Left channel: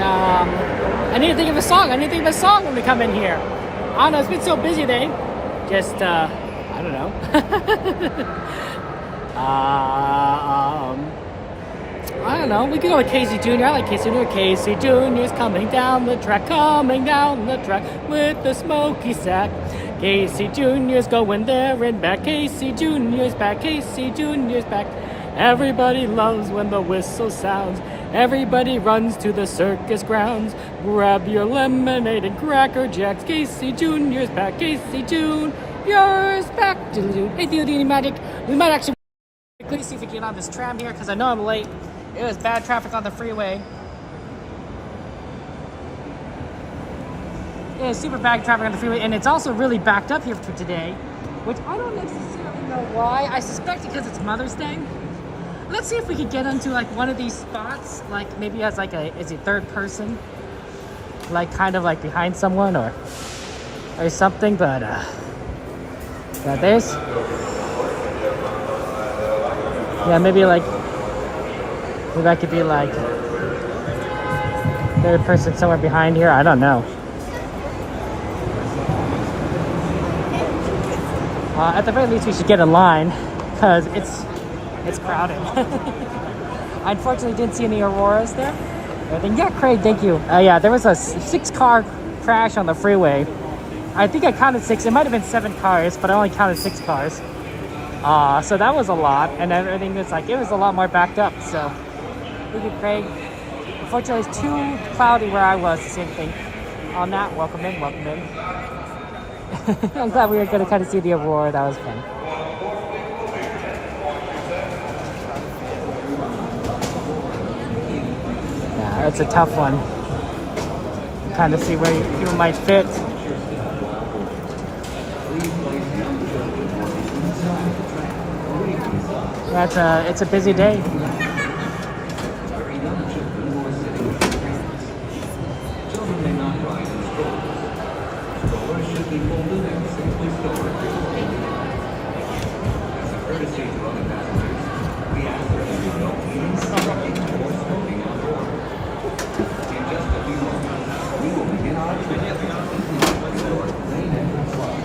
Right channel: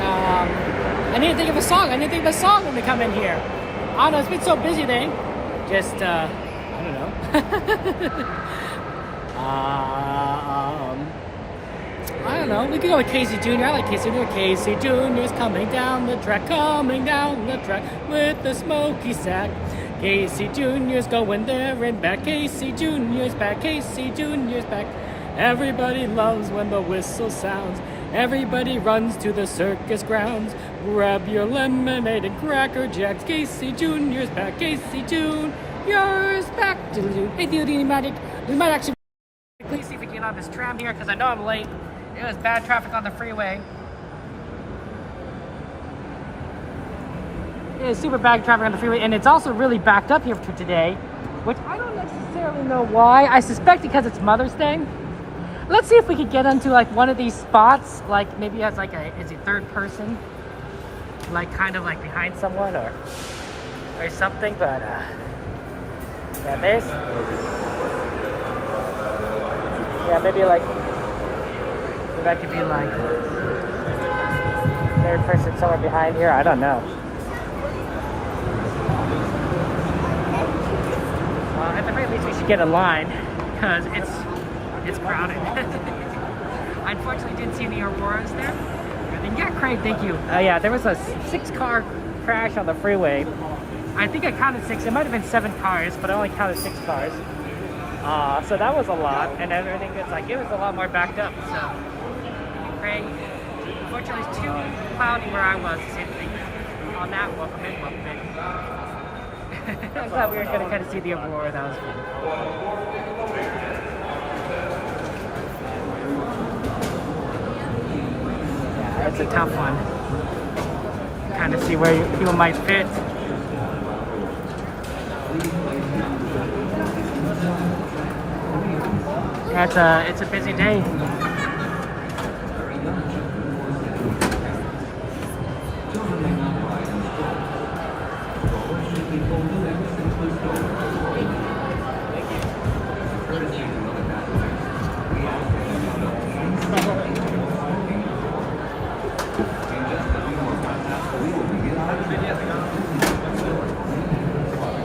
I need to think of a song. I need to think of a song when we come in here. I don't know. It's been so busy today. Just, I don't know. I don't know. We could go with Casey Jr. I like Casey Jr. Casey Jr.'s coming down the track with the smoky sack. Casey Jr.'s going there and back. Casey Jr.'s back. Casey Jr.'s back. Everybody loves when the whistle sounds. Everybody runs to the circus grounds. Grab your lemonade and Cracker Jacks. Casey Jr.'s back. Casey Jr.'s back. Hey, do you need any magic? We might actually quickly see if we can get on this tram here because I know I'm late. It was bad traffic on the freeway. It is super bad traffic on the freeway, and it's also really backed up here for today, which I don't necessarily know why. I suspect because it's Mother's Day. Let's see if we could get into like one of these spots, like maybe as like a third person, like kind of like behind someone or something. But like this, yeah, maybe I could be like a person somewhere behind here. I don't know. At the very least, we should get a line because it's crowded. I unfortunately didn't see any Auroras there. Yeah, Craig, thank you. Yeah, there was a 6-car crash on the freeway. I think I counted 6. It might have been 7 cars, but I only counted 6 cars. So that was a lot, and everything was it was a lot more backed up. So, thank you, Craig. Unfortunately, it's too cloudy where I was. Same thing. On that, welcome in, welcome in. I'm glad we were going to kind of see the Aurora. That was fun. That's a tough one. Kind of see where people might fit. Yeah, it's a busy day.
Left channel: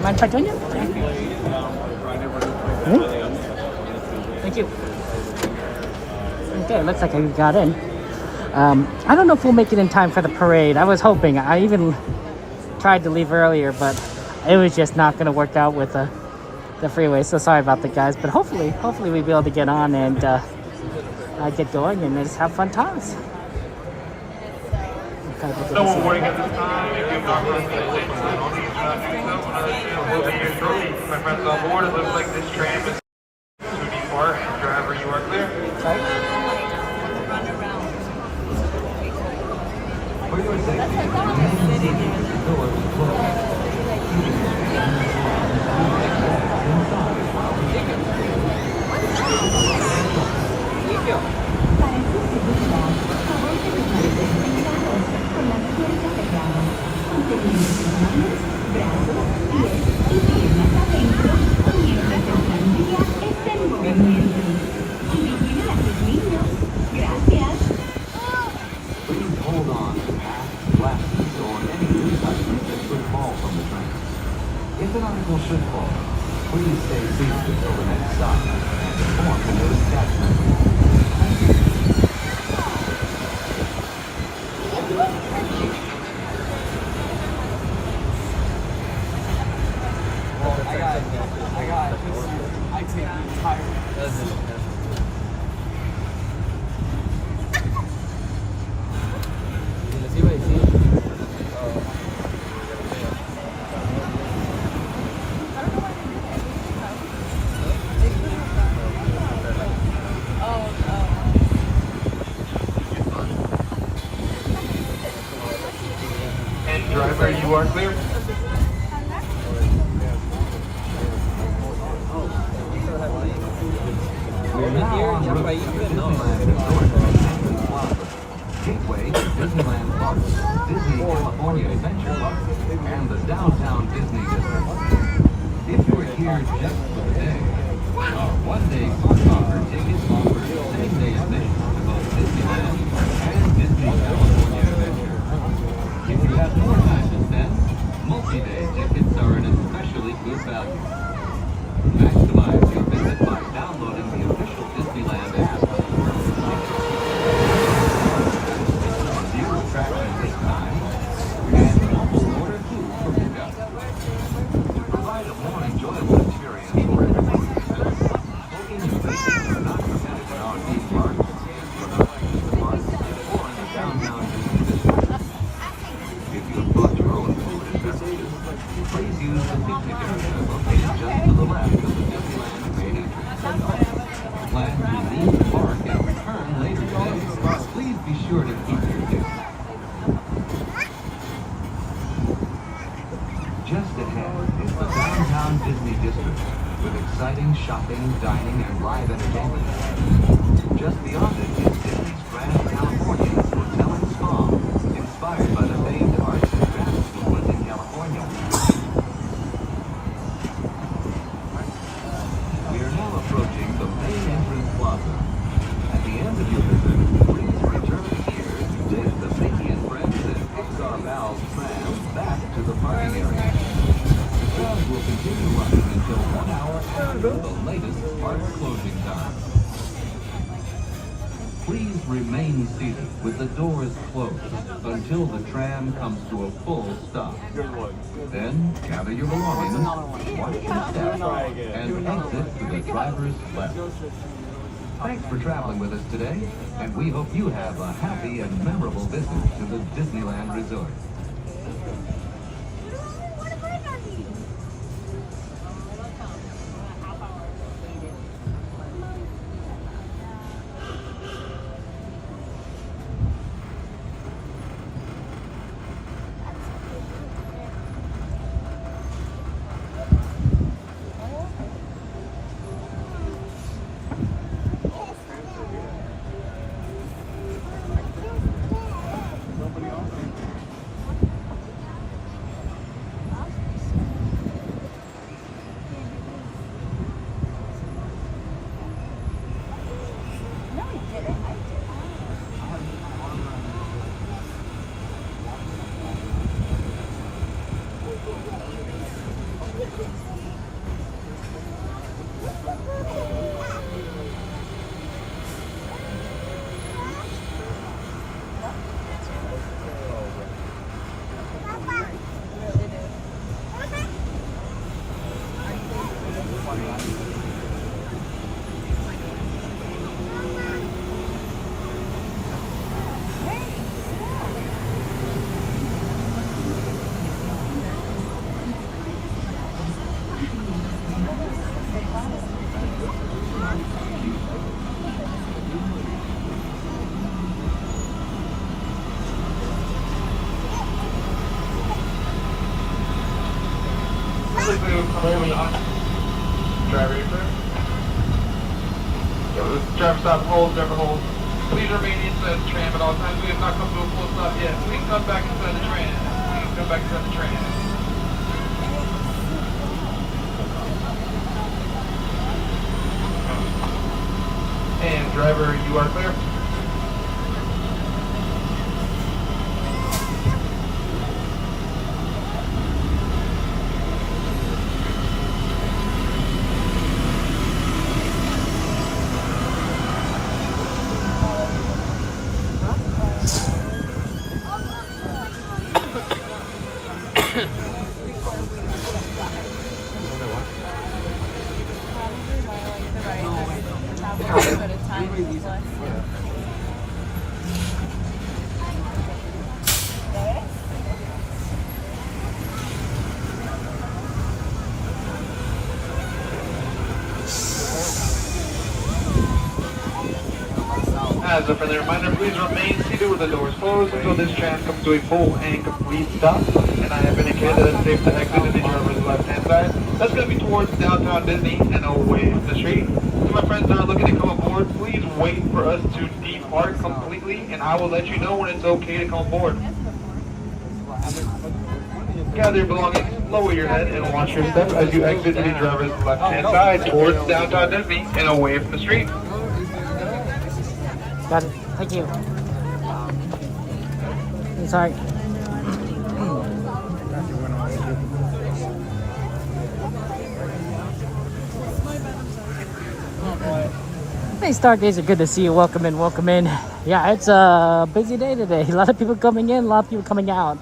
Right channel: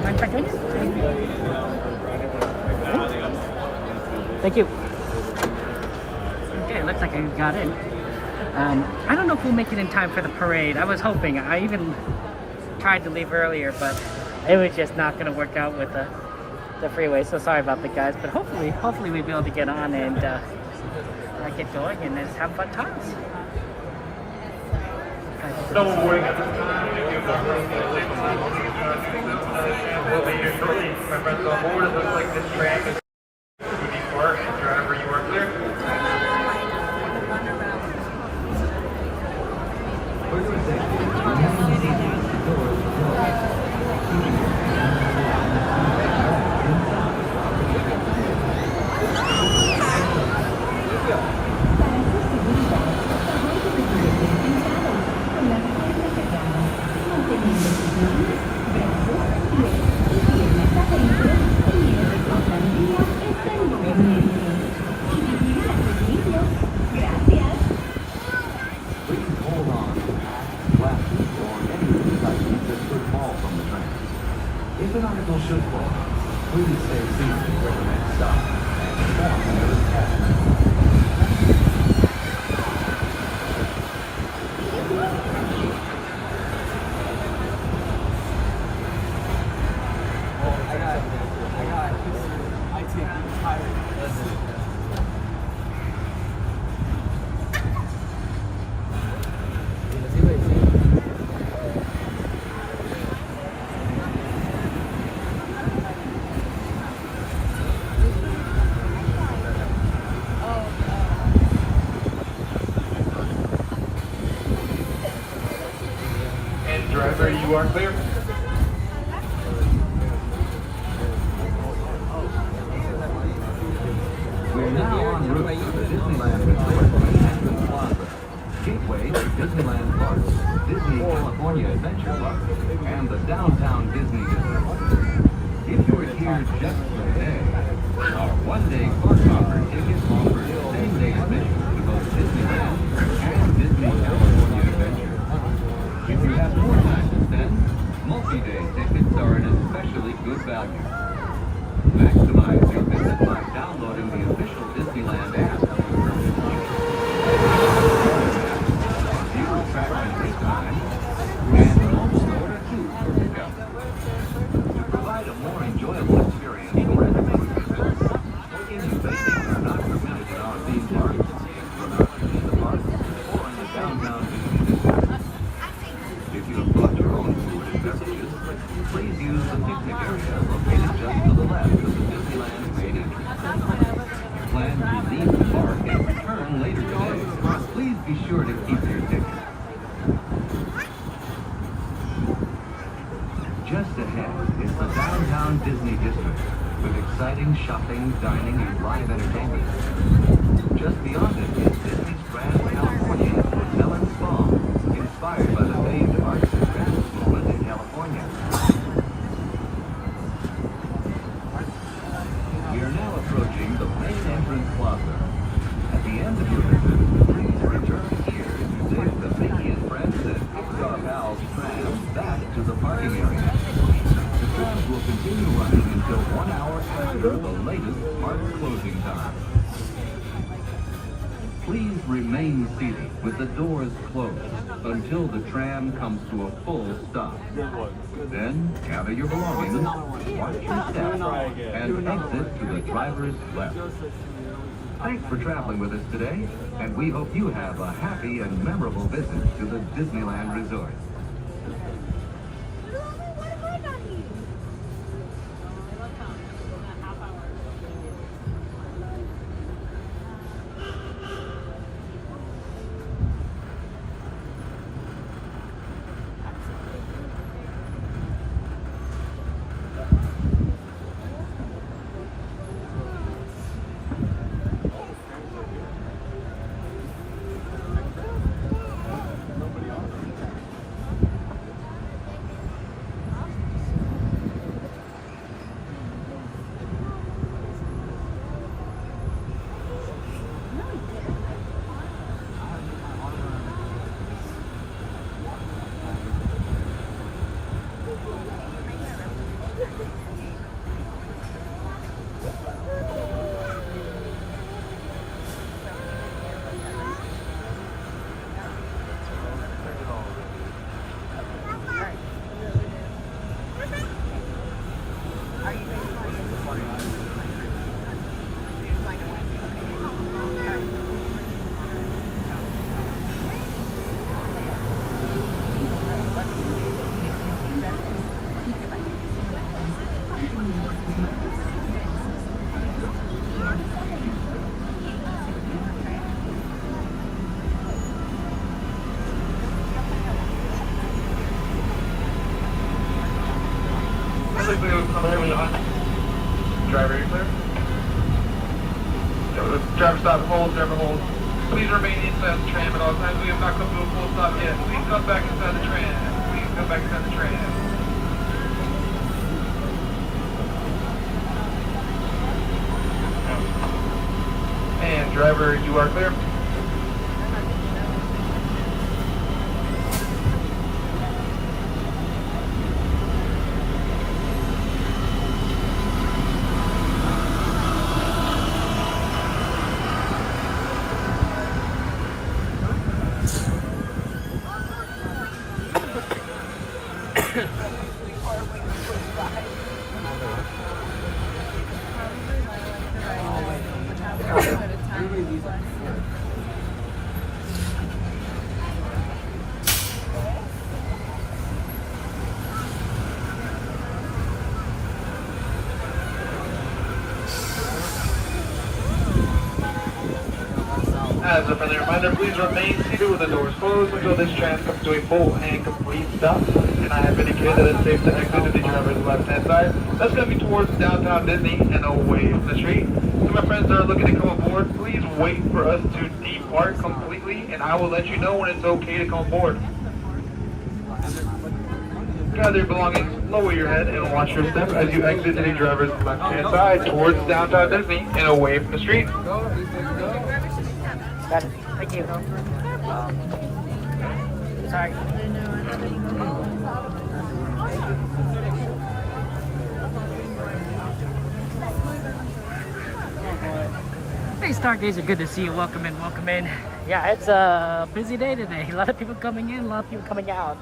Mind if I join you? Thank you. Okay, looks like I got in. I don't know if we'll make it in time for the parade. I was hoping. I even tried to leave earlier, but it was just not going to work out with the freeway. So sorry about that, guys. But hopefully we'll be able to get on and get going and just have fun times. No warning at this time. It looks like this tram is before driver you work there. Run around. Please stay seated until the next stop and inform the nearest passenger. Driver, you are clear. Gateway, Disneyland Park, Disney California Adventure Park, and the Downtown Disney District. If you are here just for the day, our one-day fun offer tickets offer same-day admission to both Disneyland and Disney California Adventure. downtown Disney district with exciting shopping, dining, and live entertainment. Just beyond it is Disney's Grand California Hotel and Spa, inspired by the famed arts and crafts movement in California. We are now approaching the main entrance plaza. At the end of your visit, please return here to take the Mickey and Friends and Pixar Valve tram back to the parking area. The trams will continue running until 1 hour after the latest park closing time. Please remain seated with the doors closed until the tram comes to a full stop. Then gather your belongings, watch your step, and exit to the driver's left. Thanks for traveling with us today, and we hope you have a happy and memorable visit to the Disneyland Resort. Driver, you clear? Driver stop, hold, driver hold. Please remain inside the tram at all times. We have not come to a full stop yet. Please come back inside the tram. Please come back inside the tram. And driver, you are clear. As a friendly reminder, please remain seated with the doors closed until this tram comes to a full and complete stop. And I have indicated that it's safe to exit to the driver's left-hand side. That's going to be towards downtown Disney and away from the street. To my friends that are looking to come aboard, please wait for us to depart completely, and I will let you know when it's okay to come aboard. Gather your belongings, lower your head, and watch your step as you exit to the driver's left-hand side towards downtown Disney and away from the street. Thank you. Sorry. Hey, Stargazer, are good to see you. Welcome in, welcome in. Yeah, it's a busy day today. A lot of people coming in, a lot of people coming out.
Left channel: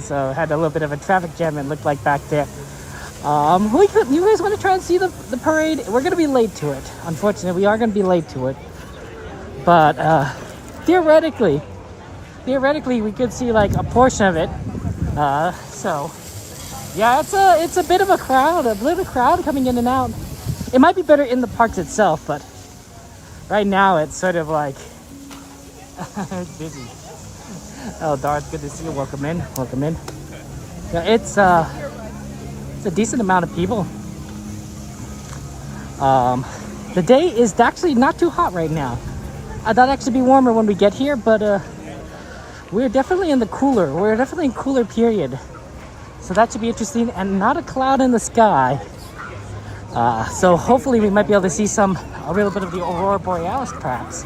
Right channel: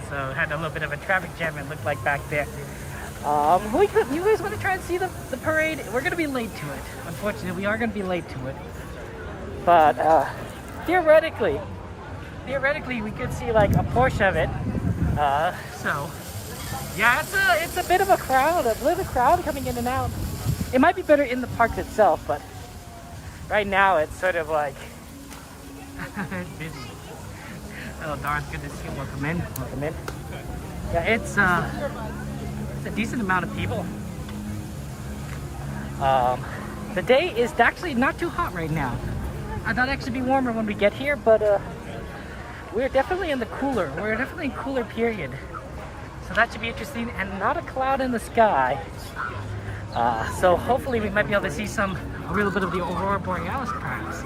So had a little bit of a traffic jam, it looked like back there. You guys want to try and see the parade? We're going to be late to it. Unfortunately, we are going to be late to it. But theoretically, we could see like a portion of it. So, yeah, it's a bit of a crowd coming in and out. It might be better in the parks itself, but right now it's sort of like it's busy. Oh, Darth, good to see you. Welcome in. Welcome in. It's a decent amount of people. The day is actually not too hot right now. I thought it'd actually be warmer when we get here, but we're definitely in the cooler. We're definitely in cooler period. So that should be interesting, and not a cloud in the sky. So hopefully we might be able to see a little bit of the Aurora Borealis perhaps.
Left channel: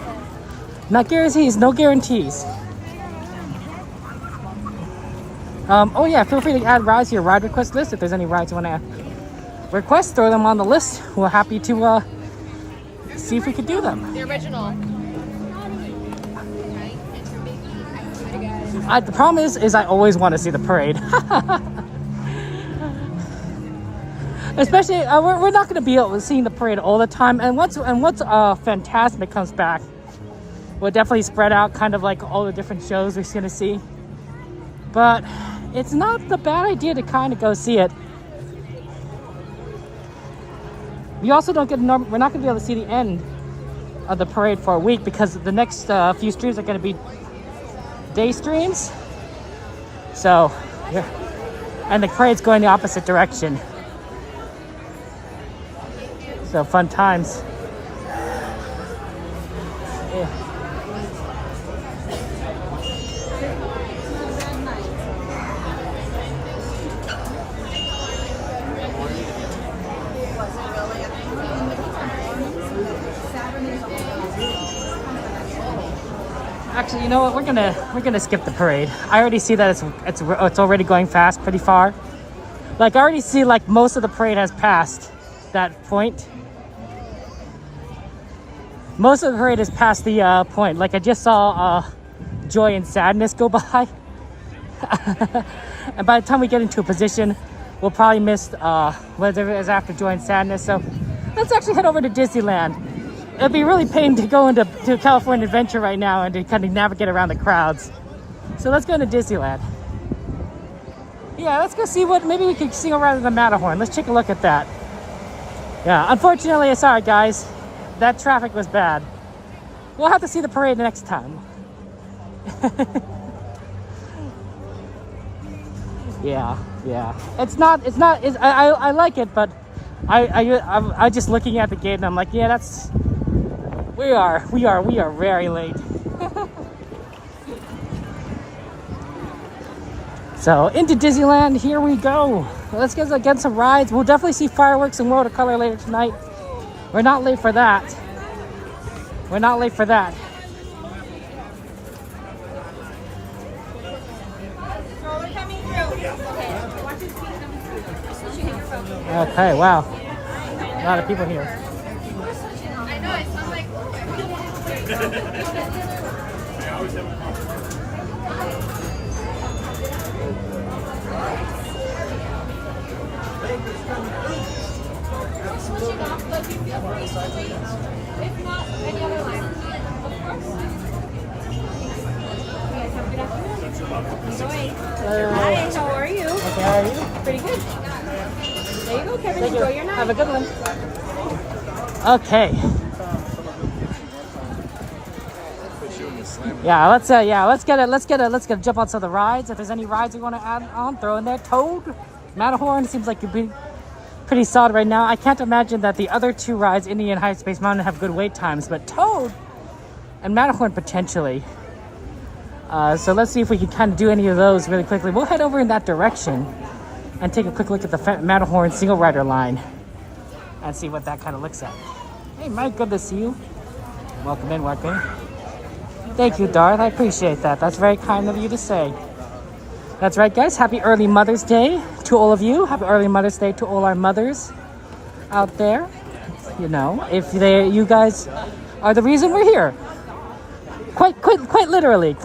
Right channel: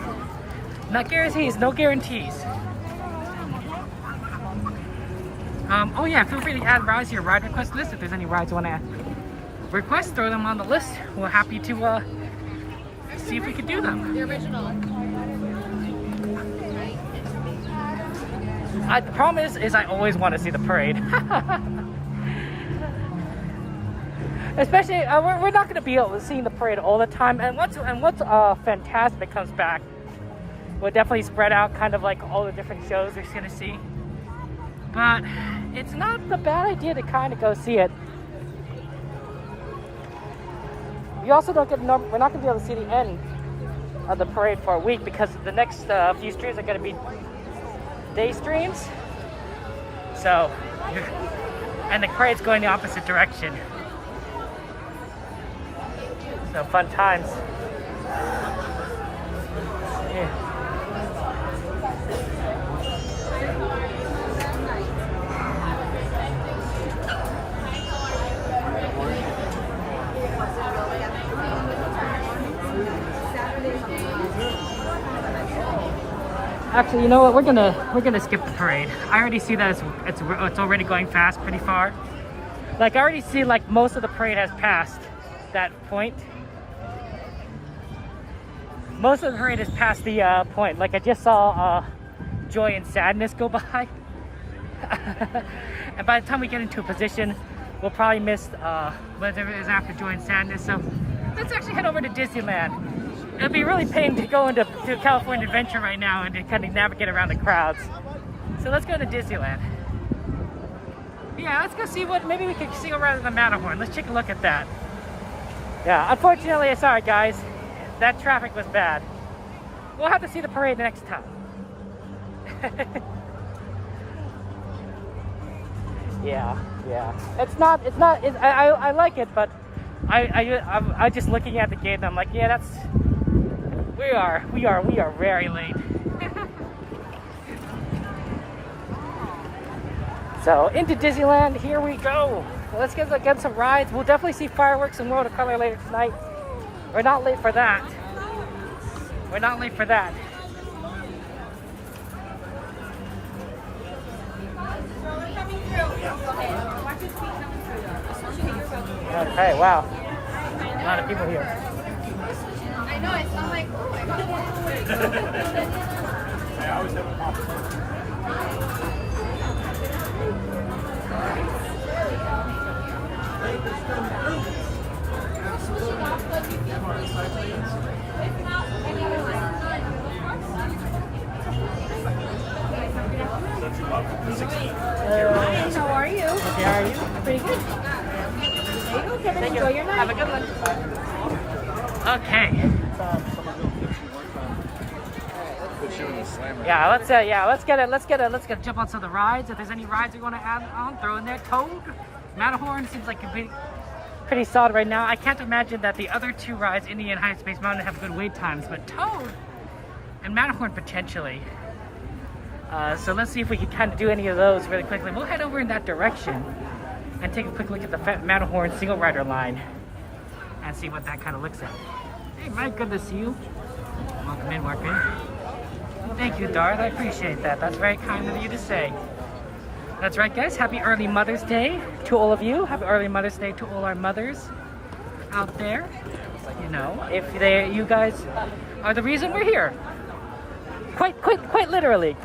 Not guarantees, no guarantees. Oh yeah, feel free to add rides to your ride request list. If there's any rides you want to request, throw them on the list. We're happy to see if we could do them. The original. The problem is I always want to see the parade. Especially, we're not going to be able to see the parade all the time. And what's fantastic comes back, we'll definitely spread out kind of like all the different shows we're going to see. But it's not the bad idea to kind of go see it. We also don't get, we're not going to be able to see the end of the parade for a week because the next few streams are going to be day streams. So, yeah. And the parade's going the opposite direction. So fun times. Actually, you know what? We're gonna skip the parade. I already see that it's already going fast, pretty far. Like I already see like most of the parade has passed that point. Most of the parade is past the point. Like I just saw Joy and Sadness go by. And by the time we get into a position, we'll probably miss whatever it is after Joy and Sadness. So let's actually head over to Disneyland. It'd be really pain to go into California Adventure right now and to kind of navigate around the crowds. So let's go into Disneyland. Yeah, let's go see what, maybe we can see around the Matterhorn. Let's take a look at that. Yeah, unfortunately, sorry guys, that traffic was bad. We'll have to see the parade next time. Yeah. I like it, but I just looking at the gate and I'm like, yeah, that's, we are very late. So into Disneyland, here we go. Let's get some rides. We'll definitely see fireworks and World of Color later tonight. We're not late for that. We're not late for that. Stroller coming through. Okay. Watch his feet coming through though. Okay, wow. A lot of people here. I know, I'm like, oh my god. Hi, how are you? Okay, how are you? Pretty good. There you go, Kevin. Thank you. Enjoy your night. Have a good one. Okay. Yeah, let's jump on some of the rides. If there's any rides we want to add on, throw in there. Toad, Matterhorn seems like it'd be pretty solid right now. I can't imagine that the other two rides, Indian and High Space Mountain, have good wait times, but Toad and Matterhorn potentially. So let's see if we can kind of do any of those really quickly. We'll head over in that direction and take a quick look at the Matterhorn single rider line and see what that kind of looks like. Hey Mike, good to see you. Welcome in, welcome. Thank you, Darth. I appreciate that. That's very kind of you to say. That's right, guys. Happy early Mother's Day to all of you. Happy early Mother's Day to all our mothers out there. You know, if you guys are the reason we're here. Quite literally.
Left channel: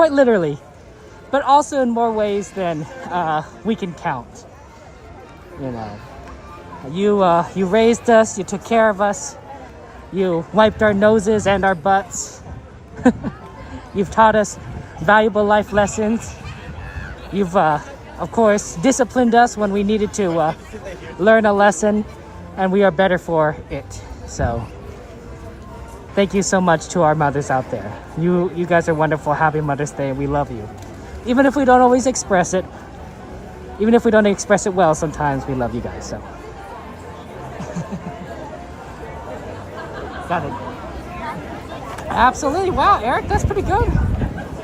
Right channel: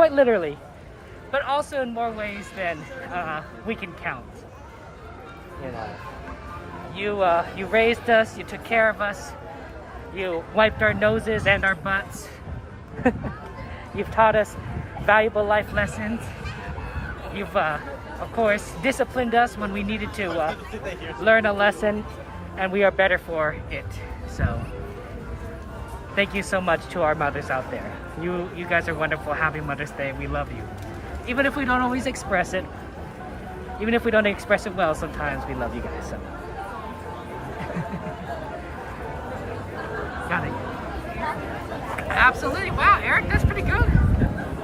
But also in more ways than we can count. You know, you raised us. You took care of us. You wiped our noses and our butts. You've taught us valuable life lessons. You've, of course, disciplined us when we needed to learn a lesson, and we are better for it. So, thank you so much to our mothers out there. You guys are wonderful. Happy Mother's Day. We love you. Even if we don't always express it, Even if we don't express it well, sometimes we love you guys. So. Got it. Absolutely. Wow, Eric, that's pretty good.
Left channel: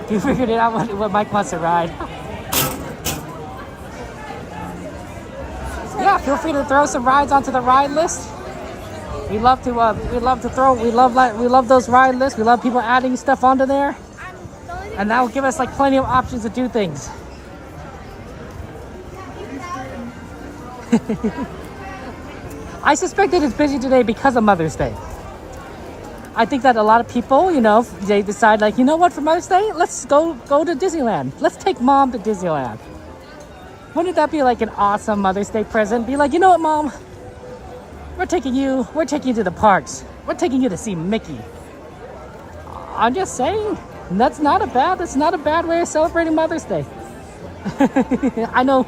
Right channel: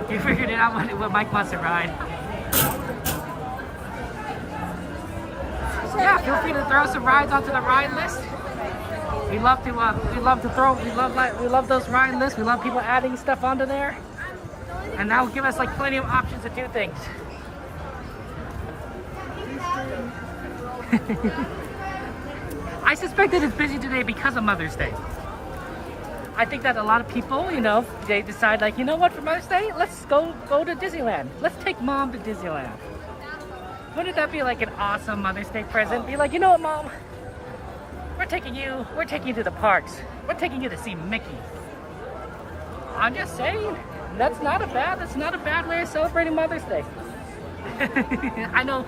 You figured it out what Mike wants to ride. Yeah, feel free to throw some rides onto the ride list. We love those ride lists. We love people adding stuff onto there. And that will give us like plenty of options to do things. I suspect that it's busy today because of Mother's Day. I think that a lot of people, you know, they decide like, you know what, for Mother's Day, let's go to Disneyland. Let's take Mom to Disneyland. Wouldn't that be like an awesome Mother's Day present? Be like, you know what, Mom? We're taking you to the parks. We're taking you to see Mickey. I'm just saying, that's not a bad way of celebrating Mother's Day. I know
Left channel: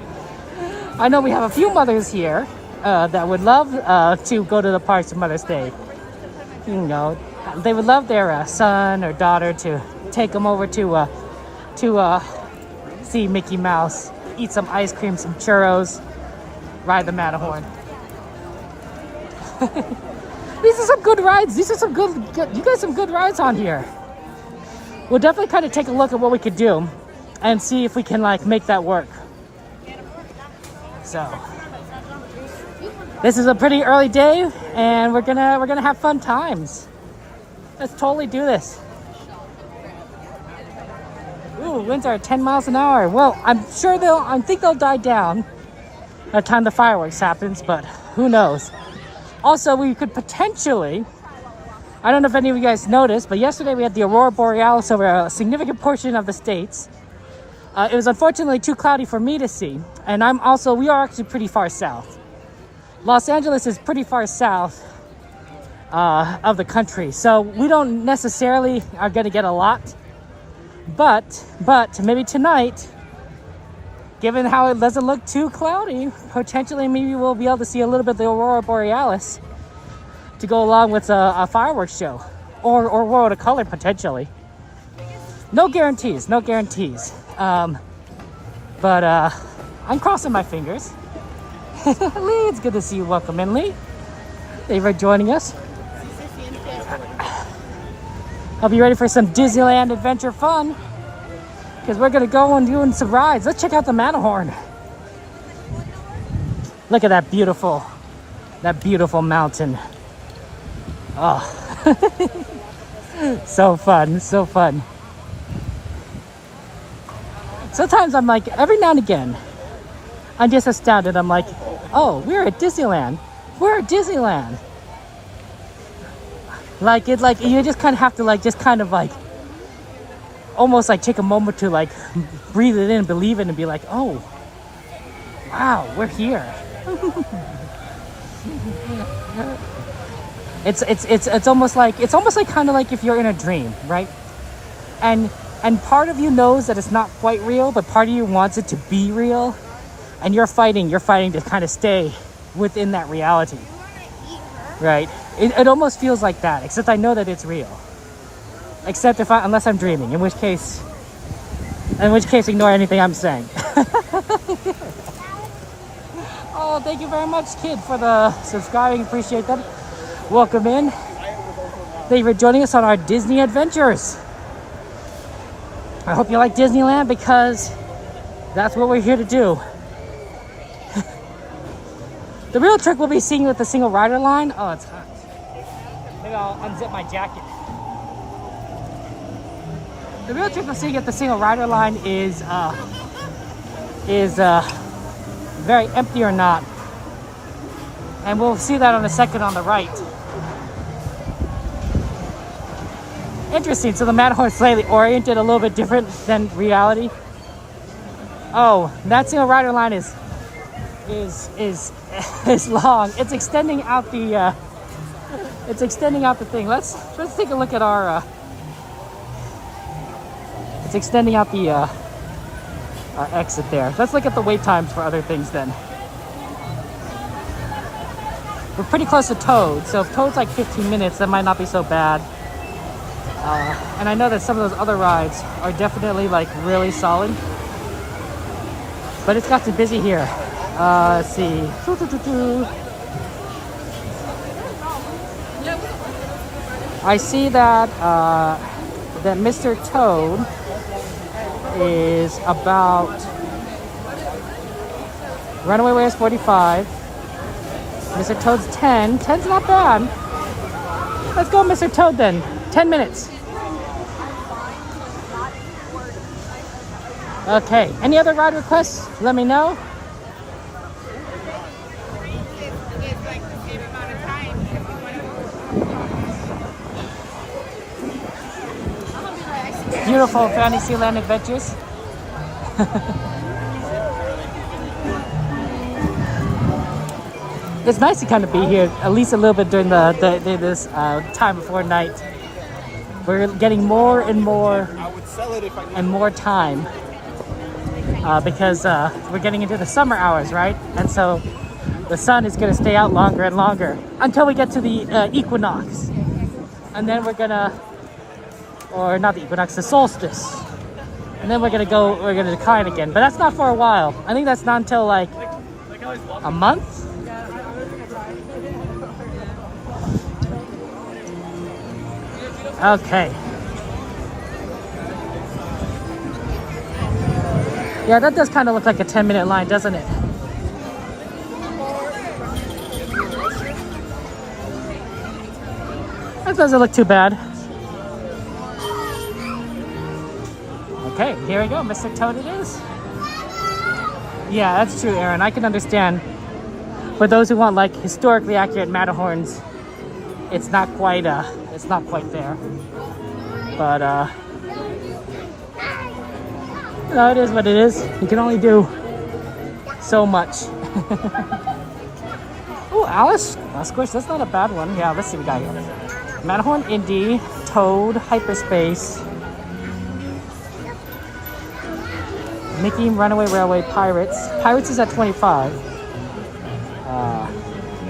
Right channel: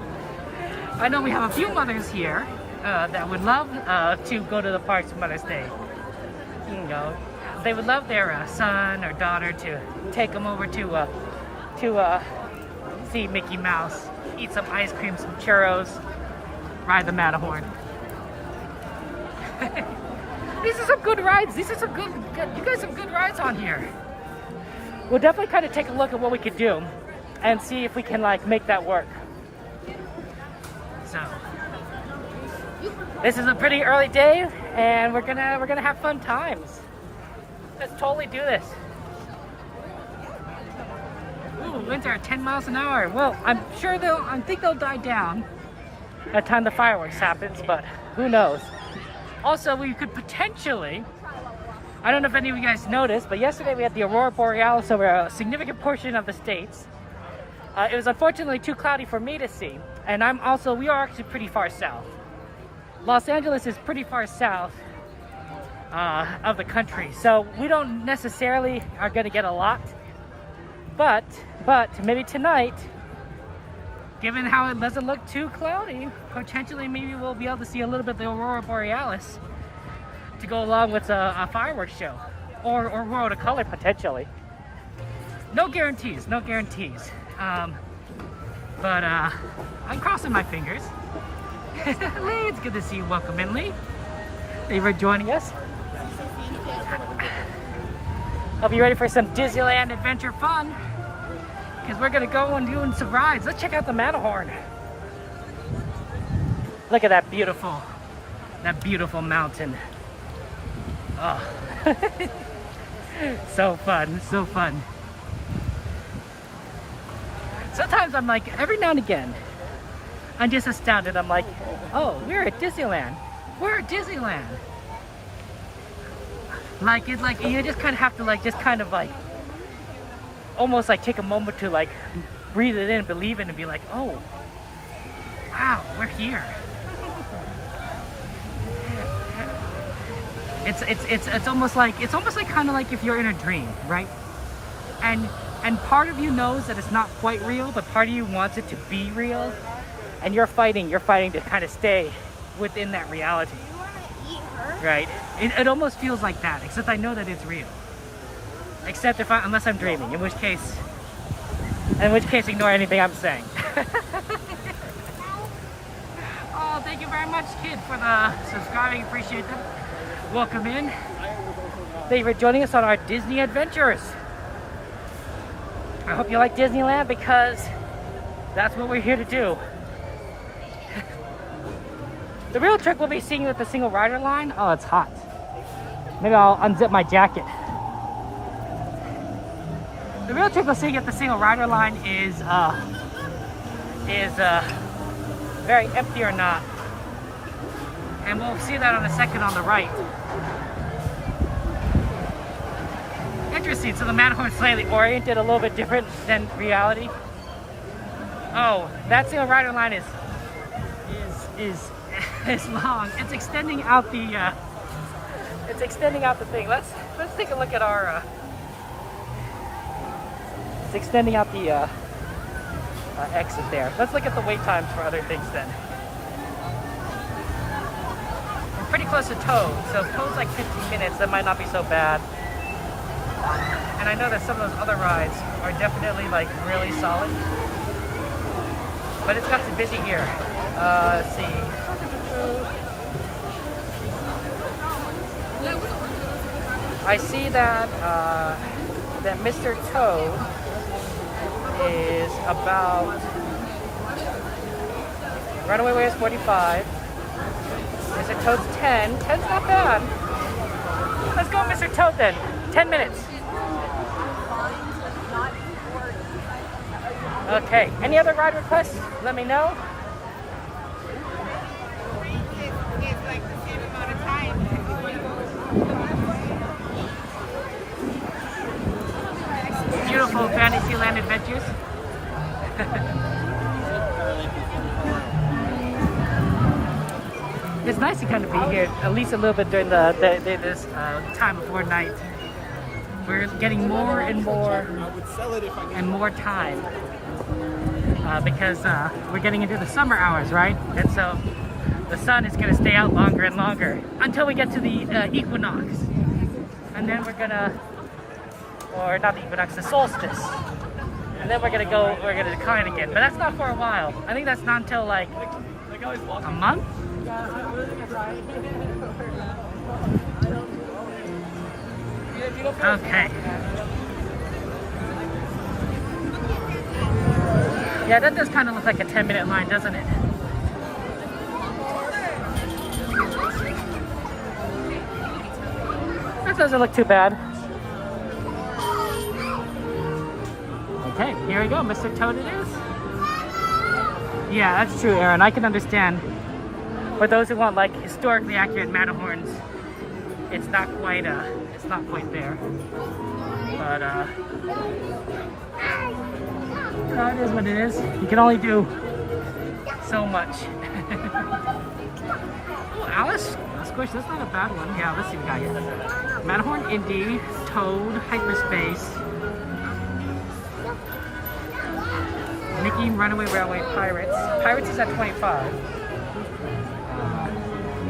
we have a few mothers here that would love to go to the parks for Mother's Day. You know, they would love their son or daughter to take them over to see Mickey Mouse, eat some ice cream, some churros, ride the Matterhorn. These are some good rides. These are some good, you got some good rides on here. We'll definitely kind of take a look at what we could do and see if we can like make that work. So this is a pretty early day and we're gonna have fun times. Let's totally do this. Ooh, winds are 10 miles an hour. Well, I think they'll die down by the time the fireworks happens, but who knows? Also, we could potentially, I don't know if any of you guys noticed, but yesterday we had the Aurora Borealis over a significant portion of the states. It was unfortunately too cloudy for me to see, and we are actually pretty far south. Los Angeles is pretty far south of the country, so we don't necessarily are going to get a lot. But maybe tonight, given how it doesn't look too cloudy, potentially maybe we'll be able to see a little bit of the Aurora Borealis to go along with a fireworks show or World of Color potentially. No guarantees. But I'm crossing my fingers. Lee, it's good to see you. Welcome in, Lee. Thank you for joining us. Hope you're ready for some Disneyland adventure fun. Because we're going to go and do some rides. Let's check out the Matterhorn. Look at that beautiful mountain. Oh. So fun. Sometimes I'm like, every now and again, I'm just astounded. I'm like, oh, we're at Disneyland. Like you just kind of have to almost like take a moment to like breathe it in, believe it, and be like, oh, wow, we're here. It's almost like kind of like if you're in a dream, right? And part of you knows that it's not quite real, but part of you wants it to be real, and you're fighting to kind of stay within that reality. Right? It almost feels like that, except I know that it's real. Except unless I'm dreaming, in which case ignore anything I'm saying. Oh, thank you very much, kid, for the subscribing. Appreciate that. Welcome in. Thank you for joining us on our Disney adventures. I hope you like Disneyland because that's what we're here to do. The real trick we'll be seeing with the single rider line. Oh, it's hot. Maybe I'll unzip my jacket. The real trick we're seeing at the single rider line is very empty or not. And we'll see that on a second on the right. Interesting, so the Matterhorn is slightly oriented a little bit different than reality. Oh, that single rider line is long. It's extending out the thing. Let's take a look at our it's extending out the exit there. Let's look at the wait times for other things then. We're pretty close to Toad, so if Toad's like 15 minutes, that might not be so bad. And I know that some of those other rides are definitely like really solid. But it's got too busy here. Let's see. I see that that Mr. Toad is about Runaway Way is 45. Mr. Toad's 10. 10's not bad. Let's go, Mr. Toad, then. 10 minutes. Okay. Any other ride requests? Let me know. It's like the same amount of time. Beautiful Fantasyland adventures. It's nice to kind of be here at least a little bit during this time before night. We're getting more and more time because we're getting into the summer hours, right? And so the sun is going to stay out longer and longer until we get to the equinox, and then we're gonna, or not the equinox, the solstice, and then we're gonna decline again. But that's not for a while. I think that's not until like a month. Okay. Yeah, that does kind of look like a 10-minute line, doesn't it? That doesn't look too bad. Okay, here we go. Mr. Toad it is. Yeah, that's true, Aaron. I can understand. For those who want like historically accurate Matterhorns, it's not quite there. But you know, it is what it is. You can only do so much. Oh, Alice, Squish, that's not a bad one. Yeah, let's see what we got here. Matterhorn, Indy, Toad, Hyperspace, Mickey, Runaway Railway, Pirates. Pirates is at 25.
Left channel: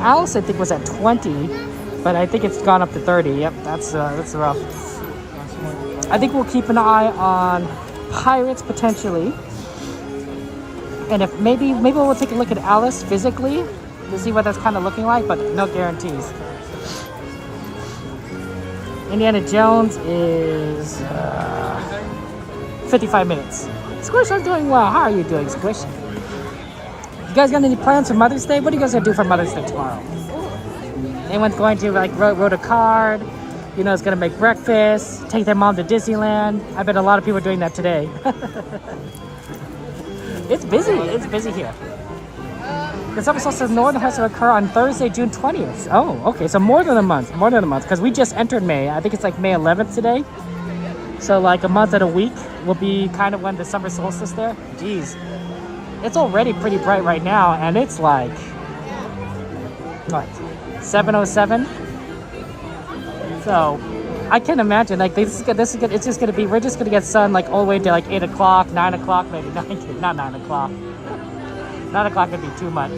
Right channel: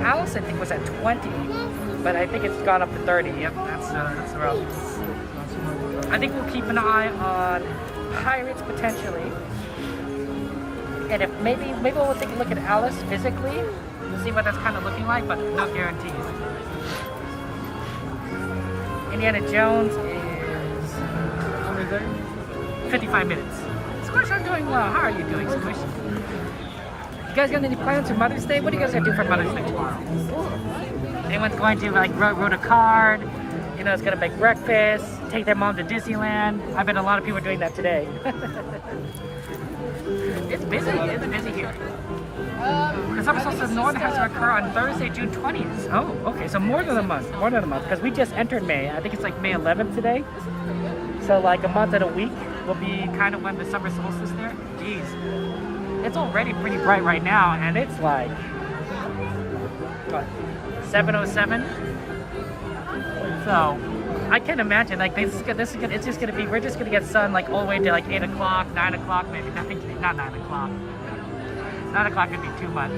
Alice, I think, was at 20, but I think it's gone up to 30. Yep, that's rough. I think we'll keep an eye on Pirates potentially, and if maybe we'll take a look at Alice physically to see what that's kind of looking like, but no guarantees. Indiana Jones is 55 minutes. Squish, I'm doing well. How are you doing, Squish? You guys got any plans for Mother's Day? What are you guys gonna do for Mother's Day tomorrow? Anyone's going to like wrote a card? You know, it's gonna make breakfast, take their mom to Disneyland. I bet a lot of people are doing that today. It's busy. It's busy here. The summer solstice northern has to occur on Thursday, June 20th. Oh, okay, so more than a month, because we just entered May. I think it's like May 11th today. So like a month and a week will be kind of when the summer solstice there. Jeez, it's already pretty bright right now, and it's like, what, 7:07? So I can imagine like it's just gonna be, we're just gonna get sun like all the way to like 8 o'clock, 9 o'clock, maybe 9, not 9 o'clock. 9 o'clock would be too much.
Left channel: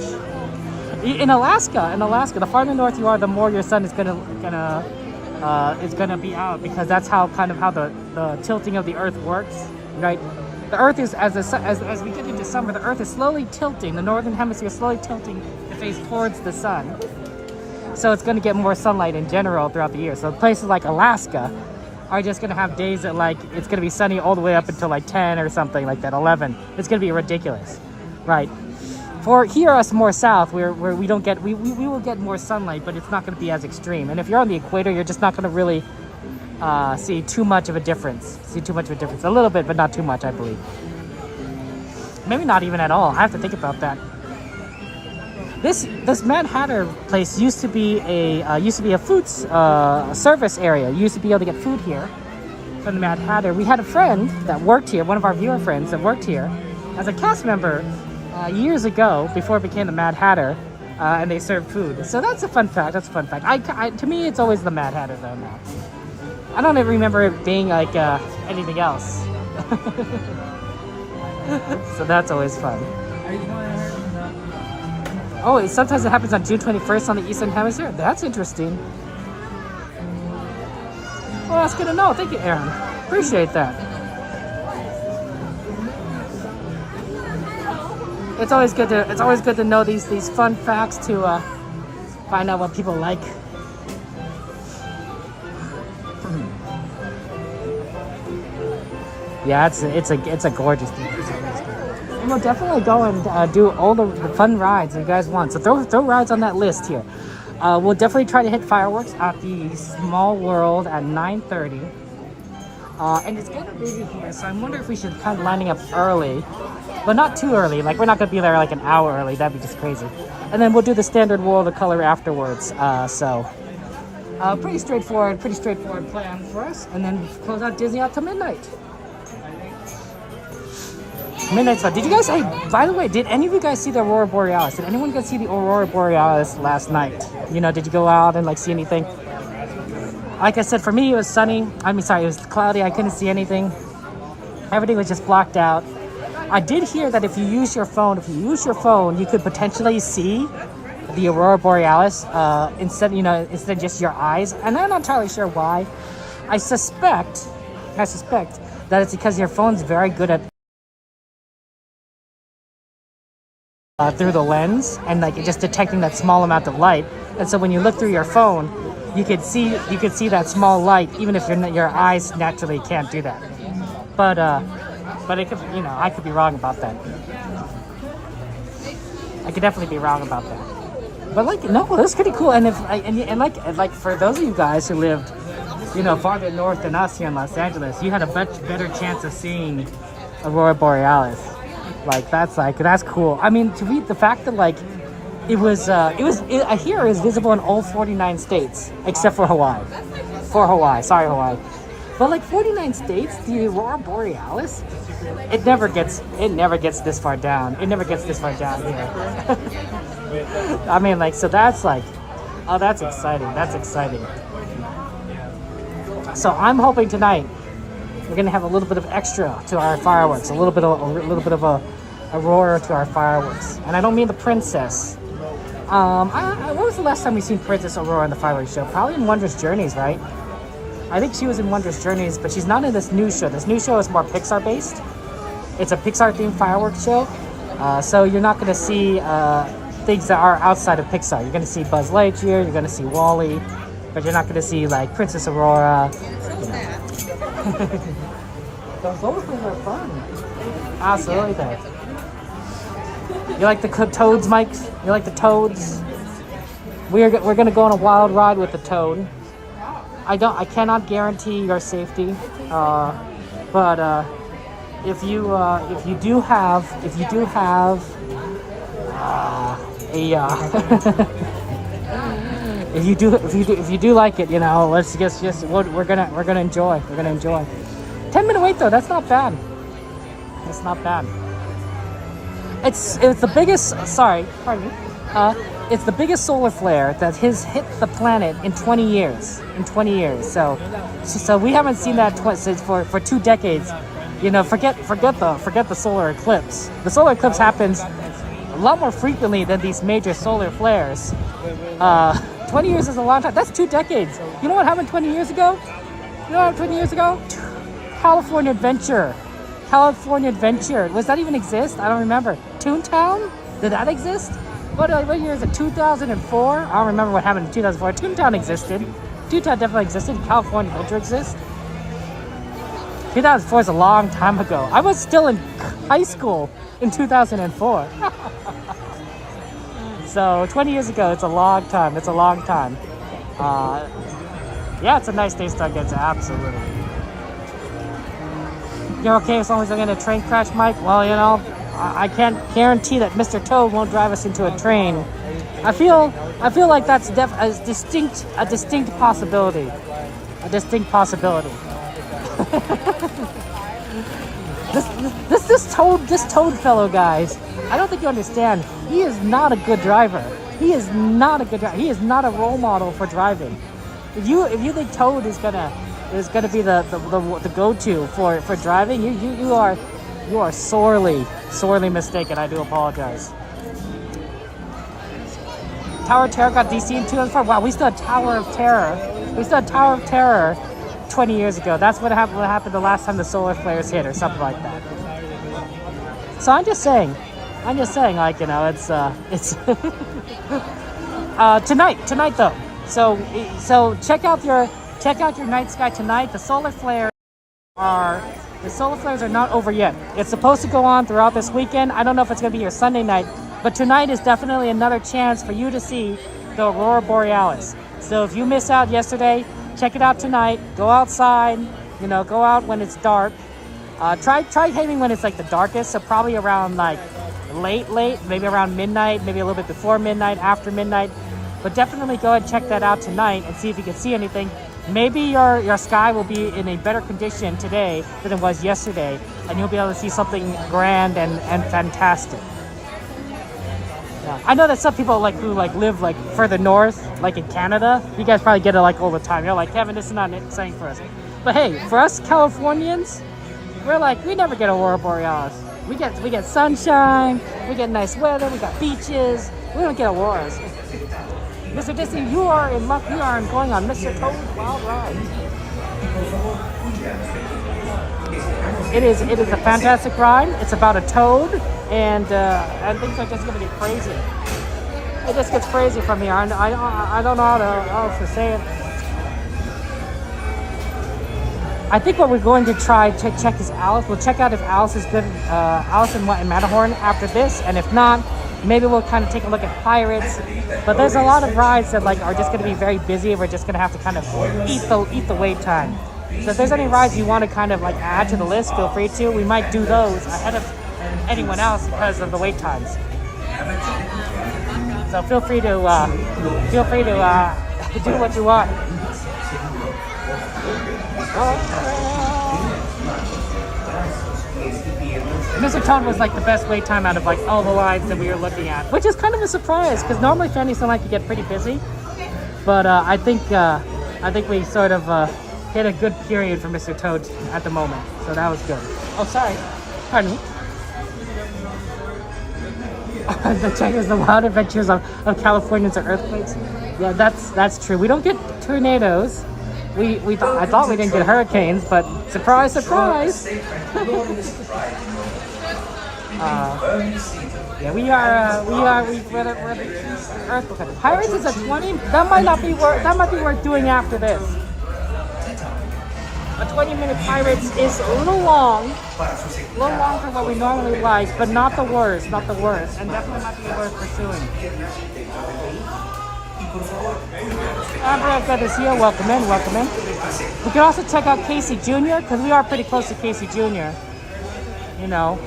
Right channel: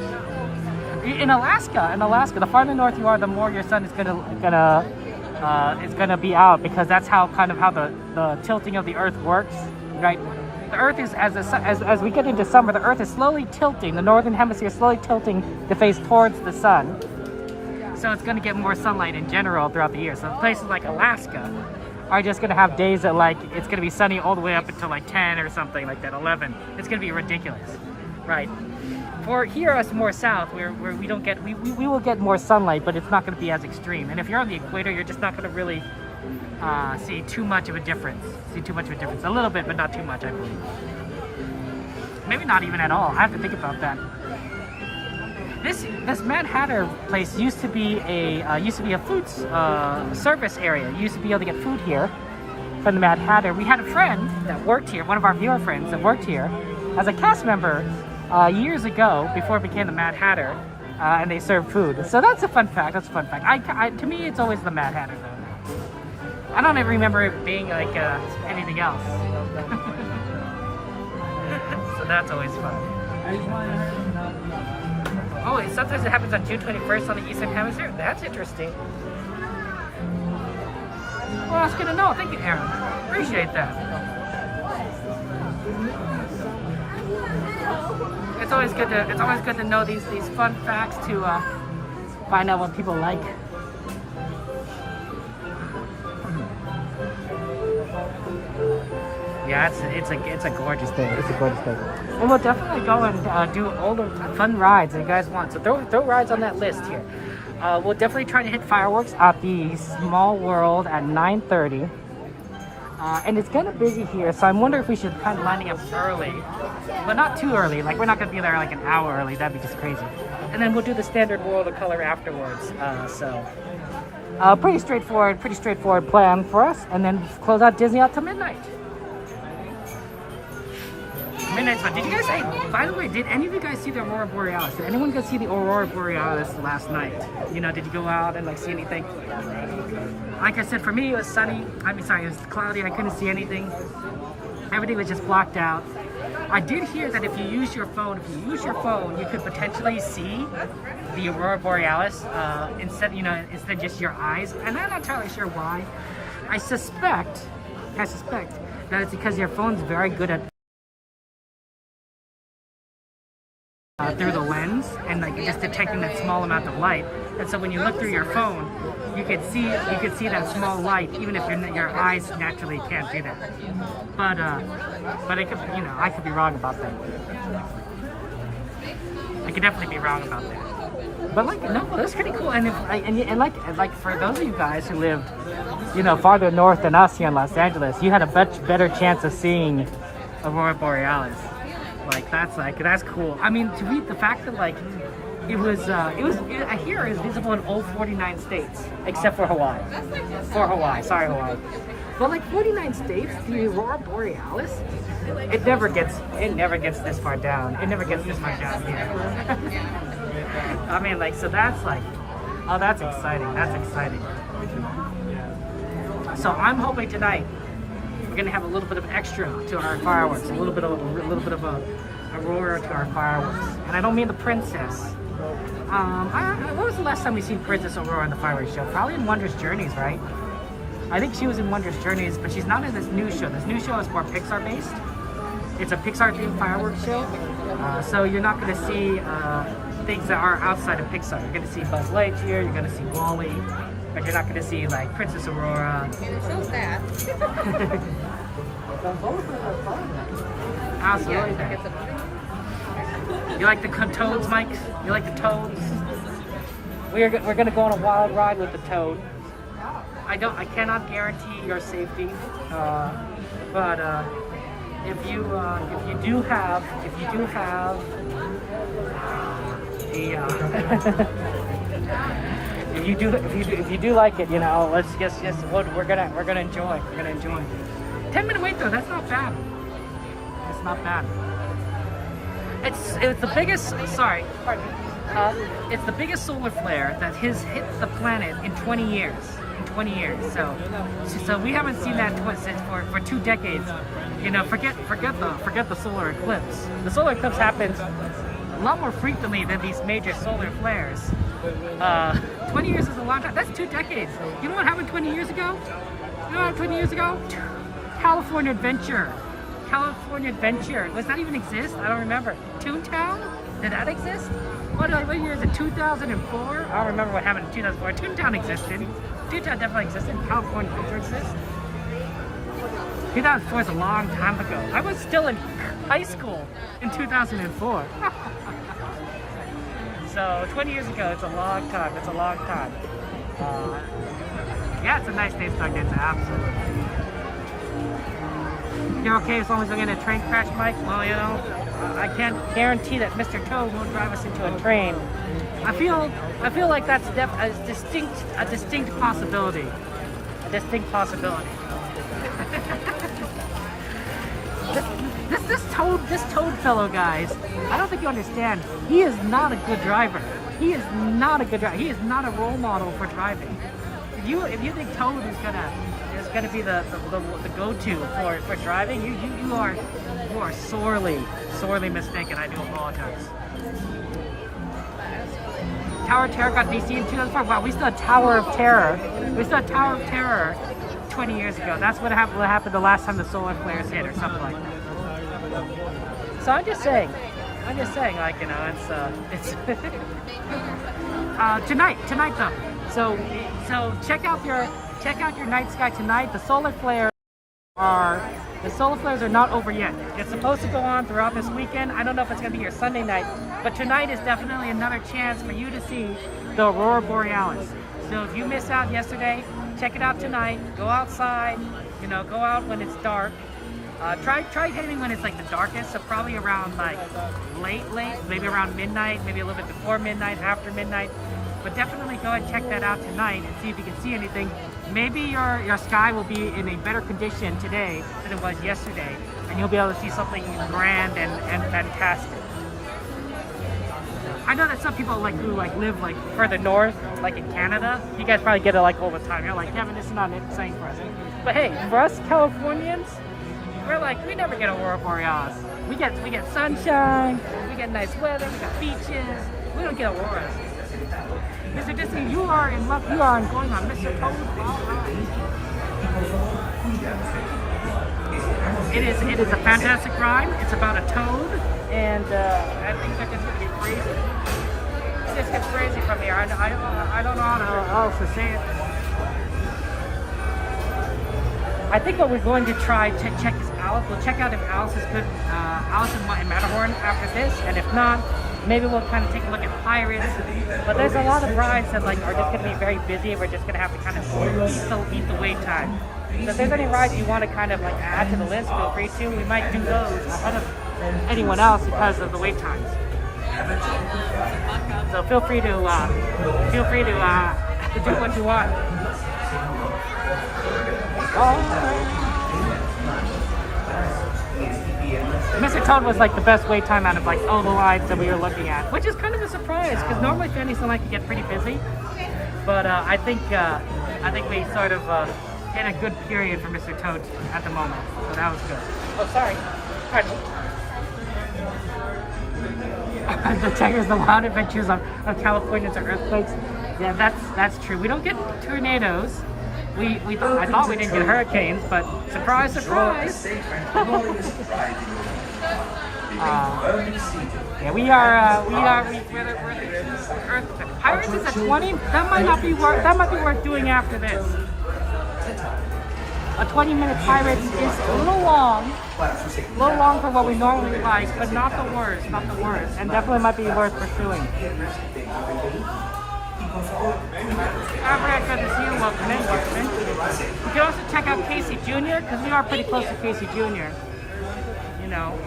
In Alaska, the farther north you are, the more your sun is gonna be out, because that's how the tilting of the Earth works, right? The Earth is as we get into summer, the Earth is slowly tilting. The northern hemisphere is slowly tilting to face towards the sun. So it's going to get more sunlight in general throughout the year. So places like Alaska are just going to have days that like it's going to be sunny all the way up until like 10 or something like that, 11. It's going to be ridiculous, right? For here, us more south, where we don't get, we will get more sunlight, but it's not going to be as extreme. And if you're on the equator, you're just not going to really see too much of a difference. A little bit, but not too much, I believe. Maybe not even at all. I have to think about that. This Mad Hatter place used to be a food service area. You used to be able to get food here from the Mad Hatter. We had a friend that worked here, one of our viewer friends that worked here as a cast member years ago, before it became the Mad Hatter, and they served food. So that's a fun fact. To me, it's always the Mad Hatter though now. I don't ever remember it being like anything else. So that's always fun. Oh, sometimes it happens on June 21st on the Eastern Hemisphere? That's interesting. Well, that's good to know. Thank you, Aaron. Appreciate that. it's always good to know these fun facts to find out what people like. Yeah, it's a gorgeous thing. It's a gorgeous thing. And we'll definitely go and do all the fun rides that you guys want. So throw rides on that list here. We'll definitely try to hit fireworks at the Small World at 9:30. And it's kind of busy here, so I'm wondering if we should kind of lining up early, but not too early. Like, we're not gonna be there like an hour early. That'd be just crazy. And then we'll do the standard World of Color afterwards. Pretty straightforward plan for us. And then close out Disney out to midnight. So did you guys, hey, by the way, did any of you guys see the Aurora Borealis? Did anyone go see the Aurora Borealis last night? You know, did you go out and like see anything? Like I said, for me, it was sunny. It was cloudy. I couldn't see anything. Everything was just blocked out. I did hear that if you use your phone, you could potentially see the Aurora Borealis instead of just your eyes. And I'm not entirely sure why. I suspect that it's because your phone's very good at through the lens and like just detecting that small amount of light, and so when you look through your phone, you could see that small light, even if your eyes naturally can't do that. But it could, I could be wrong about that. I could definitely be wrong about that. But like, no, it was pretty cool. And like for those of you guys who lived, farther north than us here in Los Angeles, you had a much better chance of seeing Aurora Borealis. Like that's cool. I mean, to read the fact that like I hear is visible in all 49 states except for Hawaii. Sorry, Hawaii. But like 49 states, the Aurora Borealis, it never gets this far down. It never gets this far down here. I mean, like, so that's like, oh, that's exciting. That's exciting. So I'm hoping tonight we're gonna have a little bit of extra to our fireworks, a little bit of a Aurora to our fireworks. And I don't mean the princess. When was the last time we seen Princess Aurora in the fireworks show? Probably in Wondrous Journeys, right? I think she was in Wondrous Journeys, but she's not in this new show. This new show is more Pixar based. It's a Pixar themed fireworks show. So you're not gonna see things that are outside of Pixar. You're gonna see Buzz Lightyear, you're gonna see WALL-E, but you're not gonna see like Princess Aurora. Absolutely there. You like the toads, Mike? You like the toads? We're gonna go on a wild ride with the toad. I cannot guarantee your safety, but if you do have if you do like it, let's just we're gonna enjoy. 10-minute wait though, that's not bad. That's not bad. It's the biggest. It's the biggest solar flare that has hit the planet in 20 years. So we haven't seen that for 2 decades. Forget the solar eclipse. The solar eclipse happens a lot more frequently than these major solar flares. 20 years is a long time. That's 2 decades. You know what happened 20 years ago? California Adventure. Does that even exist? I don't remember. Toontown? Did that exist? What year is it? 2004? I don't remember what happened in 2004. Toontown existed. Toontown definitely existed. California Adventure exists. 2004 is a long time ago. I was still in high school in 2004. So 20 years ago, it's a long time. Yeah, it's a nice day, Stargates. Absolutely. You're okay as long as I get a train crash, Mike? Well, I can't guarantee that Mr. Toad won't drive us into a train. I feel like that's a distinct possibility. This Toad fellow, guys. I don't think you understand. He is not a good driver. He is not a role model for driving. If you think Toad is gonna be the go-to for driving, you are sorely mistaken. I do apologize. Tower of Terror got DC in 2005. Wow, we still had Tower of Terror. 20 years ago. That's what happened the last time the solar flares hit, or something like that. So I'm just saying, I'm just saying, like, you know, it's tonight though. So check out your night sky tonight. The solar flares are not over yet. It's supposed to go on throughout this weekend. I don't know if it's gonna be your Sunday night, but tonight is definitely another chance for you to see the Aurora Borealis. So if you missed out yesterday, check it out tonight. Go outside, you know, go out when it's dark. Try hitting when it's like the darkest, so probably around like late, maybe around midnight, maybe a little bit before midnight, after midnight. But definitely go ahead and check that out tonight and see if you can see anything. Maybe your sky will be in a better condition today than it was yesterday, and you'll be able to see something grand and fantastic. I know that some people who live further north, like in Canada, you guys probably get it like all the time. You're like, Kevin, this is not insane for us. But hey, for us Californians, we never get Aurora Borealis. We get sunshine, we get nice weather, we got beaches. We don't get auroras. Mr. Disney, you are in luck. You are going on Mr. Toad's Wild Ride. It is a fantastic ride. It's about a toad, and things are just going to be crazy. It just gets crazy from here. I don't know how else to say it. I think what we're going to try to check is Alice. We'll check out if Alice is good, Alice in Matterhorn after this, and if not, maybe we'll kind of take a look at Pirates. But there's a lot of rides that are just going to be very busy. We're just going to have to kind of eat the wait time. So if there's any rides you want to kind of add to the list, feel free to. We might do those ahead of anyone else because of the wait times. So feel free to do what you want. Mr. Toad was the best wait time out of all the rides that we were looking at, which is kind of a surprise because normally Fanny's don't like to get pretty busy. But I think we sort of hit a good period for Mr. Toad at the moment, so that was good. Oh, sorry. Pardon me. The checkers, the wild adventures of Californians or earthquakes. Yeah, that's true. We don't get tornadoes. I thought we didn't get hurricanes, but surprise, surprise. Yeah, we're Earth. Pirates is at 20. That might be worth doing after this. A 20-minute Pirates is a little long for what we normally like, but not the worst, and definitely might be worth pursuing. Good to see you. Welcome in. We can also check out Casey Jr. because we are pretty close to Casey Jr. You know,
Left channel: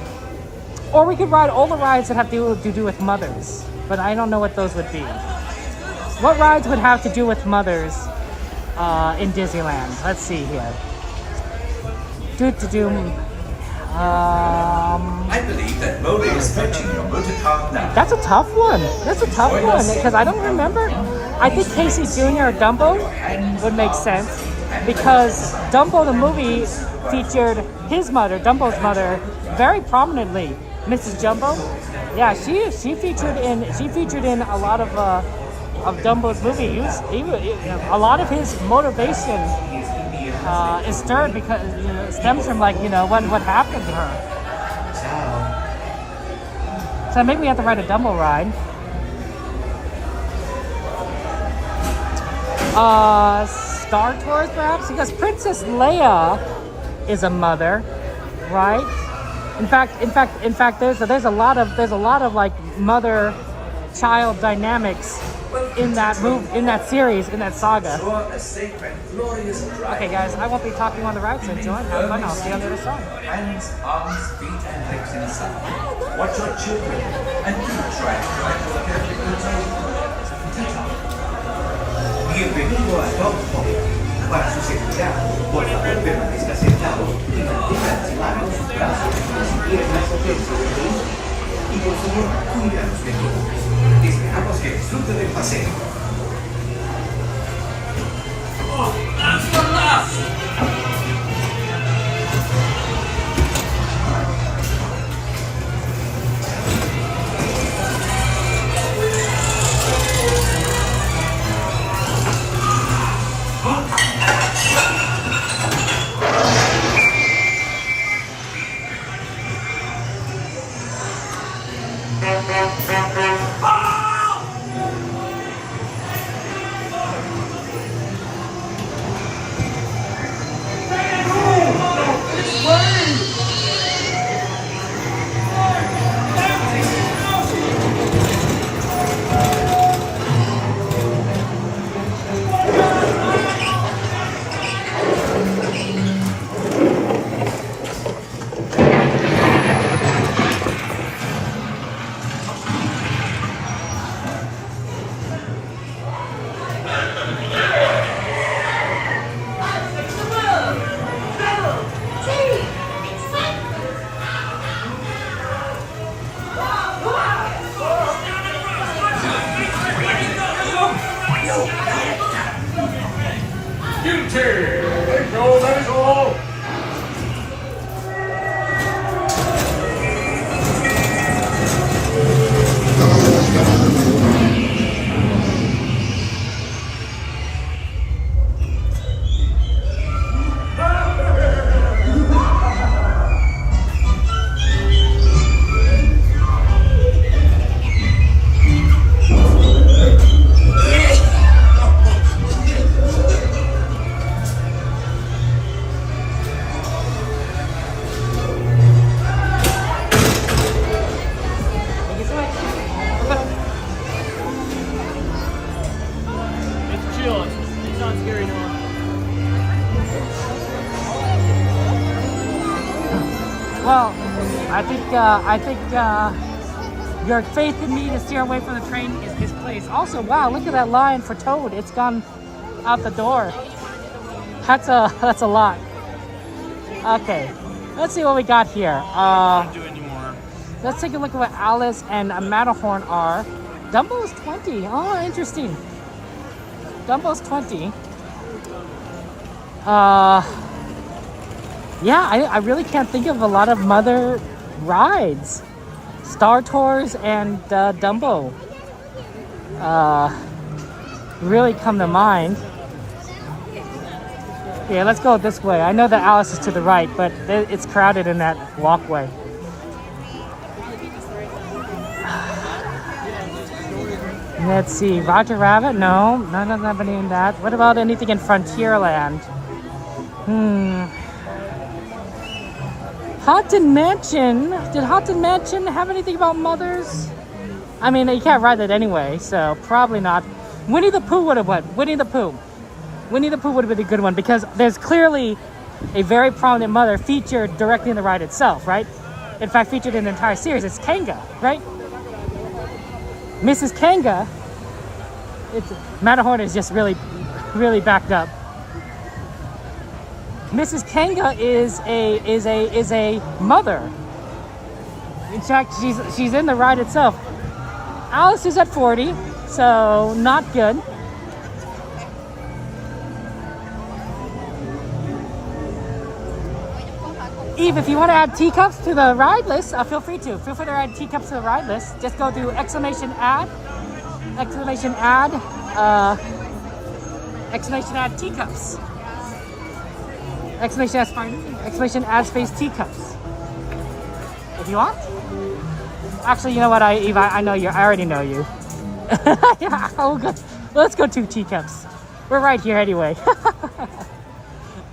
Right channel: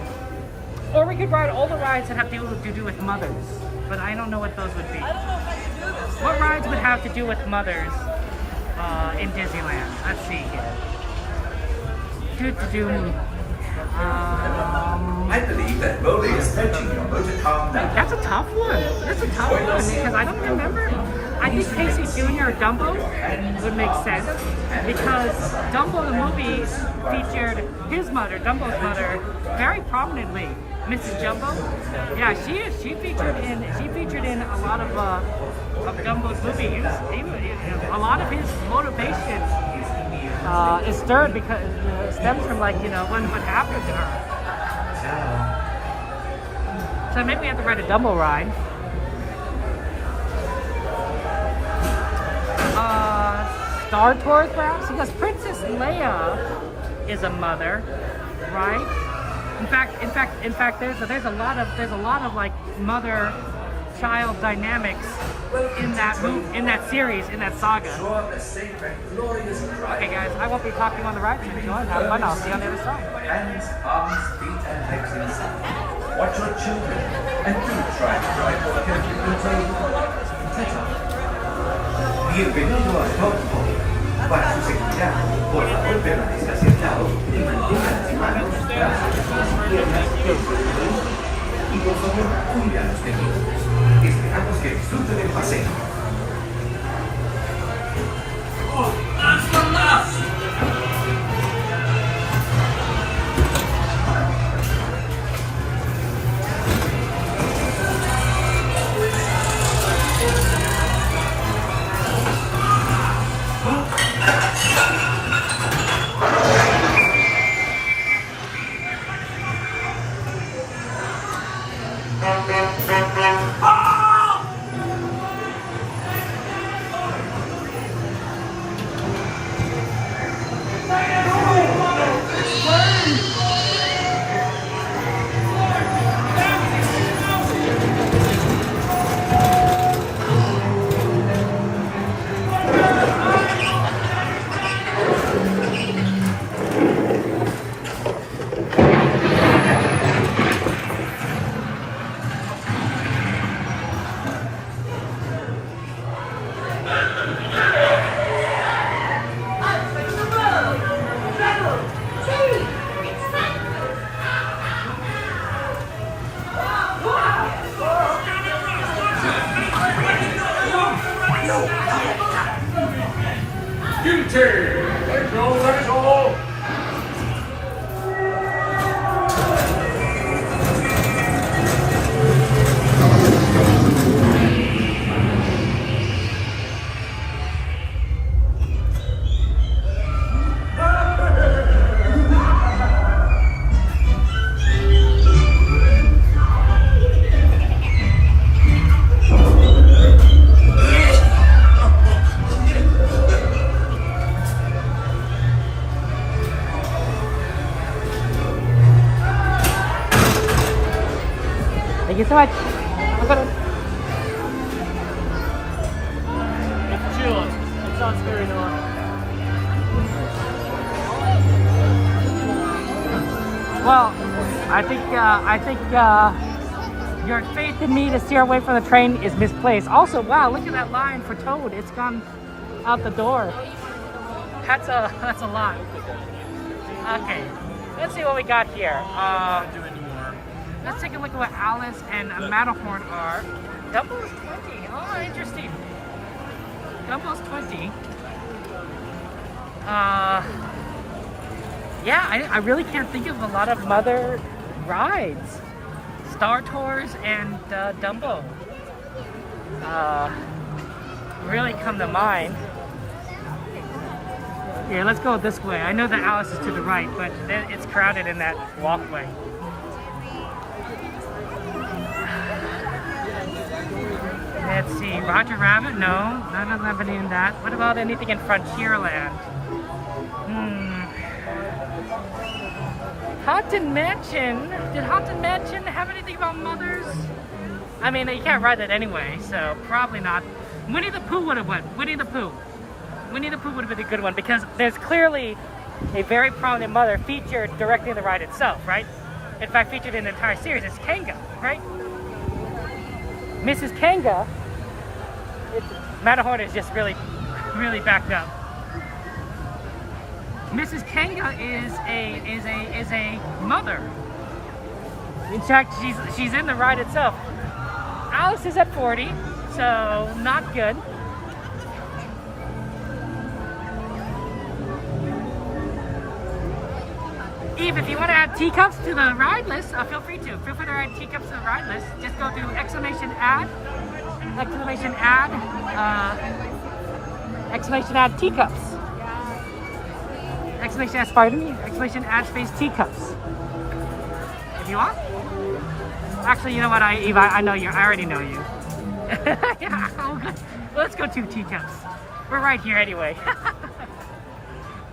or we could ride all the rides that have to do with mothers, but I don't know what those would be. What rides would have to do with mothers in Disneyland? Let's see here. I believe that Modi is fetching your motor car now. That's a tough one because I don't remember. I think Casey Jr. or Dumbo would make sense because Dumbo the movie featured his mother, Dumbo's mother, very prominently. Mrs. Jumbo. Yeah, she featured in a lot of Dumbo's movies. A lot of his motivation is stirred because stems from what happened to her. So maybe we have to ride a Dumbo ride. Star Tours perhaps, because Princess Leia is a mother, right? In fact, there's a lot of mother-child dynamics in that series, in that saga. Okay, guys, I won't be talking on the ride, so enjoy. Have fun. I'll see you on the other side. Hands, arms, feet, and legs inside. Watch your children, and do try to drive for the Bienvenido a Loft. Para su seguridad, por favor, permanezca sentado y mantenga las manos, brazos y piernas extendidas. Y por favor, cuida a los pequeños. Esperamos que disfruten del paseo. Oh, that's the last! Thank you so much. It's chill. It's not scary no more. Well, I think your faith in me to steer away from the train is misplaced. Also, wow, look at that line for Toad. It's gone out the door. That's a lot. Okay, let's see what we got here. Let's take a look at what Alice and Matterhorn are. Dumbo's 20. Oh, interesting. Dumbo's 20. Yeah, I really can't think of a lot of Mother rides. Star Tours and Dumbo really come to mind. Yeah, let's go this way. I know that Alice is to the right, but it's crowded in that walkway. Let's see, Roger Rabbit? No, none of them have any in that. What about anything in Frontierland? Haunted Mansion. Did Haunted Mansion have anything about mothers? I mean, you can't ride that anyway, so probably not. Winnie the Pooh would have went. Winnie the Pooh. Winnie the Pooh would have been a good one because there's clearly a very prominent mother featured directly in the ride itself, right? In fact, featured in the entire series. It's Kanga, right? Mrs. Kanga. Matterhorn is just really, really backed up. Mrs. Kanga is a mother. In fact, she's in the ride itself. Alice is at 40, so not good. Eve, if you want to add teacups to the ride list, feel free to. Feel free to add teacups to the ride list. Just go to exclamation add teacups. Exclamation add space teacups. If you want. Actually, you know what, Eve, I know you. I already know you. Yeah, oh, good. Let's go to teacups. We're right here anyway.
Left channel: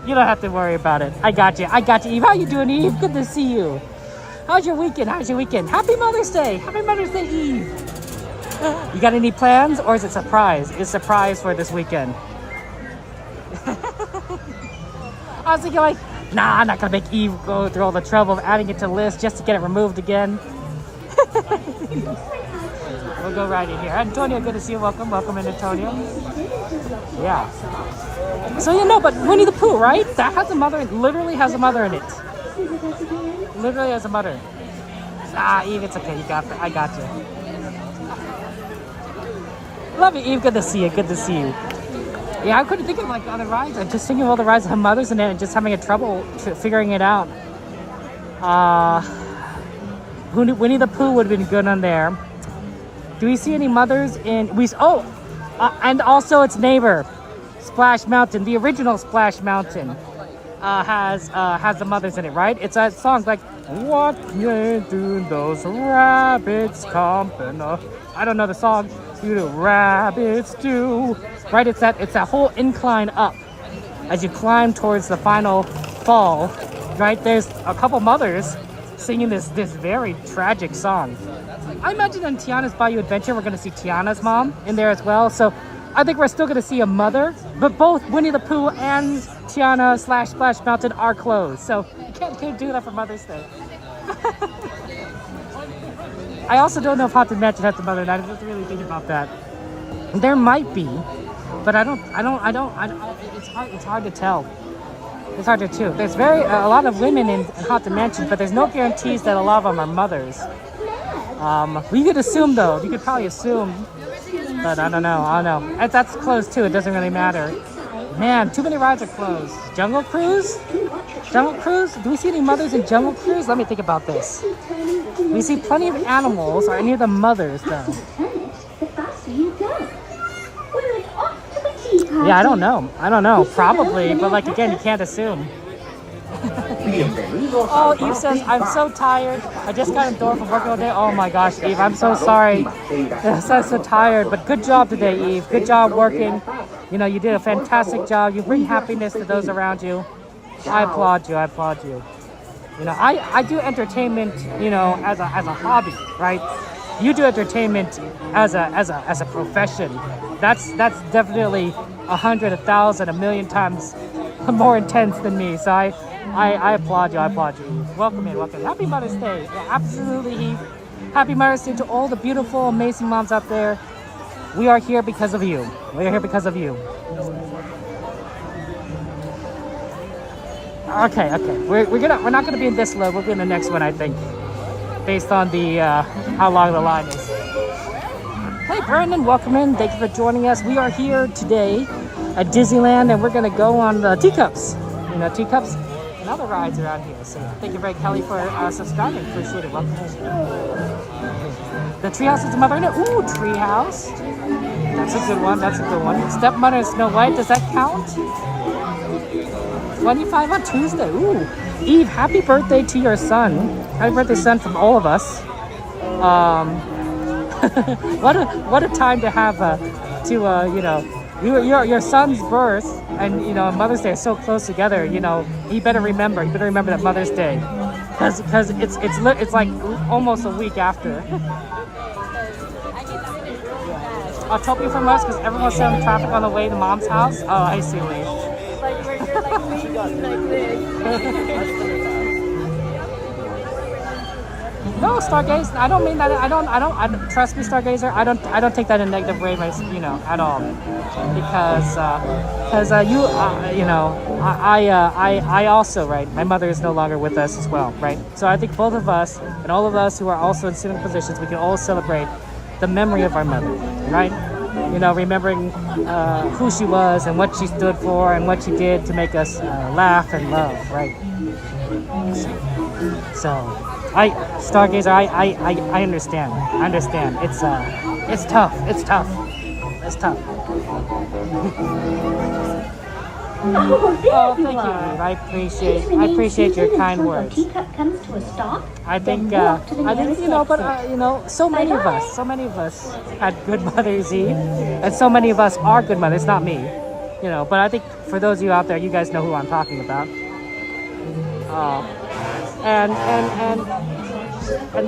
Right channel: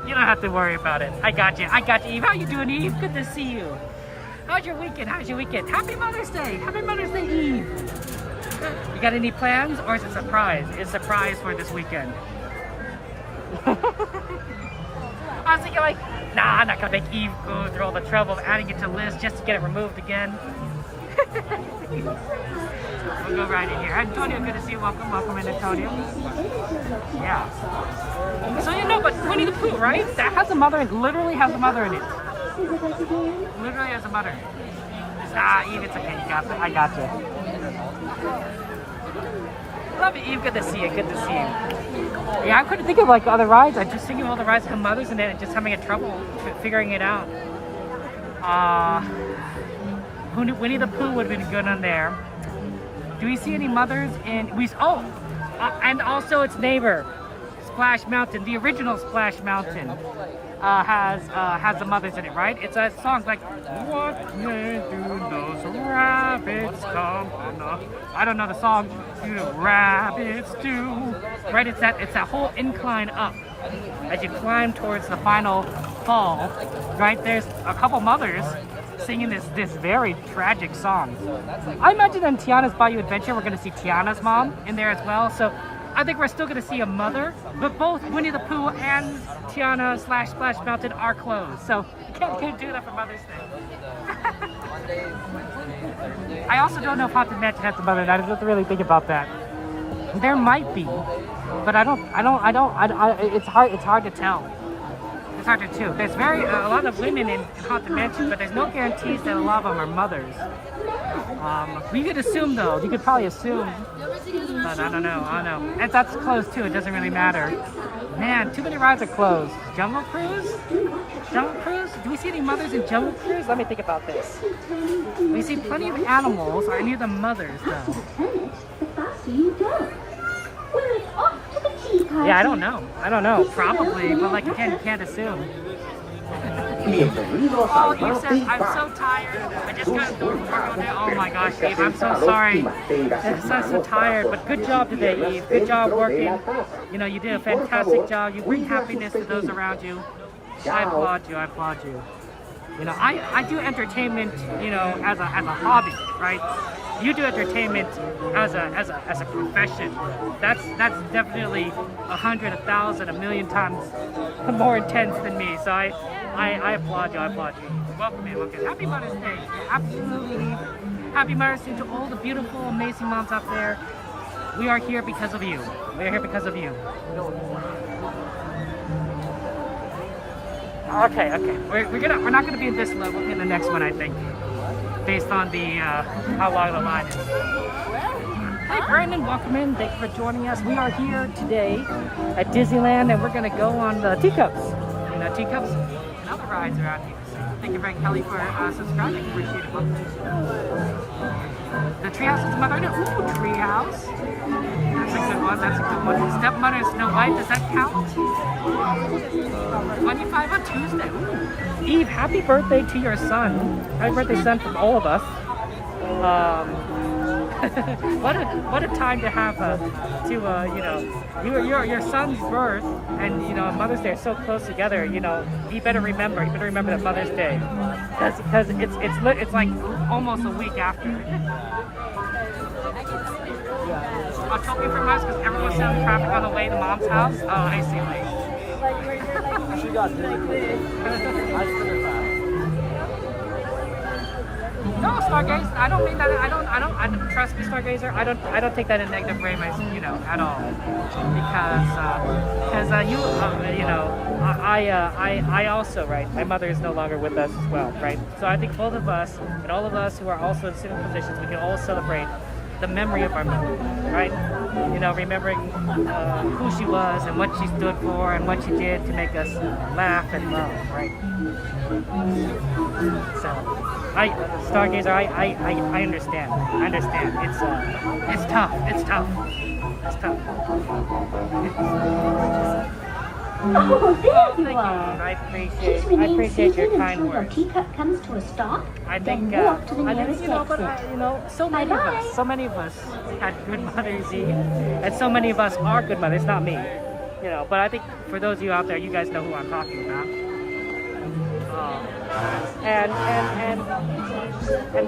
You don't have to worry about it. I got you, Eve. How you doing, Eve? Good to see you. How's your weekend? Happy Mother's Day. Happy Mother's Day, Eve. You got any plans, or is it surprise? It's surprise for this weekend. I was thinking like, nah, I'm not gonna make Eve go through all the trouble of adding it to the list just to get it removed again. We'll go right in here. Antonio, good to see you. Welcome in, Antonio. Yeah. So you know, but Winnie the Pooh, right? That has a mother, literally has a mother in it. Literally has a mother. Ah, Eve, it's okay. I got you. Love you, Eve. Good to see you. Yeah, I couldn't think of like other rides. I just think of all the rides that have mothers in it and just having trouble figuring it out. Winnie the Pooh would have been good on there. Do we see any mothers in? And also its neighbor, Splash Mountain, the original Splash Mountain. has the mothers in it, right? It's a song like "What can do those rabbits comping up?" I don't know the song. You know, rabbits do, right? It's that whole incline up as you climb towards the final fall, right? There's a couple mothers singing this very tragic song. I imagine in Tiana's Bayou Adventure, we're going to see Tiana's mom in there as well. So I think we're still going to see a mother, but both Winnie the Pooh and Tiana / Splash Mountain are closed. So you can't do that for Mother's Day. I also don't know if Haunted Mansion has a mother, and I don't really think about that. There might be, but it's hard to tell. It's hard to tell. There's a lot of women in Haunted Mansion, but there's no guarantees that a lot of them are mothers. We could assume though. You could probably assume, but I don't know. And that's closed too. It doesn't really matter. Man, too many rides are closed. Jungle Cruise? Jungle Cruise? Do we see any mothers in Jungle Cruise? Let me think about this. We see plenty of animals. Are any of the mothers though? Yeah, I don't know. Probably, but like again, you can't assume. Oh, Eve says, I'm so tired. I just got indoors from working all day. Oh my gosh, Eve, I'm so sorry. Yes, I'm so tired, but good job today, Eve. Good job working. You know, you did a fantastic job. You bring happiness to those around you. I applaud you. You know, I do entertainment, you know, as a hobby, right? You do entertainment as a profession. That's definitely 100, 1,000, 1,000,000 times more intense than me. So I applaud you. Welcome in. Happy Mother's Day. Yeah, absolutely, Eve. Happy Mother's Day to all the beautiful, amazing moms out there. We are here because of you. We're here because of you. Okay. We're not gonna be in this load. We'll be in the next one, I think, based on the how long the line is. Hey Brandon, welcome in. Thank you for joining us. We are here today at Disneyland, and we're gonna go on the teacups. You know, teacups and other rides around here. So thank you very Kelly for subscribing. Appreciate it. Welcome. The treehouse is the mother. Ooh, treehouse. That's a good one. Stepmother and Snow White. Does that count? 25 on Tuesday. Ooh. Eve, happy birthday to your son. Happy birthday, son, from all of us. What a time to have you know, your son's birth and, you know, Mother's Day is so close together. You know, you better remember that Mother's Day, because it's like almost a week after. I'll talk you from us because everyone's still in traffic on the way to Mom's house. Oh, I see. Like where you're like leaning like this. No, Stargazer. I don't mean that. I don't trust me, Stargazer. I don't take that in a negative way, you know, at all. Because you know, I also, right. My mother is no longer with us as well, right. So I think both of us and all of us who are also in similar positions, we can all celebrate the memory of our mother, right. You know, remembering who she was and what she stood for and what she did to make us laugh and love, right. So. Stargazer, I understand. It's tough. Oh, there you thank are. I Please remain appreciate seated your kind until words. the teacup comes to a stop. I think, then walk to the nearest you know, exit. but you know, so many Bye-bye. of us had good Mother's Eve, and so many of us are good mothers. Not me, you know. But I think for those of you out there, you guys know who I'm talking about. And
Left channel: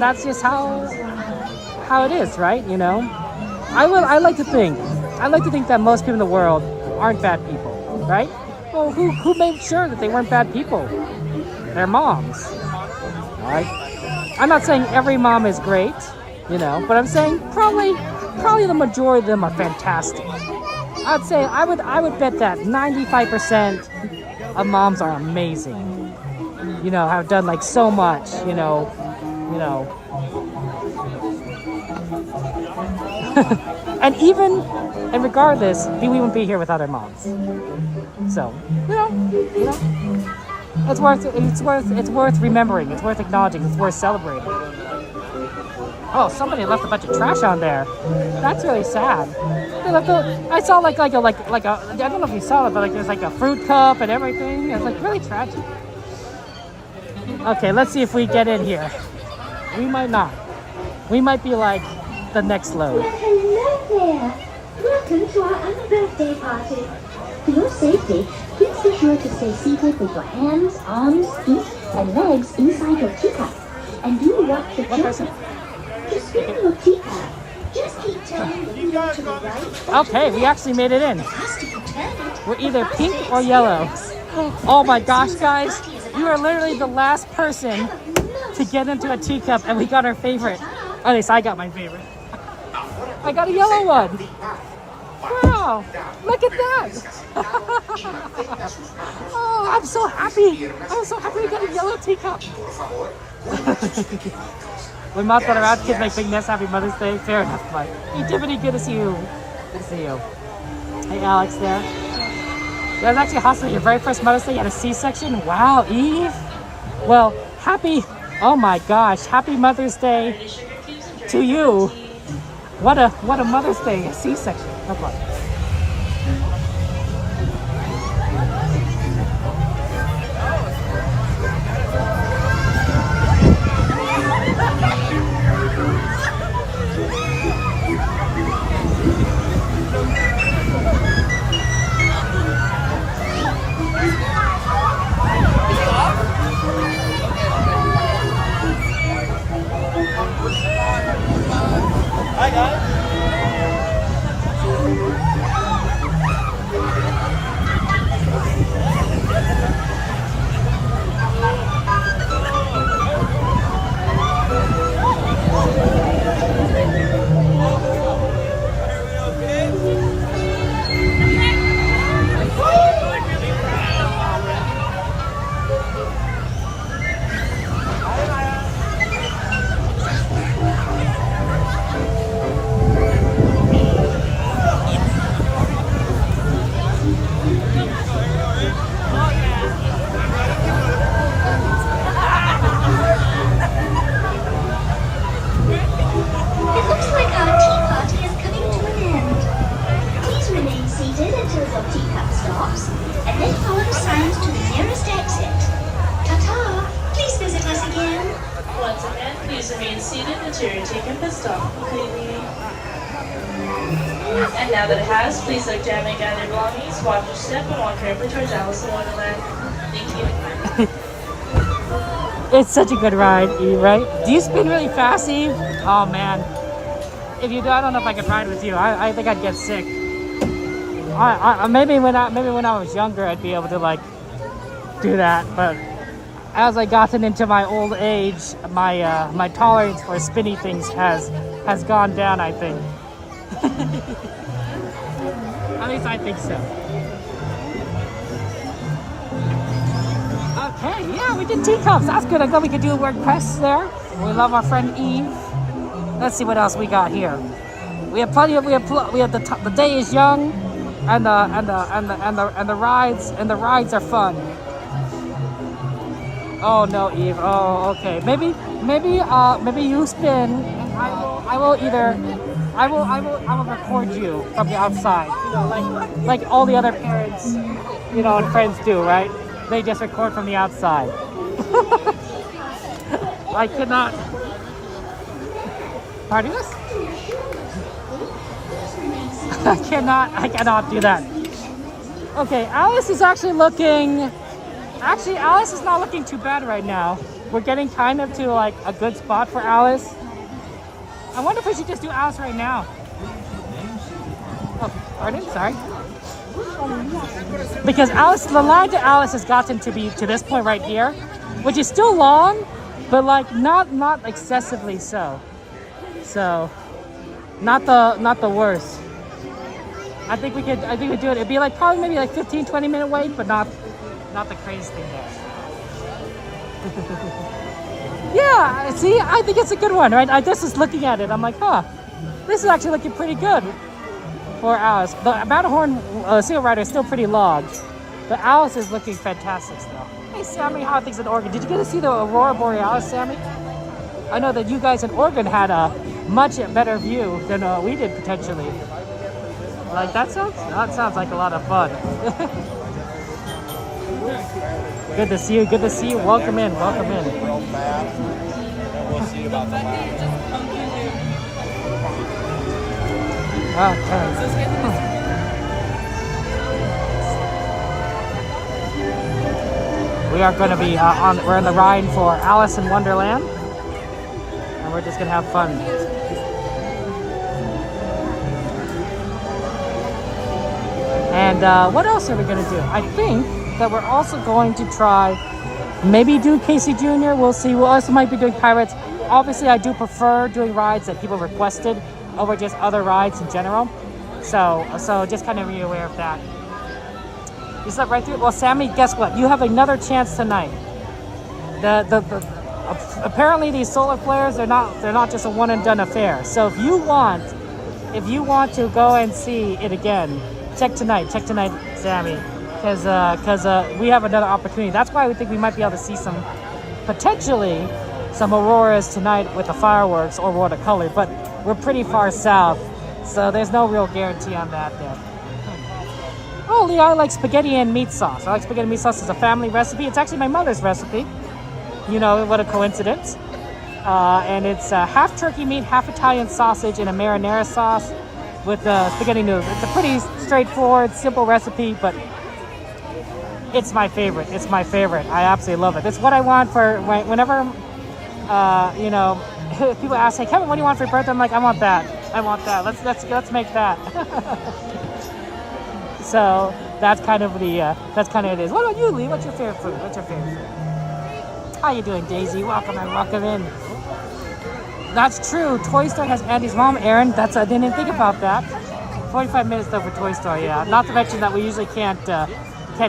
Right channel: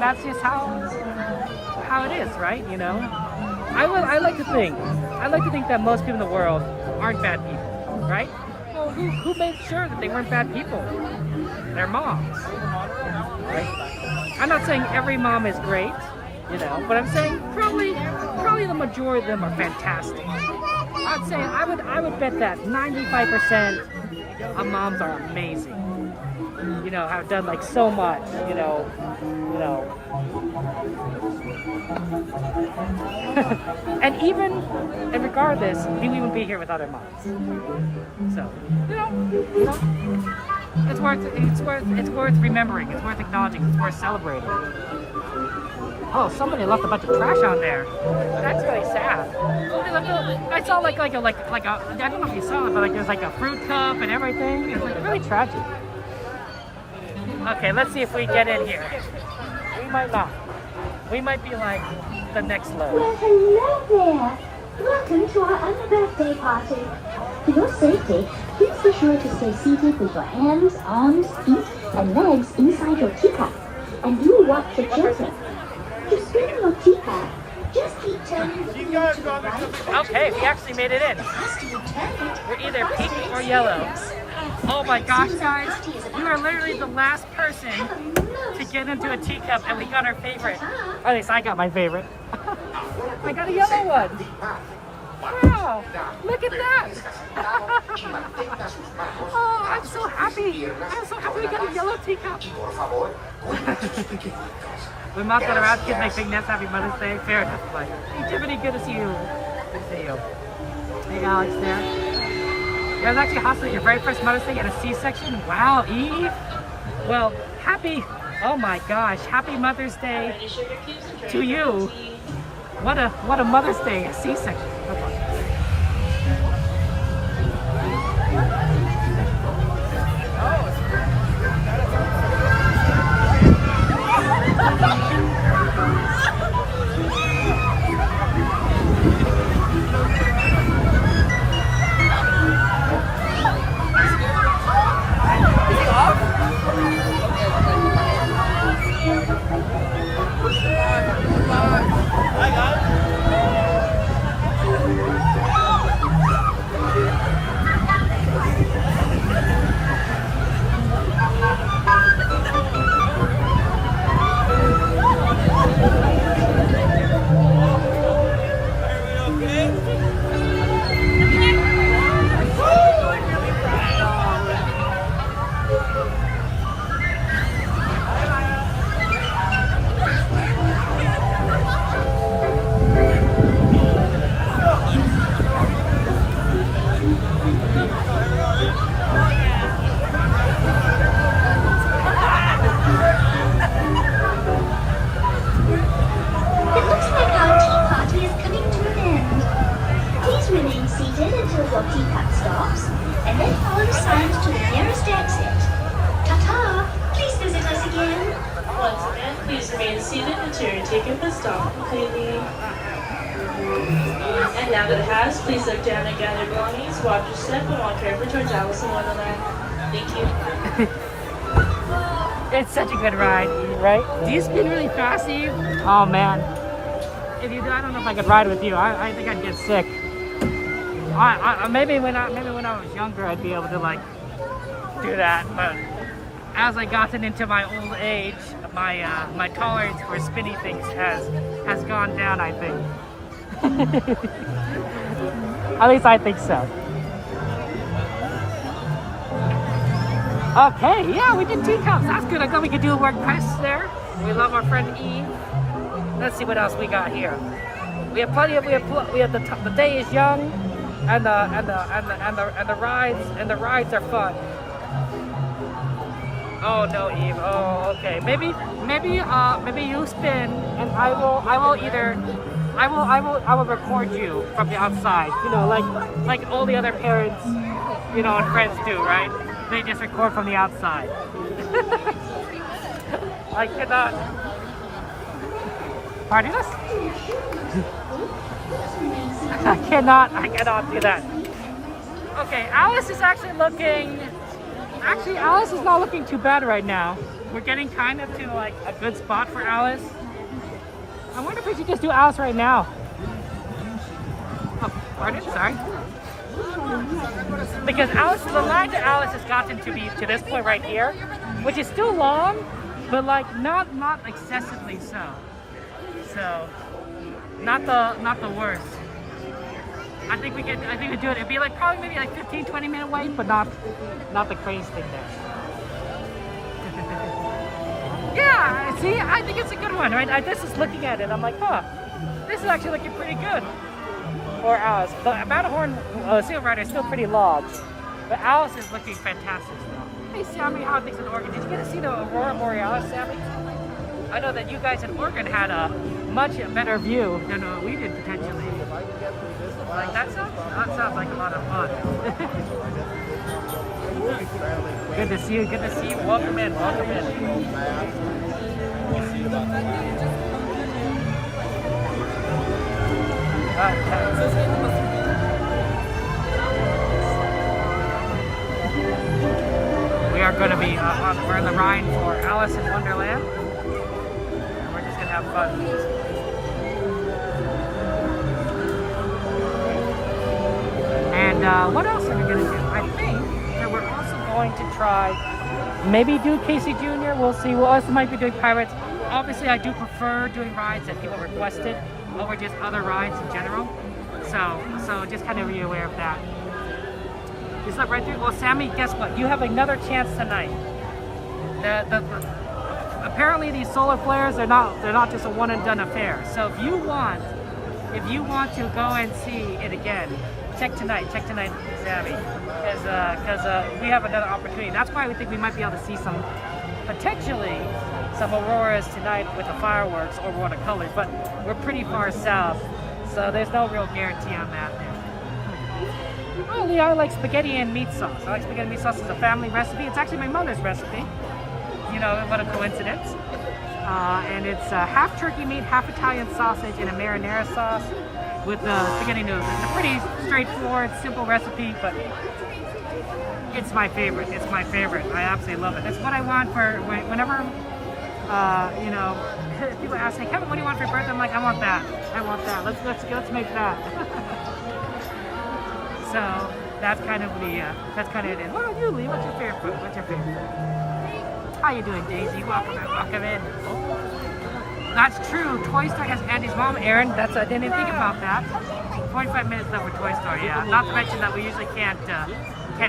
that's just how it is, right? You know, I like to think that most people in the world aren't bad people, right? Well, who made sure that they weren't bad people? Their moms, right? I'm not saying every mom is great, you know, but I'm saying probably the majority of them are fantastic. I'd say I would bet that 95% of moms are amazing. You know, have done like so much, you know. and regardless, we wouldn't be here without our moms. So, you know, it's worth remembering, it's worth acknowledging, it's worth celebrating. Oh, somebody left a bunch of trash on there. That's really sad. Hey, look, I saw like a I don't know if you saw it, but like there's like a fruit cup and everything. It's like really tragic. Okay, let's see if we get in here. We might not. We might be like the next load. Well, hello there. Welcome to our birthday party. For your safety, please be sure to stay seated with your hands, arms, feet, and legs inside your teacup. And do watch your children. To spin your teacup, just keep turning the wheel to the right. Okay, we actually made it in. Has to be turned. We're either pink or yellow. Oh my gosh, guys. You are literally the last person to get into a teacup, and we got our favorite. At least I got my favorite. I got a yellow one. Wow, look at that. Oh, I'm so happy. I'm so happy we got a yellow teacup. When mom's going around, kids make big nest, happy Mother's Day. Fair enough, but hey, Tiffany, good to see you. Good to see you. Hey, Alex there. Yeah, it was actually hospital your very first Mother's Day. You had a C-section. Wow, Eve. Well, oh my gosh, happy Mother's Day to you. What a Mother's Day, a C-section. No problem. And now that it has, please look down and gather your belongings, watch your step, and walk carefully towards Alice in Wonderland. Thank you. It's such a good ride, Eve, right? Do you spin really fast, Eve? Oh man. If you do, I don't know if I could ride with you. I think I'd get sick. Maybe when I was younger, I'd be able to like do that. But as I gotten into my old age, my tolerance for spinny things has gone down, I think. At least I think so. Okay, yeah, we did tin cups. That's good. I'm glad we could do a word quest there. We love our friend Eve. Let's see what else we got here. We have plenty of. We have the day is young, and the rides are fun. Oh no, Eve. Oh, okay. Maybe you spin, and I will record you from the outside. You know, like all the other parents, you know, and friends do, right? They just record from the outside. I cannot. Pardon us? I cannot do that. Okay, Alice is actually looking. Actually, Alice is not looking too bad right now. We're getting kind of to like a good spot for Alice. I wonder if we should just do Alice right now. Oh, pardon? Sorry. Because Alice, the line to Alice has gotten to be to this point right here, which is still long, but like not excessively so. So, not the worst. I think we could do it. It'd be like probably maybe like 15-20 minute wait, but not the crazy thing there. Yeah, see, I think it's a good one, right? I just was looking at it. I'm like, oh, this is actually looking pretty good for Alice. The Matterhorn Seal Rider is still pretty long, but Alice is looking fantastic still. Hey, Sammy, how are things in Oregon? Did you get to see the Aurora Borealis, Sammy? I know that you guys in Oregon had a much better view than we did potentially. Like that sounds like a lot of fun. Good to see you. Good to see you. Welcome in. Welcome in. We are going to be we're on the ride for Alice in Wonderland, and we're just going to have fun. And what else are we going to do? I think that we're also going to try, maybe do Casey Jr. We'll see. We also might be doing Pirates. Obviously, I do prefer doing rides that people requested over just other rides in general. So just kind of be aware of that. Is that right there? Well, Sammy, guess what? You have another chance tonight. Apparently these solar flares they're not just a one and done affair. So if you want to go and see it again, check tonight, Sammy, because we have another opportunity. That's why we think we might be able to see potentially some auroras tonight with the fireworks or watercolor. But we're pretty far south, so there's no real guarantee on that there. Oh, Lee, I like spaghetti and meat sauce. I like spaghetti and meat sauce. It's a family recipe. It's actually my mother's recipe. You know, what a coincidence. And it's half turkey meat, half Italian sausage, and a marinara sauce with spaghetti noodles. It's a pretty straightforward, simple recipe, but it's my favorite. It's my favorite. I absolutely love it. It's what I want for whenever, you know, people ask me, Kevin, what do you want for your birthday? I'm like, I want that. I want that. Let's make that. So that's kind of it is. What about you, Lee? What's your favorite food? How you doing, Daisy? Welcome in. That's true. Toy Story has Andy's mom, Aaron. I didn't think about that. 45 minutes though for Toy Story, yeah. Not to mention that we usually can't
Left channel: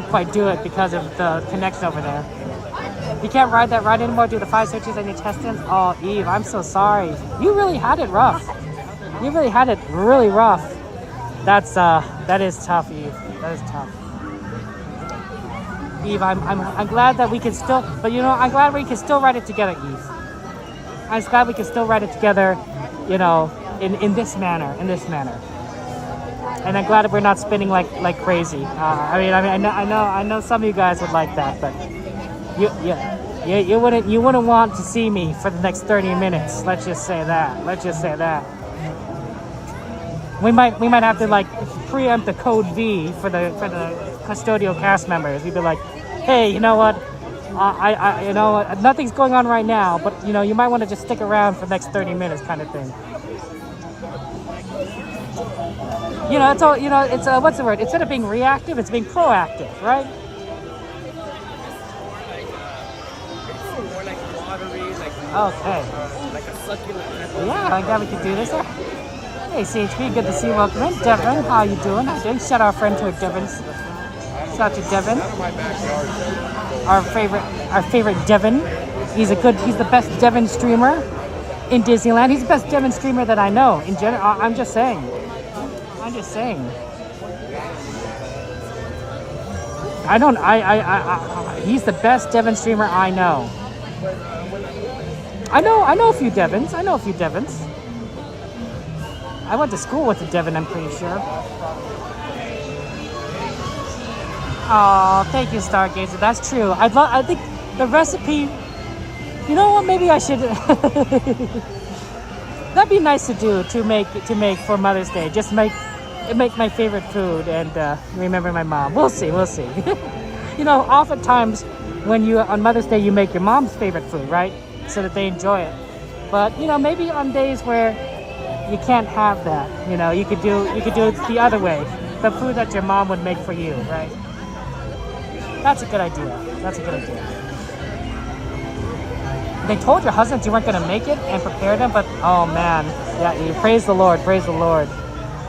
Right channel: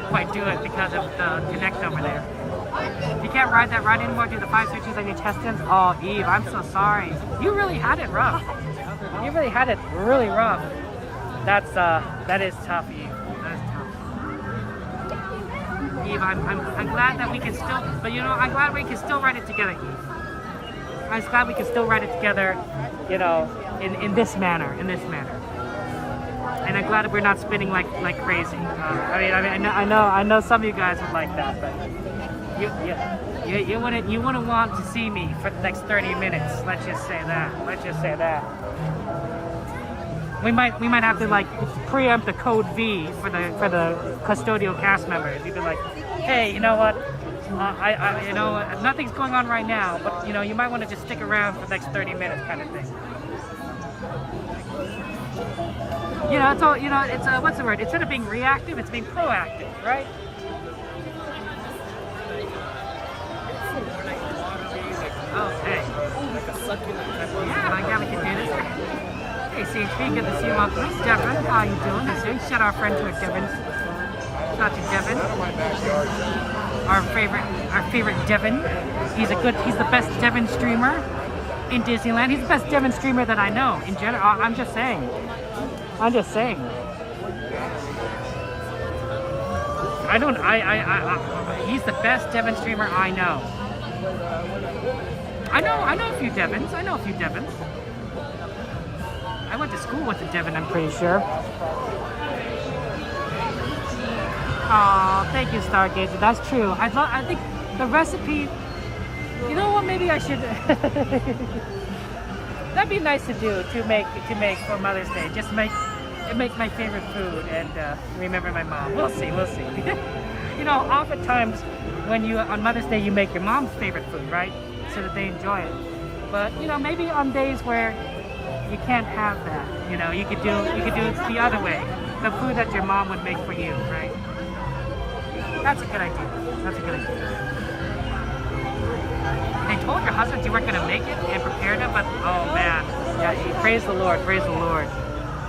quite do it because of the connection over there. You can't ride that ride anymore due to the 5 sections on your intestines. Oh, Eve, I'm so sorry. You really had it rough. You really had it really rough. That is tough, Eve. That is tough. Eve, I'm glad that we can still, but you know, I'm glad we can still ride it together, Eve. I'm just glad we can still ride it together, you know, in this manner. And I'm glad that we're not spinning like crazy. I know some of you guys would like that, but you wouldn't want to see me for the next 30 minutes. Let's just say that. We might have to like preempt the code V for the custodial cast members. We'd be like, hey, you know what? You know what? Nothing's going on right now, but you know, you might want to just stick around for the next 30 minutes, kind of thing. You know, it's what's the word? Instead of being reactive, it's being proactive, right? Okay. Yeah, I glad we could do this. Hey, CHP, good to see you. Welcome in. Devin, how you doing? Shout out our friend to Devin. Shout out to Devin. Our favorite Devin. He's the best Devin streamer in Disneyland. He's the best Devin streamer that I know. In general, I'm just saying. He's the best Devin streamer I know. I know a few Devins. I went to school with a Devin, I'm pretty sure. Oh, thank you, Stargazer. That's true. I think the recipe. You know what? Maybe I should. That'd be nice to do to make for Mother's Day. Just make my favorite food and remember my mom. We'll see. You know, oftentimes when on Mother's Day you make your mom's favorite food, right? So that they enjoy it. But you know, maybe on days where you can't have that, you know, you could do it the other way. The food that your mom would make for you, right? That's a good idea. They told your husband you weren't going to make it and prepared him, but oh man, yeah, praise the Lord.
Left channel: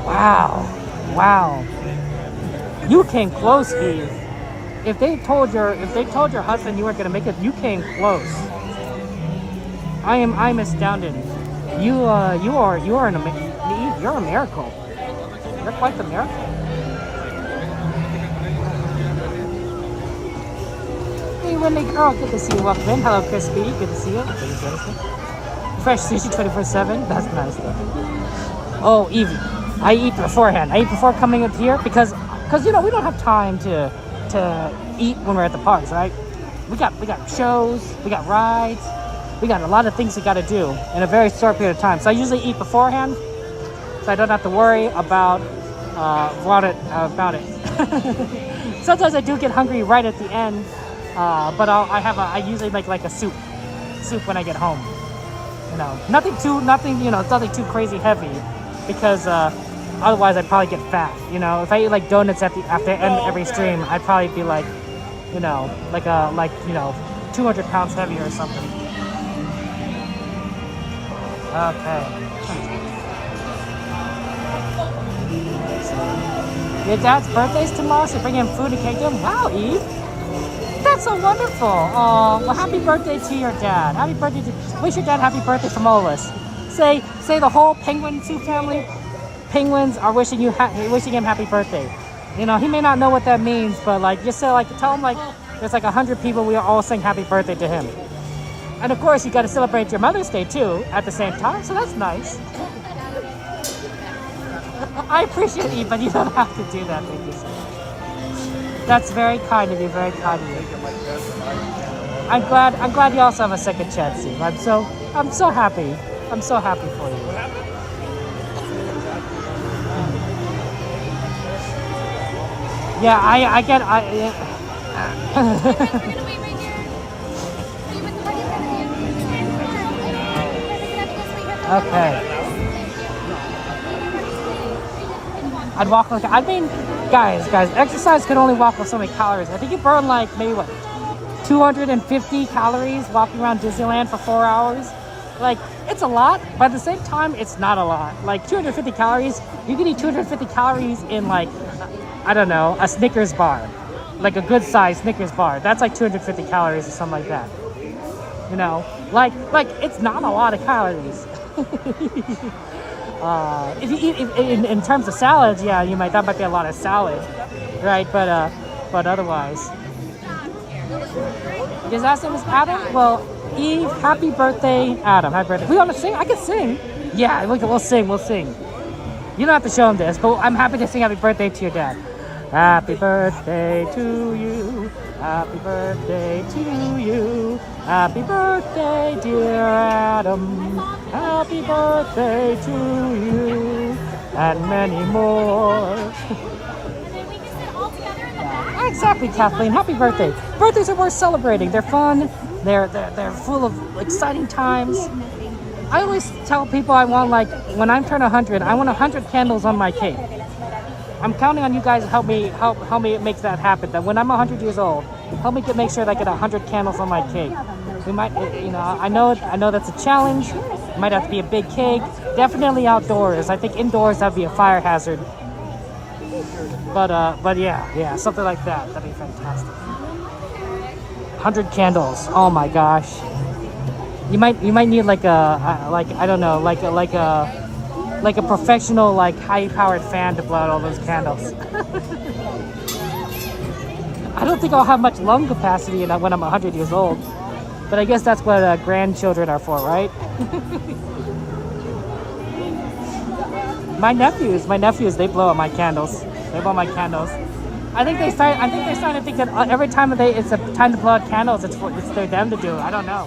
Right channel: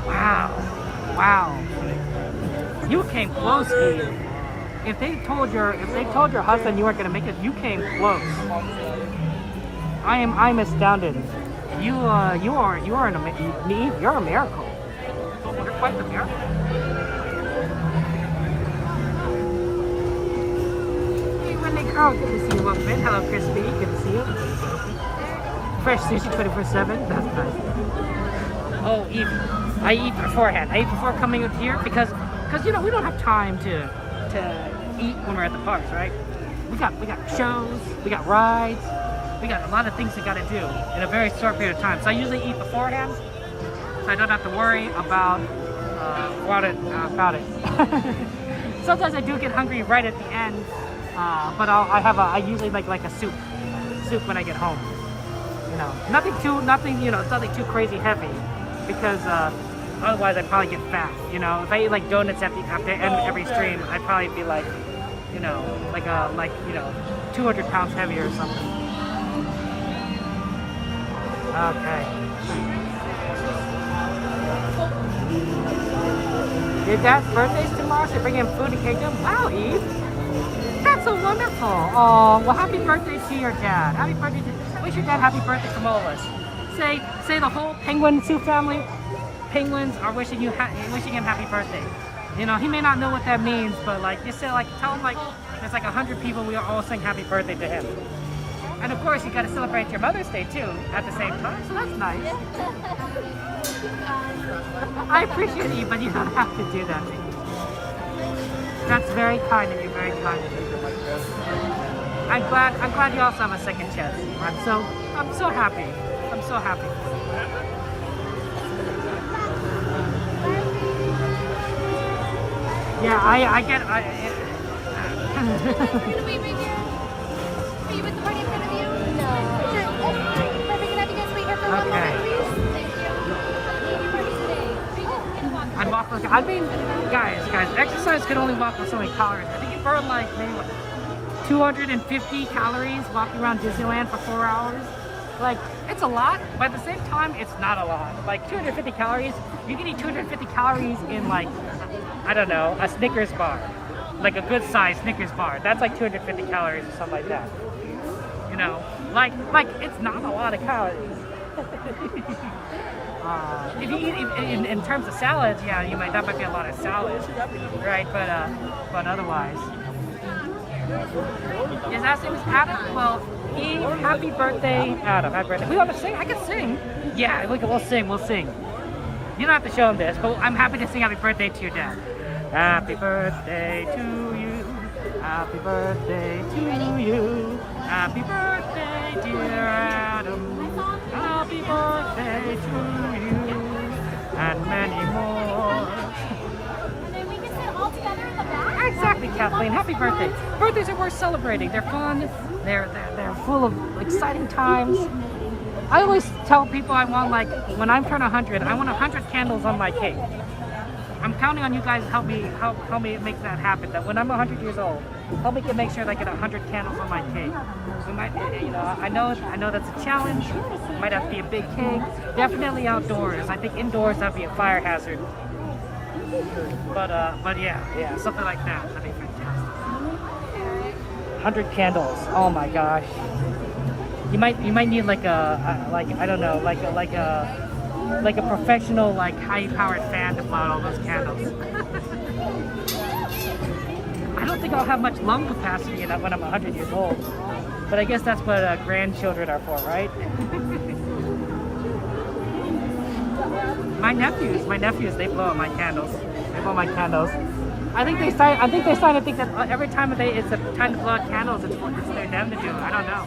Wow. You came close, Eve. If they told your husband you weren't going to make it, you came close. I'm astounded. You're a miracle. You're quite the miracle. Hey, Renee girl, good to see you. Welcome in. Hello, Crispy. Good to see you. fresh sushi 24/7. That's nice though. Oh, Eve, I eat beforehand. I eat before coming up here because you know we don't have time to eat when we're at the parks, right? We got shows, we got rides, we got a lot of things we got to do in a very short period of time. So I usually eat beforehand, so I don't have to worry about it. Sometimes I do get hungry right at the end, but I usually make like a soup when I get home. You know, nothing too crazy heavy, because otherwise I'd probably get fat. You know, if I eat like donuts after end every stream, I'd probably be like, you know, like 200 pounds heavier or something. Okay. Your dad's birthday's tomorrow, so bring him food and cake to him. Wow, Eve. That's so wonderful. Oh, well, happy birthday to your dad. Happy birthday to... Wish your dad happy birthday from all of us. Say the whole Penguin Zoo family. Penguins are wishing him happy birthday. You know, he may not know what that means, but like, just say like, tell him like, there's like 100 people, we are all saying happy birthday to him. And of course, you got to celebrate your Mother's Day too at the same time, so that's nice. I appreciate you, but you don't have to do that. Thank you so much. That's very kind of you. Very kind of you. I'm glad you also have a second chance, Steve. I'm so happy. I'm so happy for you. Yeah, I get. Yeah. We're gonna wait right here. Are you with the party in front of you? Okay. I'd walk like, I mean, guys, exercise can only walk with so many calories. I think you burn like maybe what, 250 calories walking around Disneyland for 4 hours. Like, it's a lot, but at the same time, it's not a lot. Like 250 calories, you can eat 250 calories in like, I don't know, a Snickers bar. Like a good sized Snickers bar. That's like 250 calories or something like that. You know, like it's not a lot of calories. If you eat in terms of salads, yeah, that might be a lot of salad, right? But otherwise, his last name is Adam. Well, Eve, happy birthday, Adam. Happy birthday. We want to sing? I can sing. Yeah, we'll sing. You don't have to show him this, but I'm happy to sing happy birthday to your dad. Happy birthday to you. Happy birthday to you. Happy birthday, dear Adam. Happy birthday to you. And many more. And then we can sit all together in the back. Exactly, Kathleen. Happy birthday. Birthdays are worth celebrating. They're fun. They're full of exciting times. I always tell people I want, like, when I'm turning 100, I want 100 candles on my cake. I'm counting on you guys to help me make that happen. That when I'm 100 years old, help me make sure that I get 100 candles on my cake. We might, you know, I know that's a challenge. It might have to be a big cake. Definitely outdoors. I think indoors that'd be a fire hazard. But yeah, something like that. That'd be fantastic. 100 candles. Oh my gosh. You might need like a professional, like high-powered fan to blow out all those candles. I don't think I'll have much lung capacity when I'm 100 years old, but I guess that's what grandchildren are for, right? My nephews, they blow out my candles. They blow my candles. I think they started to think that every time it's a time to blow out candles, it's for them to do it. I don't know.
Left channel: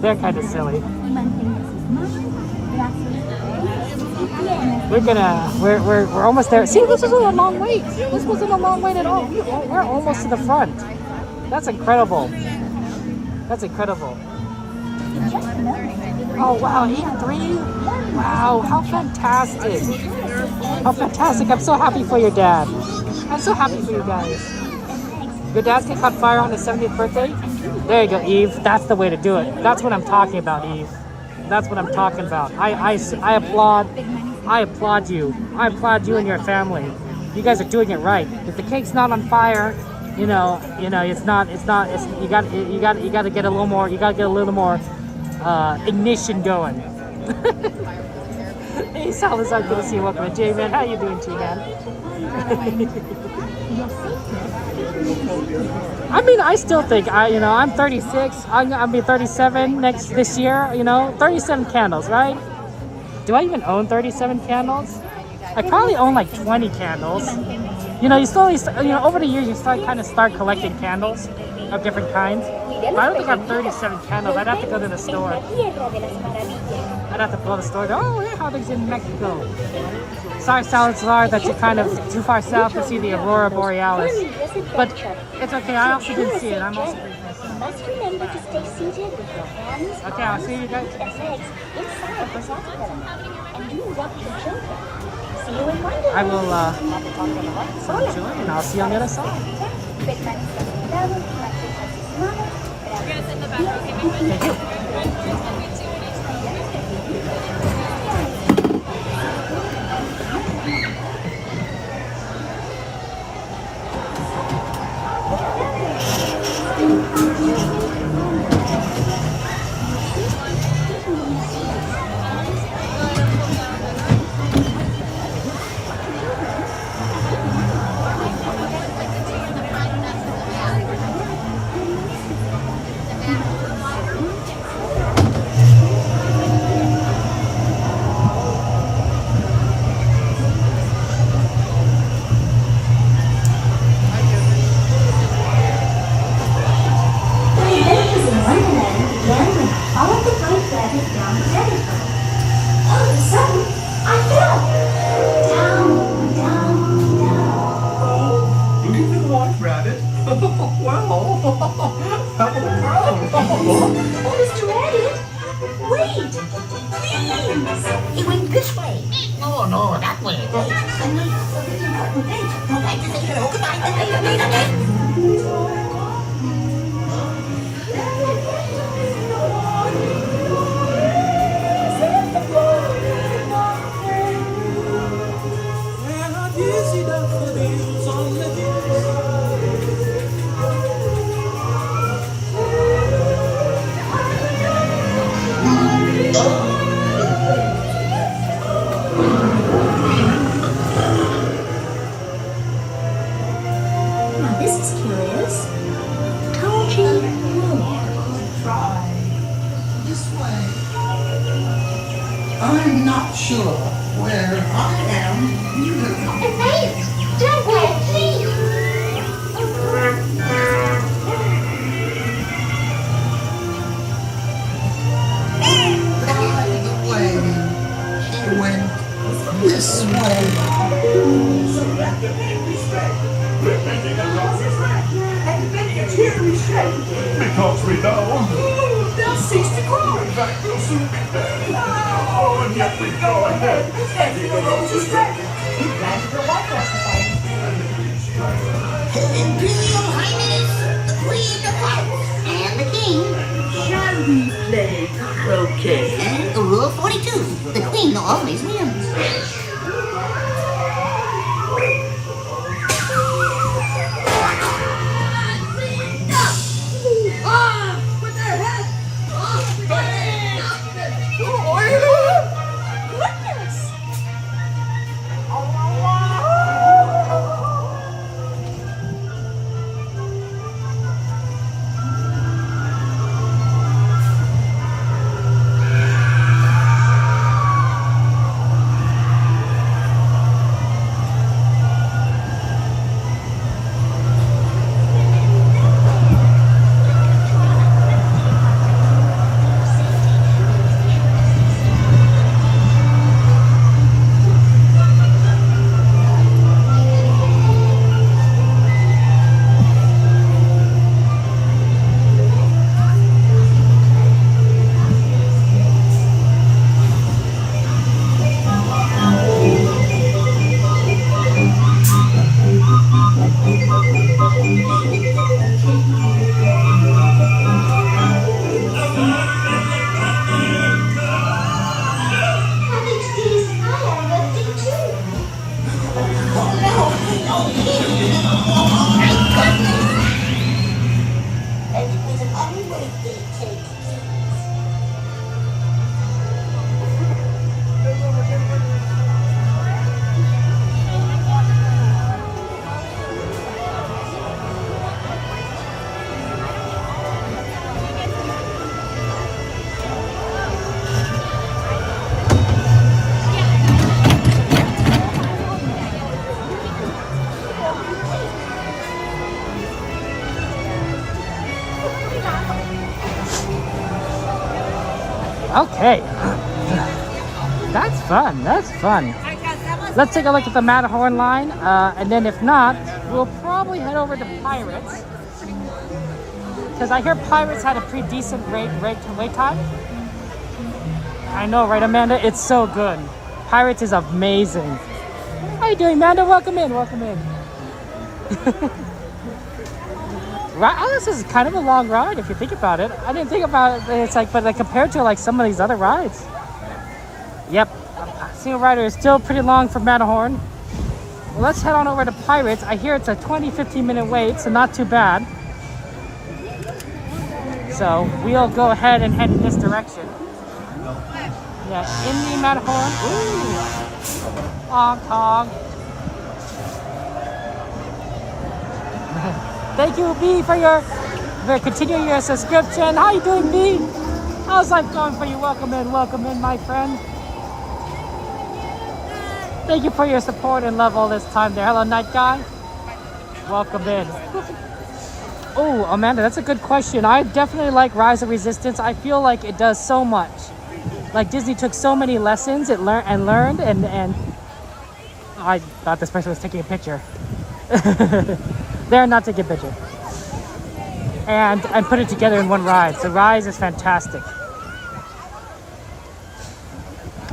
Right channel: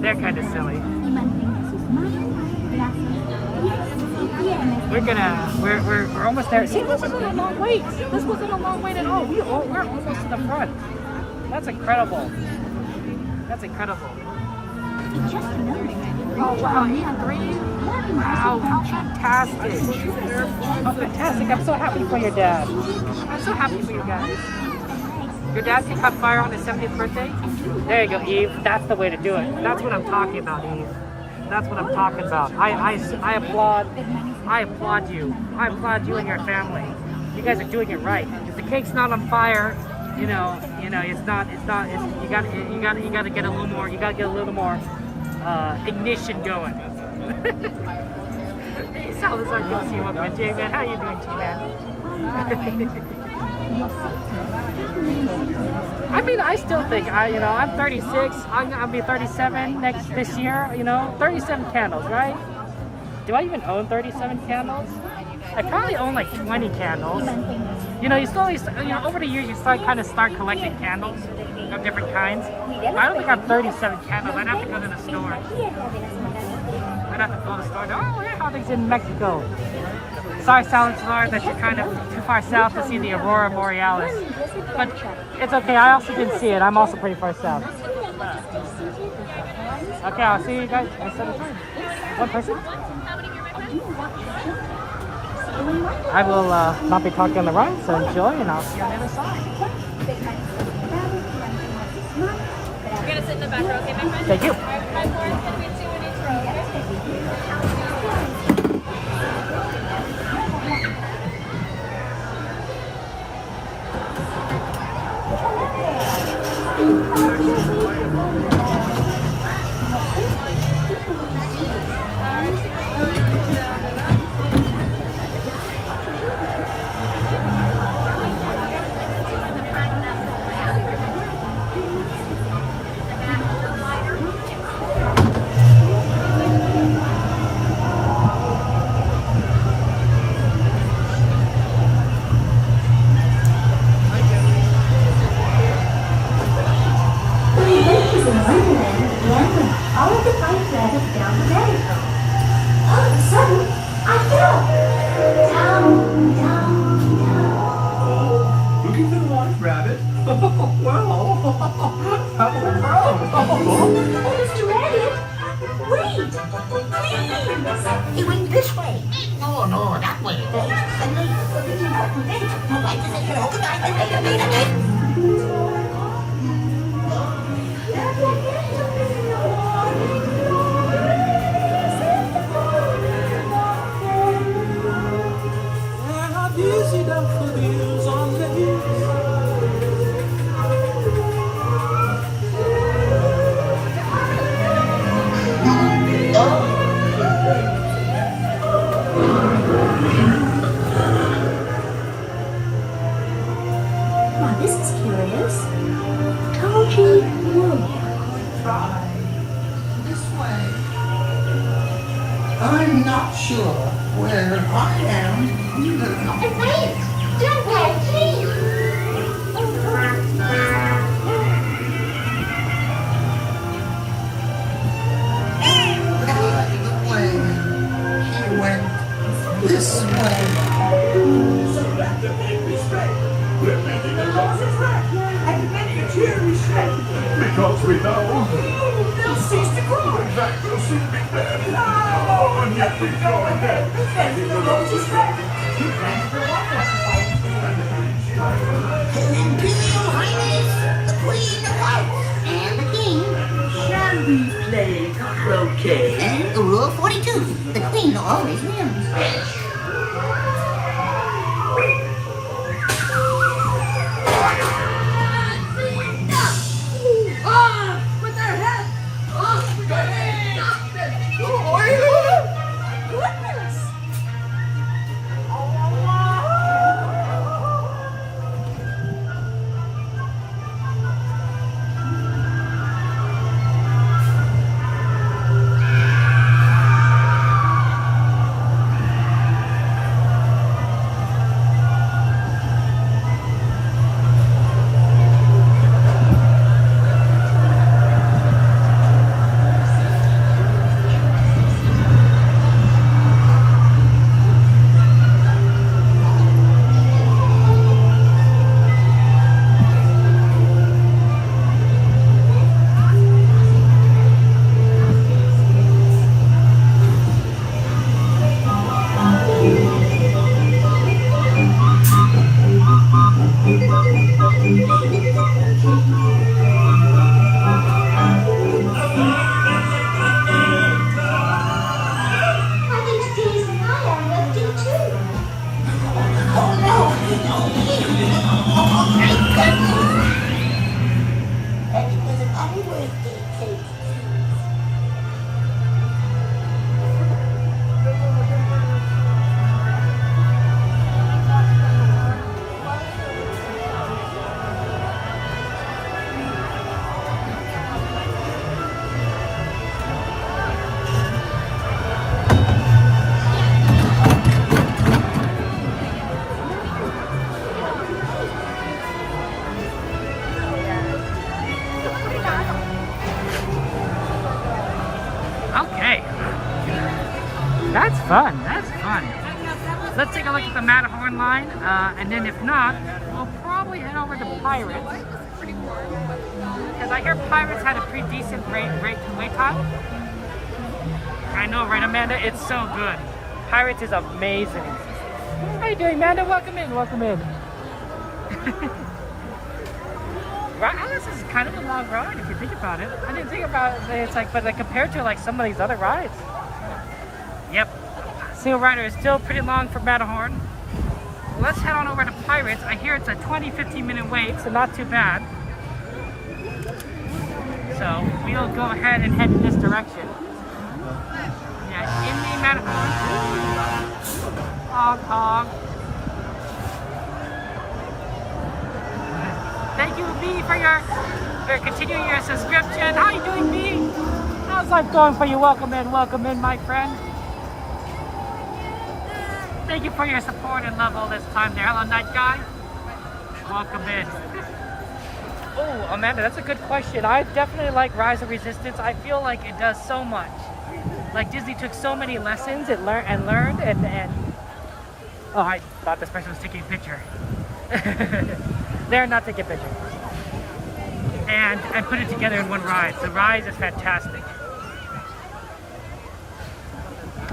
They're kind of silly. We're almost there. See, this isn't a long wait. This wasn't a long wait at all. We're almost to the front. That's incredible. Oh wow, E3? Wow, how fantastic. I'm so happy for your dad. I'm so happy for you guys. Your dad's gonna cut fire on his 70th birthday? There you go, Eve. That's the way to do it. That's what I'm talking about, Eve. That's what I'm talking about. I applaud you. I applaud you and your family. You guys are doing it right. If the cake's not on fire, you know, it's not. You got to get a little more. You got to get a little more ignition going. Hey, Salazar, go see what my J-Man. How you doing, G-Man? I mean, I still think I'm 36. I'll be 37 this year. 37 candles, right? Do I even own 37 candles? I probably own like 20 candles. You slowly, over the years, you start collecting candles of different kinds. But I don't think I have 37 candles. I'd have to go to the store. I'd have to go to the store. Oh, yeah, how big's in Mexico? Sorry, Salazar, that you're kind of too far south to see the Aurora Borealis. But it's okay. I also didn't see it. I'm also pretty far south. Okay, I'll see you guys. I will not be talking on the ride, so enjoy, and I'll see you on the other side. We're gonna sit in the back row, okay, my friend? Thank you. He went this way. No, that way. Now this is curious. Toji Road. This way. I'm not sure where I am. Wait! Don't go, please! By the way, he went this way. So let the baby straight. We're making the horses right. And the baby cheering straight. Because we know. They'll cease to cry. You'll soon be there. Oh, and yet we go ahead. Making the horses straight. He planted the water. Imperial Highness, the Queen of Hearts, and the King. Shall we play croquet? And Rule 42, the Queen always wins. Okay. That's fun. That's fun. Let's take a look at the Matterhorn line. And then if not, we'll probably head over to Pirates. Because I hear Pirates had a pretty decent wait time. I know, right, Amanda? It's so good. Pirates is amazing. How you doing, Amanda? Welcome in. Welcome in. This is kind of a long ride if you think about it. I didn't think about it. It's like, but like compared to like some of these other rides. Yep, single rider is still pretty long for Matterhorn. Let's head on over to Pirates. I hear it's a 20-15 minute wait, so not too bad. So we'll go ahead and head in this direction. Yeah, in the Matterhorn. Ooh, honk honk. Thank you, B, for continuing your subscription. How you doing, B? How's life going for you? Welcome in, my friend. Thank you for your support and love all this time there. Hello, Night Guy. Welcome in. Oh, Amanda, that's a good question. I definitely like Rise of Resistance. I feel like it does so much. Like Disney took so many lessons it learned and oh, I thought this person was taking a picture. They're not taking a picture. And put it together in one ride. So Rise is fantastic.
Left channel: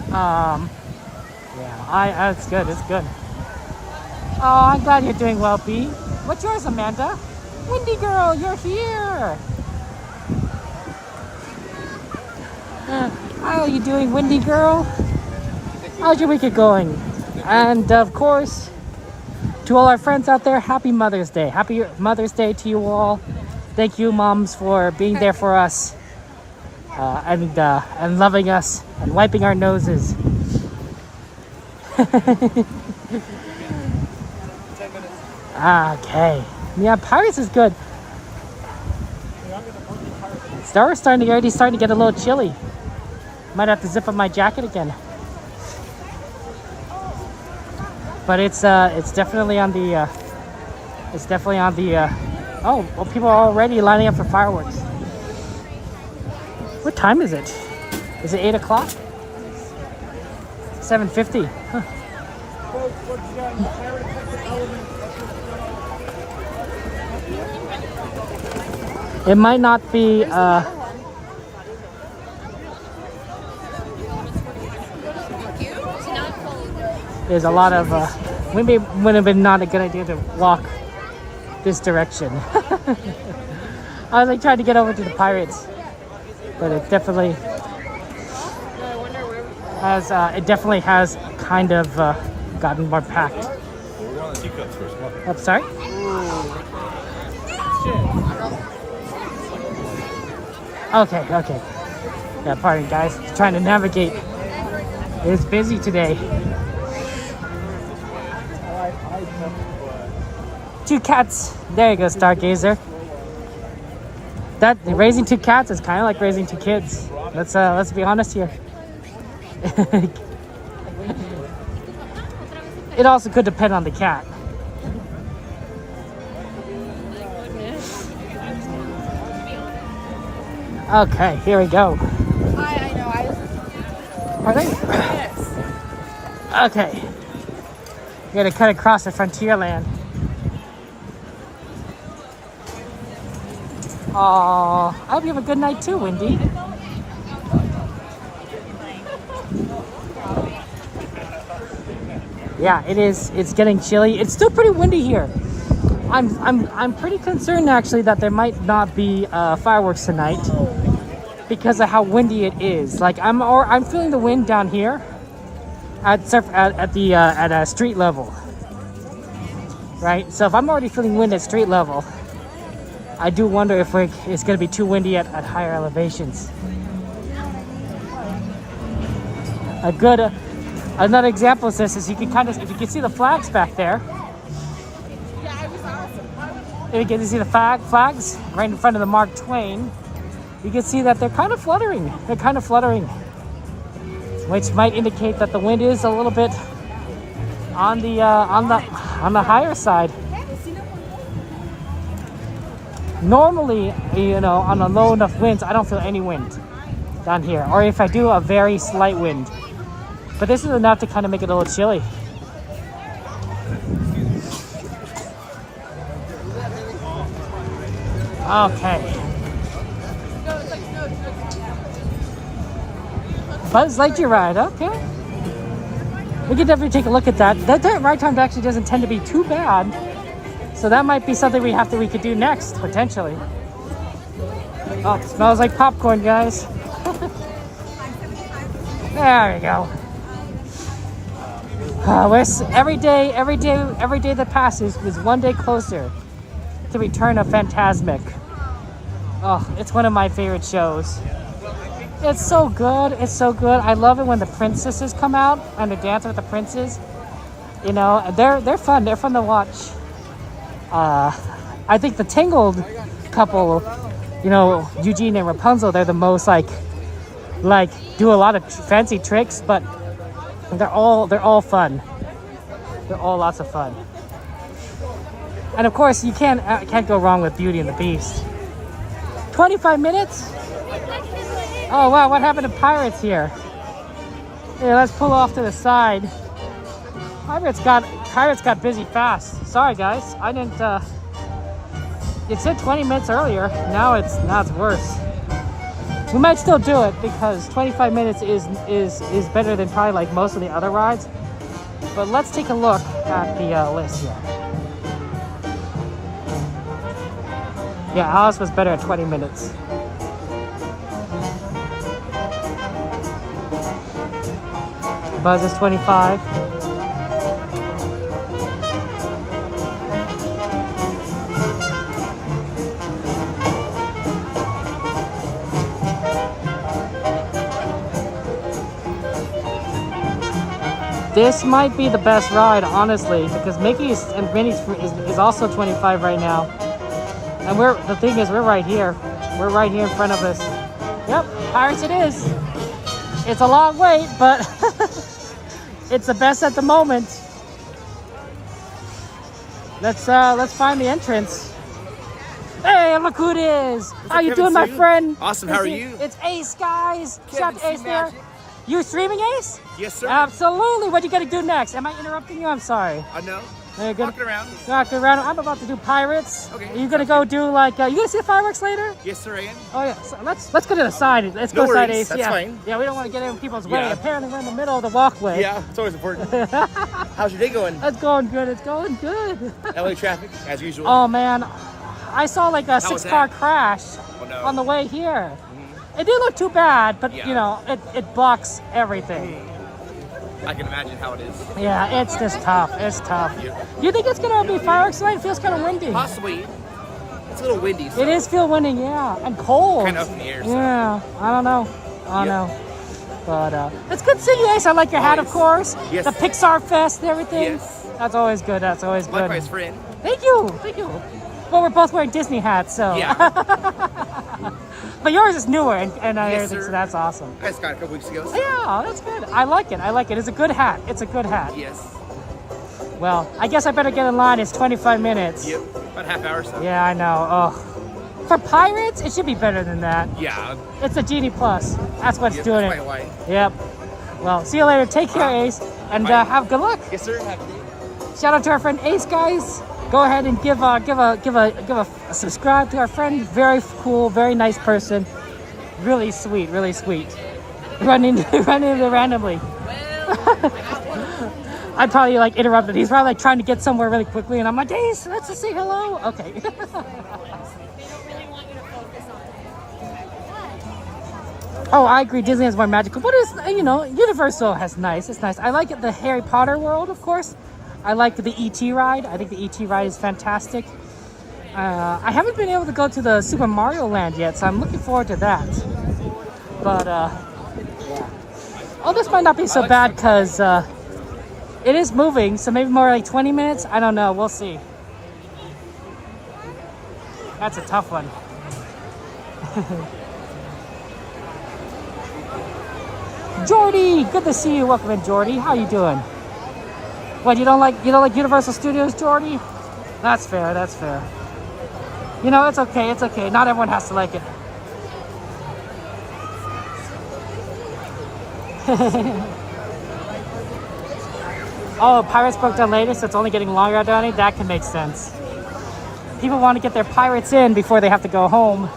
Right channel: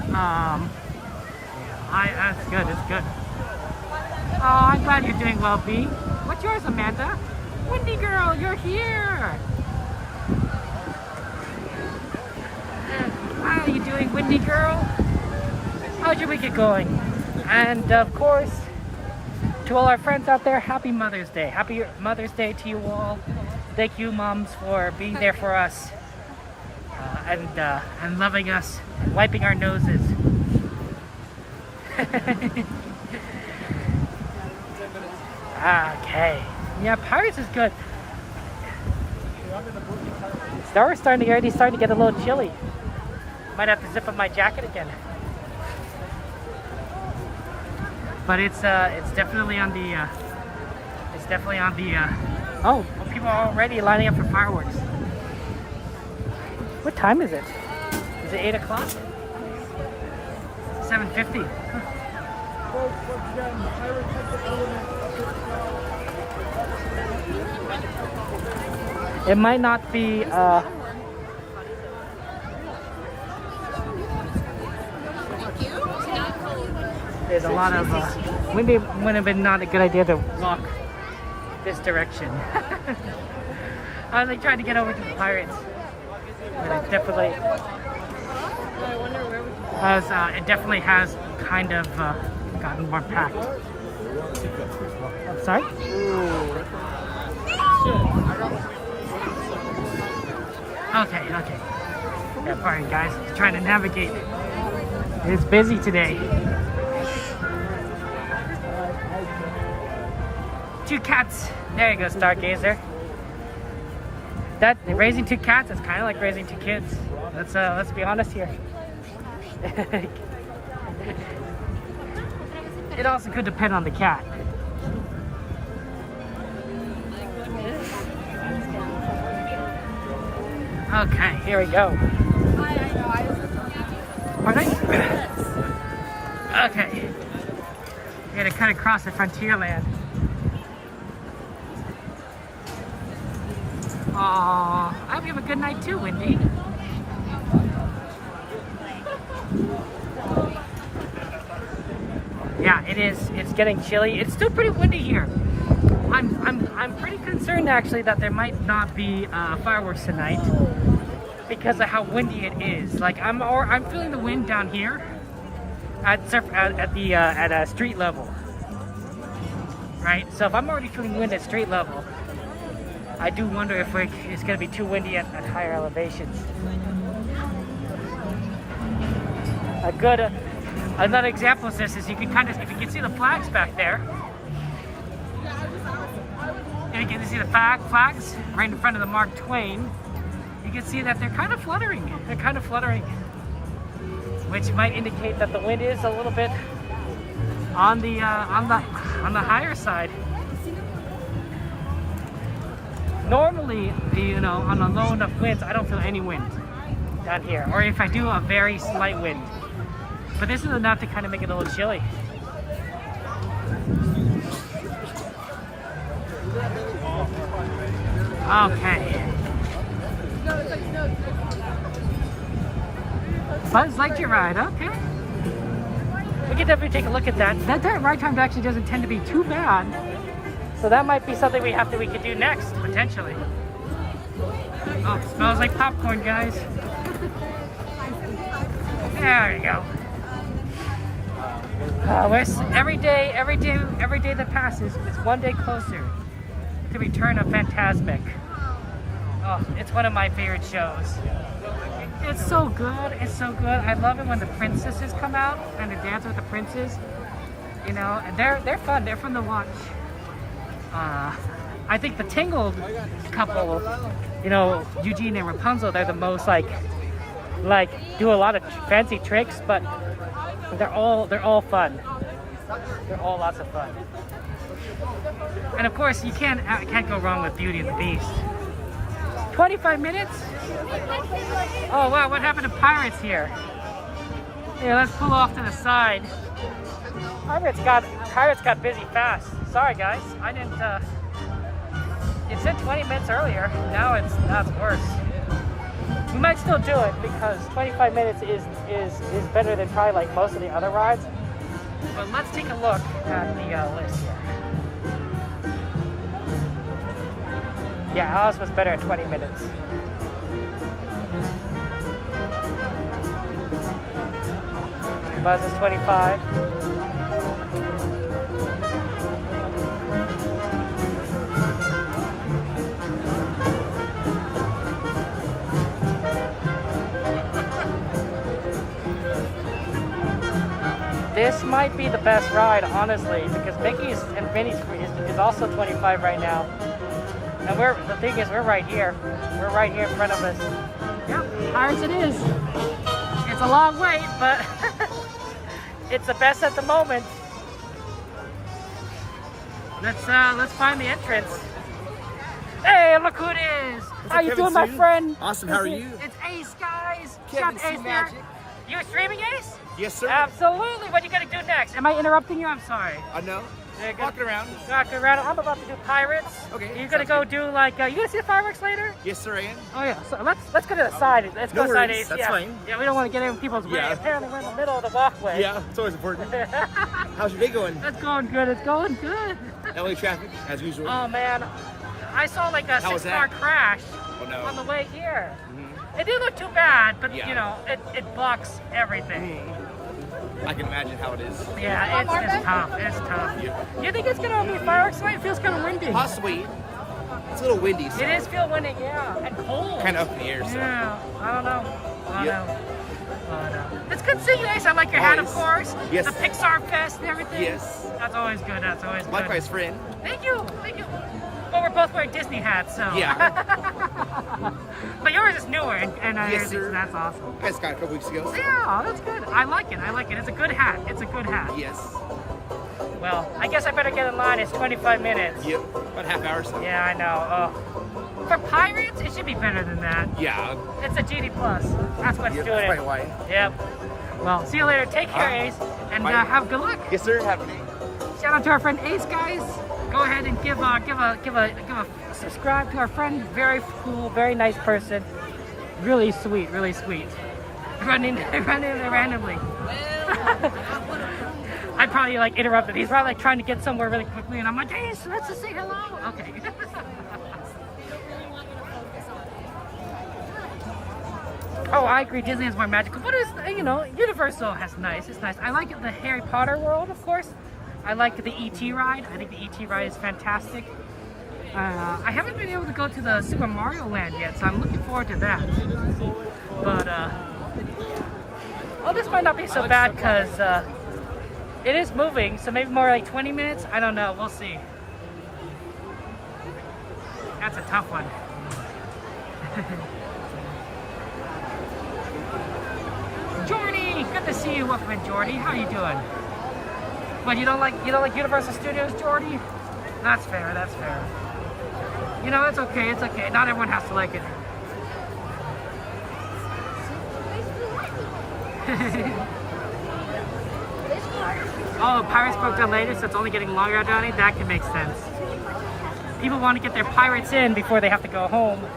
Yeah, it's good. It's good. Oh, I'm glad you're doing well, B. What's yours, Amanda? Windy Girl, you're here. How are you doing, Windy Girl? How's your weekend going? And of course, to all our friends out there, happy Mother's Day. Happy Mother's Day to you all. Thank you, moms, for being there for us and loving us and wiping our noses. Okay. Yeah, Pirates is good. Star Wars already starting to get a little chilly. Might have to zip up my jacket again. But it's definitely on the oh, well, people are already lining up for fireworks. What time is it? Is it 8 o'clock? 7:50. Huh. It might not be there's a lot of maybe it would have been not a good idea to walk this direction. I was like trying to get over to the Pirates, but it definitely has kind of gotten more packed. I'm sorry? Okay. Yeah, pardon guys, trying to navigate. It's busy today. Two cats. There you go, Stargazer. That raising two cats is kind of like raising two kids. Let's be honest here. It also could depend on the cat. Okay, here we go. Pardon? Okay. We're gonna cut across the Frontierland. Aw, I hope you have a good night too, Wendy. Yeah, it is. It's getting chilly. It's still pretty windy here. I'm pretty concerned actually that there might not be fireworks tonight because of how windy it is. Like I'm feeling the wind down here at a street level, right? So if I'm already feeling wind at street level, I do wonder if it's going to be too windy at higher elevations. Another example of this is if you can see the flags back there. If you can see the flags right in front of the Mark Twain, you can see that they're kind of fluttering. Which might indicate that the wind is a little bit on the higher side. Normally, on the low enough winds, I don't feel any wind. down here, or if I do a very slight wind. But this is enough to kind of make it a little chilly. Okay. Buzz Lightyear ride, okay. We can definitely take a look at that. That ride time actually doesn't tend to be too bad. So that might be something we could do next, potentially. Oh, it smells like popcorn, guys. There we go. Every day that passes is one day closer to Return of Fantasmic. Oh, it's one of my favorite shows. It's so good. It's so good. I love it when the princesses come out and they dance with the princes. You know, they're fun. They're fun to watch. I think the Tangled couple, you know, Eugene and Rapunzel, they're the most like do a lot of fancy tricks, but they're all fun. They're all lots of fun. And of course, you can't go wrong with Beauty and the Beast. 25 minutes? Oh wow, what happened to Pirates here? Yeah, let's pull off to the side. Pirates got busy fast. Sorry guys, I didn't it said 20 minutes earlier. Now it's worse. We might still do it because 25 minutes is better than probably like most of the other rides. But let's take a look at the list here. Yeah, Alice was better at 20 minutes. Buzz is 25. This might be the best ride, honestly, because Mickey is also 25 right now. And the thing is, we're right here. We're right here in front of us. Yep, Pirates it is. It's a long wait, but it's the best at the moment. Let's find the entrance. Hey, look who it is! How you doing, my friend? Awesome. How are you? It's Ace, guys. Kevin Shout out to Ace there. Magic. You streaming, Ace? Yes, sir. Absolutely. What you gonna do next? Am I interrupting you? I'm sorry. No. There you go. Walking around. Walking around. I'm about to do Pirates. Okay. Are you gonna go do like? You gonna see the fireworks later? Yes, sir, I am. Oh yeah. So let's get to the side. Let's No go side, worries. Ace. That's yeah. fine. Yeah, we don't want to get in people's way. Yeah. Apparently we're in the middle of the walkway. Yeah, it's always important. How's your day going? It's going good. It's going good. LA traffic, as usual. Oh man, I saw like a 6-car crash on the way here. Mm-hmm. It didn't look too bad, but Yeah. you know, it blocks everything. I can imagine how it is. Yeah, it's just tough. It's tough. Yep. You think it's gonna be fireworks tonight? It feels kind of windy. Possibly. It's a little windy, so. It is feel windy, yeah, and cold. Kind of up in the air, so. Yeah, I don't know. I don't know. But it's good to see you, Ace. I like your hat, of Always. course. Yes. The Pixar Fest and everything. Yes. That's always good. That's always good. Likewise, friend. Thank you. Thank you. Well, we're both wearing Disney hats, so. Yeah. But yours is newer and Yes, everything, sir. so that's awesome. I just got it a couple weeks ago. So. Yeah, that's good. I like it. I like it. It's a good hat. It's a good hat. Yes. Well, I guess I better get in line. It's 25 minutes. Yep. About a half hour or so. Yeah, I know. Oh. For Pirates, it should be better than that. Yeah. It's a GD Plus. That's what's Yep, doing that's it. probably why. Yep. Well, see you later. Take care, Ace, and Bye. have good luck. Yes, sir. Have a good day. Shout out to our friend Ace, guys. Go ahead and give a subscribe to our friend. Very cool, very nice person. Really sweet, really sweet. Running randomly. I probably like interrupted. He's probably like trying to get somewhere really quickly, and I'm like, Ace, let's just say hello. Okay. Oh, I agree. Disney is more magical, but it's, you know, Universal has nice. It's nice. I like it, the Harry Potter world, of course. I like the E.T. ride. I think the E.T. ride is fantastic. I haven't been able to go to the Super Mario Land yet, so I'm looking forward to that. But oh, this might not be so bad because it is moving, so maybe more like 20 minutes. I don't know. We'll see. That's a tough one. Jordy, good to see you. Welcome in, Jordy. How you doing? What, you don't like Universal Studios, Jordy? That's fair. That's fair. You know, it's okay. It's okay. Not everyone has to like it. Oh, Pirates broke down later, so it's only getting longer, Donnie? That can make sense. People want to get their pirates in before they have to go home.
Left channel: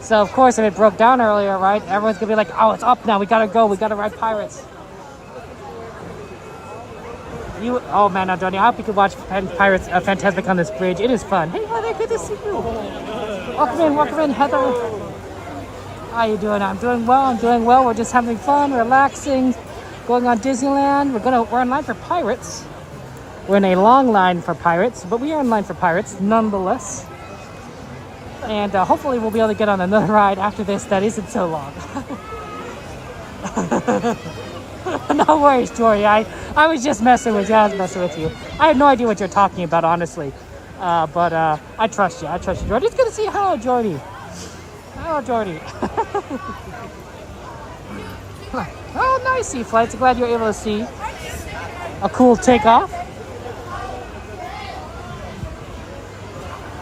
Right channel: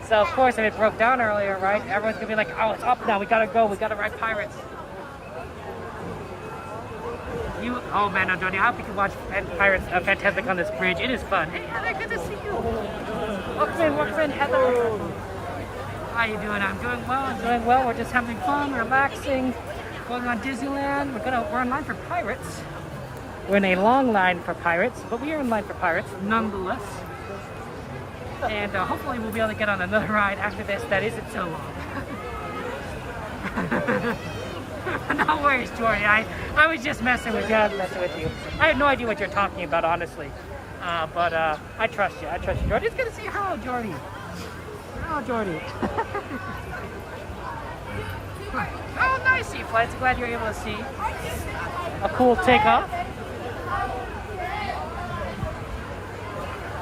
So, of course, if it broke down earlier, right, everyone's going to be like, oh, it's up now. We got to go. We got to ride Pirates. Oh, man, now, Donnie, I hope you can watch Pirates Fantasmic on this bridge. It is fun. Hey, Heather, good to see you. Welcome in, Heather. How are you doing? I'm doing well. We're just having fun, relaxing, going on Disneyland. We're in line for Pirates. We're in a long line for Pirates, but we are in line for Pirates nonetheless. And hopefully we'll be able to get on another ride after this that isn't so long. No worries, Jory. I was just messing with you. I had no idea what you're talking about, honestly. But I trust you. Jordy. It's good to see you. Hello, Jordy. Oh, nice sea flights. Glad you're able to see a cool takeoff.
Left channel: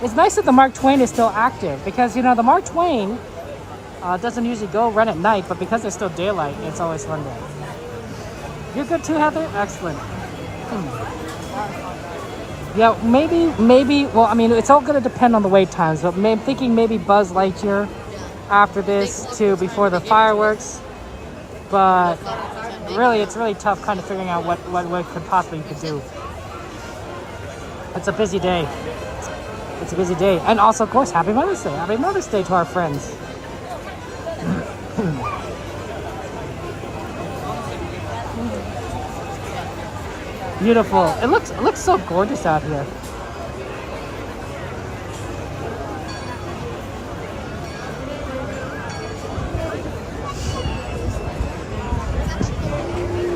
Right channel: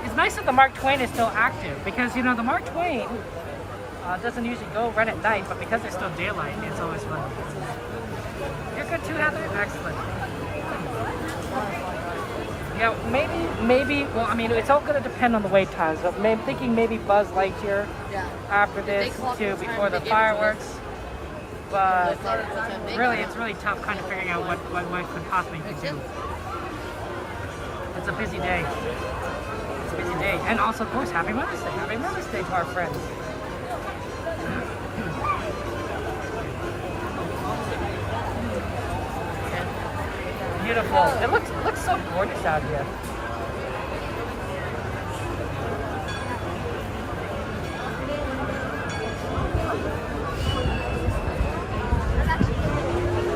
It's nice that the Mark Twain is still active because, you know, the Mark Twain doesn't usually run at night, but because it's still daylight, it's always fun. You're good too, Heather? Excellent. Yeah, maybe, well, I mean, it's all going to depend on the wait times, but I'm thinking maybe Buzz Lightyear after this too, before the fireworks. But really, it's really tough kind of figuring out what could possibly do. It's a busy day. And also, of course, Happy Mother's Day. Happy Mother's Day to our friends. Beautiful. It looks so gorgeous out here.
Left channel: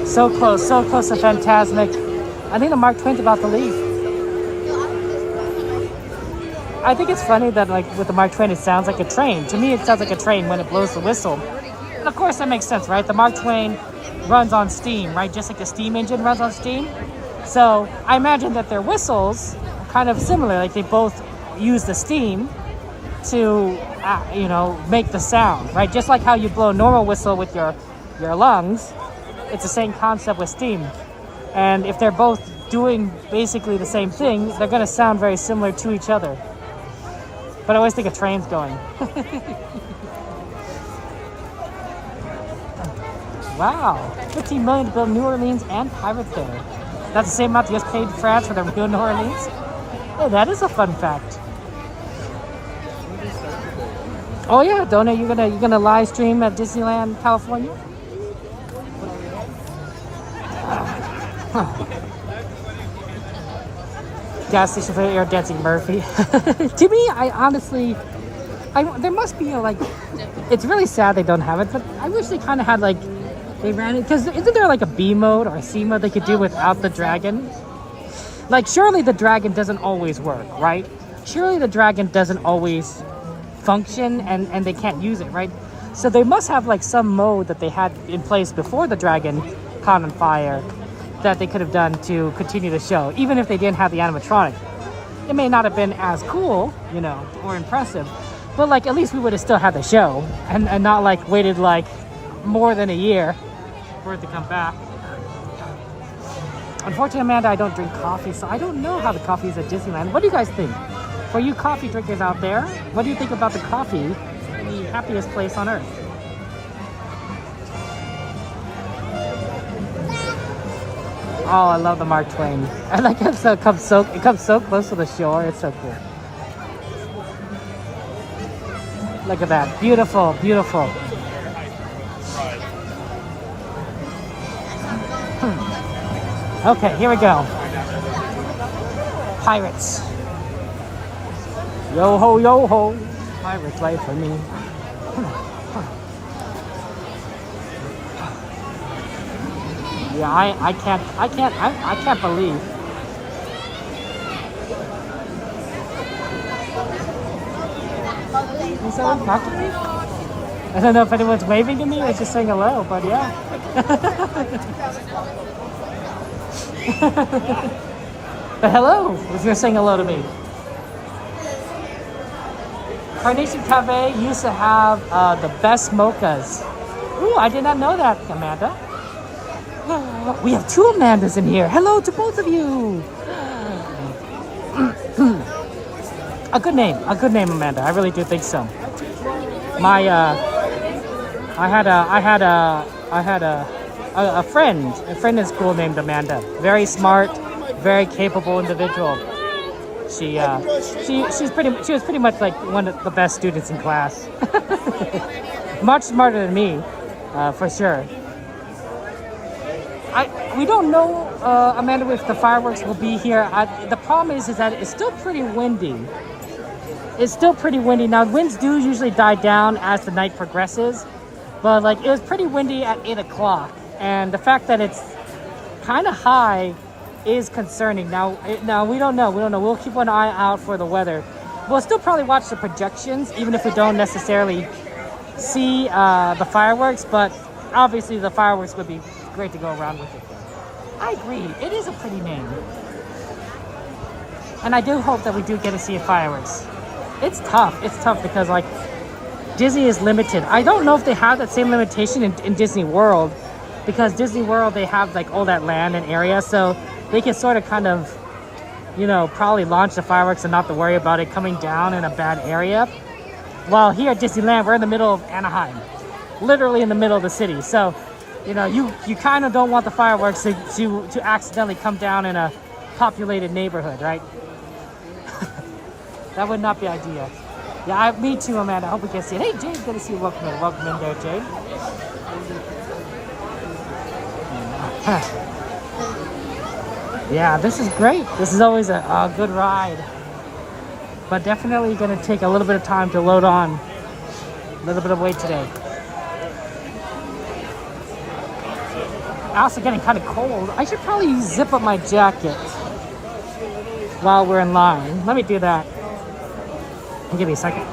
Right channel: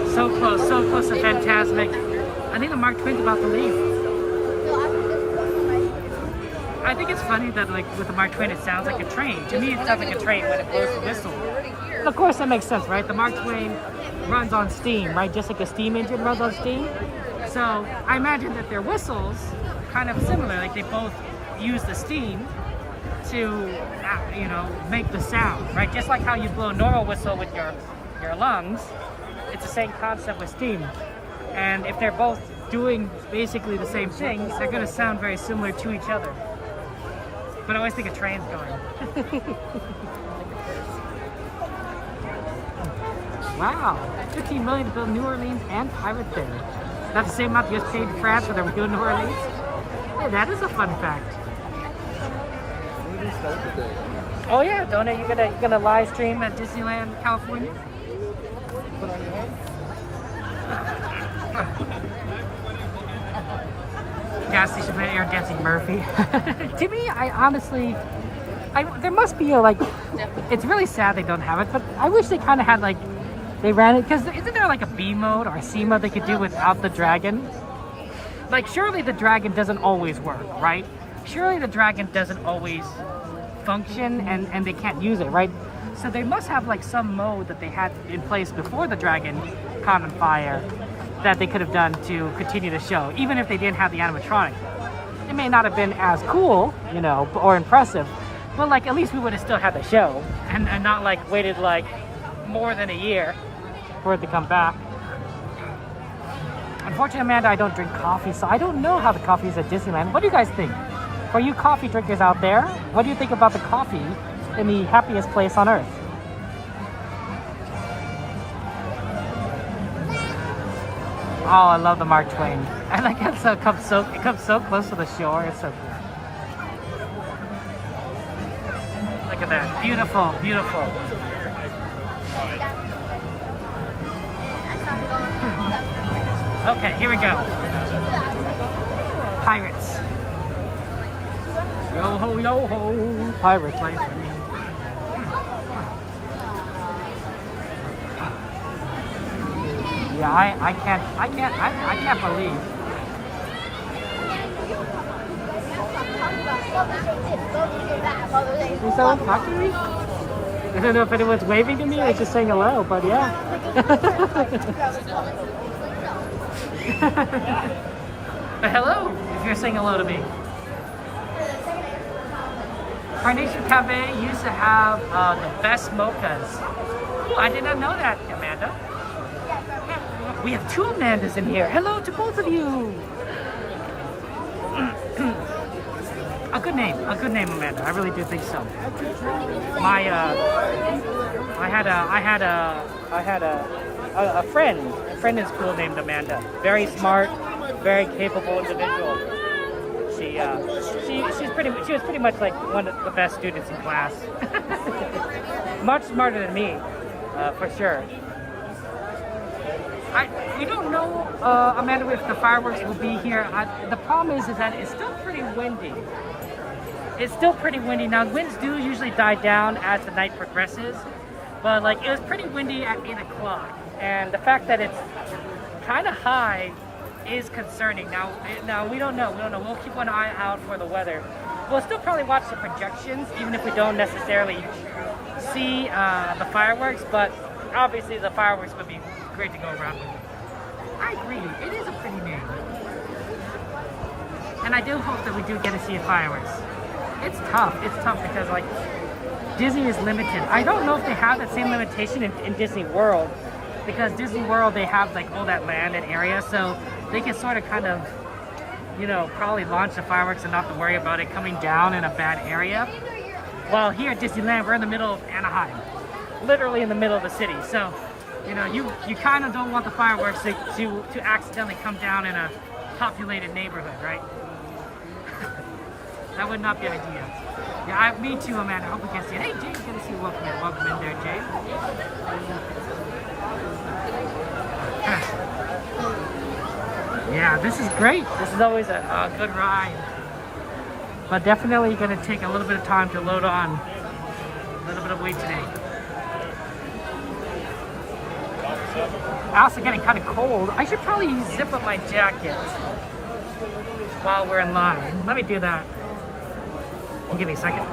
So close to Fantasmic. I think the Mark Twain's about to leave. I think it's funny that, like, with the Mark Twain, it sounds like a train. To me, it sounds like a train when it blows the whistle. And of course, that makes sense, right? The Mark Twain runs on steam, right? Just like a steam engine runs on steam. So I imagine that their whistles are kind of similar. Like, they both use the steam to, you know, make the sound, right? Just like how you blow a normal whistle with your lungs. It's the same concept with steam. And if they're both doing basically the same thing, they're going to sound very similar to each other. But I always think a train's going. Wow, $15 million to build New Orleans and Pirate Fair. That's the same amount the US paid France for their real New Orleans? Hey, that is a fun fact. Oh yeah, Donna, you're gonna live stream at Disneyland, California? Gas station for air dancing Murphy. To me, I honestly, there must be it's really sad they don't have it, but I wish they kind of had they ran it, because isn't there like a B mode or a C mode they could do without the dragon? Like, surely the dragon doesn't always work, right? Surely the dragon doesn't always function and they can't use it, right? So they must have some mode that they had in place before the dragon caught on fire that they could have done to continue the show, even if they didn't have the animatronic. It may not have been as cool, you know, or impressive, but at least we would have still had the show and not waited more than a year for it to come back. Unfortunately, Amanda, I don't drink coffee, so I don't know how the coffee is at Disneyland. What do you guys think? For you coffee drinkers out there, what do you think about the coffee in the happiest place on earth? Oh, I love the Mark Twain. I like it. It comes so close to the shore. It's so cool. Look at that. Beautiful, beautiful. Okay, here we go. Pirates. Yo ho, pirates life for me. Yeah, I can't believe. Is someone talking to me? I don't know if anyone's waving to me or just saying hello, but yeah. But hello, if you're saying hello to me. Carnation Cafe used to have the best mochas Ooh, I did not know that, Amanda. We have 2 Amandas in here. Hello to both of you. A good name, Amanda. I really do think so. My, I had a friend in school named Amanda. Very smart, very capable individual. She was pretty much like one of the best students in class. Much smarter than me, for sure. We don't know, Amanda, if the fireworks will be here. The problem is that it's still pretty windy. It's still pretty windy. Now, winds do usually die down as the night progresses, but like it was pretty windy at 8 o'clock, and the fact that it's kind of high is concerning. Now we don't know. We'll keep an eye out for the weather. We'll still probably watch the projections, even if we don't necessarily see the fireworks, but obviously the fireworks would be great to go around with it. I agree. It is a pretty name. And I do hope that we do get to see fireworks. It's tough because like Disney is limited. I don't know if they have that same limitation in Disney World, because Disney World, they have like all that land and area, so they can sort of kind of, you know, probably launch the fireworks and not to worry about it coming down in a bad area. While here at Disneyland, we're in the middle of Anaheim, literally in the middle of the city. So, you know, you kind of don't want the fireworks to accidentally come down in a populated neighborhood, right? That would not be ideal. Yeah, me too, Amanda. I hope we can see it. Hey, Jade, good to see you. Welcome in there, Jade. Yeah, this is great. This is always a good ride. But definitely going to take a little bit of time to load on. A little bit of weight today. Also getting kind of cold. I should probably zip up my jacket while we're in line. Let me do that. Give me a second.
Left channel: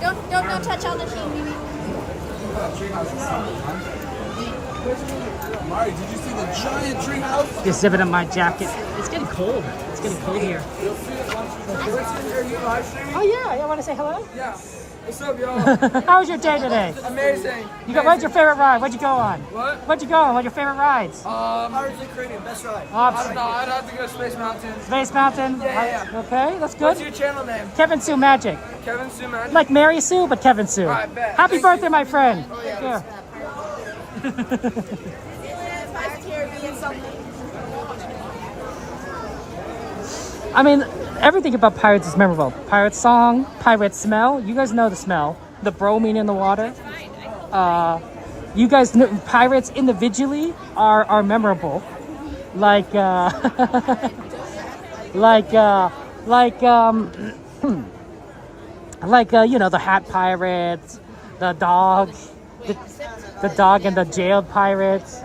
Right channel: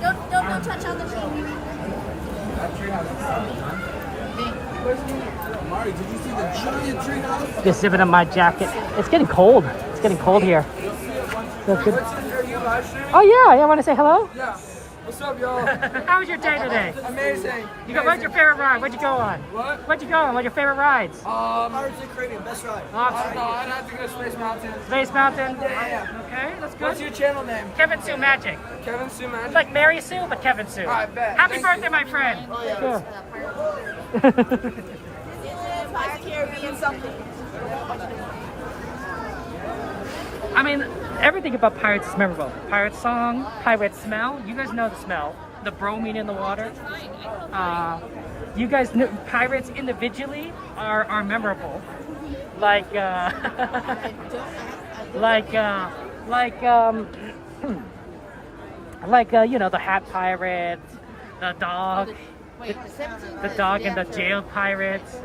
Don't touch on the tree. Mari, did you see the giant tree house? Just zipping up my jacket. It's getting cold. It's getting cold here. Oh yeah, I want to say hello. Yeah. What's up, y'all? How was your day today? Amazing. What's your favorite ride? What'd you go on? What? What'd you go on? What's your favorite rides? Pirates of the Caribbean, best ride. I don't know. I'd have to go Space Mountain. Space Mountain? Yeah. Okay, that's good. What's your channel name? Kevin Sue Magic. Kevin Sue Magic. Like Mary Sue, but Kevin Sue. All right, bet. Happy Thank birthday, you. my friend. Oh, yeah. Sure. I mean, everything about Pirates is memorable. Pirate song, pirate smell. You guys know the smell. The bromine in the water. You guys know Pirates individually are memorable. Like you know, the Hat Pirates, the dog, the dog and the jailed pirates.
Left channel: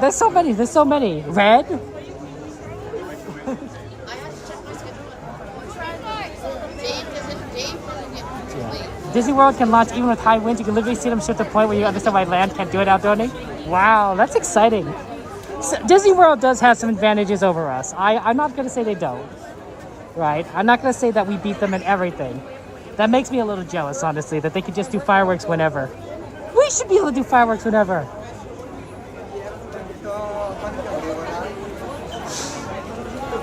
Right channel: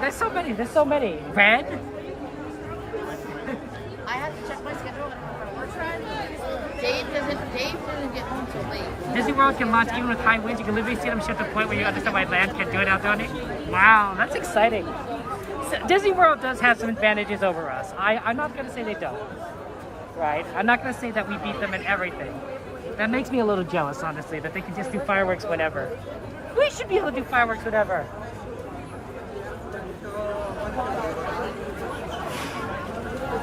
There's so many. Red. I have to check my schedule. Dave doesn't get Disney World can launch even with high winds. You can literally see them shoot the point where you understand why land can't do it out there. Wow, that's exciting. So Disney World does have some advantages over us. I'm not going to say they don't. Right? I'm not going to say that we beat them in everything. That makes me a little jealous, honestly, that they could just do fireworks whenever. We should be able to do fireworks whenever.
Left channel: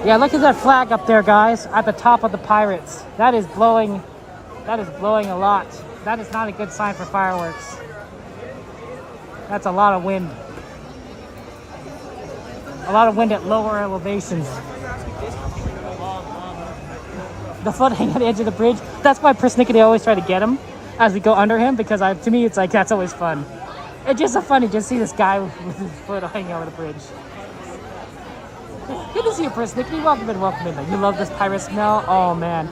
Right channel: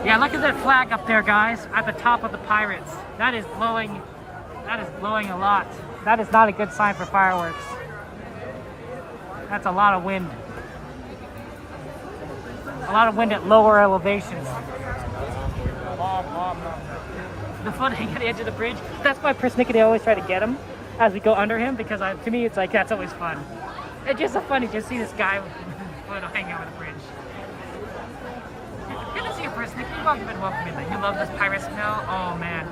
Yeah, look at that flag up there, guys, at the top of the Pirates. That is blowing a lot. That is not a good sign for fireworks. That's a lot of wind. A lot of wind at lower elevations. The footing at the edge of the bridge. That's why persnickety always try to get him as we go under him, because to me it's like that's always fun. It's just so funny just see this guy with his foot hanging over the bridge. Good to see you, persnickety. Welcome in. You love this pirate smell? Oh man.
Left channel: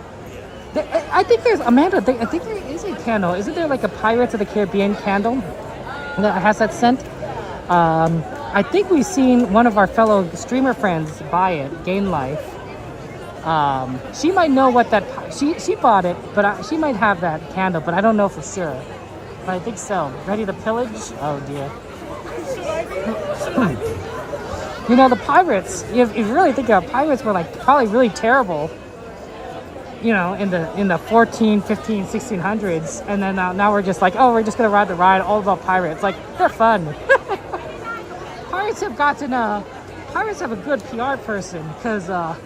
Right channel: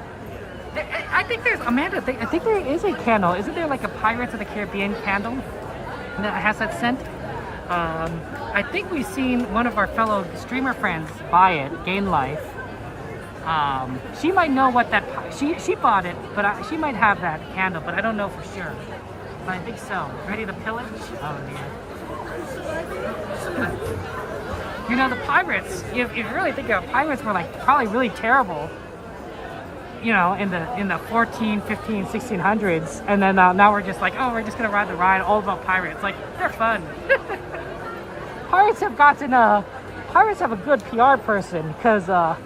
I think there's Amanda. I think there is a candle. Isn't there like a Pirates of the Caribbean candle that has that scent? I think we've seen one of our fellow streamer friends buy it, Gain Life. She might know what that, she bought it, but she might have that candle, but I don't know for sure. But I think so. Ready to pillage? Oh dear. You know, the pirates, if you really think about it, pirates were like probably really terrible, you know, in the 14, 15, 1600s. And then now we're just like, oh, we're just going to ride the ride, all about pirates. Like, they're fun. Pirates have pirates have a good PR person because now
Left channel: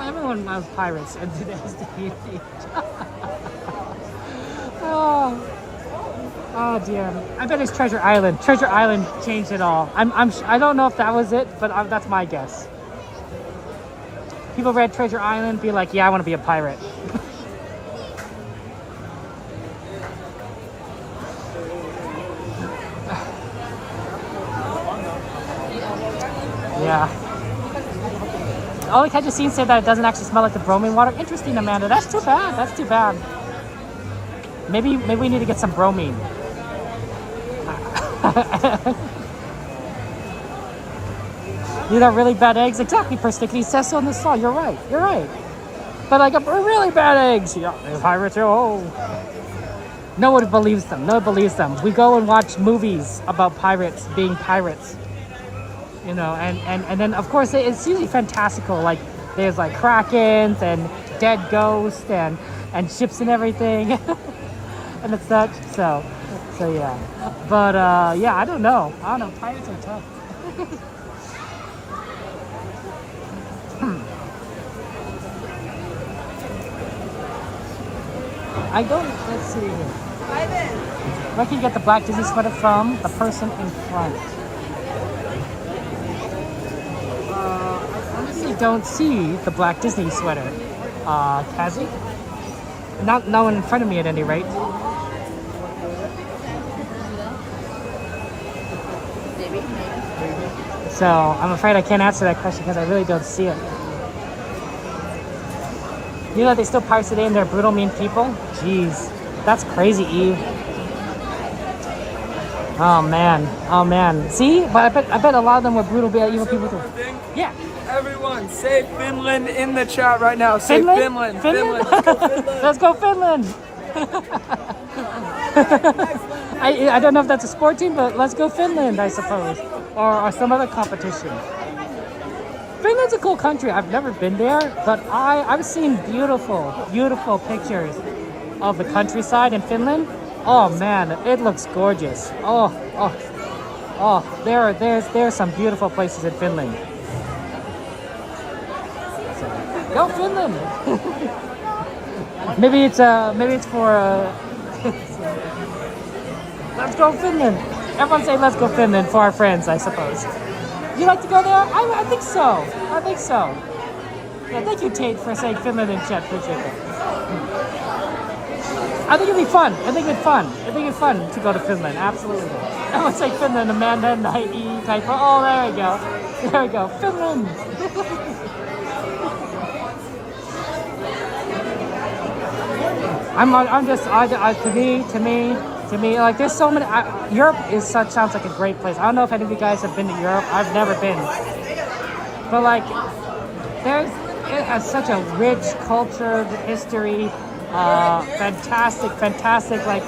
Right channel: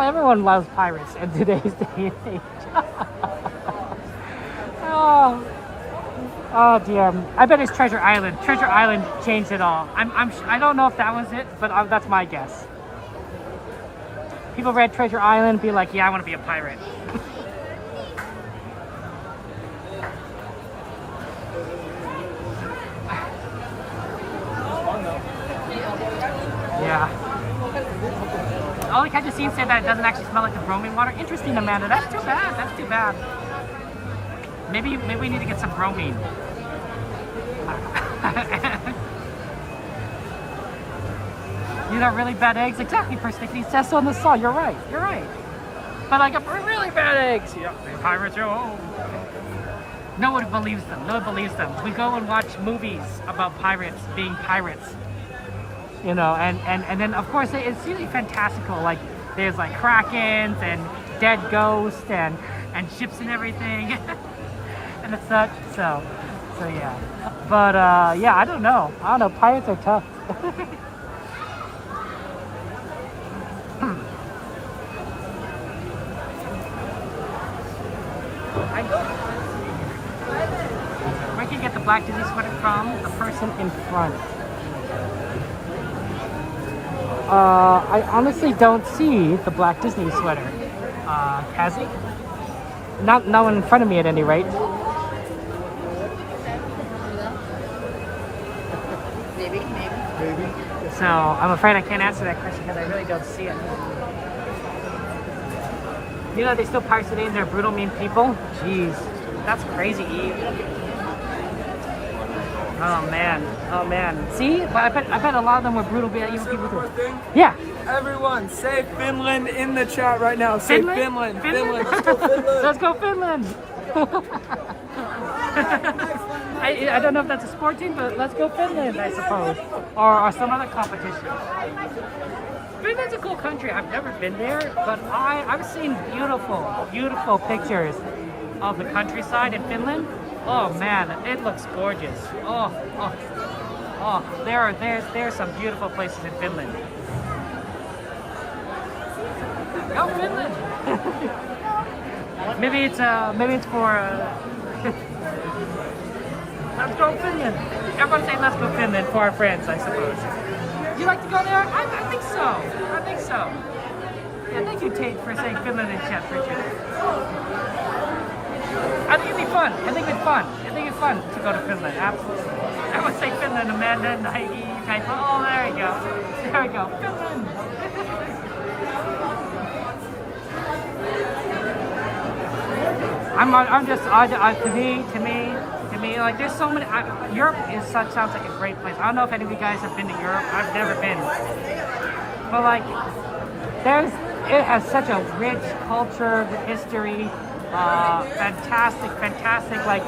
everyone loves pirates in today's day and age. Oh dear! I bet it's Treasure Island. Treasure Island changed it all. I don't know if that was it, but that's my guess. People read Treasure Island, be like, yeah, I want to be a pirate. Yeah. Oh, I just seen say that it doesn't actually smell like the bromine water. Interesting, Amanda. That's too bad. That's too bad. Maybe we need to get some bromine. You got really bad eggs? Exactly, Persnickety says so in the song. You're right. You're right. But like really bad eggs. Yeah, the pirates are no one believes them. No one believes them. We go and watch movies about pirates being pirates. You know, and then of course it's usually fantastical. Like there's like krakens and dead ghosts and ships and everything. And it's such so yeah. But yeah, I don't know. Pirates are tough. I don't. Let's see. Where can you get the black Disney sweater from? The person in front. I honestly don't see the black Disney sweater. Has he? Not no one in front of me at any rate. Maybe. So I'm afraid I can't answer that question because I really don't see it. You know they still pirates today and they're brutal, mean people? Jeez, that's crazy, E. Oh man. See? But I bet a lot of them were brutal, evil people too. Yeah. Everyone, say Finland in the chat right now. Say Finland. Finland. Let's go Finland. I don't know if that's a sport team, but let's go Finland, I suppose. Or some other competition. Finland's a cool country. I've never been there, but I've seen beautiful pictures of the countryside in Finland. Oh man, it looks gorgeous. There's some beautiful places in Finland. Go Finland! maybe it's for let's go Finland. Everyone say let's go Finland for our friends, I suppose. You like to go there? I think so. Yeah, thank you, Tate, for saying Finland in chat. Appreciate it. I think it'd be fun. I think it's fun to go to Finland. Absolutely. Everyone say Finland, Amanda, Nike, type. Oh, there you go. There we go. Finland. To me, like there's so many. Europe sounds like a great place. I don't know if any of you guys have been to Europe. I've never been, but like, it has such a rich culture, history, fantastic, like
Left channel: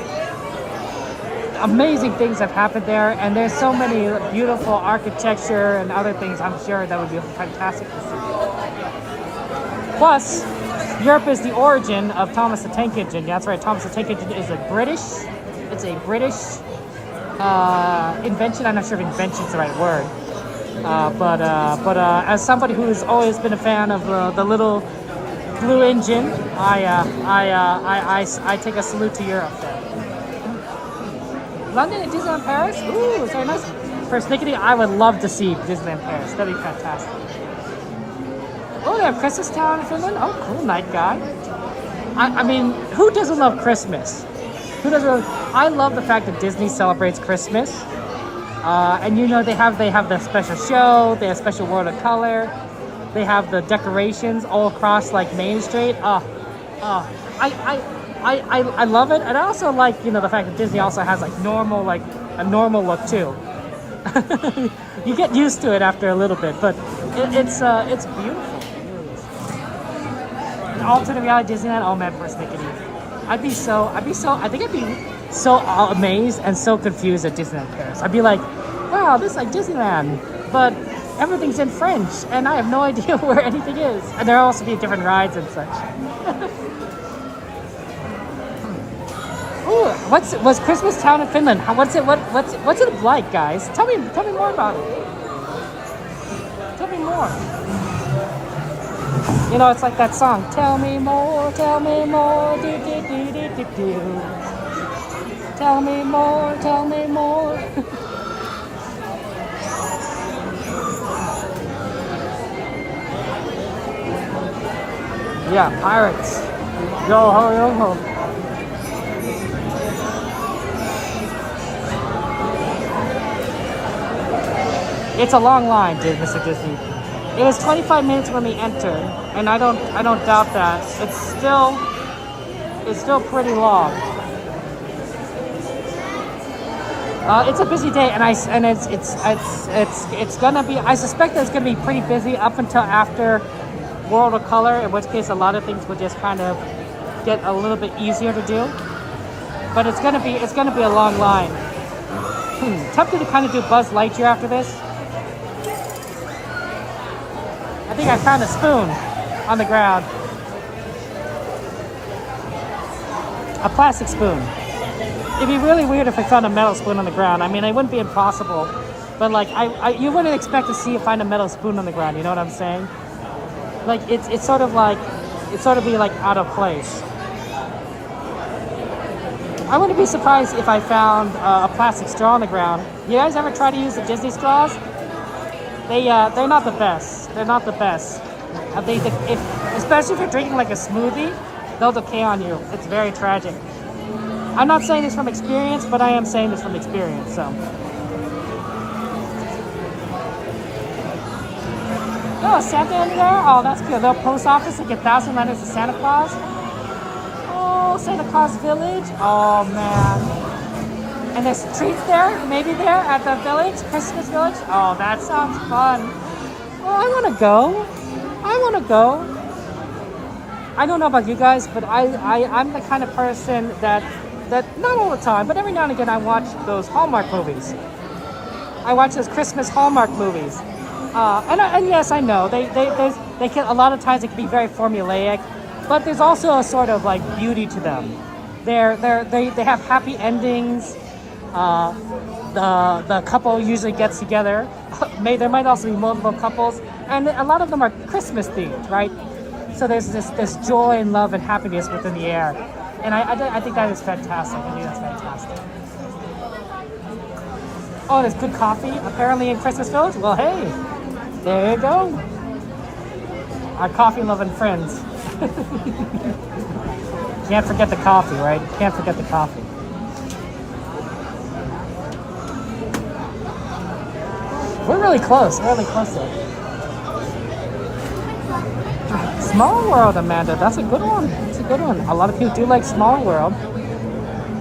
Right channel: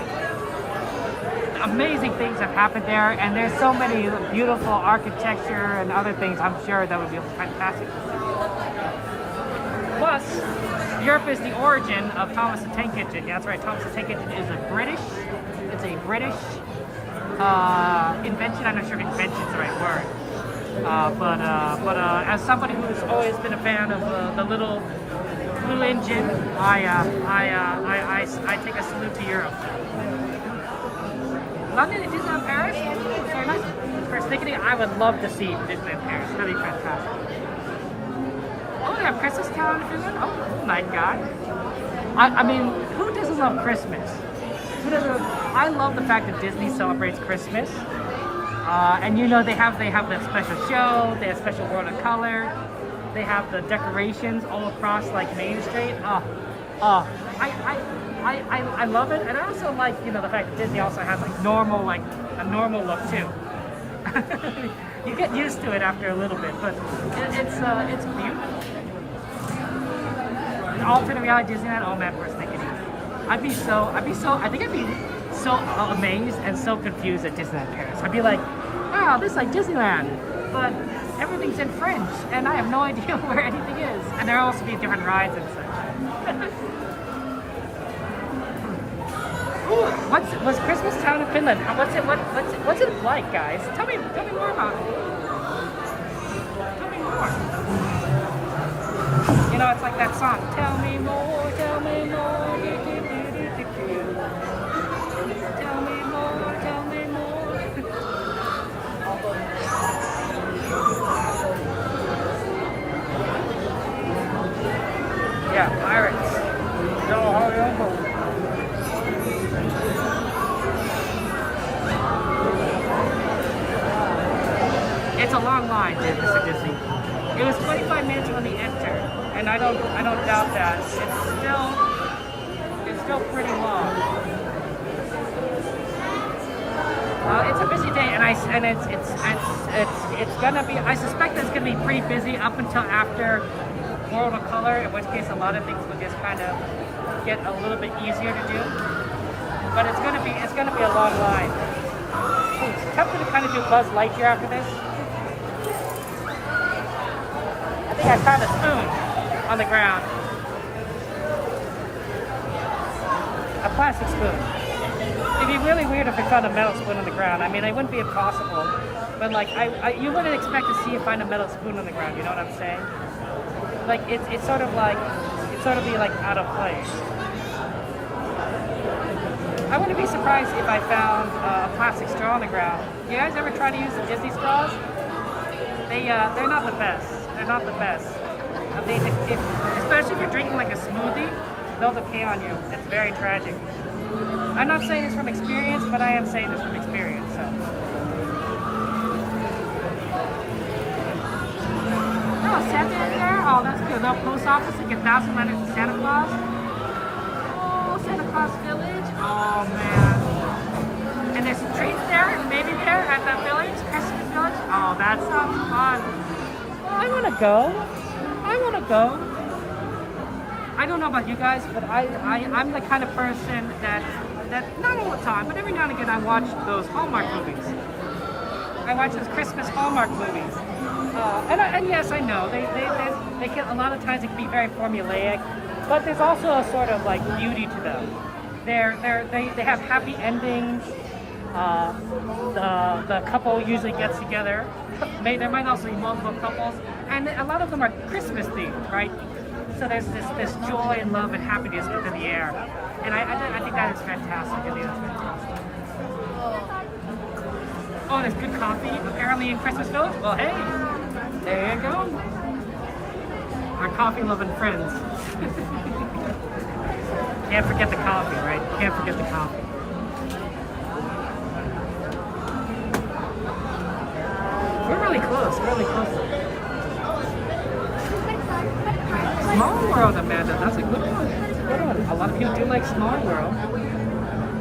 amazing things have happened there, and there's so many beautiful architecture and other things. I'm sure that would be fantastic to see. Plus, Europe is the origin of Thomas the Tank Engine. Yeah, that's right. Thomas the Tank Engine is a British invention. I'm not sure if invention is the right word. But as somebody who's always been a fan of the little blue engine, I take a salute to Europe. London and Disneyland Paris? Ooh, it's very nice. Persnickety, I would love to see Disneyland Paris. That'd be fantastic. Oh, they have Christmas Town in Finland? Oh, cool, night guy. I mean, who doesn't love Christmas? I love the fact that Disney celebrates Christmas. And you know, they have the special show, they have special World of Color, they have the decorations all across like Main Street. I love it, and I also like, you know, the fact that Disney also has like a normal look too. You get used to it after a little bit, but it's beautiful. An alternate reality Disneyland. Oh man, Persnickety. I think I'd be so amazed and so confused at Disneyland Paris. I'd be like, wow, this is like Disneyland, but everything's in French, and I have no idea where anything is. And there'll also be different rides and such. Ooh, what's Christmas Town in Finland? What's it like, guys? Tell me more about it. Tell me more. You know, it's like that song. Tell me more, tell me more. Do, do, do, do, do, do. Tell me more, tell me more. Yeah, pirates. Yo ho yo ho. It's a long line, Mr. Disney. It was 25 minutes when we entered, and I don't doubt that. It's still pretty long. It's a busy day, and it's gonna be. I suspect that it's gonna be pretty busy up until after World of Color, in which case a lot of things will just kind of get a little bit easier to do. But it's gonna be a long line. Tempted to kind of do Buzz Lightyear after this. I think I found a spoon on the ground. A plastic spoon. It'd be really weird if I found a metal spoon on the ground. I mean, it wouldn't be impossible, but like you wouldn't expect to find a metal spoon on the ground. You know what I'm saying? Like it's sort of be like out of place. I wouldn't be surprised if I found a plastic straw on the ground. You guys ever try to use the Disney straws? They're not the best. They're not the best. I think especially if you're drinking like a smoothie, they'll decay on you. It's very tragic. I'm not saying this from experience, but I am saying this from experience. So. Oh, Santa in there? Oh, that's good. The post office to get 1,000 letters to Santa Claus. Oh, Santa Claus Village. Oh man. And there's trees there, maybe there at the village, Christmas village. Oh, that sounds fun. Oh, I want to go. I don't know about you guys, but I'm the kind of person that not all the time, but every now and again I watch those Hallmark movies. I watch those Christmas Hallmark movies. And yes, I know they can, a lot of times it can be very formulaic, but there's also a sort of like beauty to them. They have happy endings. The couple usually gets together. There might also be multiple couples, and a lot of them are Christmas themed, right? So there's this joy and love and happiness within the air, and I think that is fantastic. I think that's fantastic. Oh, there's good coffee apparently in Christmas Village. Well, hey, there you go. Our coffee-loving friends. Can't forget the coffee, right? Can't forget the coffee. We're really close. We're really close though. Small World, Amanda. That's a good one. That's a good one. A lot of people do like Small World.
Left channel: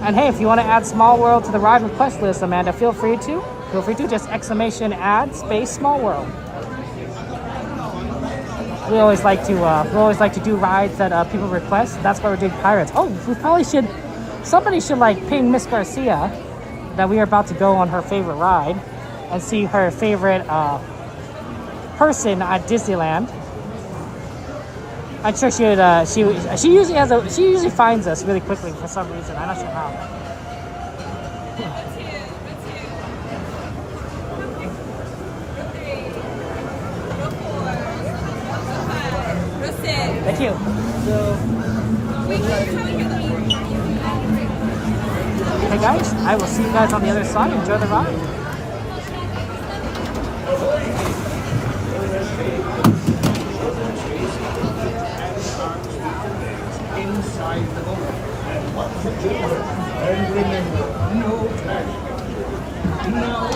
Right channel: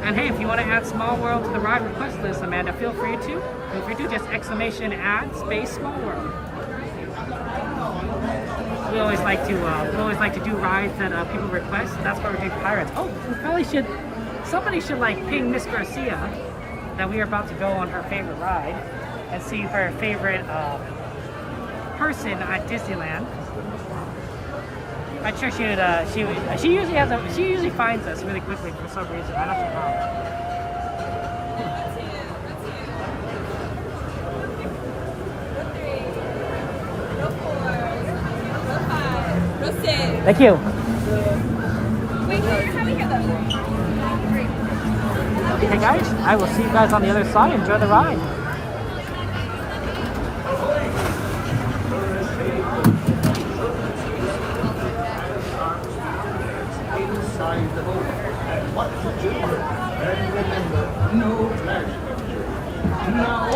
And hey, if you want to add Small World to the ride request list, Amanda, feel free to. Feel free to. Just !add space Small World. We always like to do rides that people request. That's why we did Pirates. Oh, we probably should. Somebody should like ping Miss Garcia that we are about to go on her favorite ride and see her favorite person at Disneyland. I'm sure she would. She usually finds us really quickly for some reason. I'm not sure how. Thank you. Hey guys, I will see you guys on the other side. Enjoy the ride. Inside the boat, and what to do, and remember, no dragon. Now,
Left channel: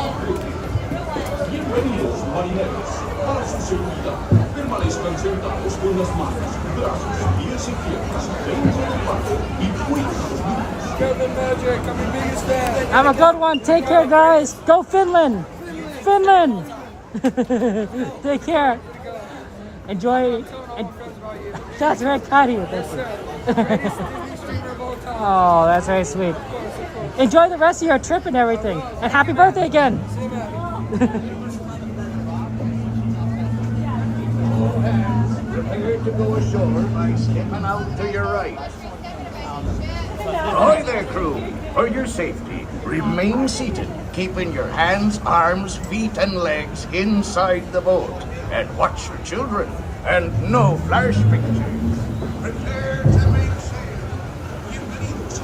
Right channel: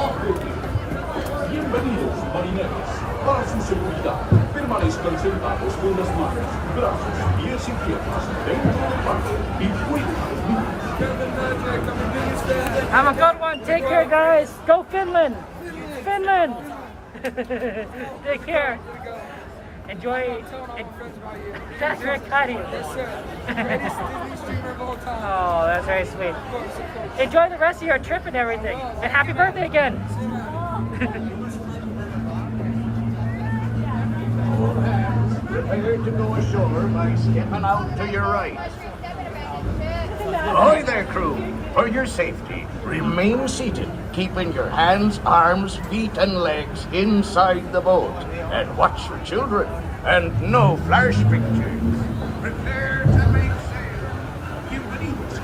bienvenidos, marineros. Para su seguridad, permanezcan sentados con las manos, brazos, pies y piernas dentro del barco y cuiden sus lugares. Have a good one. Take care, guys. Go Finland. Finland. Take care. Enjoy. That's very kind of you. Yes, sir. Greatest Disney streamer of all time. Oh, that's very sweet. Of course. Enjoy the rest of your trip and everything. And happy birthday again. See you, man. Prepare to go ashore by stepping out to your right. Ahoy there, crew. For your safety, remain seated, keeping your hands, arms, feet, and legs inside the boat. And watch your children, and no flash pictures. Prepare to make sail. You believe it.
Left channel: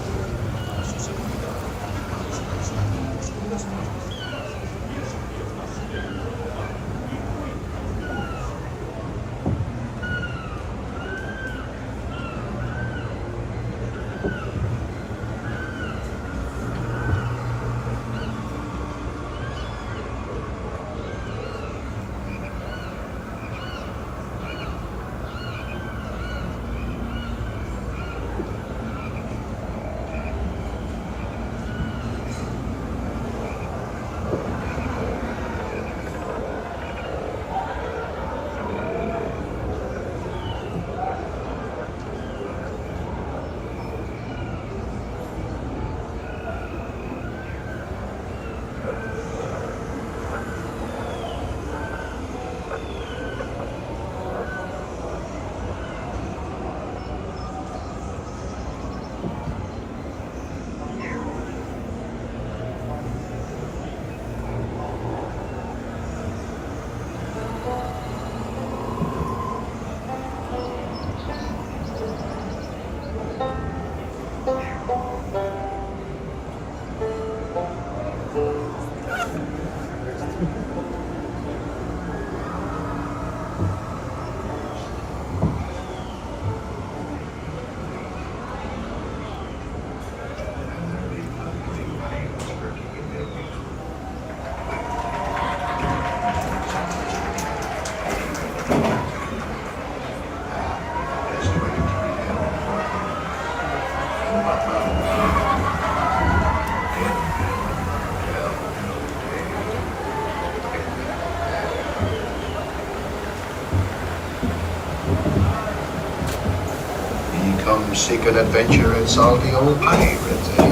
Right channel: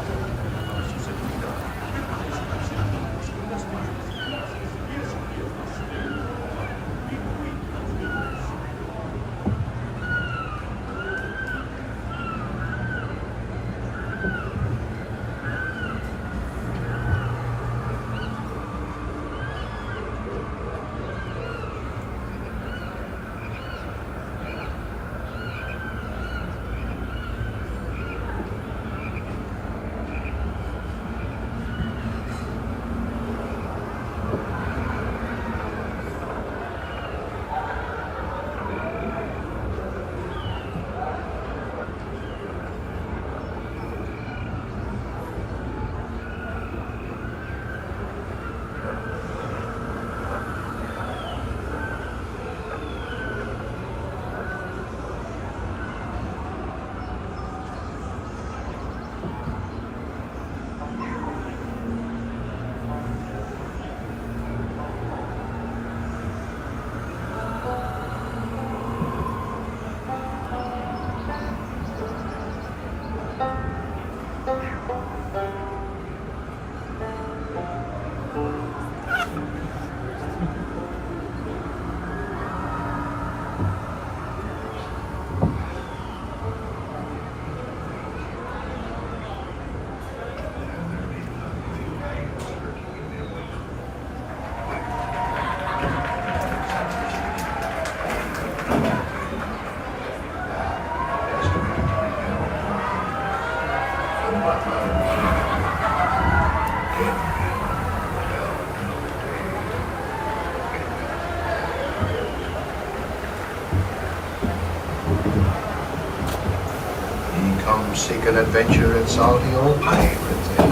Come seeking adventure in salty old pirates, eh?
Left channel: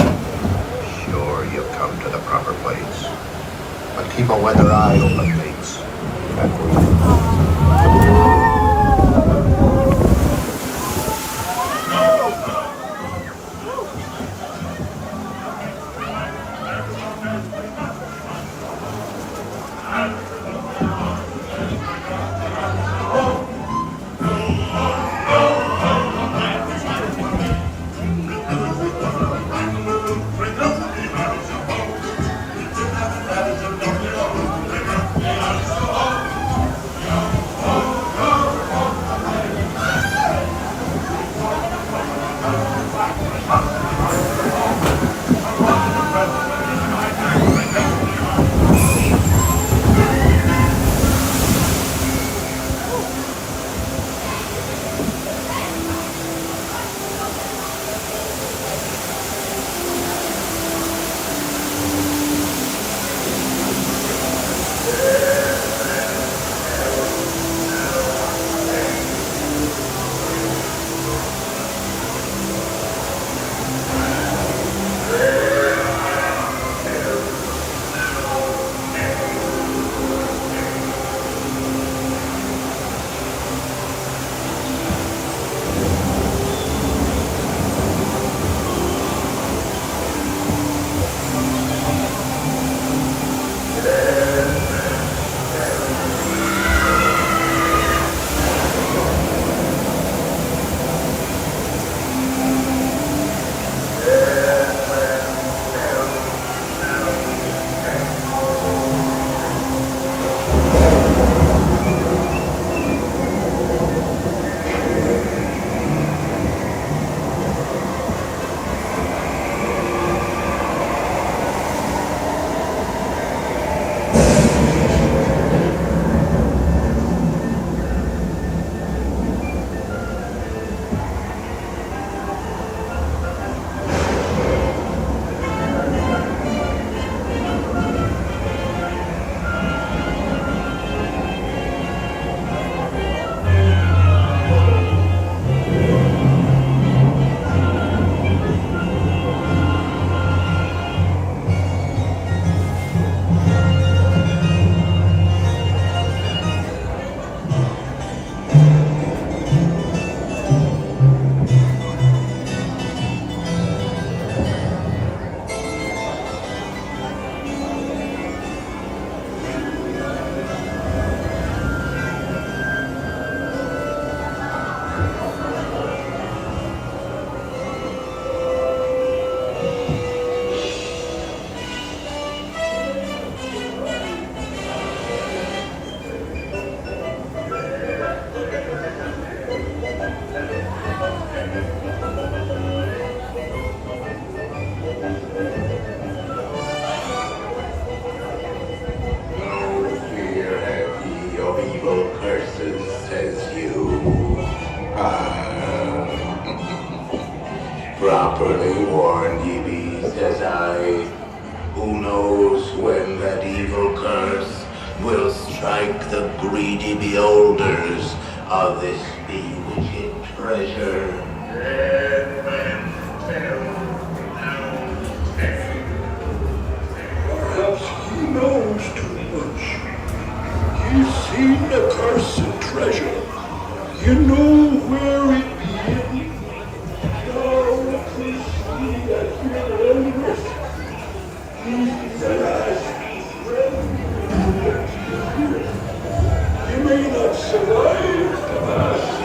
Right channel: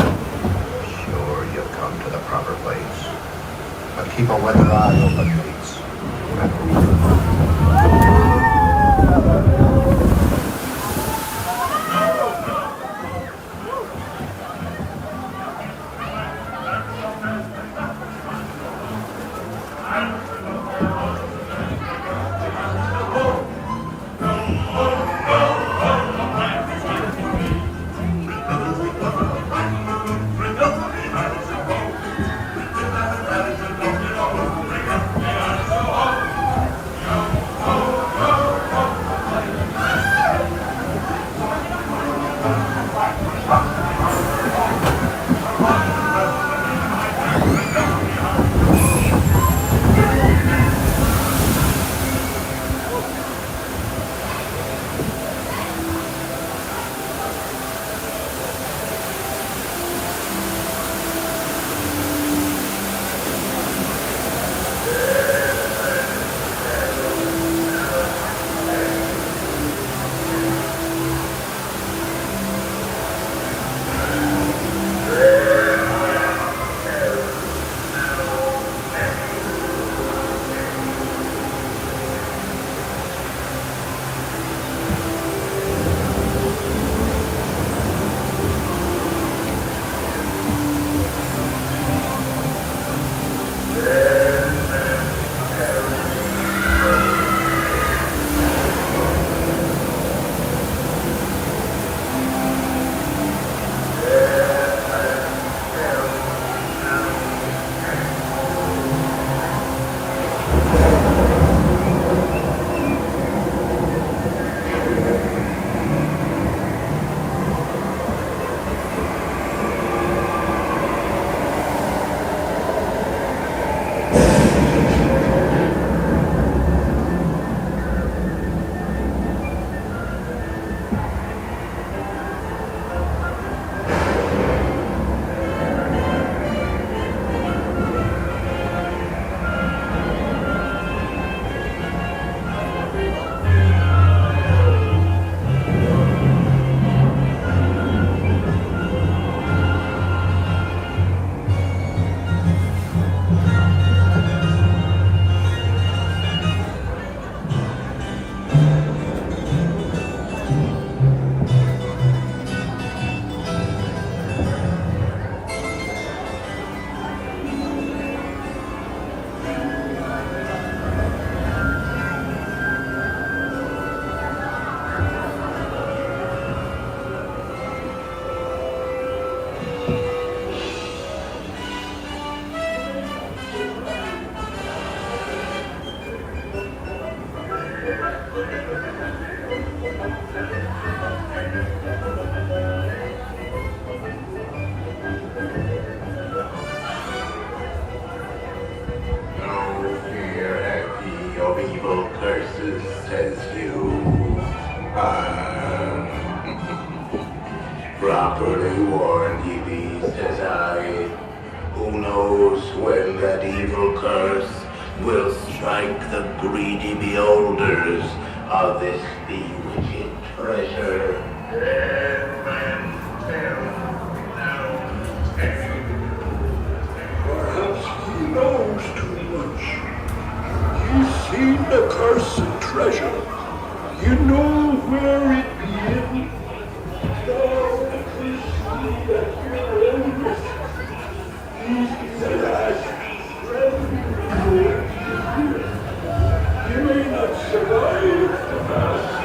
Sure, you'll come to the proper place. But keep a weather eye open, mates. No fear have ye of evil curses, says you. Properly warned ye be, says I. Who knows when that evil curse will strike the greedy beholders of this bewitched treasure? Dead men tell no Perhaps he knows too much. He's seen the cursed treasure. You know where it be. Now please see that your elders. He's the last friend. You may not survive the masses.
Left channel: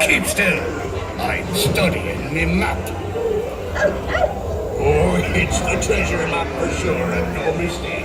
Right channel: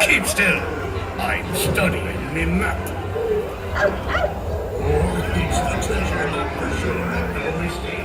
Keep still. I'm studying me map. Oh, it's the treasure map for sure, and no mistake.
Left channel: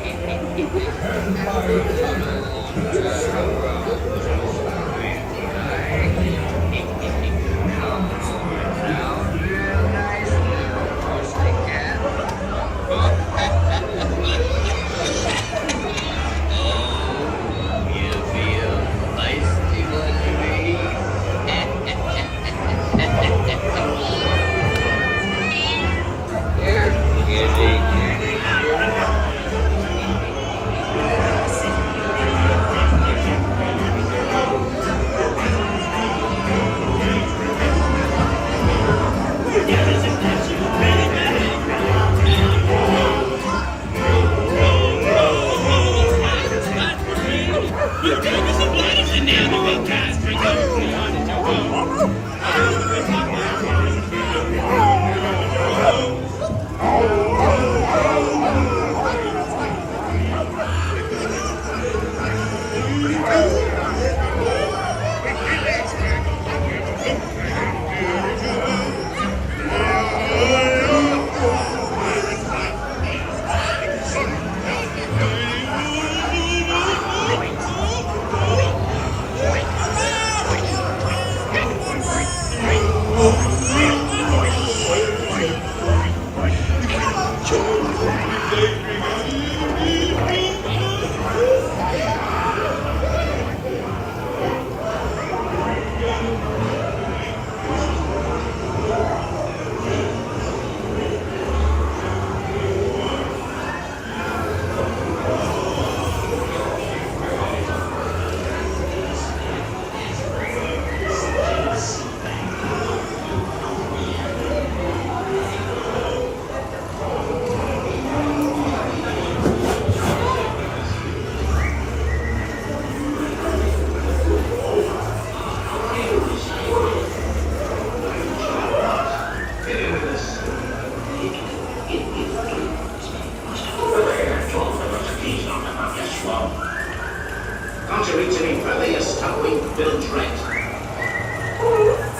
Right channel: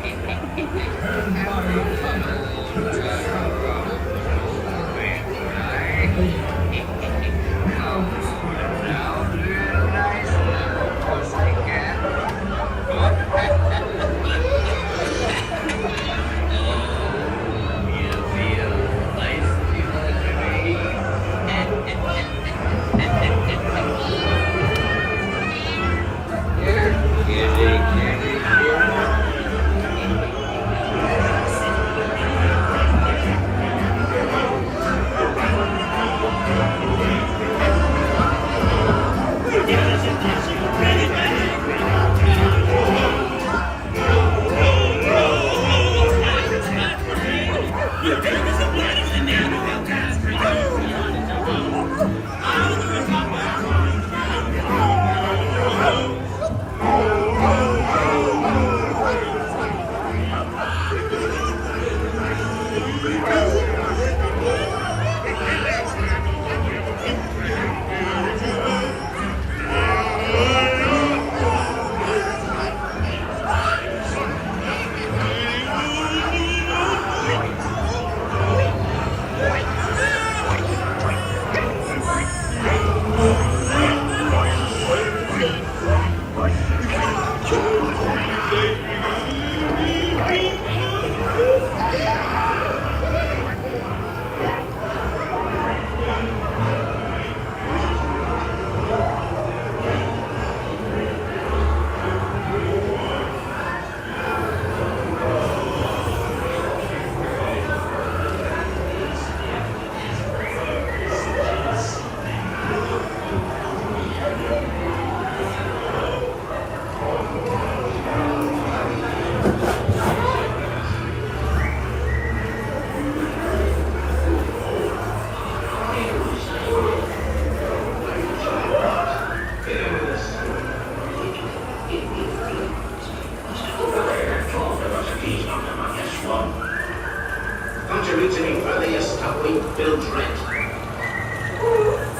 to Italy Valley, a stumbling Bill Trent.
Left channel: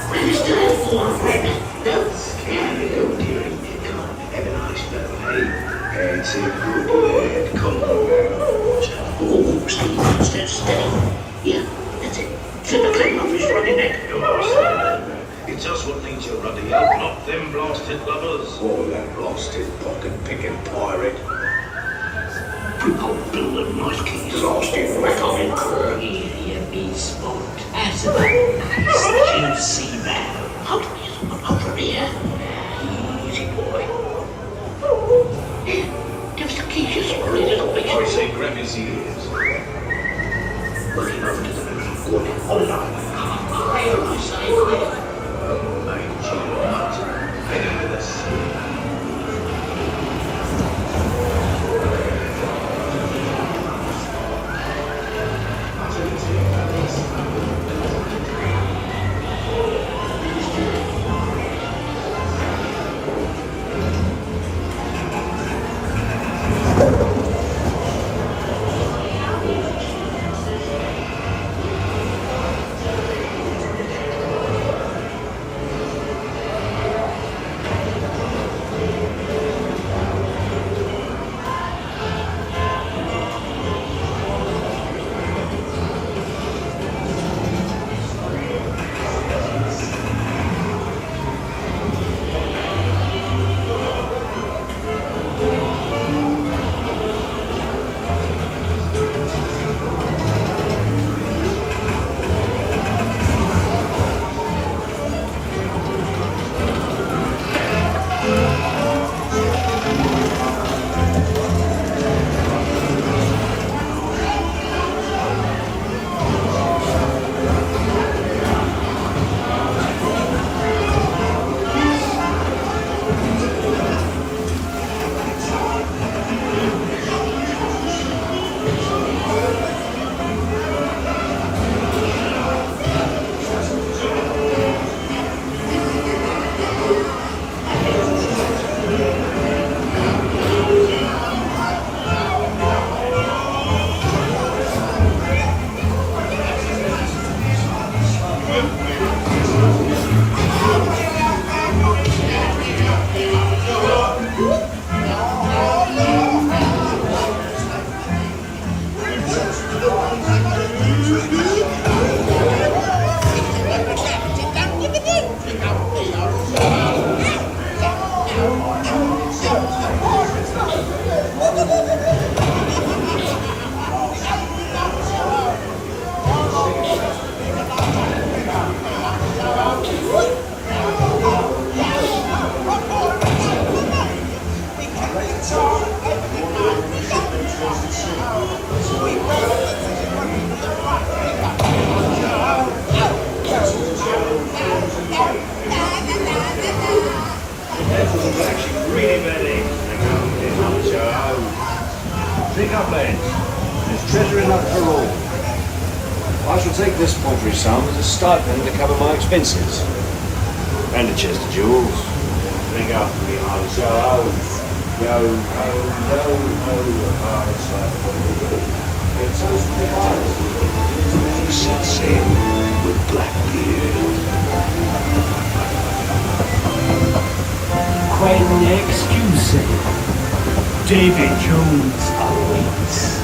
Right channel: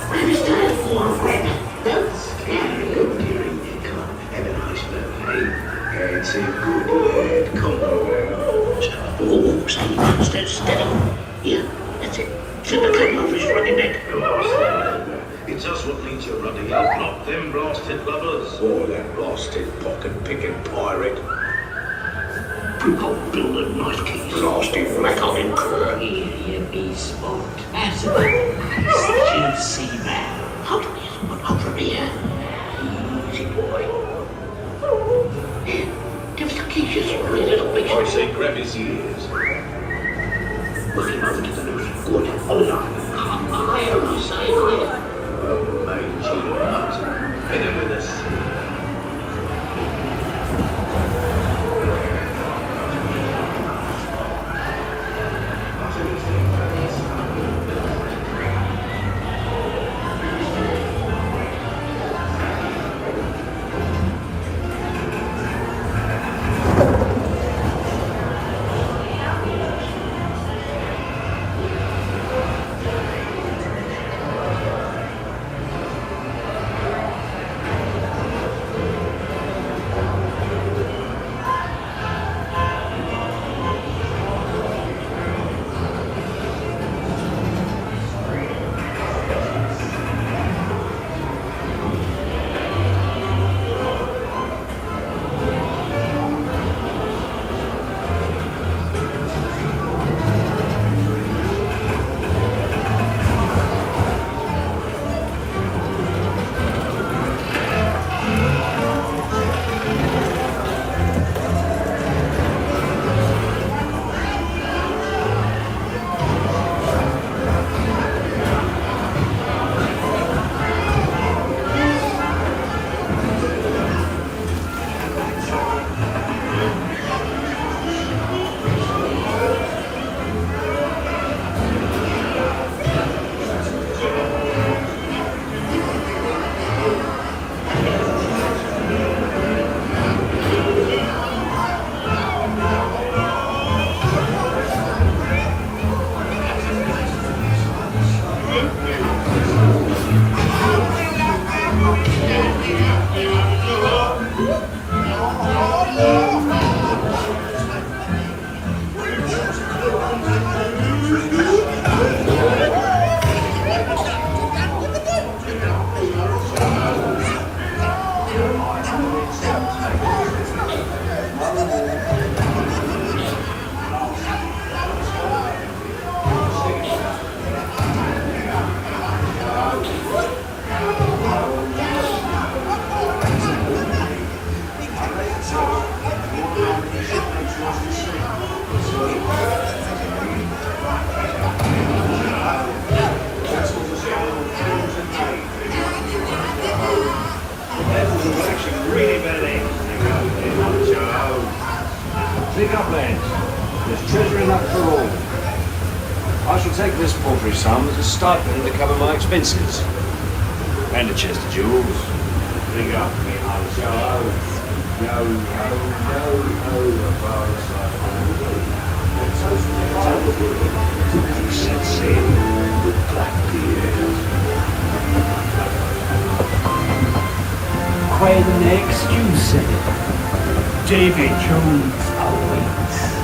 Registered for Red. Don't scare you during the con. Have a nice birthday. It's a good lad. Come on now. Oh, steady. Yeah, that's it. Should the cable off his ruddy neck. It's us what needs your ruddy help, not them blasted lovers. Oh, that blasted pocket-picking pirate. Oh, Bill, them nice keys. Blasted record in court. Here you be, sport. As about nice juicy man. Hold from here. Easy, boy. Here, give us the keys, you sorry little bitch. I say grab his ears. Looking over to the left. Go on, hold it on. Where am I safe? Oh, mate, cheers. Better with us. Pick up, lads. There's treasure enough for all. I shall take this paltry sum as a stipend to cover my expenses. And a chest of jewels. Pick up, me heart. Go, Set sail with Blackbeard. When excuse David Jones awaits.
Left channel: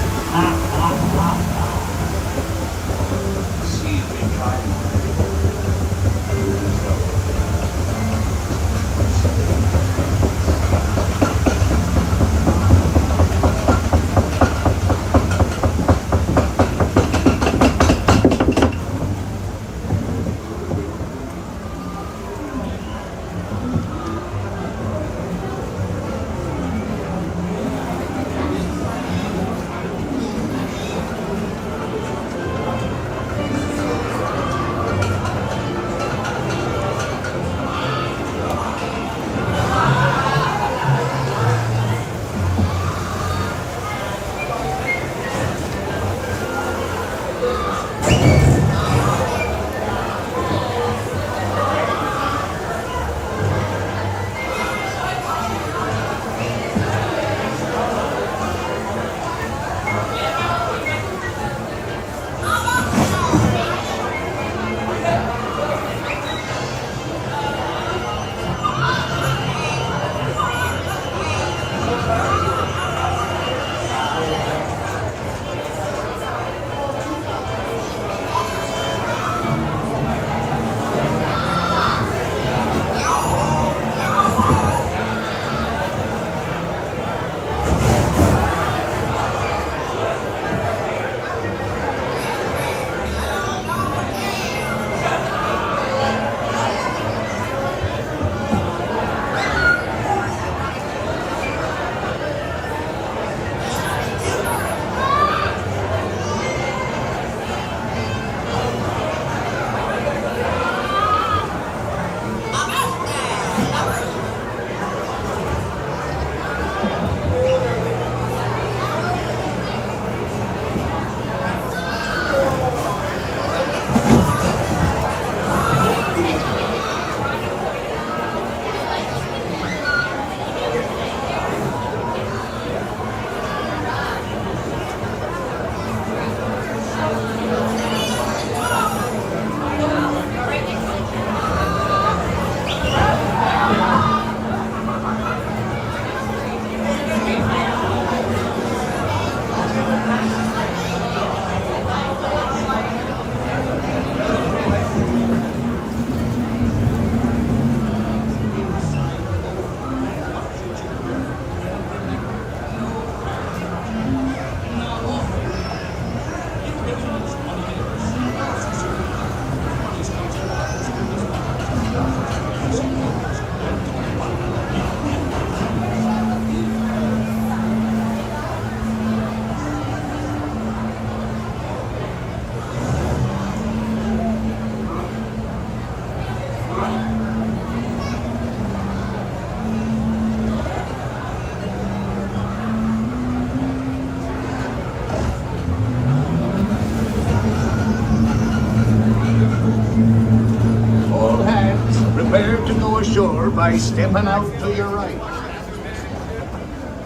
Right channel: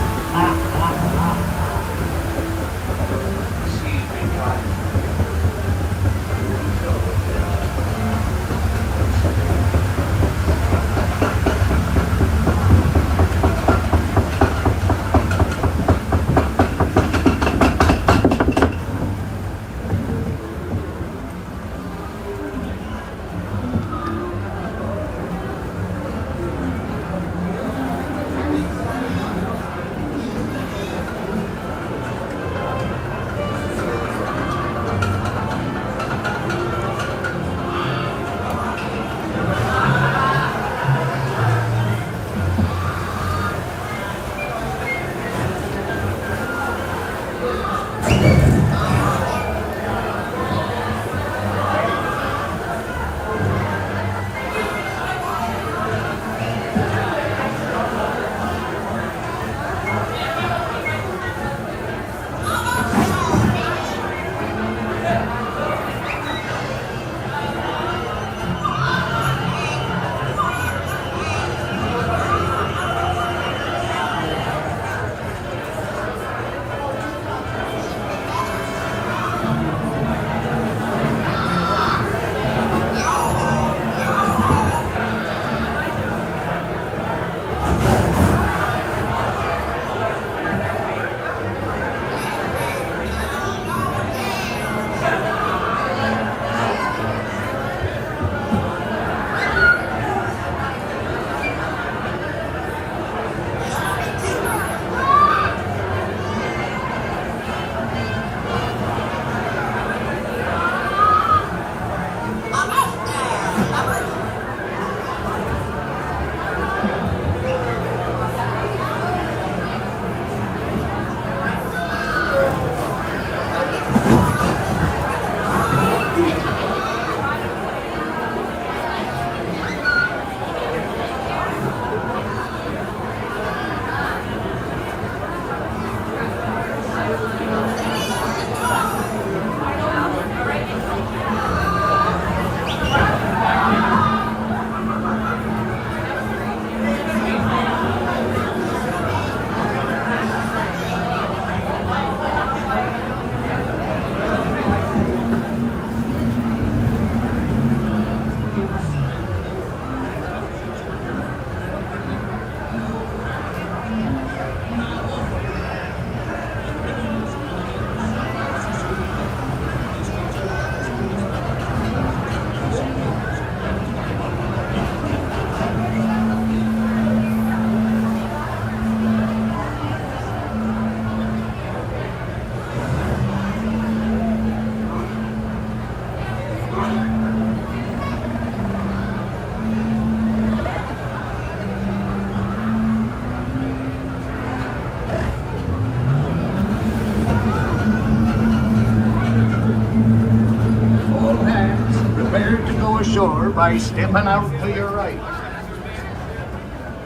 by stepping out to your right.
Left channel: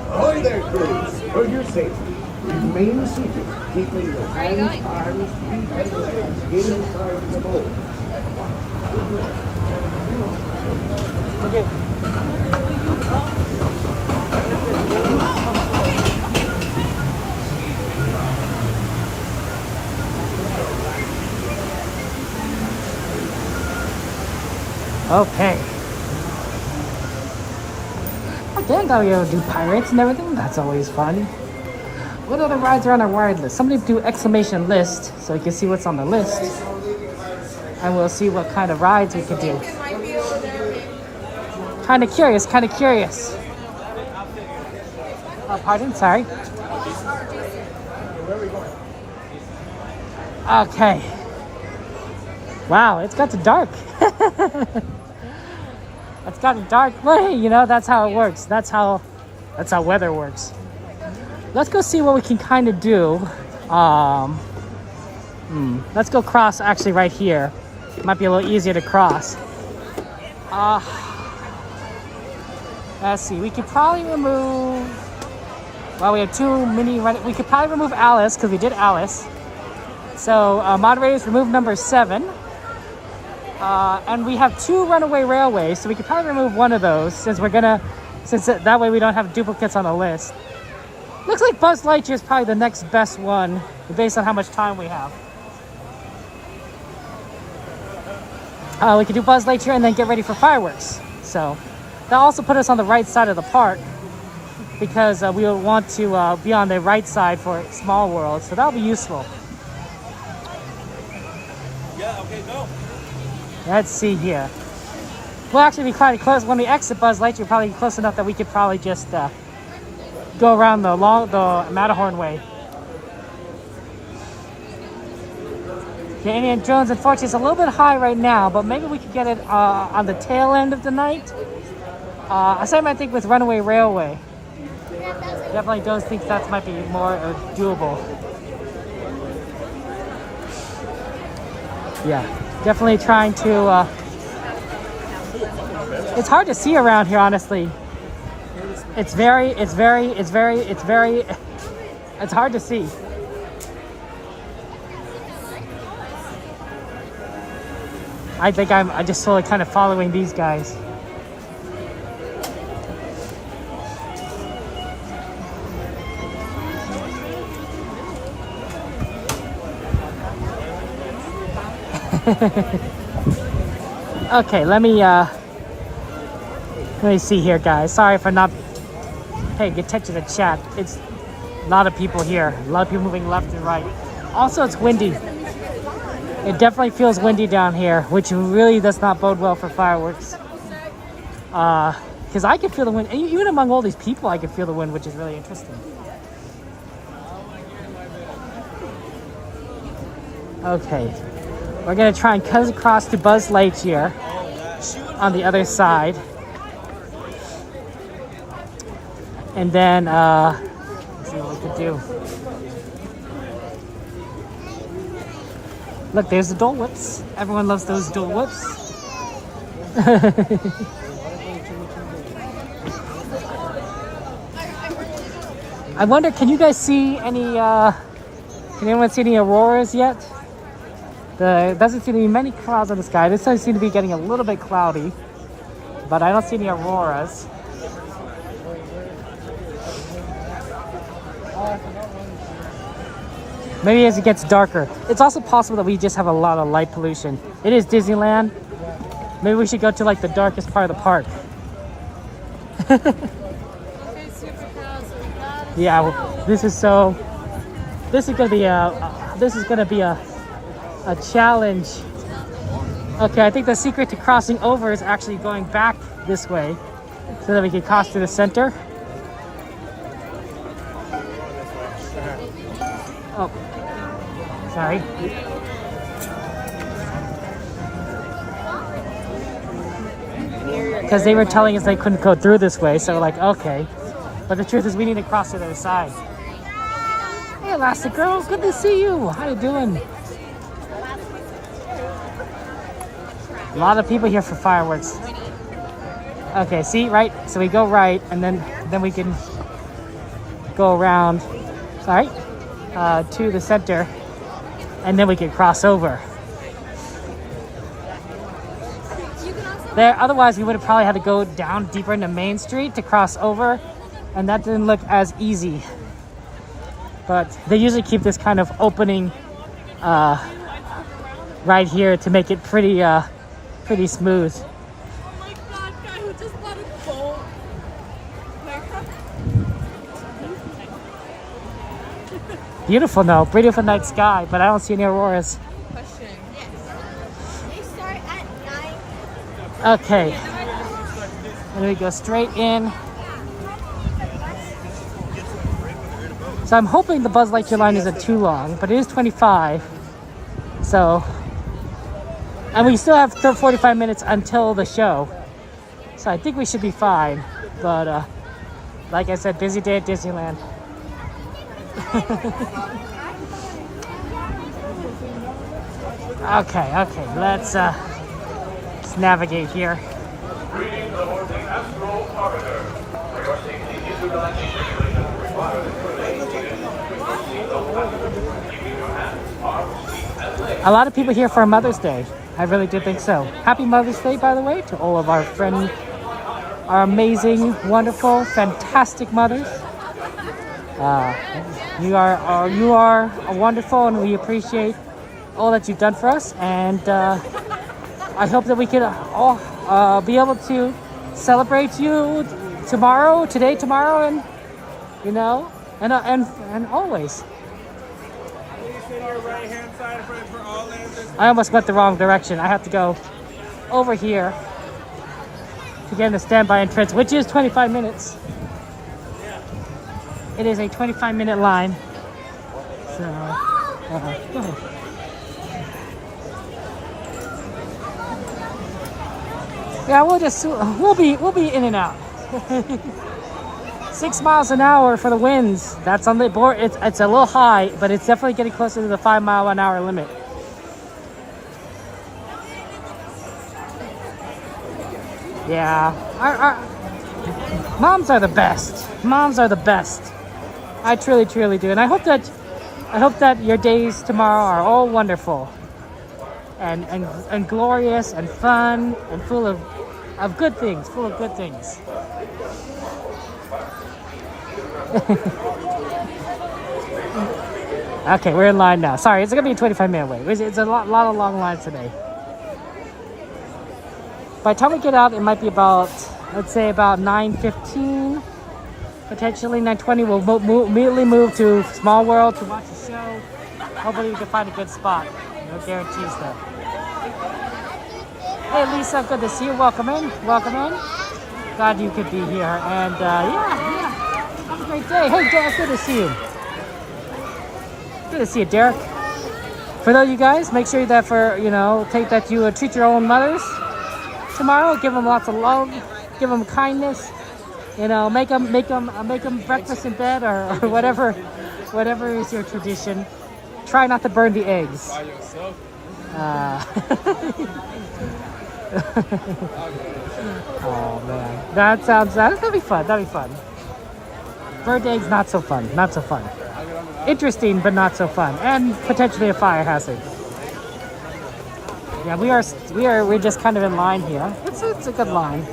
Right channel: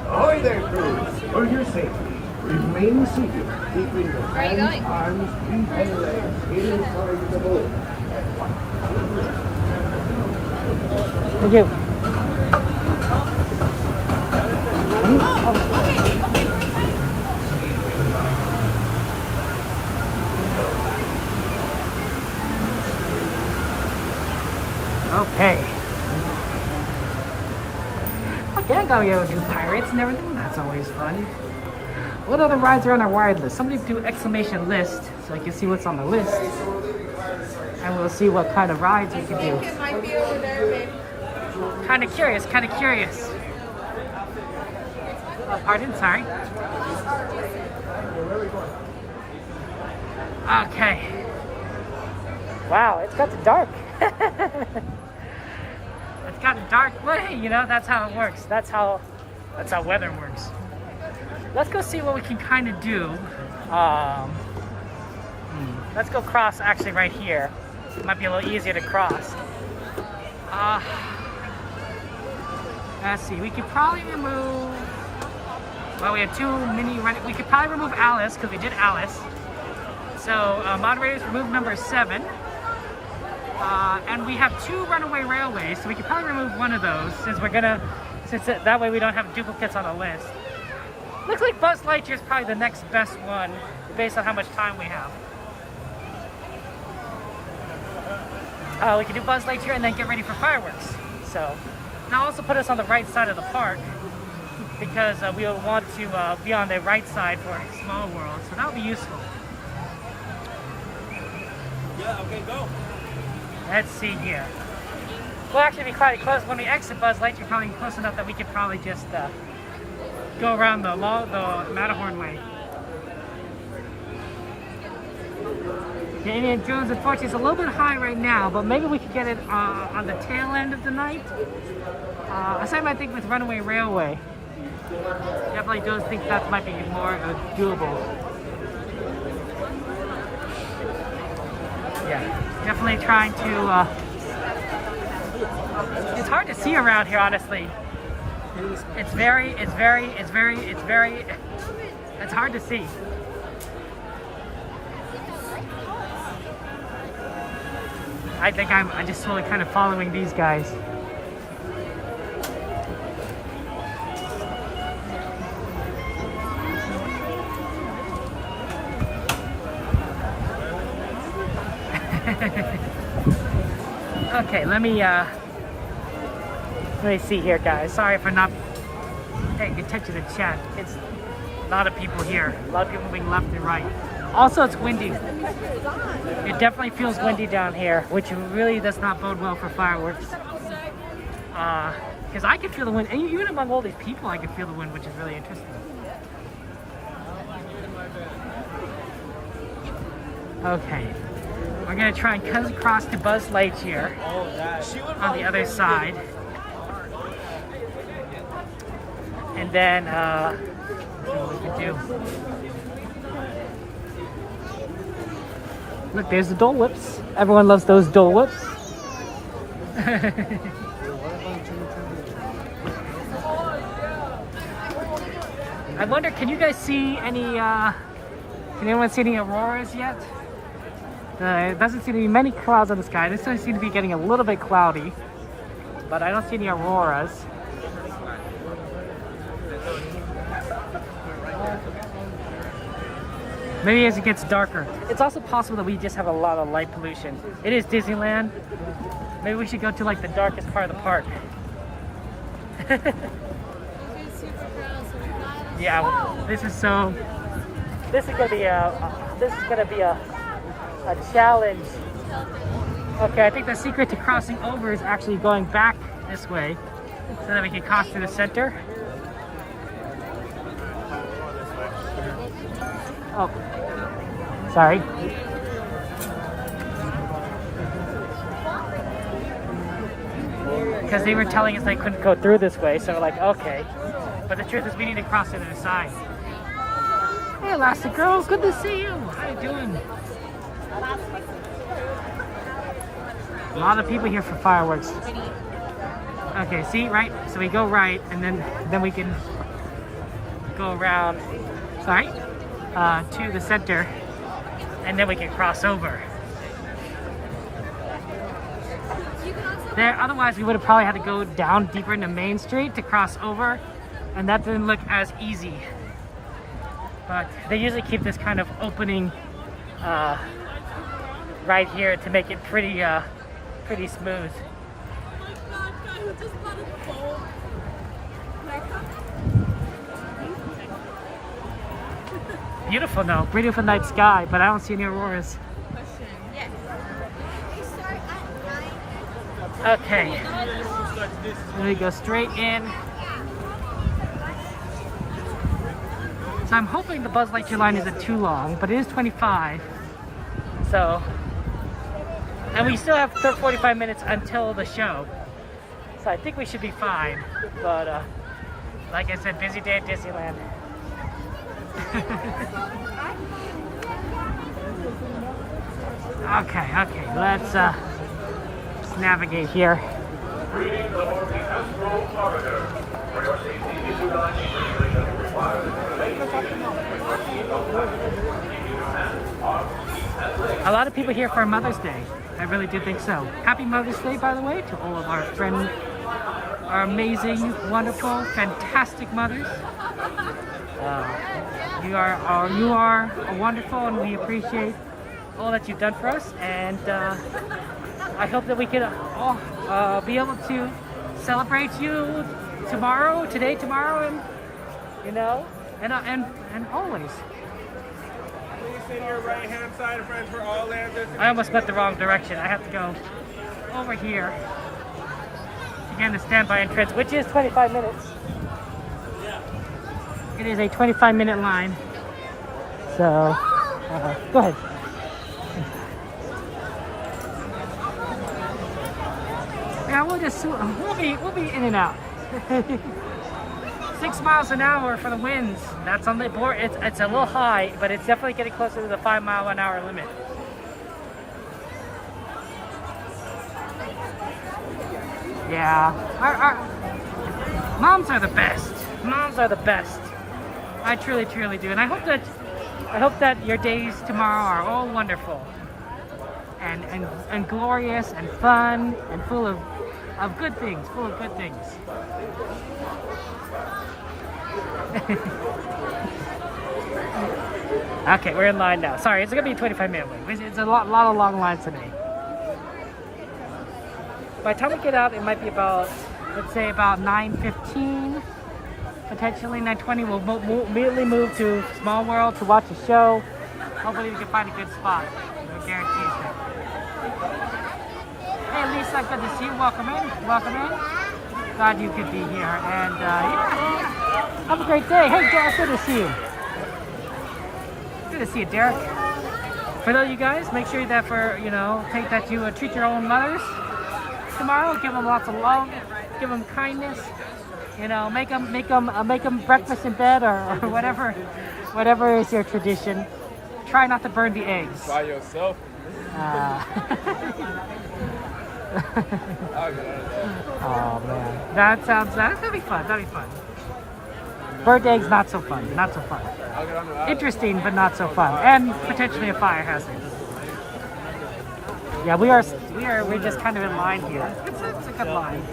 Ahoy there, crews. For your safety, remain seated, keeping your hands, arms, feet, and legs inside the boat. Thank you. Okay. Okay, I'm gonna go do pirates and everything. That's always fun. What other rides are on our wired list? Somebody do exclamation list so you can see what's on the list. And we'll see what kind of rides we can do. Kind of curious, kind of curious. Oh, pardon, sorry. Okay. Wow, it's got to dark. It's got a dark way, you know, that's how it works. That's how weather works. Let's go see what we can kind of do. Let's go cross actually right here. It might be a little easier to cross. Let's see, we could probably remove, well, we have two mini, we could probably remove Alice because we did Alice. So moderators, remove number 7. And we have 2 runaway railways, so we could probably remove one of those since that way we don't have duplicates on the list. Looks like Buzz Lightyear is probably the next best one based on how much time we have. We could do Buzz Lightyear and then get ready for fireworks. So that'll also put us on the right side of the park because we'll want to be on the right side for Small World, so that'll be useful. Yeah, okay, go. Let's see here. We'll actually be kind of close when we exit Buzz Lightyear. Probably close enough that we could probably just go around the Matterhorn way. The Indiana Jones, unfortunately, is a little bit high right now, but maybe we could get it on the tail end of the night. I think with Runaway Railway. Definitely don't think that might be more doable. Yeah, definitely trying to, it's hard to see around here, honestly. It's hard to see. I think I'm just slowly kind of following these guys. Okay, let me see here, guys. Sorry if I'm not paying attention to the chat. It's a lot of people here. A lot of people moving left and right. Also, it's windy. It definitely feels windy down here, which really does not bode well for fireworks. Because I can feel the wind. And even among all these people, I can feel the wind, which is really interesting. Okay. We're going to try and cut across to Buzz Lightyear on the other side. And then, let's see what we can do. Look, there's the Dole Whips. Everyone loves those Dole Whips. I wonder, can you guys see any, can anyone see any auroras yet? There doesn't seem to be many clouds in the sky. This does seem to be getting a little bit cloudy, but I don't see any auroras. Maybe as it gets darker. It's also possible that we just have a lot of light pollution. It is Disneyland. Maybe we should go to like the darkest part of the park. Yeah, this is gonna be a challenge. Okay, I think the secret to crossing over is actually going back this way so that we can cross to the center. Oh, sorry. Because they were telling us they couldn't go through this way, so we're like, okay. But the truth is we need to cross to the other side. Hey, Elastic Girl, good to see you. How you doing? A lot of people here for fireworks. Okay, see, right? So we go right, and then we can go around, sorry, to the center, and then we can cross over. There, otherwise we would have probably had to go down deeper into Main Street to cross over, and that didn't look as easy. But they usually keep this kind of opening right here to make it pretty smooth. Beautiful, no, beautiful night sky, but I don't see any auroras. Okay, and we go straight in. So I'm hoping the Buzz Lightyear line isn't too long, but it is 25. So, and we still have 45 minutes until the show. So I think we should be fine. But like I said, busy day at Disneyland. Okay, let's navigate here. A lot of people here for Mother's Day. I really do think so. Happy Mother's Day, by the way, to all of our friends, our amazing, wonderful, fantastic mothers. You are wonderful, and we appreciate all that you've done for us. And I hope that we can all be able to celebrate you today, tomorrow, and you know, and always. I almost went the wrong direction. I have to go over here to get in the standby entrance, which is 25 minutes. It is a 25-minute line. So, go ahead. Yeah, we'll be in and out. 6 miles an hour for the winds. That's on the board. It's a little high, but it's definitely getting closer to the 5-mile-an-hour limit. Yeah, our moms are the best. Moms are the best. I truly, truly do, and I hope that your days tomorrow are all wonderful, and glorious, and fun, and full of good things. Full of good things. Okay, we're in line now. Sorry, it's gonna be a 25-minute wait. It's a lot of long lines today. By the time we get out, it might be about, let's say, about 9:15, potentially 9:20. We'll immediately move to Small World to watch the show. Hopefully we can find a good spot. No guarantees there. Hey Lisa, good to see you. Welcome in. Welcome in. Glad you could be here. And yeah. Have a great day. Hey Derek, good to see you. Good to see you, Derek. For those of you guys, make sure that you treat your own mothers tomorrow. Give them lots of love. Give them kindness. You know, make them breakfast in bed or whatever is your tradition. Try not to burn the eggs. By yourself. Oh man, that'll be fun. That'll be fun. Bird eggs, not so fun. Not so fun. Interesting, but not so fun, and potentially a fire hazard. Yeah, we're just kind of in line here. It's a good line.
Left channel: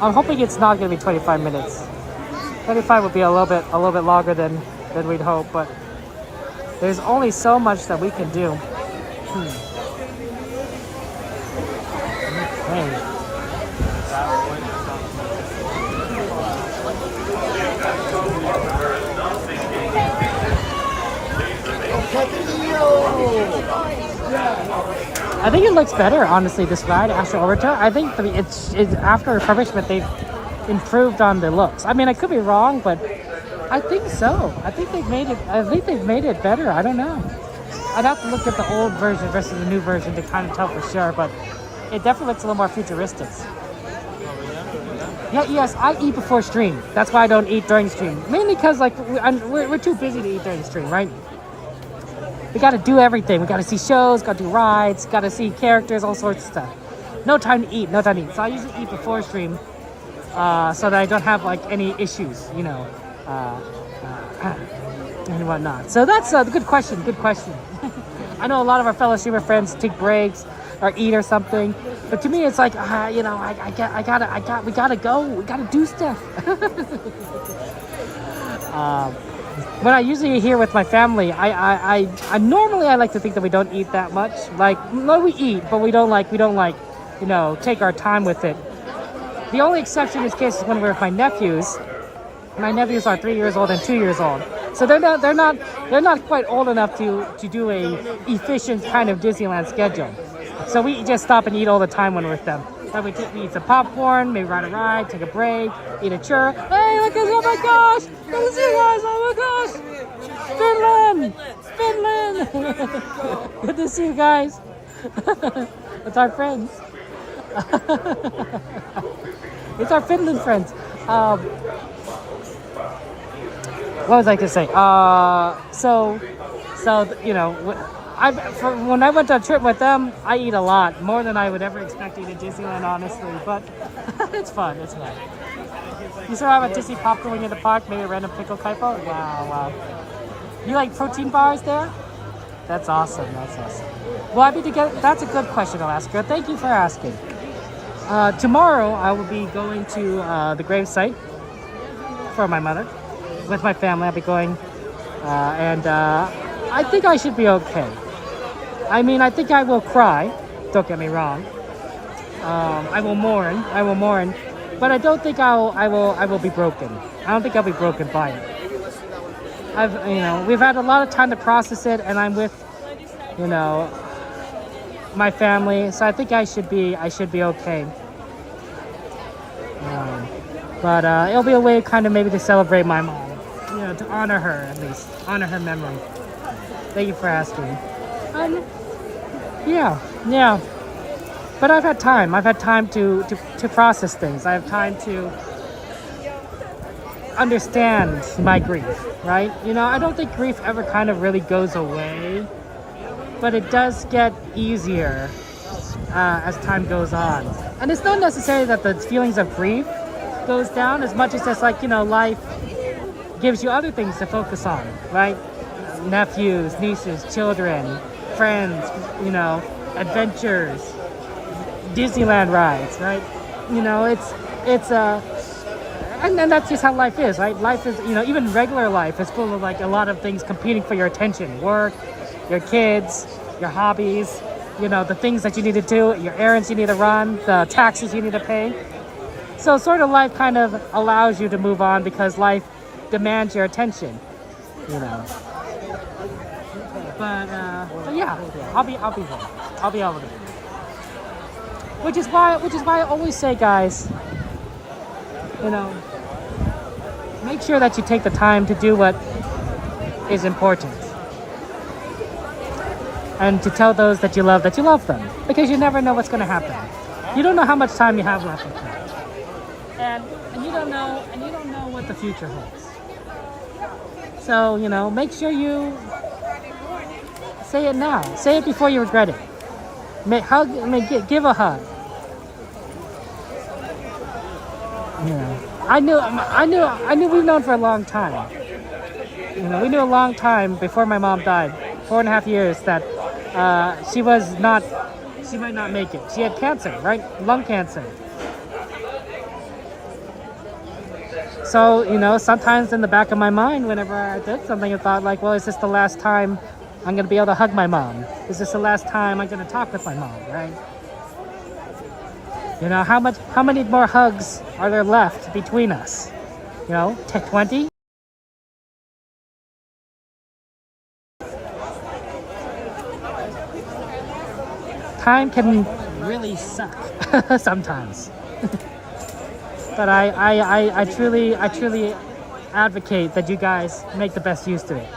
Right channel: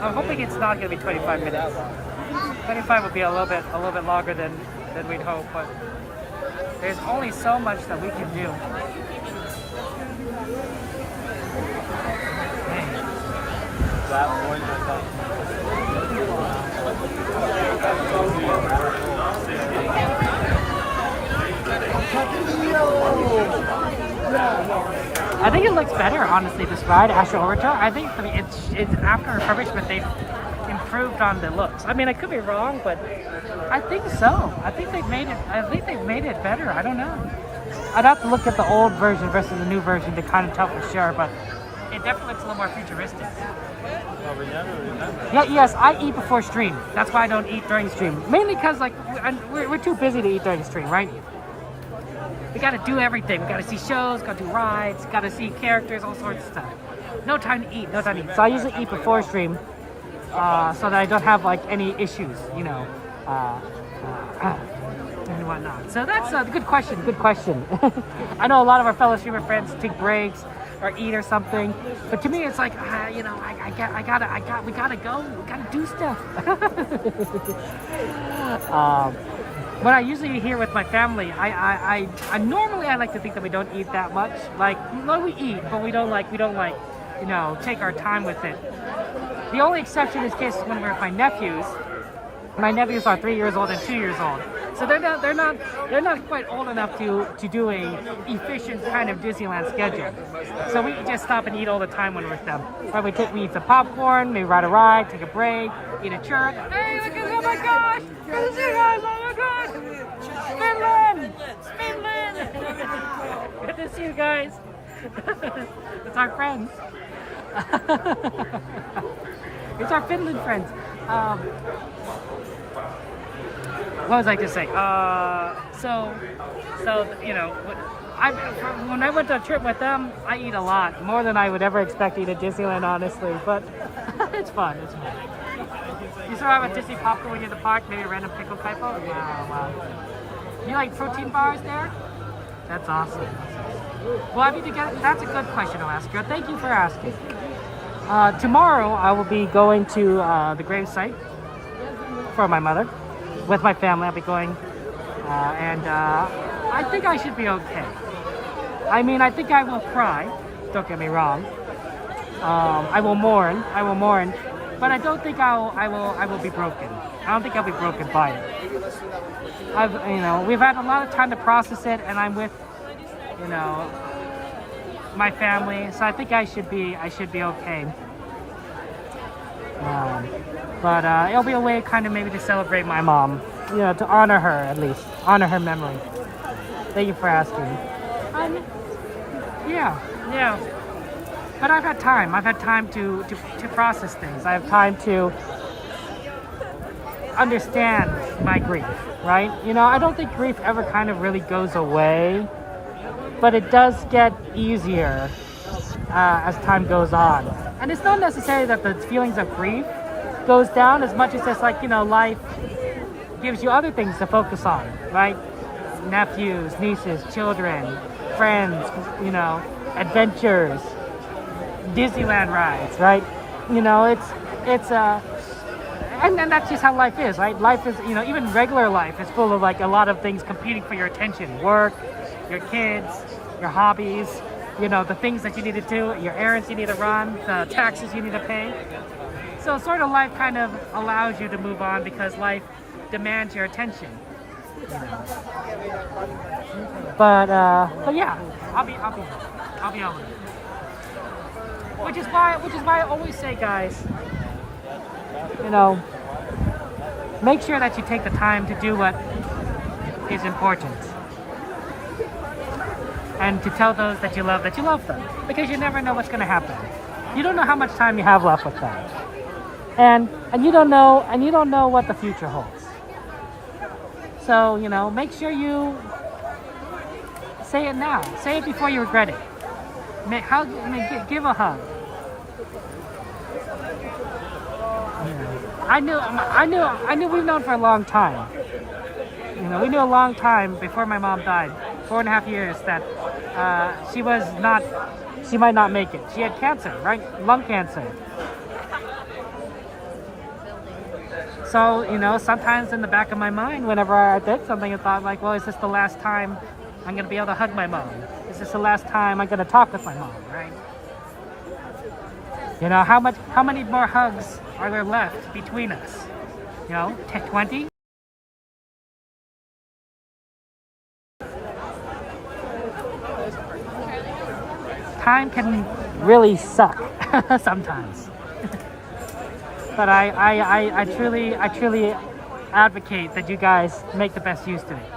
I'm hoping it's not going to be 25 minutes. 25 would be a little bit longer than we'd hope, but there's only so much that we can do. Hey. I think it looks better, honestly, this ride, after Aurora. I think it's after refurbishment, they've improved on the looks. I mean, I could be wrong, but I think so. I think they've made it better. I don't know. I'd have to look at the old version versus the new version to kind of tell for sure, but it definitely looks a little more futuristic. Yeah, yes, I eat before stream. That's why I don't eat during stream. Mainly because we're too busy to eat during stream, right? We gotta do everything. We gotta see shows, gotta do rides, gotta see characters, all sorts of stuff. No time to eat, no time to eat. So I usually eat before stream so that I don't have like any issues, you know, and whatnot. So that's a good question. Good question. I know a lot of our fellow streamer friends take breaks or eat or something, but to me it's like, you know, we gotta go. We gotta do stuff. When I usually here with my family, I normally I like to think that we don't eat that much. Like, no, we eat, but we don't like, you know, take our time with it. The only exception is cases when we're with my nephews. My nephews are 3 years old and 2 years old, so they're not quite old enough to do a efficient kind of Disneyland schedule. So we just stop and eat all the time when we're with them. Right? We eat some popcorn, maybe ride a ride, take a break, eat a churro. Hey, look at, oh my gosh! Good to see you guys! Oh my gosh! Finland! Good to see you guys. It's our friends. It's our Finland friends. What was I to say? So you know, when I went on a trip with them, I eat a lot, more than I would ever expect to eat at Disneyland, honestly. But it's fun. It's fun. You still have a Disney popcorn when you're in the park? Maybe a random pickle kaipo? Wow. You like protein bars there? That's awesome. That's awesome. Well, I mean, that's a good question, Alaska. Thank you for asking. Tomorrow, I will be going to the gravesite for my mother. With my family, I'll be going, and I think I should be okay. I mean, I think I will cry. Don't get me wrong. I will mourn, but I don't think I will be broken. I don't think I'll be broken by it. You know, we've had a lot of time to process it, and I'm with, you know, my family, so I think I should be okay. But it'll be a way kind of maybe to celebrate my mom, you know, to honor her, at least honor her memory. Thank you for asking. Yeah. But I've had time to process things. I have time to understand my grief, right? You know, I don't think grief ever kind of really goes away, but it does get easier as time goes on. And it's not necessarily that the feelings of grief goes down as much as just like, you know, life gives you other things to focus on, right? Nephews, nieces, children, friends, you know, adventures, Disneyland rides, right? You know, it's and that's just how life is, right? Life is, you know, even regular life is full of like a lot of things competing for your attention. Work, your kids, your hobbies, you know, the things that you need to do, your errands you need to run, the taxes you need to pay. So sort of life kind of allows you to move on because life demands your attention, you know. But yeah, I'll be able to. Which is why I always say, guys, you know, make sure that you take the time to do what is important. And to tell those that you love them. Because you never know what's going to happen. You don't know how much time you have left with them. And you don't know what the future holds. So, you know, make sure you say it now. Say it before you regret it. Give a hug. You know, I knew we've known for a long time. You know, we knew a long time before my mom died, 4.5 years, that she might not make it. She had cancer, right? Lung cancer. So, you know, sometimes in the back of my mind, whenever I did something, I thought like, well, is this the last time I'm going to be able to hug my mom? Is this the last time I'm going to talk with my mom, right? You know, how many more hugs are there left between us? You know, 20? Time can really suck sometimes. But I truly advocate that you guys make the best use of it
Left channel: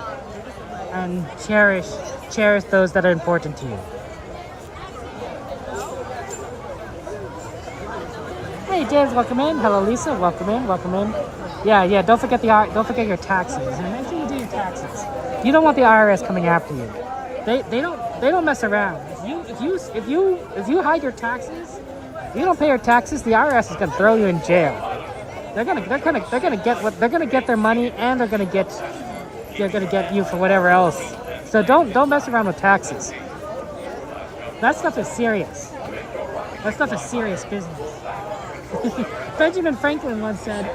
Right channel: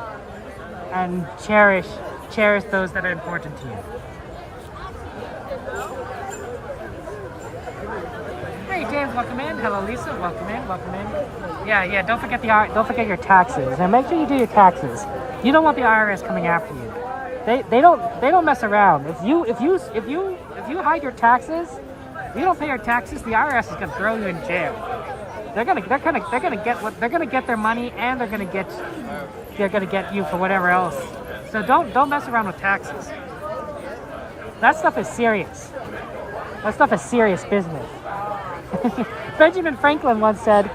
and cherish those that are important to you. Hey James, welcome in. Hello Lisa, welcome in. Yeah. Don't forget your taxes, and make sure you do your taxes. You don't want the IRS coming after you. They don't mess around. If you hide your taxes, if you don't pay your taxes, the IRS is gonna throw you in jail. They're gonna get their money, and they're gonna get you for whatever else. So don't mess around with taxes. That stuff is serious. That stuff is serious business. Benjamin Franklin once said,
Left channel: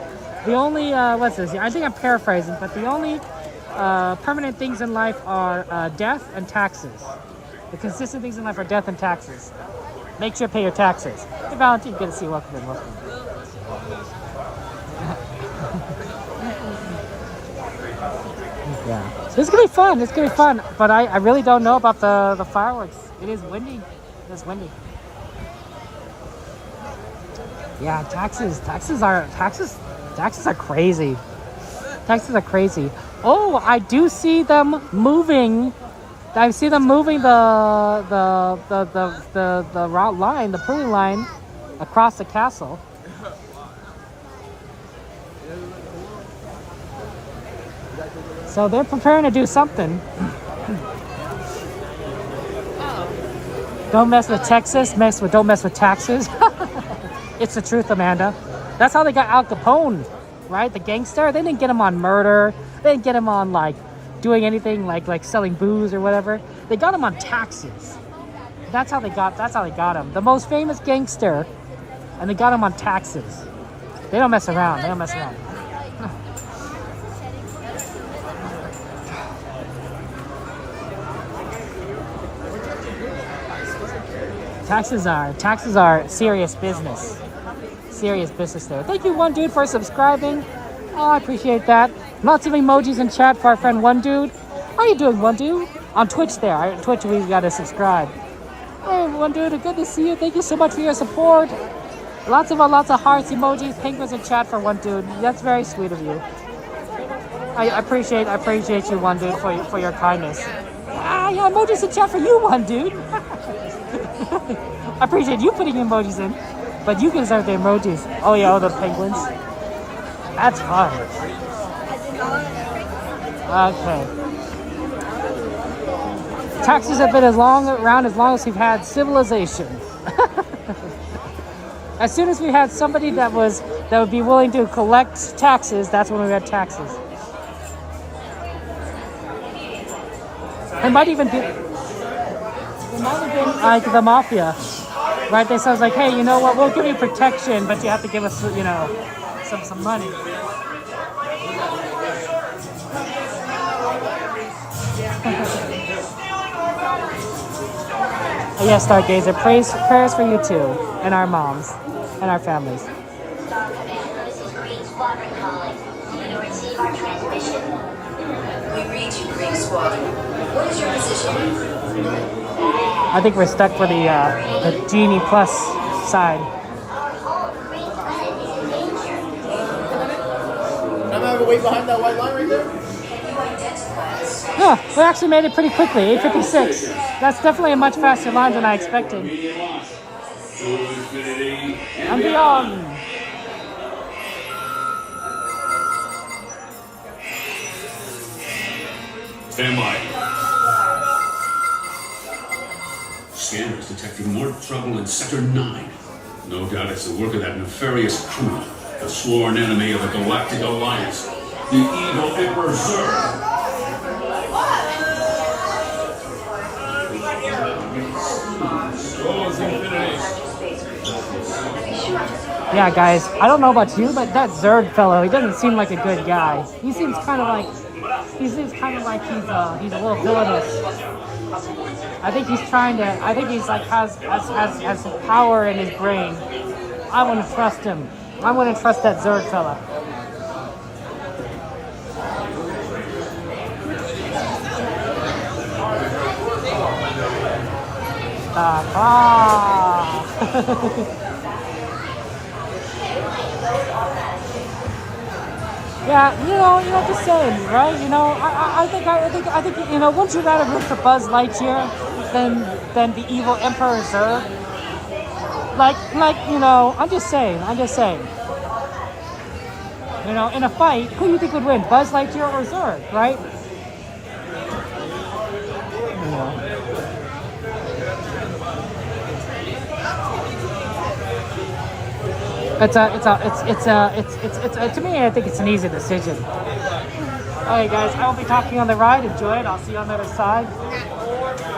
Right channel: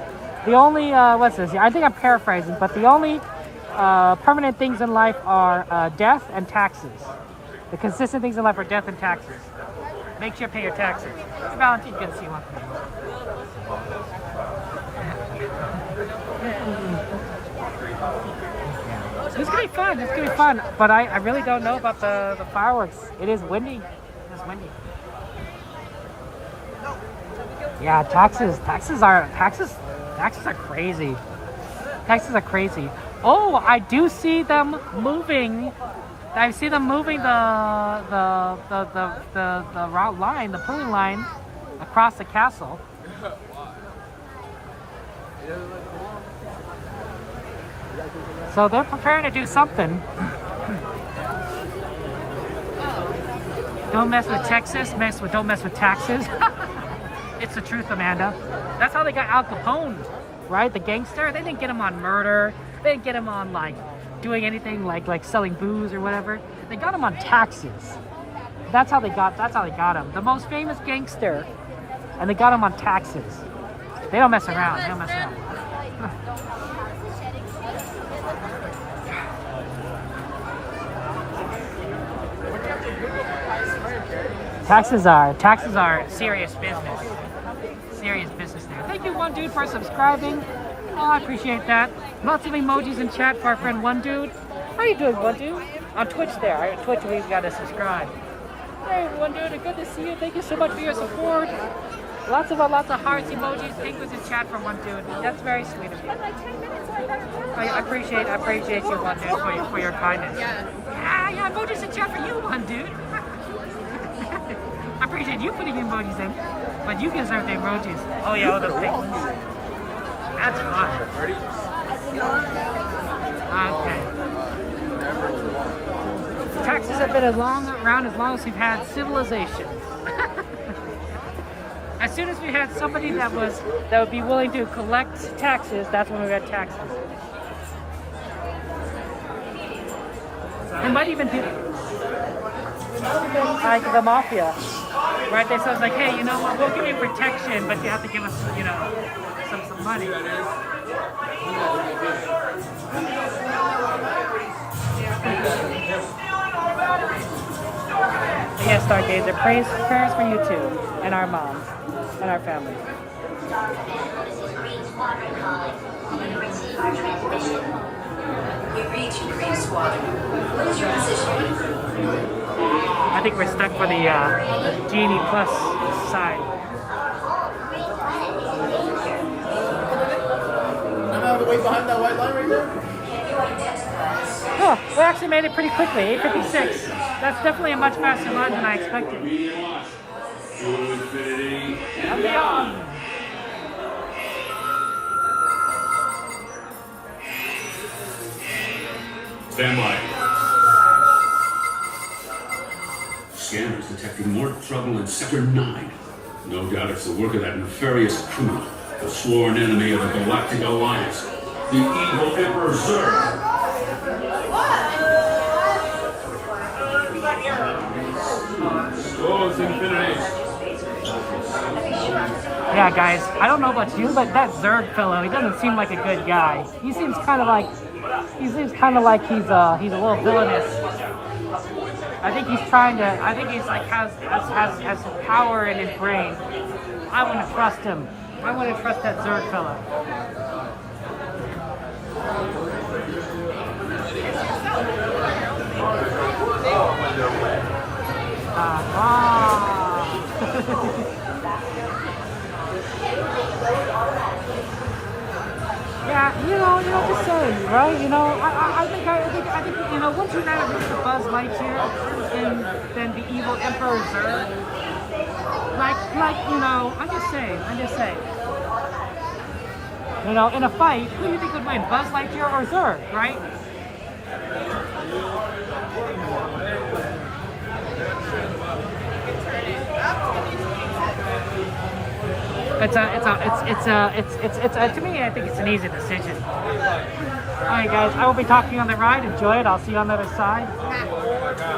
the only what's this? I think I'm paraphrasing, but the only permanent things in life are death and taxes. The consistent things in life are death and taxes. Make sure to pay your taxes. Hey, Valentine, good to see you. Welcome in. Welcome. Yeah. So it's gonna be fun. It's gonna be fun. But I really don't know about the fireworks. It is windy. It is windy. Yeah, taxes are crazy. Taxes are crazy. Oh, I do see them moving. I see them moving the route line, the pulling line, across the castle. So they're preparing to do something. Don't mess with Texas. Don't mess with taxes. It's the truth, Amanda. That's how they got Al Capone, right? The gangster. They didn't get him on murder. They didn't get him on like doing anything like selling booze or whatever. They got him on taxes. That's how they got him. The most famous gangster, and they got him on taxes. They don't mess around. They don't mess around. Taxes are serious business. Serious business there. Thank you, One Dude, for subscribing. Oh, I appreciate that. Lots of emojis in chat for our friend One Dude. How you doing, One Dude? On Twitch there. Right? Twitch, we gotta subscribe. Hey, One Dude, good to see you. Thank you so much for your support. Lots of hearts, emojis, penguins in chat for One Dude. That's very sweet of you. I appreciate you, One Dude, for your kindness. Yeah, emojis in chat for you, One Dude. I appreciate you putting emojis in, but you deserve the emojis. Oh yeah, all the penguins. That's fun. Okay. Taxes have been around as long as we've had civilization. As soon as we had somebody that would be willing to collect taxes, that's when we had taxes. It might even be like the mafia, right? They sounds like, hey, you know what? We'll give you protection, but you have to give us, some money. Yes, Stargazer, prayers for you too, and our moms, and our families. You receive our transmission. We read you, Green Squad. What is your position? I think we're stuck for the Genie Plus side. Yeah, we actually made it pretty quickly, 8:56. That's definitely a much faster launch than I expected. And beyond. Stand by. Scanners detecting more trouble in Sector 9. No doubt it's the work of that nefarious criminal, the sworn enemy of the Galactic Alliance, the evil Emperor Zurg. Yeah, guys, I don't know about you, but that Zurg fellow, he doesn't seem like a good guy. He seems kind of like he's a little villainous. I think he's like has power in his brain. I wouldn't trust him. I wouldn't trust that Zurg fella. Yeah, just saying, right? I think, once you got a root for Buzz Lightyear, then the evil Emperor Zurg. I'm just saying. In a fight, who do you think would win, Buzz Lightyear or Zurg, right? To me, I think it's an easy decision. All right, guys, I will be talking on the ride. Enjoy it. I'll see you on the other side.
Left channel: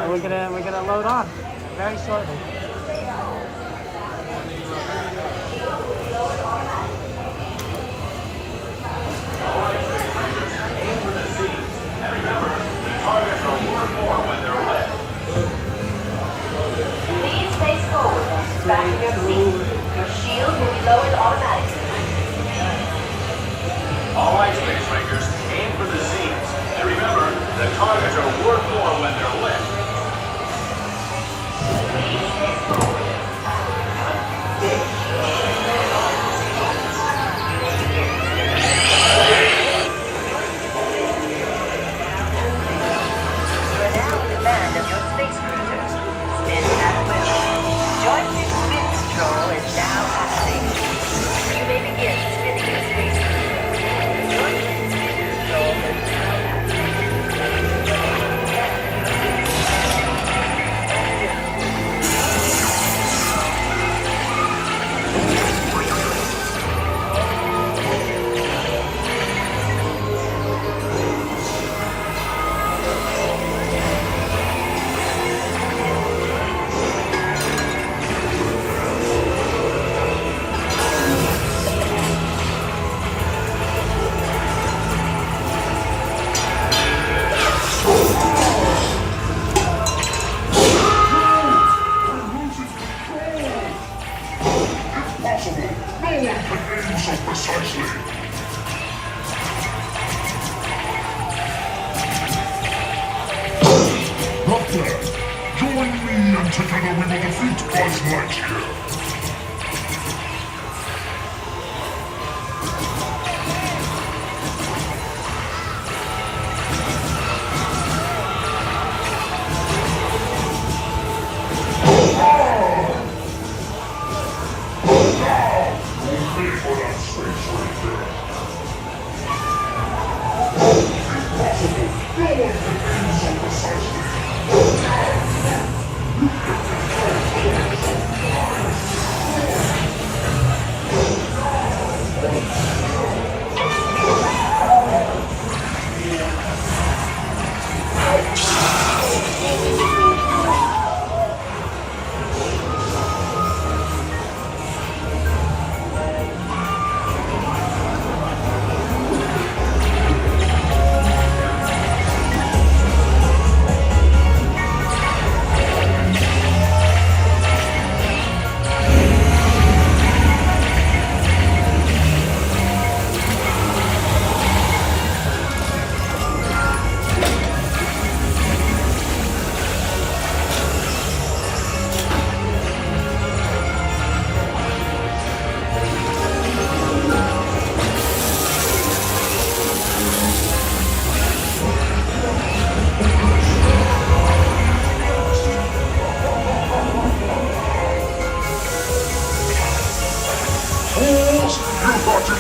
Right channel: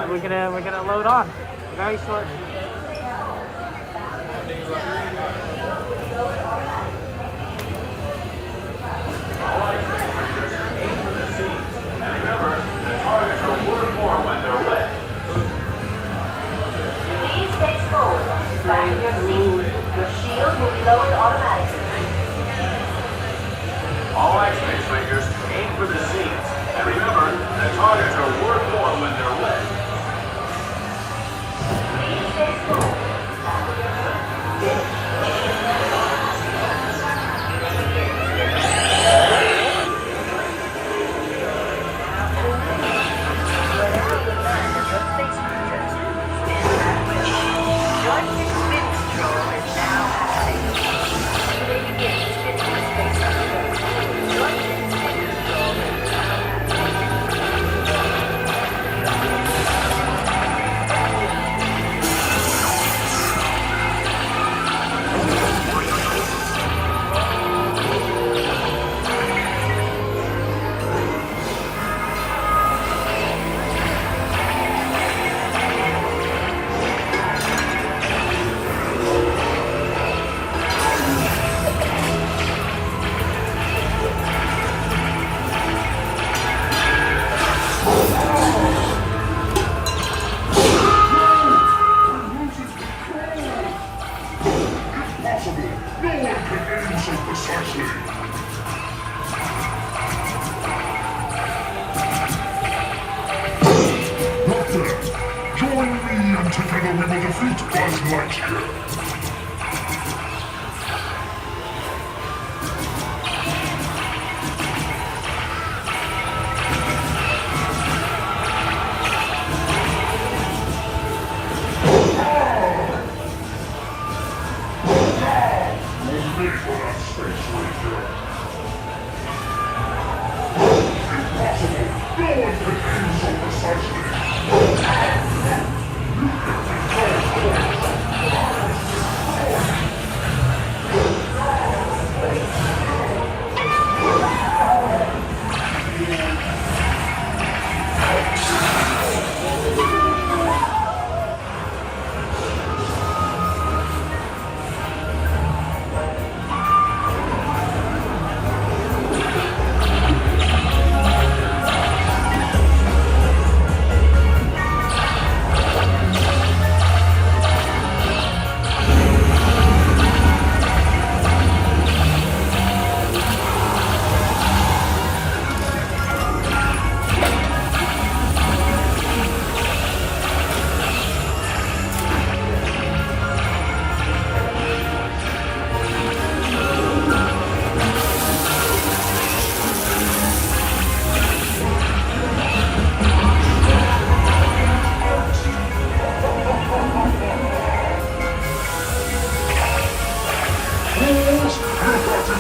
We're gonna load on very shortly. Please face forward and fasten your seat. Your shield will be lowered automatically. All right, space rangers, aim for the seats. And remember, the targets are worth more when they're lit. Please face forward. You are now in command of your space cruiser. Spin at will. Joystick spin control is now active. You may begin spinning your space cruiser. Joystick spin control is now Lieutenant, join me and together we will defeat Buzz Lightyear.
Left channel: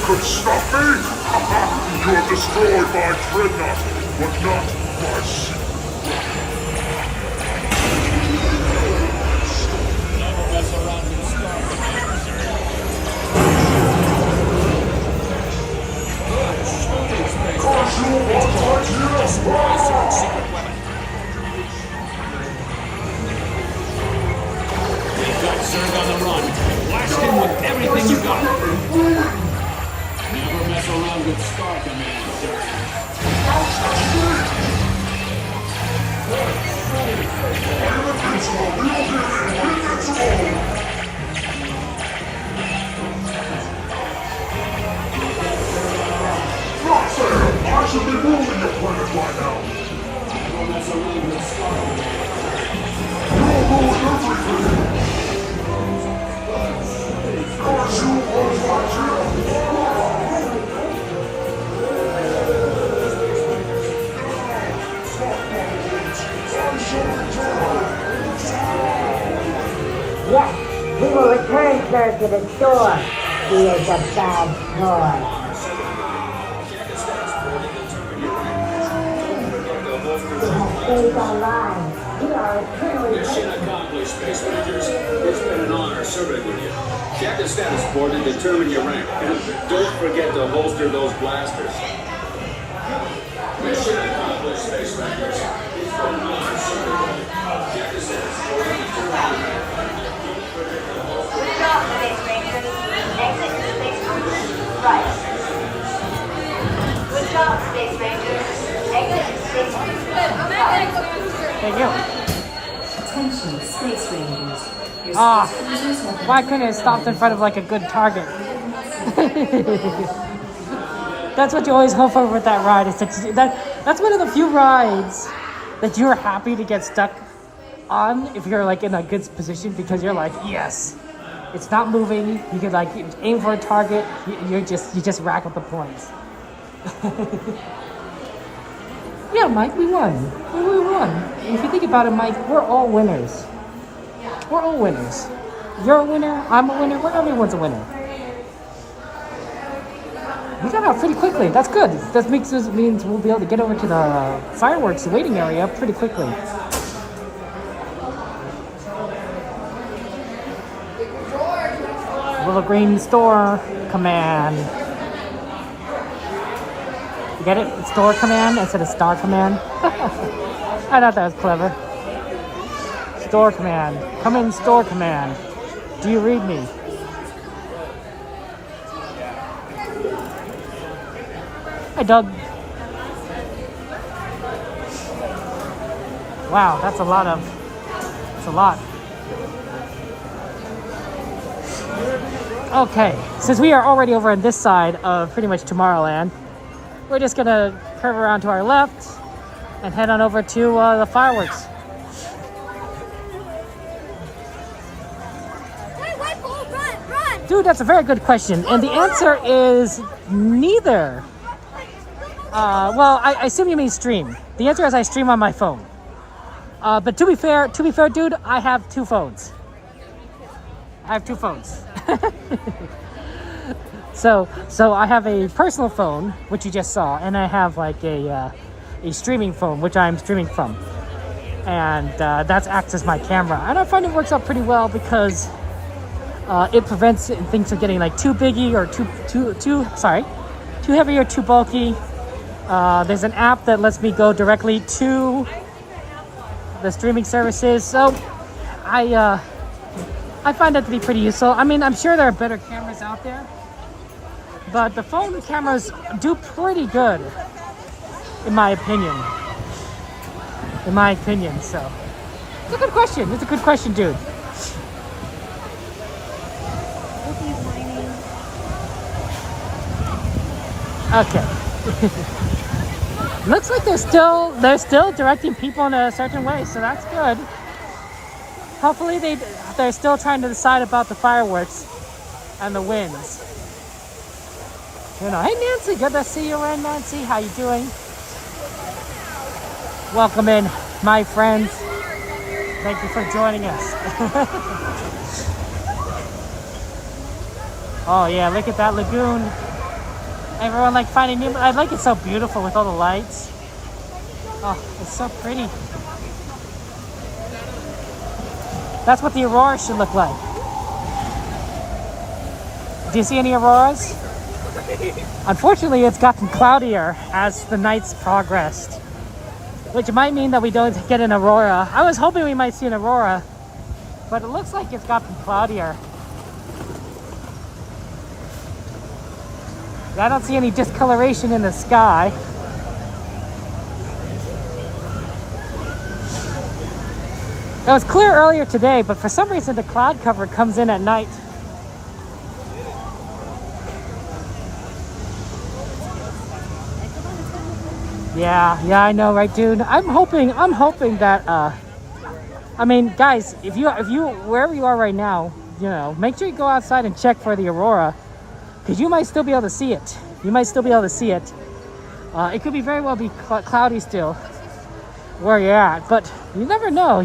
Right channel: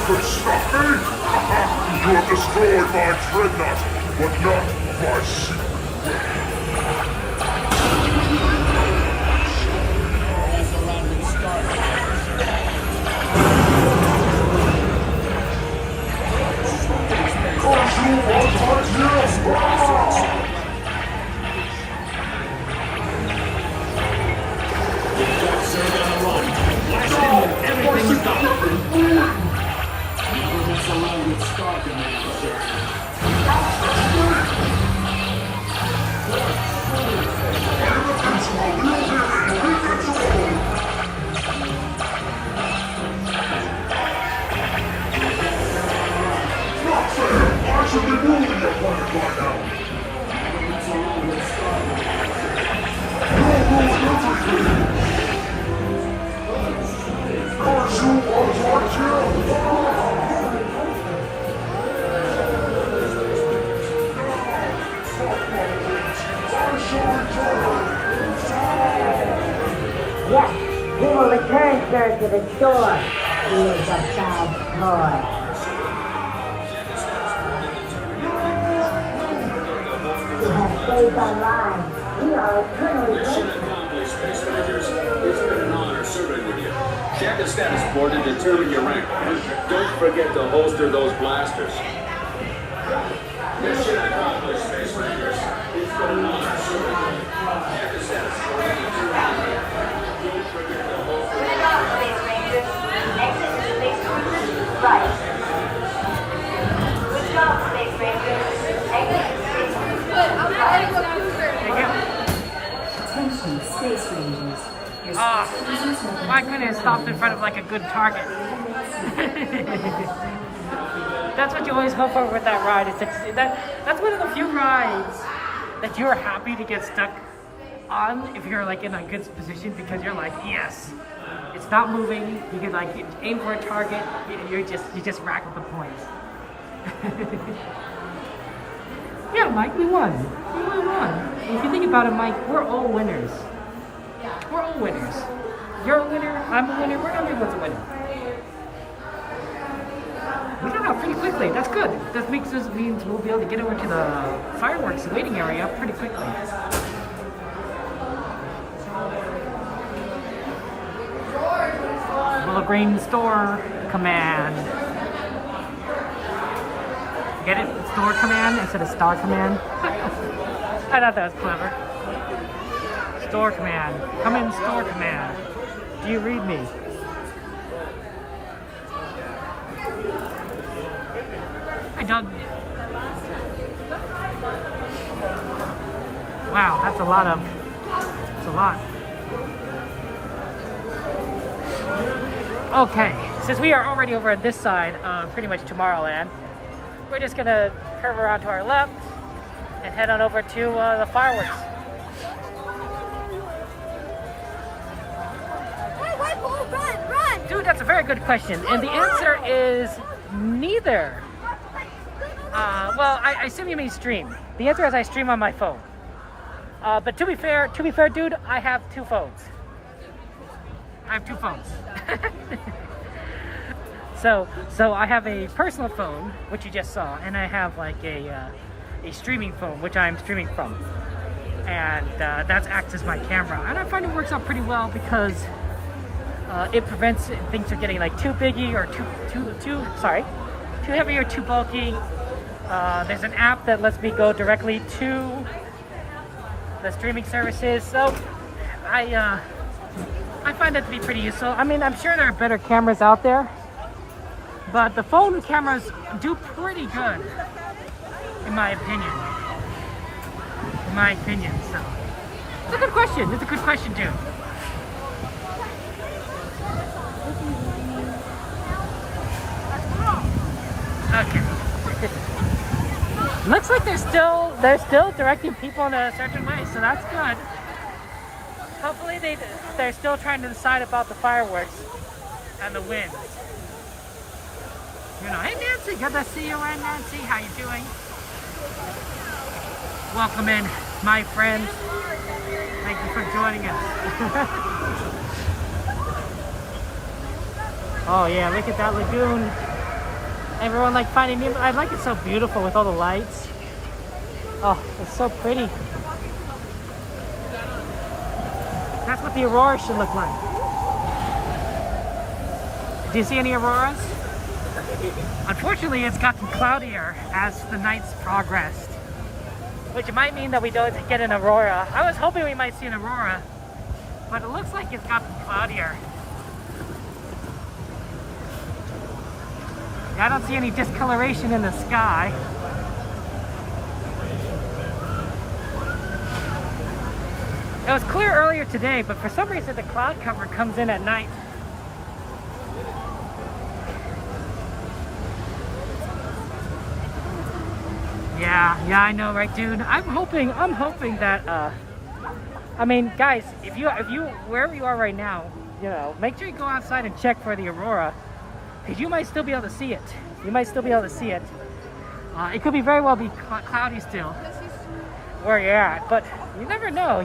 Could stop me? You have destroyed my dreadnought, but not my secret. Mess around with Cause you want Lightyear! Dark Zerg on the run. Blast him with everything you got. Never mess around with Star Command, sir. Roxanne, I should be ruling your planet by now. Never mess around with Star Command. You'll ruin everything. Cause you want Lightyear! Yes, we will return, sir, to the store. He is a bad boy. He has saved our lives. You are a criminal. Mission accomplished. Howdy, Space Rangers. It's been an honor serving with you. Check the status board to determine your rank. And don't forget to holster those blasters. Mission accomplished, Space Rangers. It's been an honor serving with you. Check the status board to determine your rank. Good job, Space Rangers. Exit Space Cruiser right. Good job, Space Rangers. Exit Space Cruiser right. There you go. Attention, Space Rangers. Your Ah, space cruisers have been why couldn't it stop in front of like a good target? That's what you always hope for with that ride. That's one of the few rides that you're happy to get stuck on if you're like in a good position, because you're like, yes, it's not moving. You can like aim for a target. You just rack up the points. Yeah, Mike, we won. We won. If you think about it, Mike, we're all winners. We're all winners. You're a winner. I'm a winner. Everyone's a winner. We got out pretty quickly. That's good. That means we'll be able to get over to the fireworks waiting area pretty quickly. Little green store command. You get it? It's store command instead of star command. I thought that was clever. Store command. Come in, store command. Do you read me? Hi, Doug. Wow, that's a lot. Okay, since we are already over on this side of pretty much Tomorrowland, we're just gonna curve around to our left and head on over to the fireworks. Hey, wait, Paul, run! Dude, that's a very good question, and the answer is neither. Well, I assume you mean stream. The answer is I stream on my phone. But to be fair, dude, I have two phones. So I have a personal phone, which you just saw, and I have like a streaming phone, which I'm streaming from, and that's acts as my camera. And I find it works out pretty well because it prevents things from getting like too biggy or too heavy or too bulky. There's an app that lets me go directly to the streaming services, so I find that to be pretty useful. I mean, I'm sure there are better cameras out there, but the phone cameras do pretty good, in my opinion. So it's a good question. It's a good question, dude. Okay. Looks like they're still directing people in a certain way, so that's good. Hopefully they're still trying to decide about the fireworks and the winds. You know, hey Nancy, good to see you in, Nancy. How you doing? Welcome in, my friends. Thank you for joining us. Oh yeah, look at that lagoon. Everyone like finding new. I like it so beautiful with all the lights. Oh, it's so pretty. That's what the Aurora should look like. Do you see any Auroras? Unfortunately, it's gotten cloudier as the nights progressed, which might mean that we don't get an Aurora. I was hoping we might see an Aurora, but it looks like it's gotten cloudier. I don't see any discoloration in the sky. It was clear earlier today, but for some reason the cloud cover comes in at night. Yeah, I know, right, dude? I'm hoping that, I mean, guys, if you, wherever you are right now, you know, make sure you go outside and check for the Aurora, because you might still be able to see it. It could be very well be cloudy still where you're at, but you never know.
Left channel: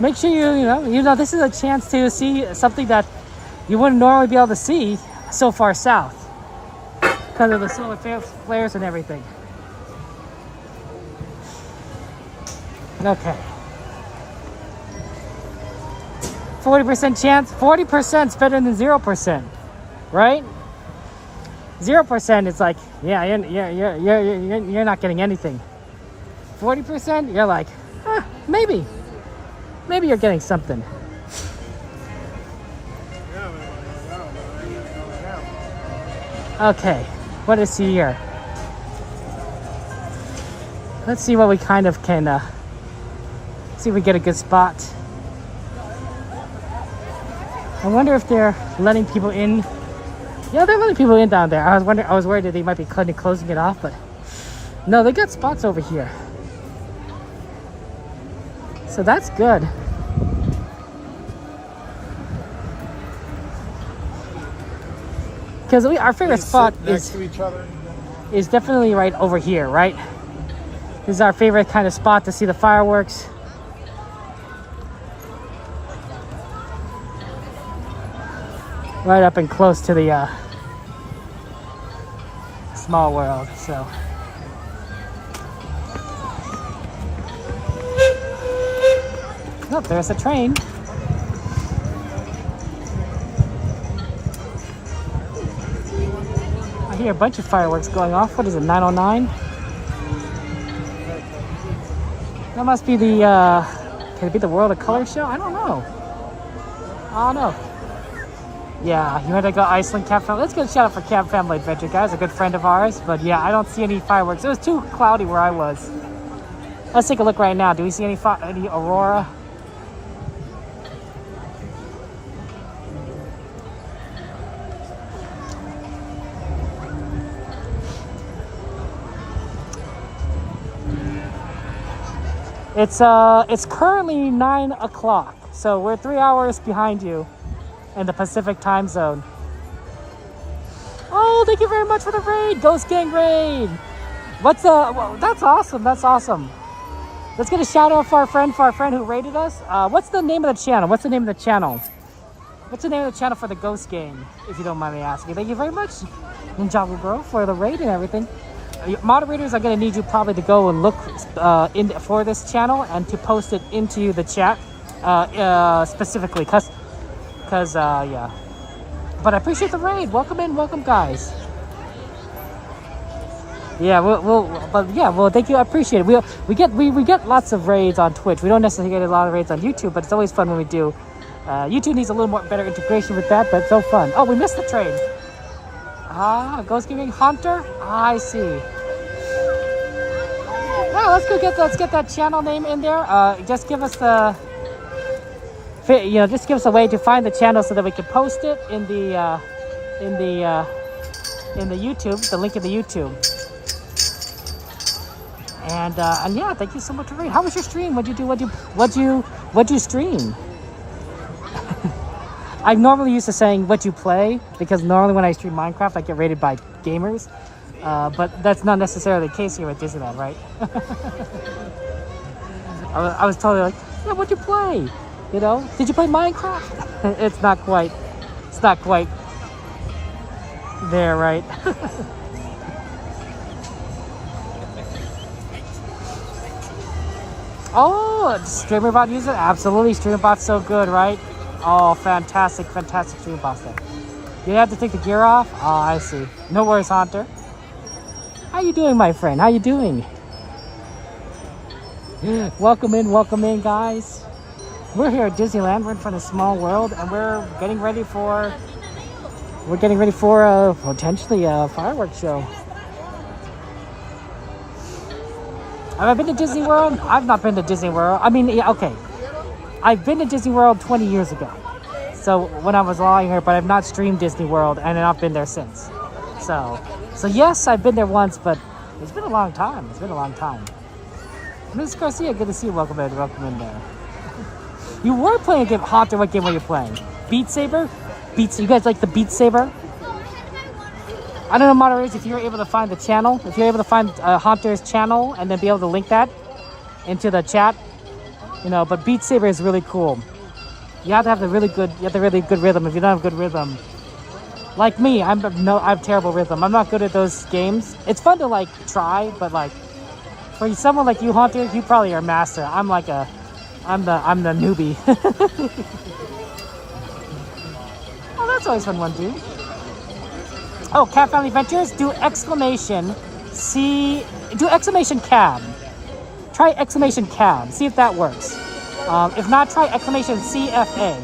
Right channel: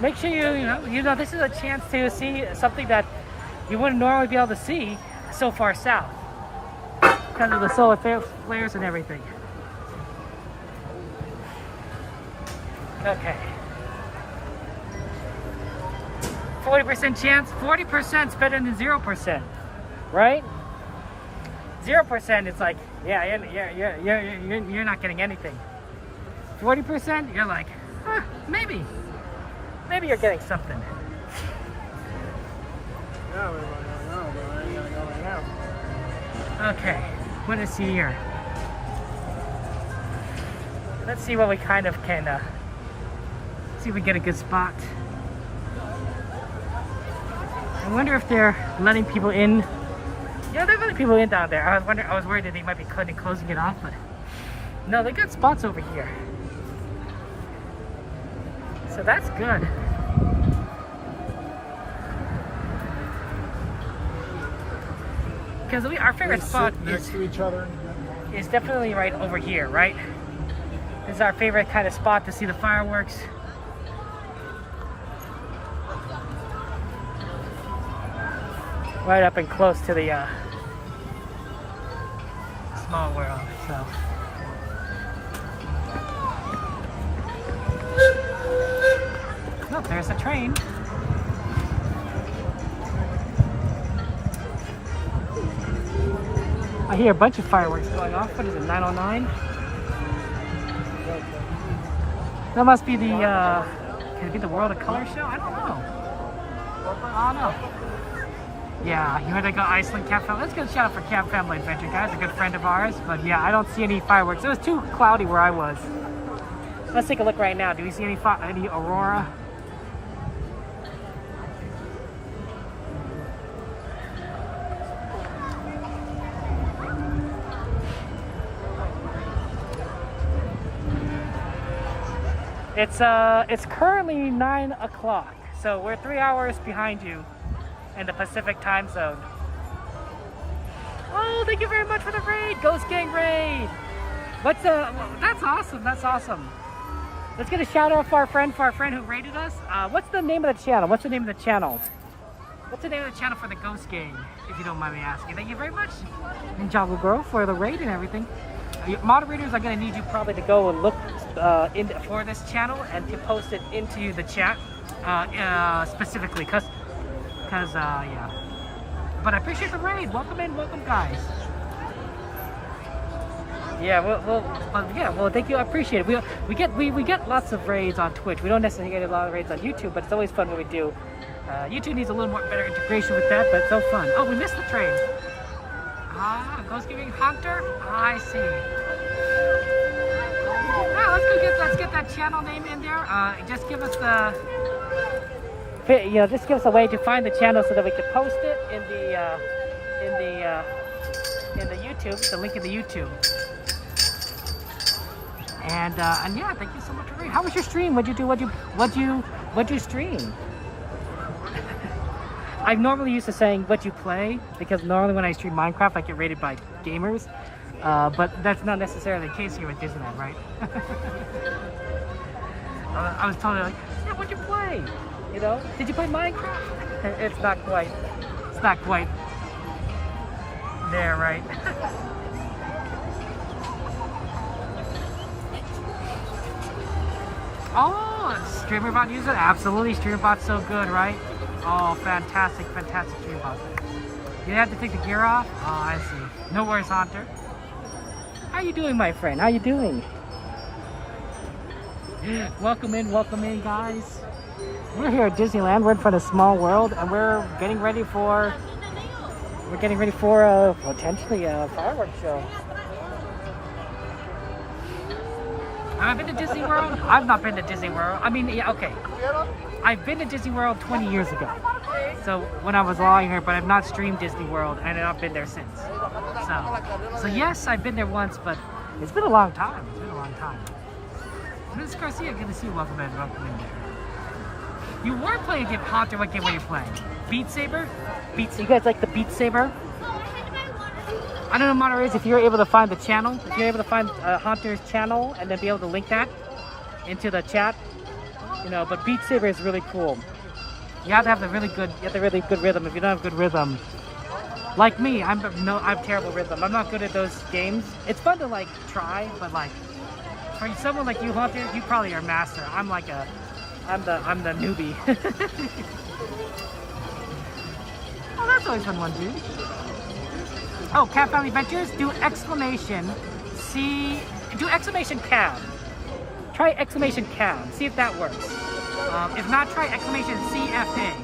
Make sure you know this is a chance to see something that you wouldn't normally be able to see so far south because of the solar flares and everything. Okay. 40% chance. 40% is better than 0%, right? 0% is like, yeah, you're not getting anything. 40%, you're like, maybe you're getting something. Okay, what is here? Let's see what we kind of can, see if we get a good spot. I wonder if they're letting people in. Yeah, they're letting people in down there. I was worried that they might be closing it off, but no, they got spots over here. So that's good. Because our favorite spot is definitely right over here, right? This is our favorite kind of spot to see the fireworks. Right up and close to the small world, so. Oh, there's a train. I hear a bunch of fireworks going off. What is it, 909? That must be the, can it be the World of Color show? I don't know. I don't know. Yeah, you had to go Iceland Camp Family. Let's give a shout out for Camp Family Adventure, guys. A good friend of ours. But yeah, I don't see any fireworks. It was too cloudy where I was. Let's take a look right now. Do we see any Aurora? It's currently 9 o'clock, so we're 3 hours behind you in the Pacific time zone. Oh, thank you very much for the raid, Ghost Gang raid. What's well, that's awesome. That's awesome. Let's get a shout out for our friend who raided us. What's the name of the channel? What's the name of the channel? What's the name of the channel for the Ghost Gang? If you don't mind me asking. Thank you very much, Ninjago Girl, for the raid and everything. Moderators are going to need you probably to go and look for this channel and to post it into the chat specifically, cause yeah. But I appreciate the raid. Welcome in, welcome guys. Yeah, well, thank you. I appreciate it. We get lots of raids on Twitch. We don't necessarily get a lot of raids on YouTube, but it's always fun when we do. YouTube needs a little more better integration with that, but it's so fun. Oh, we missed the train. Ghost Gang Hunter? I see. Well, let's get that channel name in there. Just give us just give us a way to find the channel so that we can post it in the YouTube, the link in the YouTube. And yeah, thank you so much for reading. How was your stream? What'd you stream? I'm normally used to saying what you play, because normally when I stream Minecraft, I get rated by gamers. But that's not necessarily the case here at Disneyland, right? I was totally like, yeah, what'd you play? You know, did you play Minecraft? It's not quite there, right? Oh, StreamerBot user? Absolutely, StreamerBot's so good, right? Oh, fantastic StreamerBot there. You have to take the gear off? Oh, I see. No worries, Hunter. How you doing, my friend? How you doing? Welcome in, guys. We're here at Disneyland. We're in front of Small World, and we're getting ready for potentially a fireworks show. Have I been to Disney World? I've not been to Disney World. I mean, yeah, okay. I've been to Disney World 20 years ago. So when I was lying here, but I've not streamed Disney World and I've not been there since. So yes, I've been there once, but it's been a long time. Miss Garcia, good to see you. Welcome in there. You were playing a game. Hunter, what game were you playing? Beat Saber? You guys like the Beat Saber? I don't know, moderators, if you're able to find the channel, if you're able to find Hunter's channel and then be able to link that into the chat, you know, but Beat Saber is really cool. You have to have really good rhythm. If you don't have good rhythm, like me, I have terrible rhythm. I'm not good at those games. It's fun to like try, but like for someone like you, Hunter, you probably are a master. I'm like a I'm the newbie. Oh, that's always fun one, dude. Oh, Cat Family Adventures. Do exclamation cab. Try exclamation cab. See if that works. If not, try exclamation CFA.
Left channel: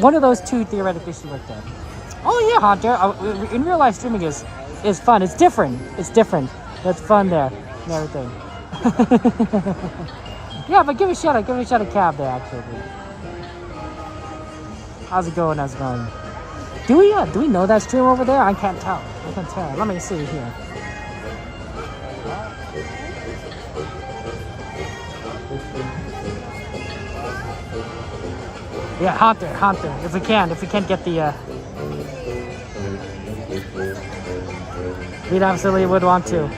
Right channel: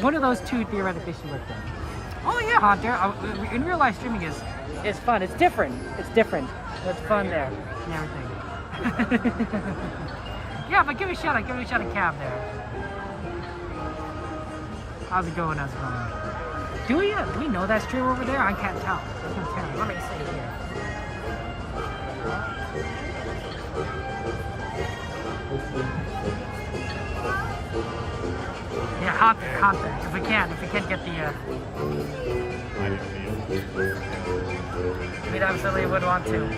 One of those two theoretically should work then. Oh yeah, Hunter. In real life streaming is fun. It's different. It's different. It's fun there and everything. Yeah, but give it a shot. Give it a shot at cab there actually. How's it going? How's it going? Do we know that stream over there? I can't tell. I can't tell. Let me see here. Yeah, Hunter. If we can't get the we absolutely would want to.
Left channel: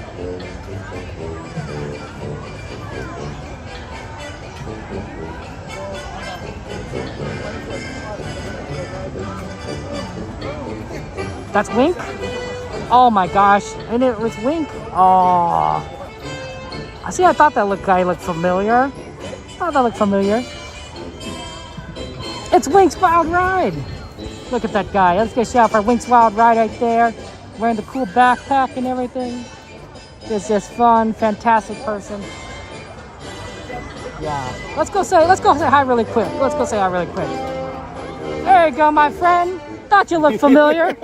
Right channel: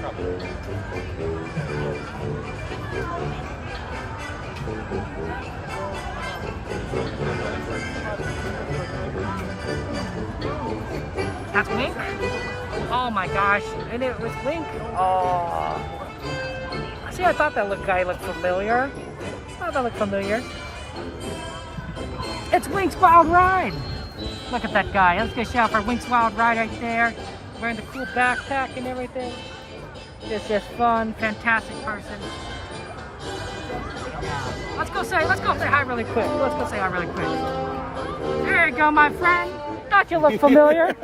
That's Wink? Oh my gosh. And it was Wink. Oh. See, I thought that guy looked familiar. It's Wink's Wild Ride. Look at that guy. Let's get a shout for Wink's Wild Ride right there. Wearing the cool backpack and everything. It's just fun. Fantastic person. Yeah. Let's go say hi really quick. There you go, my friend. Thought you looked familiar,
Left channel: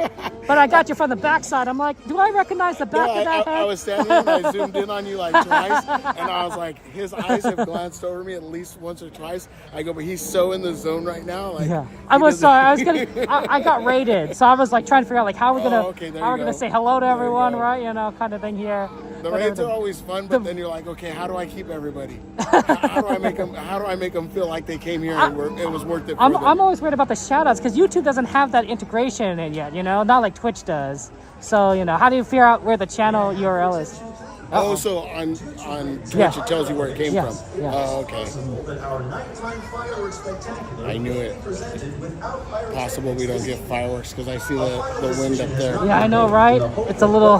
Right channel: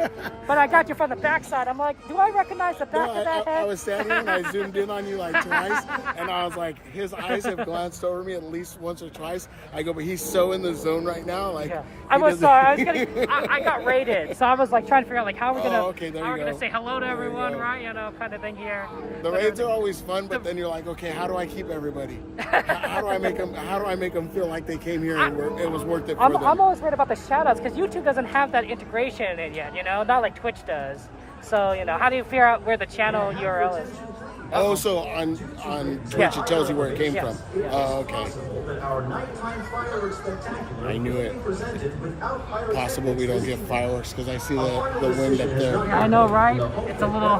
but I got you from the backside. I'm like, do I recognize the back of that head? I was standing here and I zoomed in on you like twice, and I was like, his eyes have glanced over me at least once or twice. I go, but he's so in the zone right now. Like, yeah. I got rated, so I was like trying to figure out like how we're gonna say hello to everyone, right? You know, kind of thing here. The raids are always fun, but then you're like, okay, how do I keep everybody? How do I make them feel like they came here and it was worth it for them? I'm always worried about the shout-outs because YouTube doesn't have that integration in yet, you know, not like Twitch does. So, you know, how do you figure out where the channel URL is? Oh, so on Twitch it tells you where it came from. Yeah. Oh, okay. I knew it. Possible we don't get fireworks because I see the wind up there. Yeah, I know, right? It's a little...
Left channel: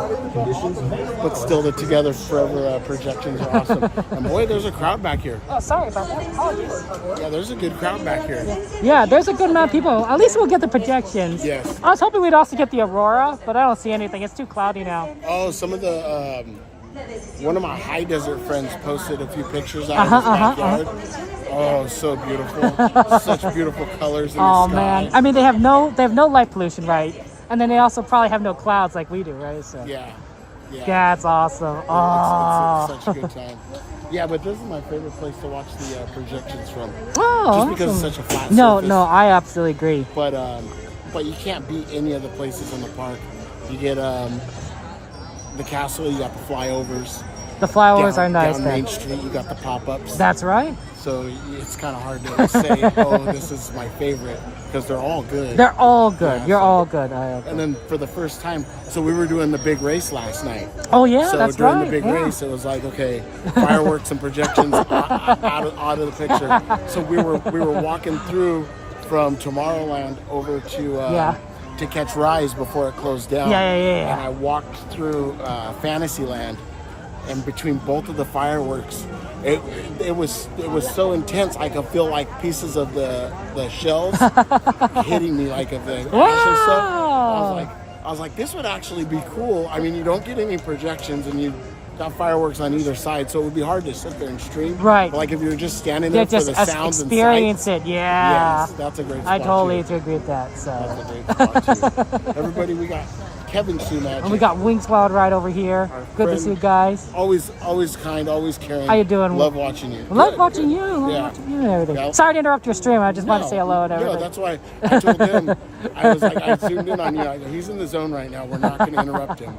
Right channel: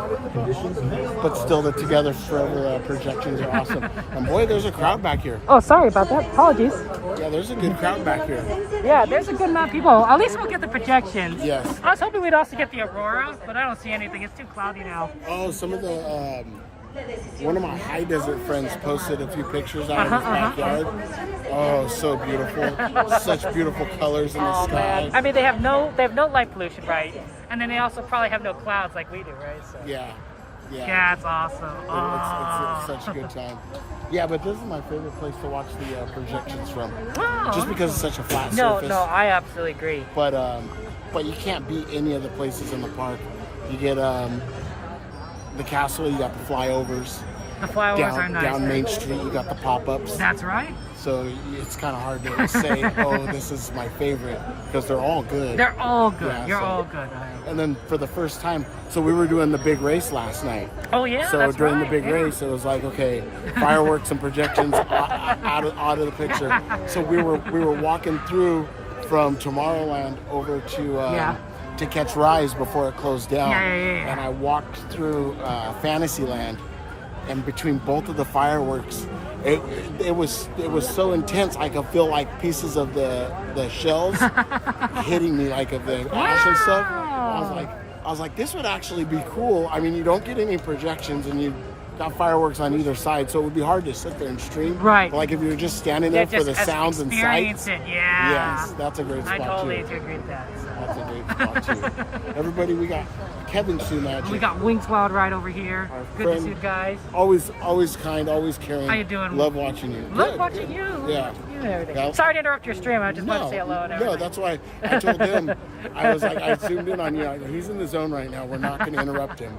But still, the Together Forever projections are awesome. And boy, there's a crowd back here. Oh, sorry about that. Apologies. Yeah, there's a good crowd back here. Yeah, there's a good amount of people. At least we'll get the projections. Yes. I was hoping we'd also get the Aurora, but I don't see anything. It's too cloudy now. Oh, some of the... one of my high desert friends posted a few pictures out of his backyard. Oh, so beautiful. Such beautiful colors in the sky. Man. I mean, they have no light pollution, right? And then they also probably have no clouds like we do, right? So. Yeah. That's awesome. It's such a good time. Yeah, but this is my favorite place to watch the projections from. Oh, just because it's such a flat surface. No, I absolutely agree. But you can't beat any of the places in the park. You get the castle, you got the flyovers. The flyovers are nice. Down Main Street, you got the pop-ups. That's right. So it's kind of hard to say, oh, this is my favorite, because they're all good. They're all good. Yeah, You're all good. And then for the first time, so we were doing the big race last night. Oh yeah, so that's during right. the big race, it was like, okay, fireworks and projections out of the picture. So we were walking through from Tomorrowland over to catch Rise before it closed down. Yeah. And I walked through Fantasyland, and between both of the fireworks, it was so intense. I could feel like pieces of the shells hitting me, like of the ash and stuff. I was like, this would actually be cool. I mean, you don't get any projections, and you got fireworks on either side, so it would be hard to sit there and stream. Right. But like if you were just standing there for the sounds and sights. Experience it, yeah. Yes, that's a great spot. I totally agree with that. So. That's a great spot too. Everybody, we got Kevin Sue Magic. And we got Wink's Wild Ride over here. Good to see you guys. Always kind, always caring. How you doing? Love watching you. Love watching you. Yeah. Yeah. Sorry to interrupt your stream. I just want to say hello to everybody. No, that's why I told him. I was like, I zoomed in on you. I go, he's in the zone right now. We're not going to interrupt him.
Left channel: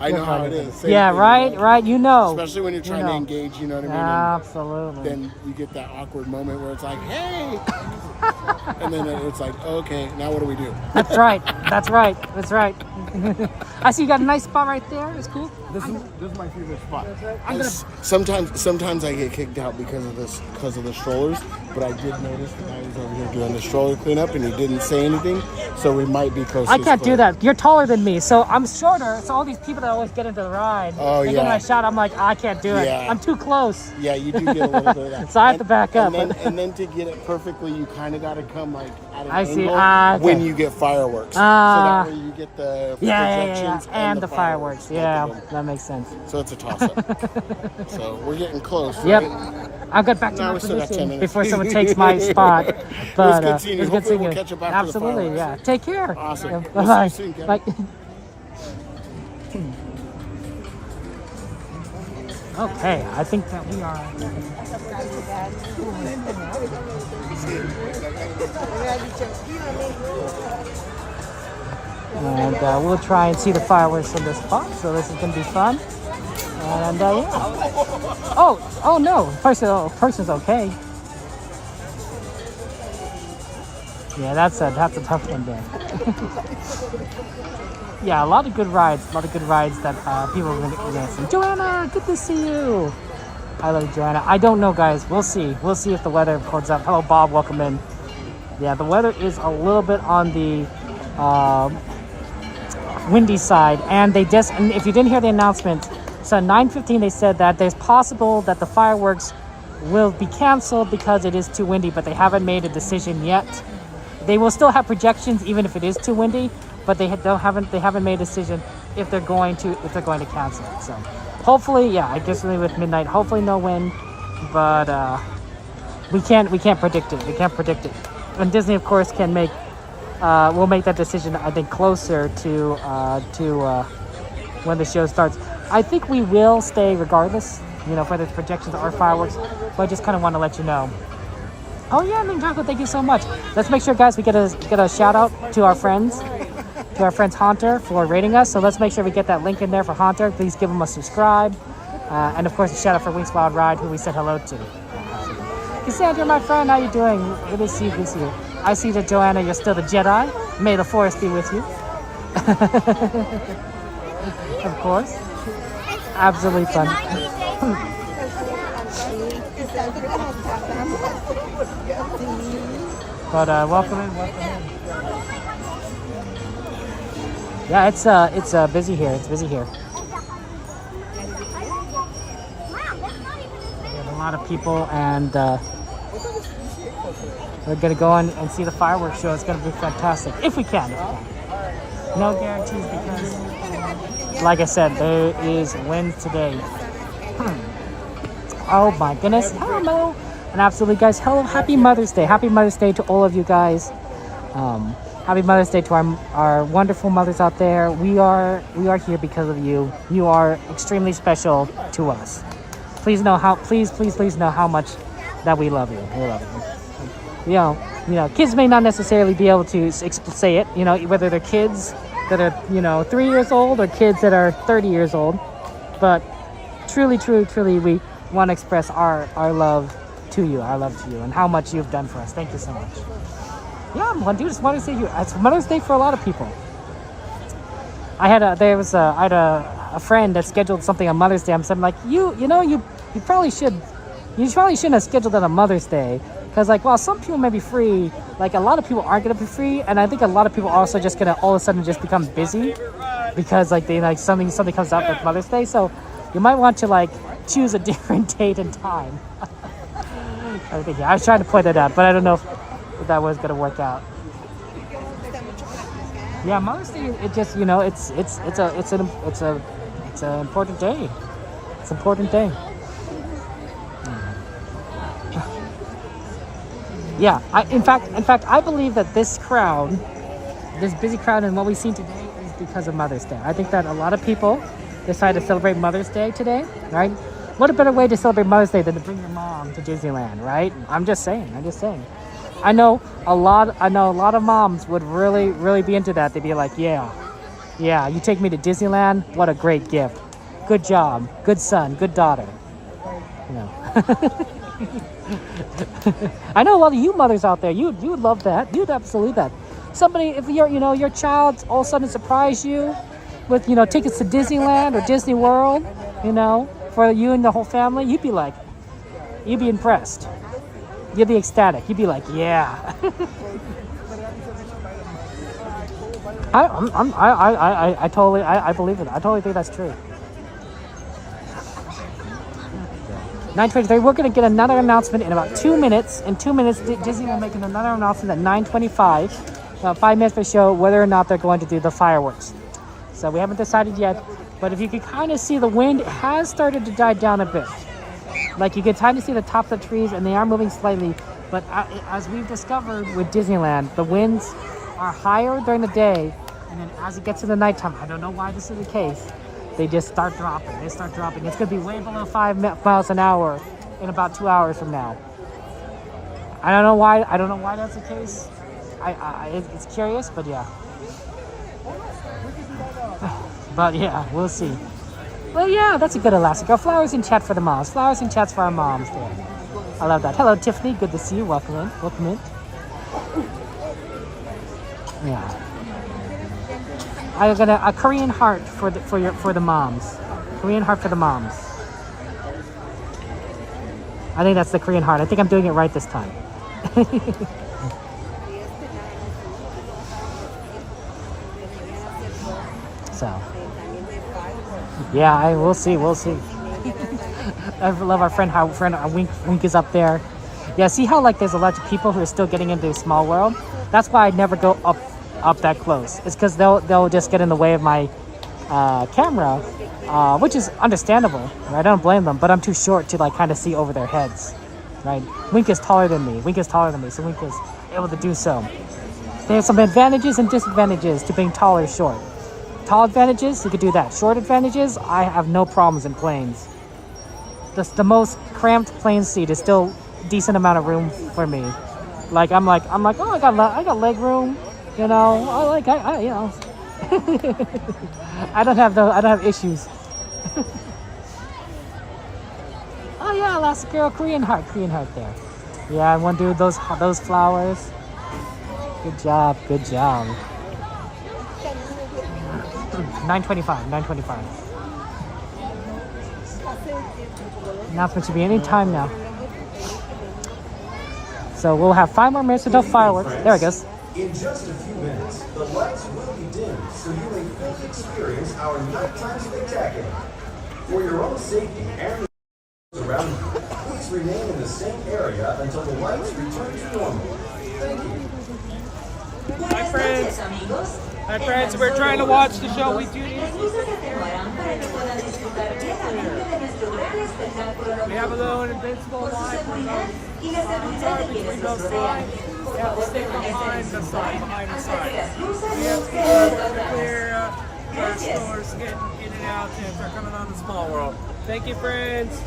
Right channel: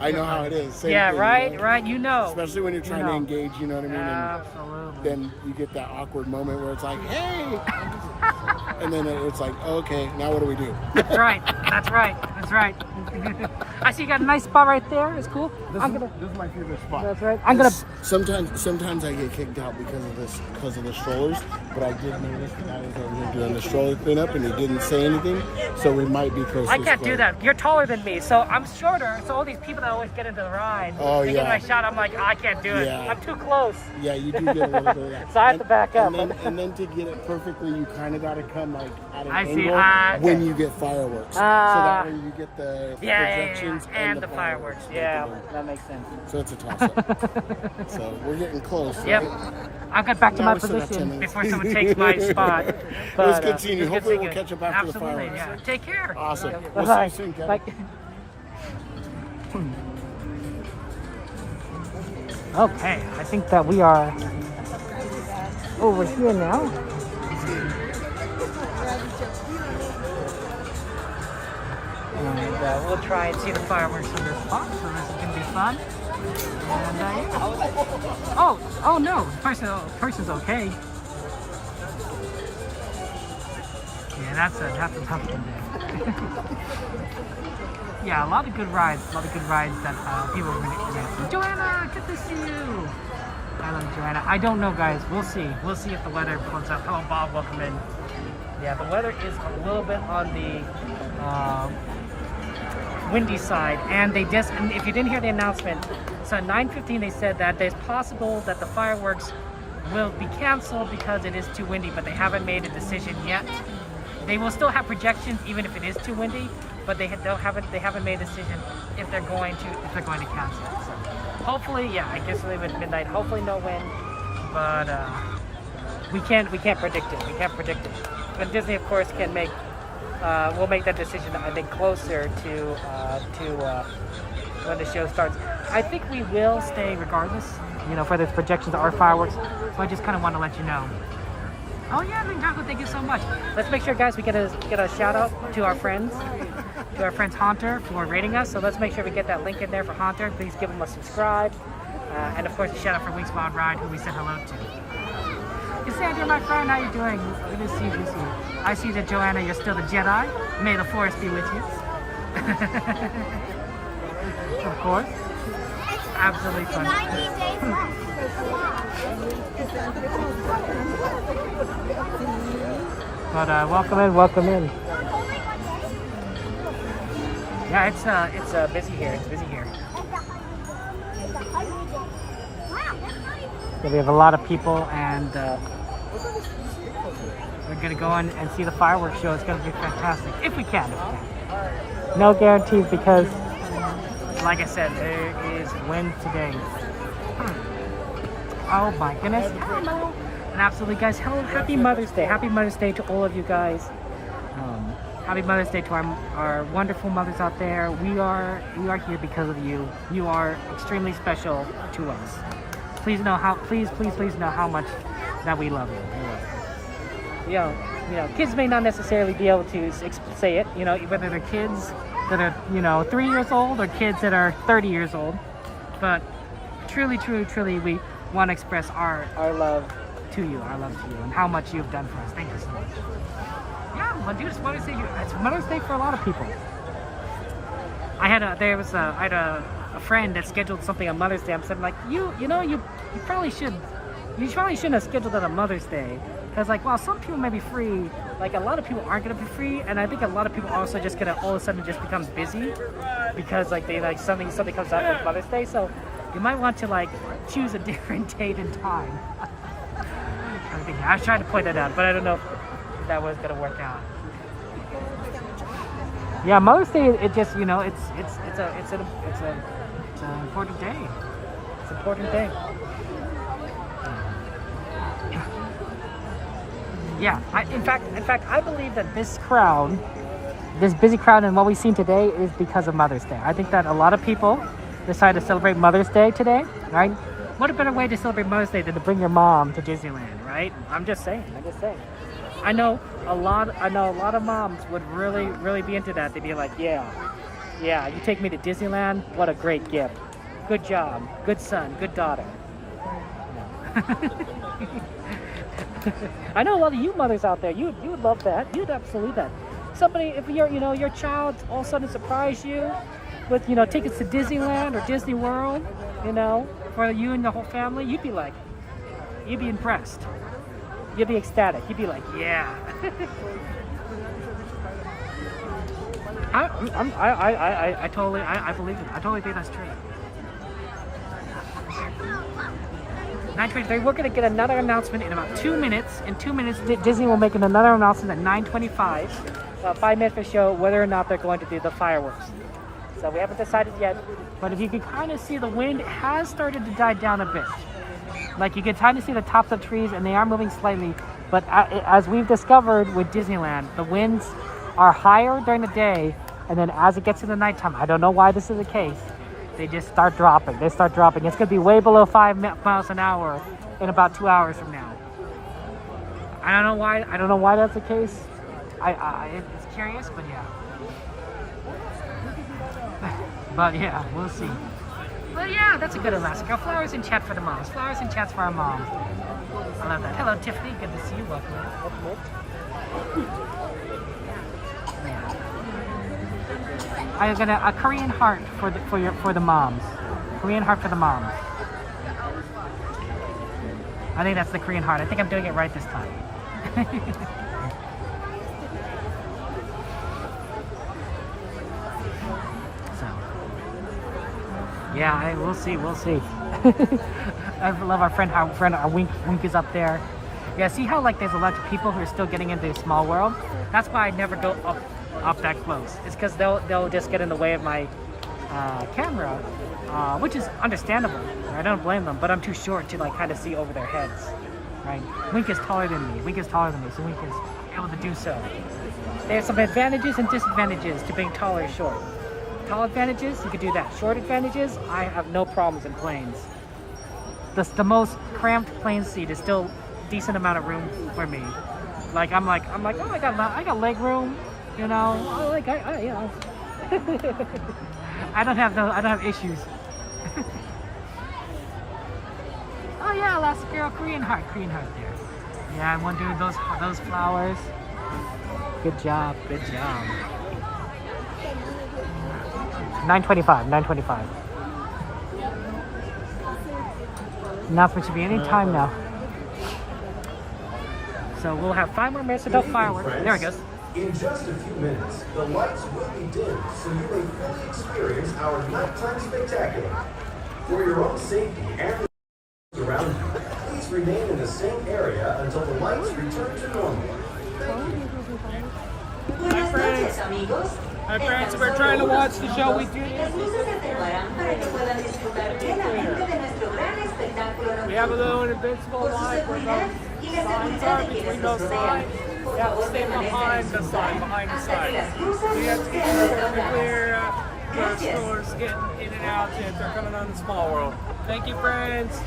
I know how it is. Same thing, right. You know. Especially when you're trying to engage, you know what I mean? Absolutely. Then you get that awkward moment where it's like, hey. And then it's like, okay, now what do we do? That's right. I see you got a nice spot right there. It's cool. This is my favorite spot. That's right. Sometimes I get kicked out because because of the strollers. But I did notice that I was over here doing the stroller cleanup, and he didn't say anything. So we might be close. I can't do that. You're taller than me, so I'm shorter. So all these people that always get into the ride, they get my shot. I'm like, I can't do it. Yeah. I'm too close. Yeah, you do get a little bit of that. So I have to back up. And then to get it perfectly, you kind of got to come like at an I see. angle when you get fireworks. So that way you get the projections and the fireworks. Yeah, that makes sense. So it's a toss-up. So we're getting close. Yep. Right? I'll get back to my position before someone takes my spot. It was good seeing you. Hopefully we'll catch up after the fireworks. Absolutely, yeah. Take care. Awesome. We'll see you soon, Kevin. Okay, I think that we are over here now. And we'll try and see the fireworks from this spot, so this is going to be fun. And yeah. Oh no, person's okay. Yeah, that's a tough one there. Yeah, a lot of good rides that people are really see. Joanna, good to see you. I love you, Joanna. I don't know, guys. We'll see if the weather holds up. Hello, Bob. Welcome in. Yeah, the weather is a little bit on the windy side, and and if you didn't hear the announcement, so at 9:15 they said that there's possible that the fireworks will be canceled because it is too windy, but they haven't made a decision yet. They will still have projections even if it is too windy, but they haven't made a decision if they're going to cancel it. So hopefully, yeah, I guess with midnight, hopefully no wind, but we can't predict it. We can't predict it. And Disney, of course, will make that decision, I think, closer to when the show starts. I think we will stay regardless, whether it's projections or fireworks, but I just kind of want to let you know. Oh yeah, Ninjago, thank you so much. Let's make sure, guys, we get a shout out to our friends Haunter for rating us. So let's make sure we get that link in there for Haunter. Please give him a subscribe. And of course, a shout out for Wings Wild Ride, who we said hello to. Cassandra, my friend, how you doing? Good to see you. I see that, Joanna, you're still the Jedi. May the Force be with you. Of course. Absolutely fun. But welcome in. Yeah, it's busy here. It's busy here. We have a lot of people, and we're gonna go in and see the fireworks show. It's gonna be fantastic if we can. No guarantees because, like I said, there is wind today. Oh my goodness! Hello, and absolutely, guys. Hello, happy Mother's Day! Happy Mother's Day to all of you guys. Happy Mother's Day to our wonderful mothers out there. We are here because of you. You are extremely special to us. Please know please know how much that we love you. We love you. Kids may not necessarily be able to say it. Whether they're kids that are 3 years old or kids that are 30 years old, but truly, we want to express our love to you, and how much you've done for us. Thank you so much. Yeah, just want to say it's Mother's Day for a lot of people. I had a friend that scheduled something on Mother's Day. I'm saying, like, you probably shouldn't have scheduled it on Mother's Day, because while some people may be free, a lot of people aren't gonna be free, and I think a lot of people are also just gonna all of a sudden just become busy because something comes up with Mother's Day. So you might want to choose a different date and time. I was trying to point that out, but I don't know if that was gonna work out. Yeah, Mother's Day. It just it's an important day. It's an important day. Yeah, in fact, I believe that this busy crowd, and what we've seen today is because of Mother's Day. I think that a lot of people decided to celebrate Mother's Day today, right? What a better way to celebrate Mother's Day than to bring your mom to Disneyland, right? I'm just saying. I know a lot of moms would really be into that. They'd be like, yeah, you take me to Disneyland, what a great gift. Good job, good son, good daughter. I know a lot of you mothers out there, you would love that. You'd absolutely that. Somebody, if your child all of a sudden surprise you with, tickets to Disneyland or Disney World, for you and the whole family, you'd be like, You'd be impressed. You'd be ecstatic. You'd be like, yeah. I totally believe it. I totally think that's true. 9:23. We're gonna get another announcement in about 2 minutes. In 2 minutes, Disney will make another announcement at 9:25. About 5 minutes for show whether or not they're going to do the fireworks. So we haven't decided yet. But if you can kind of see, the wind has started to die down a bit. Like you can kind of see the tops of the trees, and they are moving slightly. But as we've discovered with Disneyland, the winds are higher during the day, and then as it gets to the nighttime, I don't know why this is the case, they just start dropping. They start dropping. It's going to be way below 5 miles an hour in about 2 hours from now. I don't know why. I don't know why that's the case. It's curious, but yeah. But yeah, we'll see. But yeah, that's a good Elastica. Flowers in chat for the moms. Flowers in chats for our moms. There. I love that. Hello, Tiffany. Good to see you. Welcome in. Welcome in. Yeah. I got a Korean heart for the moms. Korean heart for the moms. I think that's the Korean heart. I think I'm doing it right this time. So, yeah, we'll see. We'll see. I love our friend. Wink is up there. Yeah, see how like there's a lot of people who are still getting into Small World. That's why I never go up that close. It's because they'll just get in the way of my camera, which is understandable. I don't blame them, but I'm too short to like kind of see over their heads. Right? Wink is taller than me. So Wink is able to do so. There's some advantages and disadvantages to being tall or short. Tall advantages, you could do that. Short advantages, I have no problems in planes. The most cramped plane seat is still decent amount of room for me. Like I'm like, oh, I got leg room, you know. I you know. I don't have issues. Oh yeah, last girl, Korean heart there. Yeah, I want to do those flowers. Good job. 9:25. Announcement should be any time now. So we'll have 5 more minutes until fireworks. There it goes. In just a few minutes, the lights will be dim, so you may fully experience our nighttime spectacular. For your own safety and around you, please remain in the same area until the lights return to normal. Hi friends, we're trying to watch the show. We do. We have a little invincible line between both sides. You have to stay behind the side. We have to be clear the stores getting in and out if they're coming on the Small World. Thank you, friends.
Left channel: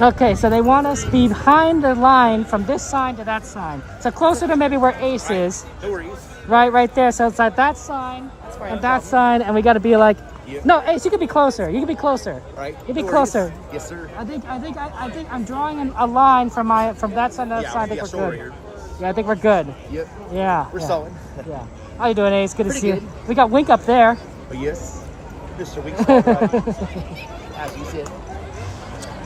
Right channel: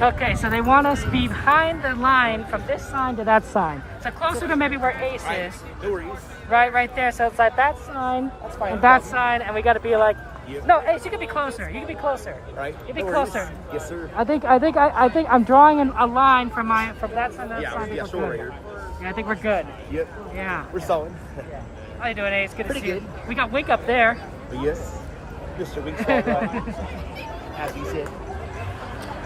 Okay, so they want us behind the line from this sign to that sign. So closer to maybe where Ace is. No worries. Right there. So it's like that sign and that sign, and we got to be like, no, Ace, you can be closer. You can be closer. Right. You can be closer. Yes, sir. I think I'm drawing a line from that side to that side. I think we're good. Yeah, I think we're good. Yep. Yeah. We're solid. Yeah. How you doing, Ace? Good to see you. We got Wink up there. Yes. Mr. Wink. As you said.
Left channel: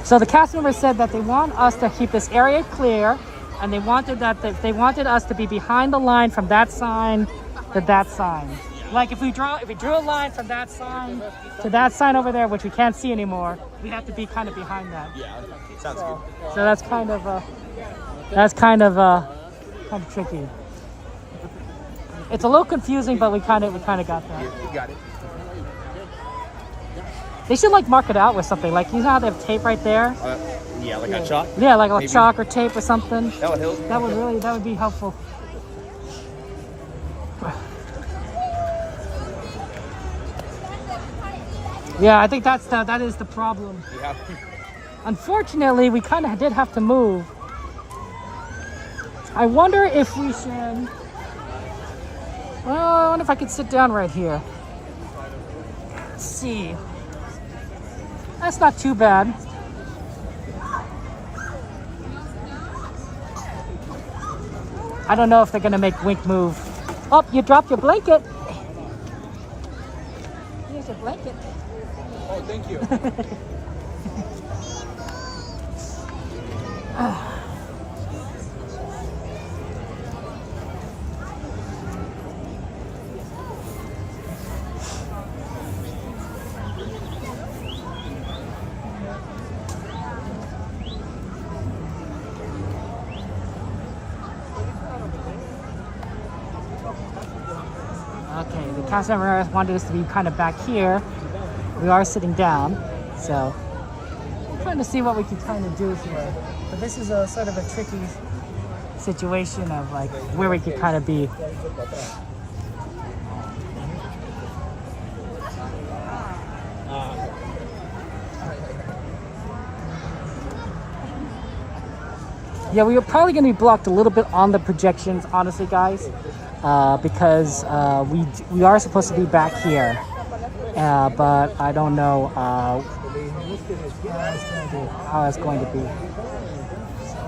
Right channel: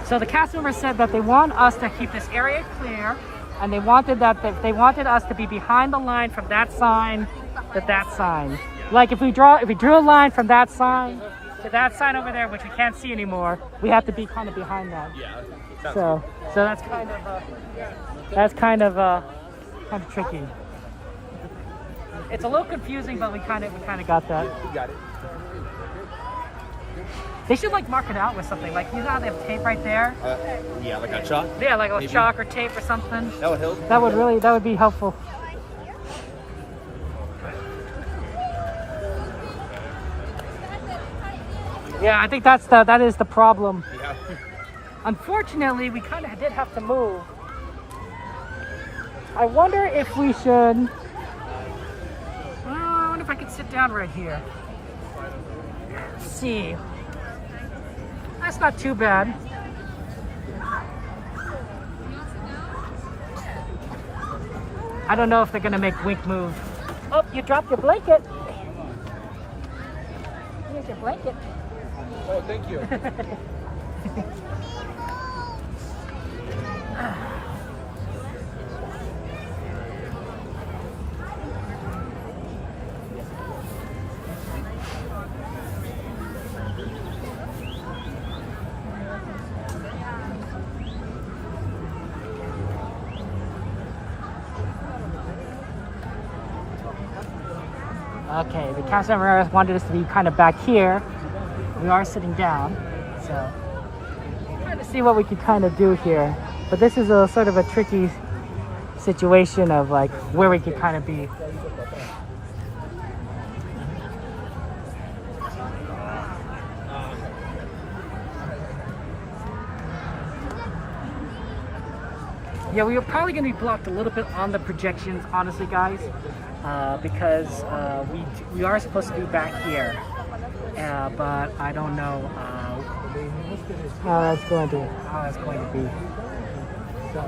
So the cast members said that they want us to keep this area clear, and they wanted us to be behind the line from that sign to that sign. Like if we drew a line from that sign to that sign over there, which we can't see anymore, we have to be kind of behind that. So that's kind of tricky. It's a little confusing, but we kind of got that. They should like mark it out with something. Like you know how they have tape right there? Yeah, like a chalk? Yeah, like a chalk or tape or something. That would be helpful. Yeah, I think that is the problem. Yeah. Unfortunately, we kind of did have to move. I wonder if we should. Well, I wonder if I could sit down right here. Let's see. That's not too bad. I don't know if they're gonna make Wink move. Oh, you dropped your blanket. Here's your blanket. Oh, thank you. Okay, the cast member wanted us to be kind of back here. We are sitting down, so trying to see what we could kind of do here. But this is a sort of a tricky situation of like where we could kind of be. Yeah, we are probably going to be blocked a little bit on the projections, honestly, guys, because we are supposed to be back here, but I don't know how that's going to be. So.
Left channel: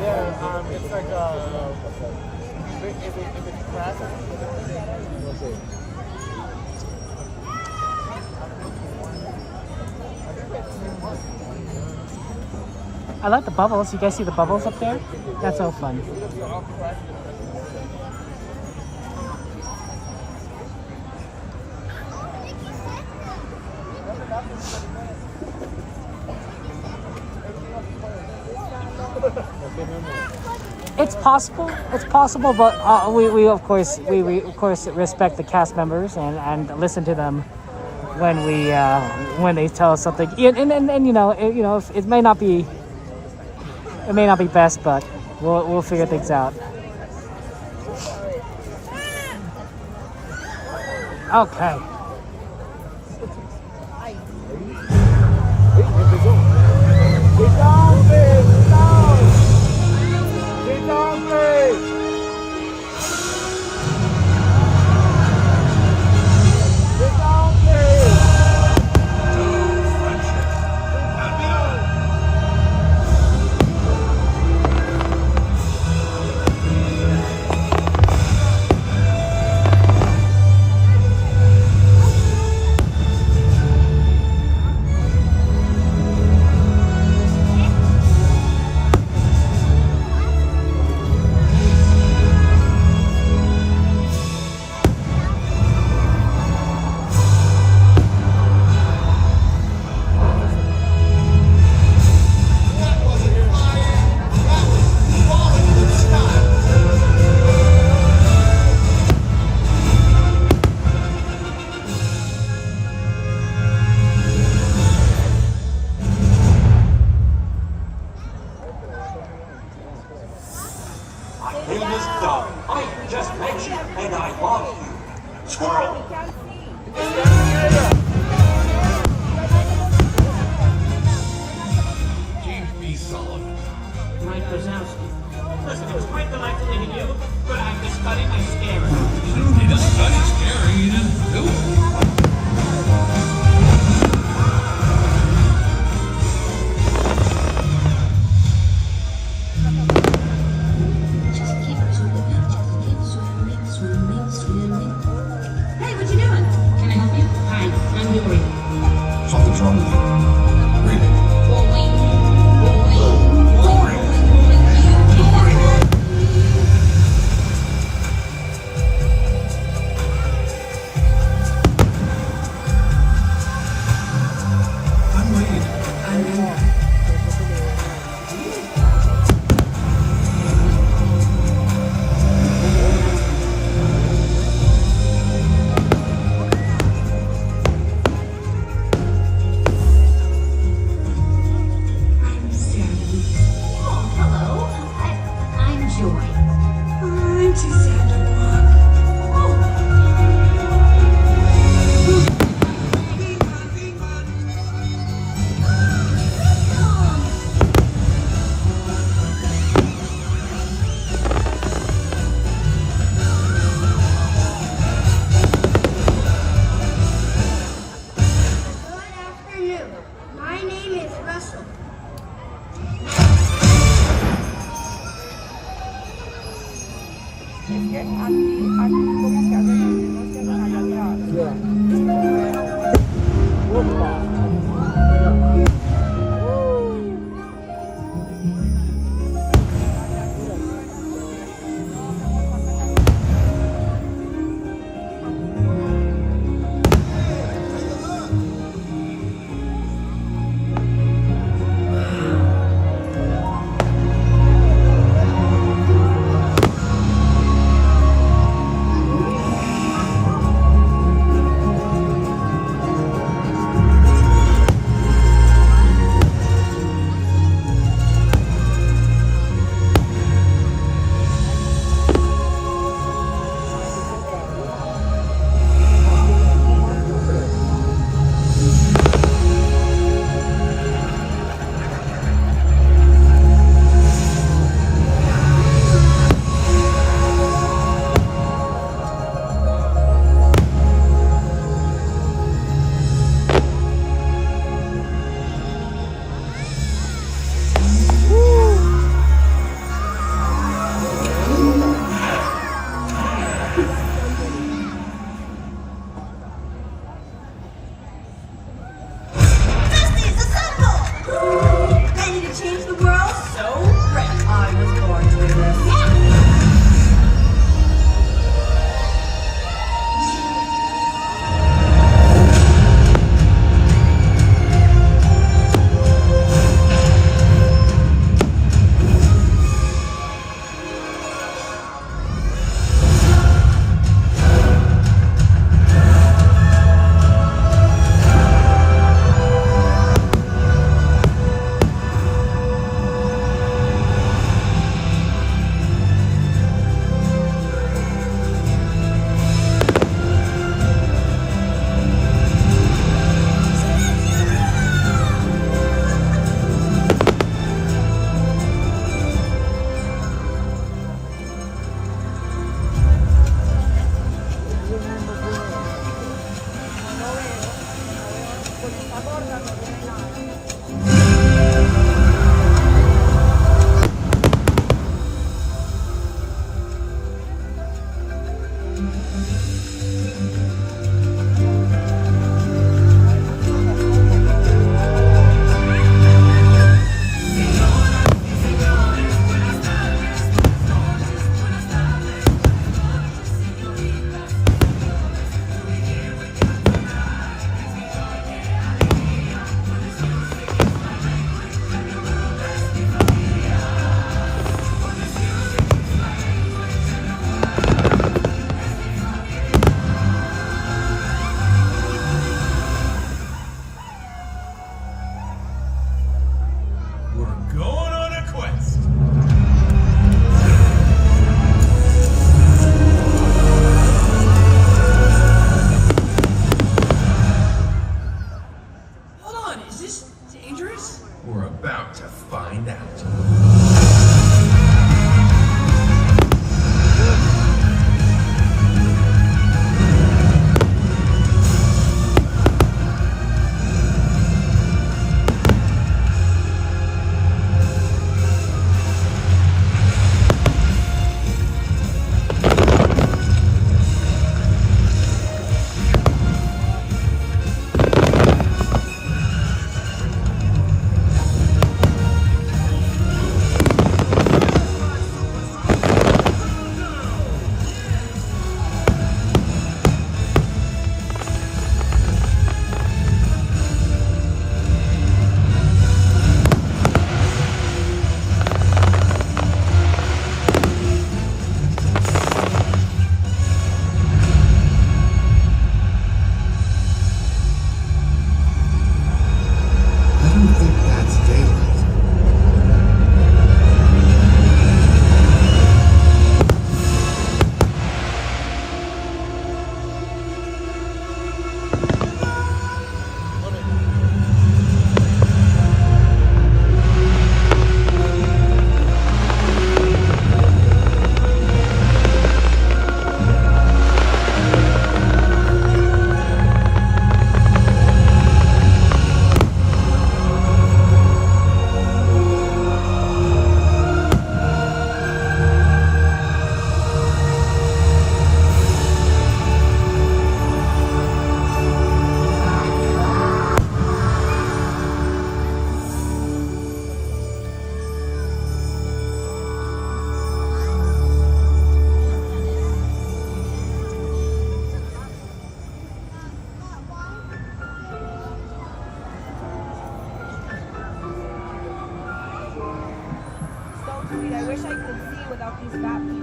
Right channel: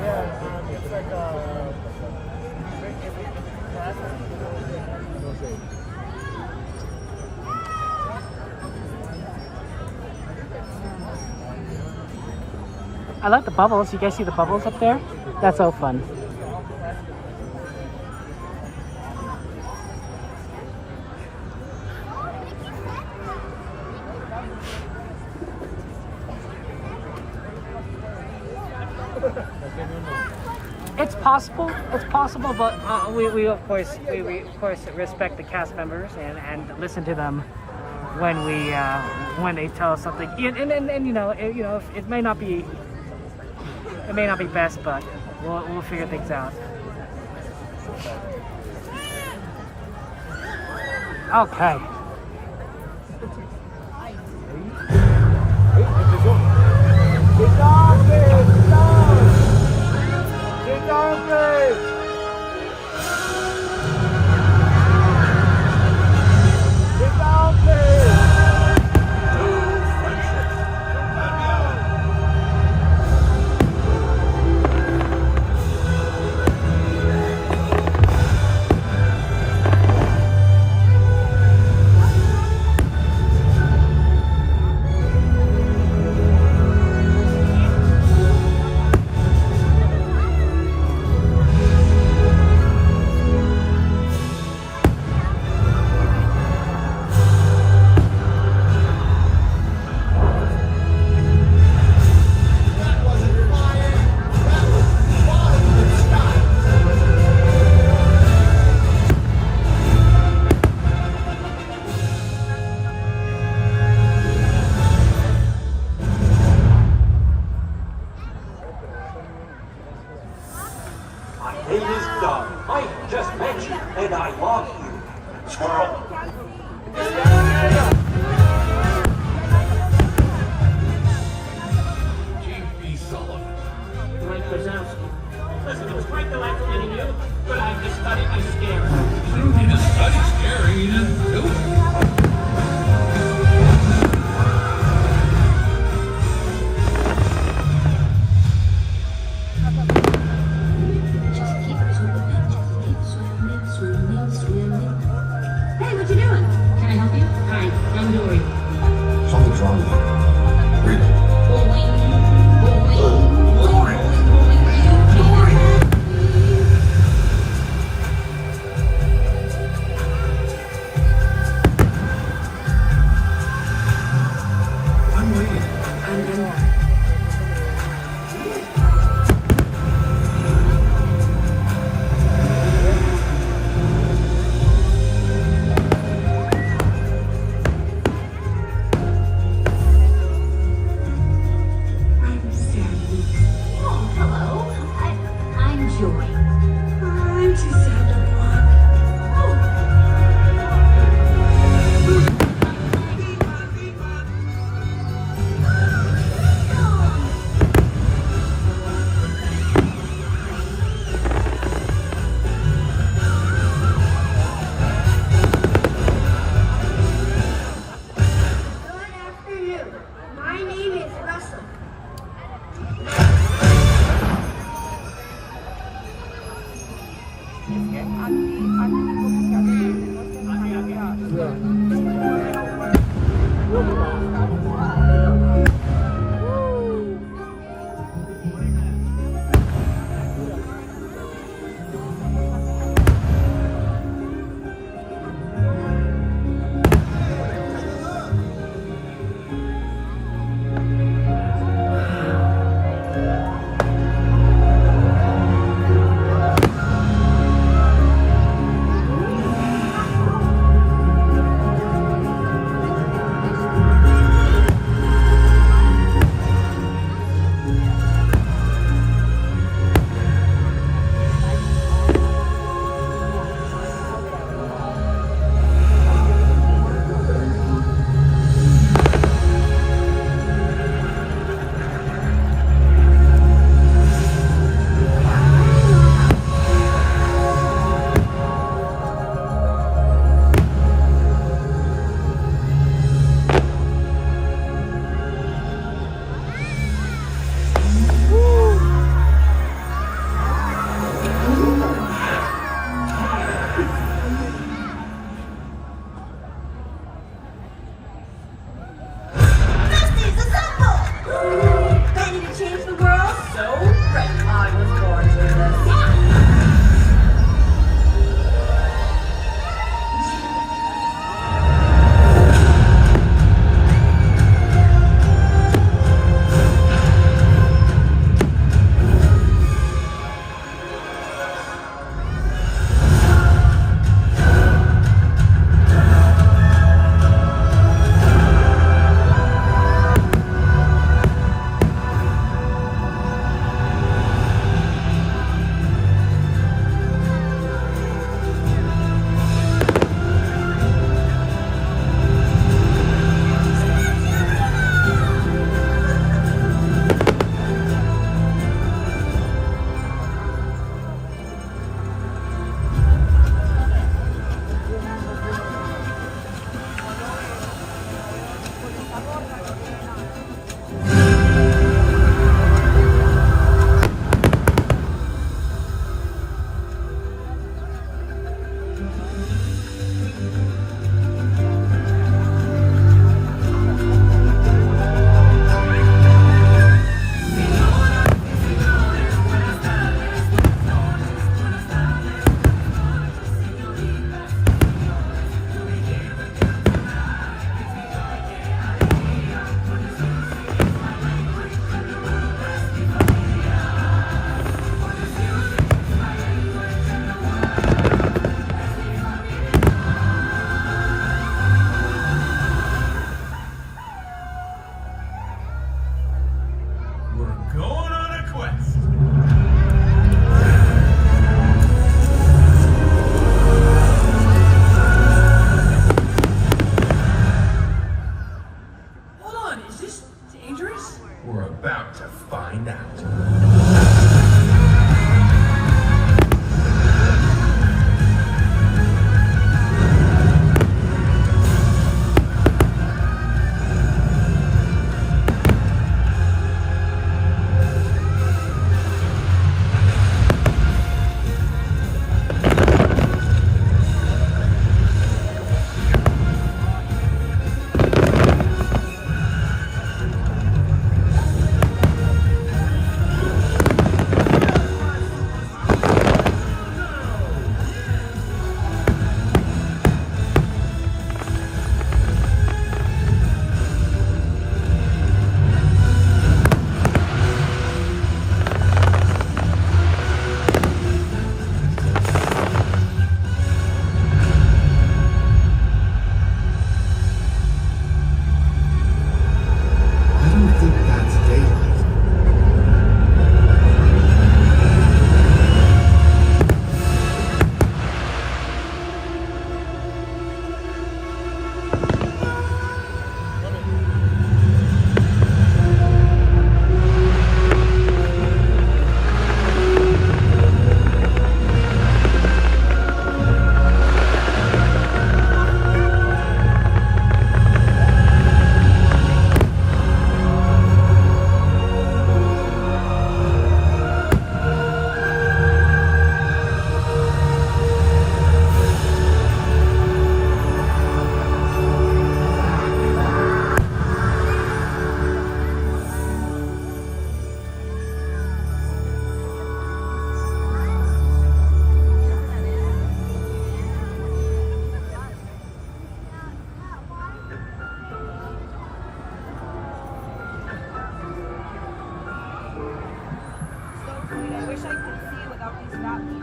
Yeah, it's like if it's fast, I like the bubbles. You guys see the bubbles up there? That's so fun. It's possible, but we of course respect the cast members and listen to them when they tell us something. And you know it may not be best, but we'll figure things out. Okay.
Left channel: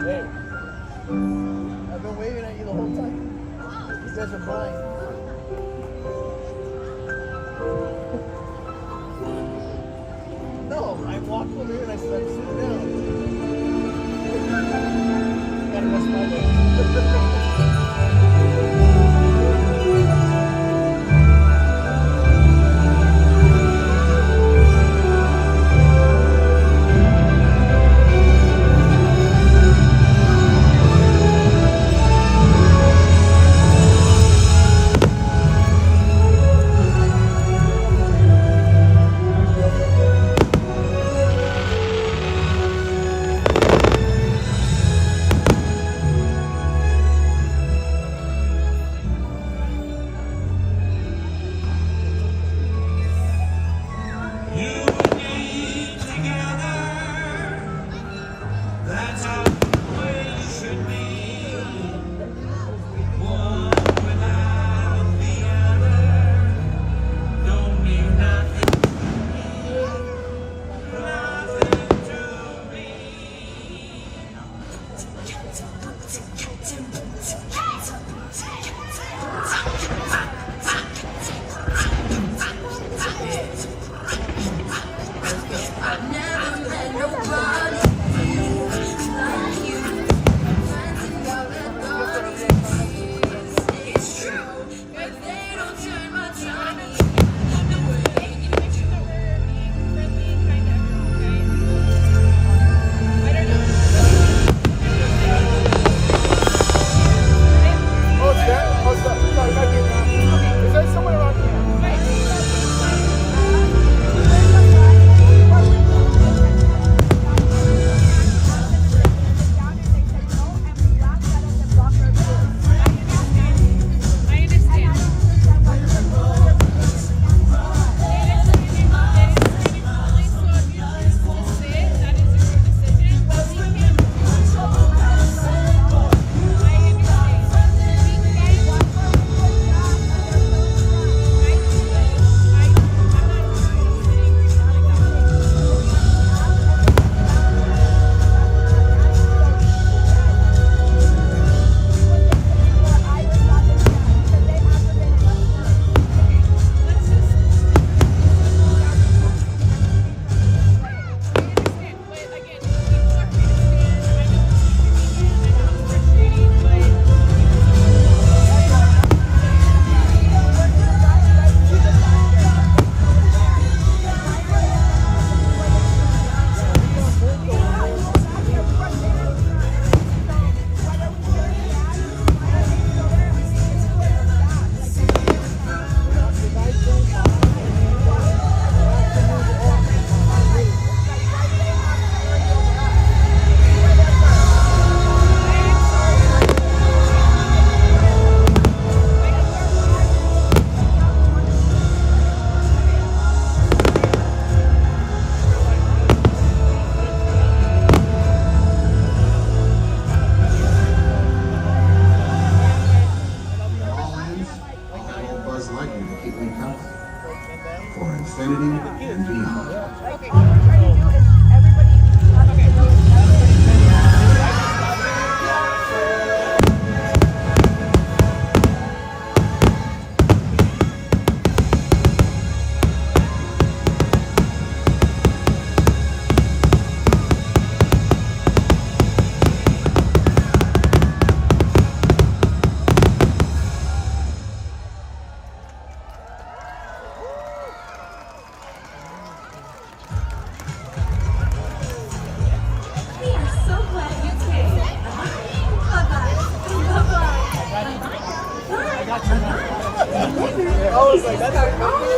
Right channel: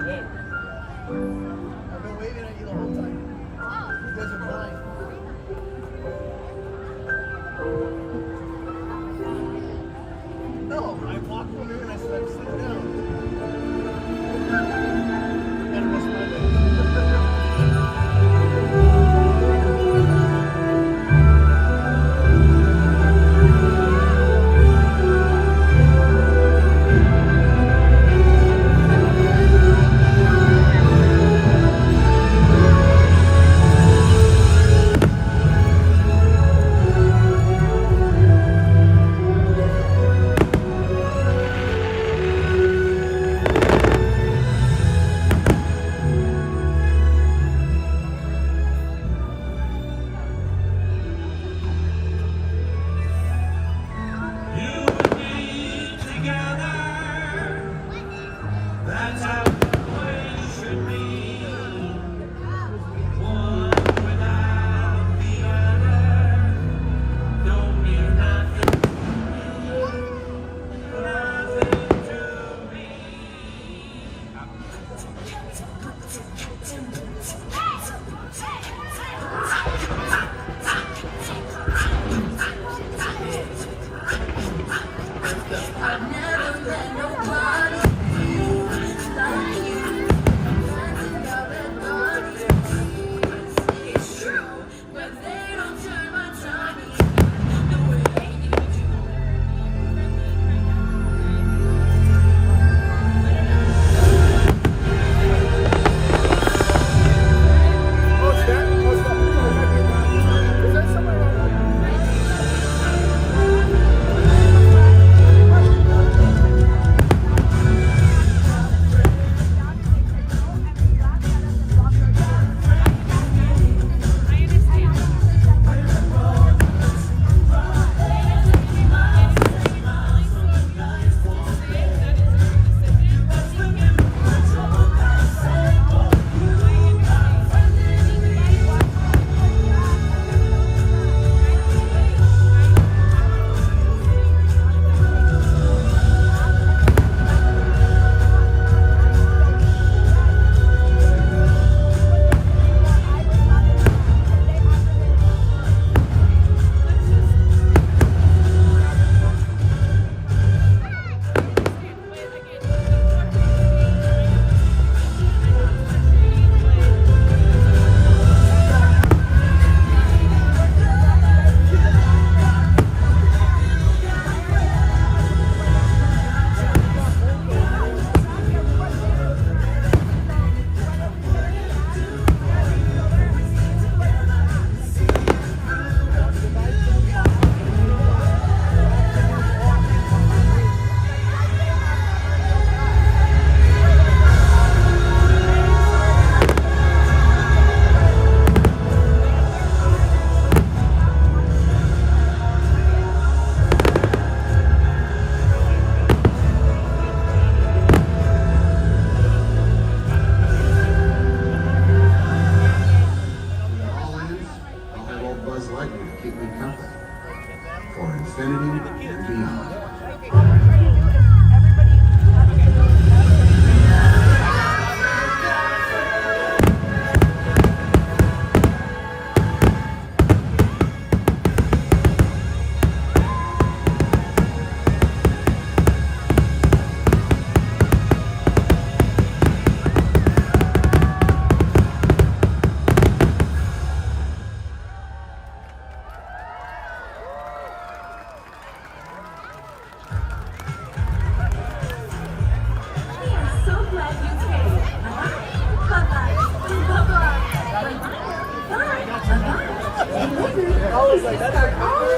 I've been waving at you the whole time. You guys are mine. No, I walked over here and I said, sit down. Got a nice moment.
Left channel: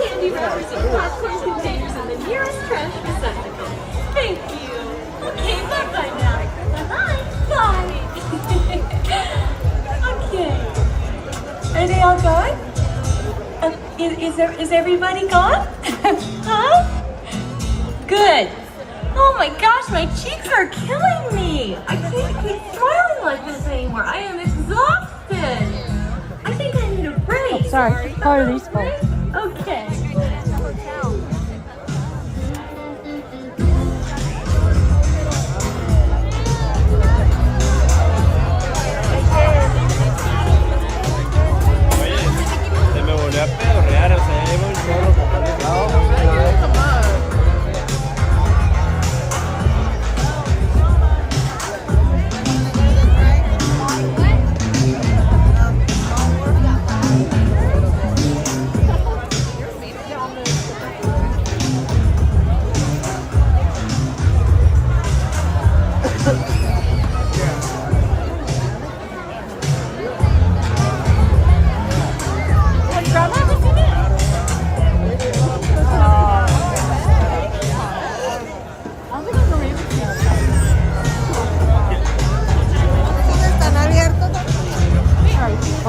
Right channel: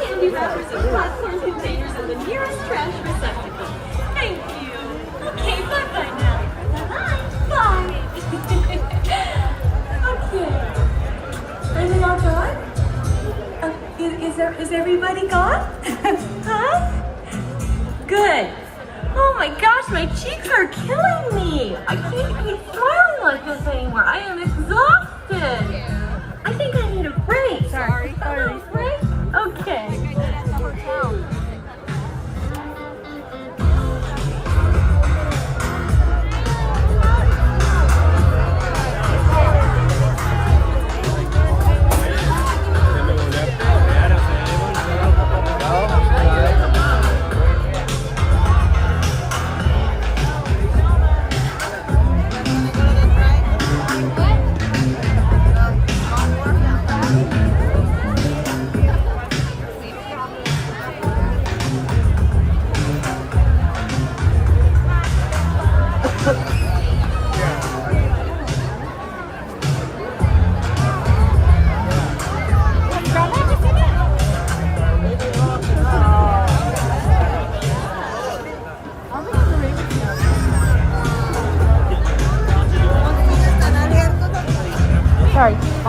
Candy wrappers and popcorn containers in the nearest trash receptacle. Thank you. Okay, bye-bye now. Bye-bye. Bye. Okay. Are they all gone? Is everybody gone? Huh? Good. Oh my gosh, my cheeks are killing me. I can't keep smiling like this anymore. I am exhausted. I think I need a break. Sorry. Break? Okay.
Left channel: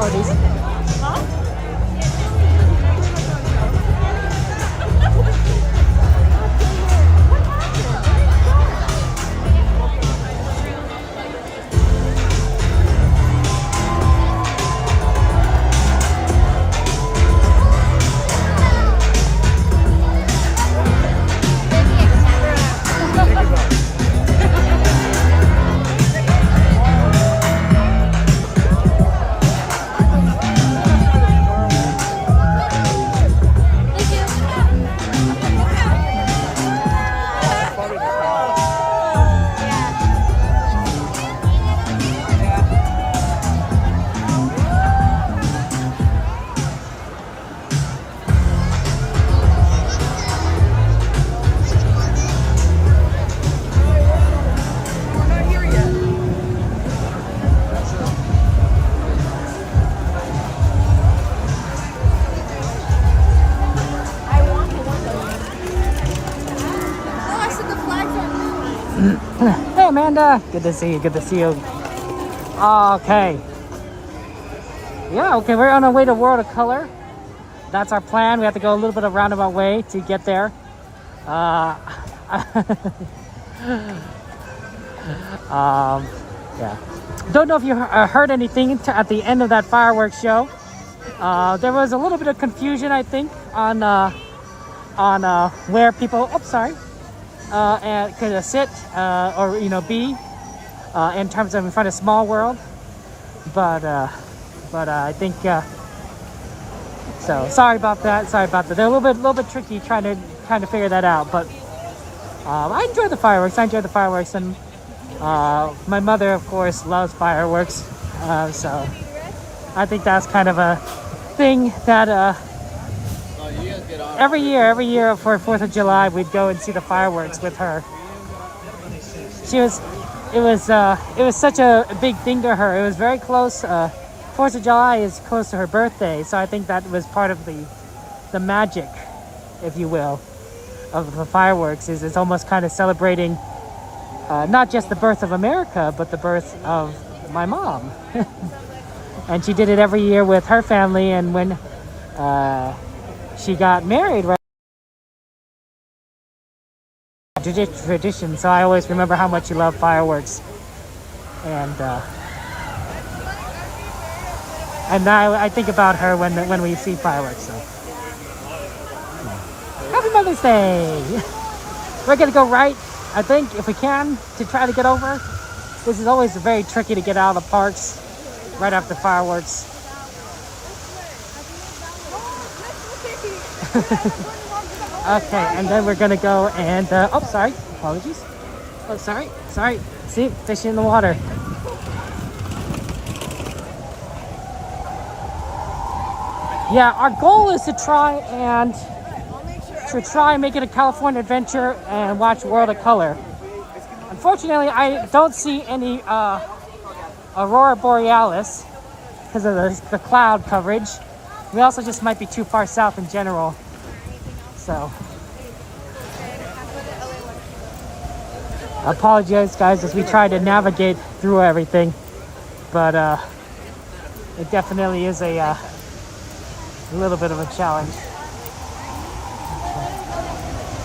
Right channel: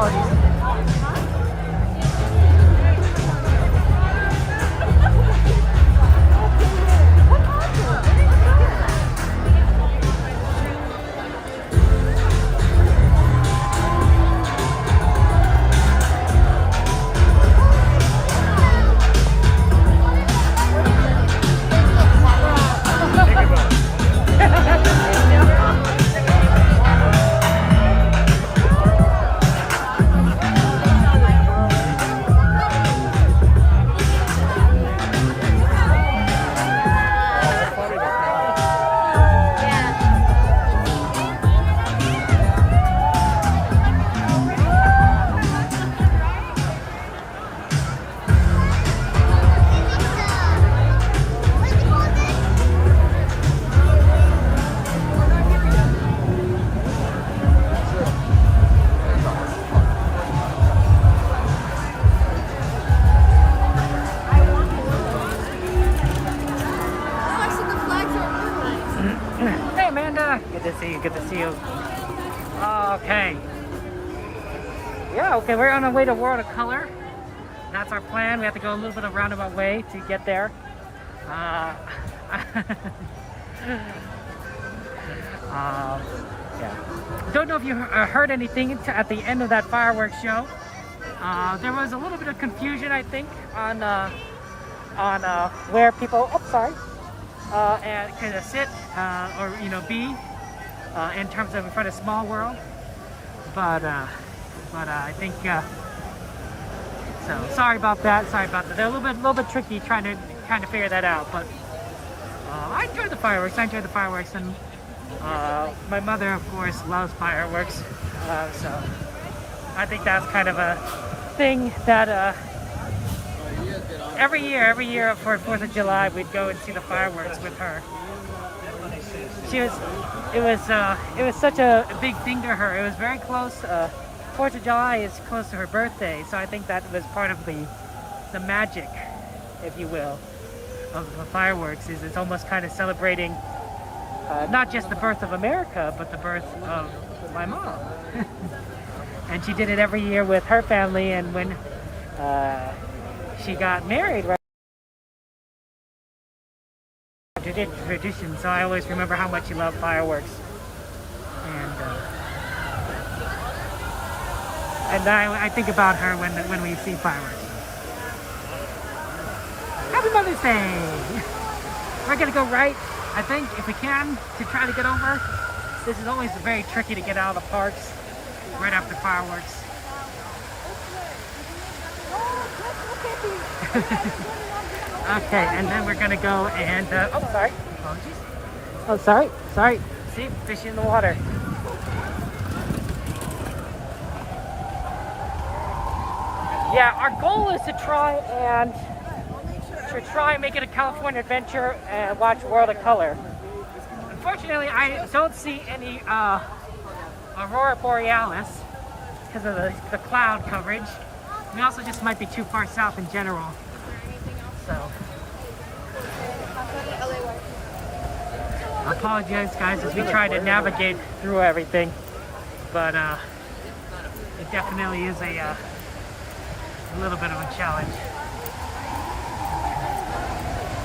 Apologies. Huh? Hey Amanda, good to see you, good to see you. Okay. Yeah, okay, we're on our way to World of Color. That's our plan. We have to go a little bit of roundabout way to get there. Yeah. Don't know if you heard anything at the end of that fireworks show. There was a little bit of confusion, I think, on where people, could sit or be in terms of in front of Small World, but I think so. Sorry about that. They're a little bit tricky trying to figure that out, but I enjoyed the fireworks. And my mother, of course, loves fireworks, so I think that's kind of a thing that every year for 4th of July we'd go and see the fireworks with her. It was such a big thing to her. It was very close. 4th of July is close to her birthday, so I think that was part of the magic, if you will, of the fireworks. Is it's almost kind of celebrating not just the birth of America, but the birth of my mom. And she did it every year with her family, and when she got married, right? Tradition. So I always remember how much she loved fireworks, and I think about her when we see fireworks. So. Happy Mother's Day! We're gonna go right, I think, if we can, to try to get over. This is always very tricky to get out of the parks right after fireworks. Okay, and then we're gonna go and apologies. Oh, sorry. See, fish in the water. Yeah, our goal is to try and make it a California adventure and watch World of Color. Unfortunately, I don't see any Aurora Borealis because of the cloud coverage. We also just might be too far south in general. So, I apologize, guys, as we try to navigate through everything, but it definitely is a little bit of a challenge.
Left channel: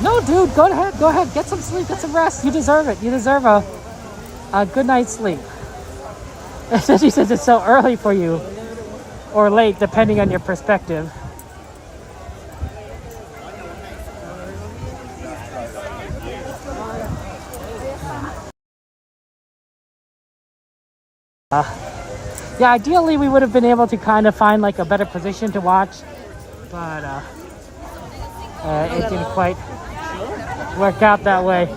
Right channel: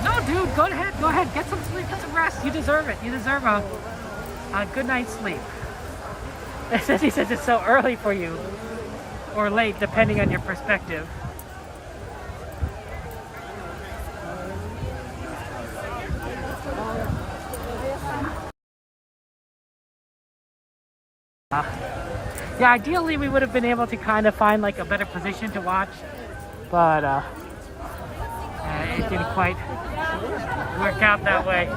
No, dude, go ahead, get some sleep, get some rest. You deserve it. You deserve a good night's sleep. She says it's so early for you, or late, depending on your perspective. Yeah, ideally we would have been able to kind of find like a better position to watch, but it didn't quite work out that way.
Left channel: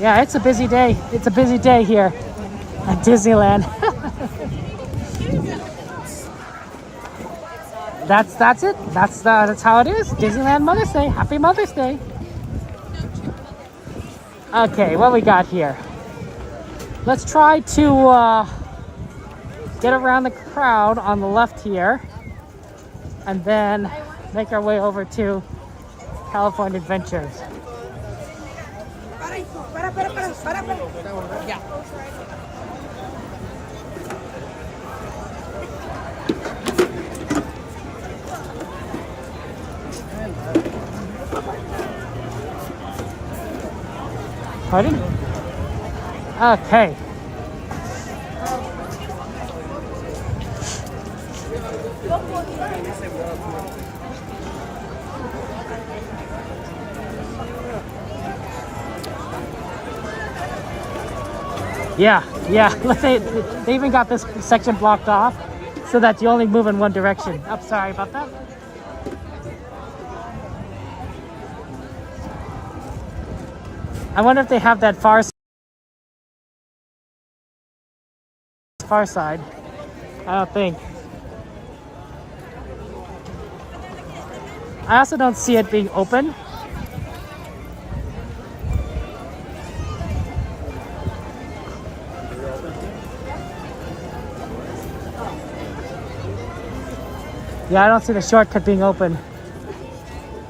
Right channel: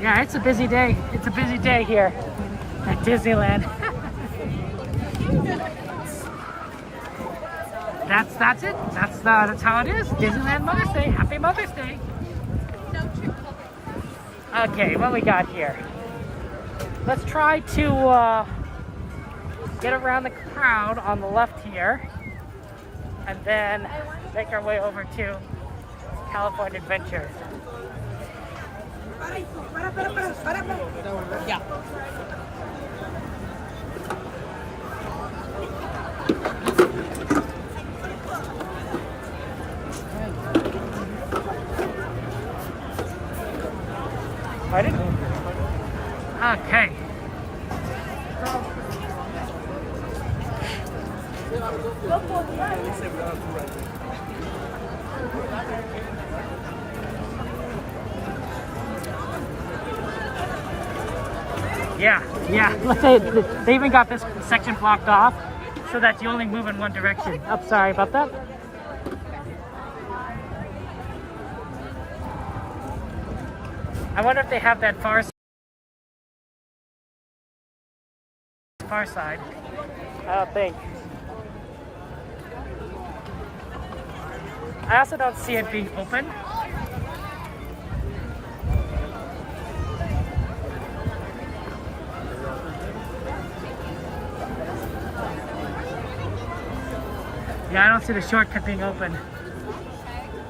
Yeah, it's a busy day. It's a busy day here at Disneyland. That's it. That's how it is. Disneyland Mother's Day. Happy Mother's Day. Okay, what we got here? Let's try to get around the crowd on the left here, and then make our way over to California Adventure. Yeah. Pardon? Okay. Yeah. They even got this section blocked off so that you only move in one direction. I'm sorry about that. I wonder if they have that far side. I don't think. I also don't see it being open. Yeah, I don't see the shortcut being open.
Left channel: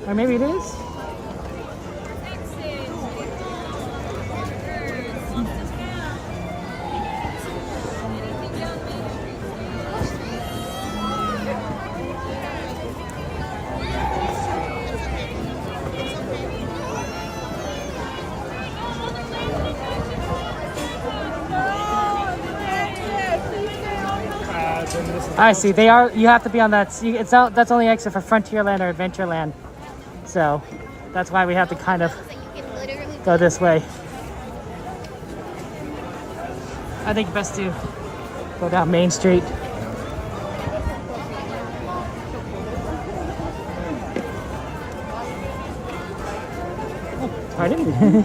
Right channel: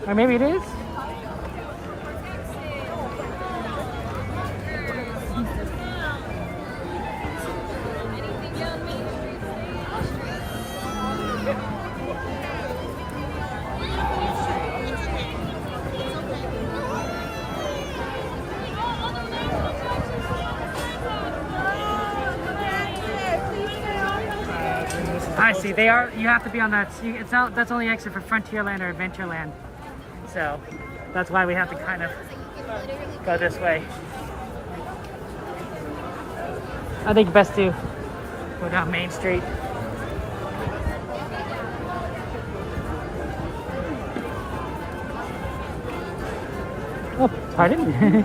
Or maybe it is? I see. They are. You have to be on that. It's out. That's only exit for Frontierland or Adventureland. So that's why we have to kind of go this way. I think best to go down Main Street. Oh, pardon?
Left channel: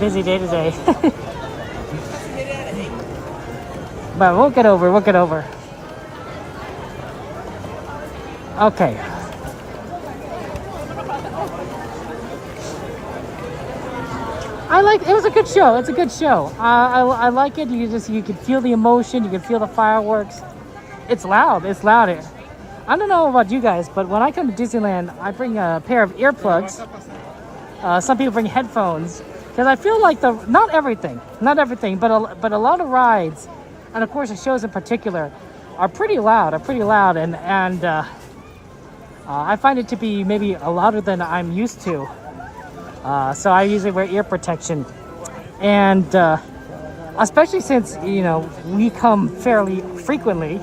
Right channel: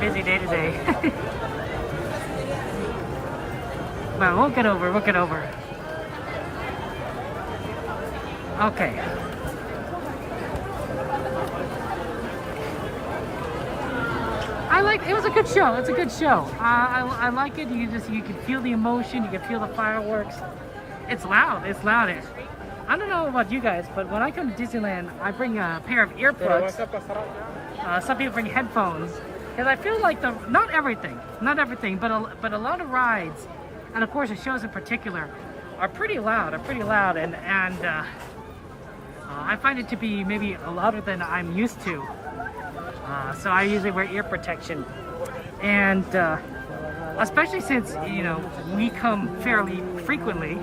Busy day today. But we'll get over. Okay. It was a good show. It's a good show. I like it. You can feel the emotion. You can feel the fireworks. It's loud. I don't know about you guys, but when I come to Disneyland, I bring a pair of earplugs. Some people bring headphones. Because I feel like not everything, but a lot of rides, and of course the shows in particular, are pretty loud, and I find it to be maybe louder than I'm used to. So I usually wear ear protection, and especially since we come fairly frequently.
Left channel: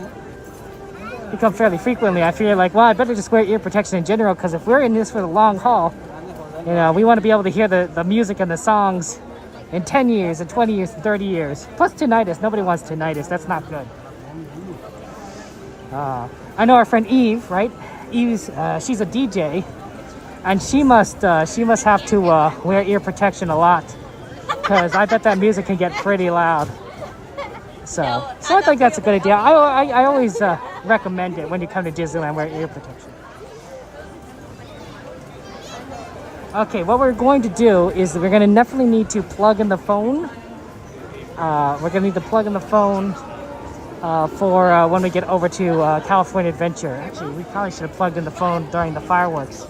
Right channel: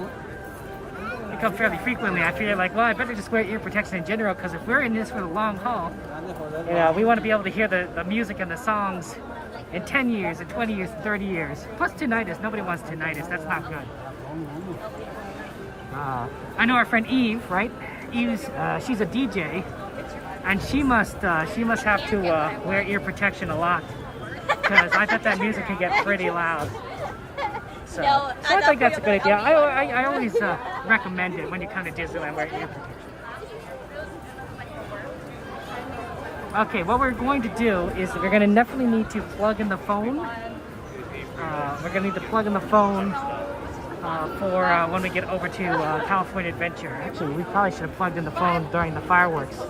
I feel like, well, I better just wear ear protection in general, because if we're in this for the long haul, we want to be able to hear the music and the songs in 10 years, and 20 years, and 30 years. Plus tinnitus. Nobody wants tinnitus. That's not good. I know our friend Eve, right? Eve's, she's a DJ, and she must have to wear ear protection a lot, because I bet that music can get pretty loud. So I think that's a good idea. I always recommend it when you come to Disneyland, wear ear protection. Okay, what we're going to do is we're going to definitely need to plug in the phone. We're going to need to plug in the phone for when we get over to California Adventure. Actually, we probably should have plugged in the phone during the fireworks.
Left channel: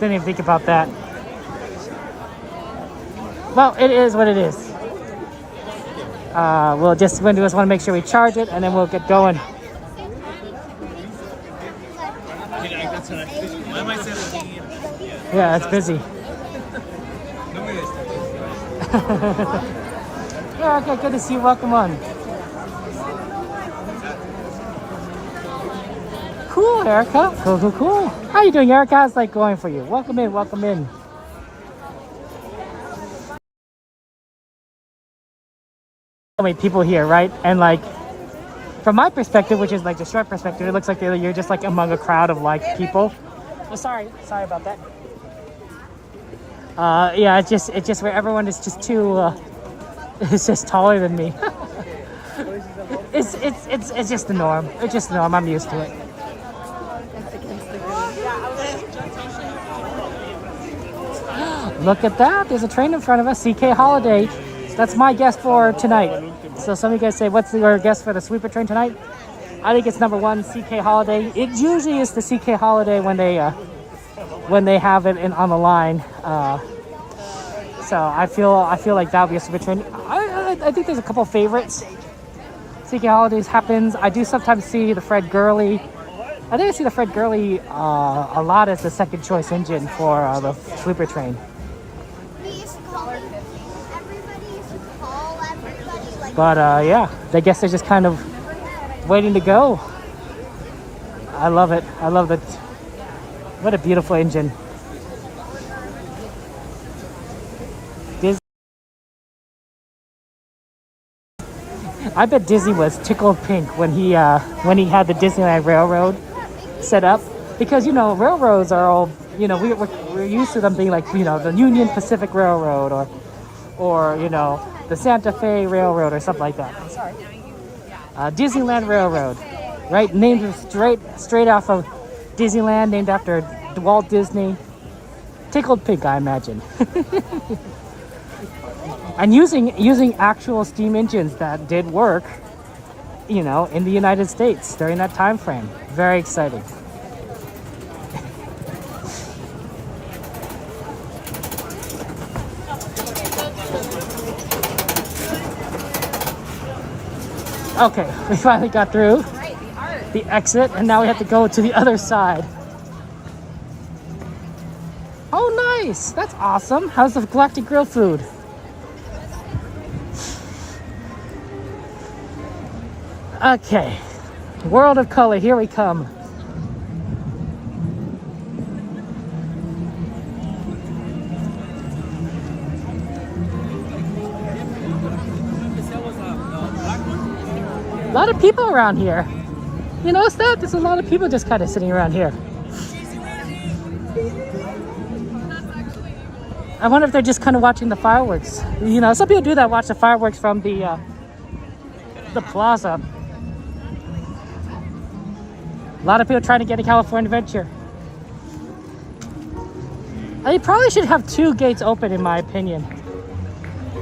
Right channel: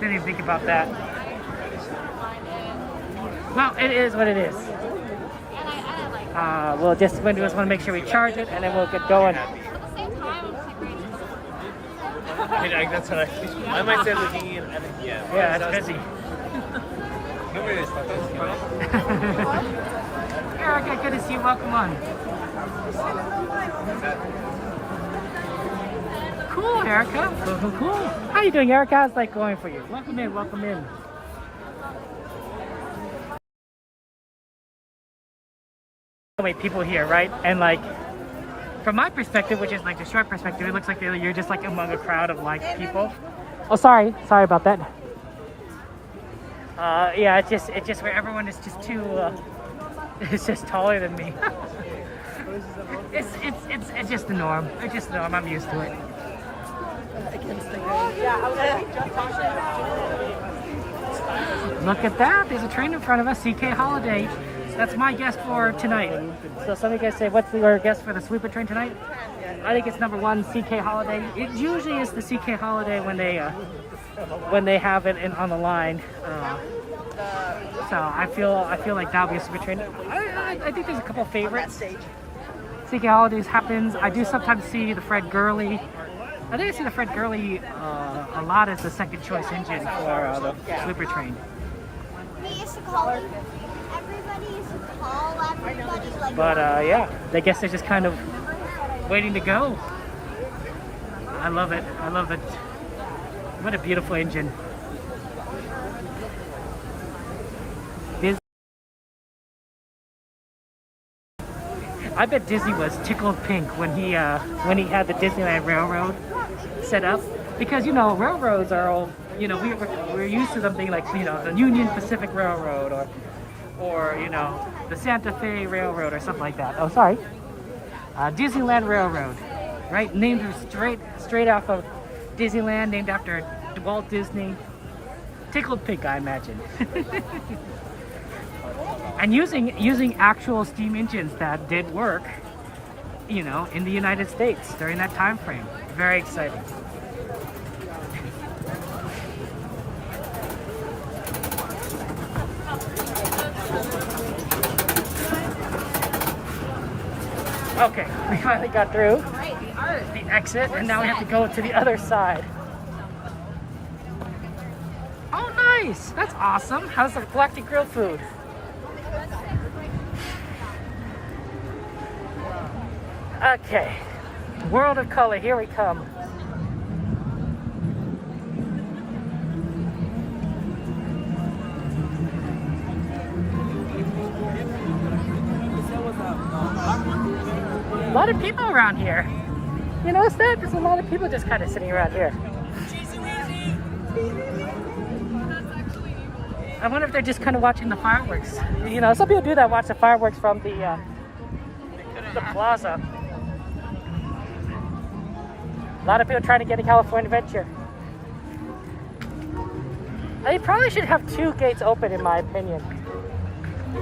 Didn't even think about that. Well, it is what it is. We'll just want to make sure we charge it, and then we'll get going. Yeah, it's busy. Yeah, okay, good to see you. Welcome on. Cool, Erica. Cool. How you doing, Erica? How's life going for you? Welcome in. So many people here, right? And from my perspective, which is the short perspective, it looks like you're just among a crowd of people. Oh, sorry about that. Yeah, it's just where everyone is just too. It's just taller than me. It's just the norm. It's just the norm. I'm used to it. Look at that. There's a train in front of us. CK Holiday. That's my guess for tonight. So some of you guys say, what's your guess for the sweeper train tonight? I think it's number 1, CK Holiday. It usually is the CK Holiday when they have it on the line. So I feel like that'll be a sweeper train. I think there's a couple favorites. CK Holidays happens. I do sometimes see the Fred Gurley. I think I see the Fred Gurley a lot as the second choice engine for the sweeper train. But yeah, I guess they're just kind of waiting to go. I love it. I love it. What a beautiful engine. I bet Disney was tickled pink when he had the Disneyland Railroad set up, because you know railroads are all, you know, we're used to them being like, you know, the Union Pacific Railroad or you know, the Santa Fe Railroad or something like that. Oh, sorry, Disneyland Railroad, right? Named straight off of Disneyland, named after Walt Disney. Tickled pink, I imagine. And using actual steam engines that did work, you know, in the United States during that time frame. Very exciting. Okay, we finally got through the exit, and now we have to go to the other side. Oh, nice! That's awesome. How's the Galactic Grill food? Okay, World of Color, here we come. A lot of people around here. You notice that? There's a lot of people just kind of sitting around here. I wonder if they're just kind of watching the fireworks. You know, some people do that, watch the fireworks from the plaza. A lot of people trying to get to California Adventure. They probably should have 2 gates open, in my opinion.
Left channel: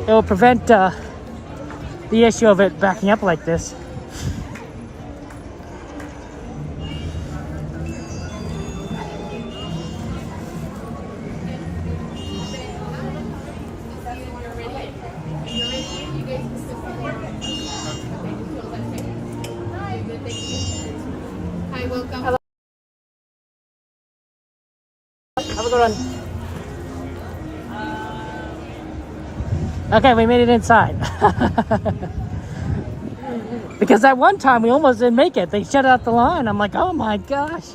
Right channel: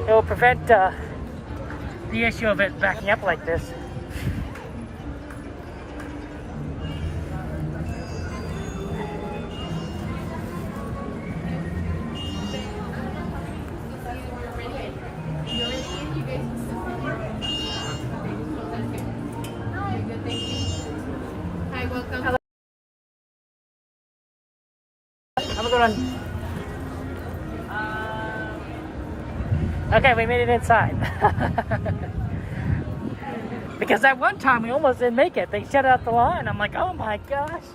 It will prevent the issue of it backing up like this. Hi, welcome. Have a good one. Okay, we made it inside. Because at one time we almost didn't make it. They shut out the line. I'm like, oh my gosh.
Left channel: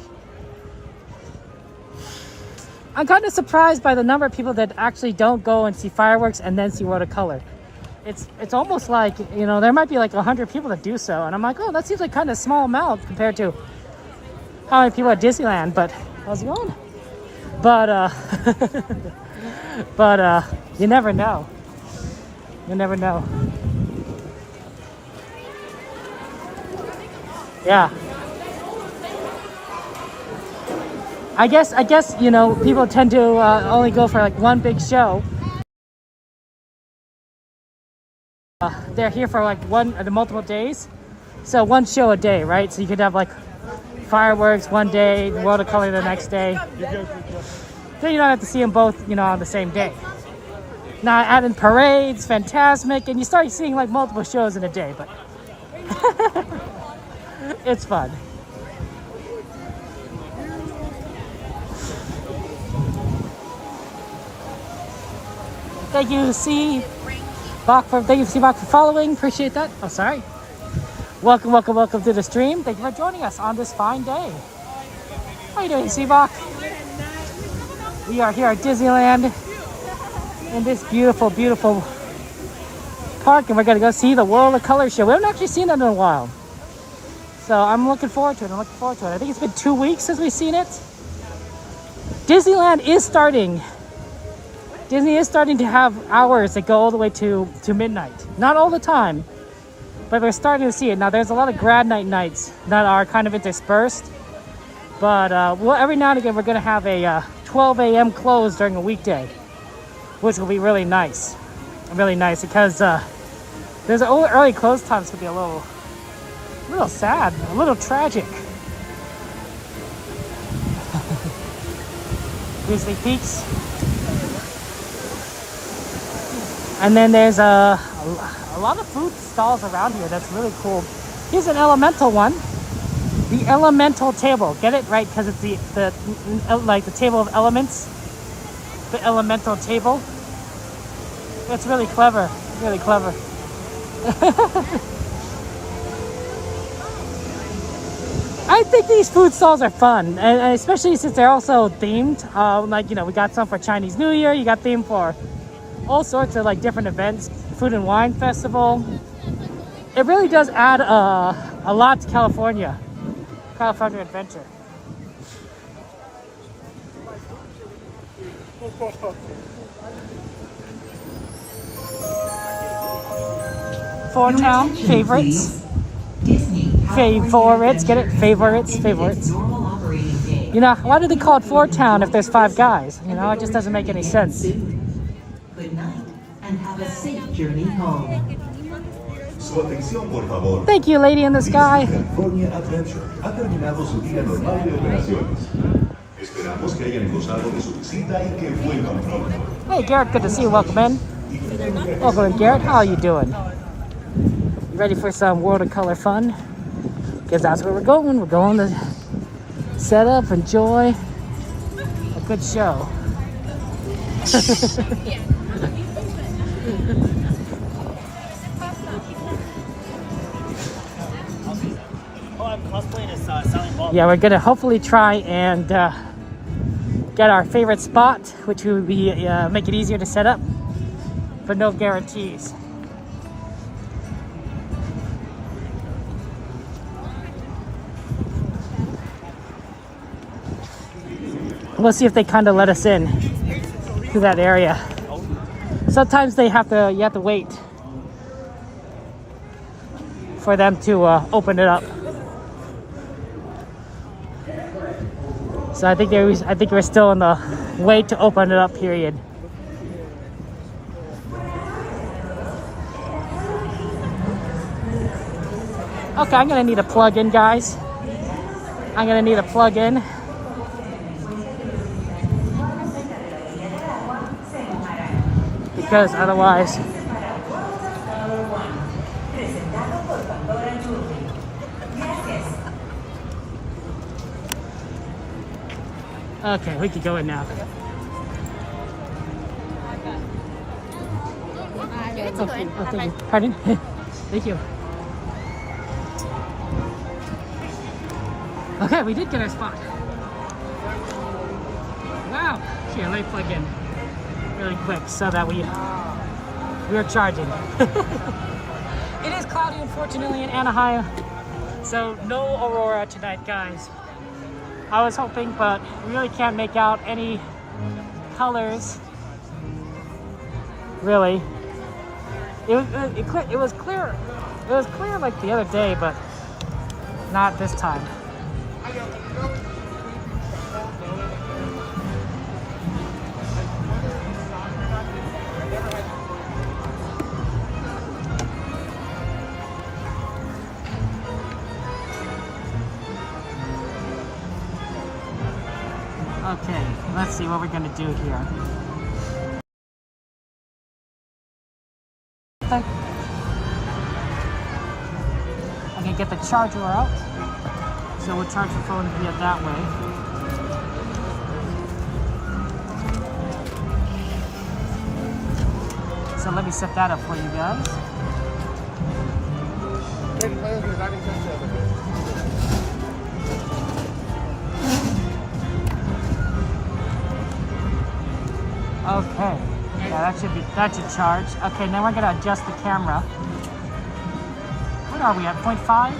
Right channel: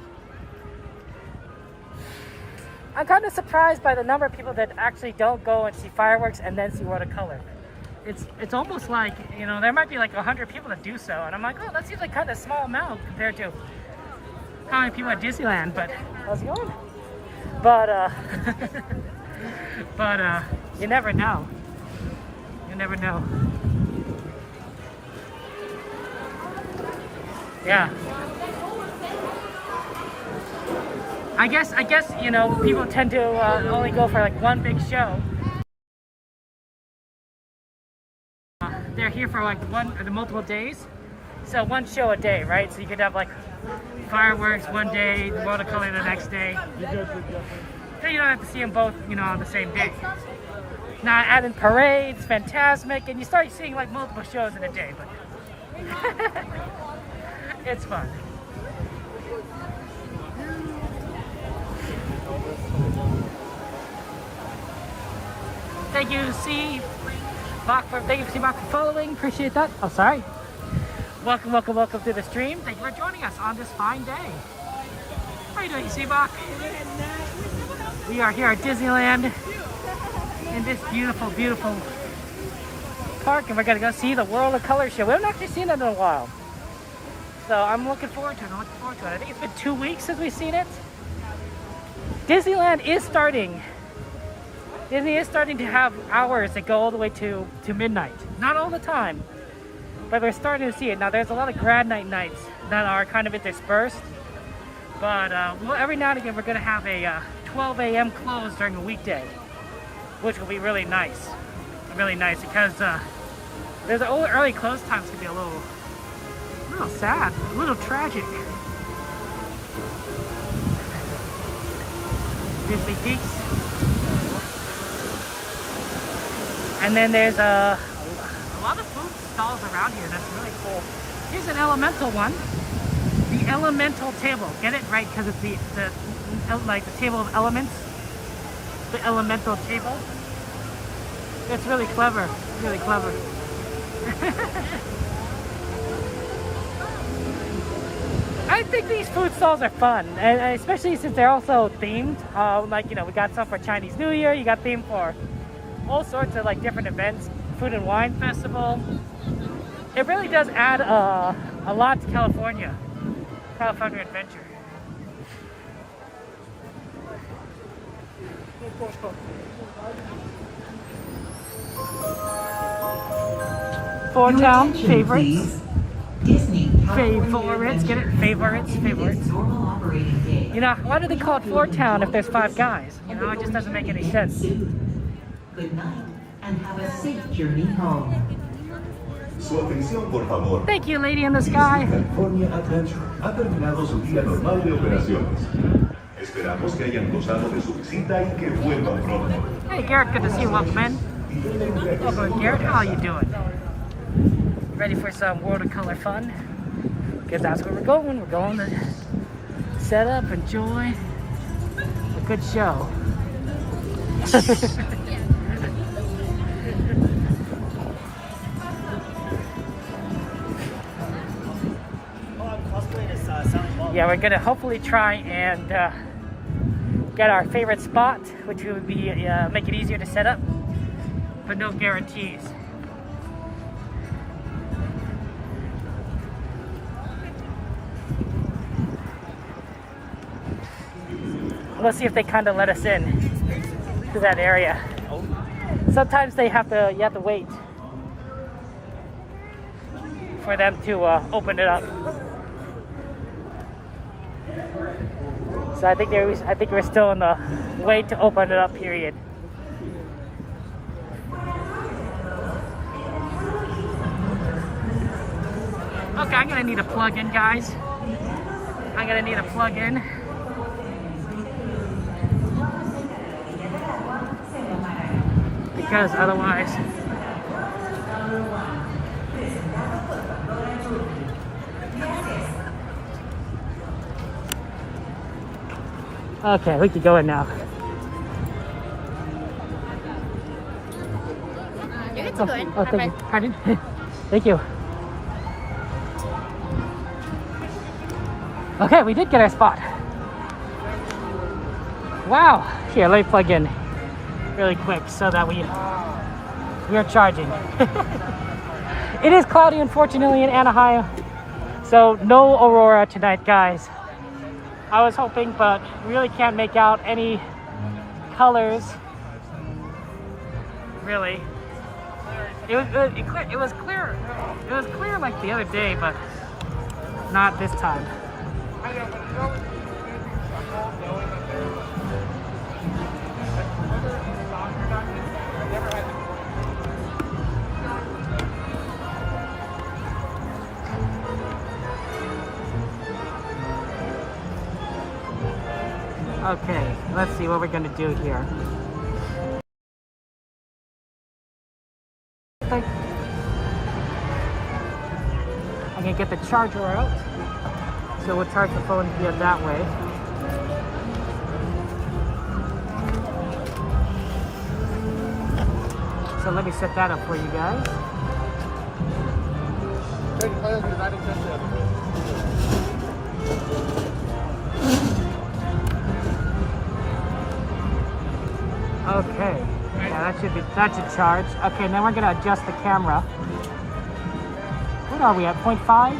I'm kind of surprised by the number of people that actually don't go and see fireworks and then see World of Color. It's almost like, you know, there might be like 100 people that do so. And I'm like, oh, that seems like kind of a small amount compared to how many people at Disneyland, but you never know. You never know. Yeah. I guess, you know, people tend to only go for like one big show. They're here for like the multiple days. So one show a day, right? So you could have like fireworks one day, World of Color the next day. So you don't have to see them both, you know, on the same day. Now add in parades, Fantasmic, and you start seeing like multiple shows in a day, but it's fun. Thank you, C-Bach, for following. Appreciate that. Oh, sorry. Welcome to the stream. Thank you for joining us on this fine day. How you doing, C-Bach? We are here at Disneyland in this beautiful, beautiful park, and we're gonna go see the World of Color show. We haven't actually seen that in a while, so I'm looking forward to it. I think it's been 2 weeks since we've seen it. Disneyland is starting. Disney is starting to have hours that go all the way to midnight. Not all the time, but we're starting to see it. Now, there's a lot of grad night nights that are kind of interspersed, but every now and again, we're going to have a 12 a.m. close during a weekday. which will be really nice. Really nice because there's early close times could be a little sad, a little tragic. Disney Peaks. And then there's a lot of food stalls around here. That's really cool. Here's an elemental one. The elemental table. Get it right because it's the like the table of elements. The elemental table. It's really clever. Really clever. I think these food stalls are fun, and especially since they're also themed. Like, you know, we got some for Chinese New Year. You got themed for all sorts of like different events. Food and Wine Festival. It really does add a lot to California Adventure. Four Town favorites. Favorites, get it? Favorites. You know, why do they call it Four Town if there's 5 guys? You know, it just doesn't make any sense. Good night and have a safe journey home. Su atención, por favor. Thank you, Lady in the Sky. California Adventure ha terminado su día normal de operaciones. Esperamos que hayan gozado de su visita y que vuelvan pronto. Hey, Garrett, good to see you. Welcome in. Welcome, Garrett. How are you doing? Ready for some World of Color fun? Because that's where we're going. We're going to set up, enjoy a good show. Yeah, we're gonna hopefully try and get our favorite spot, which would be make it easier to set up, but no guarantees. We'll see if they kind of let us in to that area. Sometimes you have to wait for them to open it up. So I think we're still in the wait to open it up period. Okay, I'm gonna need a plug-in, guys. I'm gonna need a plug-in. Because otherwise okay, we can go in now. Oh, thank you. Pardon? Thank you. Okay, we did get our spot. Wow. Here, let me plug in really quick so that we are charging. It is cloudy, unfortunately, in Anaheim, so no Aurora tonight, guys. I was hoping, but we really can't make out any colors. Really, it was clear. It was clear like the other day, but not this time. Okay, let's see what we're gonna do here. I'm gonna get the charger out, so we'll charge the phone via that way. So let me set that up for you guys. Okay, yeah, that should charge. Okay, now we're gonna adjust the camera. What are we at? 0.5?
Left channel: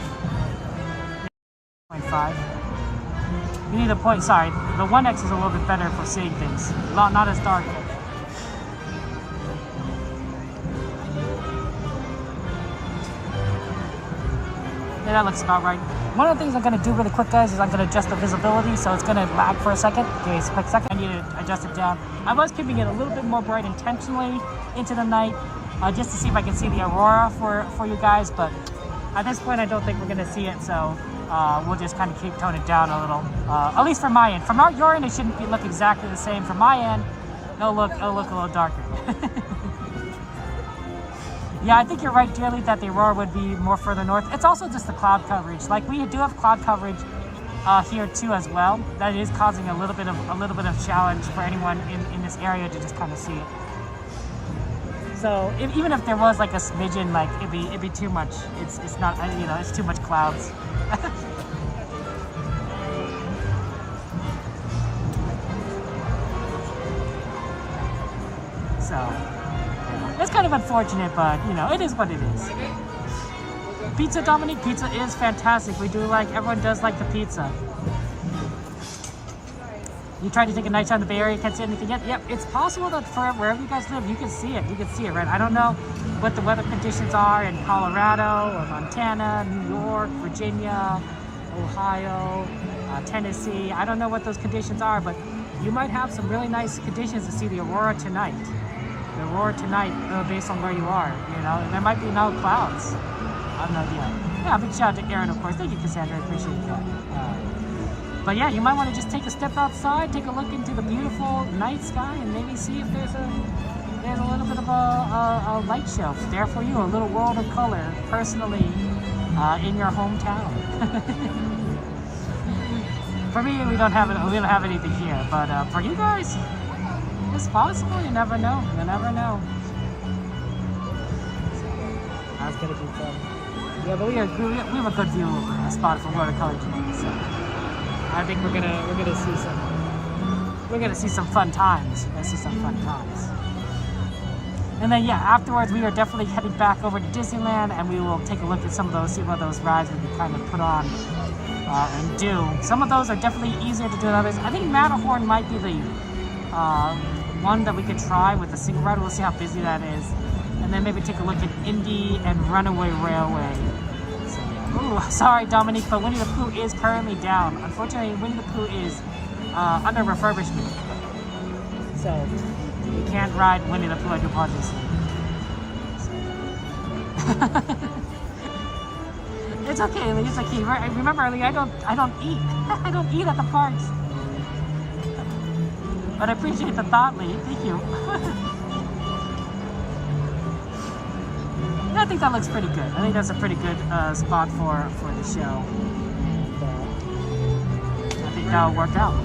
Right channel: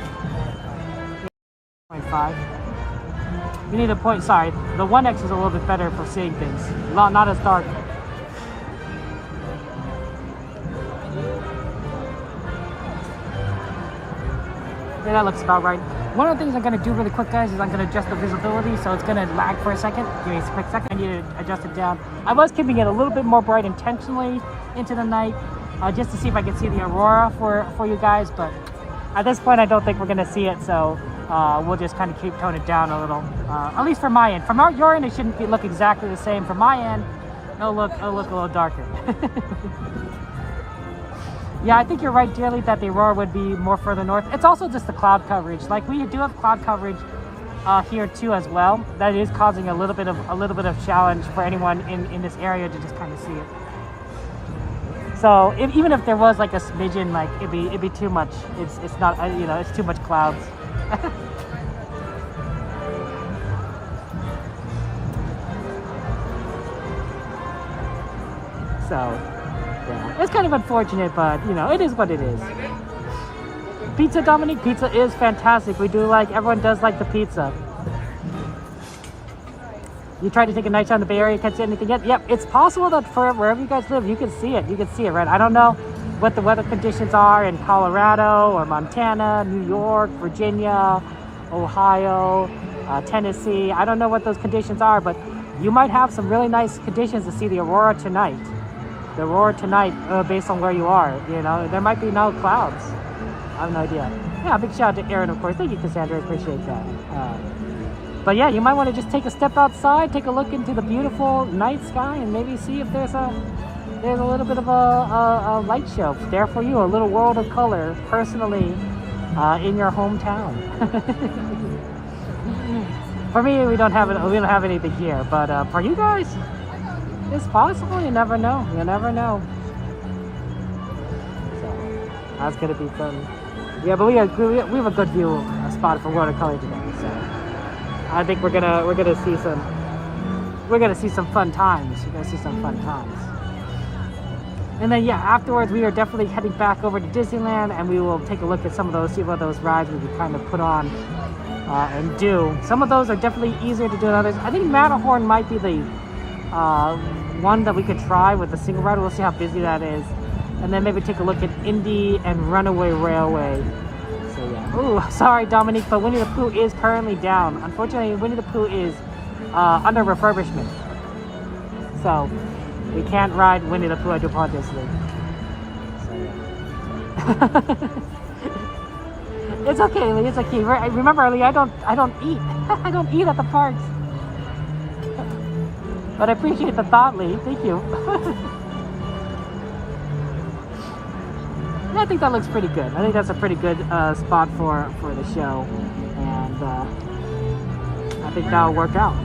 0.5. You need a point. Sorry, the 1X is a little bit better for seeing things. Not as dark. Yeah, that looks about right. One of the things I'm going to do really quick, guys, is I'm going to adjust the visibility, so it's going to lag for a second. Give me a quick second. I need to adjust it down. I was keeping it a little bit more bright intentionally into the night, just to see if I can see the aurora for you guys, but at this point, I don't think we're going to see it, so we'll just kind of keep tone it down a little, at least from my end. From your end, it shouldn't look exactly the same. From my end, it'll look a little darker. Yeah, I think you're right, Dearly, that the aurora would be more further north. It's also just the cloud coverage. Like, we do have cloud coverage here too as well. That is causing a little bit of challenge for anyone in this area to just kind of see it. So even if there was like a smidgen, like it'd be too much. It's not, you know, it's too much clouds. So yeah, it's kind of unfortunate, but you know, it is what it is. Pizza, Dominique, pizza is fantastic. Everyone does like the pizza. You tried to take a night shot in the Bay Area, can't see anything yet? Yep, it's possible that for wherever you guys live, you can see it. You can see it, right? I don't know what the weather conditions are in Colorado or Montana, New York, Virginia, Ohio, Tennessee. I don't know what those conditions are, but you might have some really nice conditions to see the aurora tonight. The aurora tonight, based on where you are, you know, there might be no clouds. I have no idea. Yeah, big shout out to Aaron, of course. Thank you, Cassandra. I appreciate that. But yeah, you might want to just take a step outside, take a look into the beautiful night sky, and maybe see if there's a little bit of a light show there for you, a little world of color, personally, in your hometown. For me, we don't have anything here, but for you guys, it's possible. You never know. You never know. So that's gonna be fun. Yeah, but we have a good view spot for world of color today. So I think we're gonna see some fun times. We're gonna see some fun times. And then yeah, afterwards we are definitely heading back over to Disneyland, and we will take a look at some of those, see what those rides we can kind of put on and do. Some of those are definitely easier to do than others. I think Matterhorn might be the one that we could try with the single ride. We'll see how busy that is, and then maybe take a look at Indy and Runaway Railway. So yeah. Ooh, sorry Dominique, but Winnie the Pooh is currently down. Unfortunately, Winnie the Pooh is under refurbishment, so we can't ride Winnie the Pooh. I do apologize. So yeah. It's okay, Lee. It's okay. Remember, Lee, I don't eat. I don't eat at the parks. But I appreciate the thought, Lee. Thank you. And I think that looks pretty good. I think that's a pretty good spot for the show, and I think that'll work out.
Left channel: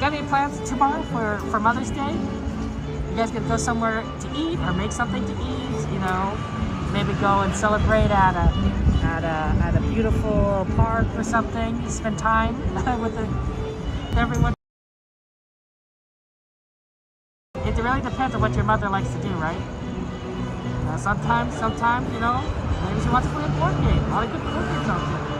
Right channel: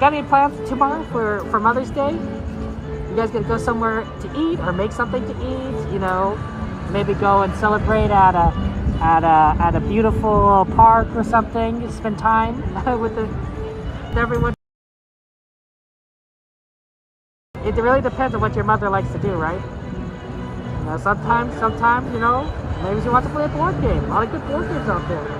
Got any plans tomorrow for Mother's Day? You guys gonna go somewhere to eat or make something to eat? You know, maybe go and celebrate at a beautiful park or something. Spend time with everyone. It really depends on what your mother likes to do, right? Sometimes, you know, maybe she wants to play a board game. A lot of good board games out there.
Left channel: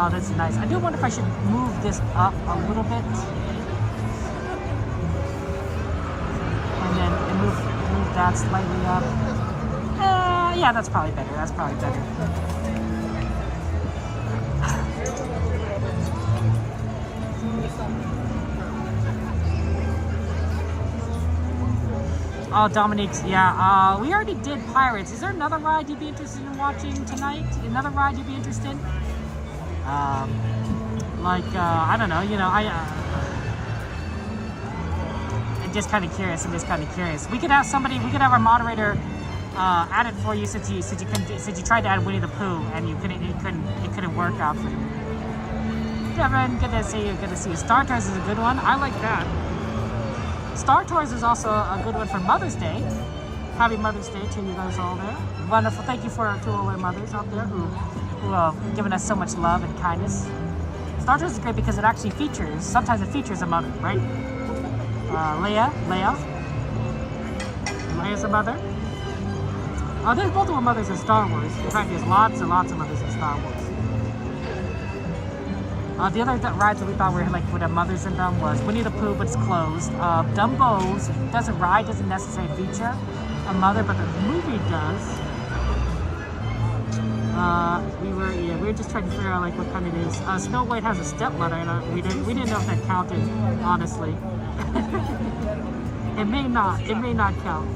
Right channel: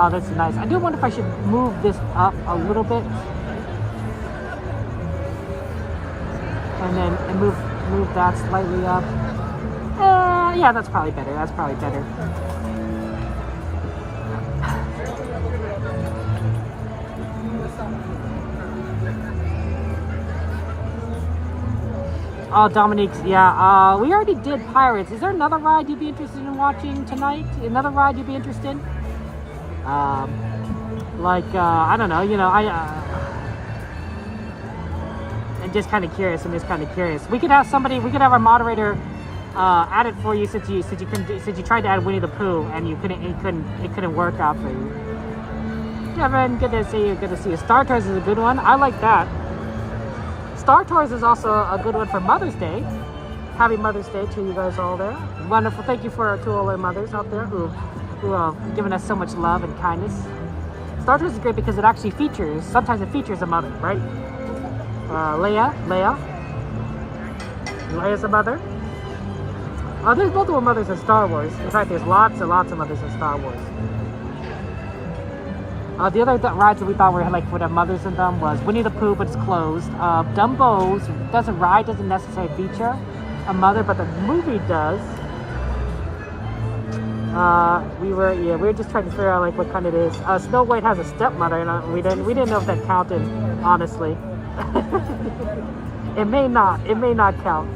Oh, that's nice. I do wonder if I should move this up a little bit, and then move that slightly up. Yeah, that's probably better. That's probably better. Oh, Dominique's, yeah. We already did Pirates. Is there another ride you'd be interested in watching tonight? Another ride you'd be interested in? I don't know, you know, I'm just kind of curious. We could have our moderator add it for you since you tried to add Winnie the Pooh and it couldn't work out for you. Devin, good to see you. Star Tours is a good one. I like that. Star Tours is also a good one for Mother's Day. Happy Mother's Day to you guys all there. Wonderful. Thank you to all our mothers out there who have given us so much love and kindness. Star Tours is great because it actually features, sometimes it features a mother, right? Leia's a mother. There's multiple mothers in Star Wars. In fact, there's lots and lots of mothers in Star Wars. The other rides that we thought were like would have mothers in them was Winnie the Pooh, but it's closed. Dumbo's doesn't necessarily feature a mother, but the movie does. We were just trying to figure out like what kind it is. Snow White has a stepmother, and we didn't know if that counted. Honestly, it may not count.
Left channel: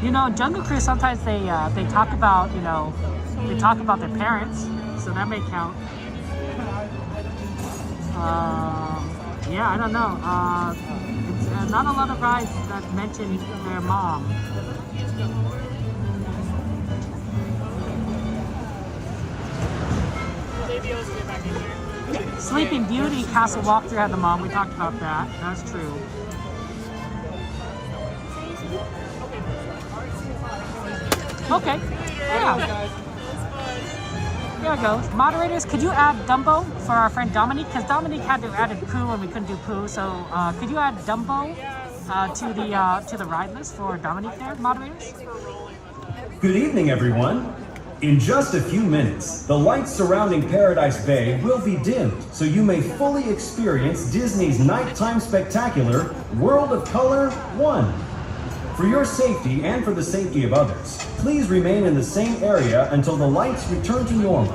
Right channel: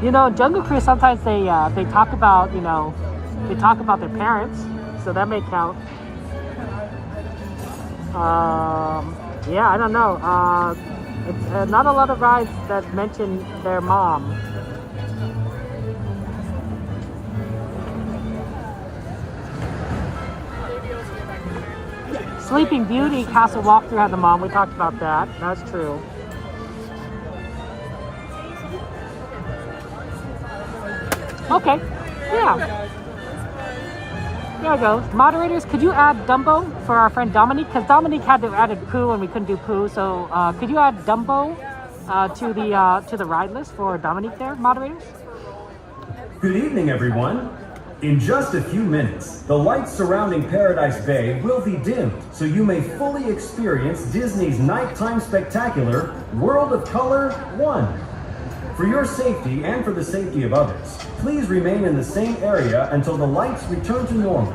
You know, Jungle Cruise sometimes they talk about their parents, so that may count. Yeah, I don't know. It's not a lot of rides that mention their mom. Sleeping Beauty Castle Walkthrough had the mom. We talked about that. That's true. Okay. Yeah. There it goes. Moderators, could you add Dumbo for our friend Dominique? Because Dominique had to add Pooh and we couldn't do Pooh. So could you add Dumbo to the ride list for Dominique there, moderators? Good evening, everyone. In just a few minutes, the lights surrounding Paradise Bay will be dimmed so you may fully experience Disney's nighttime spectacular World of Color 1. For your safety and for the safety of others, please remain in the same area until the lights return to normal.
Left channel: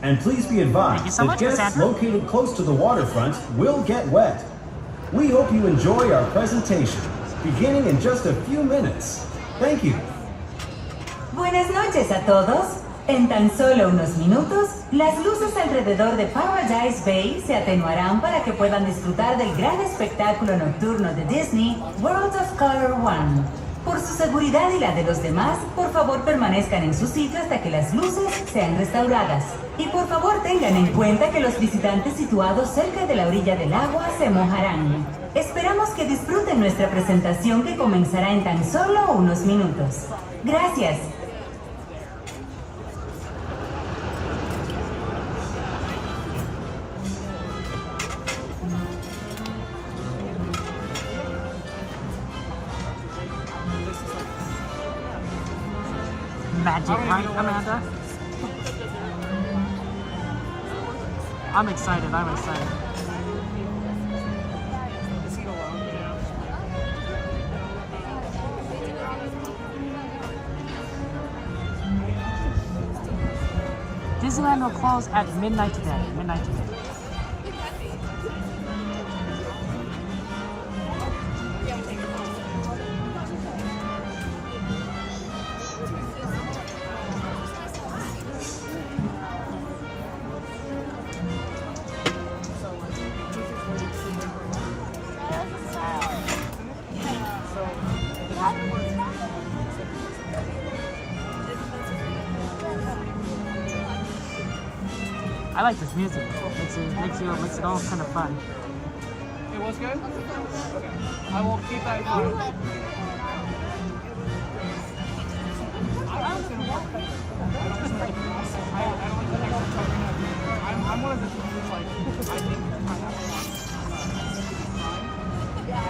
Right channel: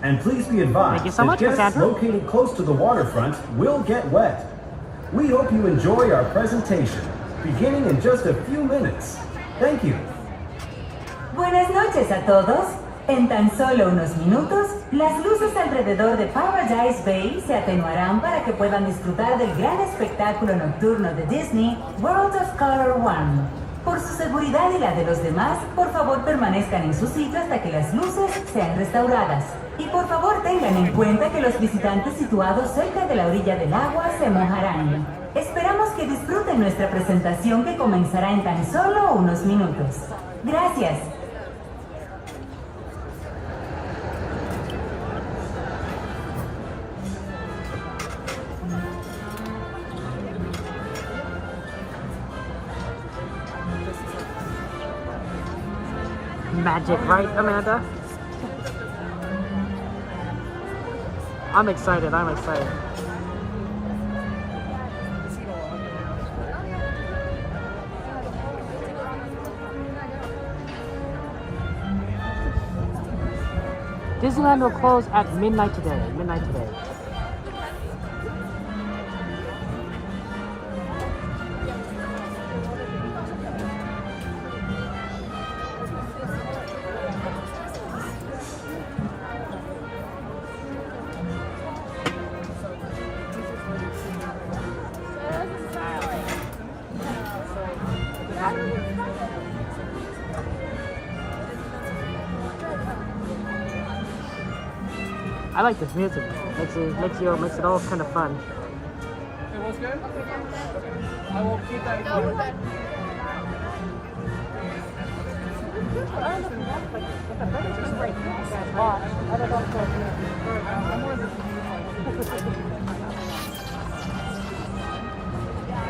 And please be advised that guests located close to the waterfront will get wet. We hope you enjoy our presentation, beginning in just a few minutes. Thank you. Buenas noches a todos. En tan solo unos minutos, las luces alrededor de Paradise Bay se atenuarán para que puedan disfrutar del gran espectáculo nocturno de Disney, World of Color 1. Por su seguridad y la de los demás, por favor permanezcan en su sitio hasta que las luces sean restauradas. Y por favor tengan en cuenta que los visitantes situados cerca de la orilla del agua se mojarán. Esperamos que disfruten nuestra presentación que comenzará en tan solo unos minutos. Gracias. Magic, right, Amanda? I'm excited. Disneyland will close at midnight today. I like this music. Makes it all kind of fun. It was good? I will keep that in mind. I'm one of the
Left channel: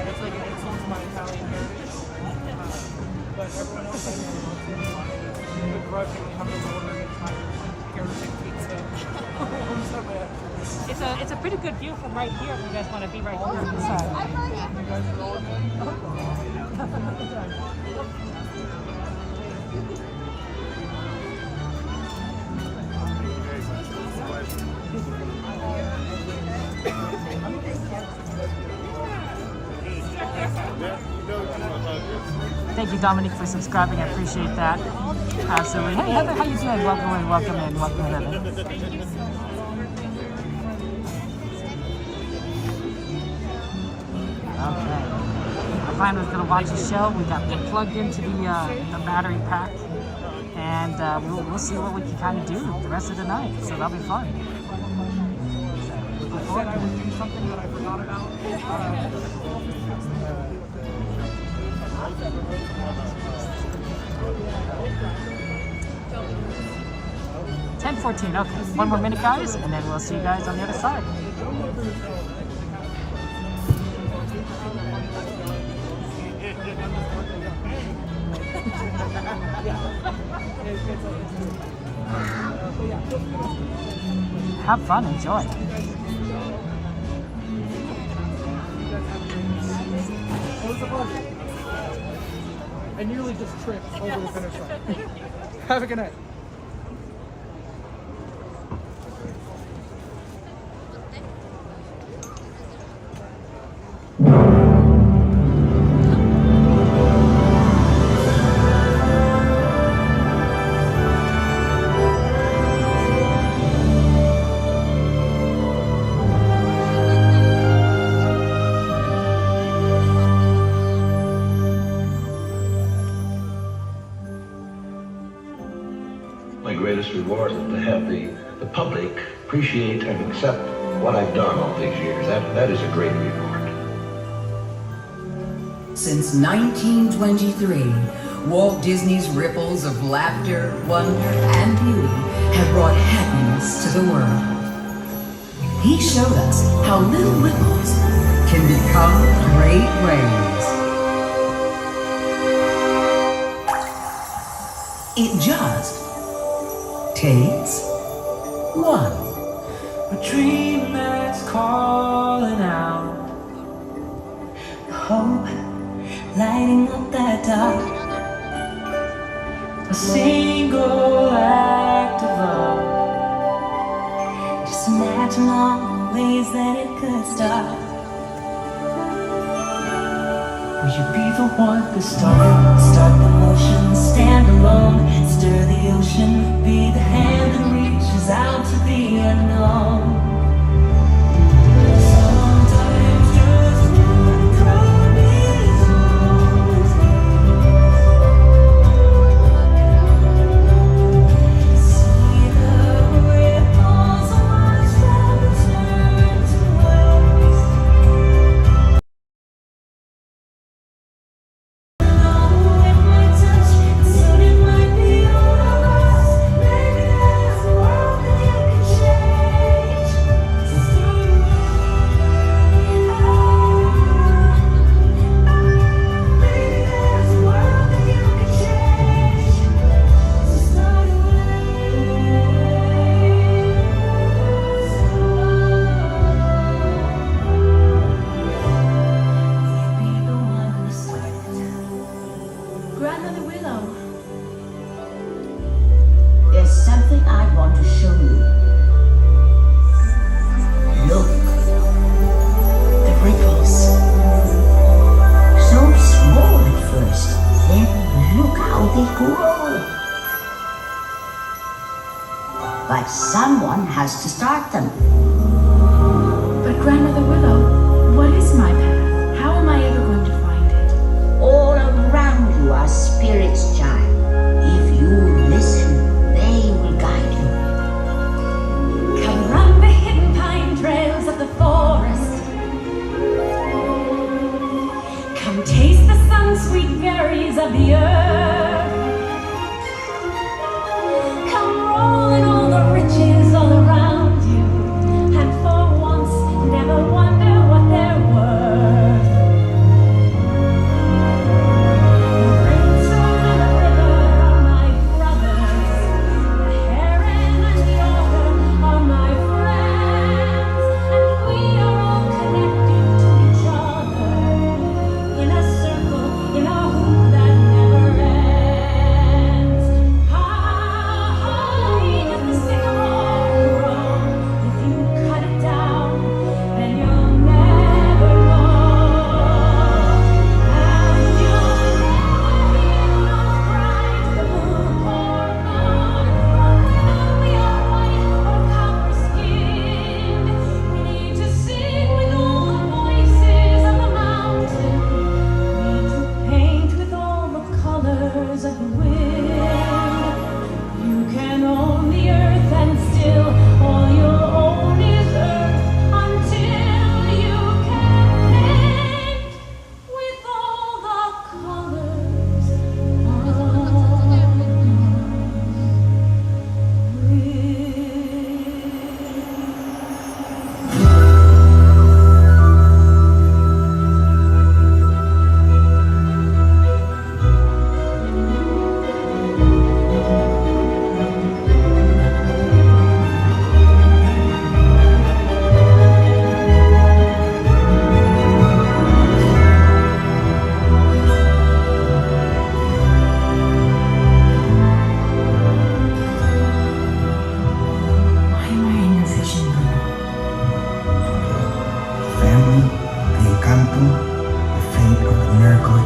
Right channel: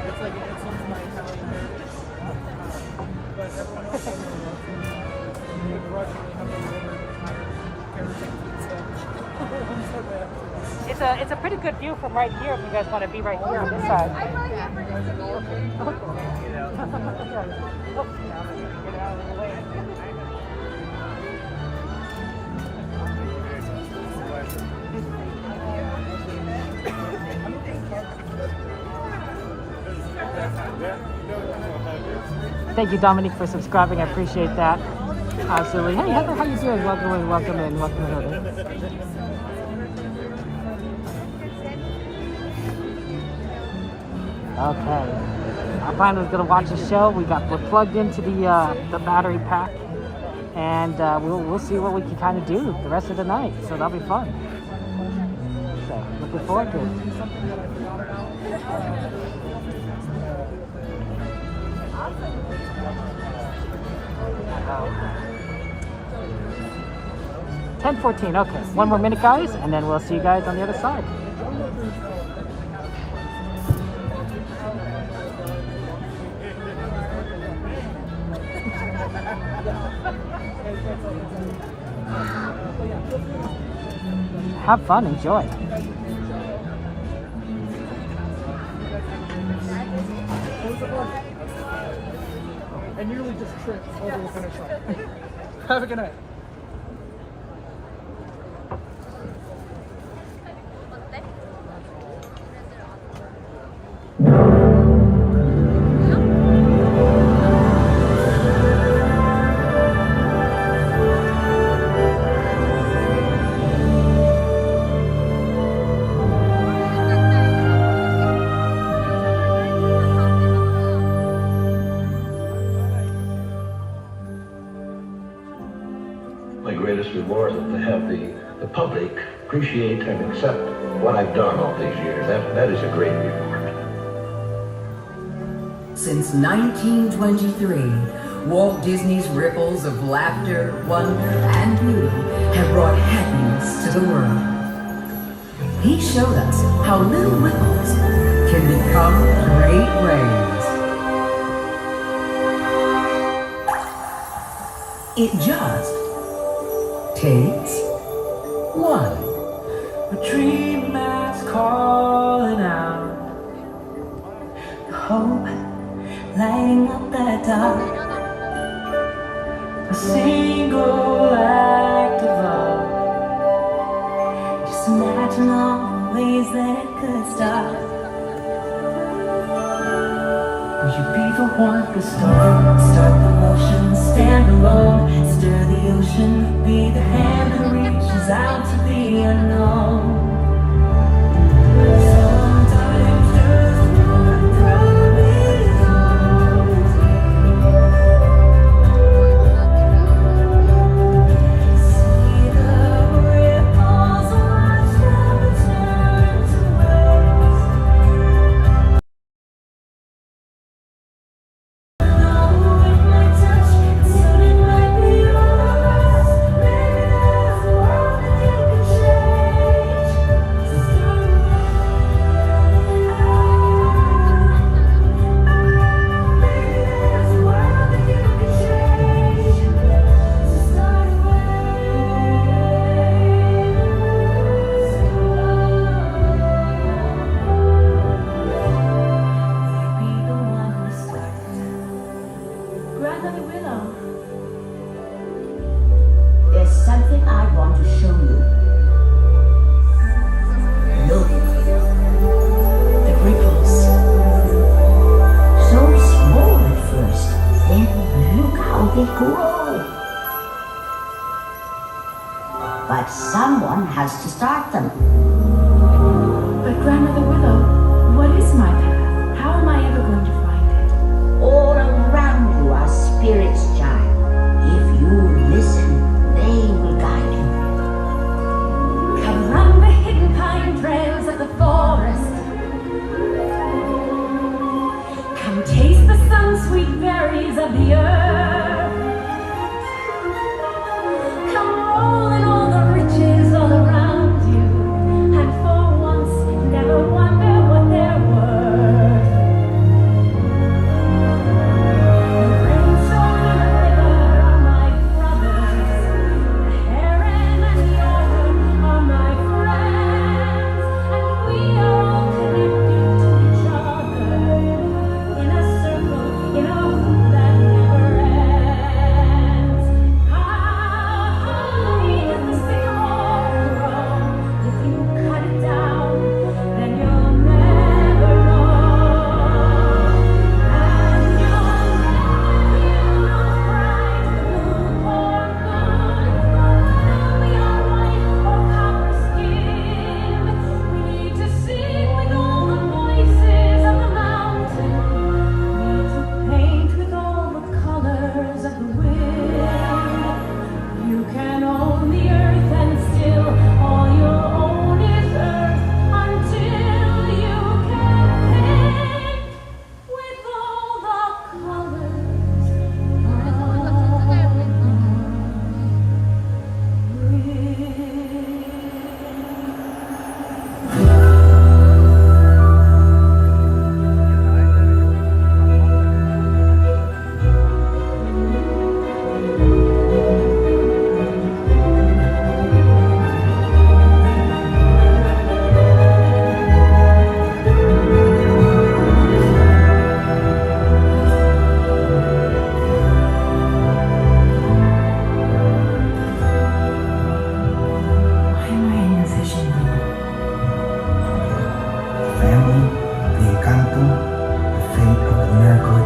it's like it's my Italian heritage. But everyone else has good grudgingly humble It's a pretty good view from right here if you guys want to be right here on this side. Thank you, Dominique, for subscribing. I appreciate that. Absolutely. Hey, Heather, how you doing? Welcome in, Heather. Okay. Our plan was gonna watch a show. We're plugged into the battery pack, and we'll see what we can kind of do the rest of the night. So that'll be fun. So looking forward to it. 10:14. Okay, one more minute, guys, and then we'll see you guys on the other side. Have fun, enjoy. I nearly just tripped over the finish line. Have a good night. My greatest reward is to have the public appreciate and accept what I've done all these years. That is a great reward. Since 1923, Walt Disney's ripples of laughter, wonder, and beauty have brought happiness to the world. He showed us how little ripples can become great waves. It just takes one. A dream that's calling out, Hope lighting up that dark. a single act of love. Just imagine all the ways that it could start. Will you be the one to start the motion, stand alone, stir the ocean, be the hand that reaches out to the unknown. Sometimes just one promise holds see the ripples watch them turn to waves. Grandmother Willow, there's something I want to show you. Look, the ripples. So small at first, then look how they grow. But someone has to start them. But Grandmother Willow, what is my path? How am I ever going to find it? All around you are spirits, child. If you listen, they will guide you. Come run the hidden pine trails of the forest. Come taste the sun-sweet berries of the earth. Come roll in all the riches all around you, and for once never wonder what they're worth.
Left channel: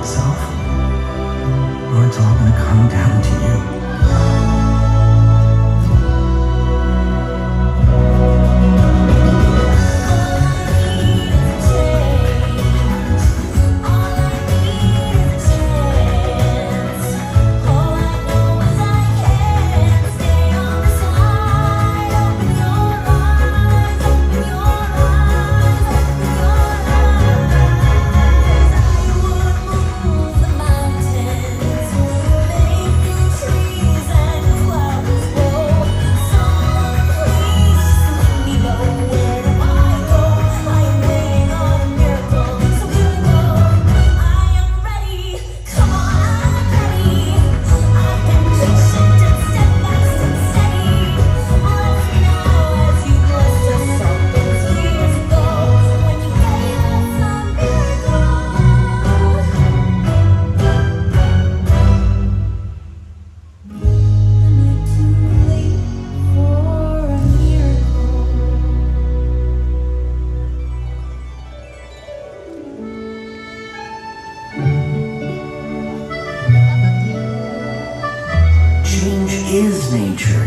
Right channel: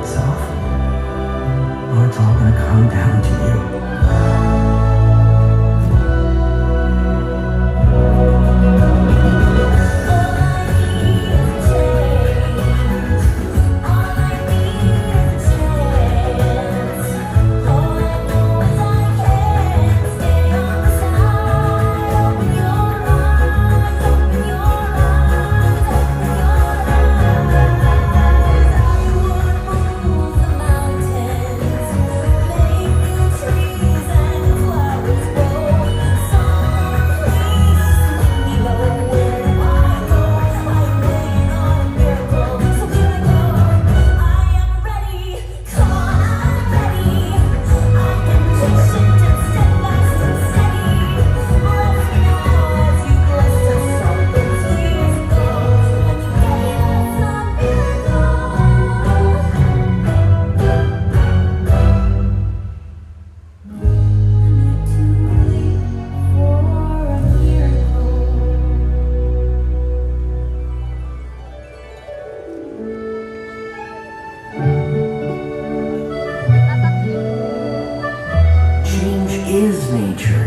itself, or it's all gonna come down to you. Is nature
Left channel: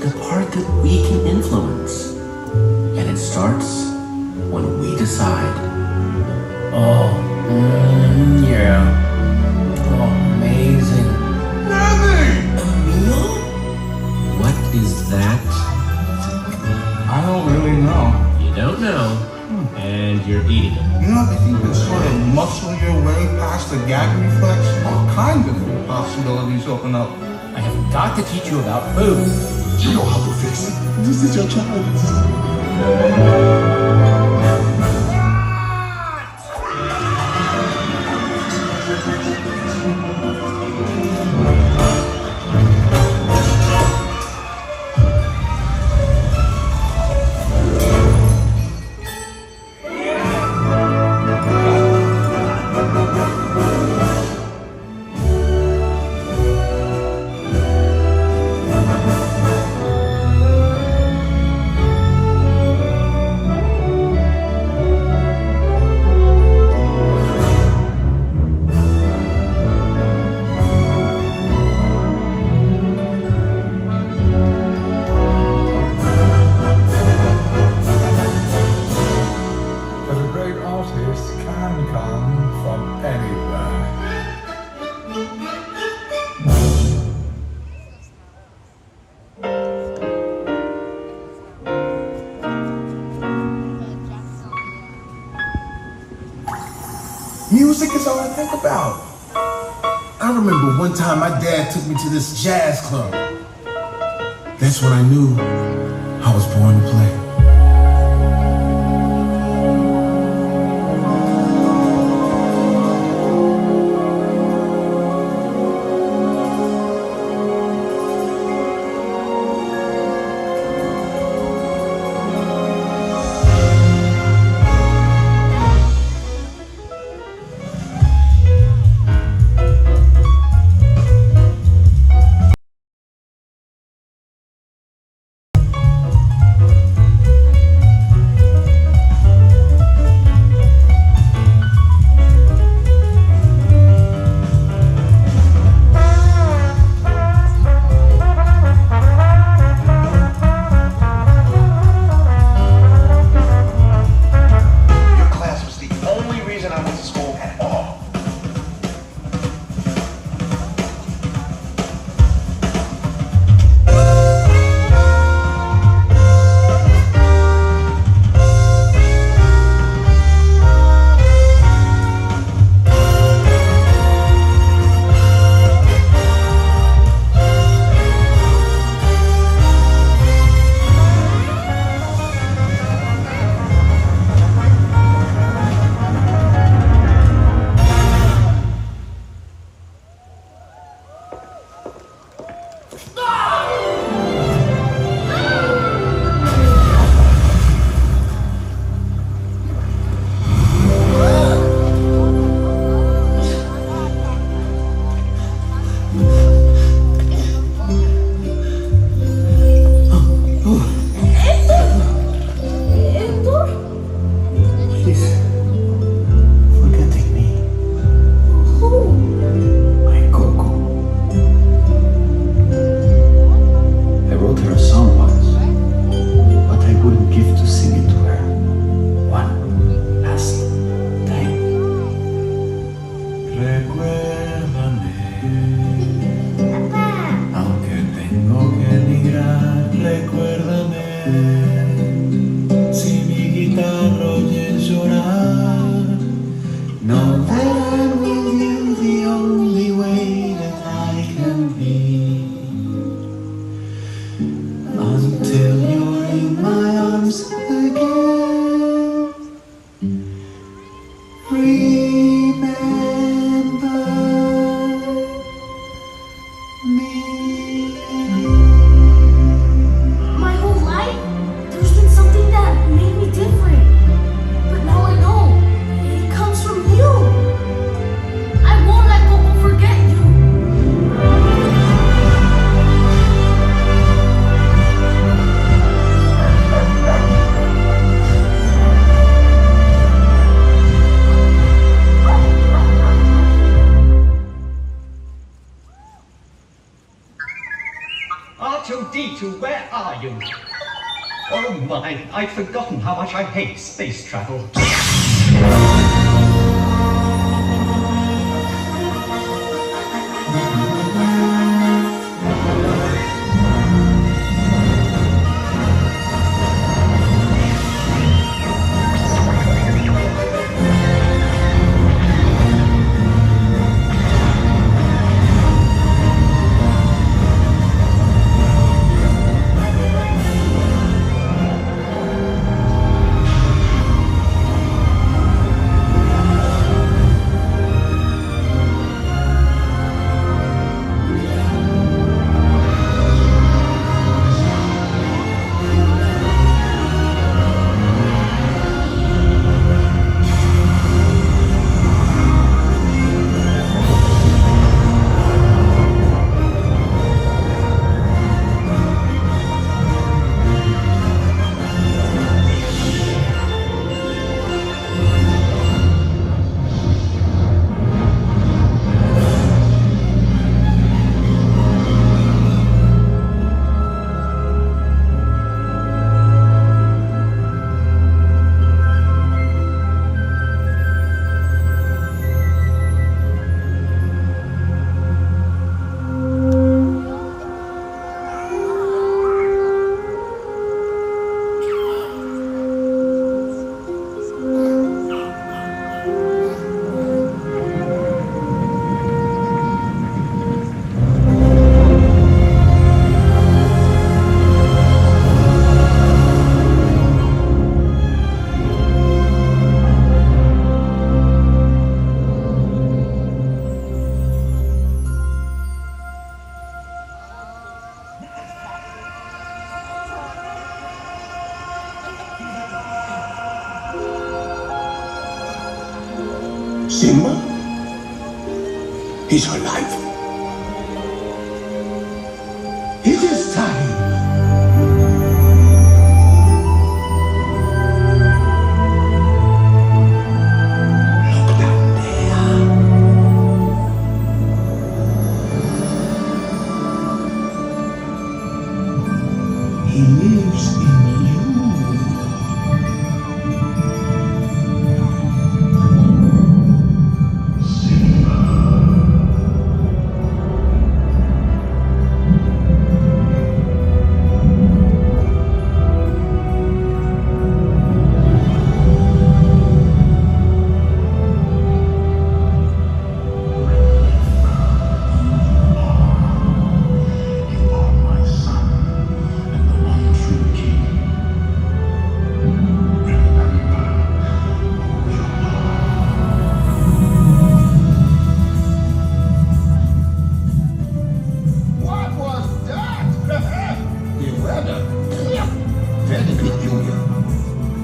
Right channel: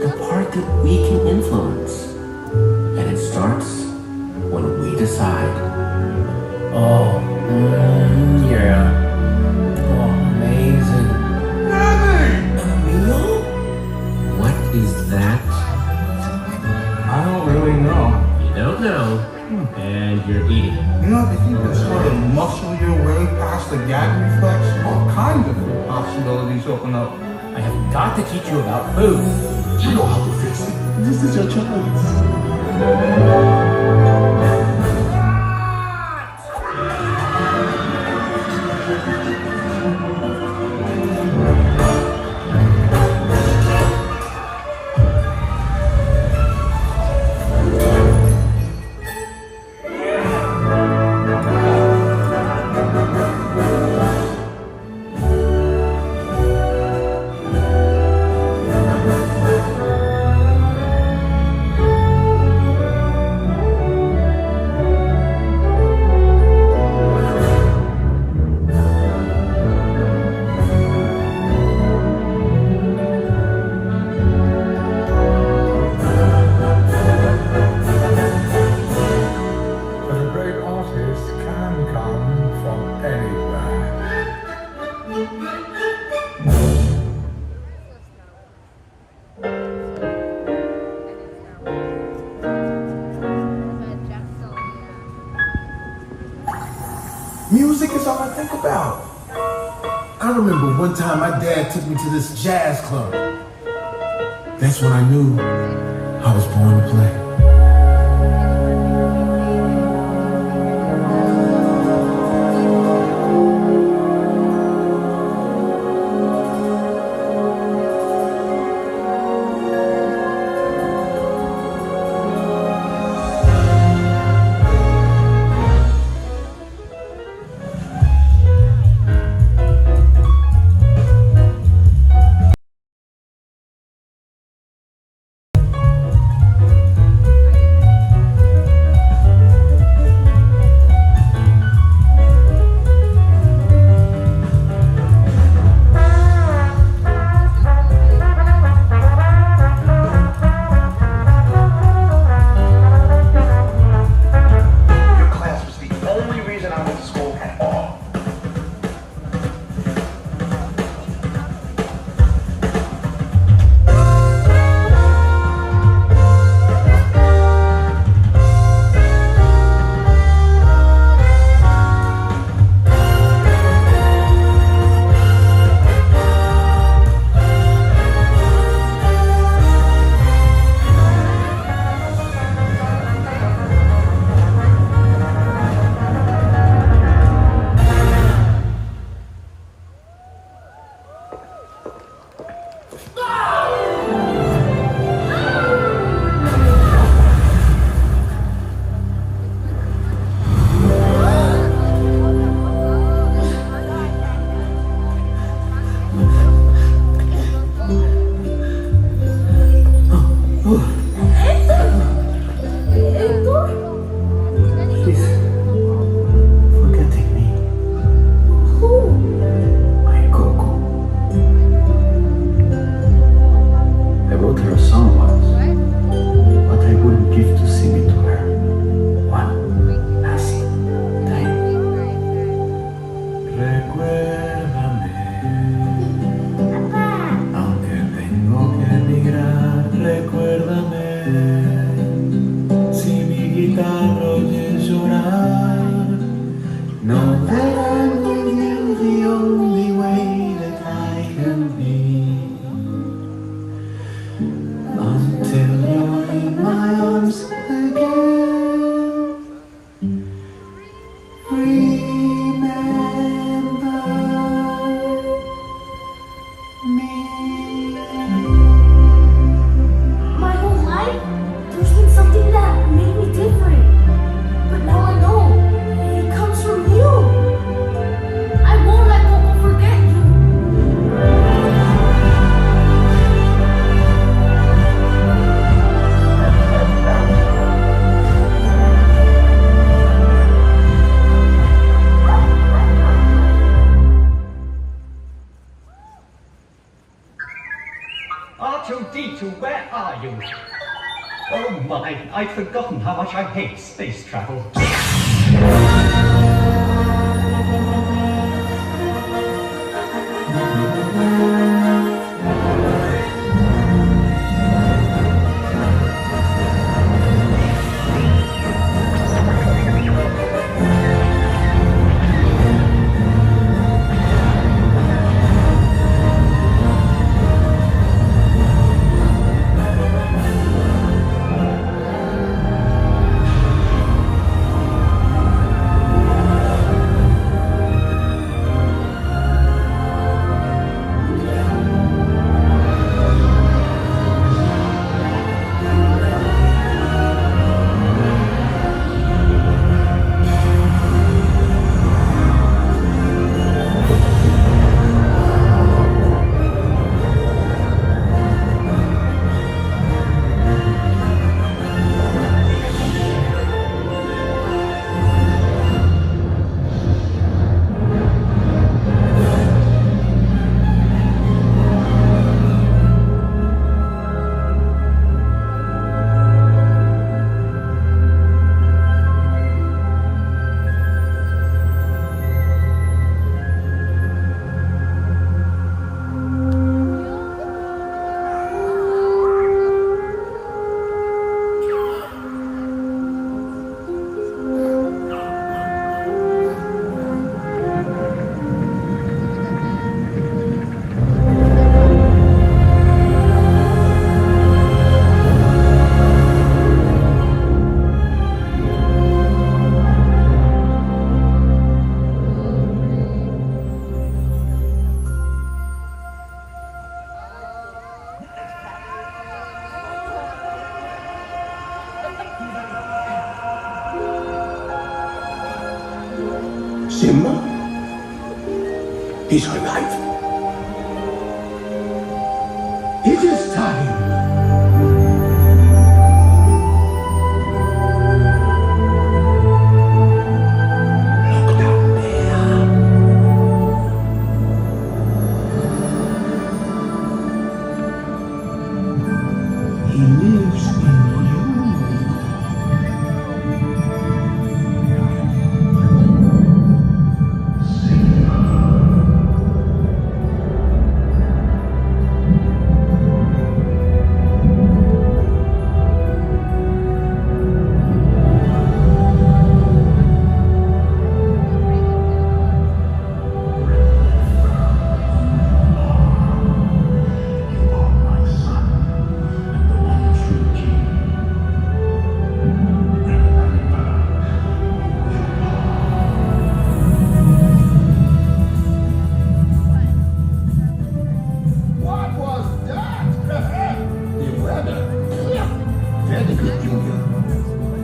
the part that we can influence, and it starts when we decide. Oh, yeah. Oh, amazing. What is that? I don't really know. You don't know, and you're eating it. You know, if you can sort of muscle your way past the gag reflex, all kinds of possibilities open up. I have got to teach you about food. You know how to fix it. This is your child. Music is all I think about. I remember one time my dad took me to this jazz club. That's when I knew I was born to play. you? Oh my, I'd forgotten how much I hate space travel. Simba? He's alive. It is time. Look down there. He lives in you.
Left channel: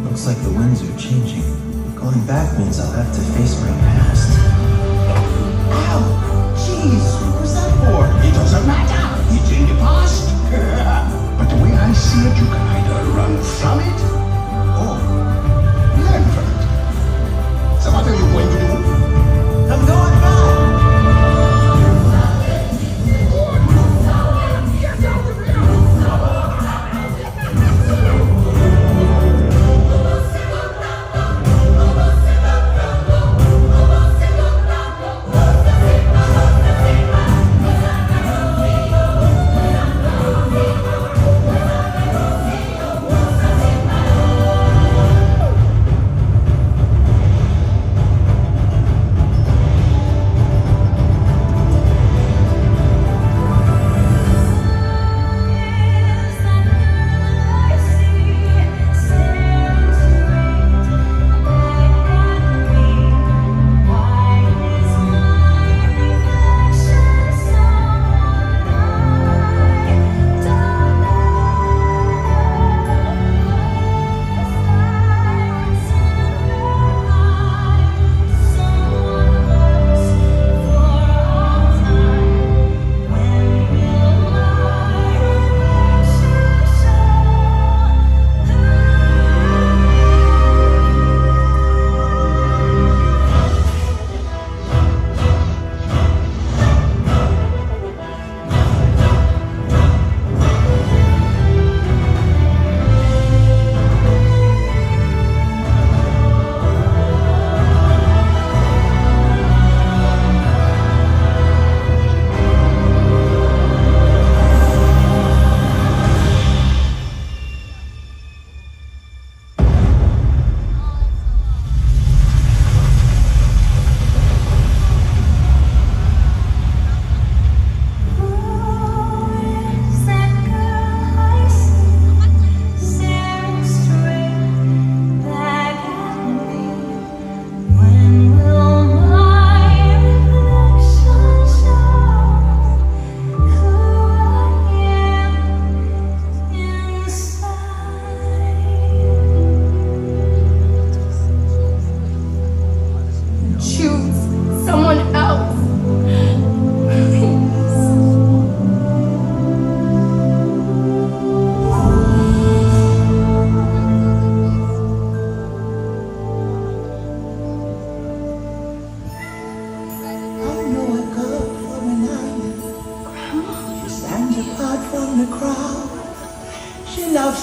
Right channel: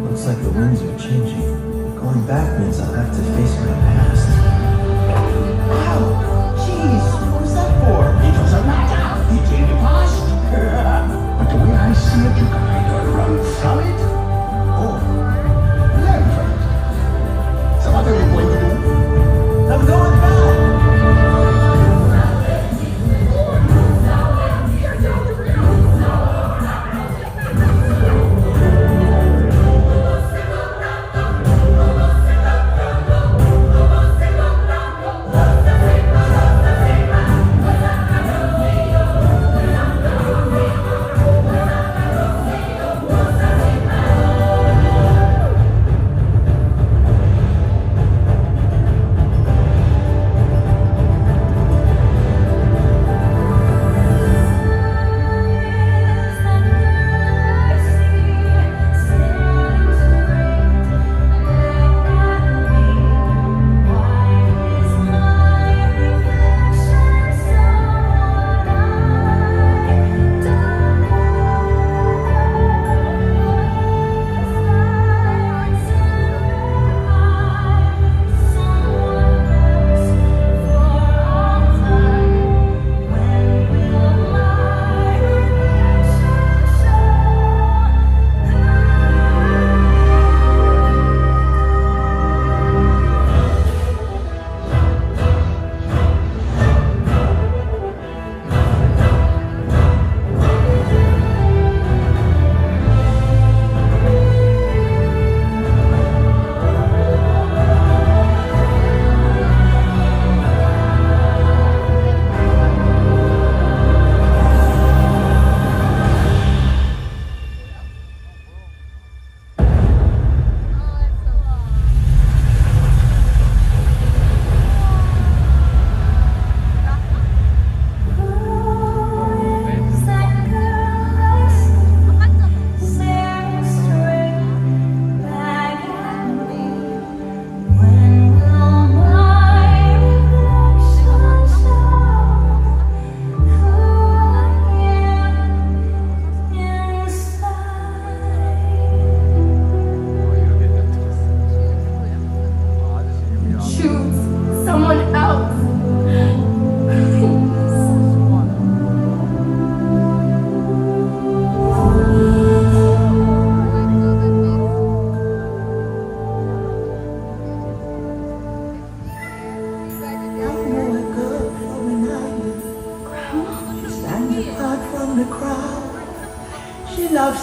Looks like the winds are changing. Going back means I'll have to face my past. Ow! Jeez, what's that for? It doesn't matter. It's in the past. But the way I see it, you can either run from it or learn from it. So what are you going to do? I'm going back.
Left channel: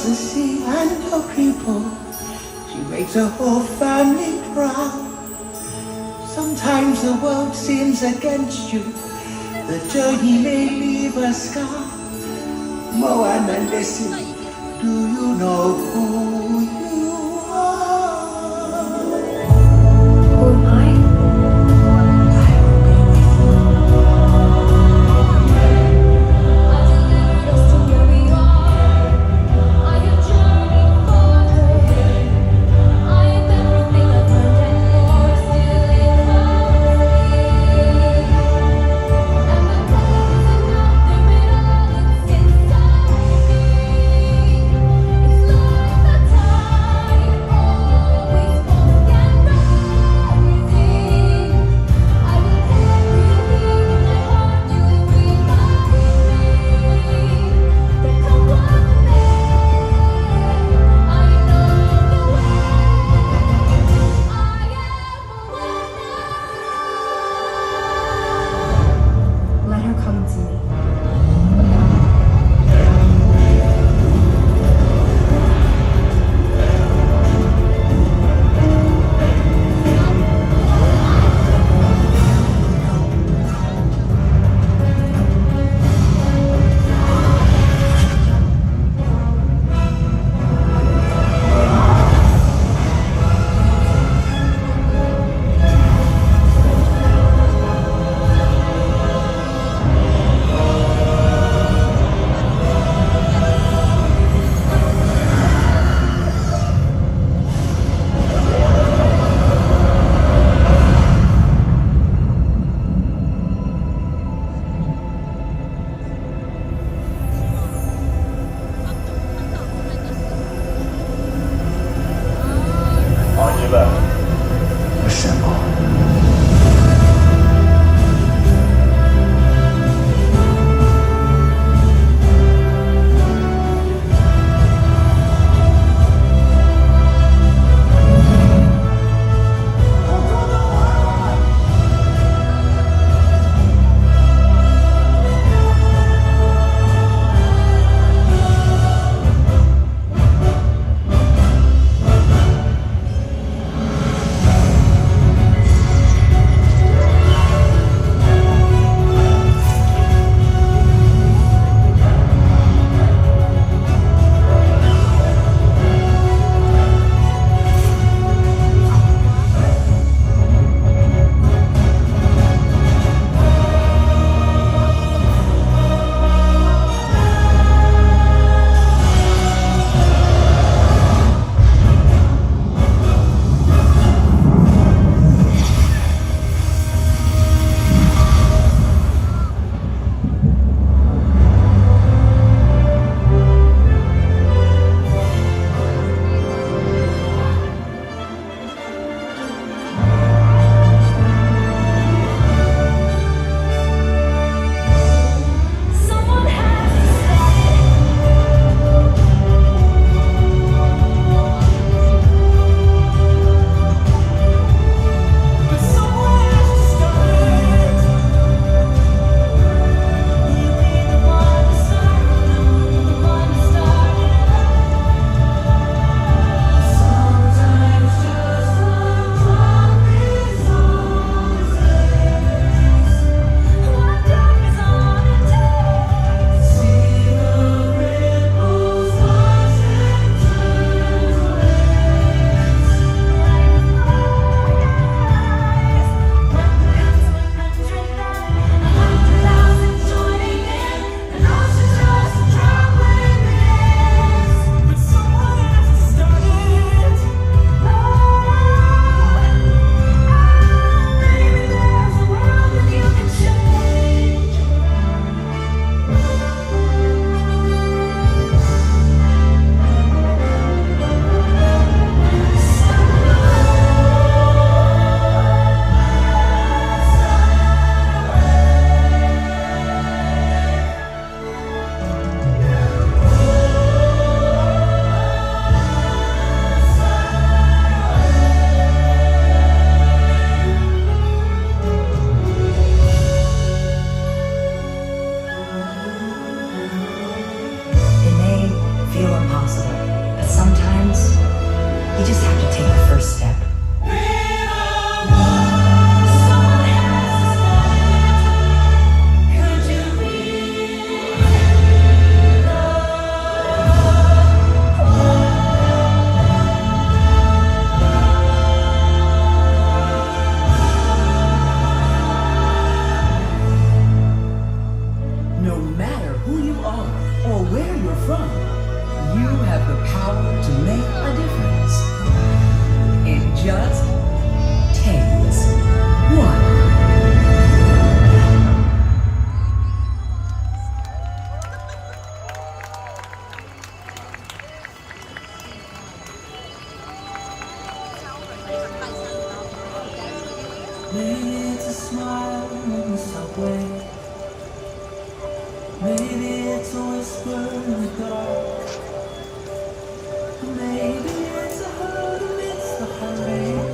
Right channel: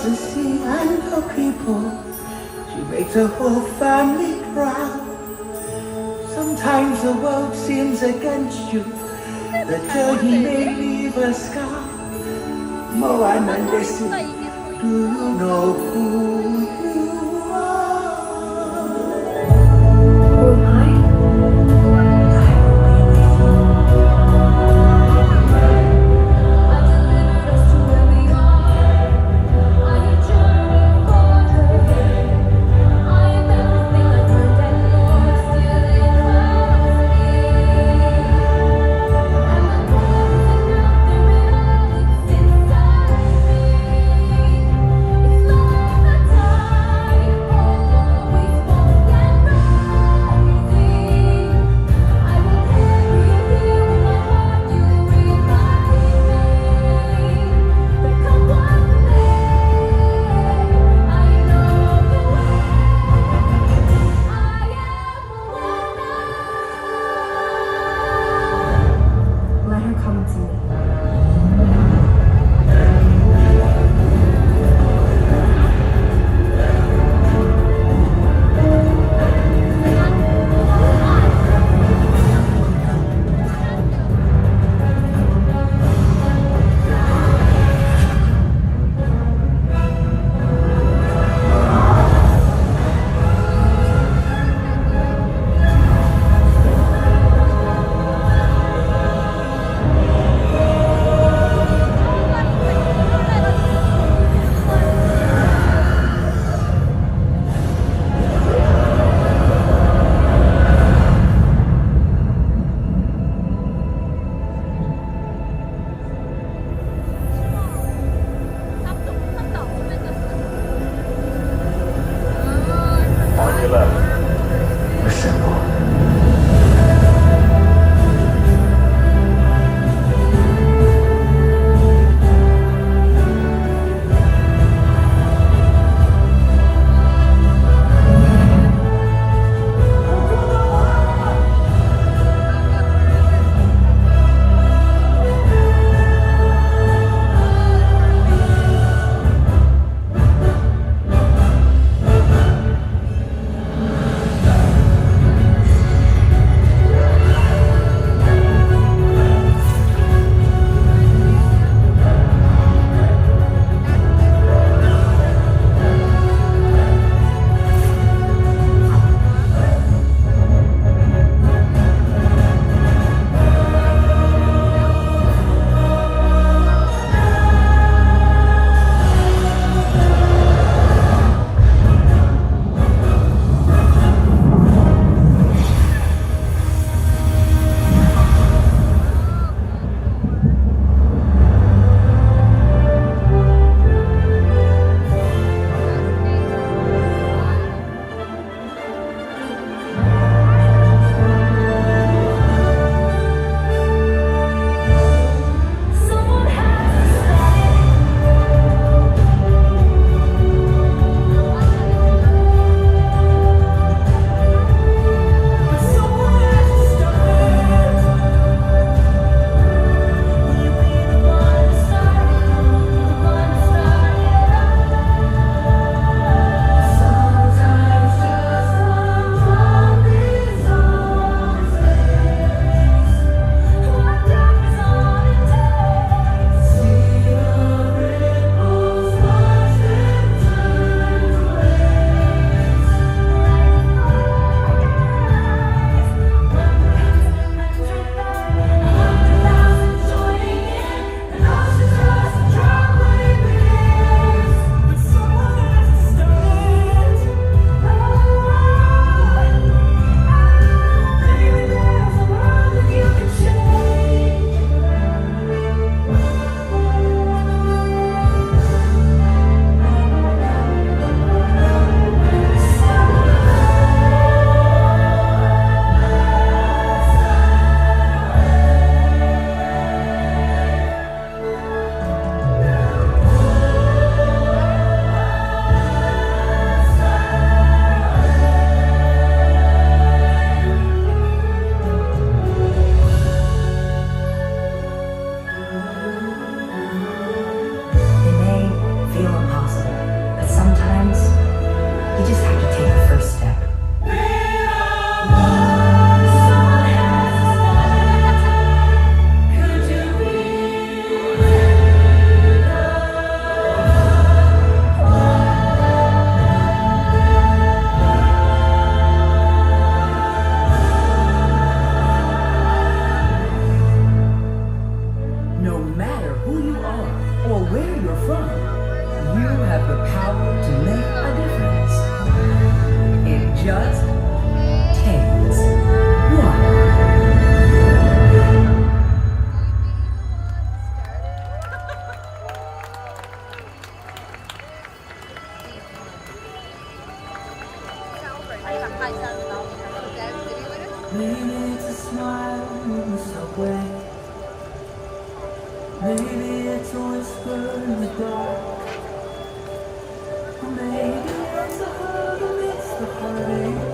the sea and her people. She makes her whole family proud. Sometimes the world seems against you. The journey may leave a scar. Moana, listen, do you know who you are? It's like the time Maybe it's a smile in the subway. Maybe it's a whisper in the dark. Maybe it's a hug amidst the heartache.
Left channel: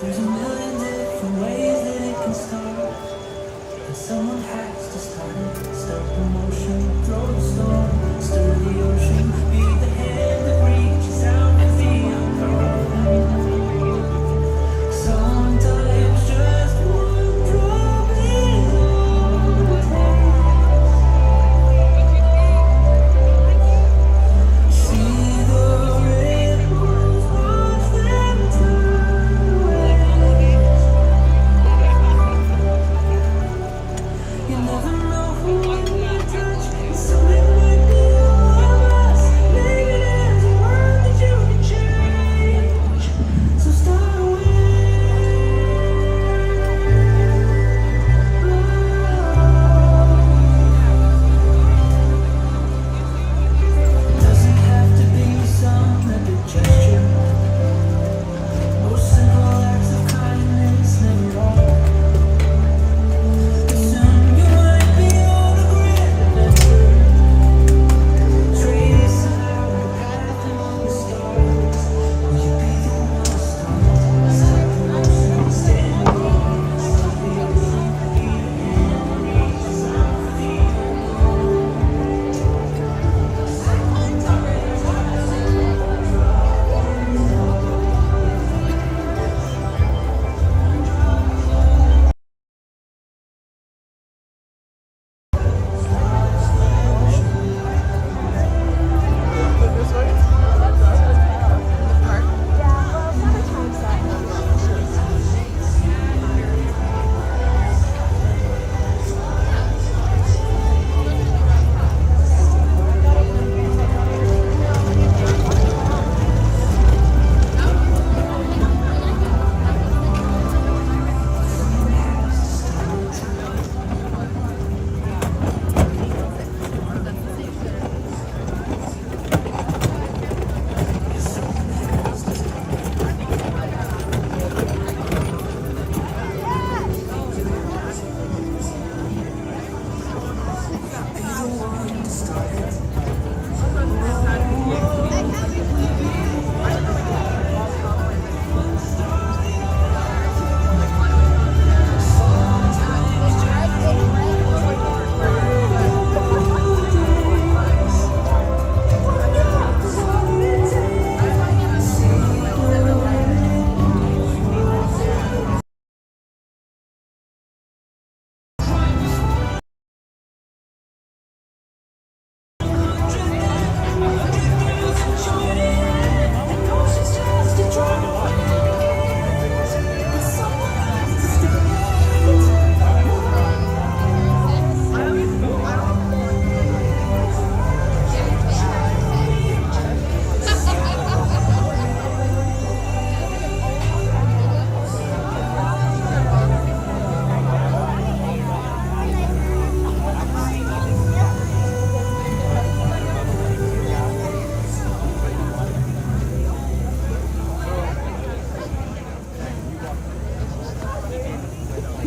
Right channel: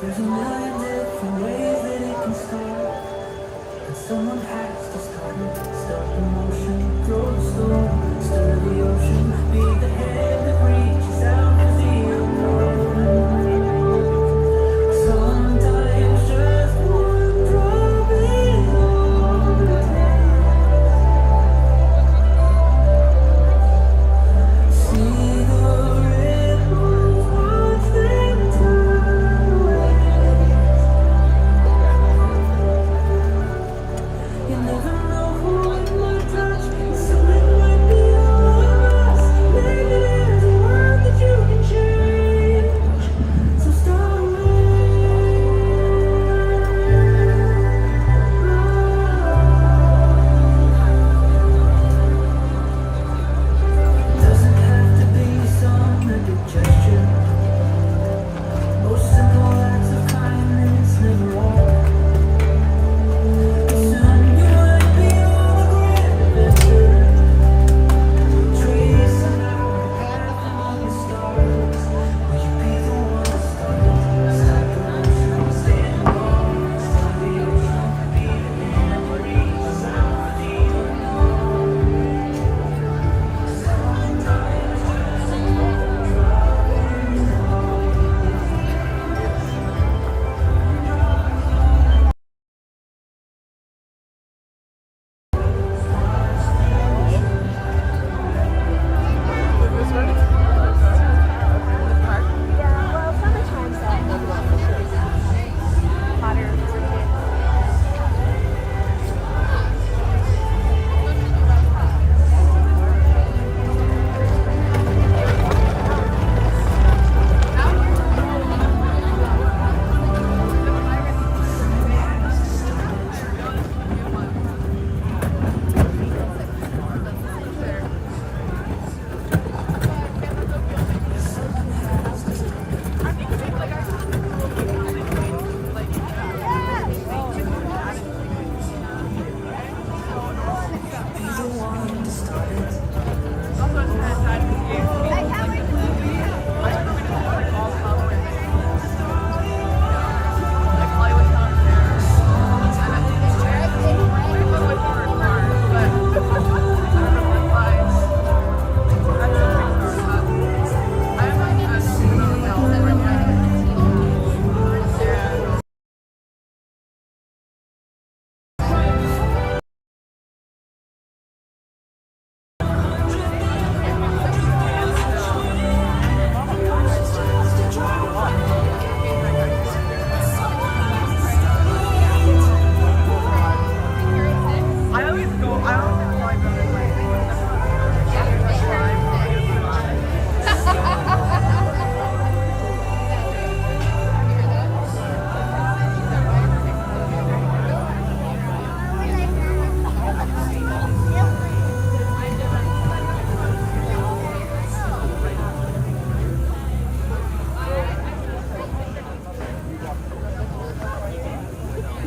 There's a million different ways that it can start. And someone has to start it. Stop the motion, throw the storm, stir the ocean, be the hand that reaches out to the unknown. Sometimes just one drop is all it takes. See the ripples, watch them turn away. You never know who it might touch, and soon it might be all of us. Maybe there's a world that you can change, so start away. Doesn't have to be some epic gesture. Most simple acts of kindness never are. Soon you might be on a grand adventure, tracing out your path among the stars. Will you be the one to start? Stop the motion, stand alone, stop the ocean, be the man that reaches out for the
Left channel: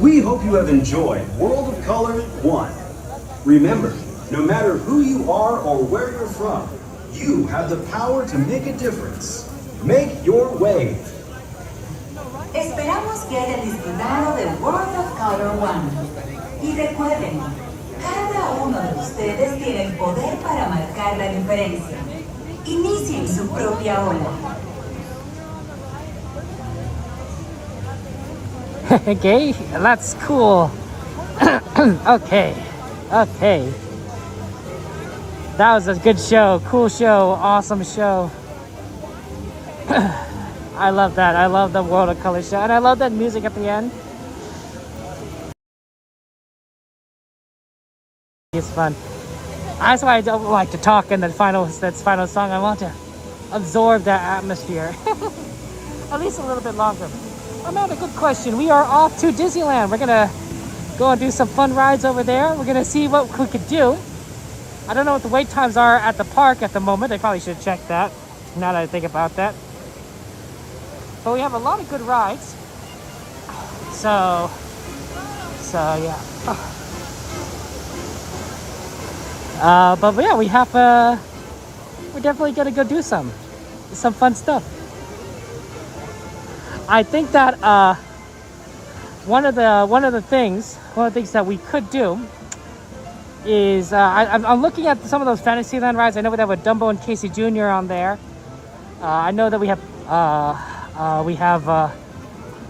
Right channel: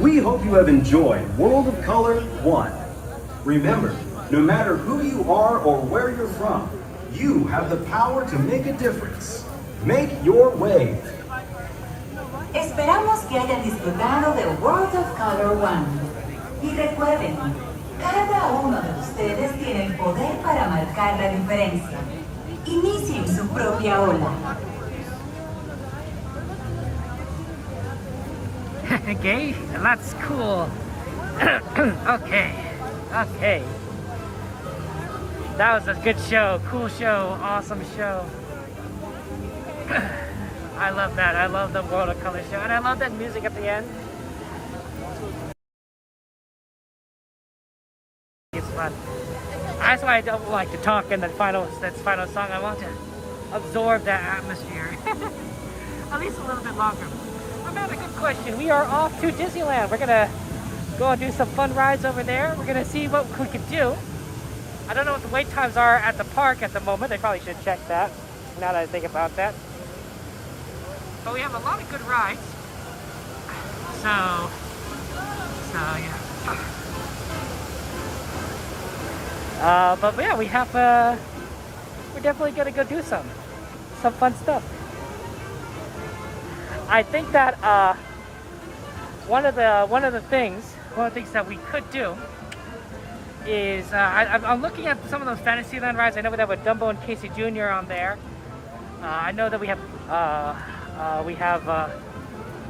We hope you have enjoyed World of Color 1. Remember, no matter who you are or where you're from, you have the power to make a difference. Make your way. Esperamos que hayan disfrutado de World of Color 1. Y recuerden, cada uno de ustedes tiene el poder para marcar la diferencia. Inicien su propia ola. Okay, that's cool. Okay. That was a good show, cool show, awesome show. I love that. I love the World of Color show, and I love that music at the end. It's fun. That's why I don't like to talk in the final song. I want to absorb that atmosphere. At least a little bit longer. Amanda, good question. We are off to Disneyland. We're gonna go and do some fun rides over there. We're gonna see what we could do. I don't know what the wait times are at the park at the moment. I probably should check that, now that I think about that. But we have a lot of good rides. So yeah. But yeah, we're definitely gonna go do some fun stuff. I think that one of the things that we could do is I'm looking at some of those Fantasyland rides. I know there were Dumbo and Casey Jr. on there. I know that we have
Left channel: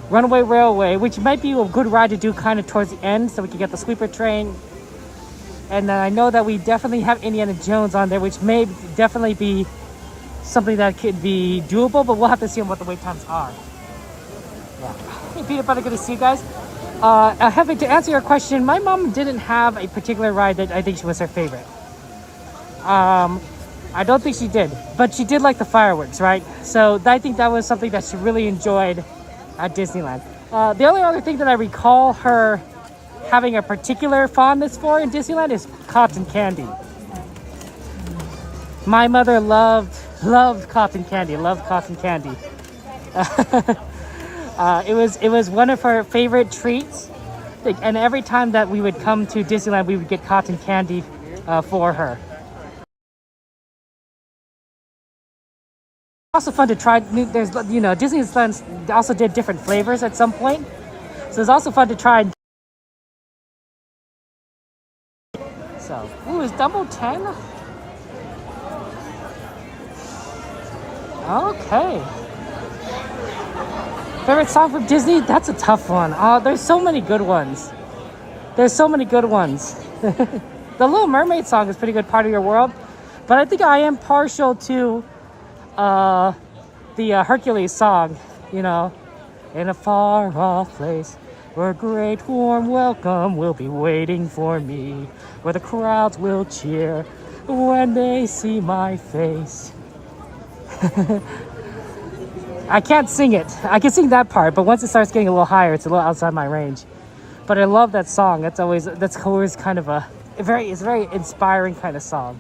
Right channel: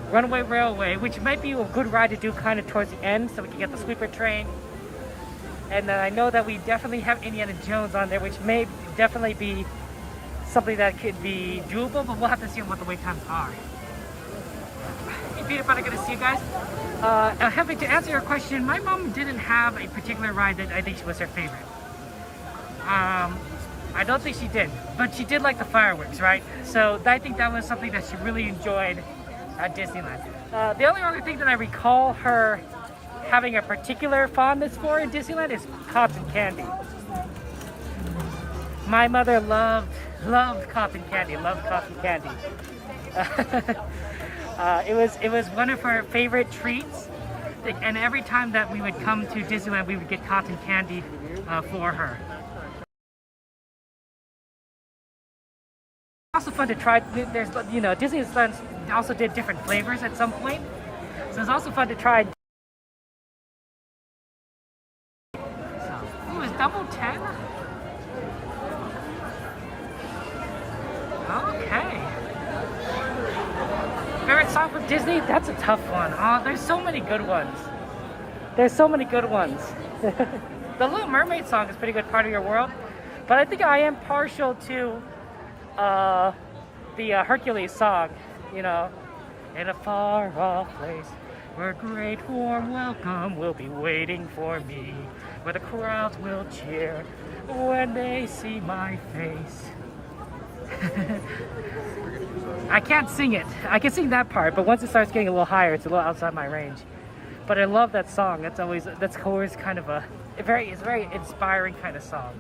Runaway Railway, which might be a good ride to do kind of towards the end, so we can get the sleeper train. And then I know that we definitely have Indiana Jones on there, which may definitely be something that could be doable, but we'll have to see what the wait times are. Hey, Peanut Butter, good to see you guys. Having to answer your question, my mom didn't have a particular ride that I think was her favorite. I don't think she did, but she did like the fireworks, right? So I think that was something that she really enjoyed at Disneyland. The only other thing that I recall her having a particular fondness for in Disneyland is cotton candy. My mother loved cotton candy, It was one of her favorite treats, and every time that we would come to Disneyland, we would get cotton candy for her. Also fun to try. There's, Disneyland also did different flavors at some point, so it's also fun to try. So, ooh, is Dumbo 10? Okay. Favorite song from Disney? That's a tough one. There's so many good ones. The Little Mermaid song is a pretty good, Part of Your World, but I think I am partial to the Hercules song, in a far off place where a great warm welcome will be waiting for me, where the crowds will cheer when they see my face. I can't sing it. I can sing that part, but once it starts getting a little higher, it's a little outside my range. But I love that song. That's always kind of it's a very inspiring kind of song.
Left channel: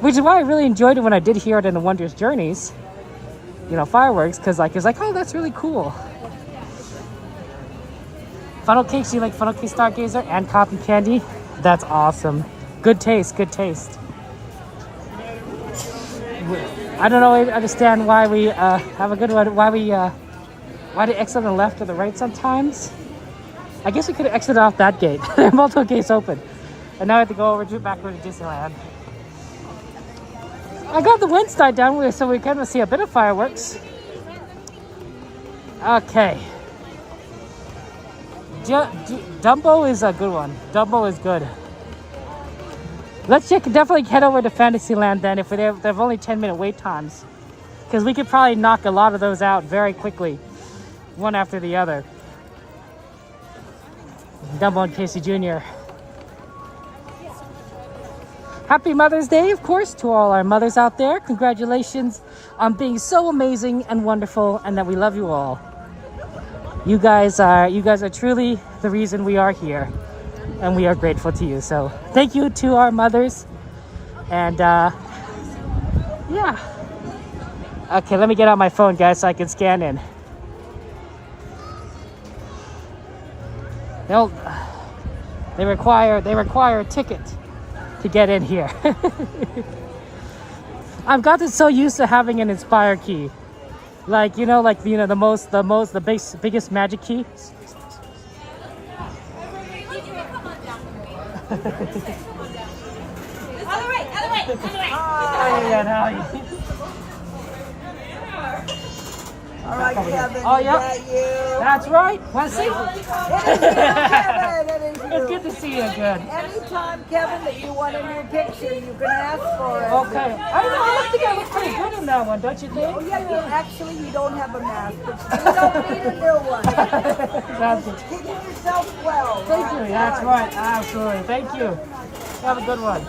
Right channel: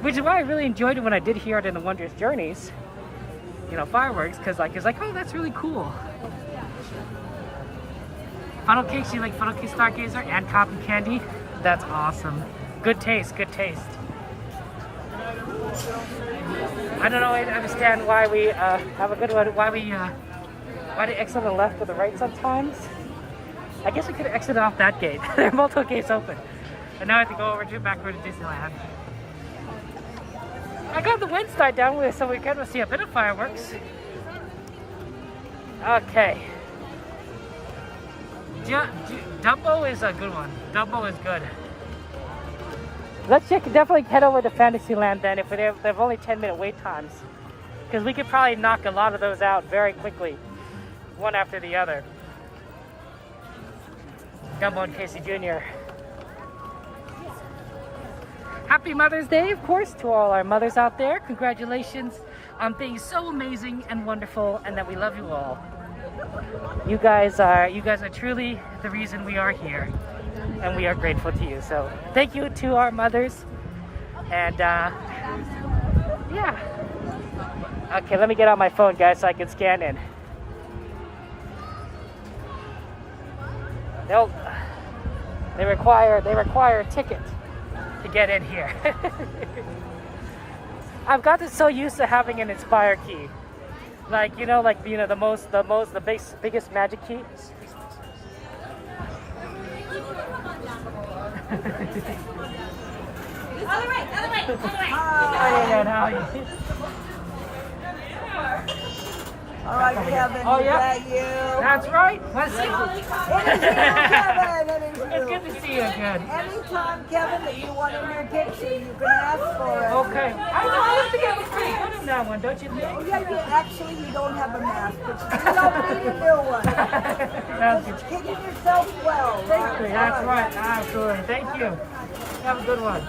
Which is why I really enjoyed it when I did hear it in the Wondrous Journeys, fireworks, because it's like, oh, that's really cool. Funnel cakes, you like funnel cake Stargazer and cotton candy? That's awesome. Good taste. I don't understand why we have a good one. Why they exit on the left or the right sometimes? I guess we could have exited off that gate. There are multiple gates open. And now I have to go back over to Disneyland. I got the winds died down so we can see a bit of fireworks. Okay. Dumbo is a good one. Dumbo is good. Let's definitely head over to Fantasyland then if they have only 10-minute wait times. Because we could probably knock a lot of those out very quickly, one after the other. Dumbo and Casey Jr. Happy Mother's Day, of course, to all our mothers out there. Congratulations on being so amazing and wonderful, and that we love you all. You guys are truly the reason we are here, and we are grateful to you. So thank you to our mothers, and yeah. Okay, let me get out my phone, guys, so I can scan in. Nope. They require a ticket to get in here. I've gotten so used to having an Inspire key, the biggest magic key. Other way. Oh yeah, now. Oh yeah, that's right. Want to see? It's good to see you again. Anytime, Kevin, that you want a new picture, you can ask for it. Okay. I know. I think I look pretty good in that one, don't you think? Oh, yeah, actually, you don't have a mask, but you don't need a new one. Sounds good. Kicking yourself well. Thank you. That's right. Absolutely. Thank you. Have a good one.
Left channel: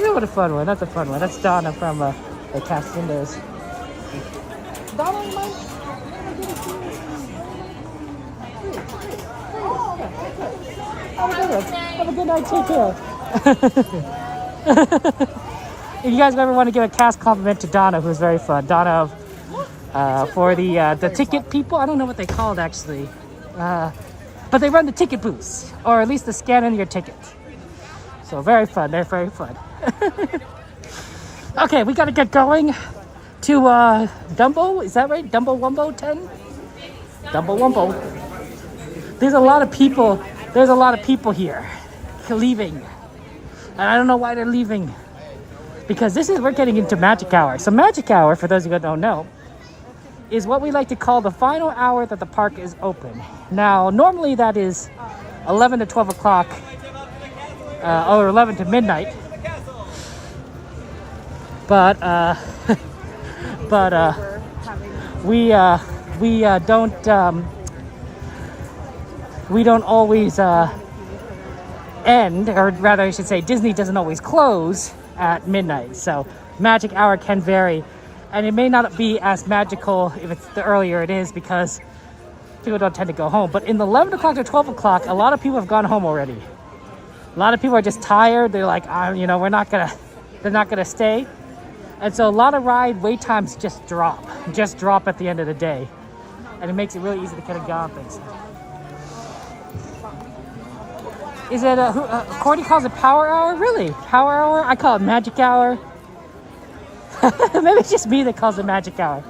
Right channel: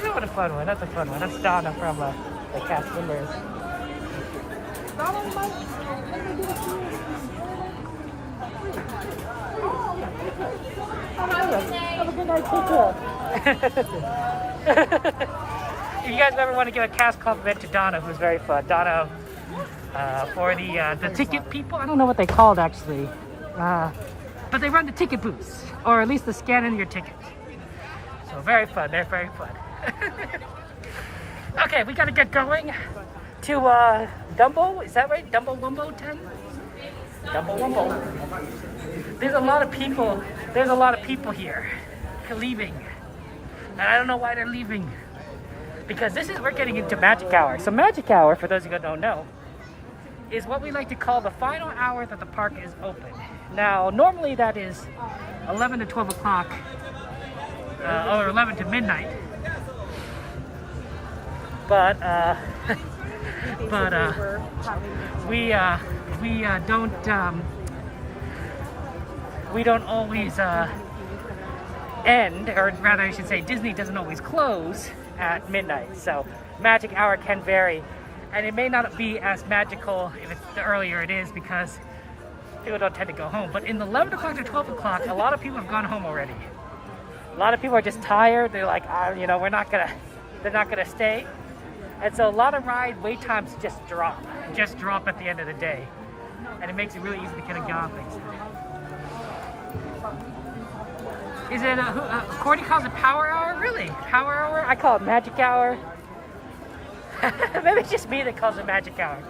Yeah, what a fun one. That's a fun one. That's Donna from the Casinos. Have a good night too. If you guys ever want to give a cast compliment to Donna, who's very fun. Donna of for the ticket people. I don't know what they call it actually, but they run the ticket booths, or at least the scan in your ticket. So very fun. They're very fun. Okay, we gotta get going to Dumbo. Is that right? Dumbo Wumbo 10? Dumbo Wumbo. There's a lot of people. There's a lot of people here leaving, and I don't know why they're leaving. Because we're getting into magic hour. So magic hour, for those of you who don't know, is what we like to call the final hour that the park is open. Now, normally that is 11 to 12 o'clock, or 11 to midnight. But we don't always end, or rather I should say Disney doesn't always close at midnight. So magic hour can vary, and it may not be as magical if it's the earlier it is, because people don't tend to go home. But in the 11 o'clock to 12 o'clock, a lot of people have gone home already. A lot of people are just tired. They're like, you know, they're not gonna stay. And so a lot of ride wait times just drop at the end of the day. And it makes it really easy to kind of go on things. Is it Courtney calls it power hour? Really? Power hour? I call it magic hour. Maybe it's just me that calls it magic hour.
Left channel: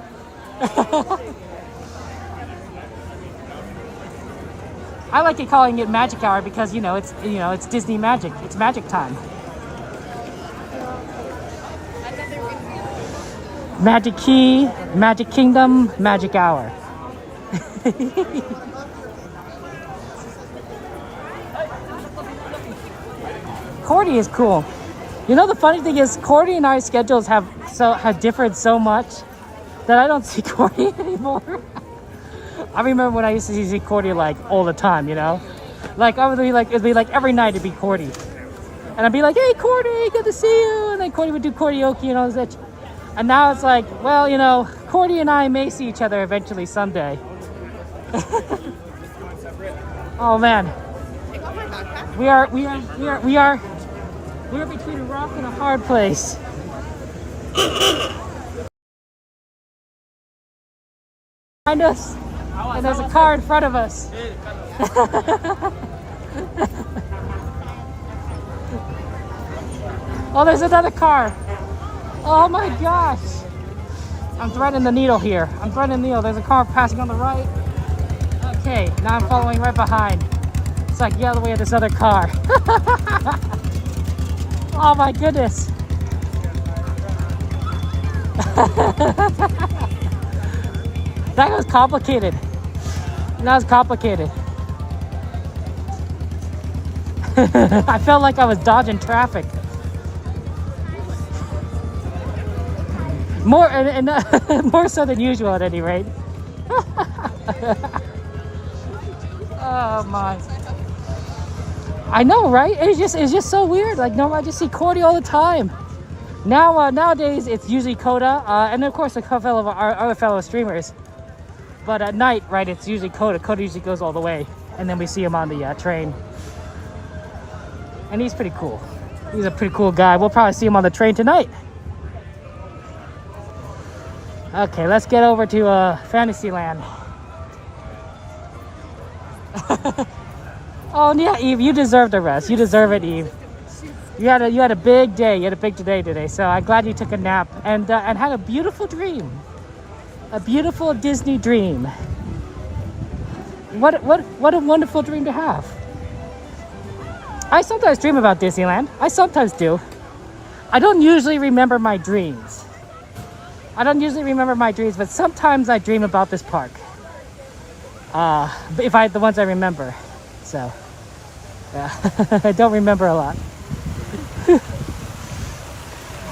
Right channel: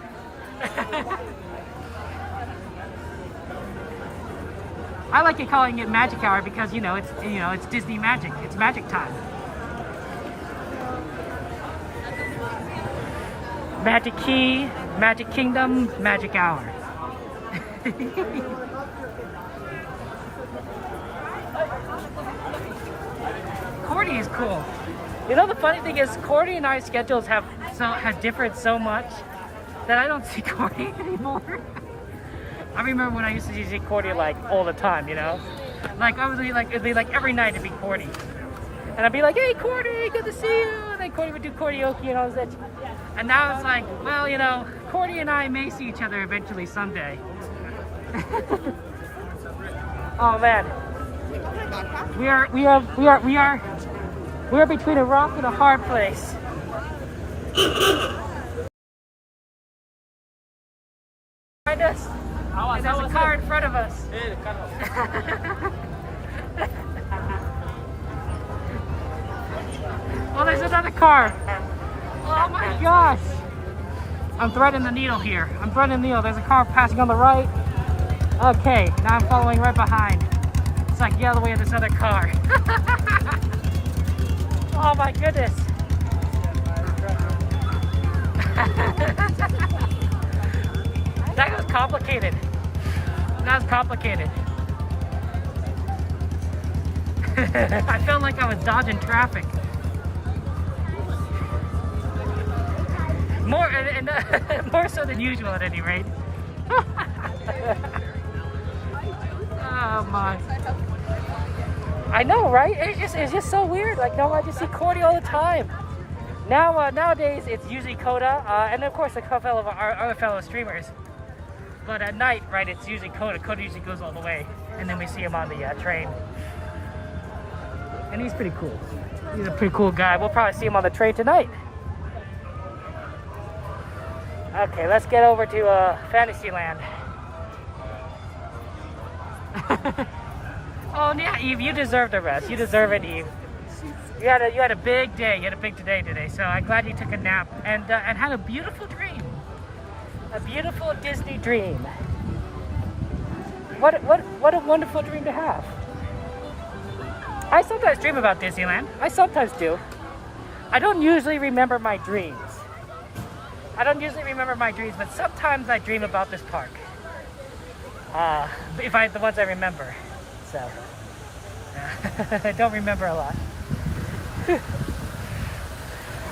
I like it calling it magic hour because it's Disney magic. It's magic time. Magic Key, Magic Kingdom, Magic Hour. Cordy is cool. You know, the funny thing is, Cordy and I's schedules have differed so much that I don't see Cordy anymore. I remember when I used to see Cordy like all the time, you know? Like it'd be like every night it'd be Cordy. And I'd be like, hey Cordy, good to see you. And then Cordy would do karaoke and all this. And now it's like, well, you know, Cordy and I may see each other eventually someday. Oh man. We are between a rock and a hard place. Behind us, and there's a car in front of us. Oh, there's another car. Oh my gosh. I'm threading the needle here. I'm threading the needle. There's a car passing on the right. Okay, now I'm following right behind. It's like, get out of the way of this other car. Oh my goodness. That was complicated. That was complicated. I felt like I was dodging traffic. More more so than usual at any rate. Oh my. I know, right? It's just so weird. Like, no, I just see Cordy all the time. Now, nowadays, it's usually Coda, and of course, a couple of our other fellow streamers. But at night, right, it's usually Coda. Coda usually goes all the way, and then we see him on the train. And he's pretty cool. He's a pretty cool guy. We'll probably see him on the train tonight. Okay, let's get over to Fantasyland. Oh yeah, Eve, you deserve the rest. You deserve it, Eve. You had a big day. You had a big day today. So I'm glad you took a nap and had a beautiful dream. A beautiful Disney dream. What a wonderful dream to have. I sometimes dream about Disneyland. I sometimes do. I don't usually remember my dreams. But sometimes I dream about this park. The ones I remember. So, yeah. I don't remember a lot.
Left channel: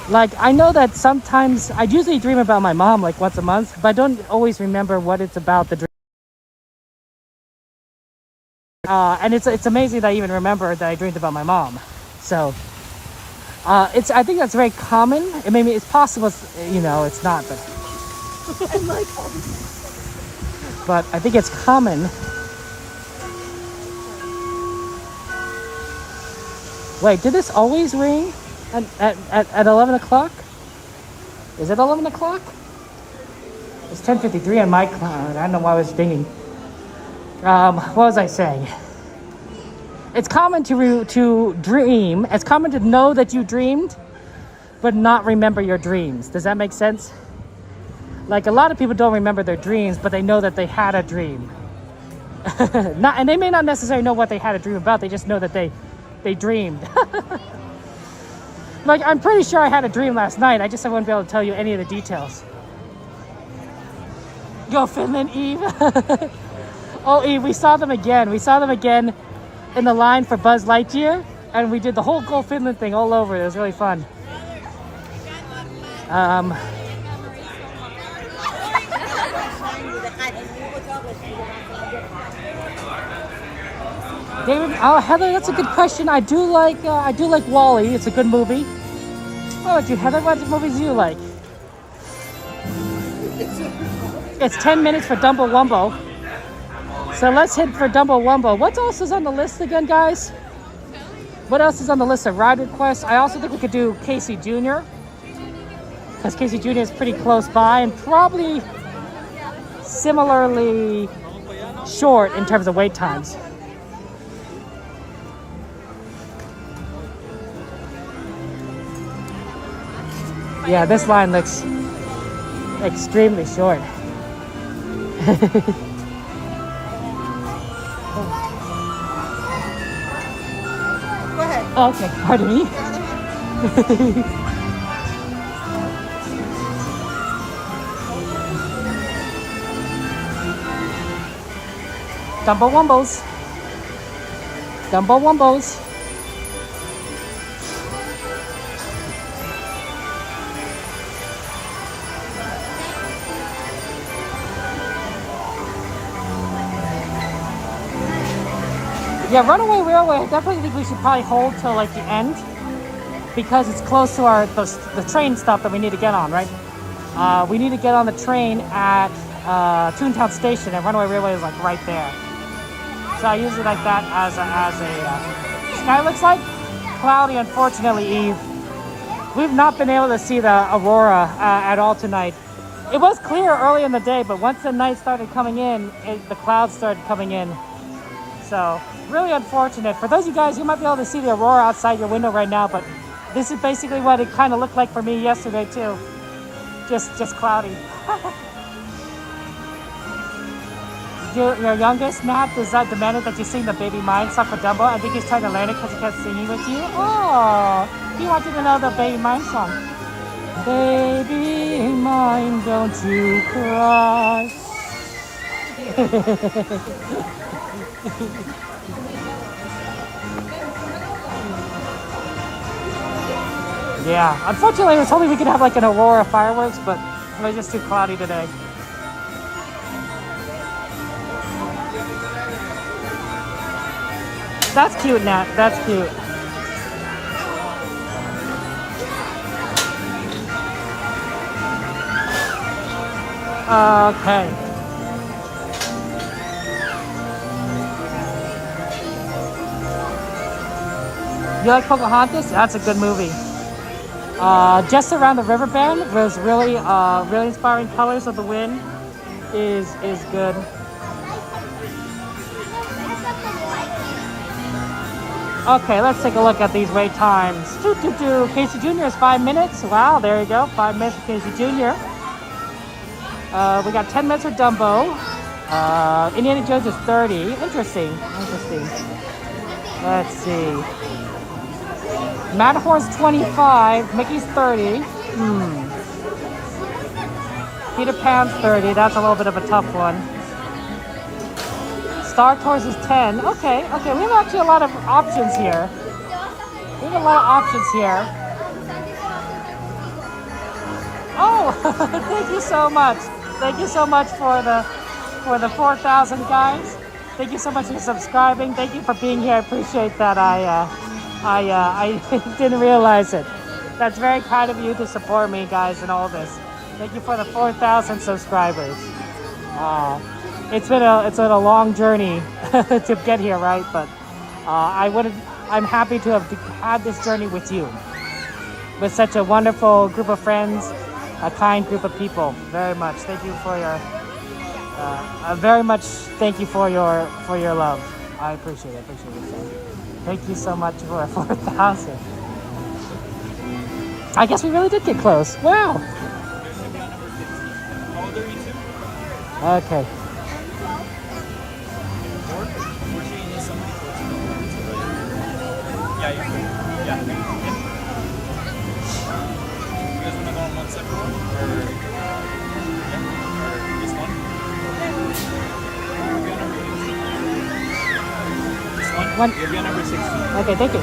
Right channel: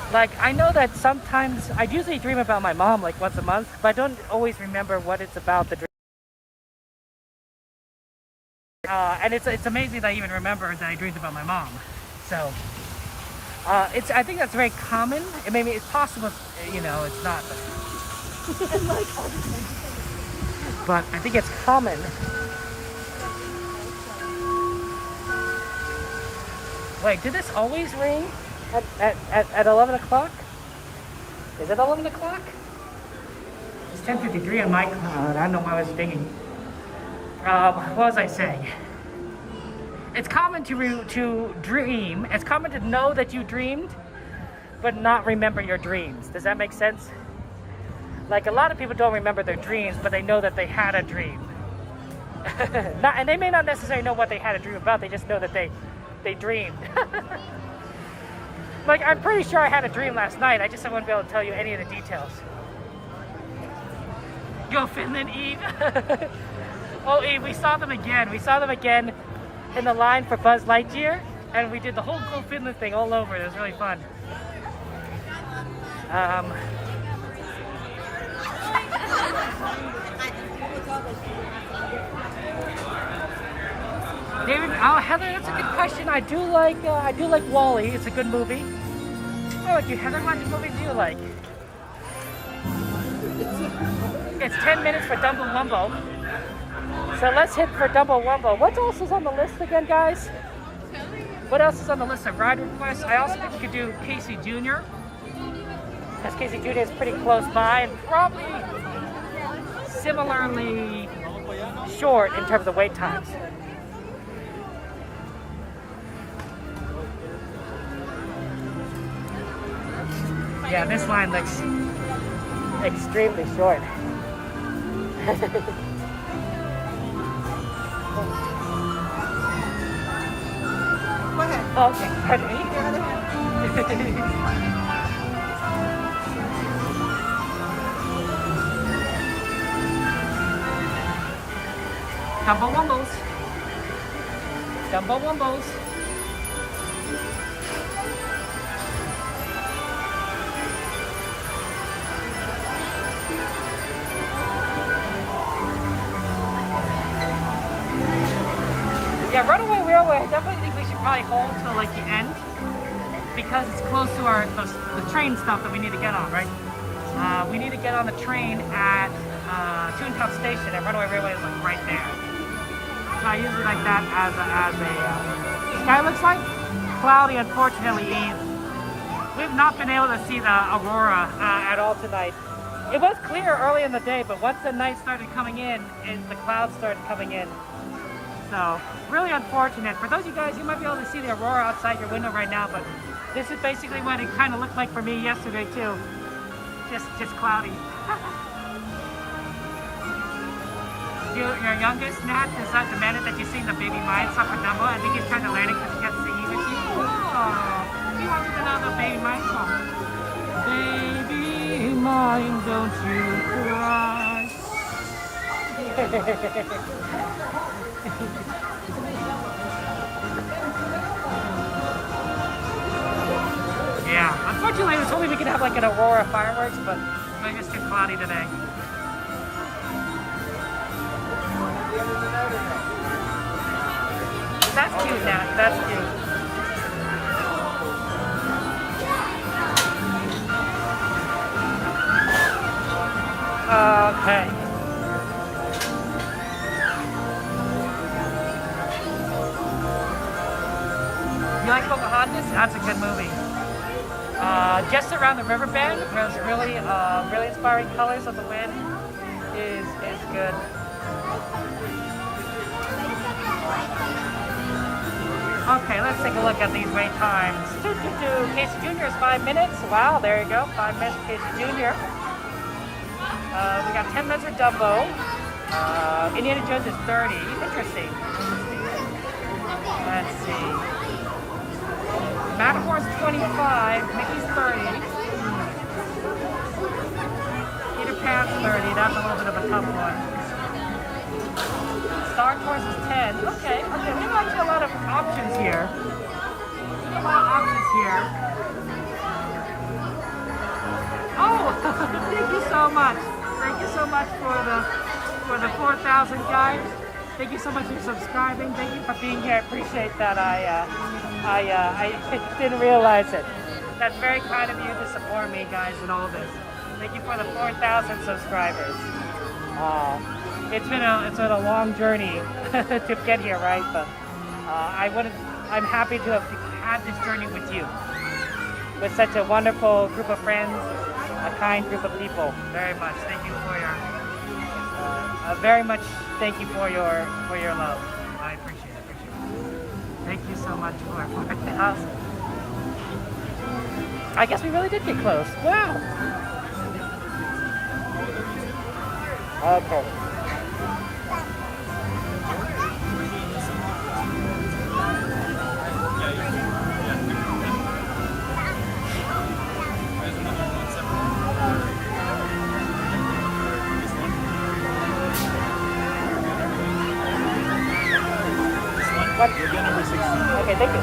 Like, I know that sometimes, I usually dream about my mom like once a month, but I don't always remember what it's about, the dream. And it's amazing that I even remember that I dreamed about my mom. So, I think that's very common. Maybe it's possible, you know, it's not, but I think it's common. Wait, did this always ring at 11 o'clock? Is it 11 o'clock? It's 10:53 on my cloud. I don't know why I was dinging. What was I saying? It's common to dream. It's common to know that you dreamed, but not remember your dreams. Does that make sense? Like a lot of people don't remember their dreams, but they know that they had a dream. And they may not necessarily know what they had a dream about. They just know that they dreamed. Like I'm pretty sure I had a dream last night. I just wouldn't be able to tell you any of the details. Go Finland, Eve. Oh, Eve, we saw them again. We saw them again in the line for Buzz Lightyear, and we did the whole Go Finland thing all over. It was really fun. David, oh Heather, that's a good question. I do like Wall-E. It's a good movie. Oh, Heather, what movies do you like? It's 10 minutes for Dumbo Wumbo. So let's hit for Dumbo Wumbo. What else is on the list again, guys? What else is on the list of ride requests? I also think we could do Casey Jr. Because Casey Jr. is pretty close by and probably similarly short in terms of wait times. Yeah, this line looks extremely short. Okay, pardon me. Dumbo Wumbos. Dumbo Wumbos. Yeah, Runaway Railway, I definitely think we should probably hold till like the end because it's close to the train stop that we need to get on, right? We need to get on the train at Toontown Station, and Runaway Railway is like right there. So I use it like that as a sky looks like cloudy, unfortunately, Eve. We've not been able to see the Aurora at all tonight. It was clear early in the day, but once the night started coming in, the clouds started coming in. So, really unfortunate. For those of you guys, you might be able to see the Aurora outside your window right now, but this is basically what it kind of looked like for me yesterday too. Just cloudy. Your youngest, Nat, is demanded that you sing the Baby Mine song for Dumbo. I think he's trying to learn it because he kept singing with you. Oh, he wanted to know the Baby Mine song. Baby mine, don't you cry. Yeah, unfortunately, I was hoping we could have like an Aurora fireworks, but it's just too cloudy today. That's cute, Nat. That's cute. Okay. You like Pocahontas? That's a good movie. Just Around the River Bend, those really inspiring colors of the wind is good. Okay, let's take a look at these wait times. Casey Jr. is 5 minutes. Wow, there you go. 5 minutes for Casey Jr. We got 10 minutes for Dumbo. Indiana Jones is 30. Interesting. Let's see. Matterhorn's 25. Mickey's 30. Peter Pan's 30. That's a little bit of a tough one. Star Tours is 10. Okay. We have actually a lot of options here. Oh, thank you so much. Thank you so much for the 4,000 guys. Thank you so much for subscribing. Thank you for being here. I appreciate that. I didn't realize it. That's very kind of you to support me, guys, in all this. Thank you for the 4,000 subscribers. It's been a long journey to get here, right? But I'm happy to have had this journey with you, with such a wonderful group of friends a kind group of people. Very much. Thank you for your very much. Thank you for your love. I appreciate it. Thank you so much for 4,000. I guess we really did get close. Wow. Okay. You'll be on number 16. Okay, thank you.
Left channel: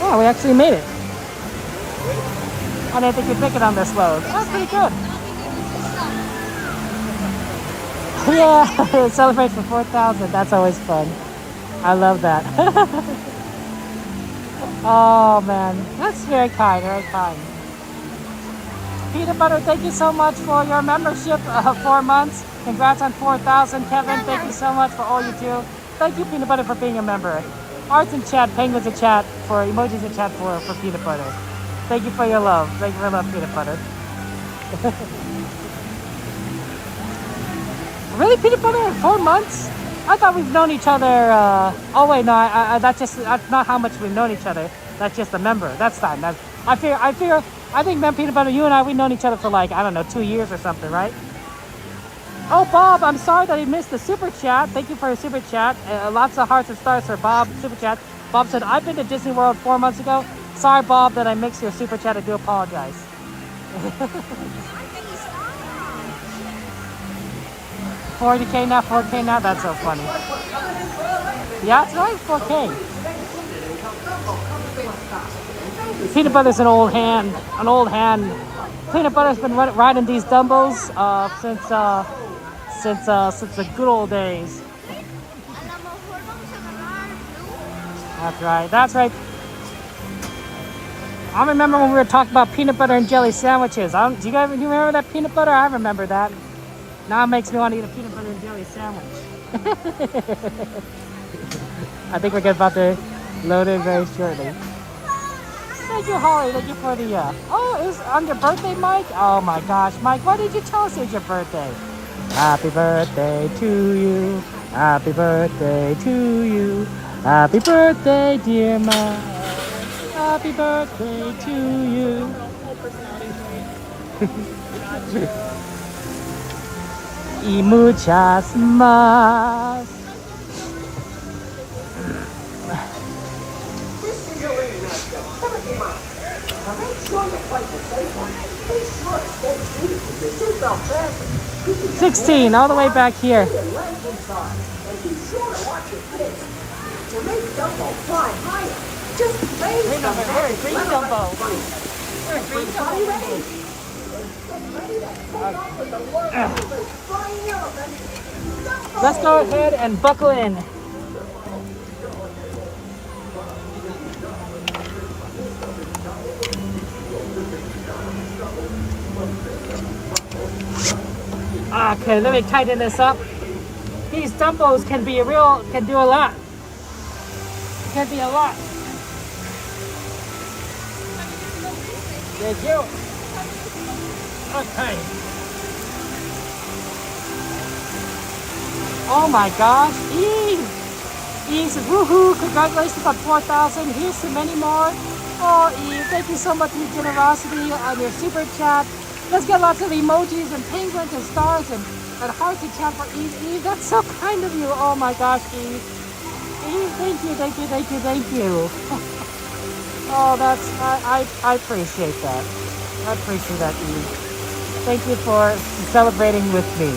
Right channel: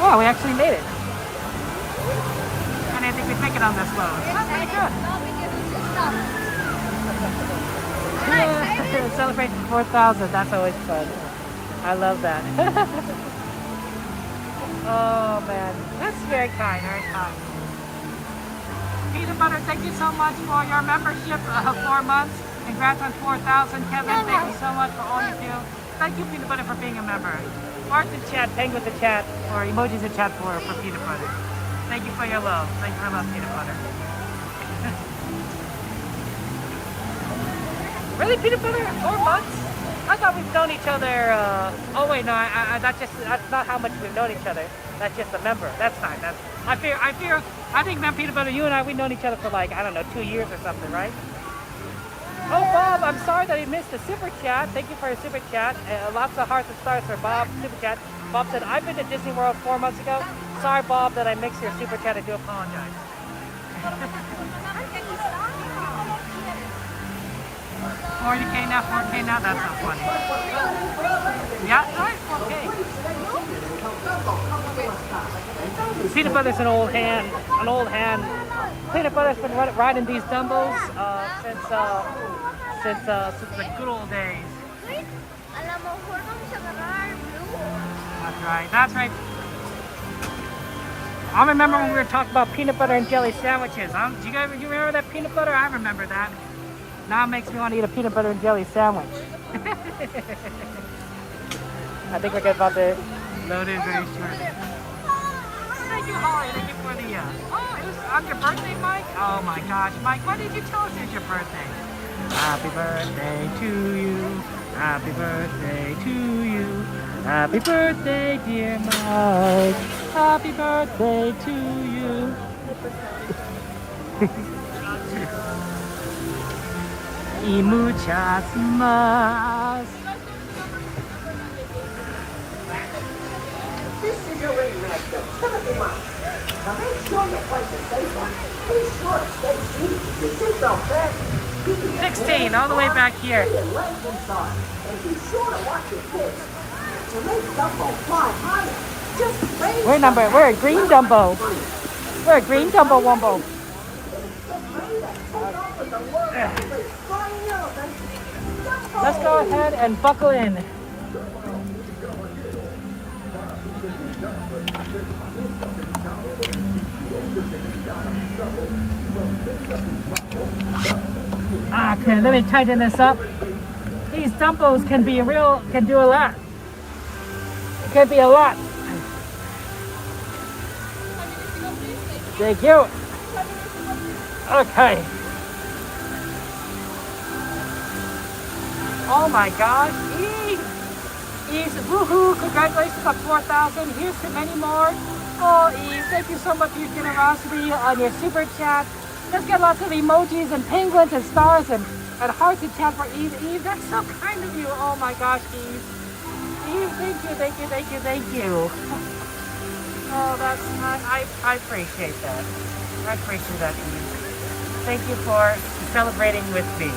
Wow, we actually made it. I didn't think we'd make it on this load. That's pretty good. Yeah, celebrate for 4,000. That's always fun. I love that. Oh man, that's very kind, very kind. Peanut Butter, thank you so much for your membership of 4 months. Congrats on 4,000. Kevin, thank you so much for all you do. Thank you, Peanut Butter, for being a member. Arts in chat, penguins in chat, for emojis in chat for Peanut Butter. Thank you for your love. Thank you for your love, Peanut Butter. Really, Peanut Butter? 4 months? I thought we've known each other. Oh wait, no, that's not how much we've known each other. That's just a member. That's fine. I think, man, Peanut Butter, you and I, we've known each other for like, I don't know, 2 years or something, right? Oh, Bob, I'm sorry that I missed the super chat. Thank you for your super chat. Lots of hearts and stars for Bob, super chat. Bob said, I've been to Disney World 4 months ago. Sorry, Bob, that I mixed your super chat. I do apologize. 40K now, 4K now. That's so funny. Yeah, it's always 4K. Peanut Butter's an old hand. Peanut Butter's been riding these Dumbos since the good old days. That's right. I remember when we were talking about peanut butter and jelly sandwiches. Do you remember that peanut butter? I remember that. Now it makes me want to eat a peanut butter and jelly sandwich. I think we're about to load in very shortly. Thank you, Holly. Thank you for the... Oh, it was on your birthday, Mike? Oh my gosh, Mike, why did you tell us it was your birthday? Happy birthday to you. Happy birthday to you. Happy birthday, dear Mike. Happy birthday to you. Y muchas más. This is your lady right there. 17 months. Now make sure you play the safe one. Be sure to stay cheap. You sit down back. 16, all the way back here. And be sure to watch your kids. To make Dumbo fly higher. Just raise We're a green Dumbo. We're a green Dumbo Wumbo. Let's go ahead and buckle in. Okay, let me tighten this up. These Dumbos can do a lot. It can be a lot. Thank you. Okay. Oh my gosh, Eve says, woohoo, congratulations on 4,000. Here's to many more. Oh, Eve, thank you so much for your generosity on your super chat. Let's get lots of emojis and penguins and stars and hearts in chat for Eve. Eve, that's so kind of you. Oh my gosh, Eve. Eve, thank you. Oh, I appreciate that. I appreciate that, Eve. Thank you for celebrating with me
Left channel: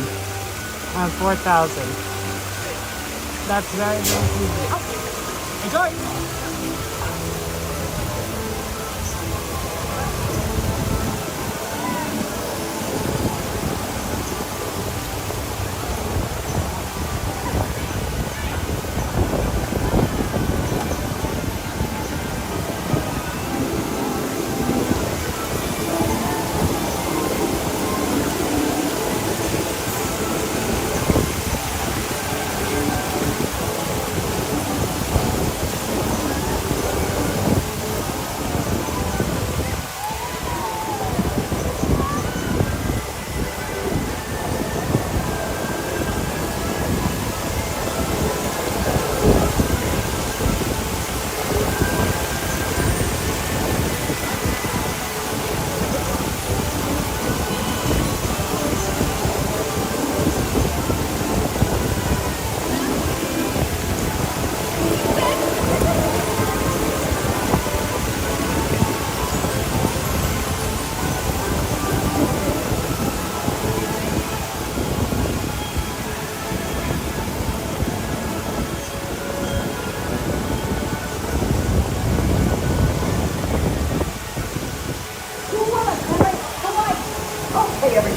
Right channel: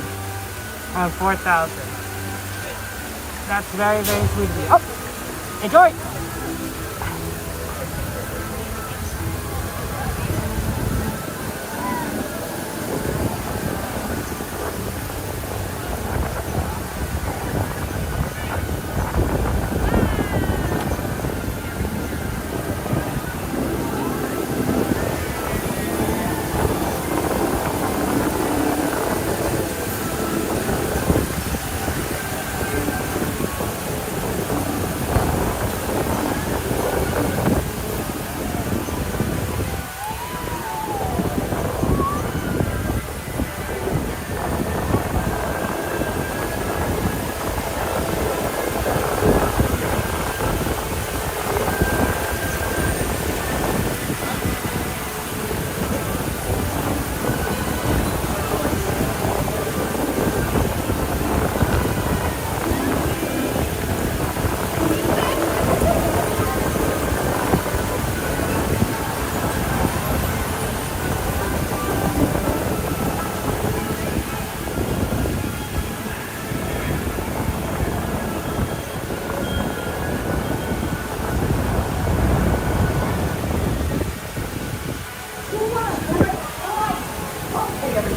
on 4,000. That's very, very sweet of you. Oh, enjoy!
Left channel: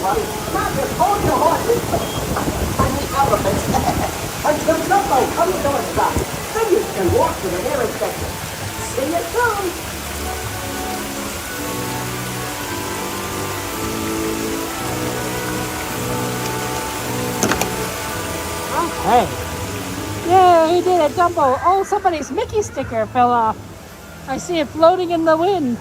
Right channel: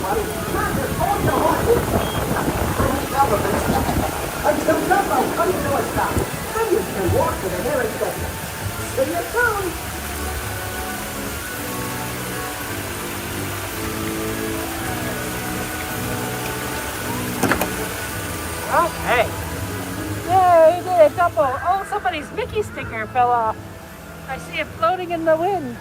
buddy. Hold your horses. Like the Dumbo coming north side. Then you can walk to the nearest station. See you soon. Okay. Yay, we did a Dumbo. Oh, somebody's Mickey sticker fell off. I see it floating in the wind.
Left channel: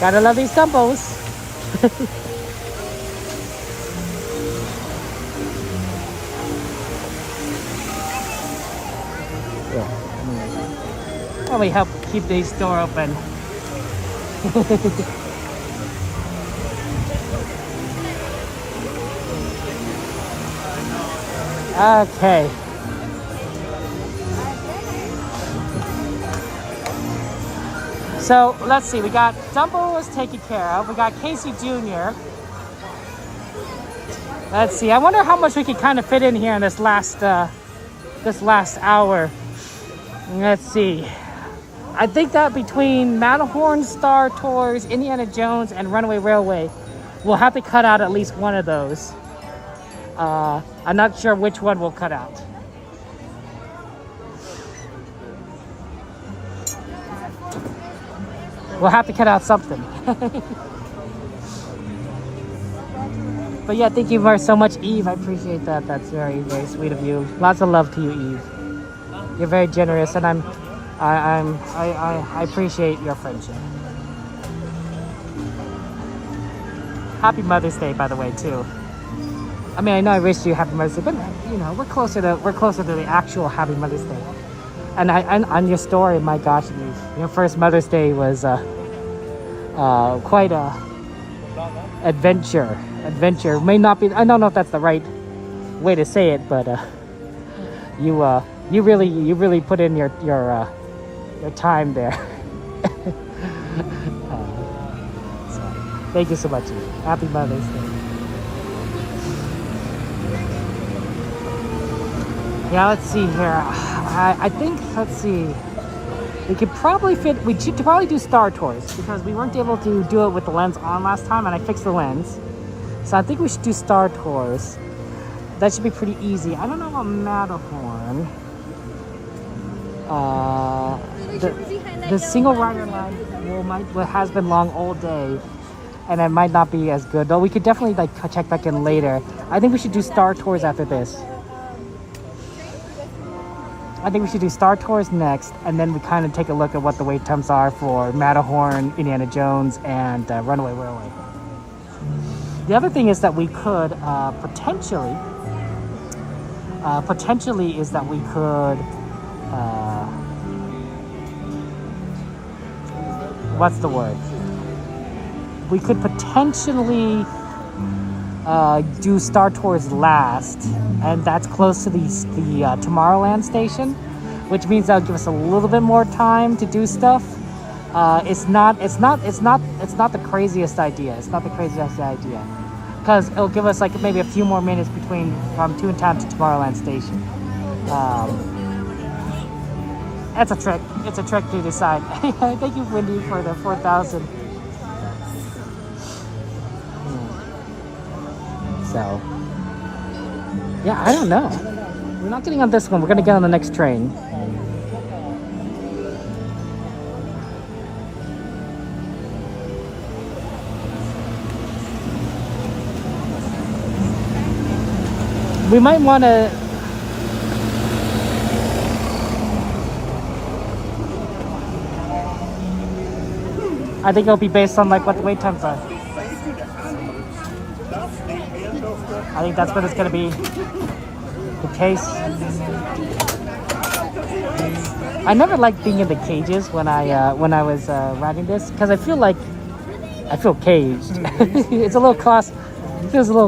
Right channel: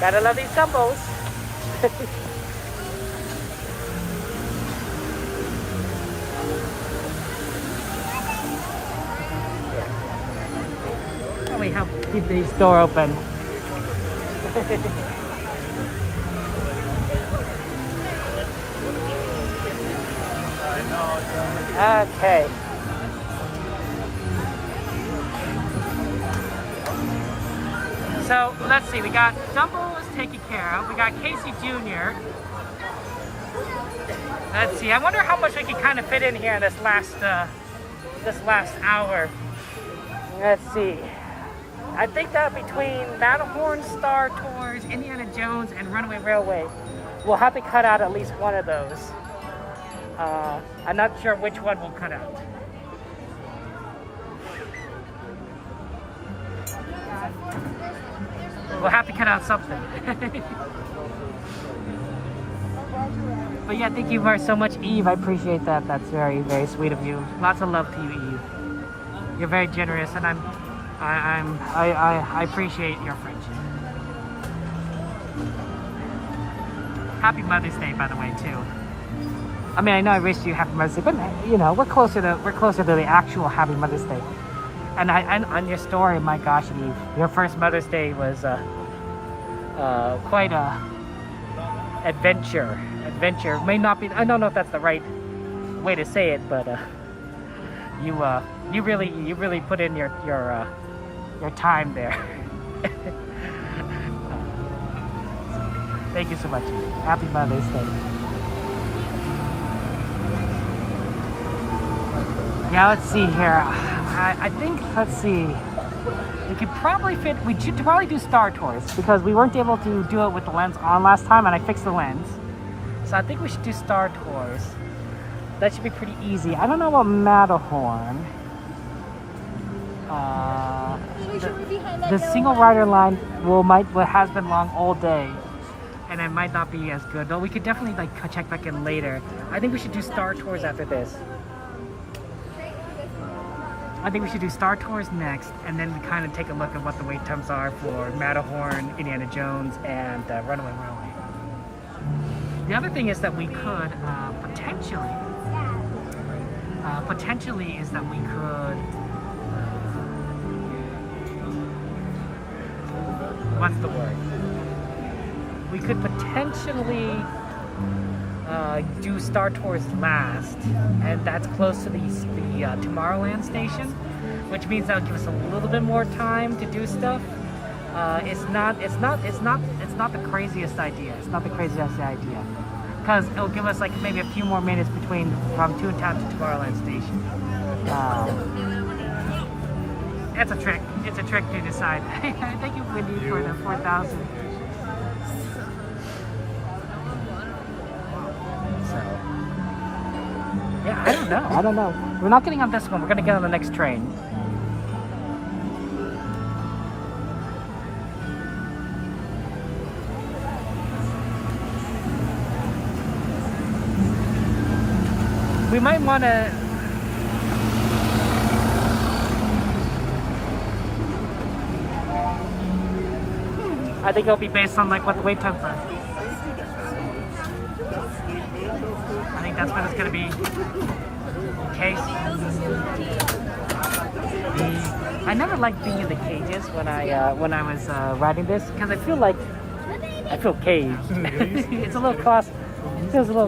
Gotta love these Dumbos. Let me help keep this door open. Okay. So let's see, we got Dumbo was taken care of. We got Casey Jr. Let's see, I wonder how much we can kind of fit in here in this last hour. Let's see. I think that between Matterhorn, Star Tours, Indiana Jones, and Runaway Railway, we'll have to cut out at least one of those. I'm not sure which one we'll cut out. We'll have to cut out something. But yeah, thank you so much, Eve. I appreciate that. That's very, very sweet of you. Lots of love to you, Eve. You're very generous, and I appreciate your friendship. Happy Mother's Day, by the way, too. I mean, I know I wish you Happy Mother's Day, but you know, we're closer to the actual Happy Mother's Day. And on your story, my gosh, Eve, your first Mother's Day was quite a adventure. May not be. I don't know if that's the right way to say it, but you really put in your time there. Thank you so much, Eve. Happy Mother's Day. Yeah, let's see here. I think, let's see. We should probably do Star Tours because we weren't able to do it with the lens on last time, and I fixed the lens. So I think we should do Star Tours. That should be pretty easy. I don't know about Matterhorn. The single rider line has been long all day, and it might not be as good. Though we could definitely check back in later. I think we should do Star Tours after this. I think we should do Star Tours next, and then we kind of take a look at what the wait times are for Matterhorn, Indiana Jones, and Runaway Railway. The other thing is that we could potentially is that we could what's the word? We could potentially do Star Tours last, and that's close to the Tomorrowland station, which means that'll give us a little bit more time to do stuff. It's not the craziest idea. It's not the craziest idea, because it'll give us like maybe a few more minutes from Toontown to Tomorrowland station. It's a trick. It's a trick to decide. Thank you, Wendy, for the 4,000. So, yeah, I don't know. We're not getting on this one. We're going to get on the next train. We might want to... I think it'll be based on like what the wait times are. I think that's what it's going to be. The case. I never liked being in the cages when I was riding this, because I feel caged. It feels a little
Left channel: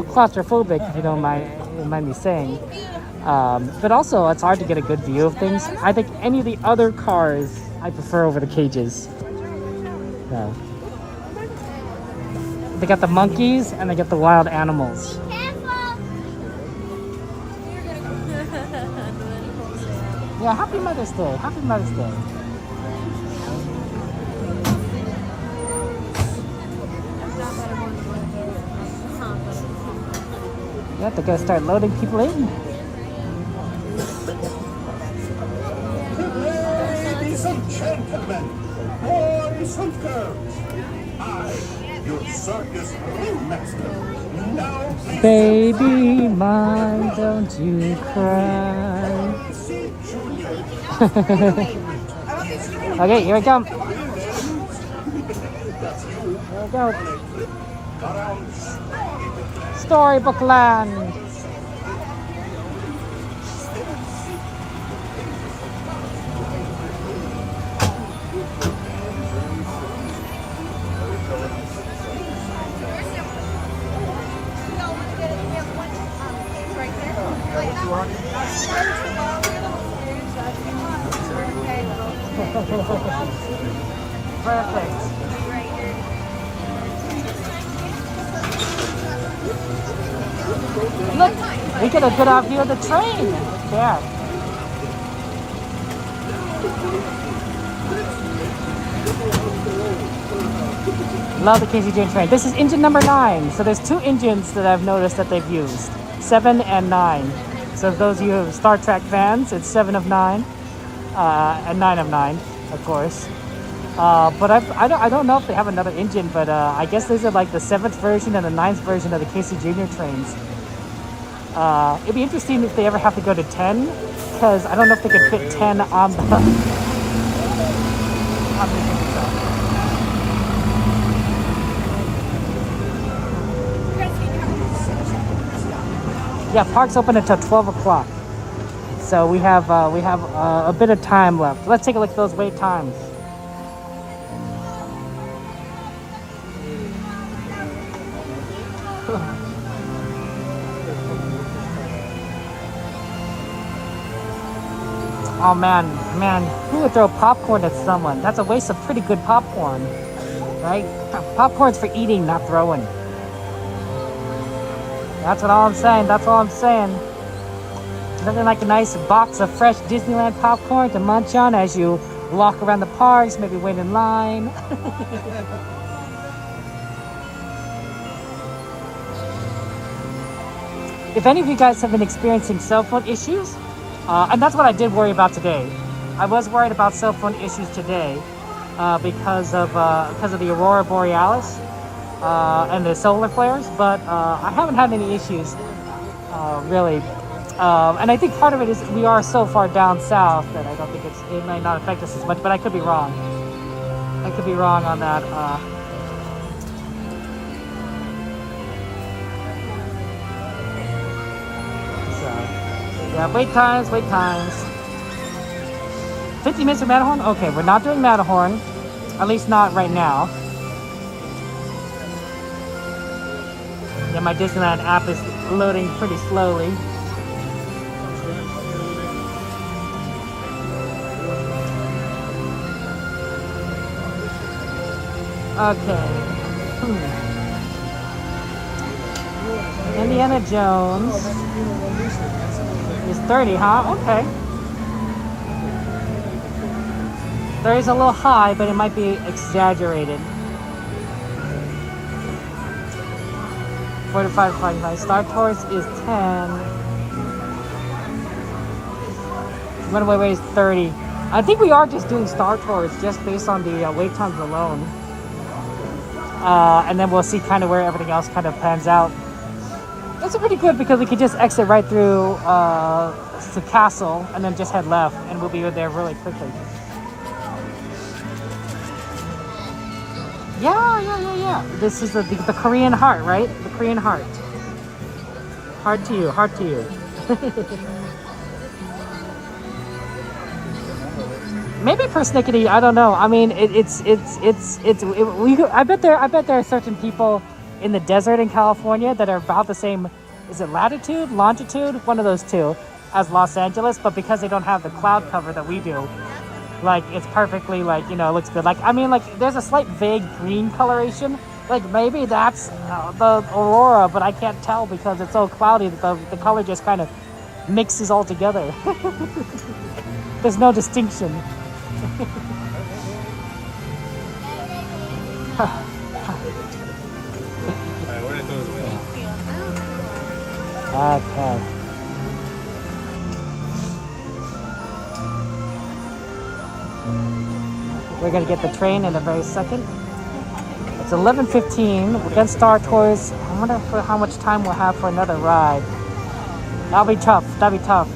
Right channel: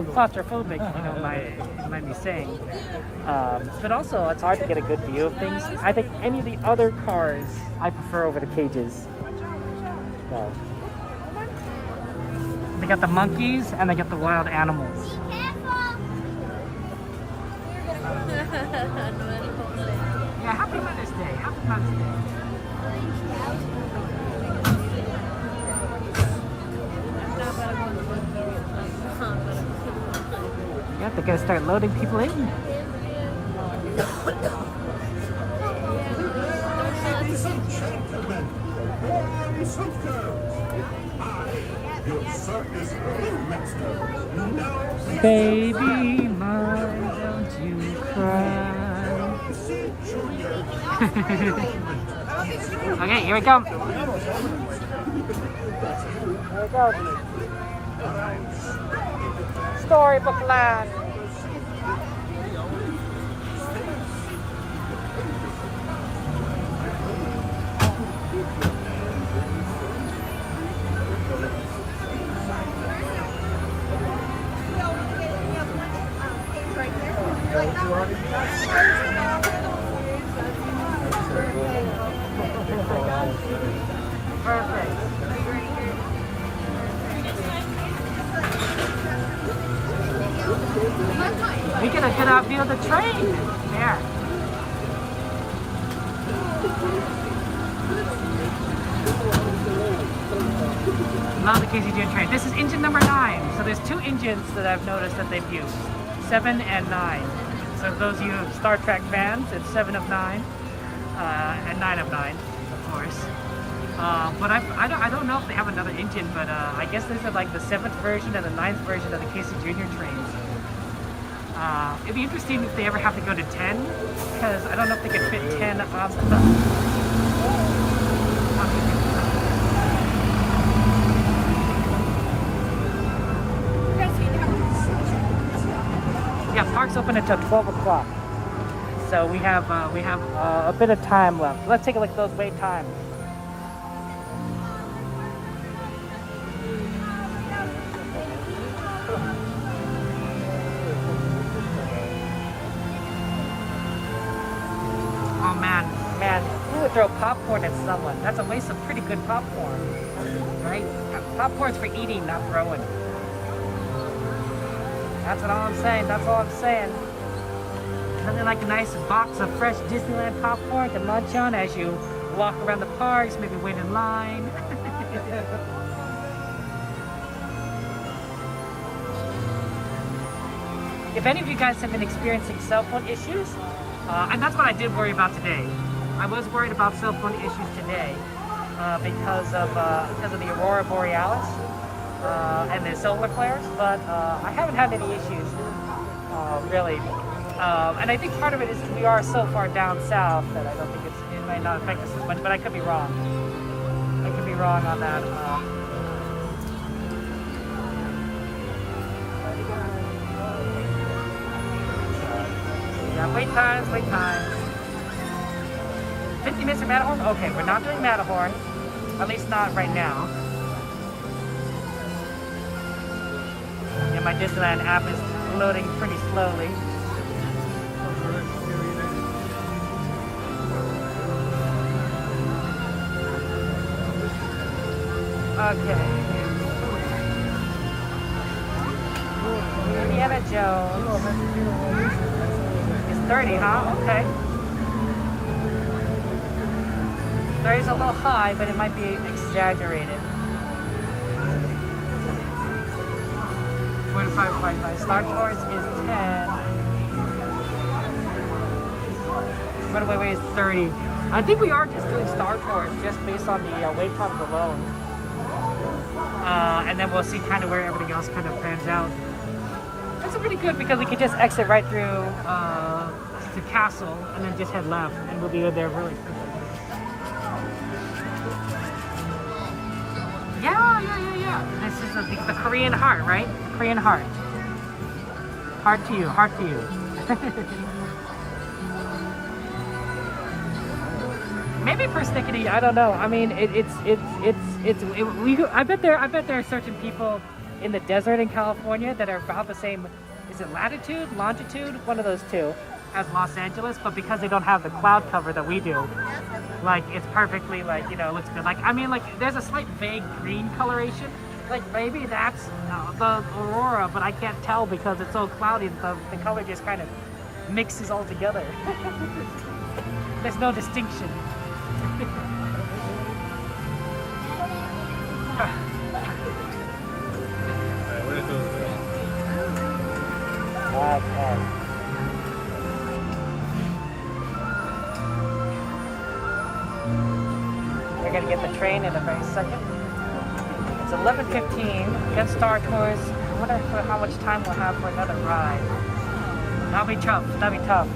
claustrophobic, if you don't mind me saying. But also, it's hard to get a good view of things. I think any of the other cars I prefer over the cages. They got the monkeys and they got the wild animals. Yeah, Happy Mother's Day. Happy Mother's Day. Yeah, they're gonna start loading people in. Ladies and gentlemen, boys and girls, I, your circus ringmaster, now present Baby mine, don't you cry. Okay, here we come. Storybook Land. Perfect. Look, we get a good view of the train. There. Love the Casey Jr train. This is engine number 9. So there's 2 engines that I've noticed that they've used. 7 and 9. So if those of you Star Trek fans, it's 7 of 9. And 9 of 9, of course. But I don't know if they have another engine, but I guess these are like the 7th version and the 9th version of the Casey Jr trains. It'd be interesting if they ever have to go to 10, because I don't know if they could fit 10 on the... Yeah, park's open until 12 o'clock. So we have a bit of time left. Let's take a look at those wait times. Oh man, who would throw popcorn at someone? That's a waste of pretty good popcorn, right? Popcorn's for eating, not throwing. That's all I'm saying. That's all I'm saying. Nothing like a nice box of fresh Disneyland popcorn to munch on as you walk around the parks, maybe wait in line. If any of you guys have been experiencing cell phone issues, and that's what I did worry about today. I was worried about cell phone issues today because of the Aurora Borealis and the solar flares, but I haven't had any issues really. And I think part of it is we are so far down south. I think it may not affect us as much, but I could be wrong. I could be wrong on that. Yeah, wait times. 50 minutes of Matterhorn? Okay, we're not doing Matterhorn. At least not right now. Yeah, my Disneyland app is loading pretty slowly. Okay. Indiana Jones is 30, huh? Okay. 30 is a little high, but it might be exaggerated. 45, 45. Star Tours is 10. Runaway Way is 30. I think we are just doing Star Tours just based on the wait times alone. And then we'll see kind of where everything else kind of pans out. It's pretty good because we could just exit right through to Castle and then just head left, and we'll be there really quickly. Yeah. This is the Korean heart, right? The Korean heart. Heart to you, heart to you. Maybe persnickety, I don't know. I mean, I bet there are certain people in the desert in California that are about the same, is it latitude, longitude, one of those two, as Los Angeles, but because they don't have the cloud cover that we do, like, it's perfectly, like, you know, it looks good. Like, I mean, like, there's a slight vague green coloration. Like, maybe that's the Aurora, but I can't tell because it's so cloudy that the color just kind of mixes all together. There's no distinction. the train in a very second. It's 11:15. We're gonna start tours. I wonder how much time we'll have for another ride. That'll be tough. That'll be tough.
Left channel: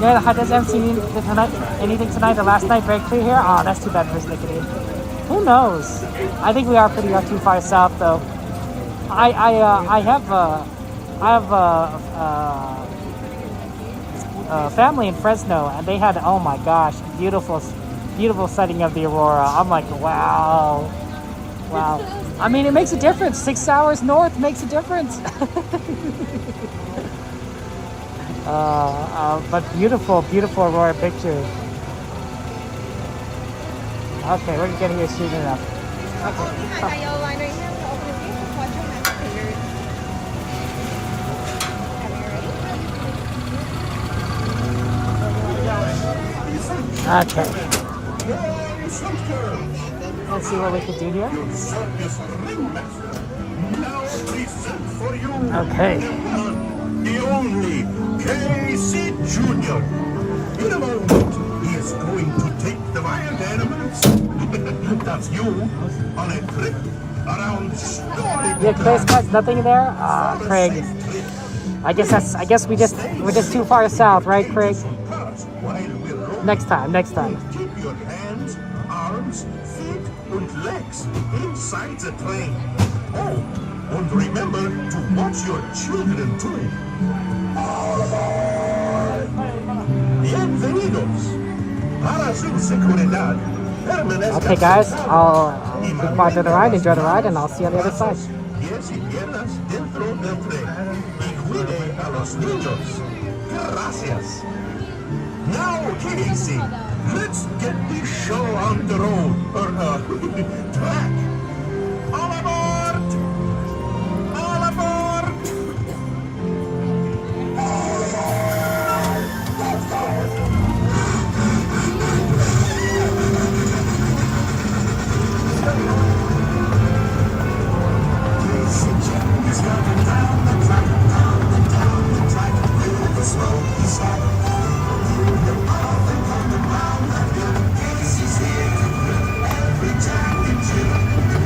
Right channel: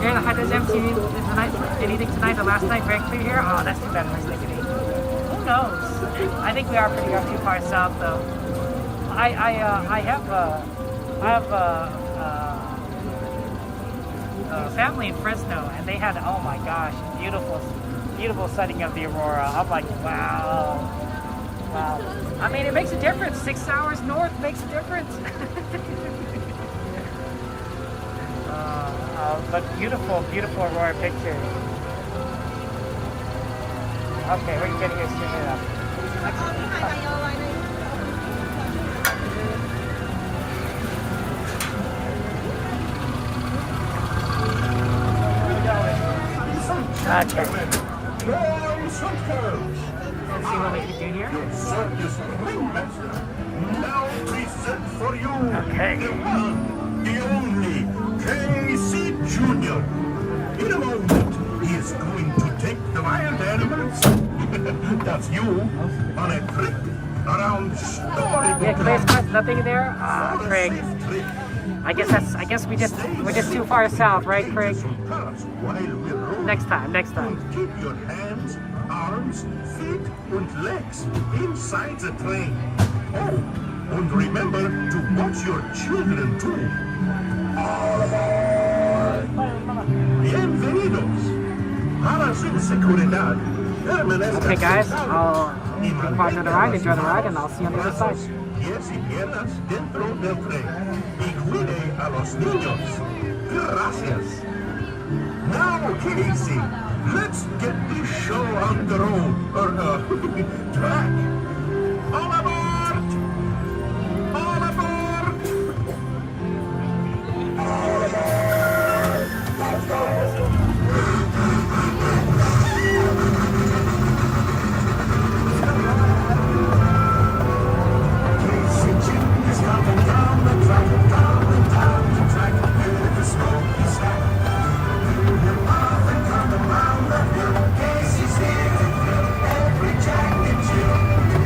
Yeah, how does MC tonight? Anything tonight? The last night very clear here. Oh, that's too bad. Who knows? I think we are pretty much too far south, though. I have family in Fresno, and they had, oh my gosh, beautiful sighting of the Aurora. I'm like, wow. I mean, it makes a difference. 6 hours north makes a difference. But beautiful Aurora pictures. Okay, we're getting this shooting now. Okay. Let's see what we can do here. Okay. The only Casey Jr. In a moment, he is going to take the wild animals. That's you on a trip around Story. Yeah, Craig's got nothing in there. Craig. I guess we're just too far south, right, Craig? Next time. Keep your hands, arms, feet, and legs inside the train. Oh, and remember to watch your children too. Bienvenidos a su seguridad. Okay, guys, I'll be quiet to the ride, enjoy the ride, and I'll see you on the other side. Now, Casey, let's get this show on the road, or track. All aboard! All aboard! Casey Jr.'s coming down the track, down the track, with the smoky stack. Coming round the hill, Casey's here to win every jack and Jill.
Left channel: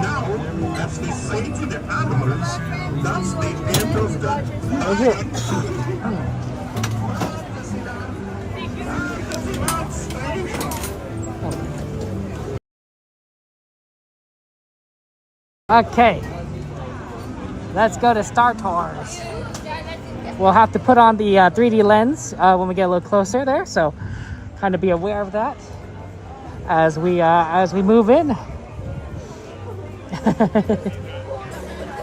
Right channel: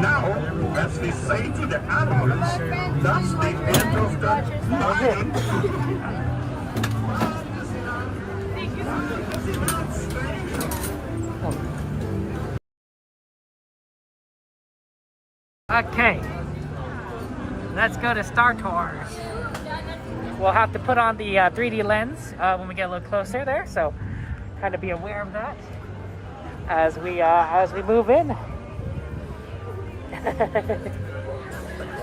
Now, as they say to the animals, that's the end of the line. Okay, let's go to Star Tours. We'll have to put on the 3D lens when we get a little closer there, so kind of be aware of that as we move in.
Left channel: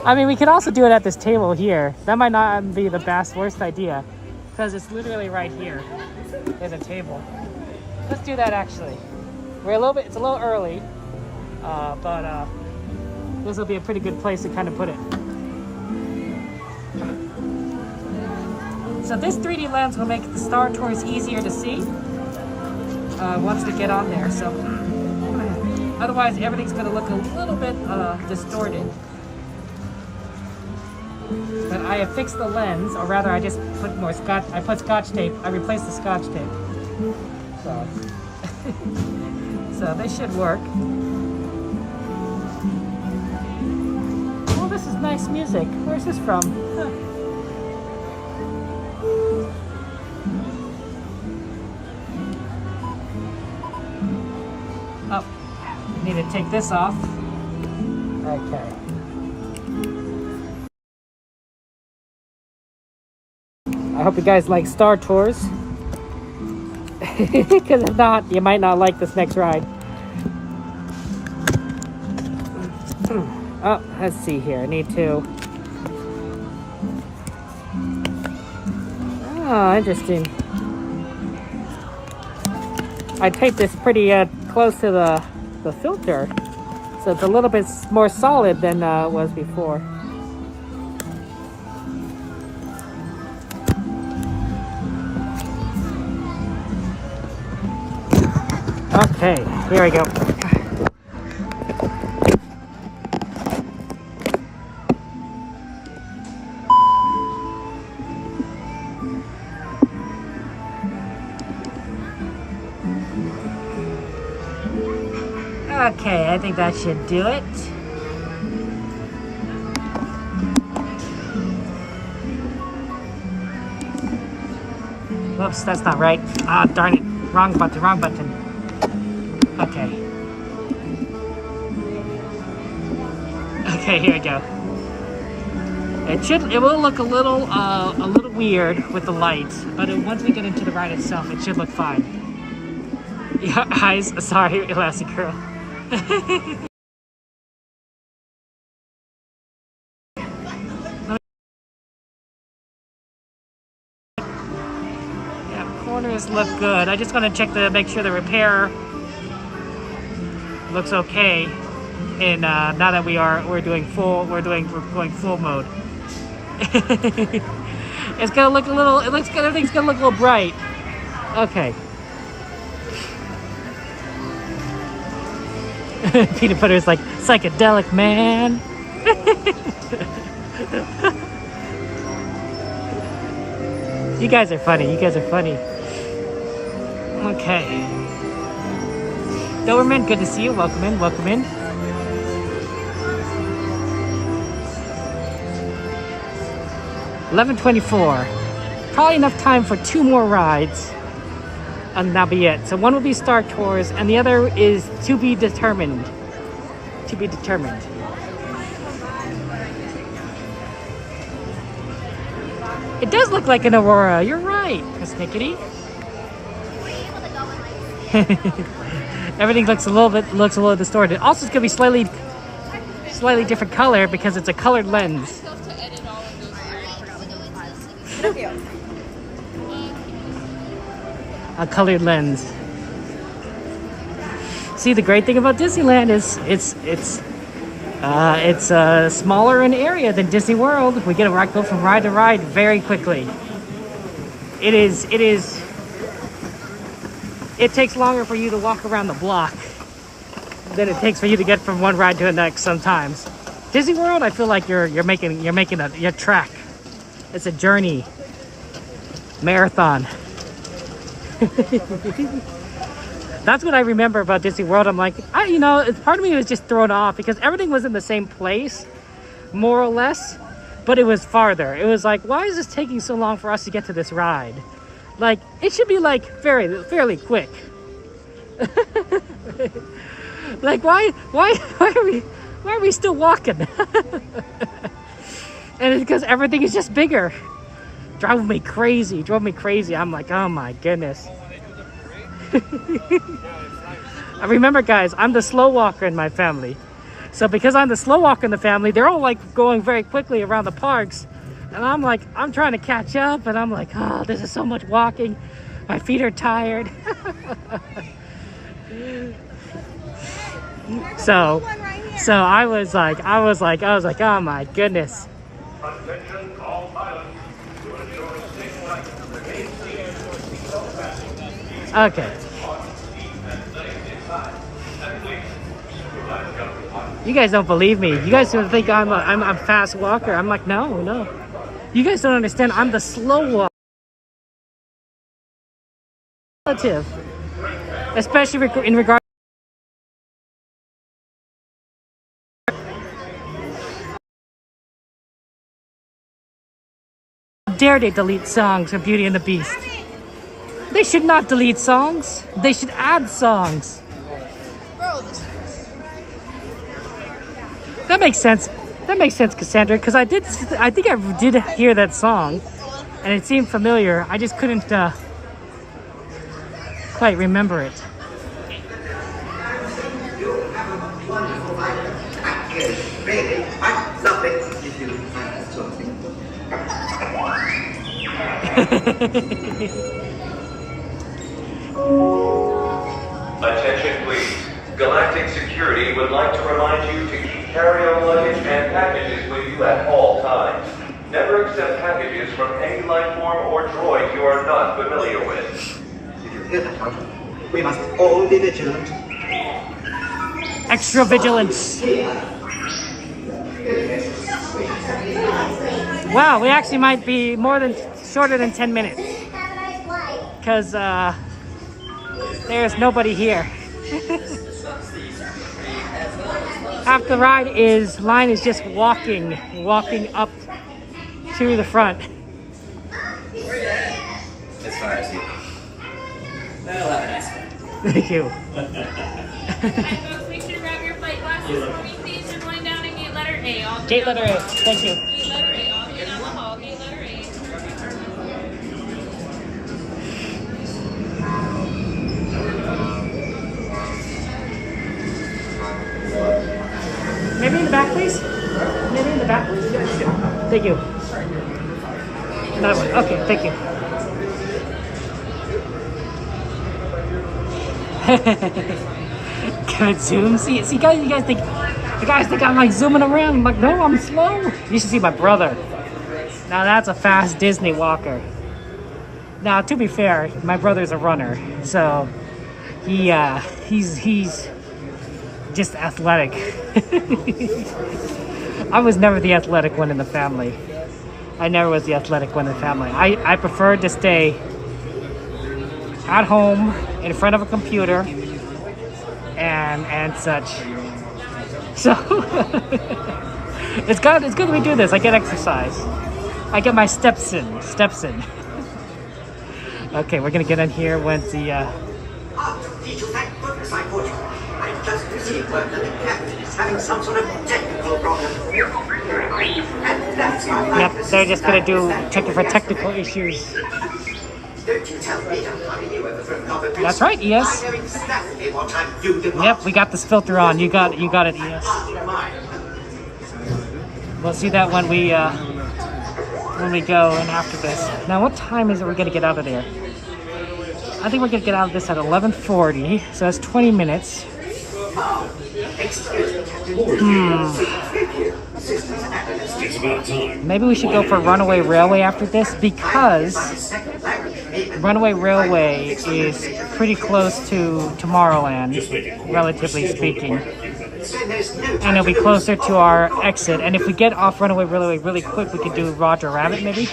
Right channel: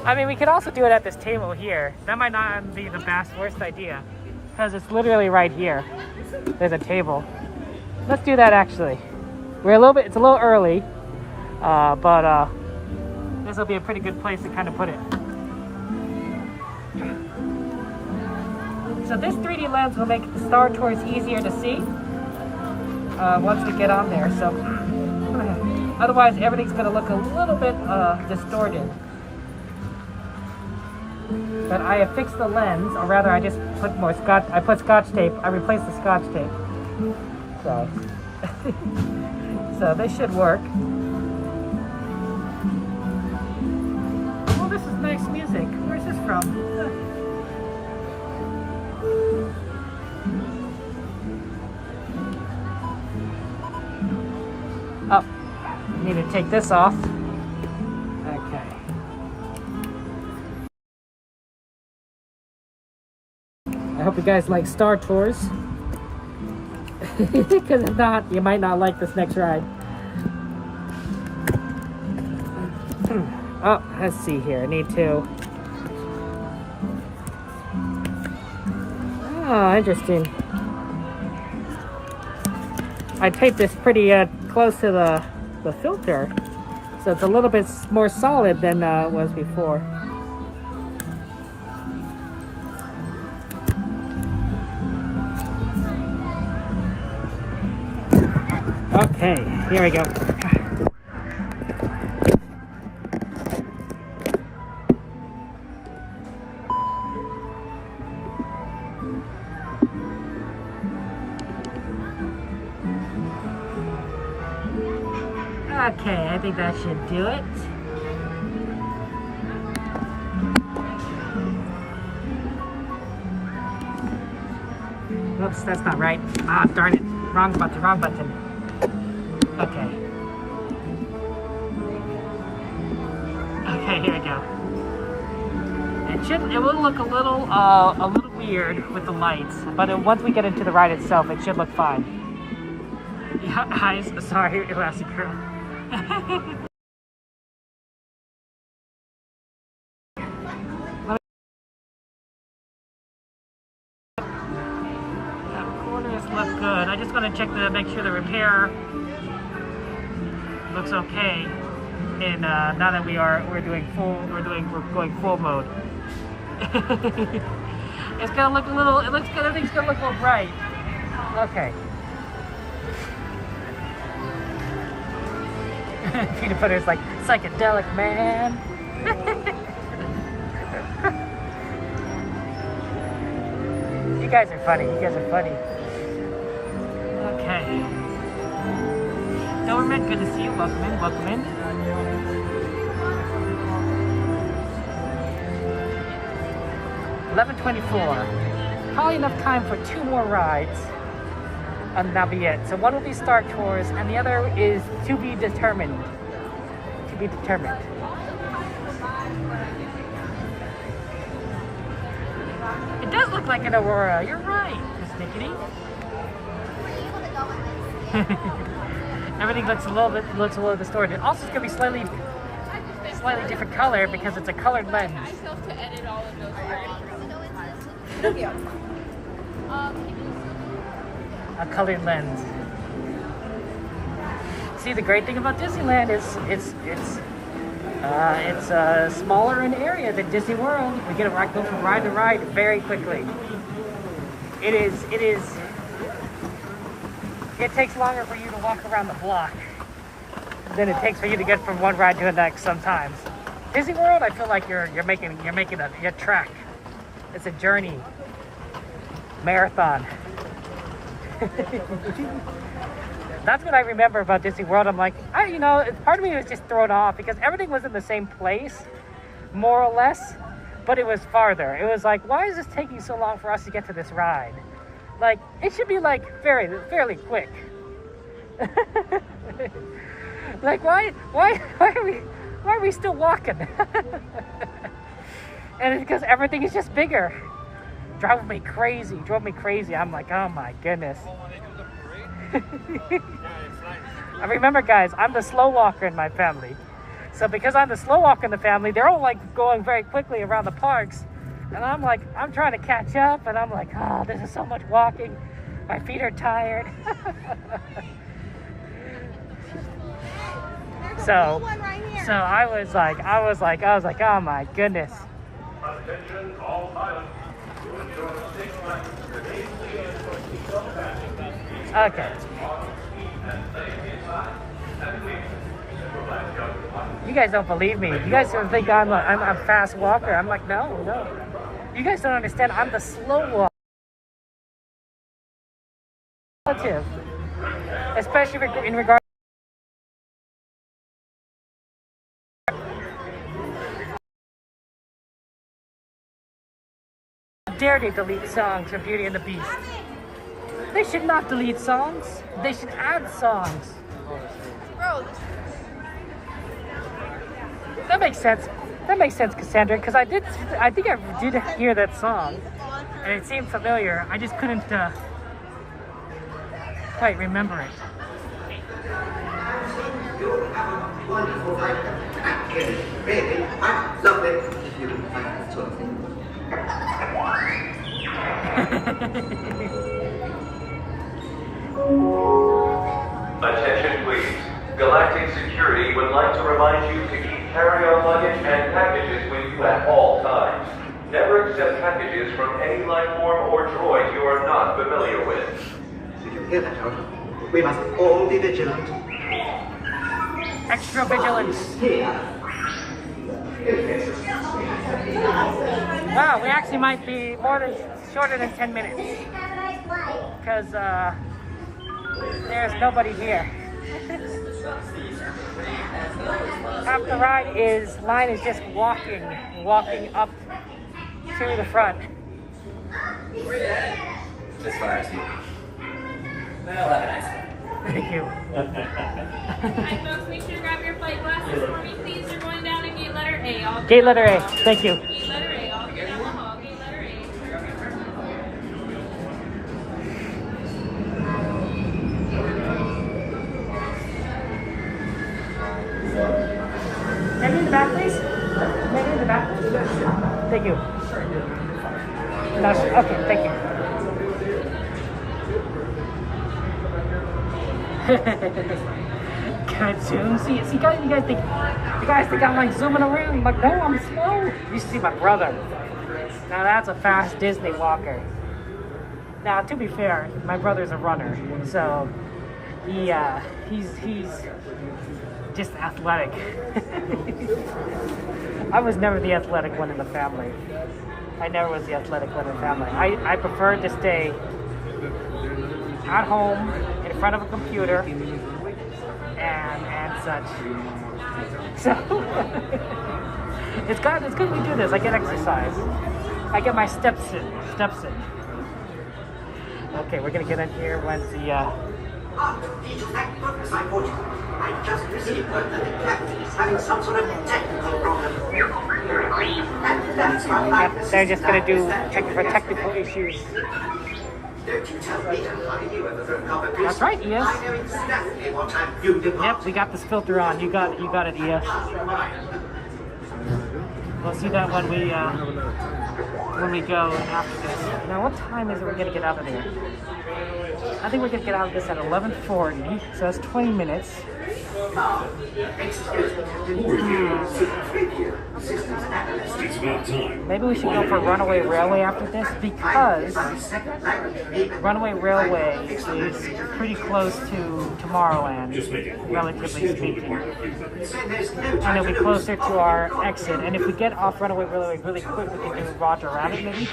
I mean, we could also do it at this table here. That might not be the worst idea, because it's literally right here. There's a table. Let's do that actually. It's a little early, but this will be a pretty good place to kind of put it. So this 3D lens will make the Star Tours easier to see once we get on there. So otherwise, everything's going to look a little bit distorted. But I have fixed the lens, or rather, I just put more scotch. I put scotch tape. I replaced the scotch tape. So, so this should work. Oh, this is nice music. Where's this from? Oh, need to take this off. Okay. I hope you guys like Star Tours. Because if not, you might not like this next ride. Oh, let's see here. I need to... Oh, interesting. I taped this pretty close to the filter, so it's a little bit more solid than it was before. Okay, here we go. Okay, I think that should do it. Whoops, that's not right. Ah, darn it. Wrong button, wrong button. Okay. Okay, here we go. It will look a little weird with the lights, but once we get into the ride itself, it should look fine. Yeah, eyes. Sorry, Elastic Girl. Yeah, corners look good. I just want to check to make sure the repair looks okay. And now that we're going full mode. It's gonna look a little. Everything's gonna look a little bright. Okay. Peanut butter is like psychedelic, man. You guys are funny. You guys are funny. Okay. Doberman, good to see you. Welcome in. Welcome in. $11:24. Probably enough time for 2 more rides. And that'll be it. So one will be Star Tours, and the other is to be determined. To be determined. It does look like an Aurora. You're right, Miss Nickety. Everything looks a little distorted. Also, it's gonna be slightly different color because it's a colored lens. A colored lens. See, the great thing about Disneyland is it's smaller in area than Disney World. We get to go from ride to ride very quickly. It takes longer for you to walk around the block than it takes for you to get from one ride to the next sometimes. Disney World, I feel like you're making your track. It's a journey, marathon. That's what I remember about Disney World. I'm like, you know, part of me was just thrown off because everything was in the same place, more or less, but it was farther. It was like, why is this taking so long for us to get to this ride? Like, it should be like fairly quick. Like, why are we still walking? And it's because everything is just bigger. Drove me crazy. I'm like, oh my goodness. I remember, guys, I'm the slow walker in my family. So because I'm the slow walker in the family, they're all like going very quickly around the parks. And I'm like, I'm trying to catch up, and I'm like, oh, this is so much walking. My feet are tired. So I was like, oh my goodness. Okay. You guys don't believe me. You guys don't think I'm a fast walker. I'm like, no. You guys don't understand. I'm the slow walker. Especially in regard. Dare they delete songs from Beauty and the Beast? They should not delete songs. They should add songs. That makes sense. That makes sense, Cassandra, because I think I did hear that song, and it seemed familiar. I just couldn't quite remember it. Really, I love it. Attention please. Galactic Security would like to remind you to keep carry-on luggage and packages with you at all times. Never accept packages from any life form or droid you are not familiar with. Did you hear that one? We must all be vigilant. Extra vigilance. Wow, we actually might be shorter than 10 minutes. Because there's nobody here. After the ride line is just walking up to the front. As far as you. Well, have a nice one. Thank you. Folks, make sure to grab your flight glasses for me, please. You're going down in gate letter A. Gate letter A. Thank you. Gate letter A. I'll get down the hall. Gate letter A. Maybe in the back, please? Maybe in the back? Thank you. Okay, thank you. Can I zoom? See, guys, you guys think I'm like zooming around? I'm like, no, I'm slow. You should see my brother. Now that's a fast Disney walker. Now, to be fair, my brother's a runner, so he's just athletic. I was never the athletic one in the family. I never was the athletic one in the family. I preferred to stay at home in front of a computer and such. So it's good that we do this. I get exercise. I get my steps in. Okay, we're gonna get in here once the Thank goodness I caught you. I've just received word that the captain is having some sort of technical problem. And that's why they're just gonna check for technical issues. Don't you tell me I'm having you overthrown of it. That's right, ES. I know exactly what I'm doing. Yep, we got this filter on. You got it, ES. We'll see that when we go and after this. Now, what time is it we're gonna get out of here? I think we're gonna get out of this at 11:40, so that's 20 minutes. Maybe we should go for Runaway Railway after this, because Runaway Railway is pretty close to Tomorrowland, relatively speaking. And it'll be closer to our exit. And if we get off Runaway Railway really quick, we could do Roger Rabbit, maybe?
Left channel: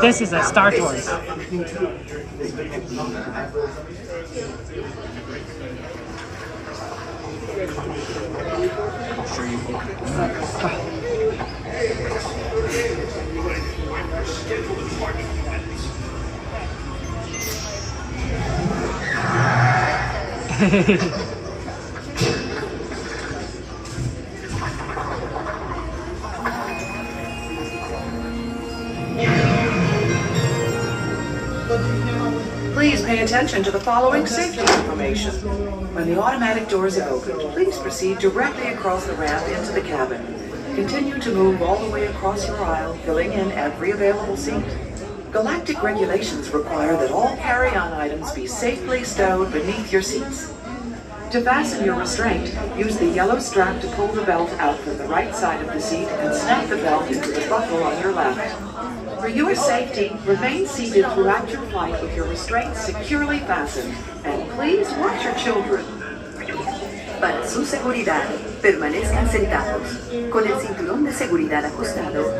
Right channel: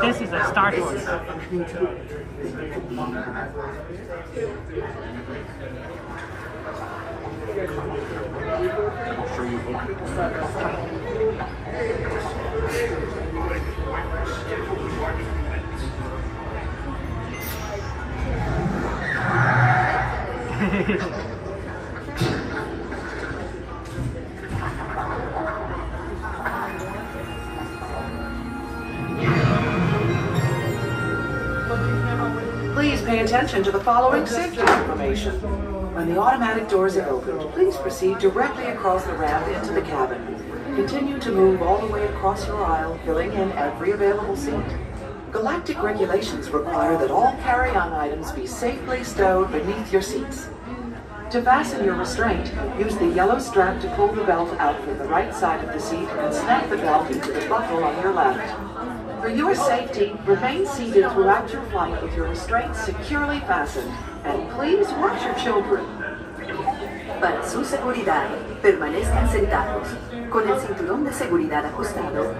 This is a Star Tours. Please pay attention to the following safety information. When the automatic doors have opened, please proceed directly across the ramp into the cabin. Continue to move all the way across your aisle, filling in every available seat. Galactic regulations require that all carry-on items be safely stowed beneath your seats. To fasten your restraint, use the yellow strap to pull the belt out from the right side of the seat and snap the belt into the buckle on your left. For your safety, remain seated throughout your flight with your restraints securely fastened, and please watch your children. Para su seguridad, permanezcan sentados, con el cinturón de seguridad ajustado,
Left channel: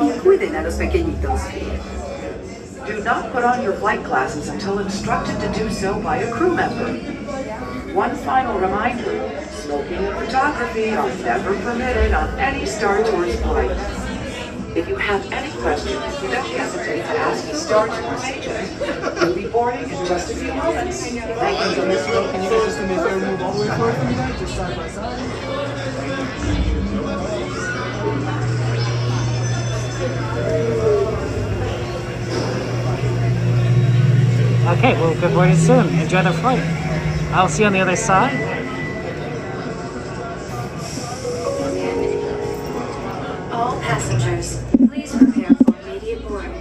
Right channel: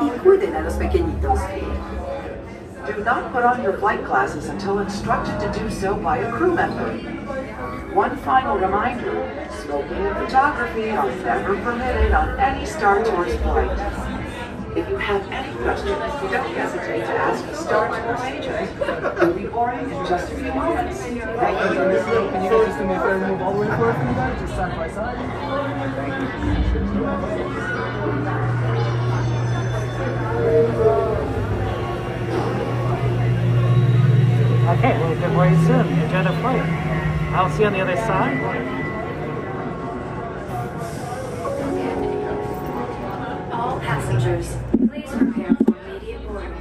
y cuiden a los pequeñitos. Do not put on your flight glasses until instructed to do so by a crew member. One final reminder, smoking and photography are never permitted on any Star Tours flight. If you have any questions, don't hesitate to ask the Star Tours agent. We'll be boarding in just a few moments. Thank Okay, well, good very soon. Enjoy the flight. I'll see you on the other side. All passengers, please prepare for immediate boarding.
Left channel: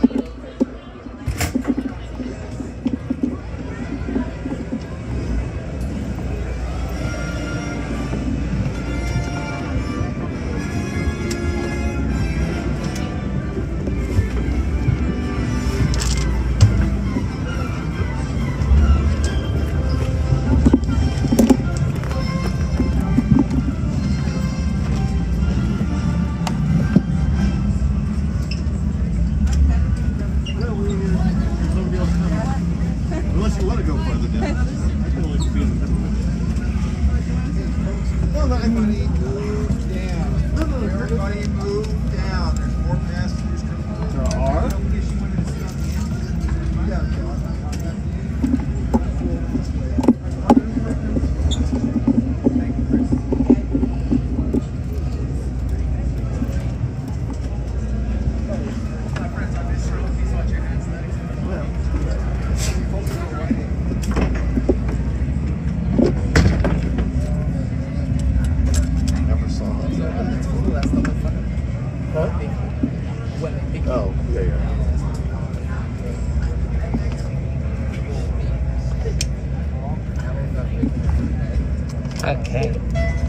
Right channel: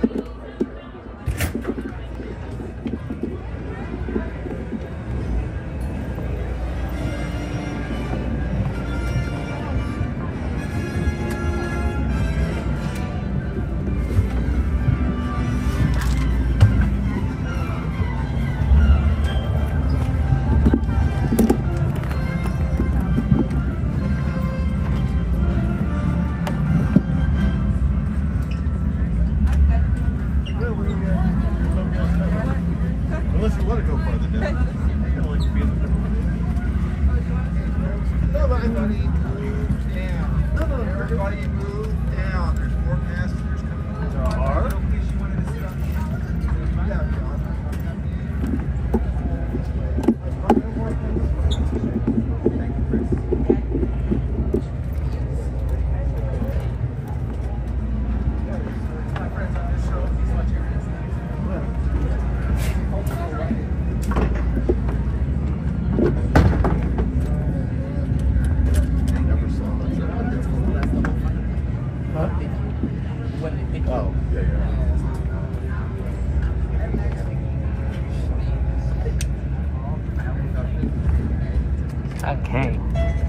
Okay.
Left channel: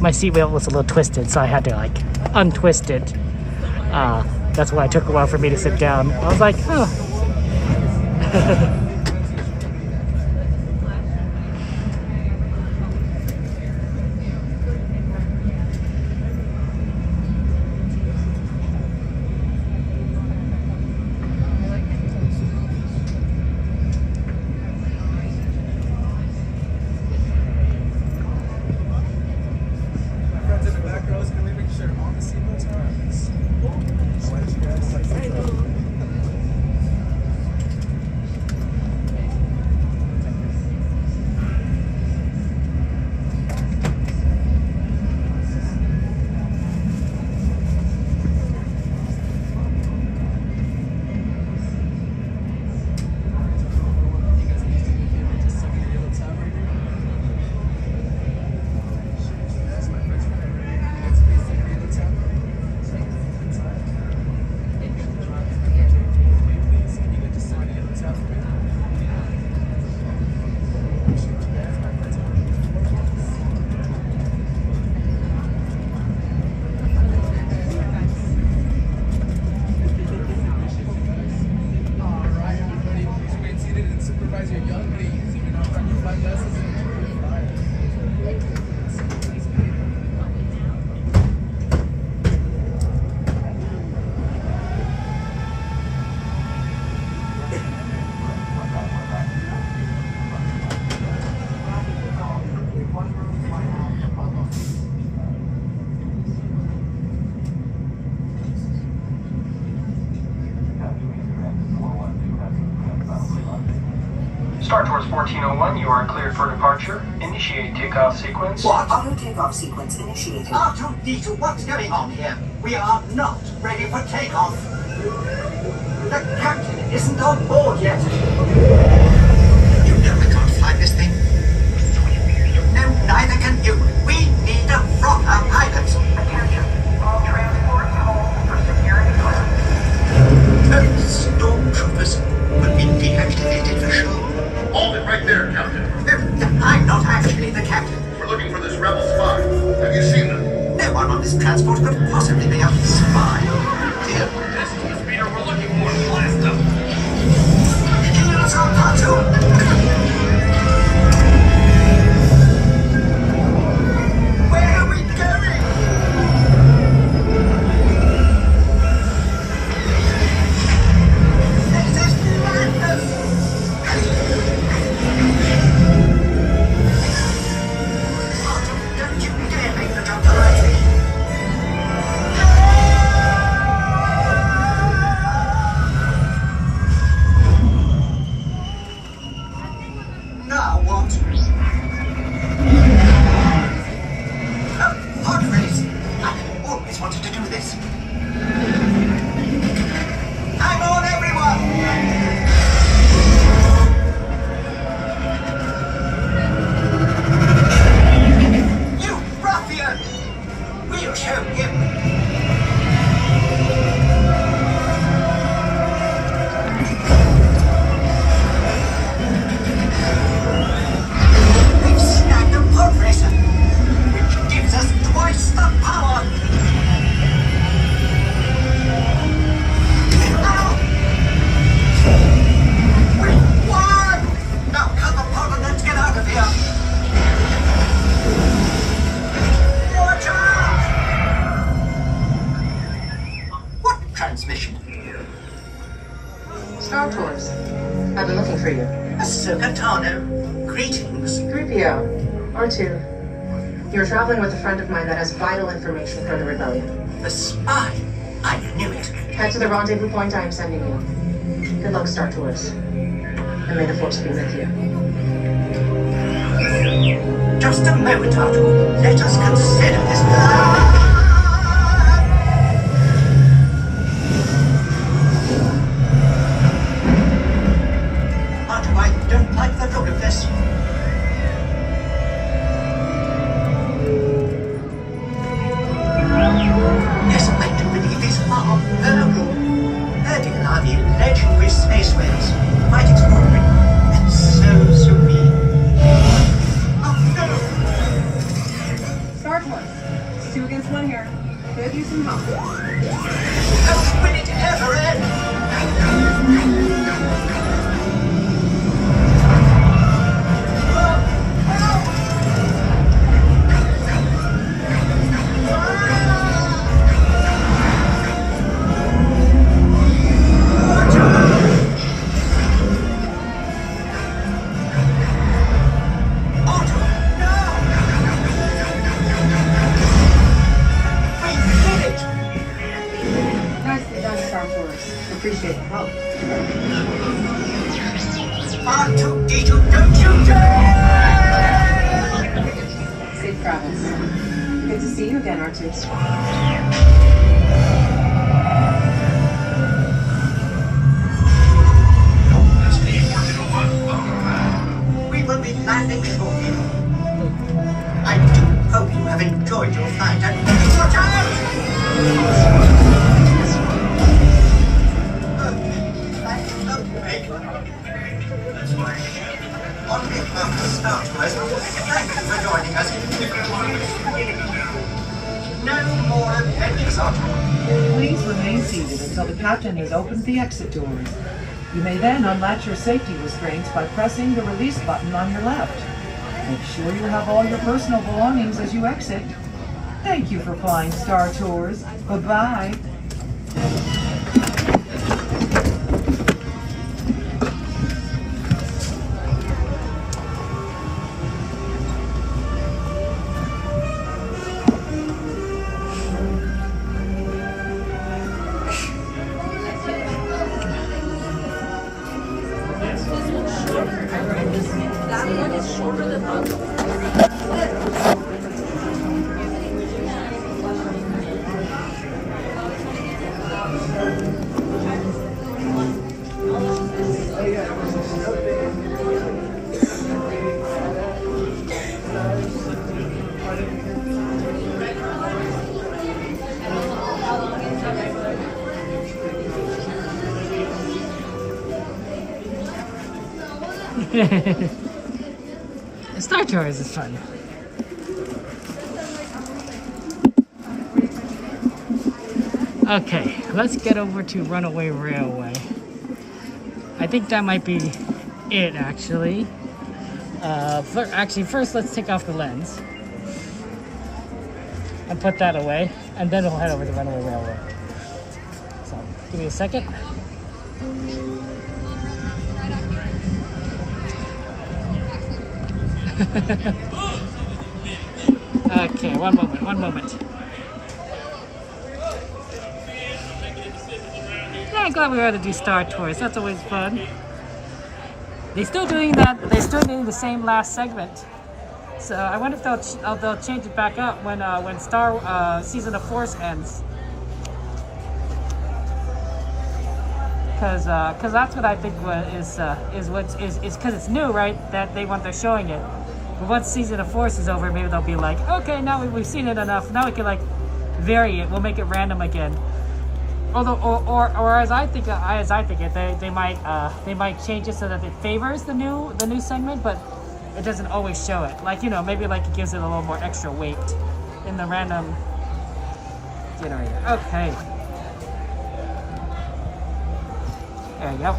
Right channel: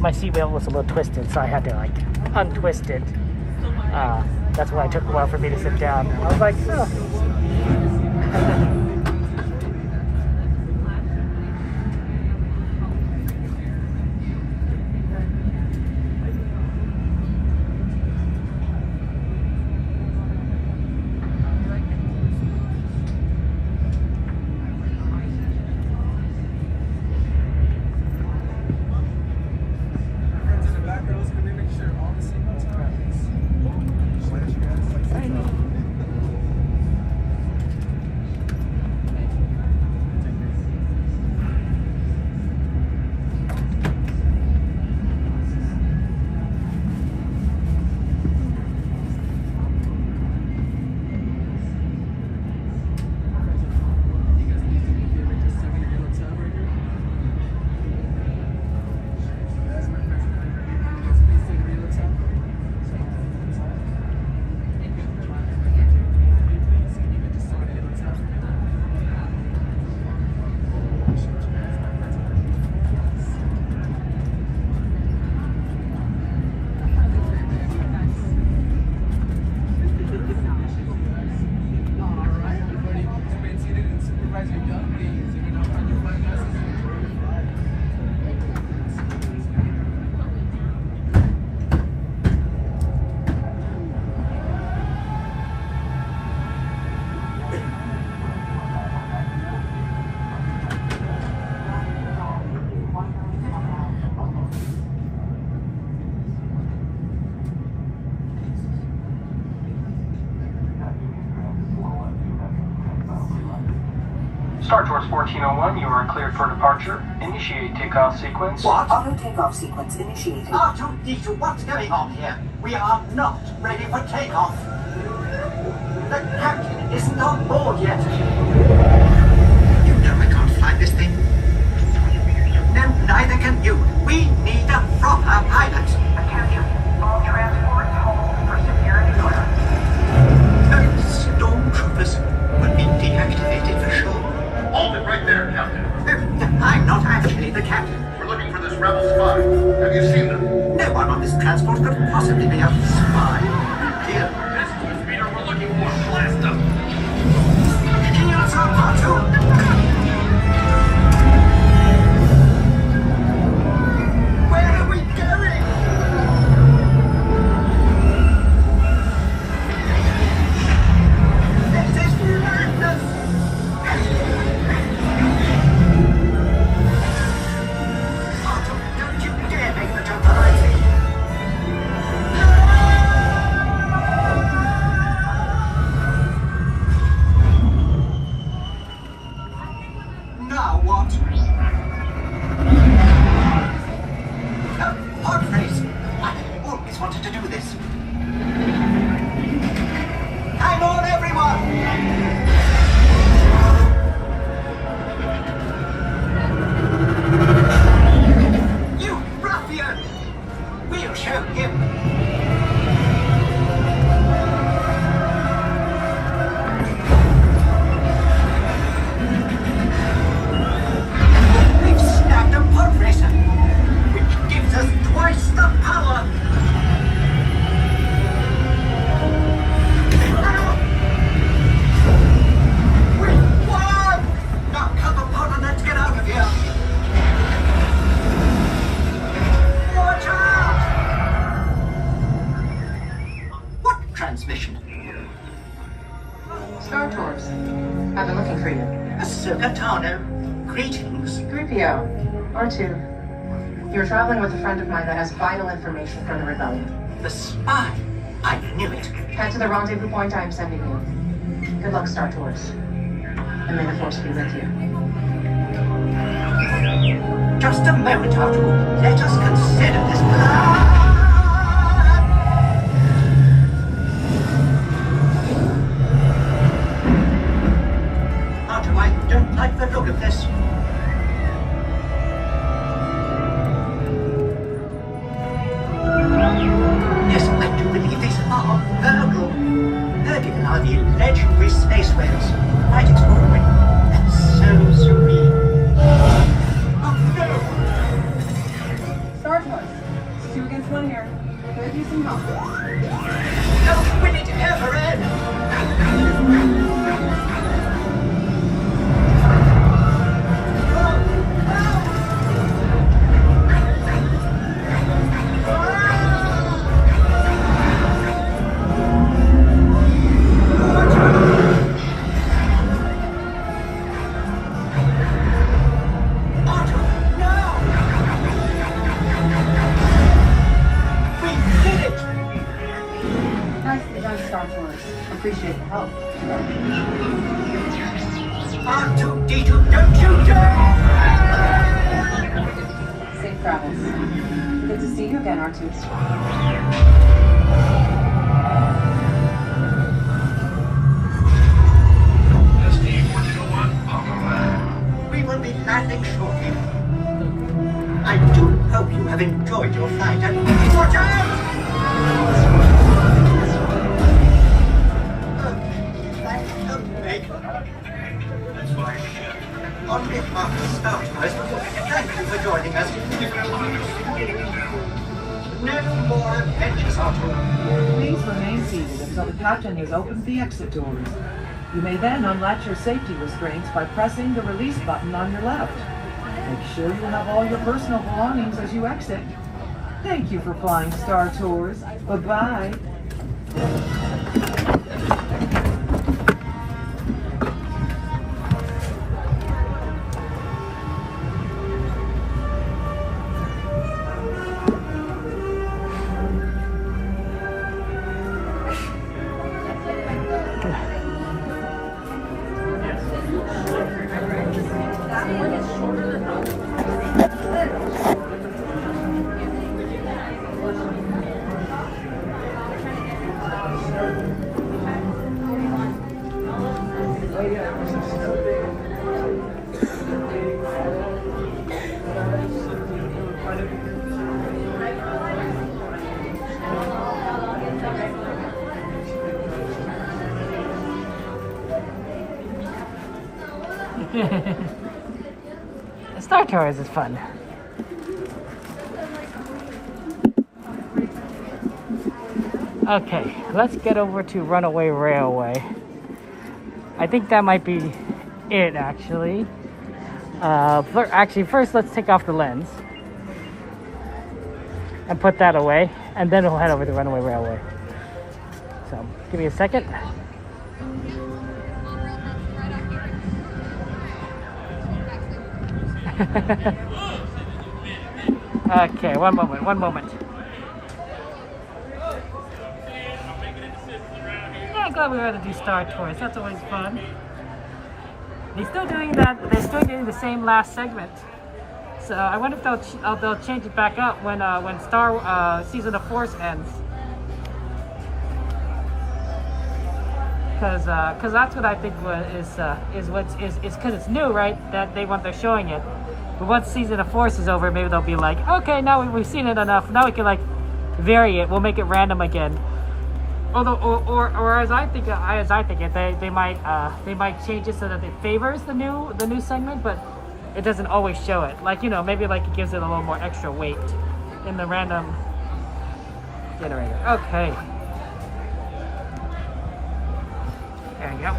My seatbelt was a little twisted, so I had to like untwist it. That's why it took a while for me to sit down. I was like, oh. Star Tours 1401, you are cleared for departure. Initiate takeoff sequence. What? Auto takeoff sequence initiated. R2-D2, what's going on here? We are not ready for takeoff. The captain isn't on board yet. You know I can't fly this thing. No, neither can you. We need a proper pilot. Attention. All transports hold for security clearance. Stormtroopers will be deactivated for sure. Hold it right there, Captain. I'm not actually the captain. We're looking for this rebel spy. Have you seen them? No one on this transport could possibly be a spy. Dear. This is the speeder we're looking for. Blast them. Let's go, R2. Where are we going? This is madness! Don't you dare make the jump behind me. Now what? Oh, hot face. I always wanted to do this. Hang on, everyone! You ruffian! We'll show him. We've snagged a pod racer, which gives us twice the power. Ow! We won! Now cut the pod and let's get out of here. Watch out! What transmission? Star Tours. I've been looking for you. Ahsoka Tano. Greetings. 3PO. R2. You're traveling with a friend of mine that has vital information for the rebellion. The spy. I knew it. Head to the rendezvous point I am sending you. Good luck, Star Tours. And may the Force be with you. Just a moment, R2. Let us consider this. R2, I don't like the look of this. Yes, I do believe these are Virgo. Virgin are the legendary spaceways. Quite extraordinary. And so serene. Star Tours. 2 against 1 here. Could use some help. How will it ever end? Nicely done, Star Tours. Appreciate the help. R2-D2, don't you dare! Safe travels. Good to see you again, R2. We will be landing shortly. I do hope you have enjoyed your flight and watch out! On behalf of Star Tours, thank you for joining us. No more adventures, R2. Please remain seated until the captain has opened the exit doors. You may then unlatch your safety restraints by pressing the release button on your left. Make sure you have all your personal belongings as you exit. Thank you for flying Star Tours. Bye-bye. Star Tours is fun. Okay, let's get over to Runaway Railway. I think that might be it, actually. Actually, first let's take off the lens and put that away, and then we'll head over to Runaway Railway. So, give me a second. Okay, one moment. Yeah, I'm glad we were able to do Star Tours. That's always fun. They're still doing that. They're still doing the same last segment. So I wonder if they'll change it back up when Star Season of Force ends. Because that's what I think is because it's new, right? That they're showing it. But once Season of Force is over, maybe they'll be like, okay, now we've seen it enough. Now we can like vary it. We'll make it random again. Although, or as I think it, they might change it so that it favors the new segment, but it doesn't always show it. Like, you know, maybe like it gives it a little more extra weight in the random generator. Okay. There you go.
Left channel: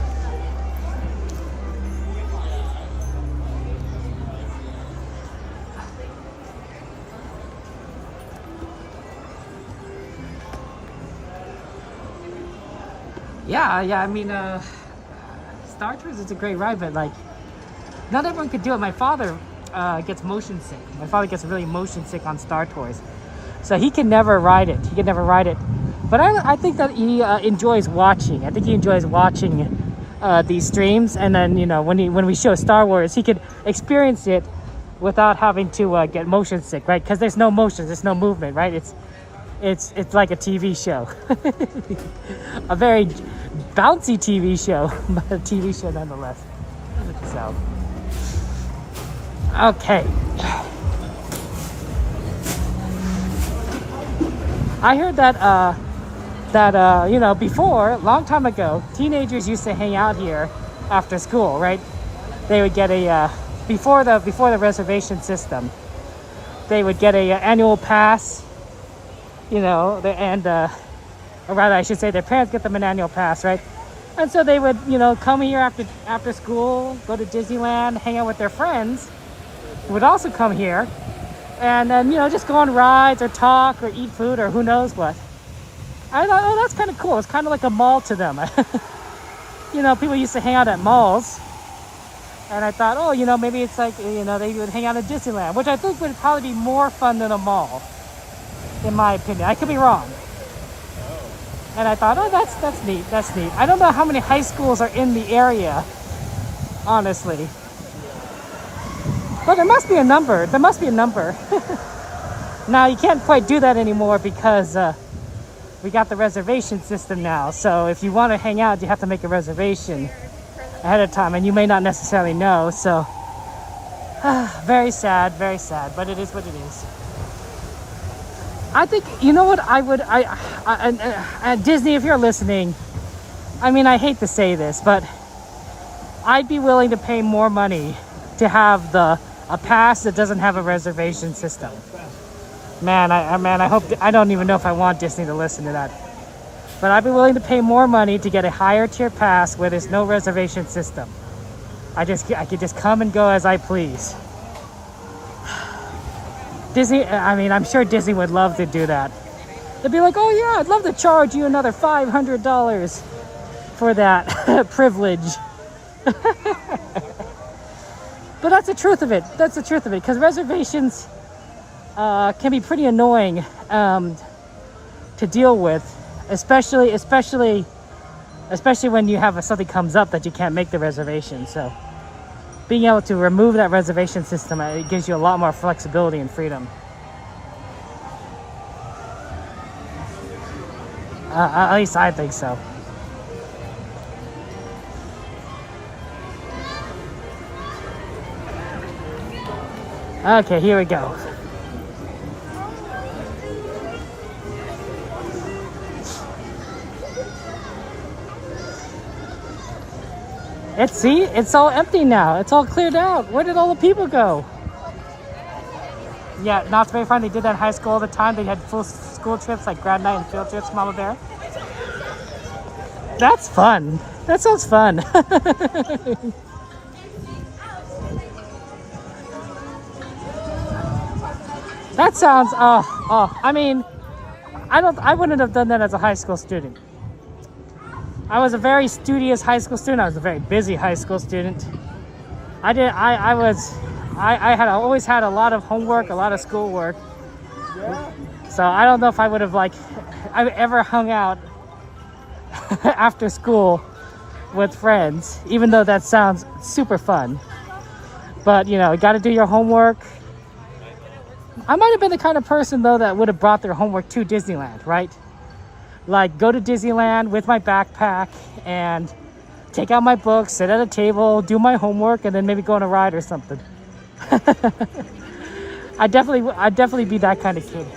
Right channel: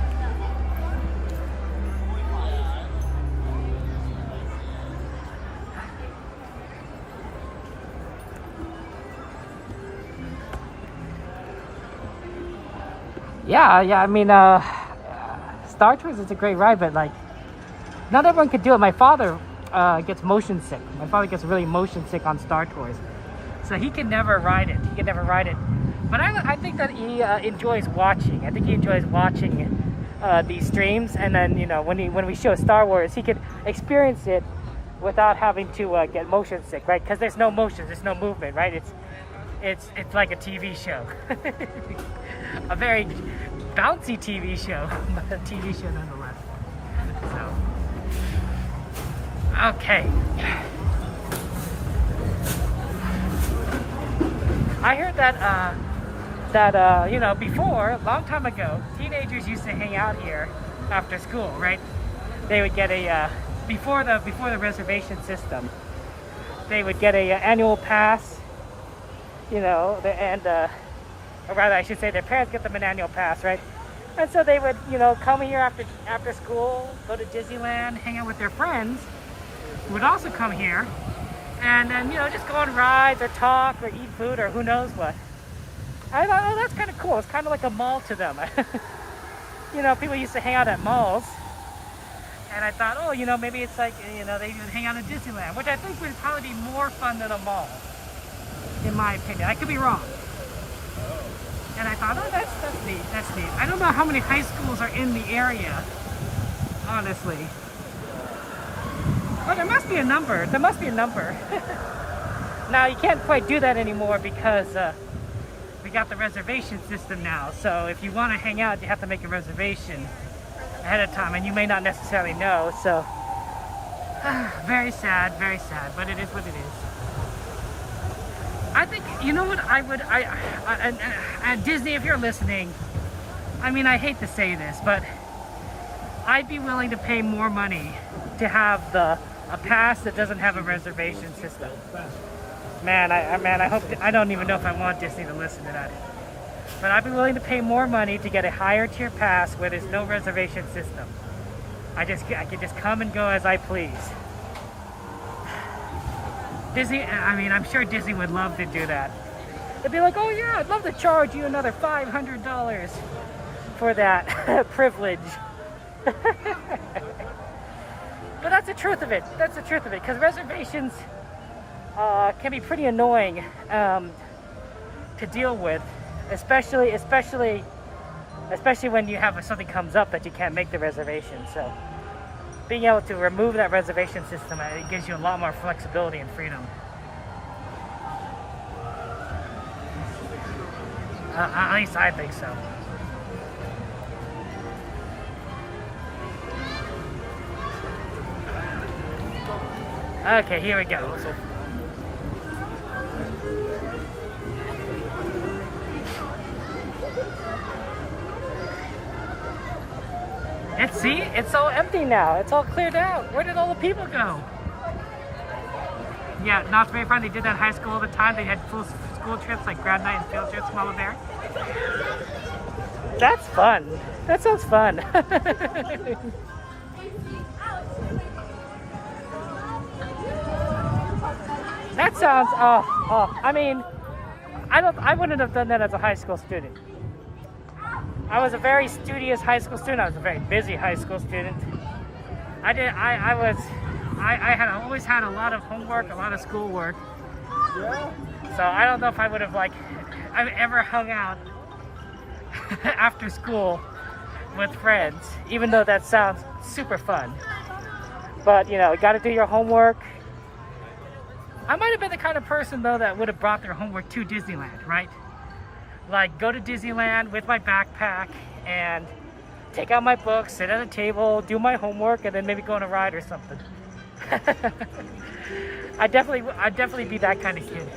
Yeah, I mean, Star Tours is a great ride, but like, not everyone could do it. My father gets motion sick. My father gets really motion sick on Star Tours, so he can never ride it. But I think that he enjoys watching. I think he enjoys watching these streams, and then, you know, when we show Star Wars, he could experience it without having to get motion sick, right? Because there's no motion, there's no movement, right? It's like a TV show. A very bouncy TV show, but a TV show nonetheless. So, okay. I heard that you know, before, a long time ago, teenagers used to hang out here after school, right? They would get a before the reservation system, they would get a annual pass. You know, or rather, I should say, their parents get them an annual pass, right? And so they would, you know, come here after school, go to Disneyland, hang out with their friends, who would also come here, and then, you know, just go on rides or talk or eat food or who knows what. I thought, oh, that's kind of cool. It's kind of like a mall to them. You know, people used to hang out at malls, and I thought, oh, you know, maybe it's like, you know, they would hang out at Disneyland, which I think would probably be more fun than a mall, in my opinion. I could be wrong. And I thought, oh, that's neat. That's neat. I don't know how many high schools are in the area, honestly. But there must be a number. There must be a number. Now, you can't quite do that anymore because we got the reservation system now. So if you want to hang out, you have to make a reservation ahead of time, and you may not necessarily know. So very sad, but it is what it is. I think, you know what, Disney, if you're listening, I mean, I hate to say this, but I'd be willing to pay more money to have a pass that doesn't have a reservation system. Man, I hope, I don't even know if I want Disney to listen to that. But I'd be willing to pay more money to get a higher tier pass where there's no reservation system. I could just come and go as I please. Disney, I mean, I'm sure Disney would love to do that. They'd be like, oh yeah, I'd love to charge you another $500 for that privilege. But that's the truth of it. That's the truth of it. Because reservations can be pretty annoying to deal with, especially when you have something comes up that you can't make the reservation. So being able to remove that reservation system, it gives you a lot more flexibility and freedom. At least I think so. Okay, here we go. It's all empty now. It's all cleared out. Where did all the people go? Yeah, Knott's Berry Farm, they did that in high school all the time. They had full school trips, like grad night and field trips, Mama Bear. That's fun. That sounds fun. That sounds, I mean, I wouldn't have done that as a high school student. I was a very studious high school student. I was a very busy high school student. I always had a lot of homework, a lot of schoolwork. So I don't know if I would have I ever hung out after school with friends, even though that sounds super fun. But you know, you gotta do your homework. I might have been the kind of person though that would have brought their homework to Disneyland, right? Like go to Disneyland with my backpack and take out my books, sit at a table, do my homework, and then maybe go on a ride or something. I'd definitely be that kind of kid.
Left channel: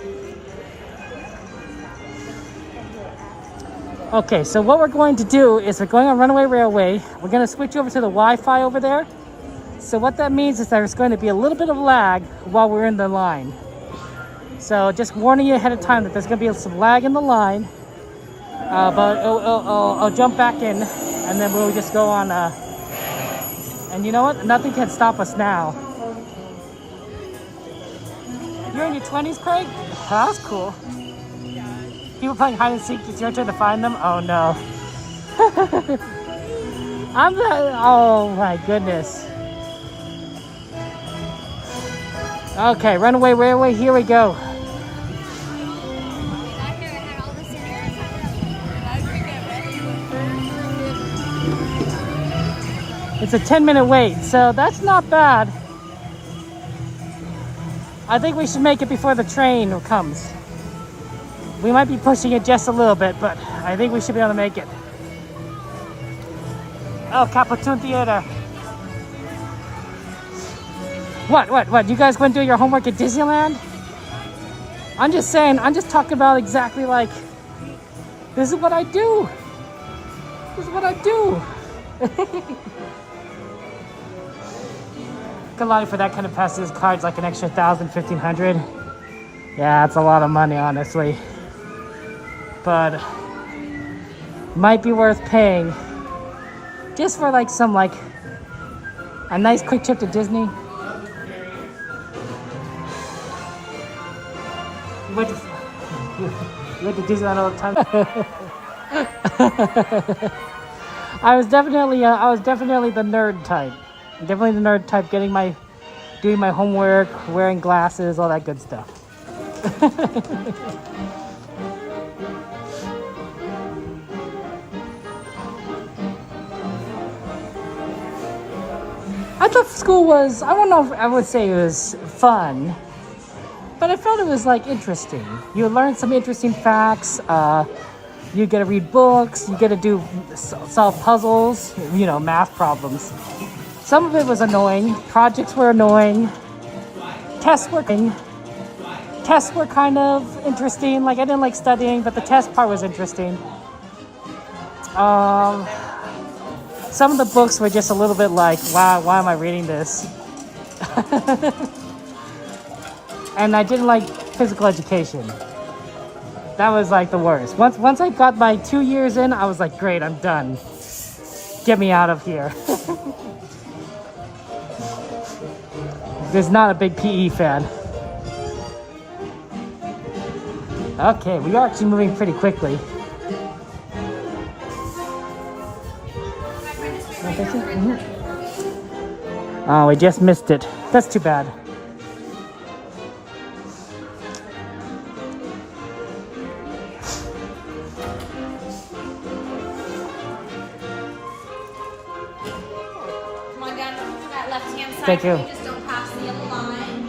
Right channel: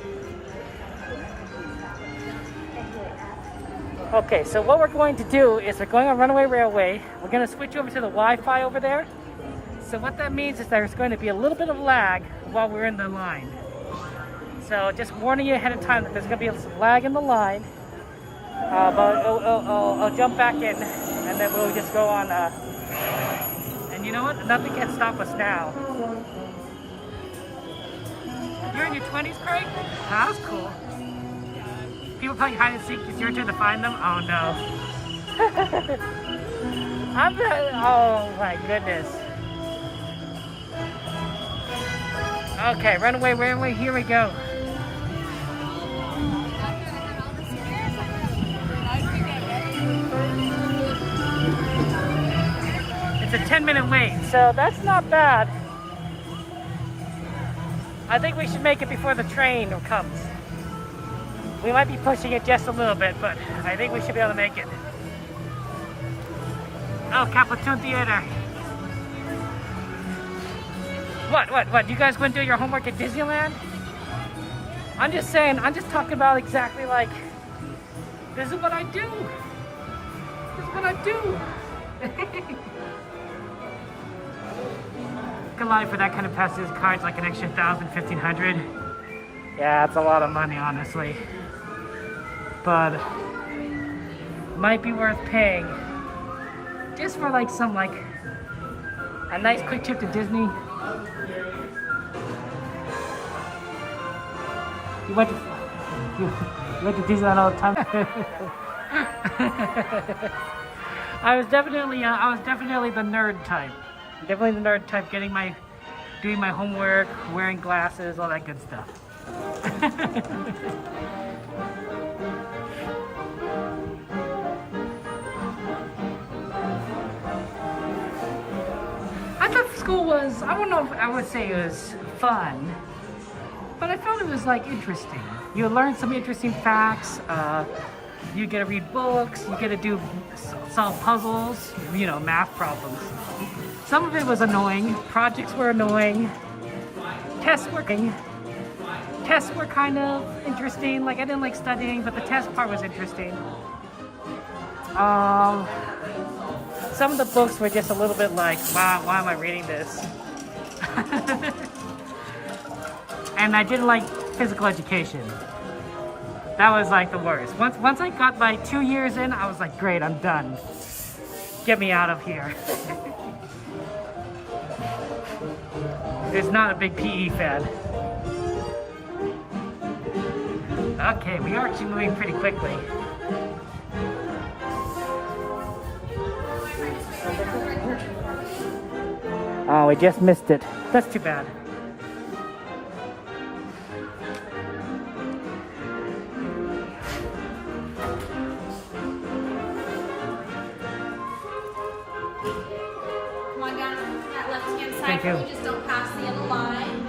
Okay, so what we're going to do is we're going on Runaway Railway. We're going to switch over to the Wi-Fi over there. So what that means is there's going to be a little bit of lag while we're in the line. So just warning you ahead of time that there's going to be some lag in the line. But I'll jump back in and then we'll just go on. And you know what? Nothing can stop us now. You're in your 20s, Craig? Oh, that was cool. People playing hide and seek, it's your turn to find them? Oh no. Oh my goodness. Okay, Runaway Railway, here we go. It's a 10-minute wait, so that's not bad. I think we should make it before the train comes. We might be pushing it just a little bit, but I think we should be able to make it. Oh, Caputoon Theater. What? You guys going to do your homework at Disneyland? I'm just saying, I'm just talking about exactly like, this is what I do. This is what I do. Kalani for that kind of passes cards like an extra 1,000, 1,500. Yeah, that's a lot of money, honestly. But might be worth paying just for like some a nice quick trip to Disney. You went to Disneyland all the time. I was definitely the nerd type. Definitely the nerd type, doing my homework, wearing glasses, all that good stuff. I thought school was, I don't know if I would say it was fun, but I felt it was interesting. You learn some interesting facts, you get to read books, you get to solve puzzles, math problems. Some of it was annoying, projects were annoying, tests were kind of interesting. I didn't like studying, but the test part was interesting. Some of the books were just a little bit wow, why am I reading this? And I didn't like physical education. That was the worst. Once I got my 2 years in, I was like, great, I'm done. Get me out of here. Just not a big PE fan. Okay, we are actually moving pretty quickly. Oh, we just missed it. That's too bad. Come on down to that left-hand side. Thank you. Just don't pass the end line.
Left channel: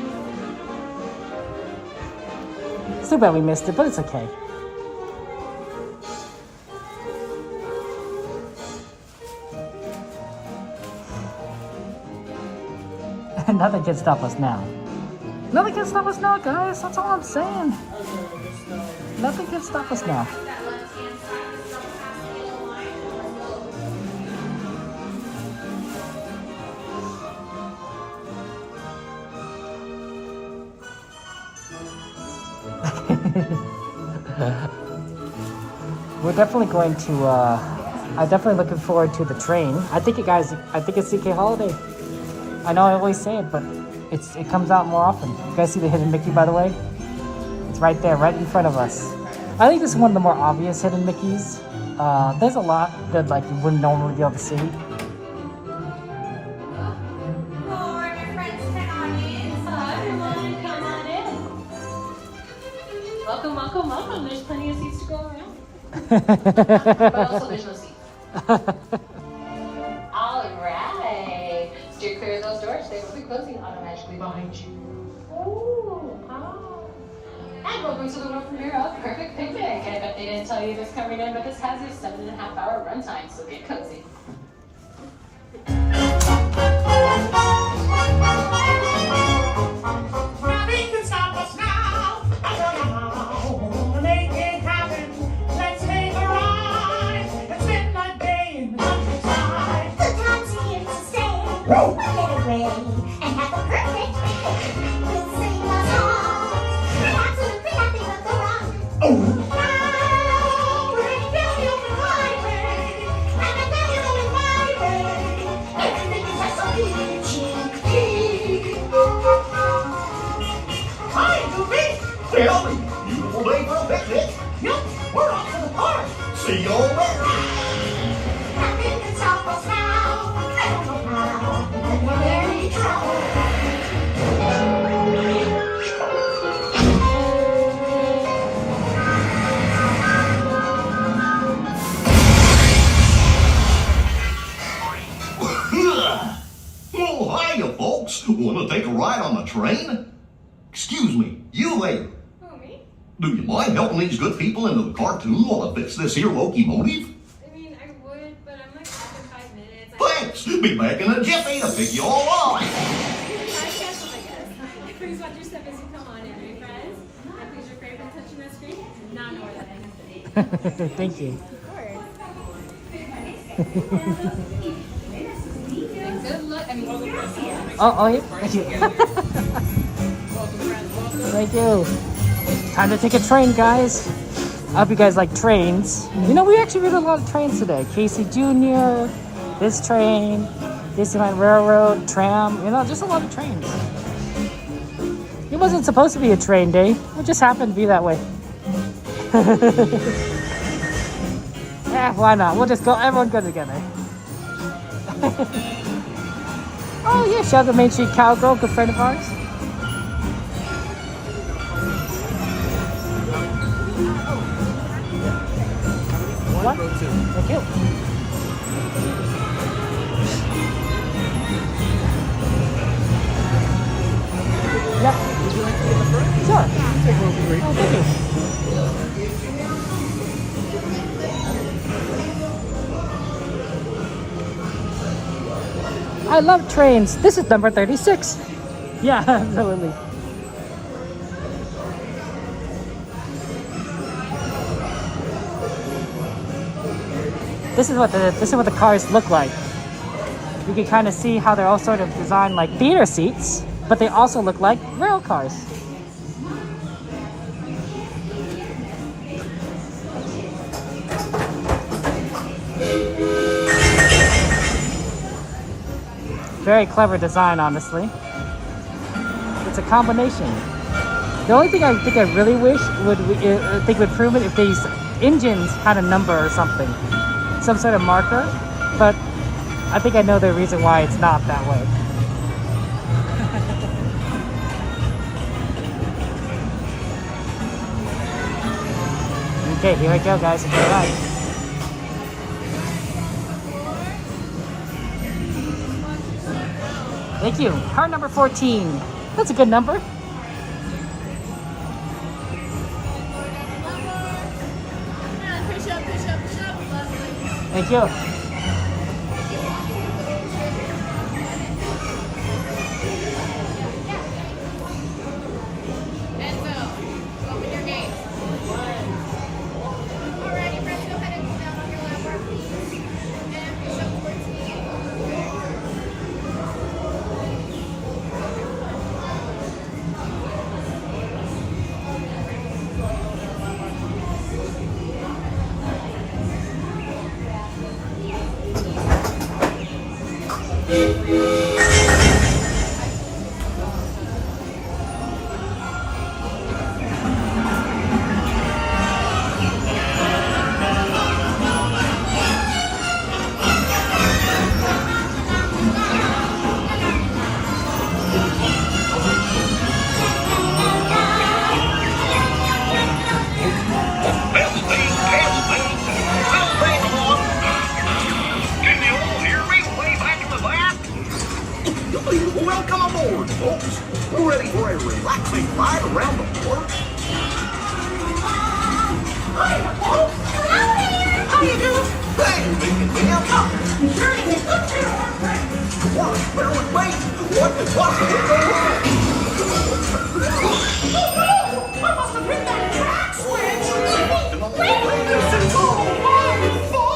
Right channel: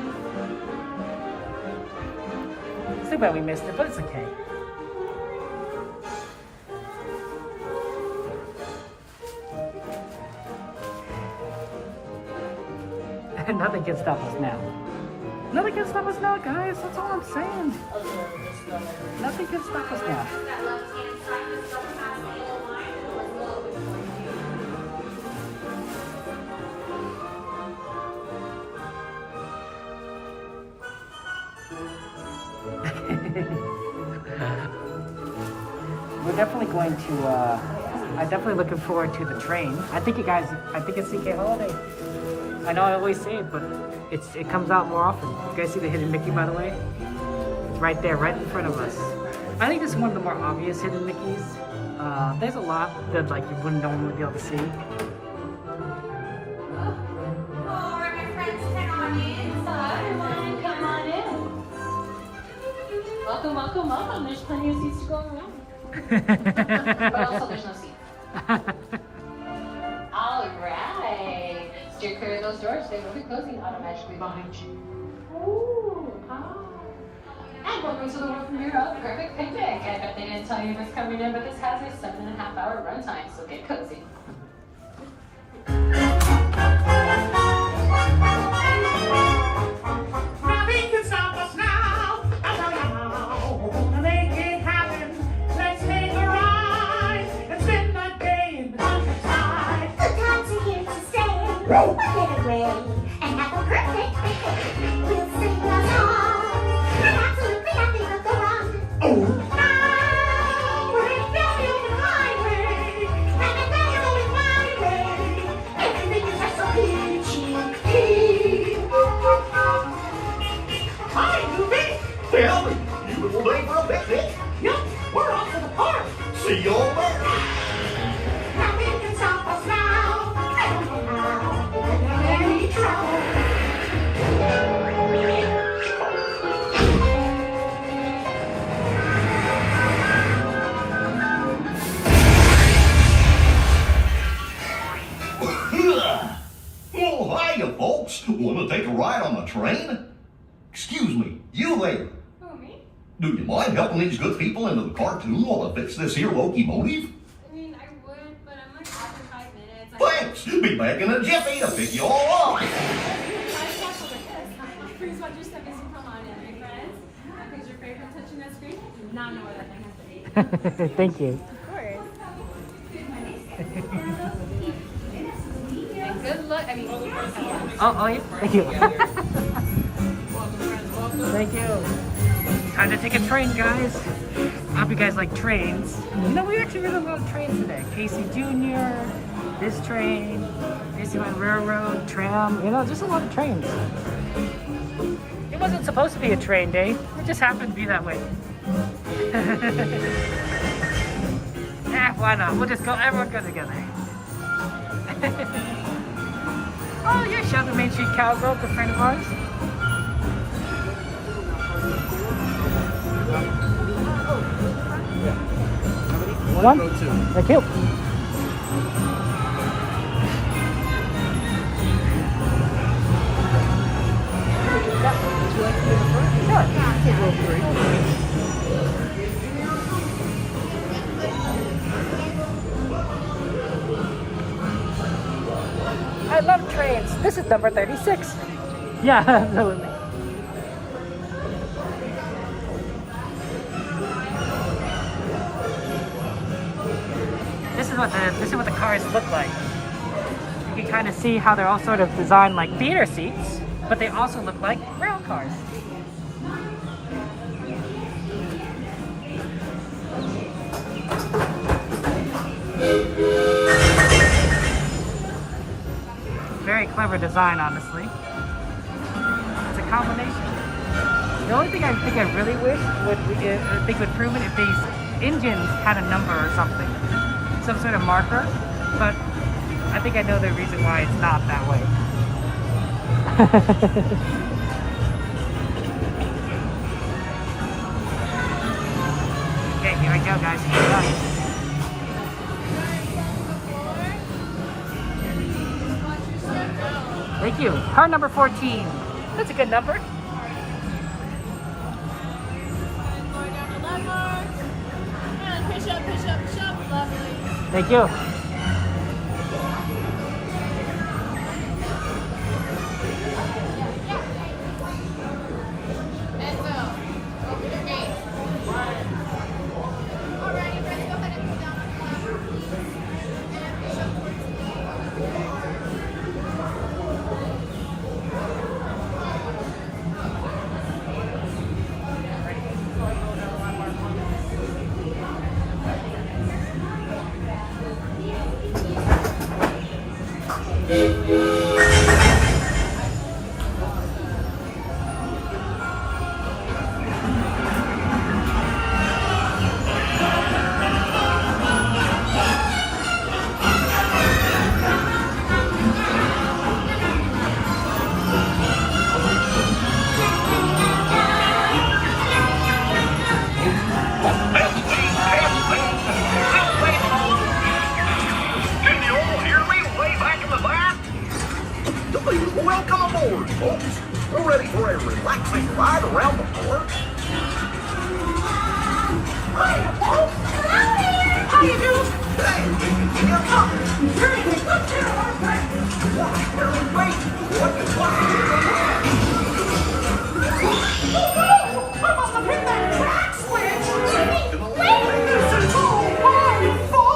It's too bad we missed it, but it's okay. Nothing can stop us now. Nothing can stop us now, guys. That's all I'm saying. Nothing can stop us now. We're definitely going to, I'm definitely looking forward to the train. I think it's CK Holiday. I know I always say it, but it comes out more often. You guys see the hidden Mickey, by the way? It's right there, right in front of us. I think this is one of the more obvious hidden Mickeys. There's a lot that like you wouldn't normally be able to see. Welcome, welcome, welcome. There's plenty of seats to go around. But also there's no seats. All right. Steer clear of those doors. They will be closing automatically behind you. Ooh, and welcome to the world premiere of Perfect Picnic. I bet they didn't tell you this coming in, but this has a 7.5-hour runtime, so get cozy. Nothing can stop us now. I tell you how. Gonna make it happen. Let's take a ride and spend a day in the countryside. Good times are here to stay. We'll get away and have a perfect picnic. We'll sing a song and absolutely nothing will go wrong. Oh. Now we're down on the highway, and I'm down going my way. Everything is so peachy. Hi, Goofy. Tell me, beautiful day for a picnic. Yup, we're off to the park. See you over there. Nothing can stop us now. I don't know how. We're in any trouble. Oh, hiya, folks. Want to take a ride on the train? Excuse me, you there. Who, me? Do you mind helping these good people into the cartoon while I fix this here locomotive? I mean, I would, but I'm like off in 5 minutes. Thanks. Be back in a jiffy to pick you all up. Please watch your step as you come on in, right, friends? That picture frame from touching that screen? Now know where that is. Thank you. Good luck. I mean, Oh, yeah. Thank you. Thank you. Time to take a train, guys. I hope you guys like trains. You know, we actually really love trains today. Casey Jr., this train, Disneyland Railroad, tram. You know, just a lot of trains. It wasn't supposed to be a train day. It just happened to be that way. Yeah, why not? We'll just go. Everyone go together. Oh yeah, shout out to Main Street Cowgirl, good friend of ours. One? Thank you. I love trains. This is number 36. Yeah, absolutely. This is what the cars look like. You can kind of see how they're all sort of designed like theater seats, but they also look like rail cars. Very clever design, honestly. It's a combination. The only thing I think I really wish would prove it if these engines had a number or something, some sort of marker. But I think I know the reason why it's not that way. Okay, here we go, guys. Enjoy the ride. Thank you. Car number 14. That's a good number. Thank you. Welcome aboard, folks. We're ready for a relaxing ride around the park. Hi, folks. How you doing? Welcome. You're in a good town. Watch, wait. I must have hit that track switch. Wait. This is all my fault.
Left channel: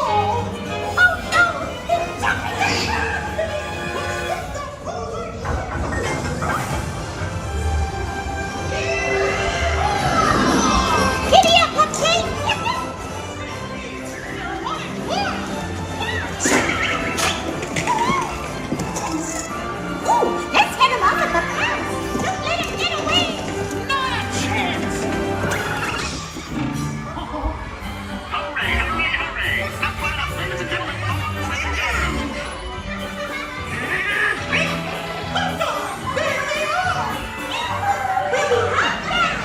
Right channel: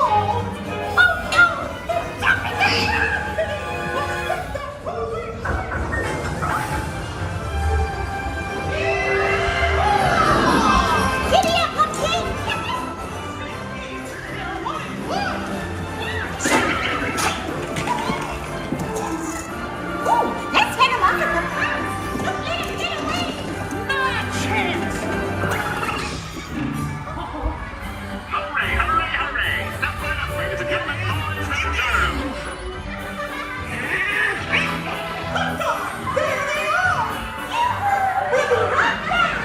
Let's head him off at the pass. Don't let him get away. Not a chance. Hurry. Step right up, ladies and gentlemen. There they are. We'll be right back.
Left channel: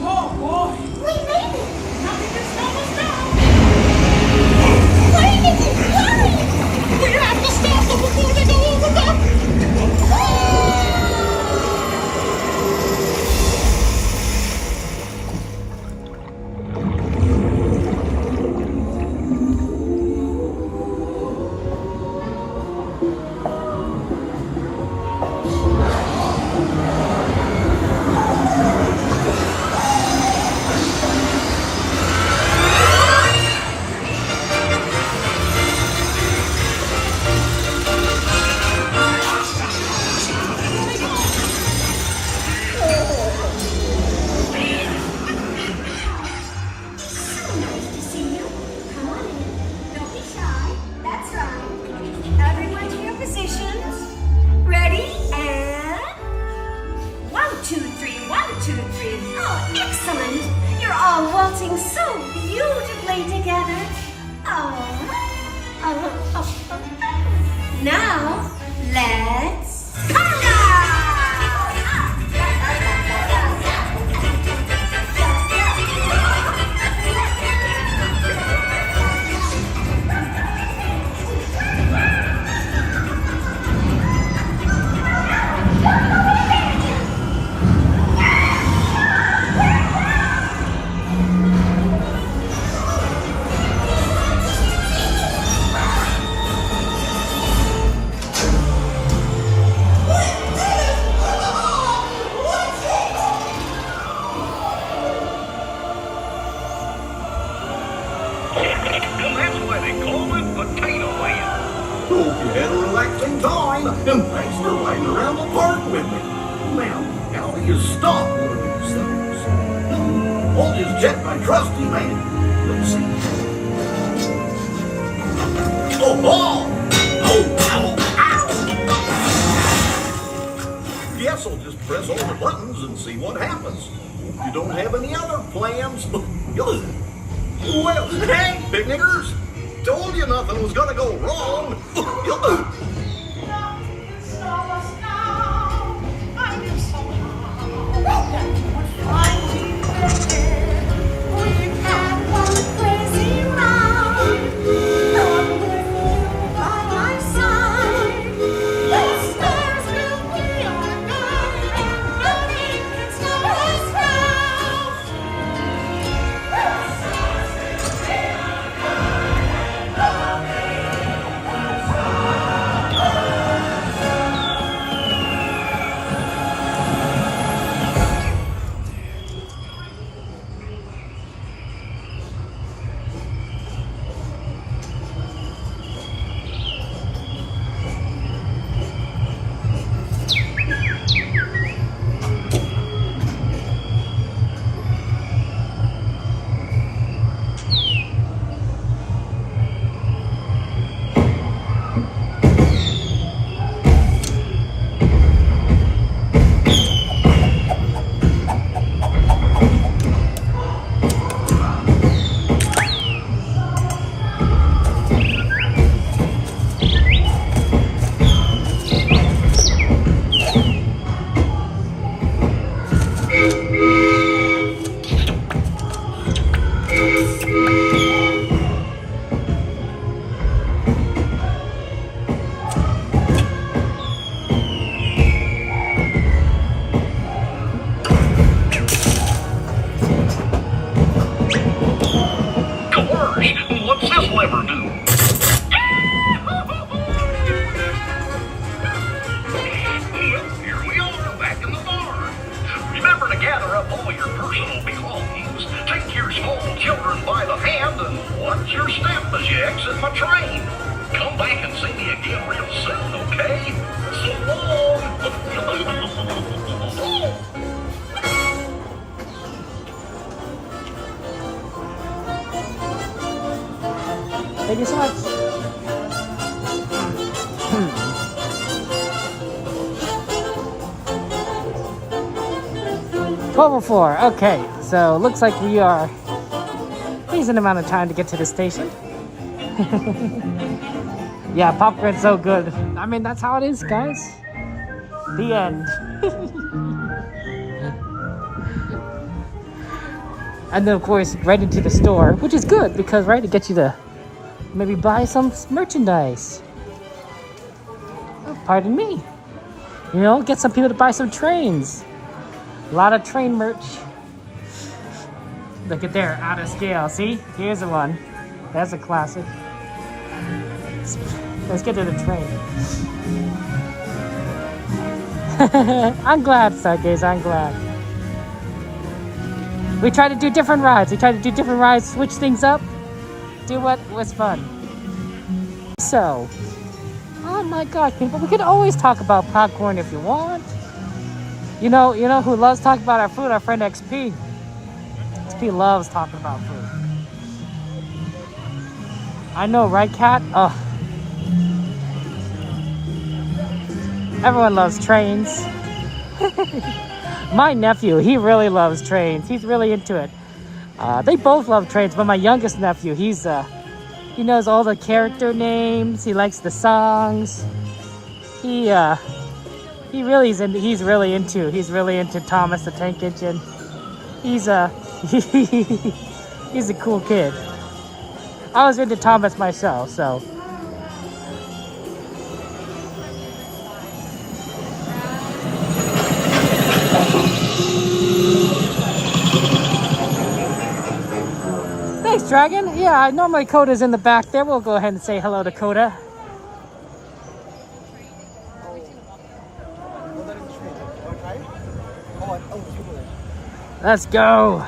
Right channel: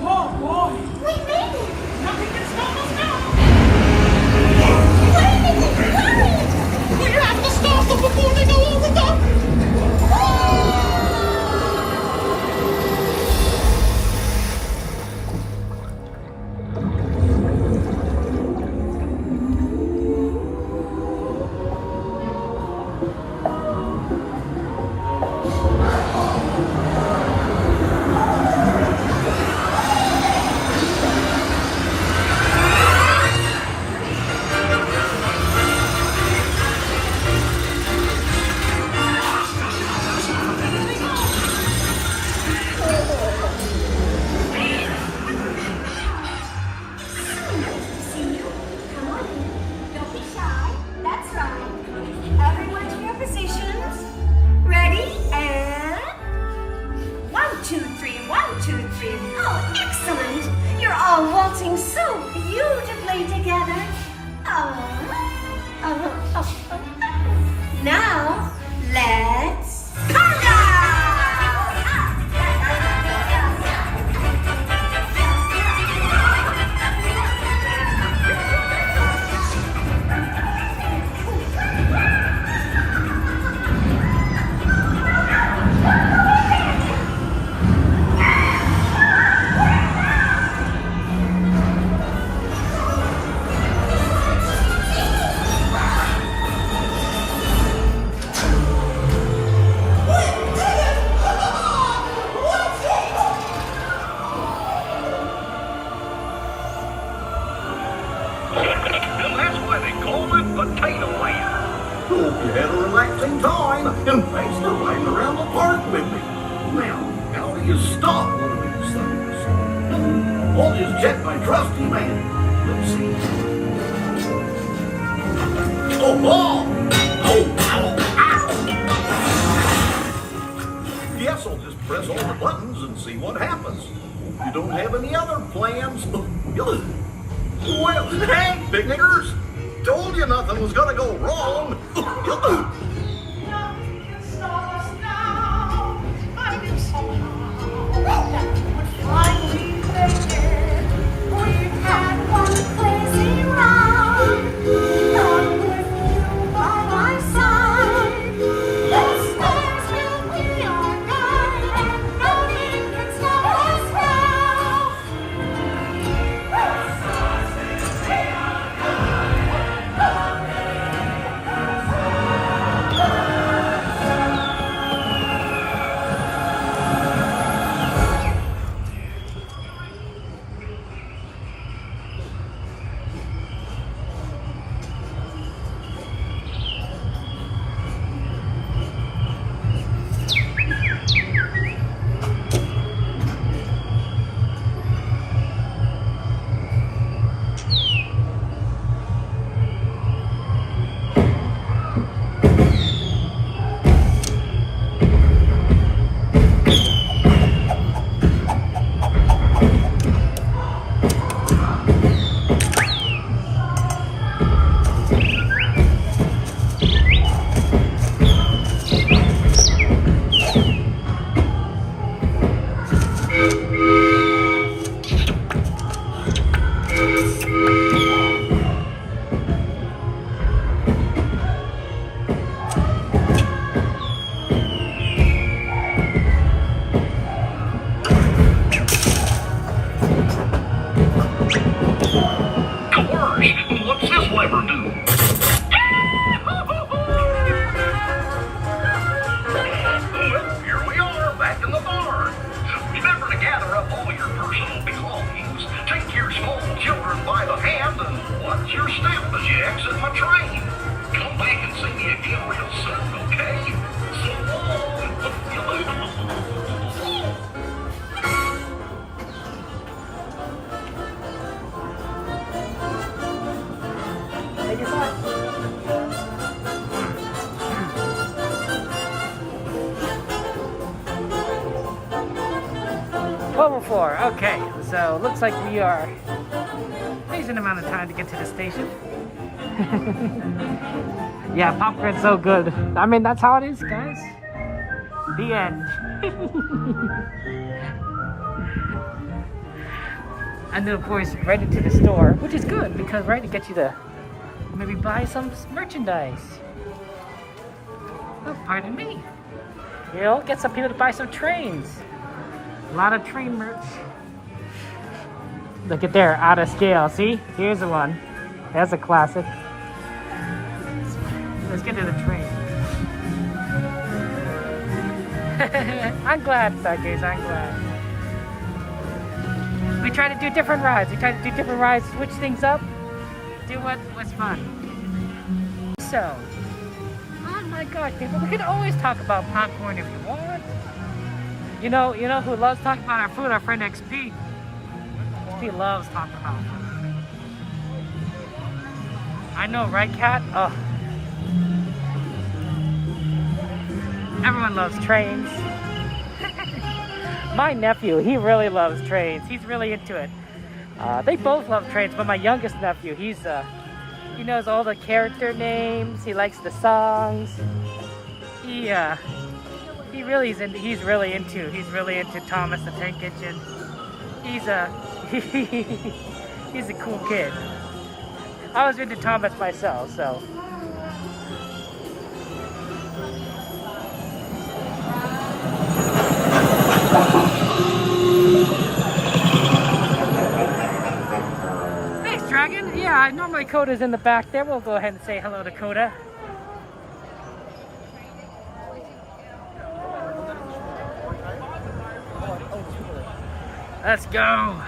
Oh boy! We made it! Nothing can stop us now! Where did they go? We have to stop them before they go over the... Come on in. Don't be shy. That's right. Everyone to your positions. Ready? And 1, 2, 3, 1, 2, 3. Oh, excellent. You're all waltzing so beautifully together. Now, let's conga! And that's why they call it Potato Land. Hope you had a relaxing time, and thanks for riding around the park with me. Now, how do you stop one of these things? I'll just check my trusty man. Let's see. Oh, Guess I'll just press all the buttons and see what happens. Hope you don't have any other plans. Well, hey, picnickers! Told you nothing was gonna go wrong. Stop us now. I knew somehow that we would finally make it. We had one crazy ride. I'm with you by my side. The stars will be our guide, and nothing can stop us now. The stars will be our guide. What's this lever do? Here we are, back in the barn. Remember to gather up all your personal belongings, take your small children by the hand, and watch your step as you exit my train. Come back and see me again real soon, okay? So long. Thank you so much. 12:04. Okay, so looks like we are a decent amount of time to get to the station. Yeah, popcorn's so good. I mean, that's how it is, guys. The end. And then, of course, right into the store, which is good because, right, it gets you to maybe buy some merchandise. Oh, pardon me. You know, get some people to buy some trains. A lot of train merch. Look at there, out of scale. See? Here's the one. That's a classic. Let's get to the train. I'm glad, Stargaze, I'm glad. We try to do different rides. Switch things up. Do what was fun. So, oh my gosh, people, we could always talk about popcorn if you want. You know who loves talking about our food? Our friend XP. XP loves talking about food. I know, right, Kat? Oh. Everyone loves trains. My nephew, he really loves trains. He's really into it. They both love trains, but my youngest nephew, he knows all the character names. He likes the songs. He's really into Thomas the Tank Engine. He's a cool kid. I was into Thomas myself, so. Thanks, Dragon. Yeah, normally Coda's in the back there. We'll go ahead and say hello to Coda. Let's go.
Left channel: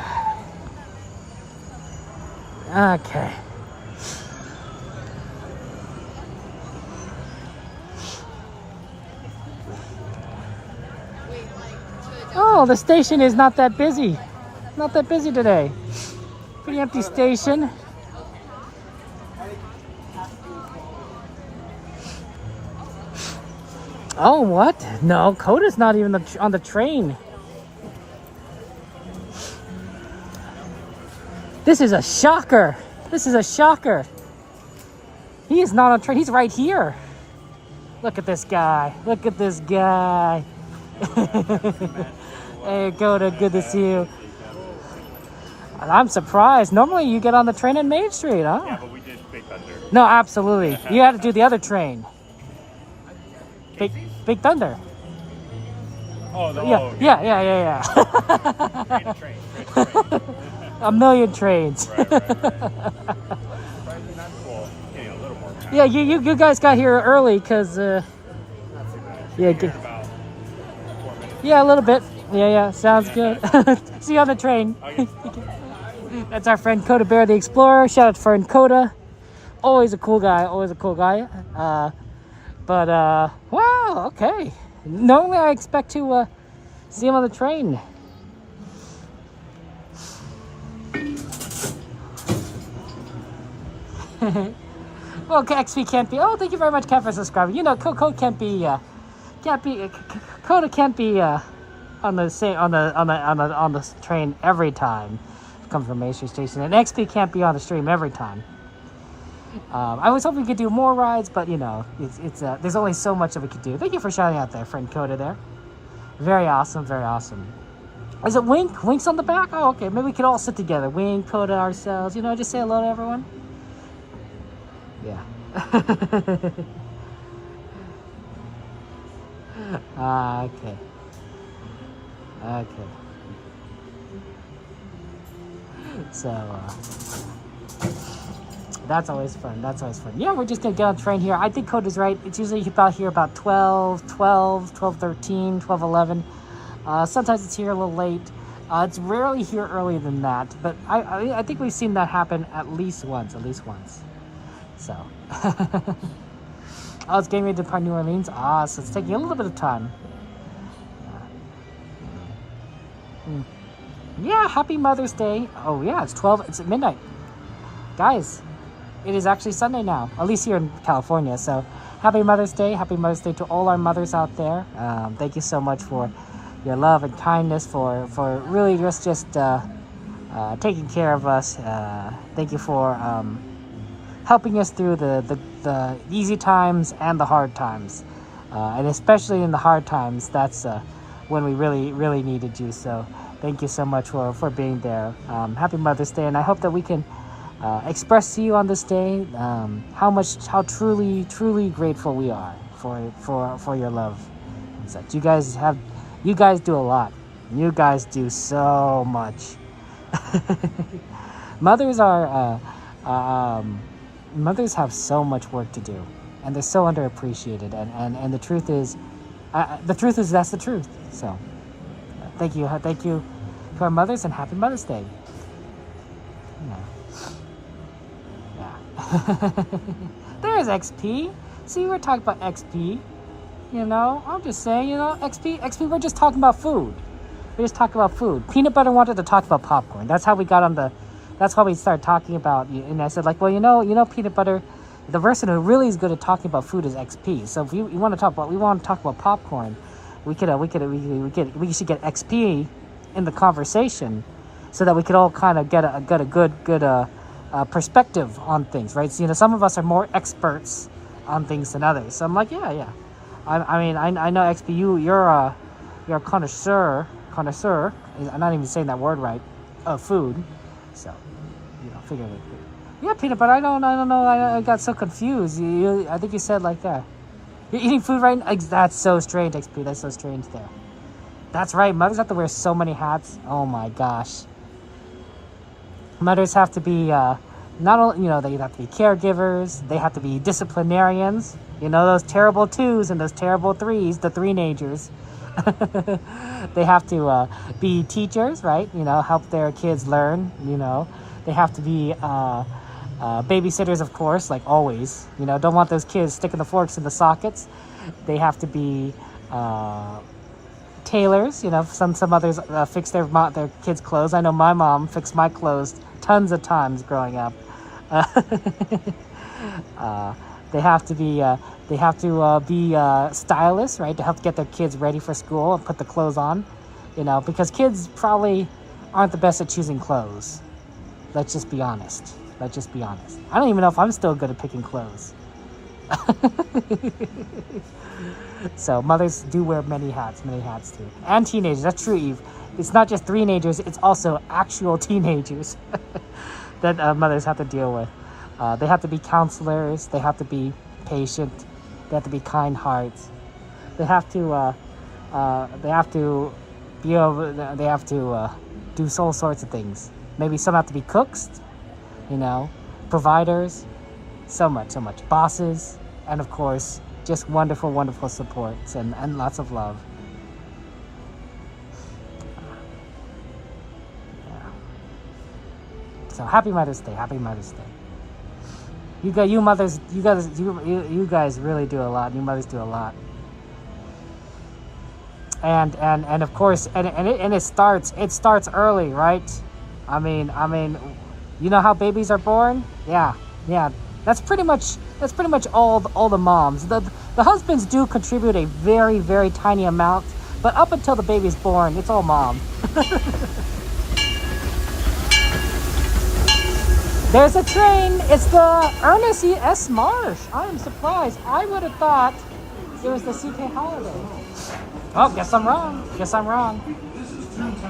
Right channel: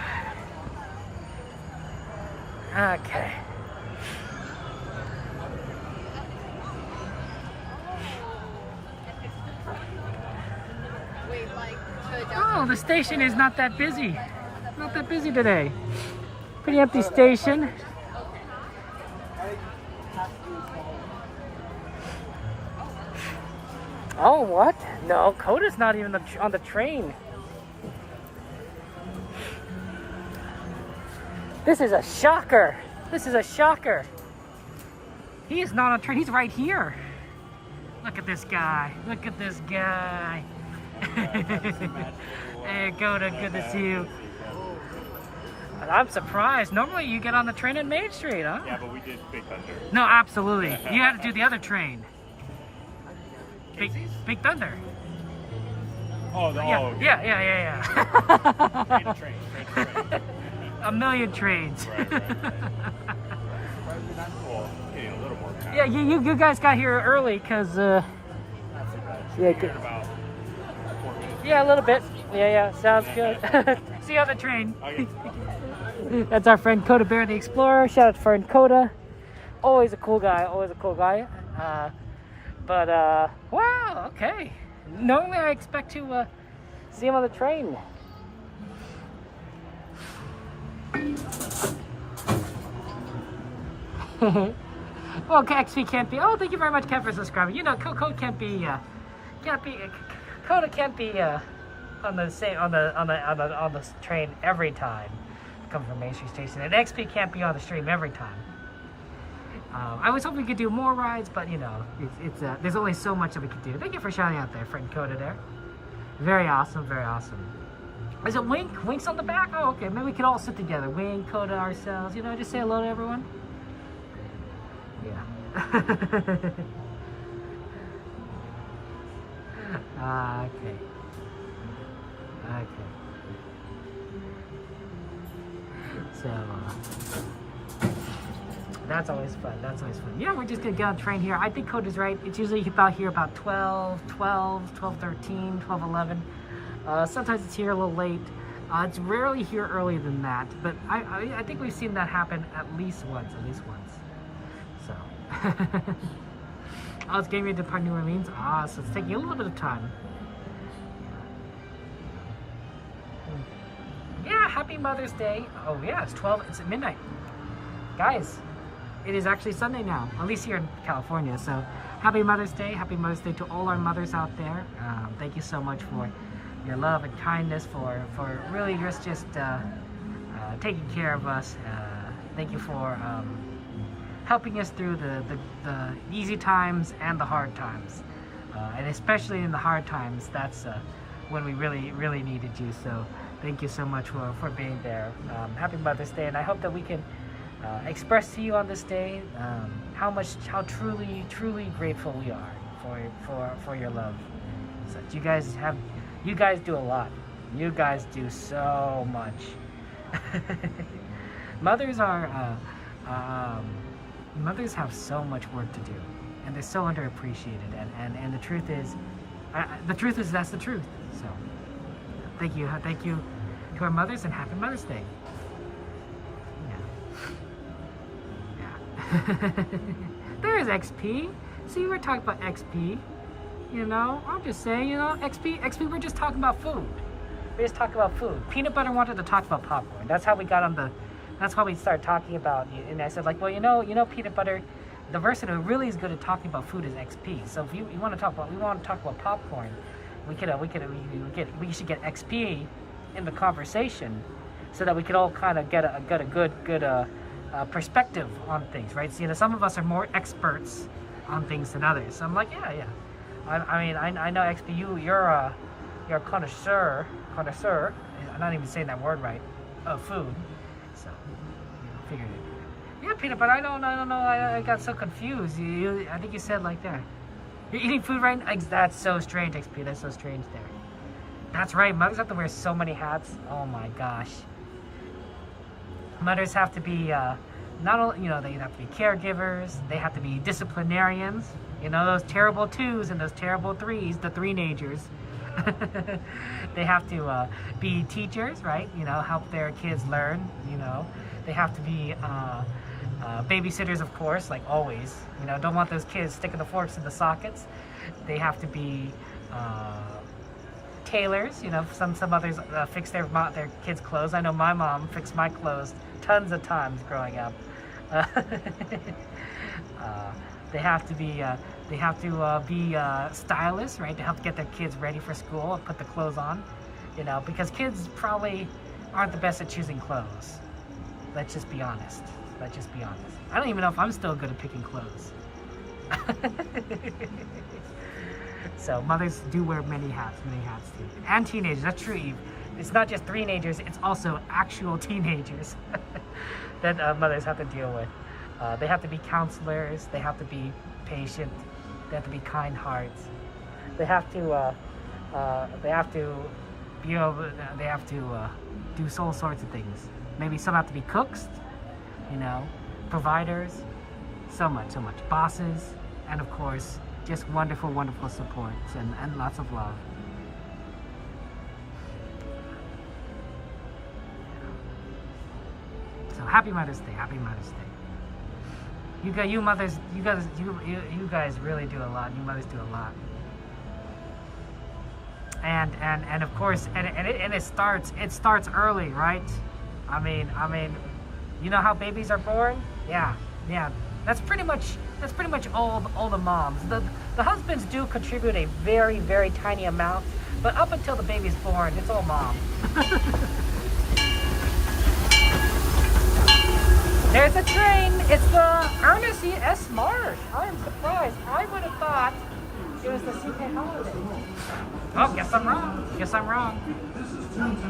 Okay. Oh, the station is not that busy. Not that busy today. Pretty empty station. Oh, what? No, Coda's not even on the train. This is a shocker. This is a shocker. He is not on train. He's right here. Look at this guy. Look at this guy. Hey, Coda, good to see you. I'm surprised. Normally you get on the train in Main Street, huh? Yeah, but we did Big Thunder. No, absolutely. You had to do the other train. Big Thunder. Oh, yeah. Train. A million trains. Right. Surprisingly not cool. Getting a little more packed. Yeah, you guys got here early because about 4 minutes. Yeah, a little bit. Yeah, sounds good. See you on the train. Okay. That's our friend Coda Bear the Explorer. Shout out to friend Coda. Always a cool guy. Wow, okay. Normally I expect to see him on the train. Well, XP can't be. Oh, thank you very much, Kat, for subscribing. You know, Coda can't be. Coda can't be on the train every time. Comes from Main Street Station, and XP can't be on the stream every time. I was hoping we could do more rides, but you know, it's there's only so much that we could do. Thank you for shouting out there, friend Coda there. Very awesome, very awesome. Is it Wink? Wink's on the back? Oh, okay. Maybe we could all sit together. Wink, Coda, ourselves. You know, just say hello to everyone. Yeah. Okay. Okay. So, that's always fun. That's always fun. Yeah, we're just going to get on the train here. I think Coda's right. It's usually about here about 12:13, 12:11. Sometimes it's here a little late. It's rarely here earlier than that. But I think we've seen that happen at least once. So. Oh, it's getting ready to depart New Orleans. So it's taking a little bit of time. Yeah, happy Mother's Day. Oh yeah, it's at midnight. Guys, it is actually Sunday now, at least here in California. So happy Mother's Day. Happy Mother's Day to all our mothers out there. Thank you so much for your love and kindness, for really just taking care of us. Thank you for helping us through the easy times and the hard times. And especially in the hard times, that's when we really needed you. So thank you so much for being there. Happy Mother's Day, and I hope that we can express to you on this day how truly grateful we are for your love. So you guys do a lot. You guys do so much. Mothers have so much work to do, and they're so underappreciated. And the truth is that's the truth. So thank you to our mothers, and happy Mother's Day. Yeah. There's XP. See, we're talking about XP. You know, I'm just saying, you know, XP, we're just talking about food. We're just talking about food. Peanut Butter wanted to talk about popcorn. That's how we got on that's why we started talking about, and I said, like, well, you know, Peanut Butter, the person who really is good at talking about food is XP. So if we want to talk about popcorn, we should get XP in the conversation, so that we could all kind of get a good perspective on things, right? So, you know, some of us are more experts on things than others. So I'm like, yeah. I know XP, you're a connoisseur. I'm not even saying that word right, of food. So, you know, figured it. Yeah, Peanut Butter, I don't know. I got so confused. I think you said like that. You're eating food right now? That's so strange, XP. That's so strange there. That's right. Mothers have to wear so many hats. Oh my gosh. Mothers have to be, not only, you know, they have to be caregivers. They have to be disciplinarians. You know, those terrible 2s and those terrible 3s, the 3-nagers. They have to be teachers, right? You know, help their kids learn, you know. They have to be babysitters, of course, like always. You know, don't want those kids sticking the forks in the sockets. They have to be tailors. You know, some others fix their kids' clothes. I know my mom fixed my clothes tons of times growing up. They have to be stylists, right, to help get their kids ready for school and put the clothes on, you know, because kids probably aren't the best at choosing clothes. Let's just be honest. I don't even know if I'm still good at picking clothes. So mothers do wear many hats too. And teenagers, that's true, Eve. It's not just 3-nagers, it's also actual teenagers that mothers have to deal with. They have to be counselors, they have to be patient, they have to be kind hearts. They have to do all sorts of things. Maybe some have to be cooks, you know, providers, so much. Bosses, and of course, just wonderful supports and lots of love. Yeah. So happy Mother's Day. You guys really do a lot. You mothers do a lot. And of course, it starts early, right? I mean, you know how babies are born? Yeah. That's pretty much all the moms. The husbands do contribute a very, very tiny amount, but up until the baby's born, it's all mom. There's a train. It's the Ernest E. S. Marsh. I am surprised. I would have thought it was the CK Holiday. Oh, guess I'm wrong. Okay.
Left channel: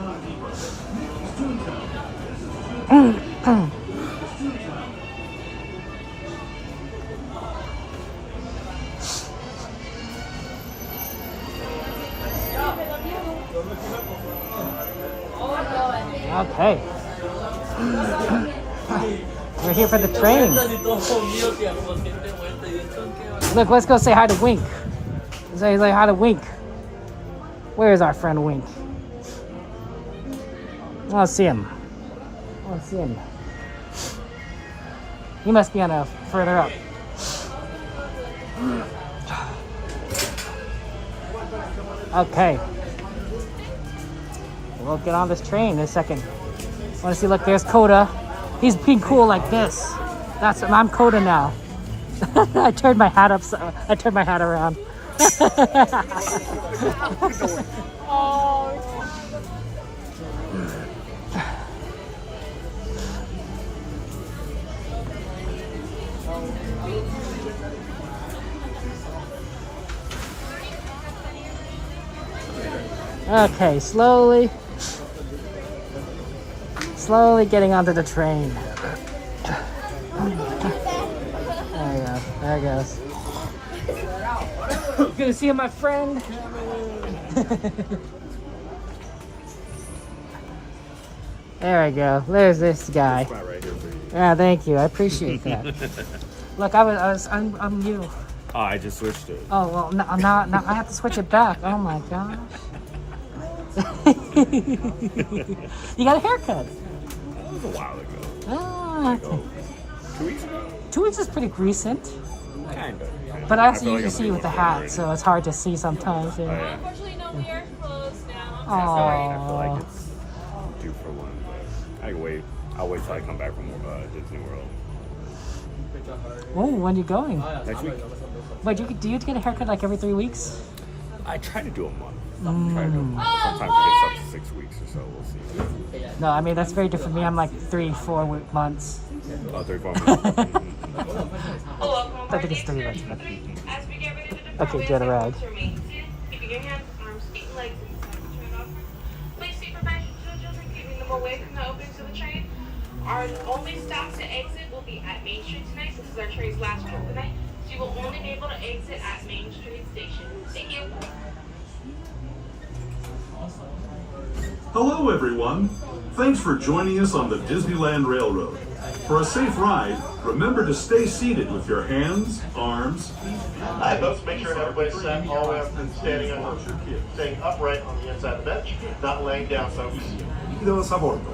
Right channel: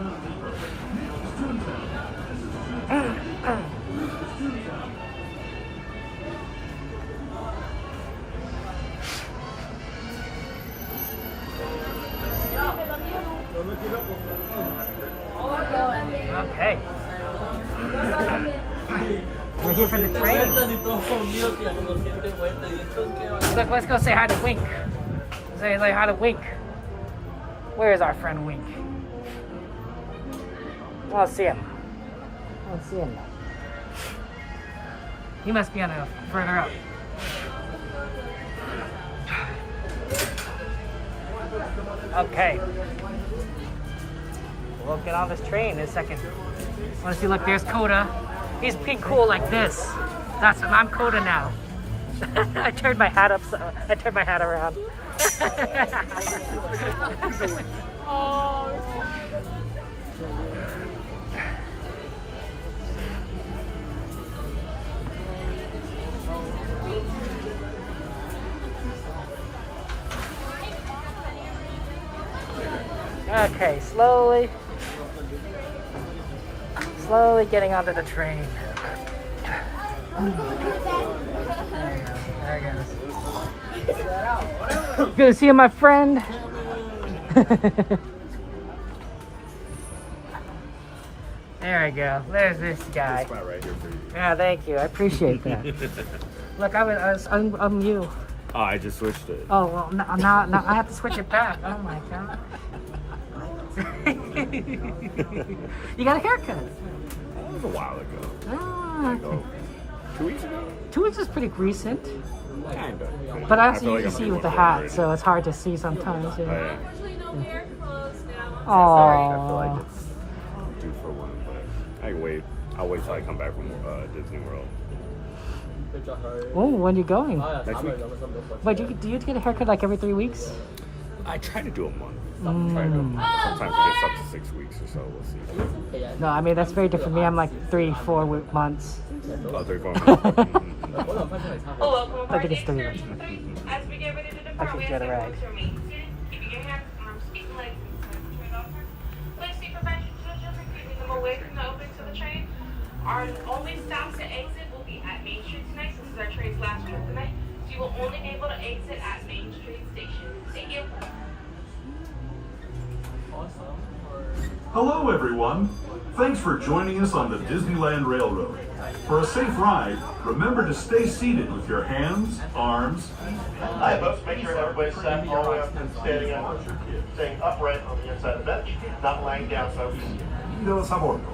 We're here for the train. Look, let's go say hi to Wink. Say hi to Wink. Where's our friend Wink? I don't see him. I don't see him. He must be on a further up. Okay. We'll get on this train in a second. I want to see, look, there's Coda. He's being cool like this. I'm Coda now. I turned my hat around. Okay, slowly getting onto the train. There you go. There it goes. Good to see you, my friend. There we go. There's this guy. Spot right here for you. Yeah, thank you. I appreciate that. Look, I'm you. Oh, I just switched it. Oh well, now I have to switch it back. Oh my gosh. You got a haircut. That was a while ago. Oh, okay. 2 weeks ago? 2 weeks is pretty recent. Kinda. But I also usually see you with the hat, so it's hard to see sometimes. Yeah. Oh, yeah. Unfortunately, no, we are closed now. Oh. I feel like it's due for one, but I can wait. I'll wait till I come back from Disney World. Oh, when are you going? Next week. But do you get a haircut like every 3 weeks? I try to do a month. Sometimes it gets up to 6 weeks or so. We'll see. No, I mean, that's very different for me. I'm like 3-4 months. Oh, 3-4 months. I think it's 3 months. As we get ready to depart, Okay, we get ask a that rag. you remain seated, keeping your hands, arms, feet, and legs inside the train offer. Please seat prevention children, keeping them away from the openings of the train. Our only stops to exit will be at Main Street tonight. This is our train's last trip tonight, so you will only be able to exit at Main Street Station. Thank you. Hello, everyone. Thanks for joining us on the Disneyland Railroad. For a safe ride, remember to stay seated with your hands, arms. Hi, folks. Make sure everybody's set all the way up and standing up. Staying upright on the inside of the bench, not laying down, folks. Bienvenidos a bordo.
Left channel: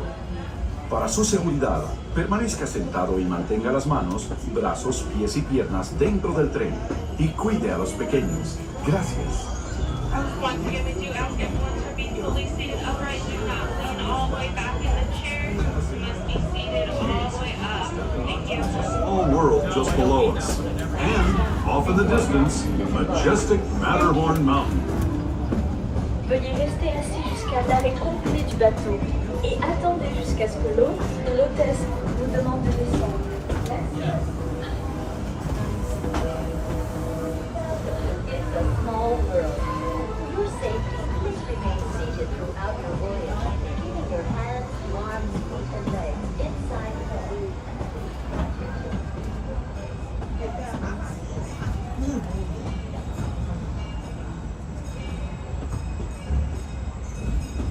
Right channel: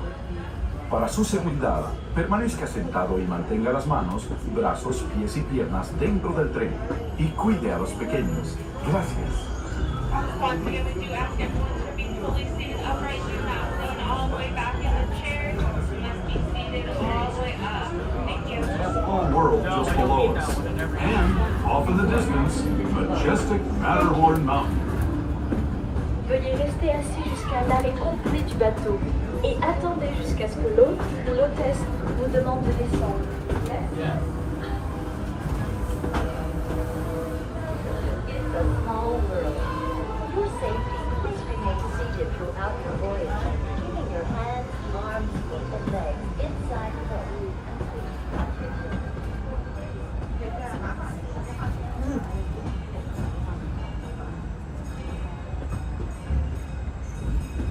Para su seguridad, permanezca sentado y mantenga las manos, brazos, pies y piernas dentro del tren y cuide a los pequeños. Gracias. Once again, we do ask everyone to be fully seated upright. Do not lean all the way back in the chair. You must be seated all the way up. Thank you. Whole world just below us. And, off in the distance, majestic Matterhorn Mountain. Veuillez rester assis jusqu'à l'arrêt complet du bateau et attendez jusqu'à ce que l'hôte ou l'hôtesse vous demande de descendre. It's a small world. For your safety, please remain seated throughout your voyage, keeping your hands, arms, feet, and legs inside the boat.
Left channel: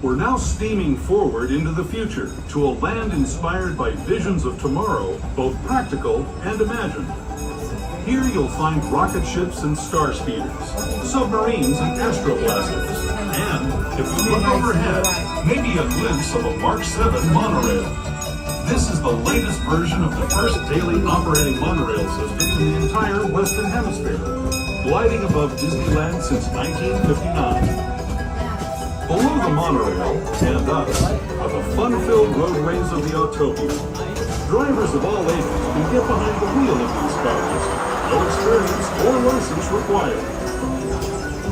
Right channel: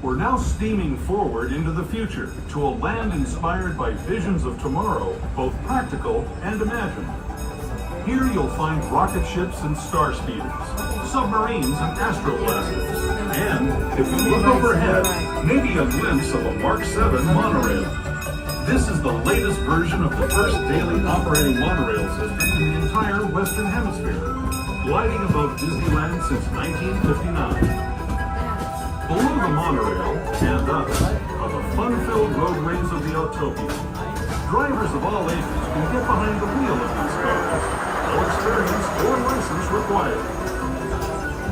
We're now steaming forward into the future to a land inspired by visions of tomorrow, both practical and imagined. Here you'll find rocket ships and star speeders, submarines and astroblasters, and, if you look overhead, maybe a glimpse of a Mark 7 monorail. This is the latest version of the first daily operating monorail system in the entire Western Hemisphere, gliding above Disneyland since 1959. Below the monorail, and us, are the fun-filled roadways of the Autopia. Drivers of all ages can get behind the wheel of these cars. No experience or license required.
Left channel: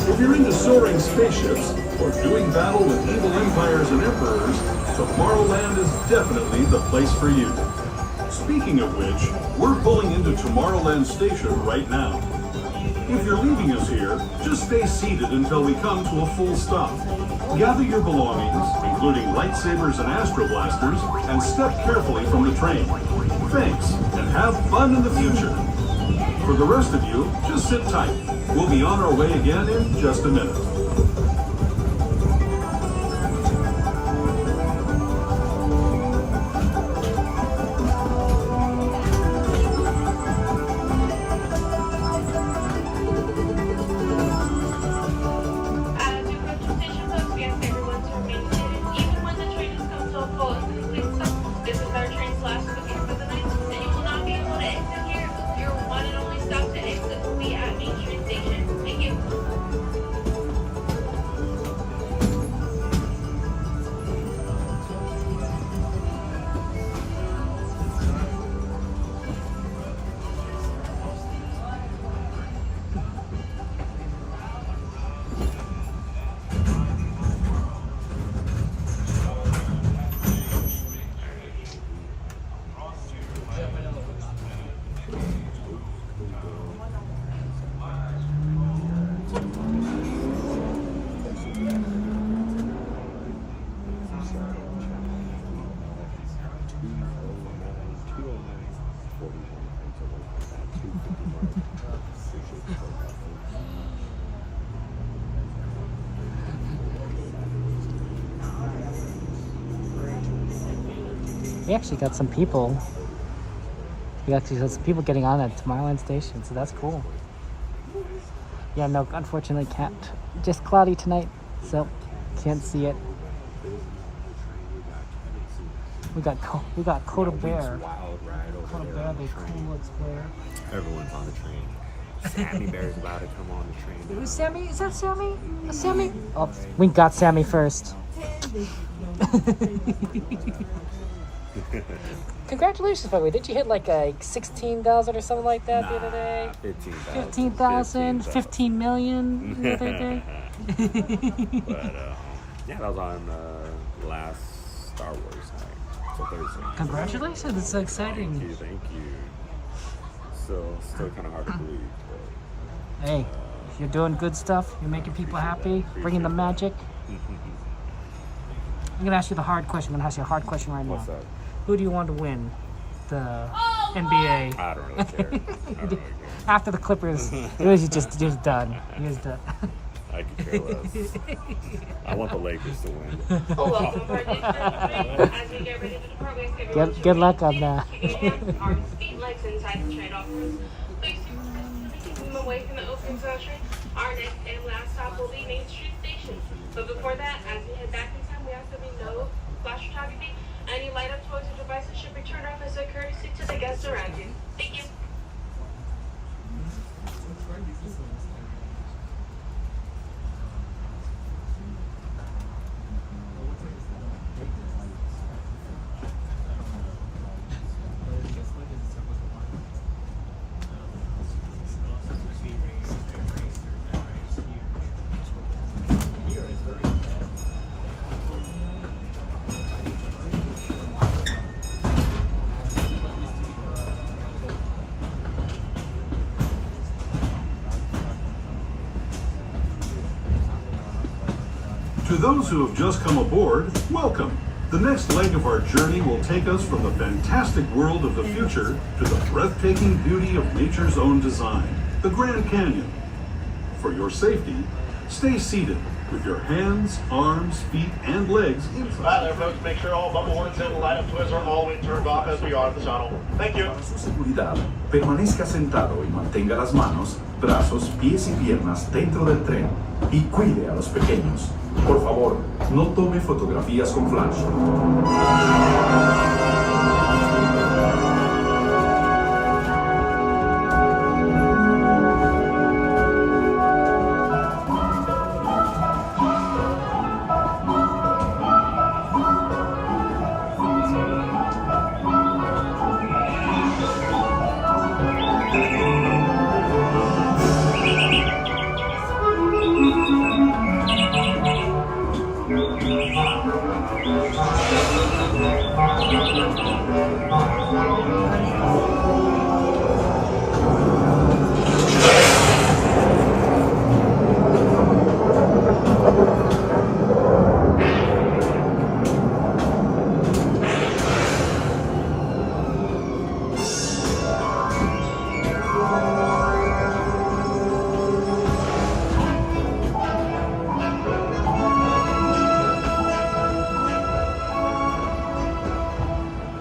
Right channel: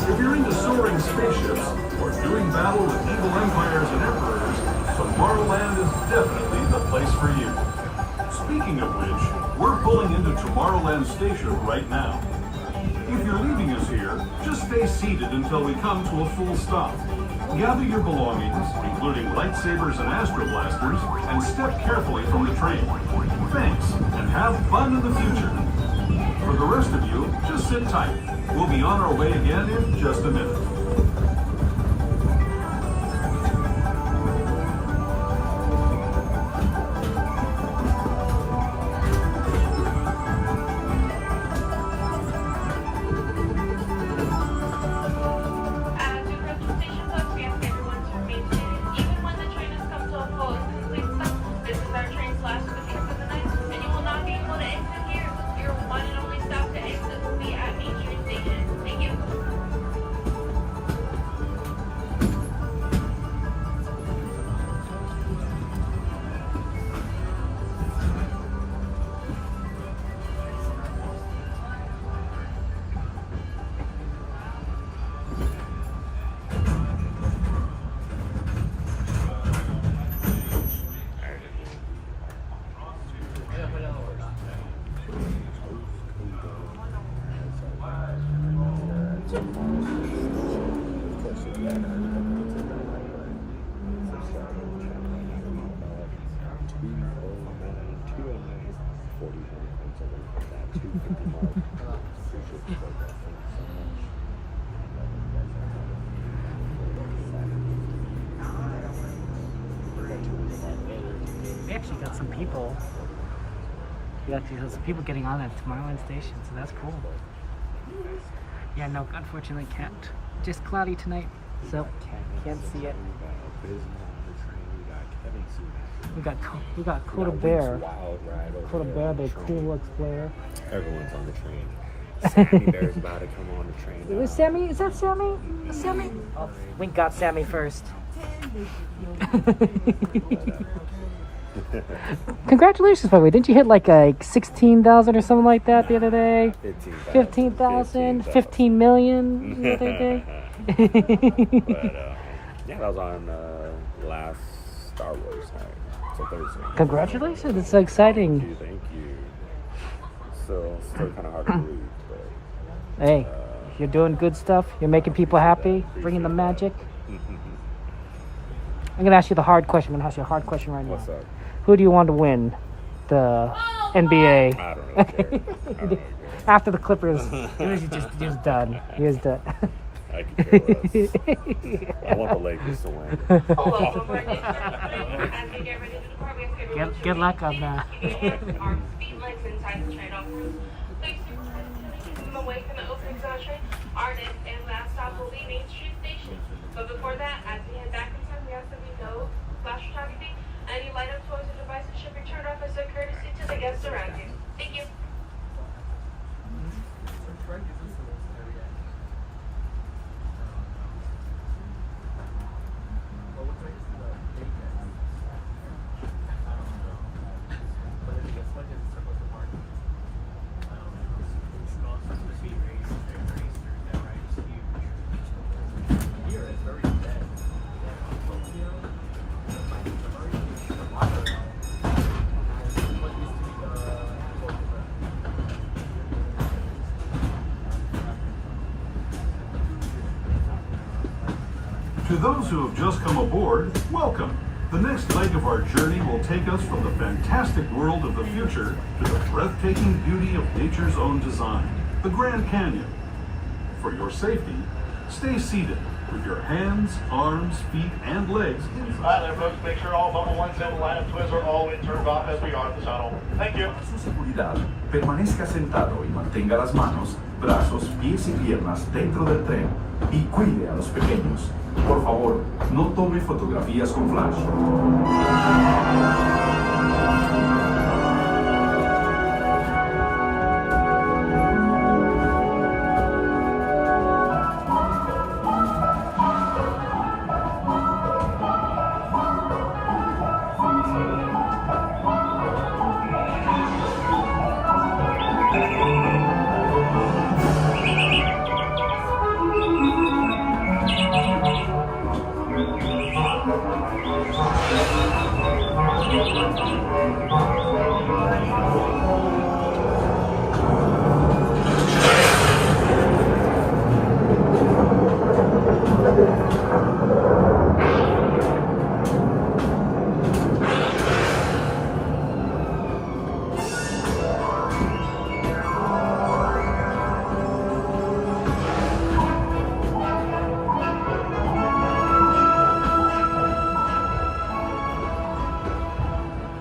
If you're into soaring spaceships or doing battle with evil empires and emperors, Tomorrowland is definitely the place for you. Speaking of which, we're pulling into Tomorrowland Station right now. If you're leaving us here, just stay seated until we come to a full stop. Gather your belongings, including lightsabers and astro blasters, and step carefully from the train. Thanks, and have fun in the future. For the rest of you, just sit tight. We'll be on our way again in just a minute. We actually got some people. We actually got some people getting on at Tomorrowland Station, so that's cool. Yeah, no, unfortunately can't. Just cloudy tonight, so can't see it. We got Coda Bear. Coda Bear, the cool explorer. Everyone's on the train. Sammy Bear's about to come on the train. Is Sammy? Is that Sammy? Is Sammy? Oh, we got Sammy first. Congratulations, by the way. Didn't you hit like 16,000 or something like that the other day? 15,000, 15 million the other day. But yeah, that was on last Star Wars night, so Thursday. Congratulations! It's so exciting. Thank you. Still kind of hard to believe, but hey, you're doing good stuff. You're making people happy, bringing the magic. I'm gonna ask you the hard question. I'm gonna ask you a hard question right now. What's up? Who do you want to win the NBA? I don't really care. After the Clippers, it was just done. It was done. I could care less. I want the Lakers to win. Good luck on that. Our next and last stop will be Main Street Station. But before that, as we head back in time, we ask that we know flash photography. Any light-up toys or devices should be turned off as a courtesy to the guests around you. Thank you. To those who have just come aboard, welcome. The next leg of our journey will take us from the fantastic world of the future to the breathtaking beauty of nature's own design, the Grand Canyon. For your safety, stay seated with your hands, arms, feet, and legs inside. Hi there, folks. Make sure all bubble ones and light-up toys are all the way turned off as we are at the tunnel. Thank you. Para su seguridad, permanezca sentado y mantenga las manos, brazos, pies y piernas dentro del tren y cuide a los pequeños. Por favor, no tome fotografías con flash.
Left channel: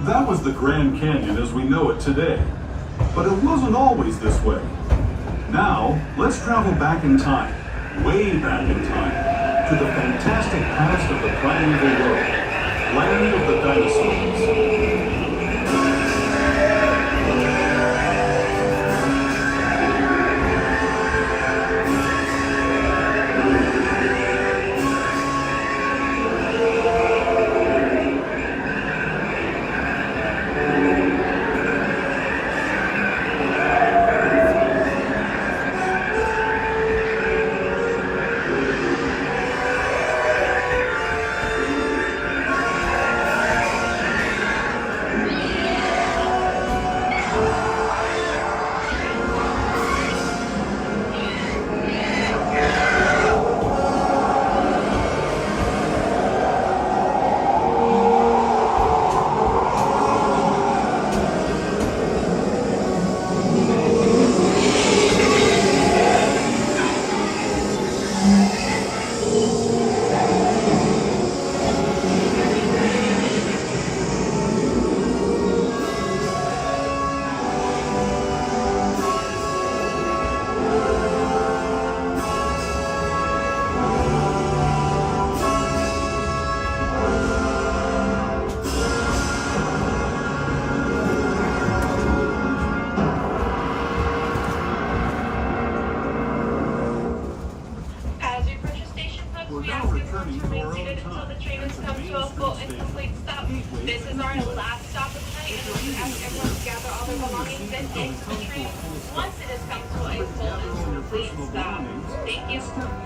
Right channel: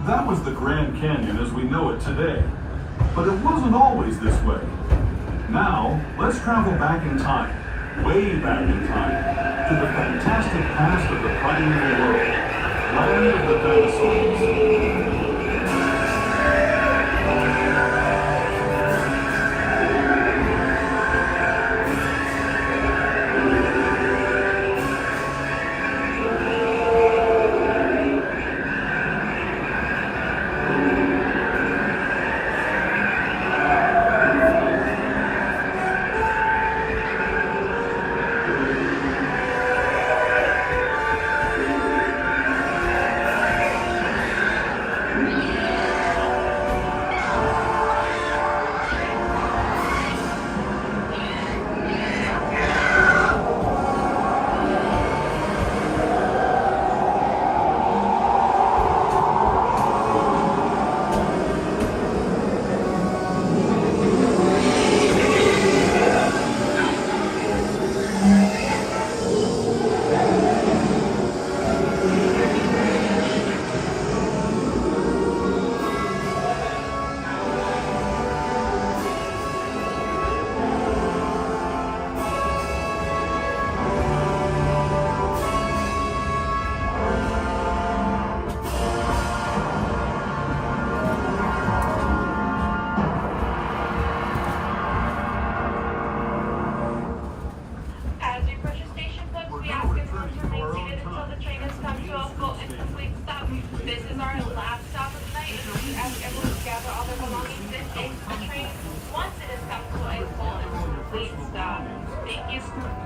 That was the Grand Canyon as we know it today. But it wasn't always this way. Now, let's travel back in time, way back in time, to the fantastic past of the primeval world, land of the dinosaurs.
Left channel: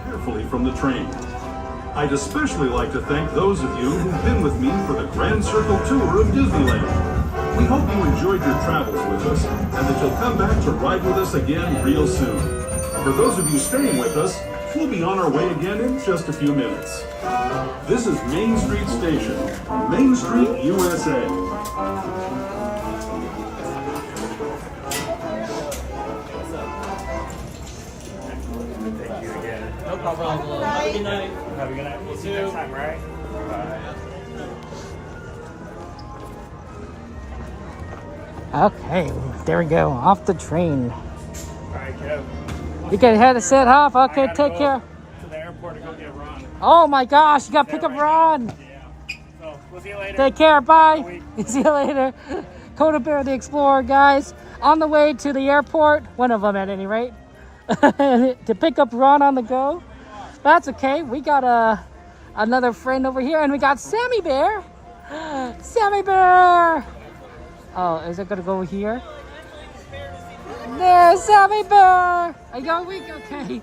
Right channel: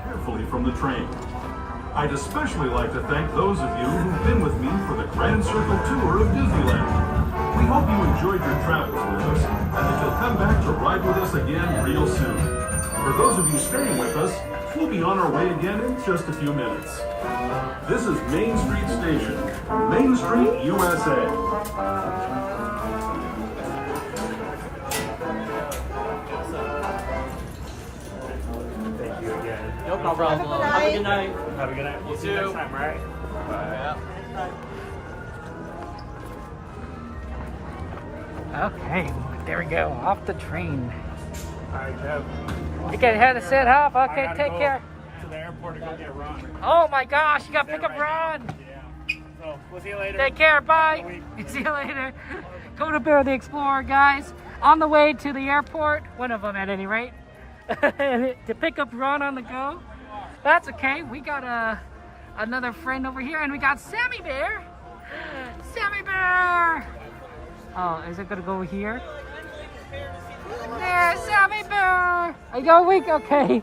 Carefully from the train. I'd especially like to thank those of you who've been with me for the Grand Circle Tour of Disneyland. We hope you enjoyed your travels with us and that you'll come back to ride with us again real soon. For those of you staying with us, we'll be on our way again in just a few minutes. This is Main Street Station, Main Street, USA. No problem. Have a good night. Have a good night. We'll see you next time, right? Okay, there we go. Off the train. All right, Kev. You can head to set off. Okay, take care. To the airport to go get Ron. Oh my gosh, you gotta pick up Ron. Yeah. So we'll see you later. Take care. Bye. See you later. Coda Bear the Explorer, guys, on the way to the airport. One of them, at any rate, to pick up Ron on the go. That's okay. We got another friend over here, and we got Sammy Bear. Sammy Bear. Oh, is it gonna go here? There's Sammy Bear. Are you awake? Okay.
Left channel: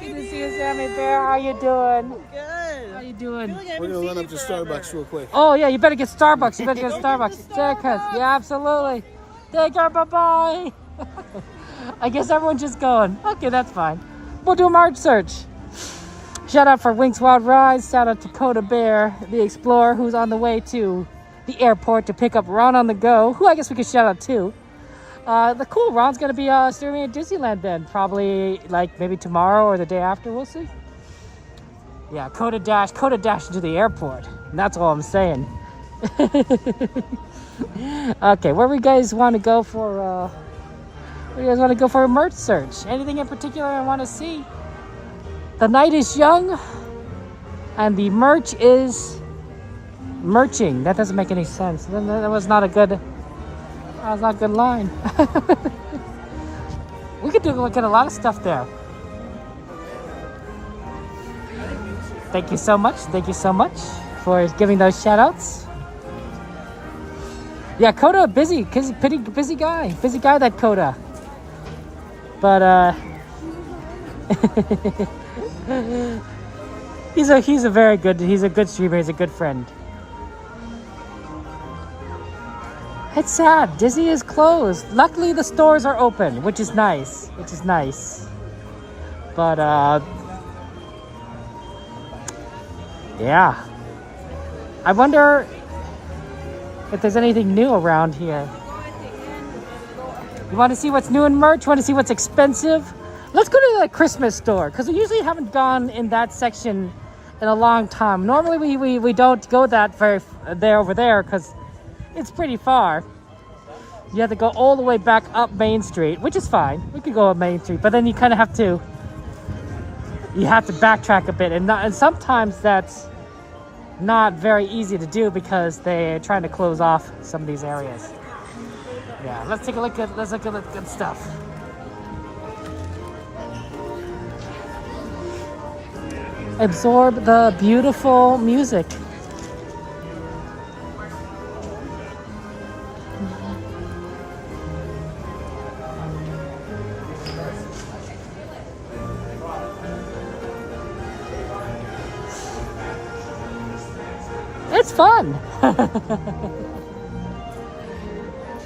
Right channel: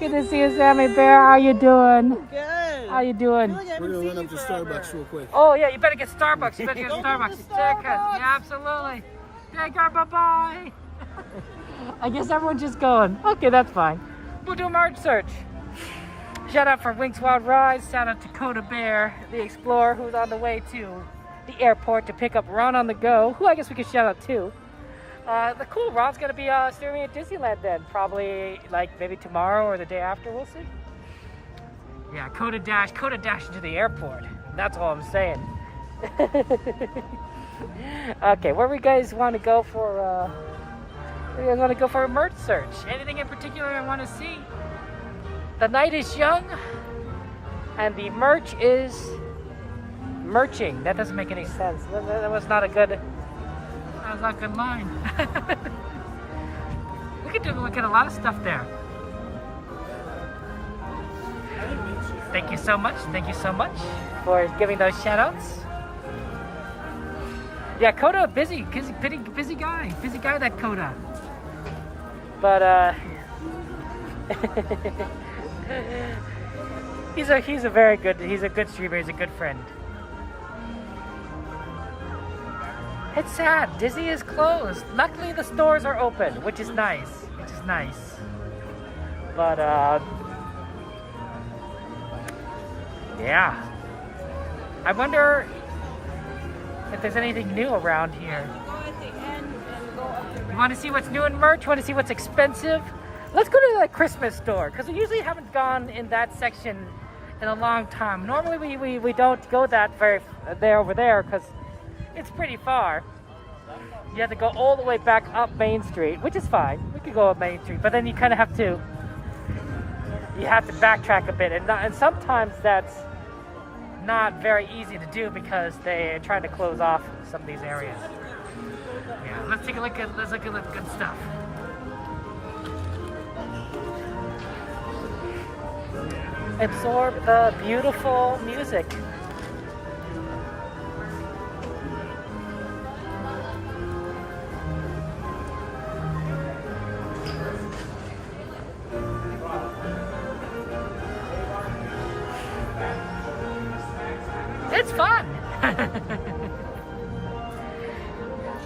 Good to see you, Sammy Bear. How you doing? Good. How you doing? We're gonna run up to Starbucks real quick. Oh yeah, you better get Starbucks. You better get Starbucks. Take care. Yeah, absolutely. Take care. Bye bye. I guess everyone's just going. Okay, that's fine. We'll do a March search. Shout out for Winx Wild Rides. Shout out to Coda Bear, the Explorer, who's on the way to the airport to pick up Ron on the go, who I guess we could shout out too. The cool Ron's gonna be streaming at Disneyland then, probably like maybe tomorrow or the day after. We'll see. Yeah, Coda Dash into the airport. And that's all I'm saying. Okay, where we guys want to go for? Where you guys want to go for a merch search? Anything in particular I want to see? The night is young, and the merch is merching. That doesn't make any sense. That was not a good. That was not a good line. We could get a lot of stuff there. Thank you so much. Thank you so much for giving those shout outs. Yeah, Coda, busy guy. Busy guy, that Coda. But, he's a very good, he's a good streamer, he's a good friend. It's sad, Disney is closed. Luckily the stores are open, which is nice, But, yeah. I wonder if there's anything new around here. You want to see what's new in merch? Want to see what's expensive? Let's go to the Christmas store, because we usually haven't gone in that section in a long time. Normally we don't go that over there, because It's pretty far. You have to go all the way back up Main Street, which is fine. You can go up Main Street, but then you kind of have to, backtrack a bit, and sometimes that's not very easy to do because they're trying to close off some of these areas. Yeah, let's look at the good stuff. Absorb the beautiful music. It's fun.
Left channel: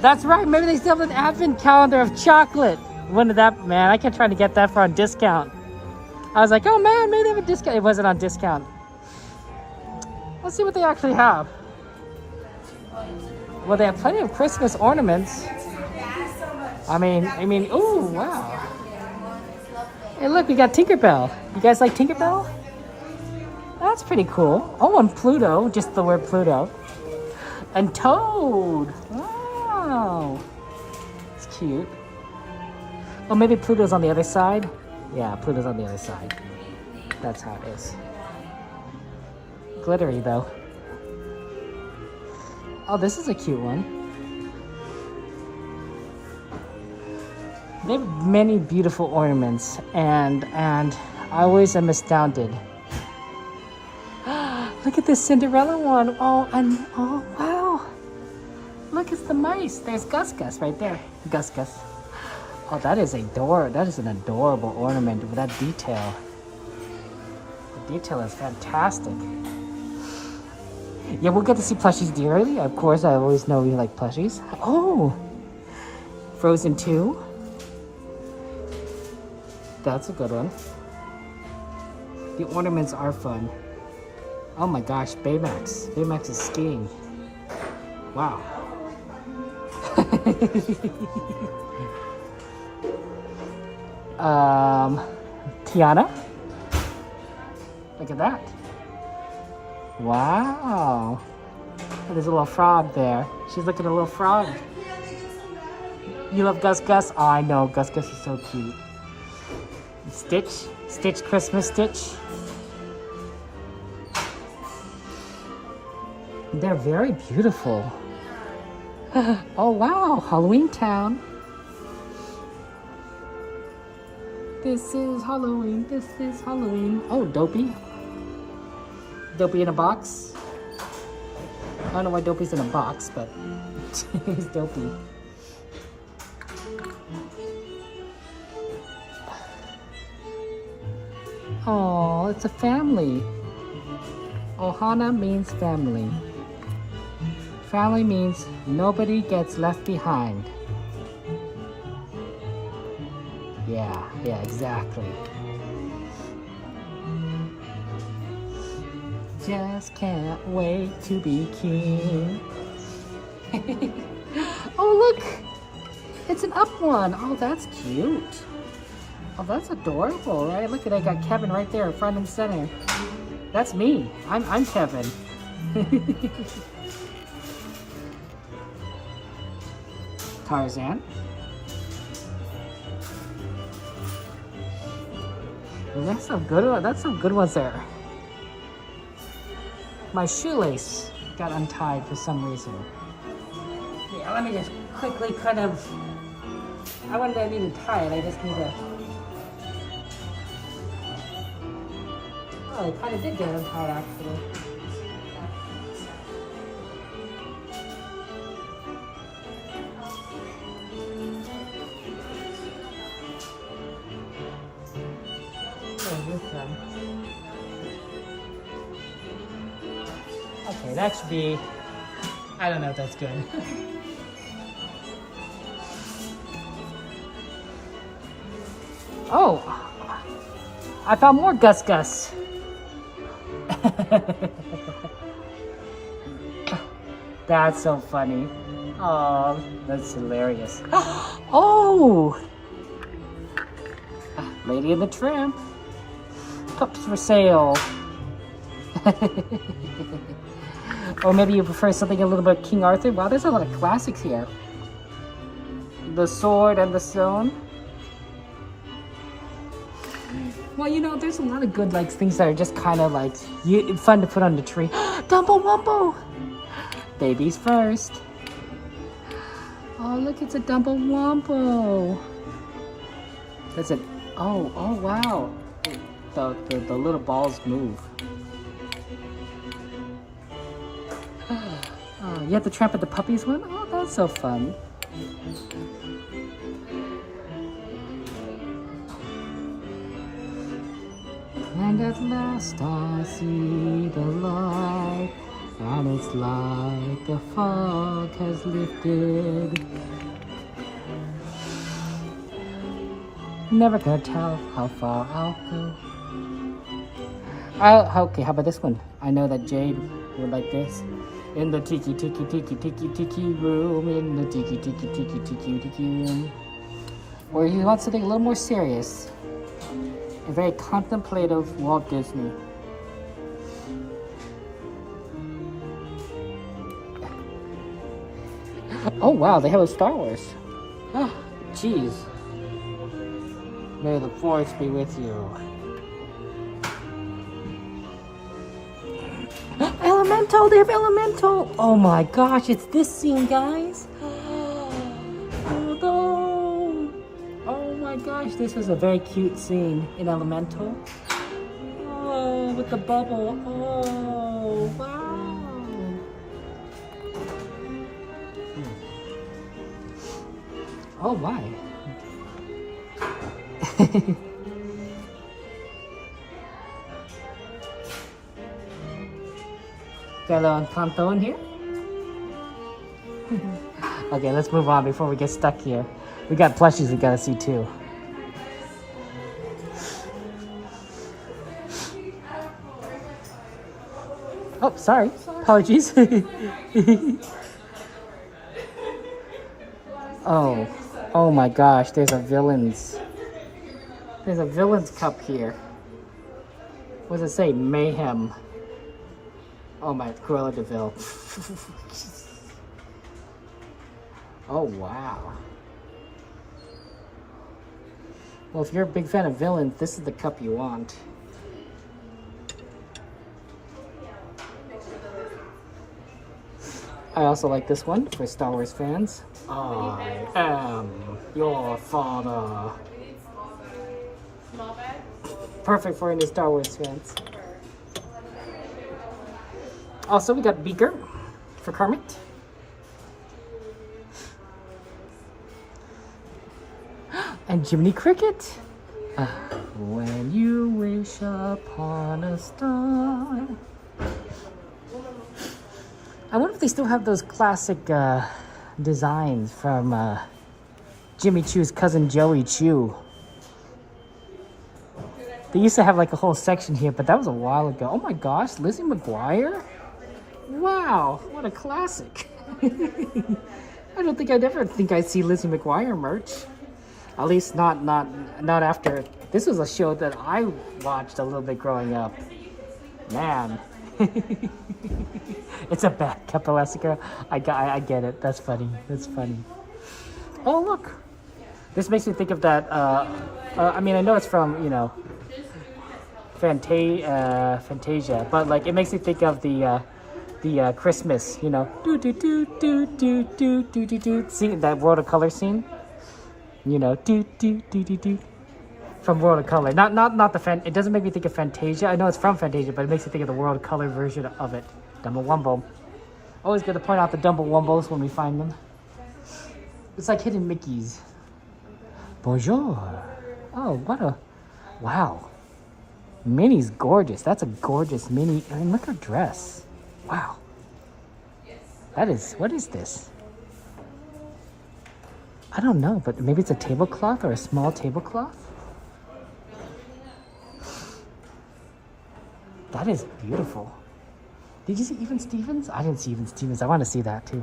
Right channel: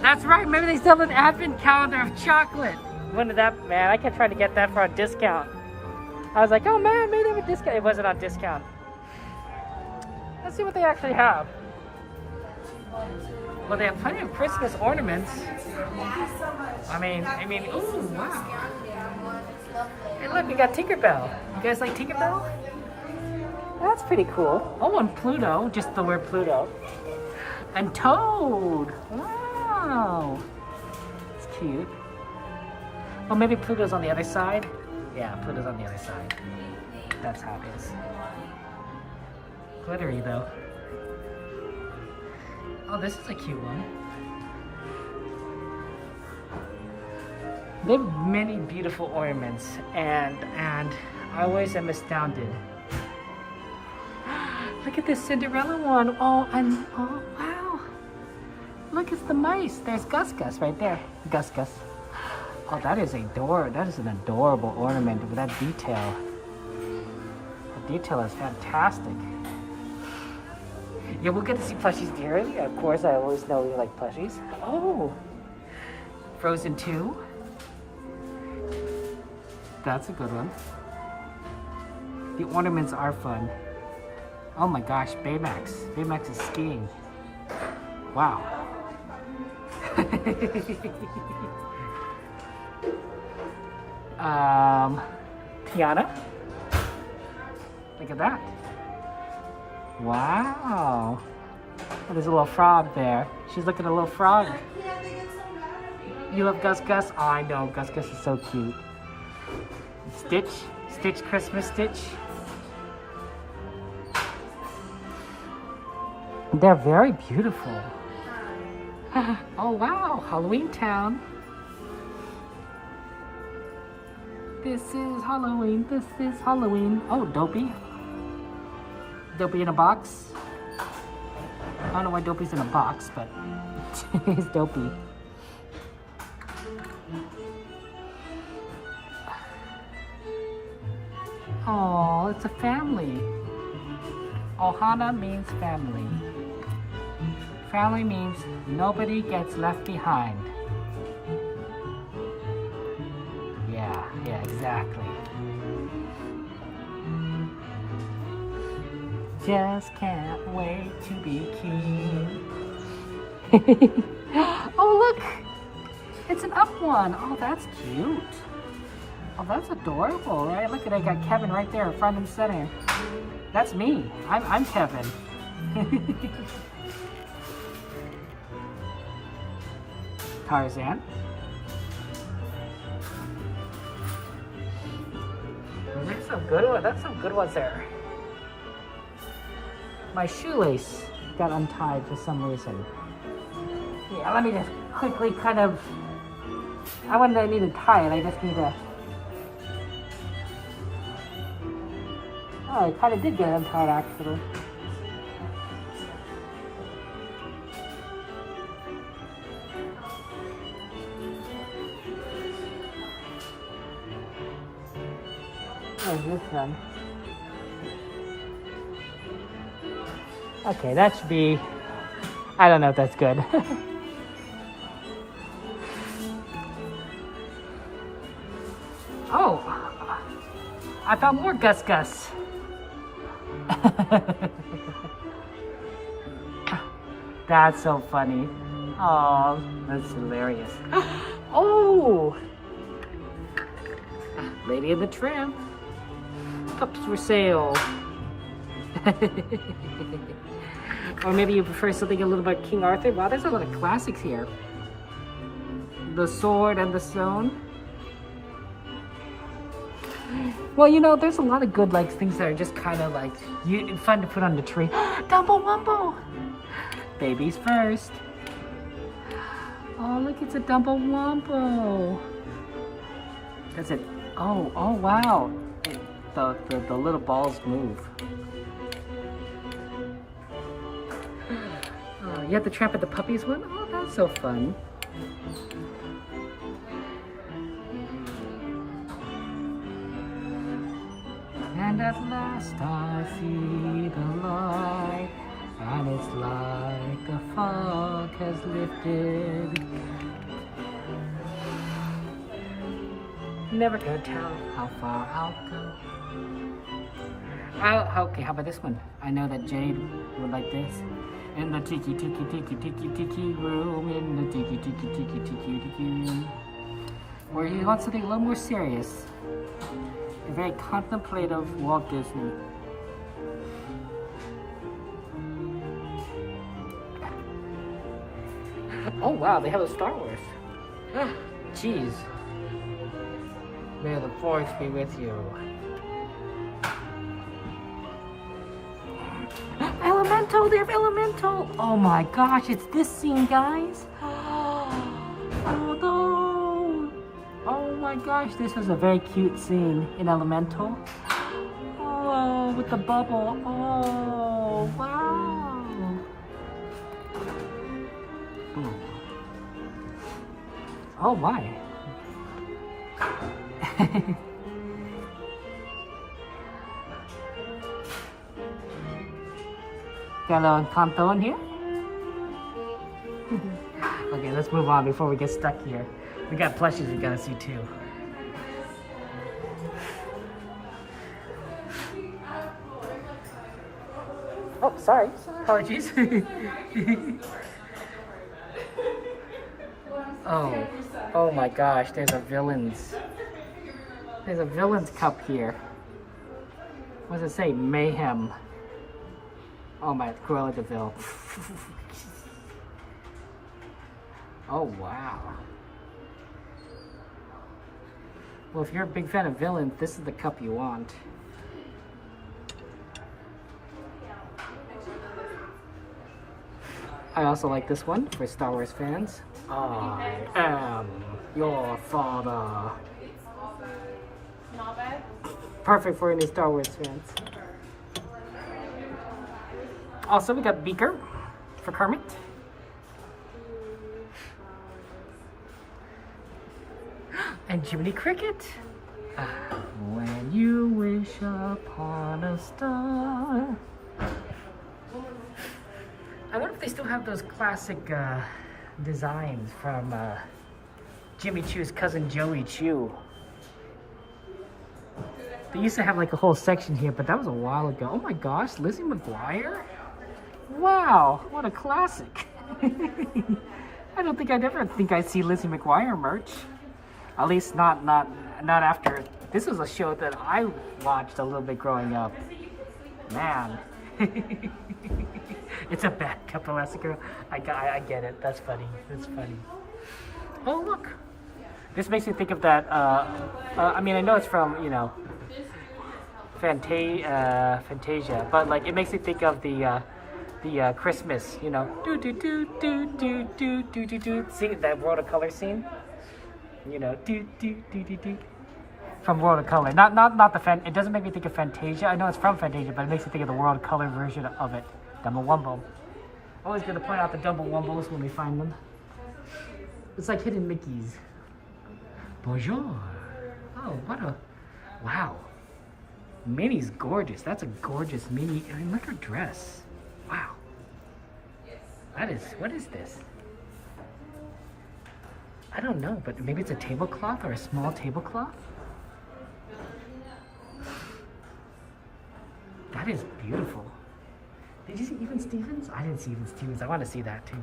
That's right. Maybe they still have an advent calendar of chocolate. When did that, man? I kept trying to get that for on discount. I was like, oh man, maybe they have a discount. It wasn't on discount. Let's see what they actually have. Well, they have plenty of Christmas ornaments. I mean, ooh, wow. Hey, look, we got Tinkerbell. You guys like Tinkerbell? That's pretty cool. Oh, and Pluto, just the word Pluto. And Toad. Wow. It's cute. Oh, maybe Pluto's on the other side? Yeah, Pluto's on the other side. That's how it is. Glittery, though. Oh, this is a cute one. They have many beautiful ornaments, and I always am astounded. Look at this Cinderella one. Oh, wow. Look, it's the mice. There's Gus Gus right there. Gus Gus. Oh, that is an adorable ornament with that detail. The detail is fantastic. Yeah, we'll get to see plushies dearly. Of course, I always know you like plushies. Oh, Frozen 2. That's a good one. The ornaments are fun. Oh my gosh, Baymax. Baymax is skiing. Wow. Tiana. Look at that. Wow. Oh, there's a little frog there. She's looking at a little frog. You love Gus Gus? Oh, I know. Gus Gus is so cute. Stitch. Stitch Christmas Stitch. They're very beautiful. Oh, wow. Halloween Town. This is Halloween. This is Halloween. Oh, Dopey. Dopey in a box. I don't know why Dopey's in a box, but he's Dopey. Oh, it's a family. Ohana means family. Family means nobody gets left behind. Yeah, exactly. Just can't wait to be king. Oh, look! It's an up one. Oh, that's cute. Oh, that's adorable, right? Look at I got Kevin right there, front and center. That's me. I'm Kevin. Tarzan. That's some good one. That's some good ones there. My shoelace got untied for some reason. Yeah, let me just quickly kind of. I wouldn't need to tie it. I just need to. Oh, it kind of did get untied actually. There's this one. Okay, that should be. I don't know if that's good. Oh, I found more Gus Gus. That's so funny. Oh, that's hilarious. Oh, Lady and the Tramp. Pups for sale. Or maybe you prefer something a little bit King Arthur. Wow, there's a lot of classics here. The Sword and the Stone. Well, you know, there's a lot of good like things that are just kind of like fun to put on the tree. Dumbo Wumbo! Babies first. Oh, look, it's a Dumbo Wumbo. That's it. Oh, wow. The little balls move. Oh, you have to tramp at the puppies one? Oh, that's so fun. And at last I see the light, and it's like the fog has lifted. Never gonna tell how far I'll go. Okay, how about this one? I know that Jade would like this. In the tiki room, in the tiki room. Or he wants something a little more serious. A very contemplative Walt Disney. Oh wow, they have a Star Wars. Jeez. May the Force be with you. Elemental! They have Elemental! Oh my gosh, it's this scene, guys! Oh no! Oh my gosh, this is a very cute scene in Elemental. Oh, with the bubble. Oh, wow! Oh my! Got a little Encanto in here. Okay, let's move on before we get stuck here. We got plushies we gotta see too. Oh, sorry. Apologies. Oh my gosh, there's a villain's cup here. What does it say? Mayhem. Oh my, Cruella de Vil. Oh wow. Well, if you're a big fan of villains, this is the cup you want. I also like this one for Star Wars fans. I am your father. Perfect for any Star Wars fans. Also, we got Beaker for Kermit. And Jiminy Cricket. When you wish upon a star. I wonder if they still have those classic designs from Jimmy Choo's cousin Joey Choo. They used to have like a whole section here, but that was a while ago. Oh my gosh, Lizzie McGuire? Wow, what a classic. I don't think I'd ever think I'd see Lizzie McGuire merch. At least not after. This was a show that I watched a little bit growing up. Man. It's a bad Capelasica. I get it. That's funny. That's funny. Oh, look. This makes me think of that. I mean, I know it's from, you know, Fantasia, but like it makes me think of the Christmas, you know, scene, that World of Color scene, you know, from World of Color. Not the it doesn't make me think of Fantasia. I know it's from Fantasia, but it makes me think of the World of Color version of it. Dumbo Wumbo. Always good to point out the Dumbo Wumbos when we find them. It's like hidden Mickeys. Bonjour. Oh, what a wow. Minnie's gorgeous. That's a gorgeous Minnie. I mean, look at her dress. Wow. That is, what is this? I don't know, but maybe it's a tablecloth or a small tablecloth? That is beautiful. Did you see Even Stevens? I didn't see Even Stevens. I want to see that too.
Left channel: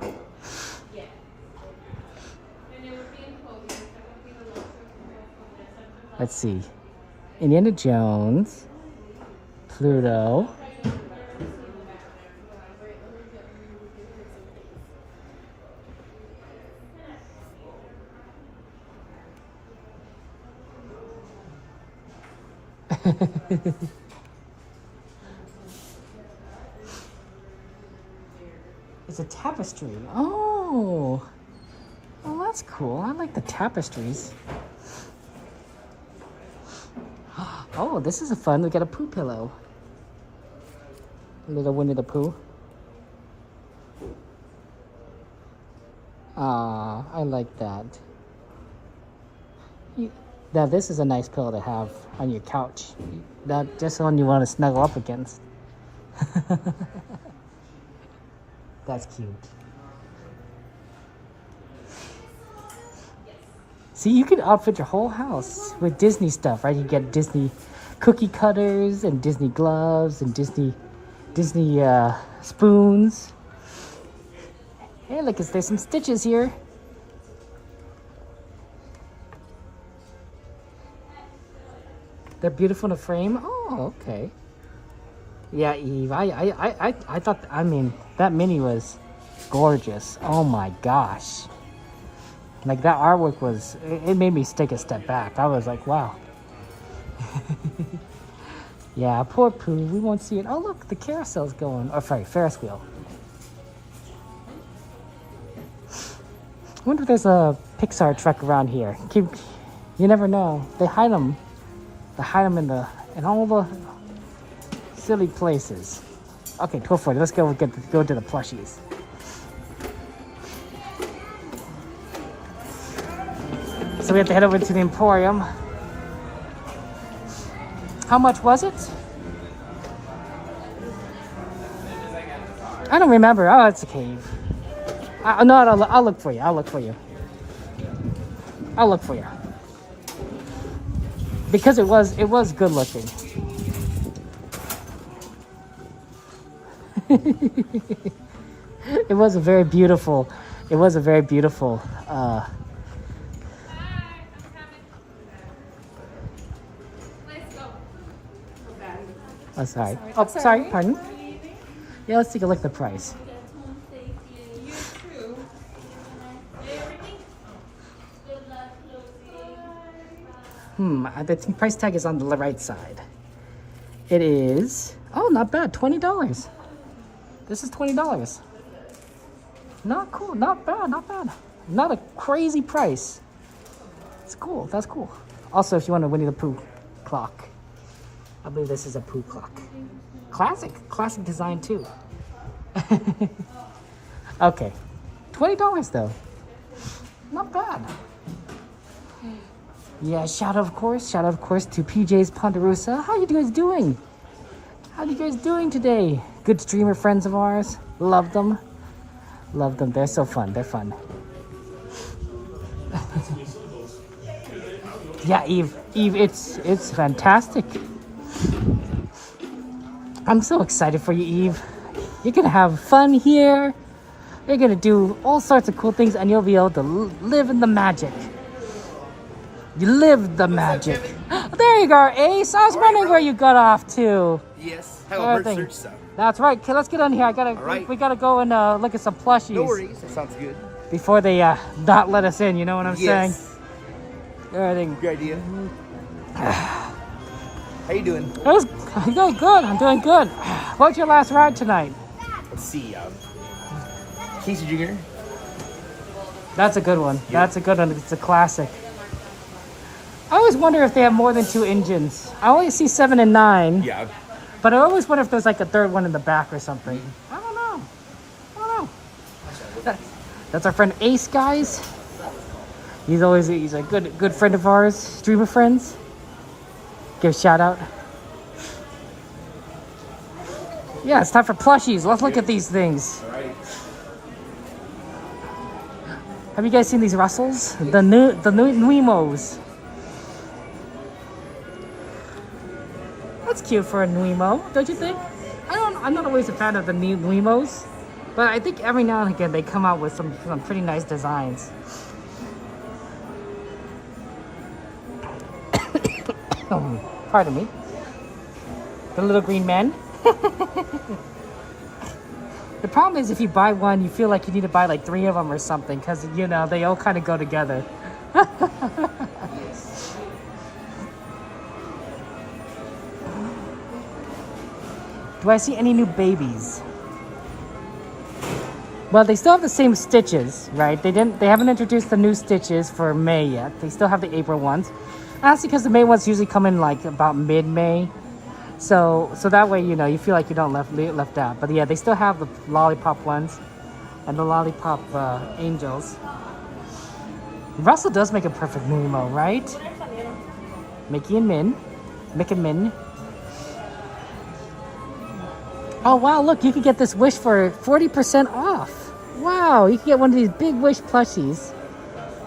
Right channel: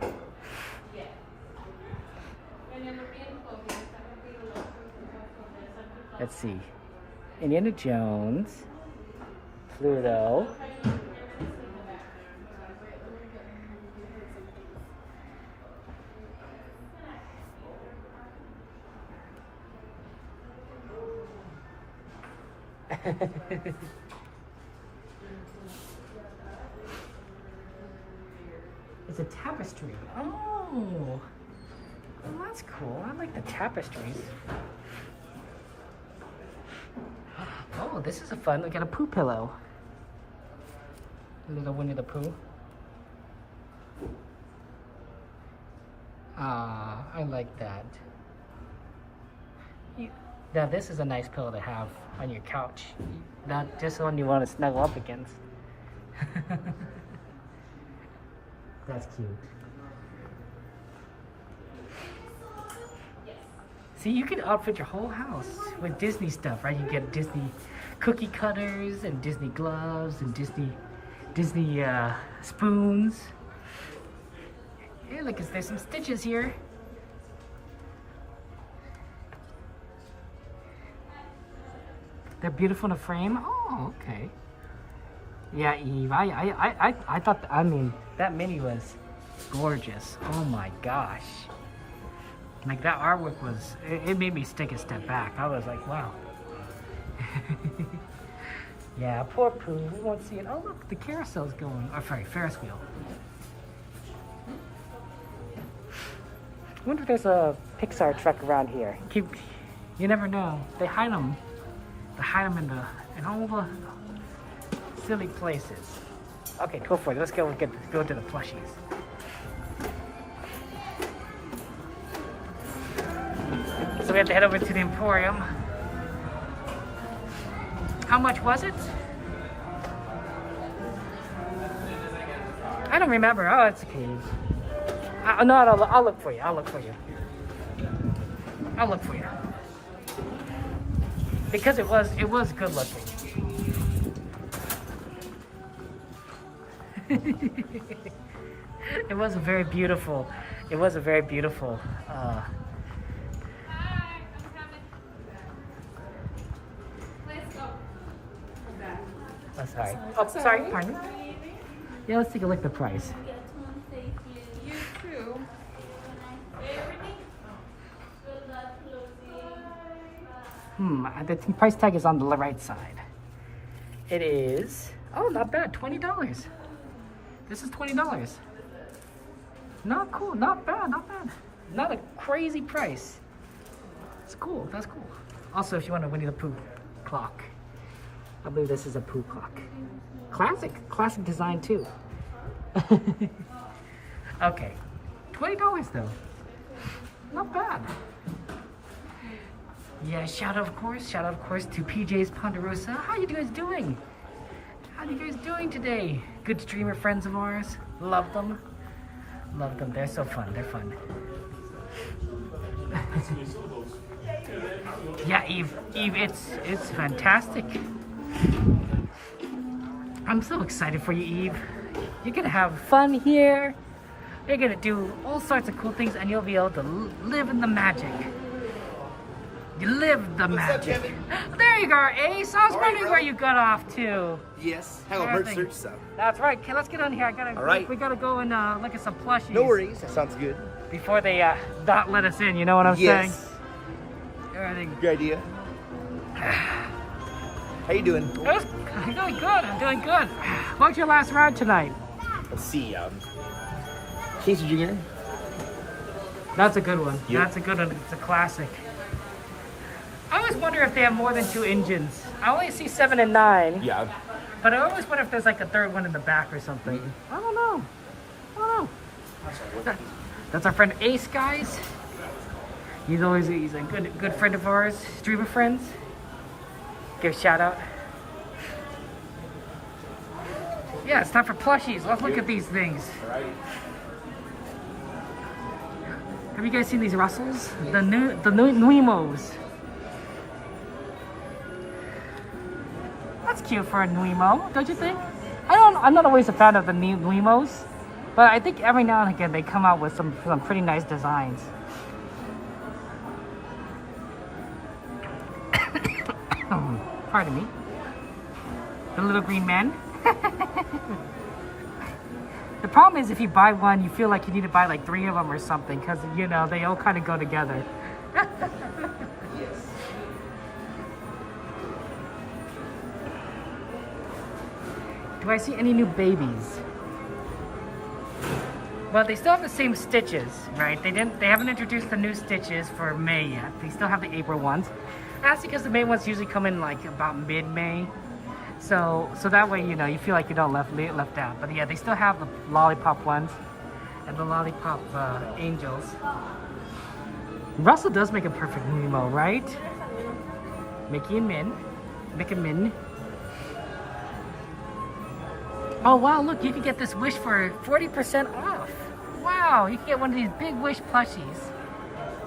Let's see. Indiana Jones. Pluto. It's a tapestry. Oh. Oh, that's cool. I like the tapestries. Oh, this is a fun. We got a poo pillow. A little Winnie the Pooh. Ah, I like that. Now this is a nice pillow to have on your couch. That just one you want to snuggle up against. That's cute. See, you can outfit your whole house with Disney stuff, right? You get Disney cookie cutters and Disney gloves and Disney spoons. Hey, look, there's some stitches here. They're beautiful in a frame. Oh, okay. Yeah, Eve. I thought. I mean, that mini was gorgeous. Oh my gosh. Like that artwork was. It made me take a step back. I was like, wow. Yeah, poor Pooh. We won't see it. Oh look, the carousel's going. Oh, sorry, Ferris wheel. I wonder if there's a Pixar truck around here. You never know. They hide them. They hide them in all the silly places. Okay, go for it. Let's go to the plushies. So we have to head over to the Emporium. How much was it? I don't remember. Oh, it's a cave. No, I'll look for you. I'll look for you. I'll look for you. Because it was good looking. It was a very beautiful. Let's go. Oh, sorry. Oh, sorry. Pardon. Yeah, let's take a look at the price. The price tag is on the right side. It is, oh, not bad, $20. This is $20. Not cool, not bad, not bad. Not a crazy price. It's cool, that's cool. Also, if you want a Winnie the Pooh clock, I believe this is a Pooh clock. Classic design too. Okay, $20 though. Not bad. Yeah, shout out of course to PJ's Ponderosa. How you guys doing? How you guys doing today? Good streamer friends of ours. Love them. Love them. They're so fun. They're fun. Yeah, Eve, it's fantastic. I'm so excited for you, Eve. You're gonna have fun here. You're gonna do all sorts of cool things, and you'll be able to live in the magic. You live the magic. There you go, Ace. I was wondering where you got off to. Yes. Have a bird search stuff. That's right. Okay, let's get on here. We gotta go and look at some plushies. No worries. That sounds good. Before they not let us in. You know what I'm saying? Everything. Good idea. How you doing? I'm doing good. I'm doing good. What's your last ride tonight? Let's see. Casey Jr. That's a good one. Yep. That's a good one. It's a classic. I always wonder if they have more than 2 engines. I only see 7 and 9. Yeah. But I always wonder if there's like a third one in the back or something. I don't know. That's our friend Ace, guys. He's a good friend of ours, streamer friends. Give a shout out. Yeah, it's time for plushies. Let's look at these things. All right. Have you guys seen these Russells? The Nuimos. That's cute for a Nuimo, don't you think? I'm not always a fan of the Nuimos, but I think every now and again they come out with some pretty nice designs. Pardon me. The little green man. The problem is if you buy one, you feel like you need to buy like 3 of them or something, because, you know, they all kind of go together. Do I see any new babies? Well, they still have the same stitches, right? They haven't introduced the new stitches for May yet. They still have the April ones. That's because the May ones usually come in like about mid-May. So that way, you know, you feel like you don't left out. But yeah, they still have the lollipop ones and the lollipop angels. Russell does make a perfect Nemo, right? Mickey and Min. Mick and Min. Oh wow, look, you can get this Wish for 40% off. Wow, you can get one of these big Wish plushies.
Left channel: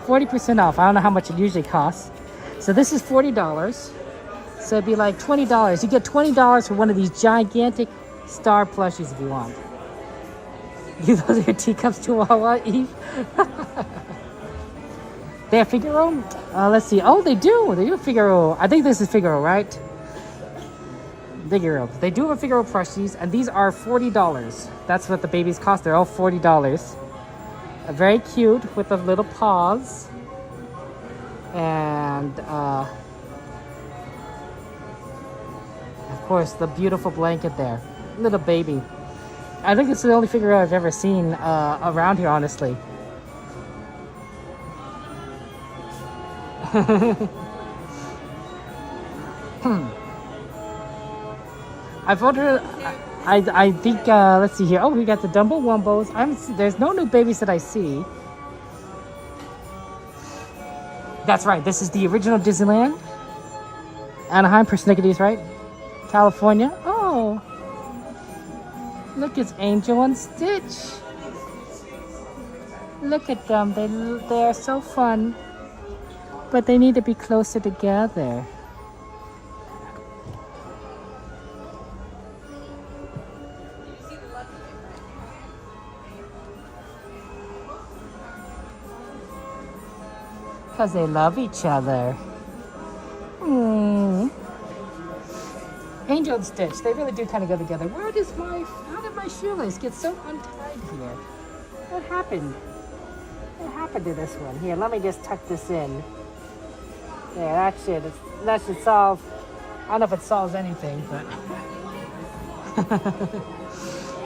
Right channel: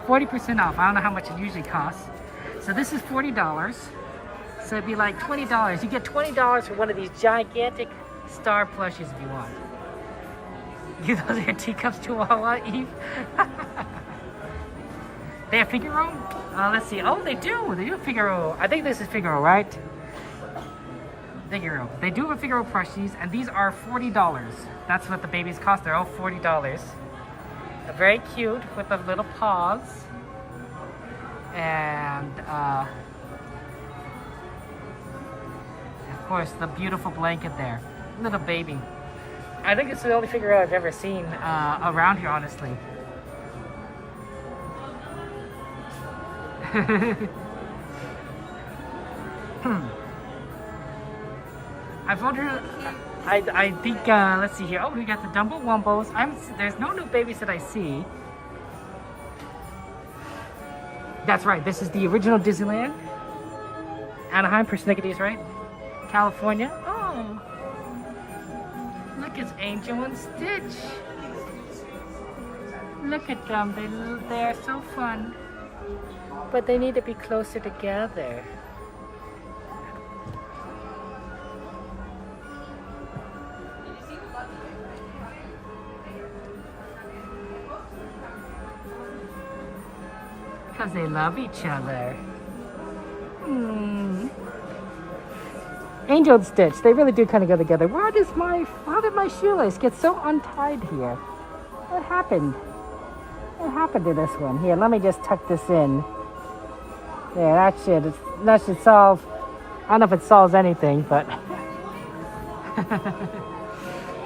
40% off. I don't know how much it usually costs. So this is $40. So it'd be like $20. You get $20 for one of these gigantic star plushies if you want. Those are your teacups, Chihuahua, Eve. They have Figaro? Let's see. Oh, they do. They do Figaro. I think this is Figaro, right? Figaro. They do have Figaro plushies, and these are $40. That's what the babies cost. They're all $40. Very cute with the little paws. And, of course, the beautiful blanket there. Little baby. I think it's the only Figaro I've ever seen around here, honestly. I've ordered, I think, let's see here. Oh, we got the Dumbo Wumbos. There's no new babies that I see. That's right, this is the original Disneyland. Anaheim, Persnickety, right? California. Oh, look, it's Angel and Stitch. Look at them, they're so fun. But they need to be closer together. Because they love each other. Angel and Stitch, they really do kind of go together. How did my shoelace get so untied here? What happened? What happened to this one? Here, let me just tuck this in. Yeah, that should solve. I don't know if it solves anything, but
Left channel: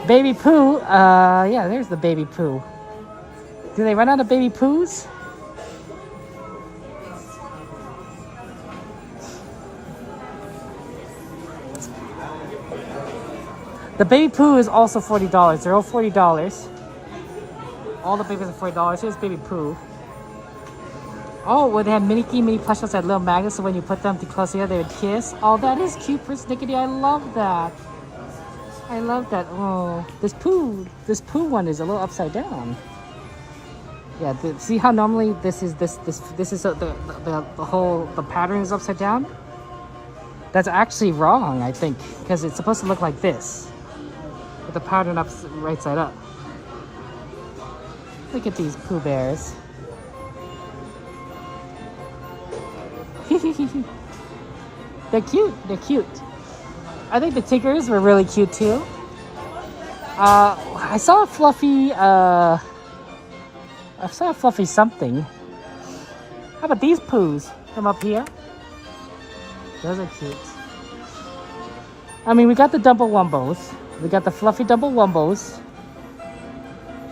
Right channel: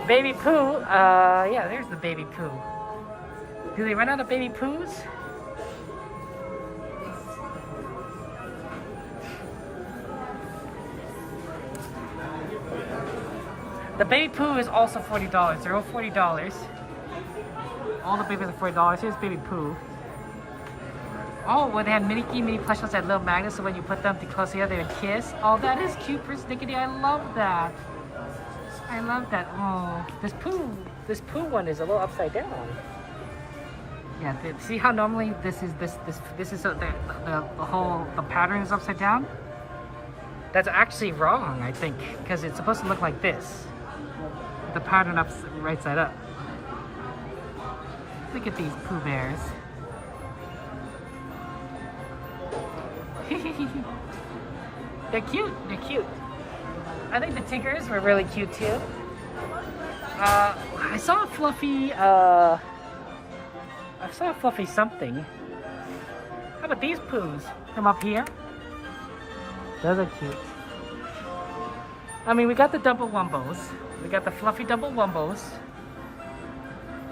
Baby Pooh. Yeah, there's the Baby Pooh. Do they run out of Baby Poohs? The Baby Pooh is also $40. They're all $40. All the babies are $40. Here's Baby Pooh. Oh, well, they have mini plushes that little magnets, so when you put them too close together, they would kiss. Oh, that is cute, Persnickety. I love that. I love that. Oh, this Pooh one is a little upside down. Yeah, see how normally this is the pattern is upside down? That's actually wrong, I think, because it's supposed to look like this, with the pattern up right side up. Look at these Pooh Bears. They're cute. They're cute. I think the Tiggers were really cute too. I saw a fluffy. I saw a fluffy something. How about these Poohs from up here? Those are cute. I mean, we got the Dumbo Wumbos. We got the fluffy Dumbo Wumbos.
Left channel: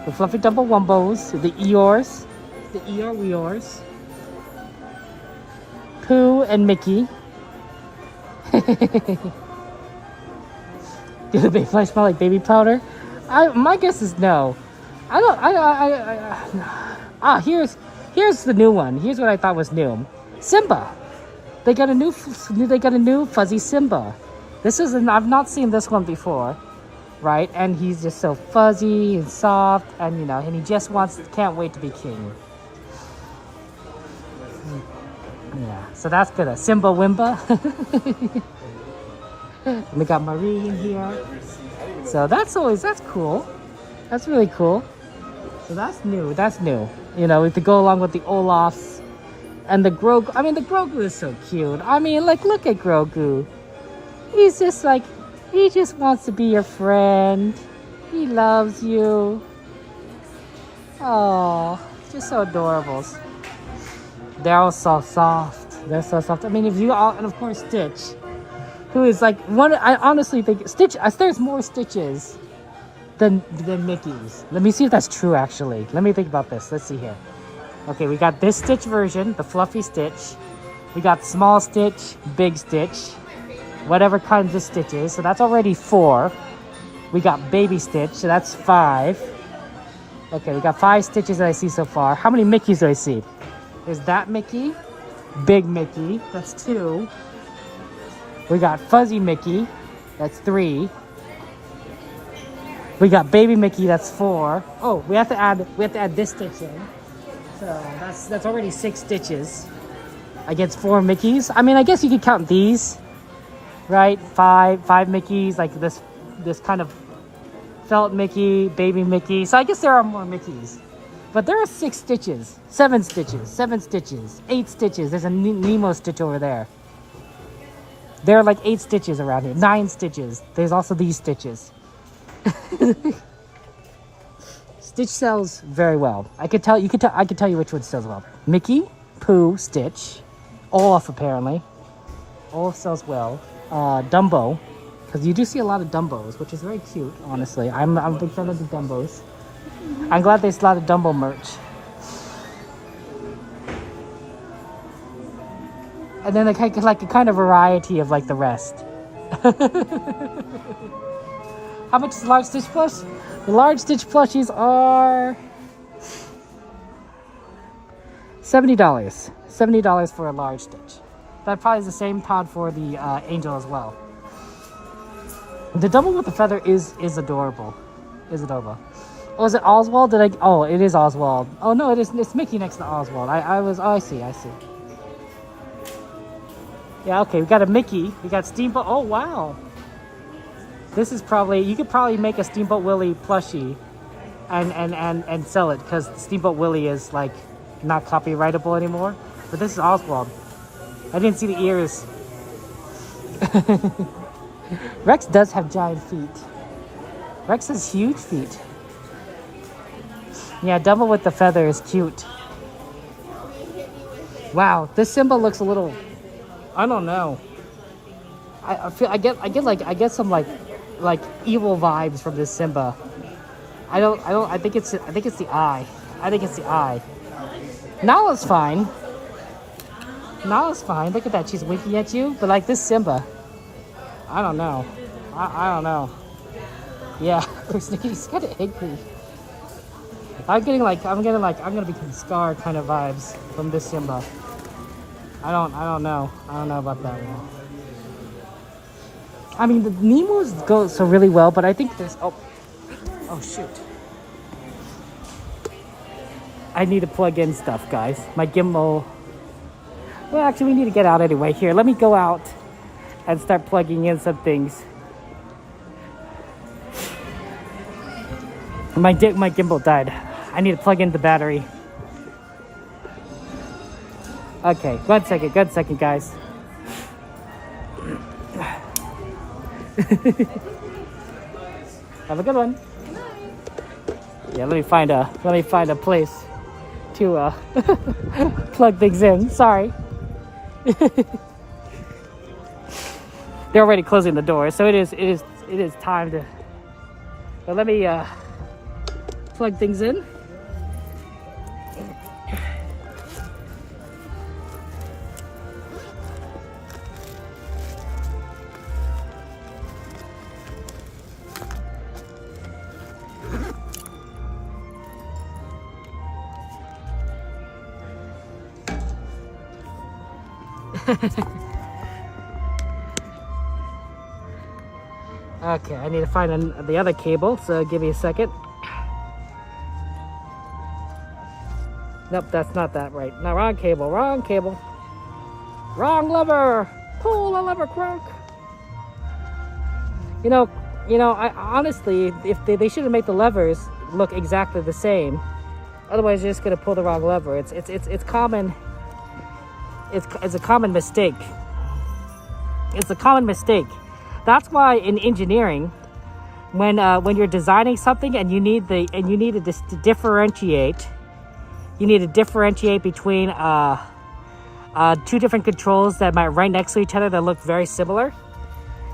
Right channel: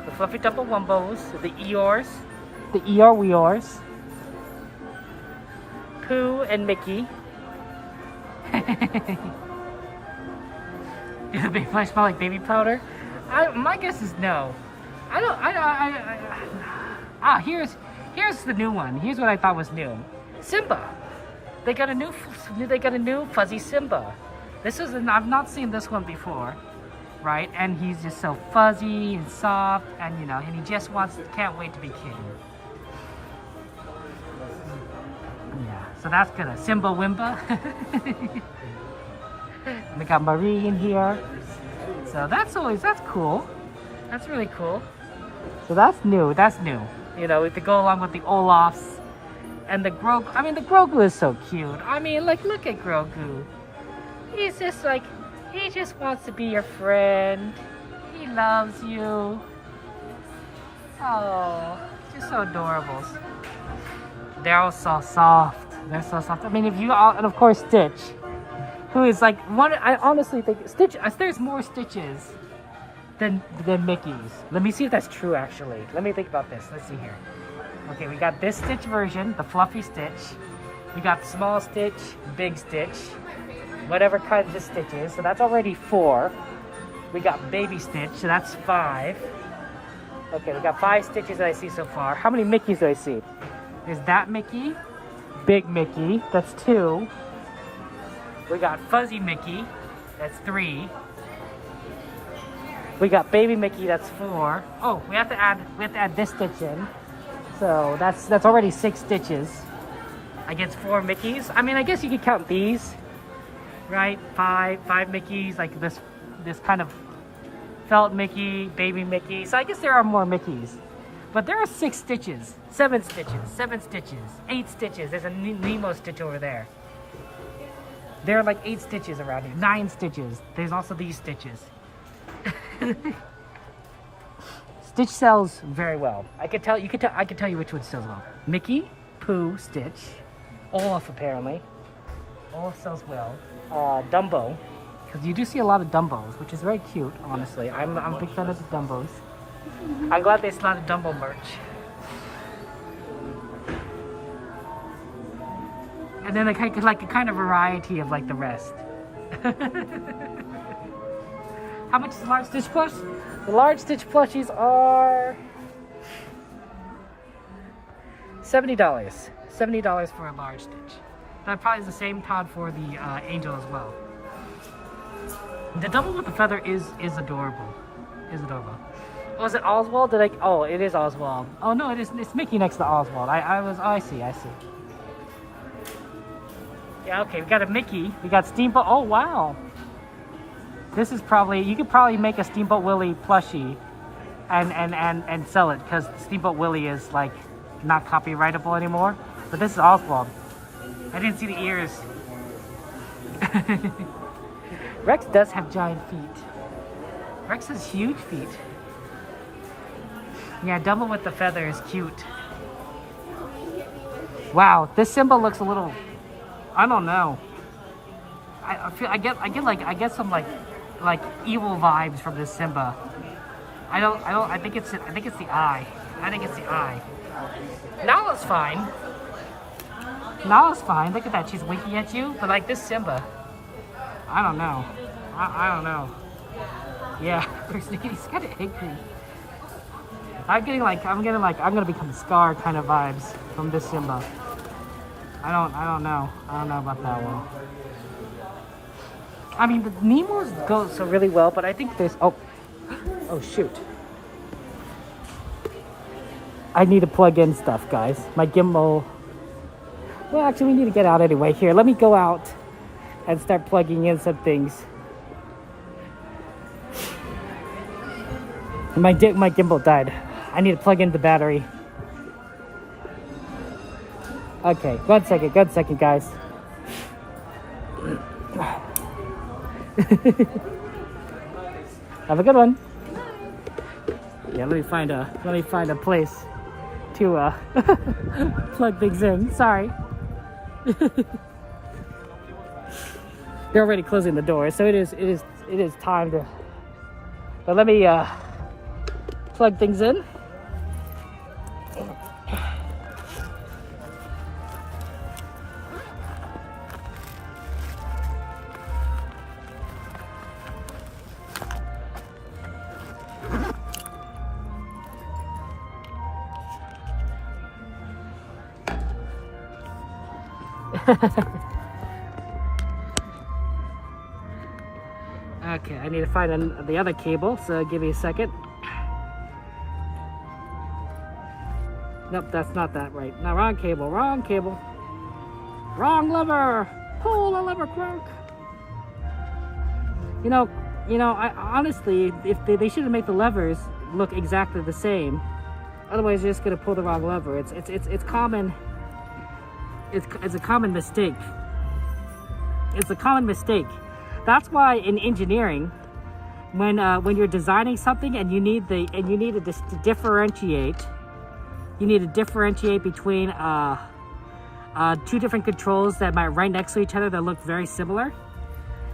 The fluffy Dumbo Wumbos. The Eeyores. The Eeyore Weeyores. Pooh and Mickey. Do the baby flesh smell like baby powder? My guess is no. Here's the new one. Here's what I thought was new. Simba. They got a new fuzzy Simba. I've not seen this one before, right? And he's just so fuzzy and soft, and and he just can't wait to be king. Yeah, so that's good. Simba Wimba. We got Marie in here. So that's cool. That's really cool. So that's new. To go along with the Olafs and the Grogu. I mean, the Grogu is so cute. I mean, like, look at Grogu. He's just like, he just wants to be your friend. He loves you. Oh, just so adorable. They're all so soft. They're so soft. I mean, and of course Stitch. who is like one. I honestly think there's more Stitches than Mickey's. Let me see if that's true. Actually, let me think about this. Let's see here. Okay, we got this Stitch version, the fluffy Stitch. We got small Stitch, big Stitch, whatever kind of Stitch is. So that's already 4. We got baby Stitch, so that's 5. Okay, we got 5 Stitches that I see so far. How many Mickeys do I see? There's that Mickey, big Mickey, that's 2. We got fuzzy Mickey, that's 3. We got baby Mickey, that's 4. Oh, we have to add this Stitch in. So that's already 6 Stitches against 4 Mickeys. I mean, I guess you could count these, right? 5 Mickeys, like this kind of felt Mickey, baby Mickey. So I guess there are more Mickeys. But there are 6 Stitches, 7 Stitches, 7 Stitches, 8 Stitches. There's a Nemo Stitch over there. There are like 8 Stitches around here, 9 Stitches. There's also these Stitches. Stitch sells very well. I could tell you which one sells well. Mickey, Pooh, Stitch, Olaf apparently. Olaf sells well. Dumbo, because you do see a lot of Dumbos, which is very cute, honestly. I'm a big fan of the Dumbos. I'm glad there's a lot of Dumbo merch. And then like a kind of variety of like the rest. How much is the large Stitch plush? The large Stitch plushies are $70. $70 for a large Stitch. That probably is the same, Todd, for the Angel as well. The Dumbo with the feather is adorable. Is adorable. Oh, is it Oswald? Oh, it is Oswald. Oh no, it's Mickey next to Oswald. I see. Yeah, okay, we got a Mickey. We got Steamboat. Oh wow. This is probably, you could probably make a Steamboat Willie plushie and sell it, because Steamboat Willie is like not copyrightable anymore. But this is Oswald. I didn't see the ears. Rex does have giant feet. Rex has huge feet. Yeah, Dumbo with the feather is cute. Wow, this Simba looks a little, I don't know. I get some like evil vibes from this Simba. I think it's the eye. I think it's the eye. Nala's fine. Nala's fine. Look at that. She's winking at you. But like this Simba, I don't know. I don't know. Yeah, he's kind of angry. I'm gonna become Scar kind of vibes from this Simba. I don't know. I don't know about that one. I mean, the Nemo's go so really well, but I think there's... Oh shoot. I need to plug in stuff, guys. My gimbal... Well, actually, we need to get out anyway. Here, let me go out and start plugging in some things. My gimbal died. I need to plug in the battery. Okay, one second, guys. Have a good one. Yeah, let me find a place to plug things in. Sorry. They're already closing the door, so it is time to. But let me plug things in. Okay, I need to find the other cable, so give me a second. Nope, that's not that right. No, wrong cable. Wrong lever. Pull the lever quick. You know, I honestly, if they should have made the levers look exactly the same. Otherwise, you're just gonna pull the wrong lever. It's common. It's a common mistake. It's a common mistake. That's why in engineering, when you're designing something and you need to differentiate, you need to differentiate between two different controls that might right next to each other that look very similar.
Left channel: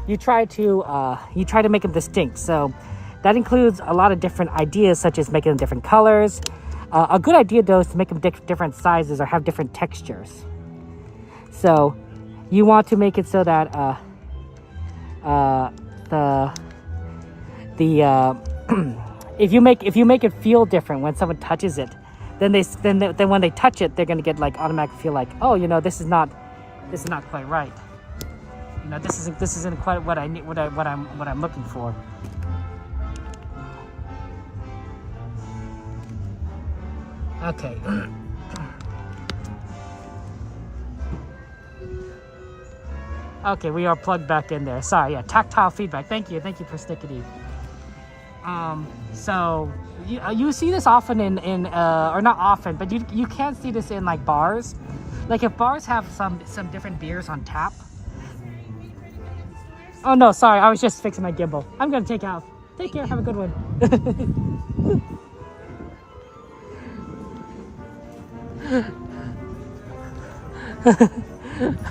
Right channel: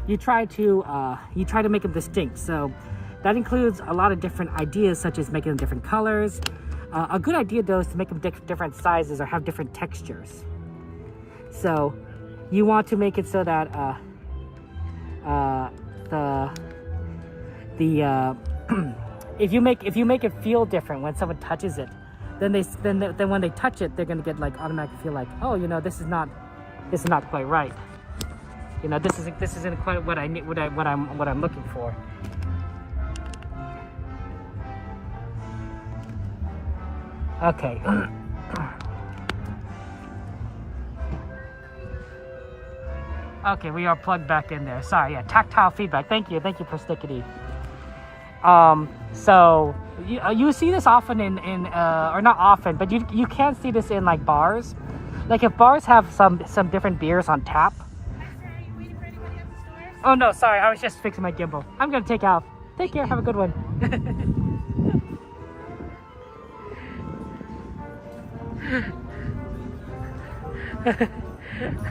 you try to make them distinct. So that includes a lot of different ideas, such as making them different colors. A good idea though is to make them different sizes or have different textures. So you want to make it so that if you make it feel different when someone touches it, then when they touch it, they're gonna get like automatically feel like, oh, you know, this is not quite right. You know, this isn't quite what I need, what I'm looking for. Okay. Okay, we are plugged back in there. Sorry, yeah, tactile feedback. Thank you, Persnickety. So you see this often in or not often, but you can see this in like bars. Like if bars have some different beers on tap. Oh no, sorry, I was just fixing my gimbal. I'm gonna take off. Take care, have a good one.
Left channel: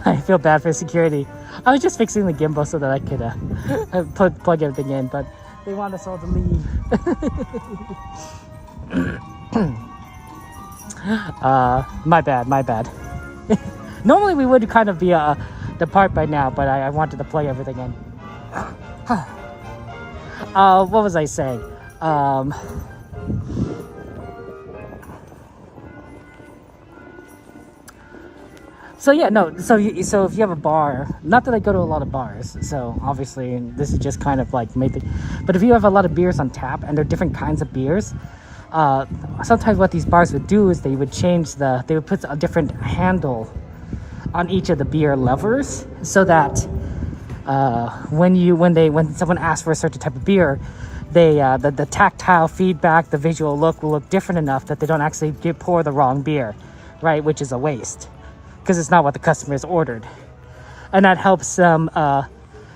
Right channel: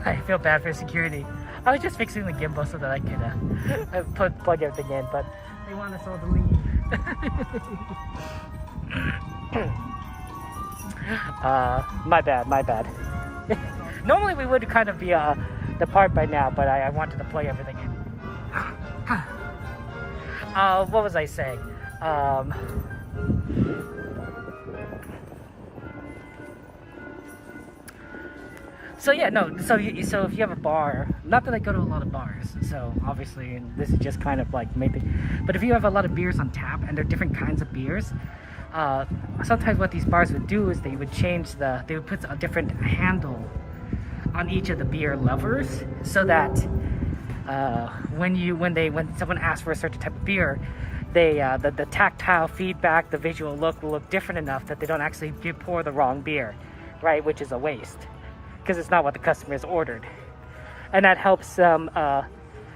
I feel bad for security. I was just fixing the gimbal so that I could plug everything in, but they want us all to leave. My bad. Normally we would kind of be depart by now, but I wanted to plug everything in. What was I saying? So yeah, no. So if you have a bar, not that I go to a lot of bars, so obviously this is just kind of like maybe. But if you have a lot of beers on tap and they're different kinds of beers, sometimes what these bars would do is they would put a different handle on each of the beer levers, so that when someone asks for a certain type of beer, the tactile feedback, the visual look will look different enough that they don't actually pour the wrong beer, right? Which is a waste, because it's not what the customer has ordered, and that helps them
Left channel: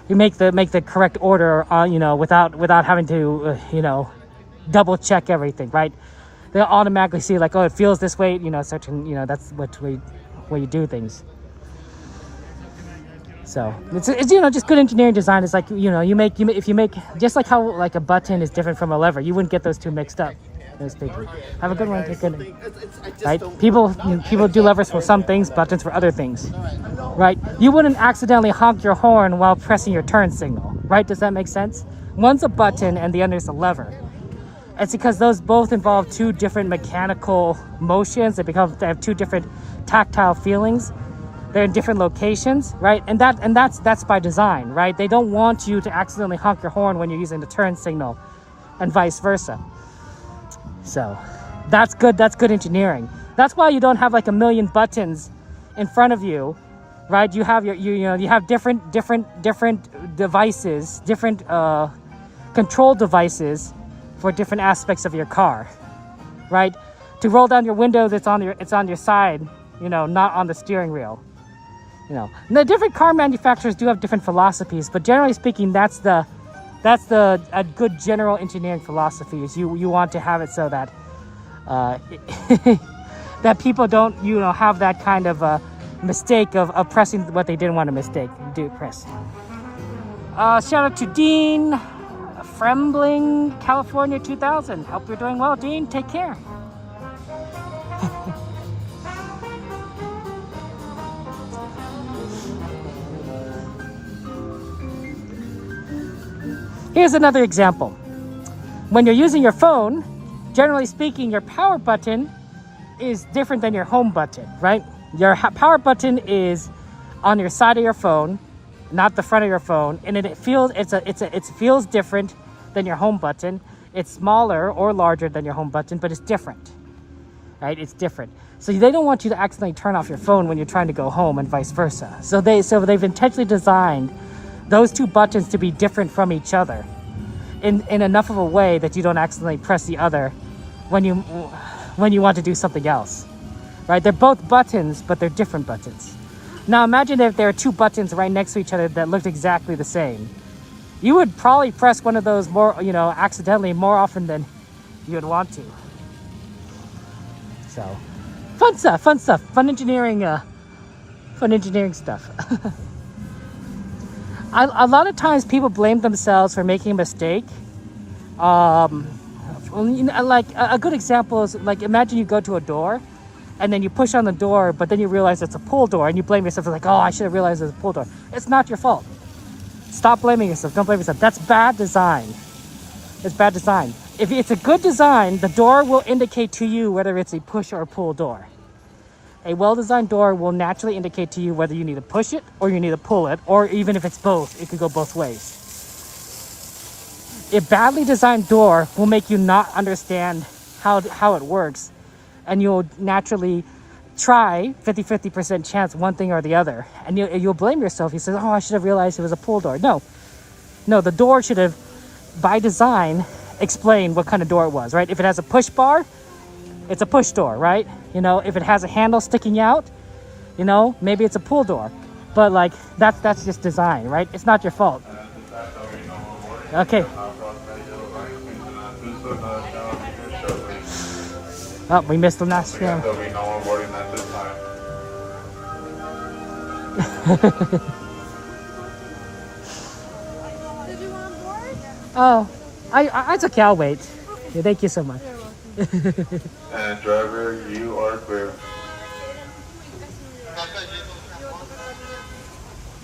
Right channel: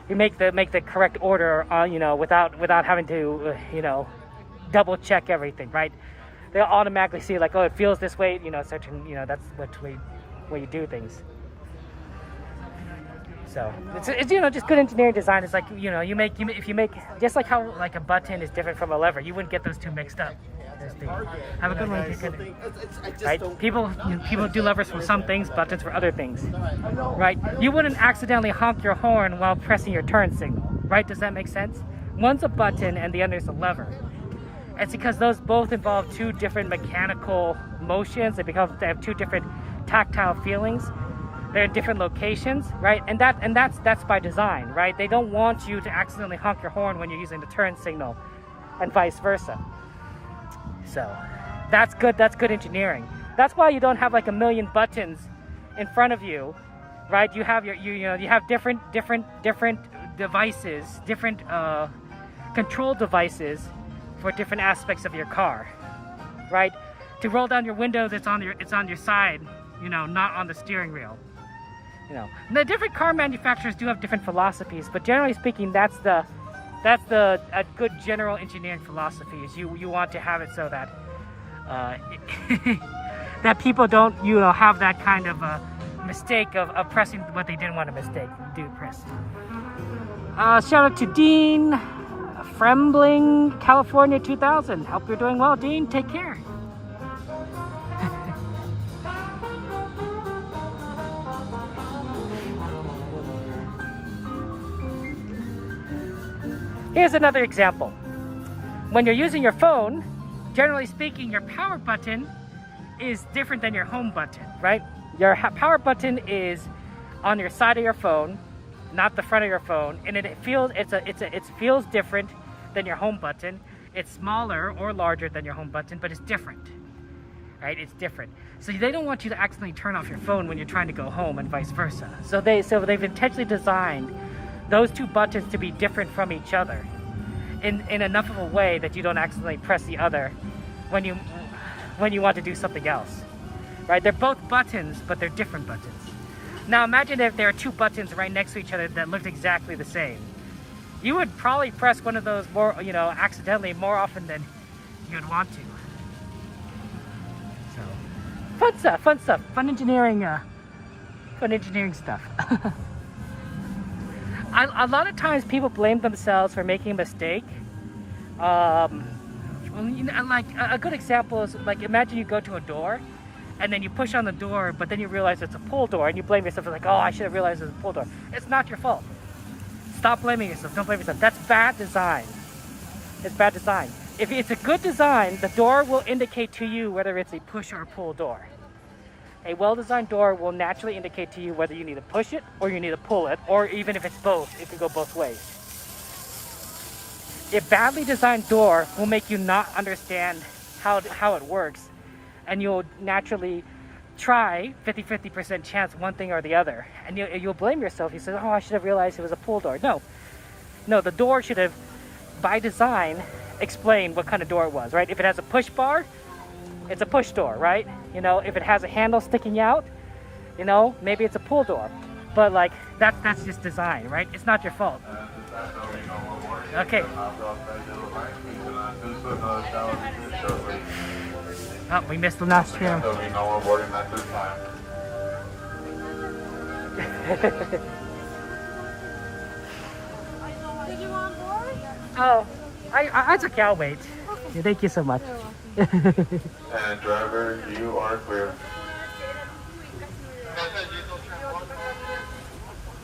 you make the correct order, you know, without having to you know, double check everything, right? They'll automatically see like, oh, it feels this way, you know, certain, you know, that's what you do things. So it's you know, just good engineering design is like, you know, if you make just like how like a button is different from a lever, you wouldn't get those two mixed up. Have a good one. Right? People do levers for some things, buttons for other things, right? You wouldn't accidentally honk your horn while pressing your turn signal, right? Does that make sense? One's a button and the other is a lever. It's because those both involve two different mechanical motions. They have two different tactile feelings. They're in different locations, right? And that's by design, right? They don't want you to accidentally honk your horn when you're using the turn signal, and vice versa. So that's good engineering. That's why you don't have like a million buttons in front of you, right? You have you have different devices, different control devices for different aspects of your car, right? To roll down your windows, it's on your side, you know, not on the steering wheel. You know, and the different car manufacturers do have different philosophies, but generally speaking, that's a good general engineering philosophy. Is you want to have it so that that people don't, you know, have that kind of mistake of pressing what they didn't want to press. Shout out to Dean Frembling, California 2000. Hope you're doing well, Dean. Take care. Here's another example. When you're using your phone, generally speaking, your power button is different than your home button, right? Your power button is on your side of your phone, not the front of your phone, and it feels different than your home button. It's smaller or larger than your home button, but it's different, right? It's different. So they don't want you to accidentally turn off your phone when you're trying to go home, and vice versa. So they've intentionally designed those two buttons to be different from each other in enough of a way that you don't accidentally press the other when you want to do something else, right? They're both buttons, but they're different buttons. Now imagine if there are two buttons right next to each other that looked exactly the same. You would probably press one of those more, you know, accidentally more often than you would want to. So fun stuff, fun engineering stuff. A lot of times people blame themselves for making a mistake. Well, you know, like a good example is like, imagine you go to a door and then you push on the door, but then you realize it's a pull door and you blame yourself like, oh, I should have realized it's a pull door. It's not your fault. Stop blaming yourself. Don't blame yourself. That's bad design. It's bad design. If it's a good design, the door will indicate to you whether it's a push or a pull door. A well-designed door will naturally indicate to you whether you need to push it or you need to pull it, or even if it's both, it can go both ways. A badly designed door will make you not understand how it works, and you'll naturally try 50% chance one thing or the other, and you'll blame yourself. You say, oh, I should have realized it was a pull door. No, the door should have, by design, explain what kind of door it was, right? If it has a push bar, it's a push door, right? You know, if it has a handle sticking out, you know, maybe it's a pull door. But like, that's just design, right? It's not your fault. Okay. Oh, we missed the last film. There'll be no boarding at this time. Did you want board? Oh, it's okay, I'll wait. Yeah, thank you so much. And driver, you are clear.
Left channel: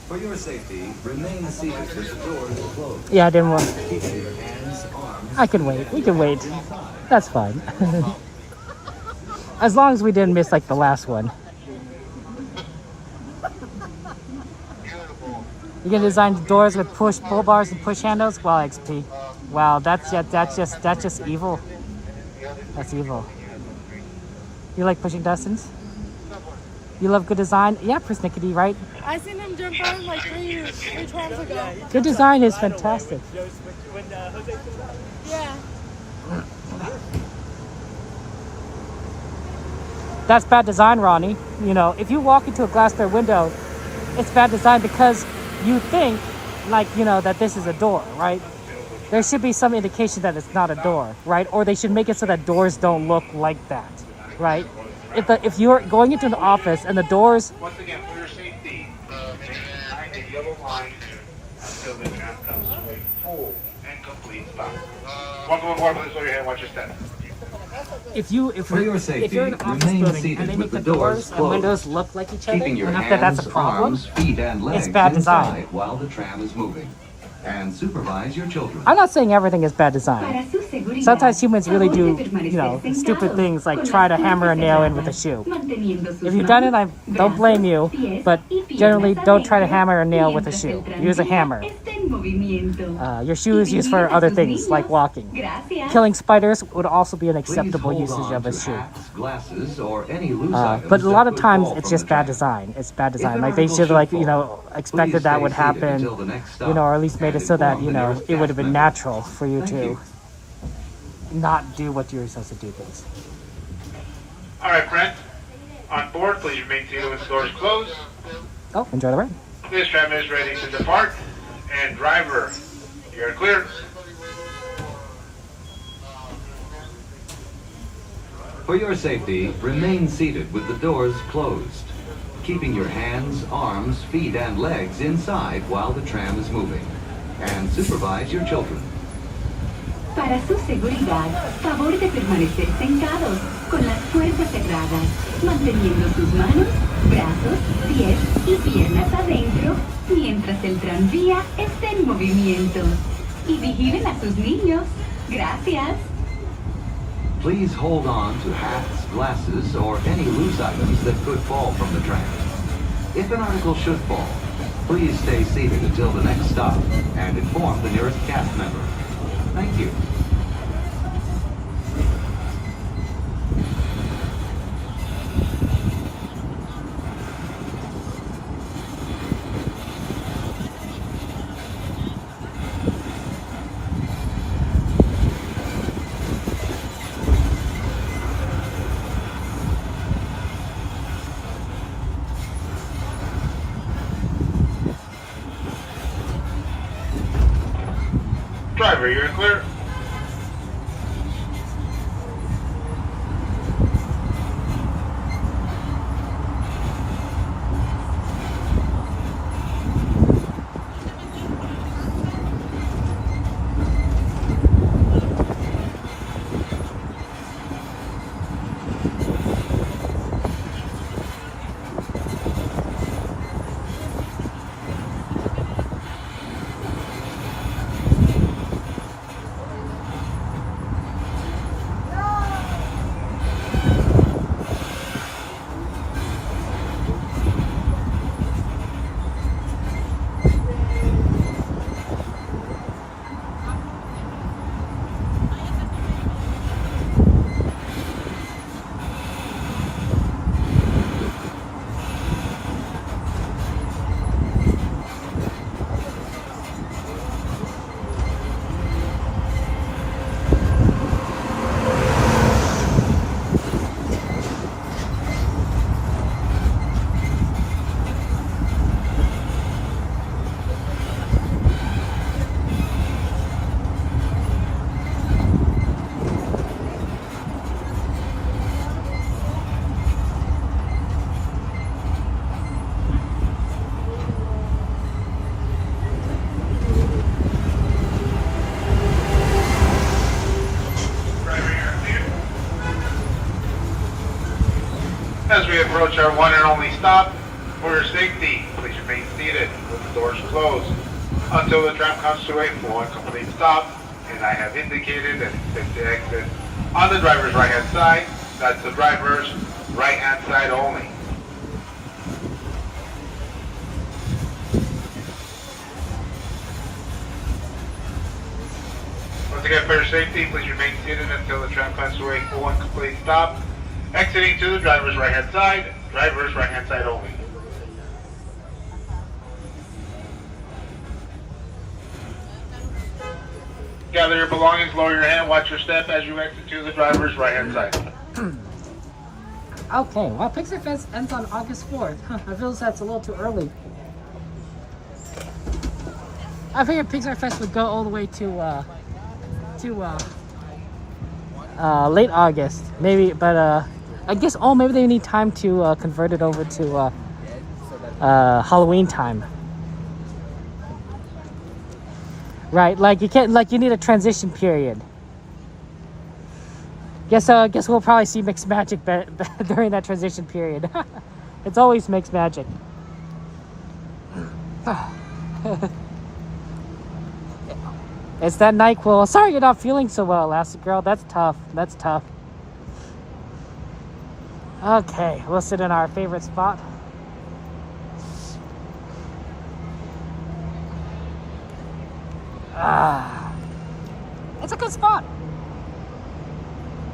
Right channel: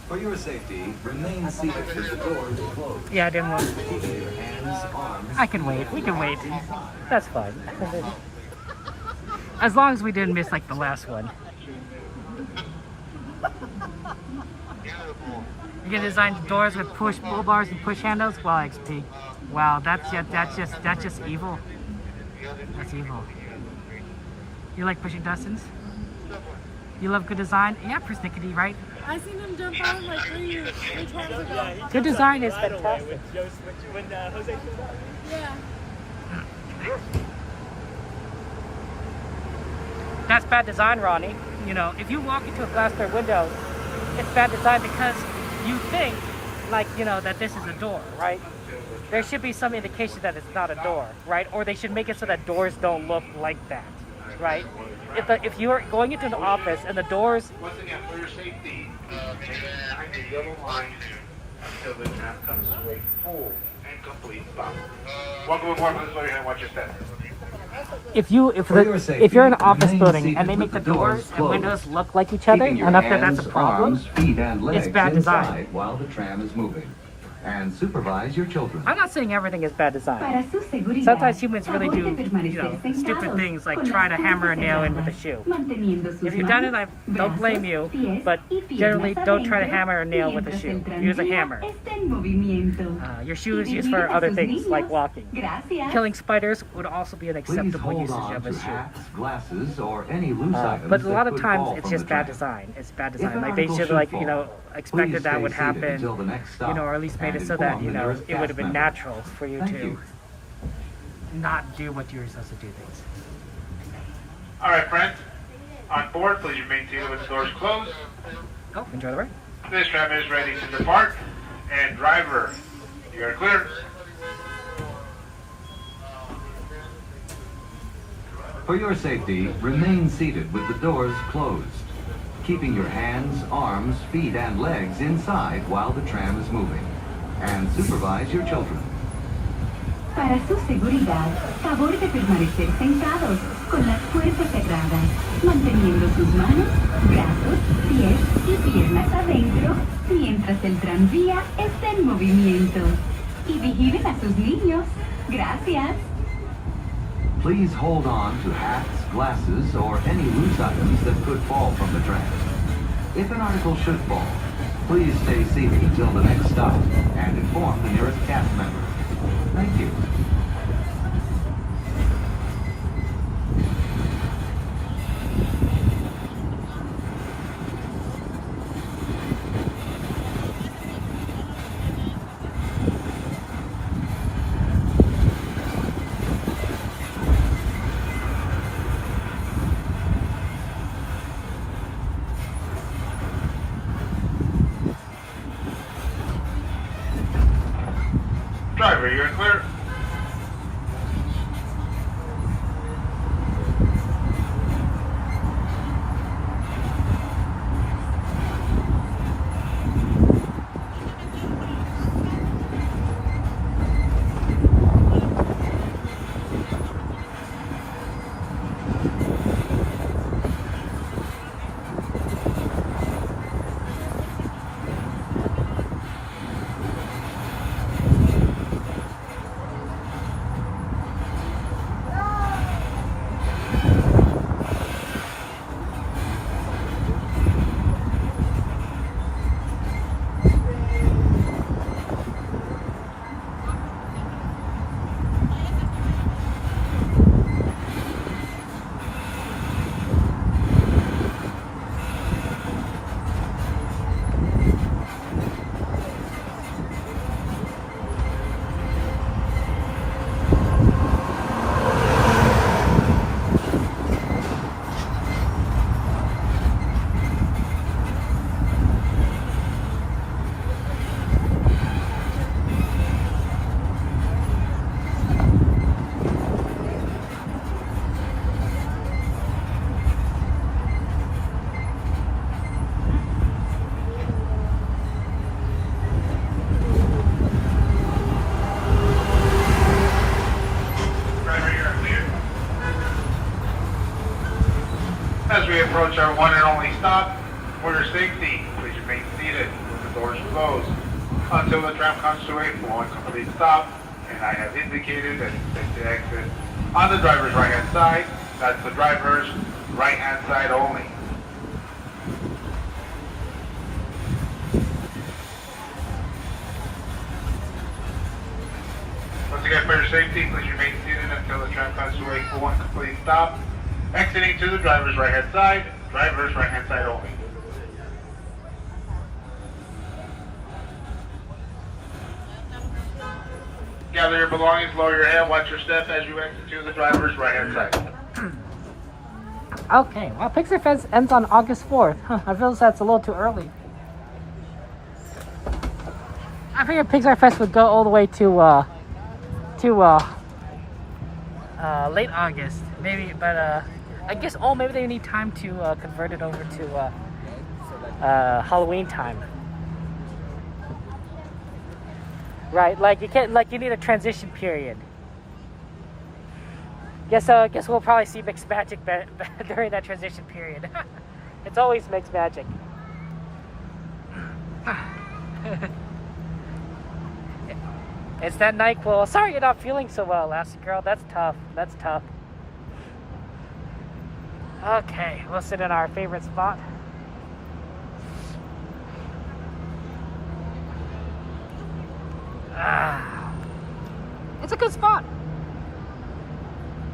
For your safety, remain seated with the doors closed. Yeah, I didn't want. Keep your hands, arms. I can wait. We can wait. That's fine. As long as we didn't miss like the last one. You can design doors with push pull bars and push handles. Wow, XP. Wow, that's just evil. That's evil. You like pushing Dustins? You love good design? Yeah, persnickety, right? I seen him jump on like three times ago. Good design is fantastic. Yeah. That's bad design, Ronnie. You know, if you walk into a glass door window, it's bad design because you think, like, you know, that this is a door, right? There should be some indication that it's not a door, right? Or they should make it so that doors don't look like that, right? If you're going into an office and the doors... Once again, for your safety, behind the yellow line until the tram comes to a full and complete stop. Welcome aboard, please lower your head, watch your step. If you're in an office building and they make the doors and windows look like each other, enough that that's a problem, it's bad design. While the tram is moving. And supervise your children. I'm not saying everything is bad design. Sometimes humans really do, you know, stupid things like try to hammer a nail in with a shoe. If you've done it, I don't blame you, but generally don't try to hammer a nail with a shoe. Use a hammer. Your shoe is used for other things like walking. Killing spiders would also be an acceptable usage of a shoe. Glasses or any loose items but a lot of times it's just bad design. It's bad design. Like they should, like, you know, expected that would happen, you know, or at least made it so that, you know, it would have been natural for you to not do what you were supposed to do things. All right, friends. On board, please remain seated with the doors closed. Oh, enjoy the ride. This tram is ready to depart. And driver, you're clear. For your safety, remain seated with the doors closed, keeping your hands, arms, feet, and legs inside while the tram is moving. And supervise your children. Para su seguridad, favor de permanecer sentados, con las puertas cerradas, manteniendo sus manos, brazos, pies y piernas adentro, mientras el tranvía esté en movimiento. Y vigilen a sus niños. Gracias. Please hold on to hats, glasses, or any loose items that could fall from the tram. If an article should fall, please stay seated until the next stop and inform the nearest cast member. Thank you. Driver, you're clear. As we approach our one and only stop, for your safety, please remain seated when the doors close until the tram comes to a full and complete stop. And I have indicated that it's safe to exit on the driver's right-hand side. That's the driver's right-hand side only. Once again, for your safety, please remain seated until the tram comes to a full and complete stop. Exiting to the driver's right-hand side only. Gather your belongings, lower your head, watch your step as you exit to the driver's right-hand side. Okay, well, Pixar Fest ends on August 4th. I feel that's a little too early. I figured Pixar Fest would go all the way to late August, maybe, but I guess maybe they need time to convert it over to Halloween time. Right, like you can't, like you need a transition period. Guess we'll probably see mixed magic during that transition period. It's always mixed magic. It's that NyQuil. Sorry you're not feeling so well, Elastic Girl. That's tough. That's tough. Okay, we'll sit in our favorite spot. It's a good spot.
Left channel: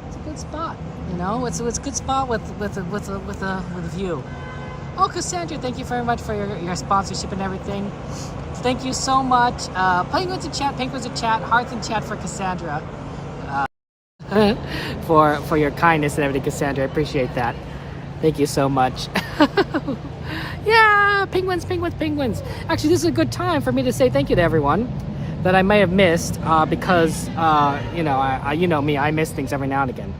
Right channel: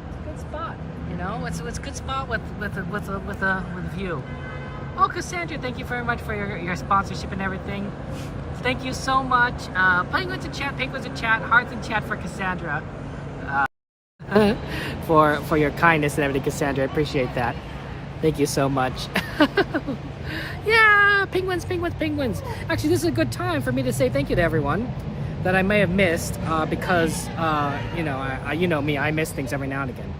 It's a good spot. You know, it's a good spot with a view. Oh, Cassandra, thank you very much for your sponsorship and everything. Thank you so much. Penguins in chat, hearts in chat for Cassandra. For your kindness and everything, Cassandra. I appreciate that. Thank you so much. Yeah, penguins. Actually, this is a good time for me to say thank you to everyone that I may have missed because, you know me, I miss things every now and again.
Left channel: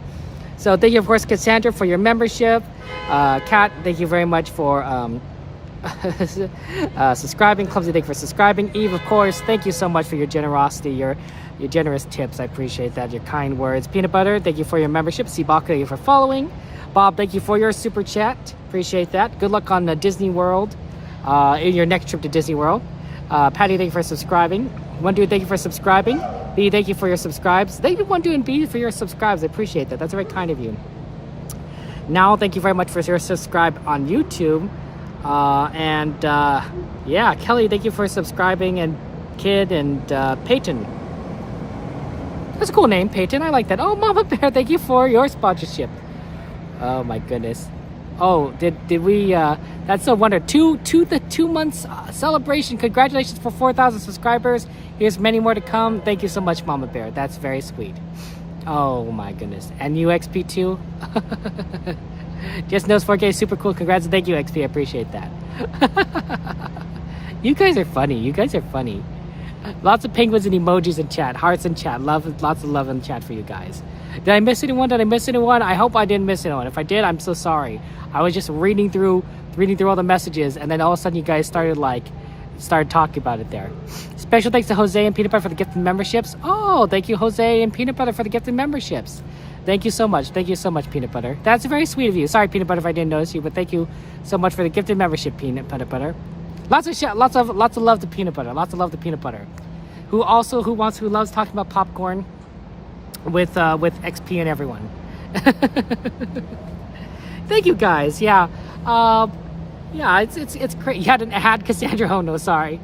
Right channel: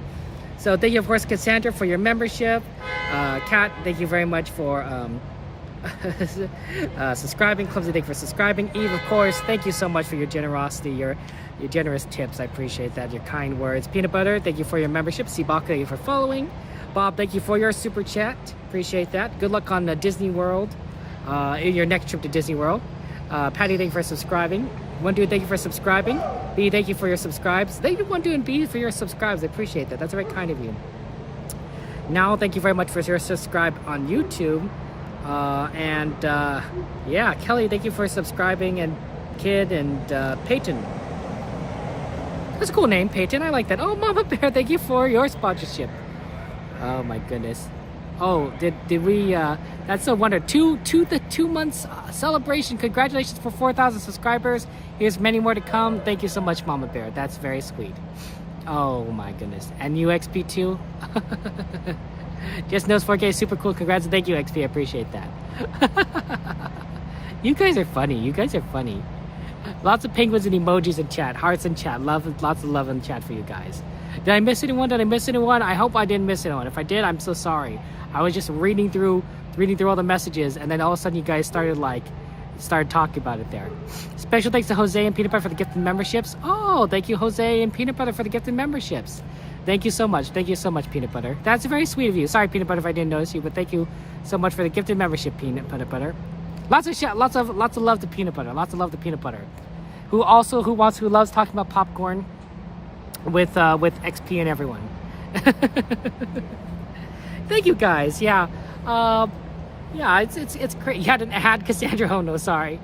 So thank you, of course, Cassandra, for your membership. Kat, thank you very much for subscribing. Clumsy, thank you for subscribing. Eve, of course, thank you so much for your generosity, your generous tips. I appreciate that. Your kind words. Peanut Butter, thank you for your membership. Sibaka, thank you for following. Bob, thank you for your super chat. Appreciate that. Good luck on Disney World, in your next trip to Disney World. Patty, thank you for subscribing. One Dude, thank you for subscribing. B, thank you for your subscribes. Thank you, One Dude and B, for your subscribes. I appreciate that. That's very kind of you. Now, thank you very much for your subscribe on YouTube. Yeah, Kelly, thank you for subscribing, and Kid and Peyton. That's a cool name, Peyton. I like that. Oh, Mama Bear, thank you for your sponsorship. Oh my goodness. Oh, did we? That's a wonder. The 2 months celebration. Congratulations for 4,000 subscribers. Here's many more to come. Thank you so much, Mama Bear. That's very sweet. Oh my goodness. And you, XP2. Just knows 4K is super cool. Congrats and thank you, XP. I appreciate that. You guys are funny. Lots of penguins and emojis in chat. Hearts in chat. Lots of love in chat for you guys. Did I miss anyone? I hope I didn't miss anyone. If I did, I'm so sorry. I was just reading through all the messages, and then all of a sudden you guys started talking about it there. Special thanks to Jose and Peanut Butter for the gifted memberships. Oh, thank you, Jose and Peanut Butter, for the gifted memberships. Thank you so much. Peanut Butter. That's very sweet of you. Sorry, Peanut Butter, if I didn't notice you, but thank you so much for the gifted membership, Peanut Butter. Lots of love to Peanut Butter. Lots of love to Peanut Butter. Who loves talking about popcorn with XP and everyone. Thank you guys. Yeah. Yeah, it's great. You had an ad, Cassandra. Oh no, sorry.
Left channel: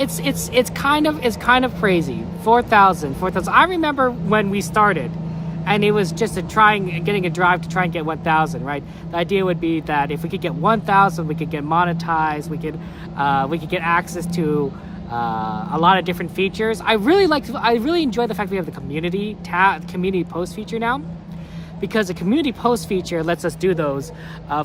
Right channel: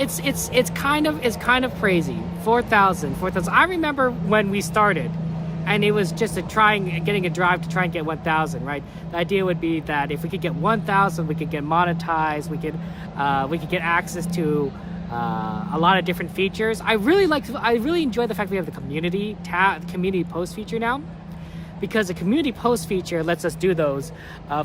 It's kind of crazy. 4,000. I remember when we started, and it was just getting a drive to try and get 1,000, right? The idea would be that if we could get 1,000, we could get monetized. We could get access to a lot of different features. I really enjoy the fact we have the community post feature now, because the community post feature lets us do those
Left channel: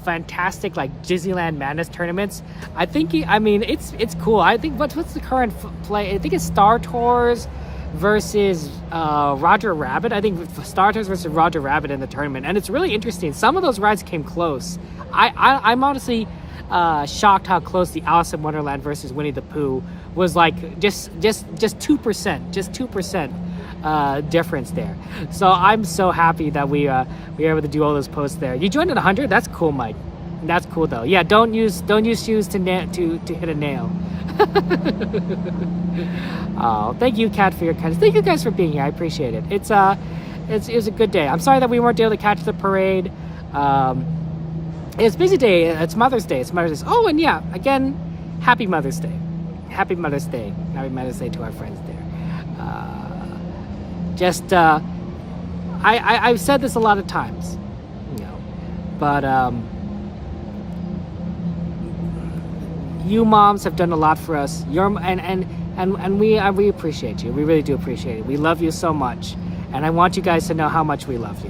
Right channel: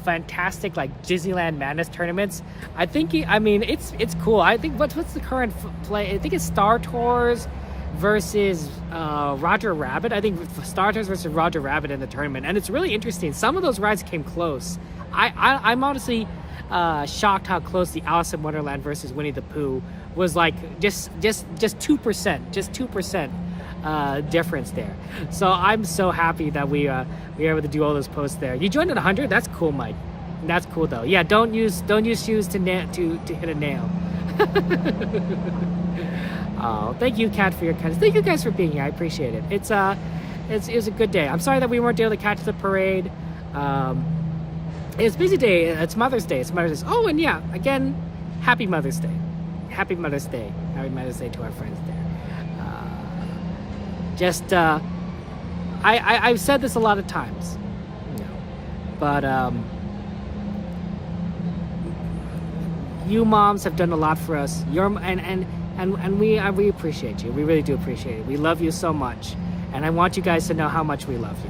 fantastic Disneyland Madness tournaments. It's cool. I think what's the current play? I think it's Star Tours versus Roger Rabbit. I think Star Tours versus Roger Rabbit in the tournament, and it's really interesting. Some of those rides came close. I'm honestly shocked how close the Alice in Wonderland versus Winnie the Pooh was like just 2% difference there. So I'm so happy that we were able to do all those posts there. You joined at 100. That's cool, Mike. That's cool though. Yeah, don't use shoes to hit a nail. Oh, thank you, Kat, for your kindness. Thank you guys for being here. I appreciate it. It was a good day. I'm sorry that we weren't able to catch the parade. It's a busy day. It's Mother's Day. Oh, and yeah, again, happy Mother's Day. Happy Mother's Day. Happy Mother's Day to our friends there. I've said this a lot of times, but you moms have done a lot for us. And we appreciate you. We really do appreciate it. We love you so much, and I want you guys to know how much we love you.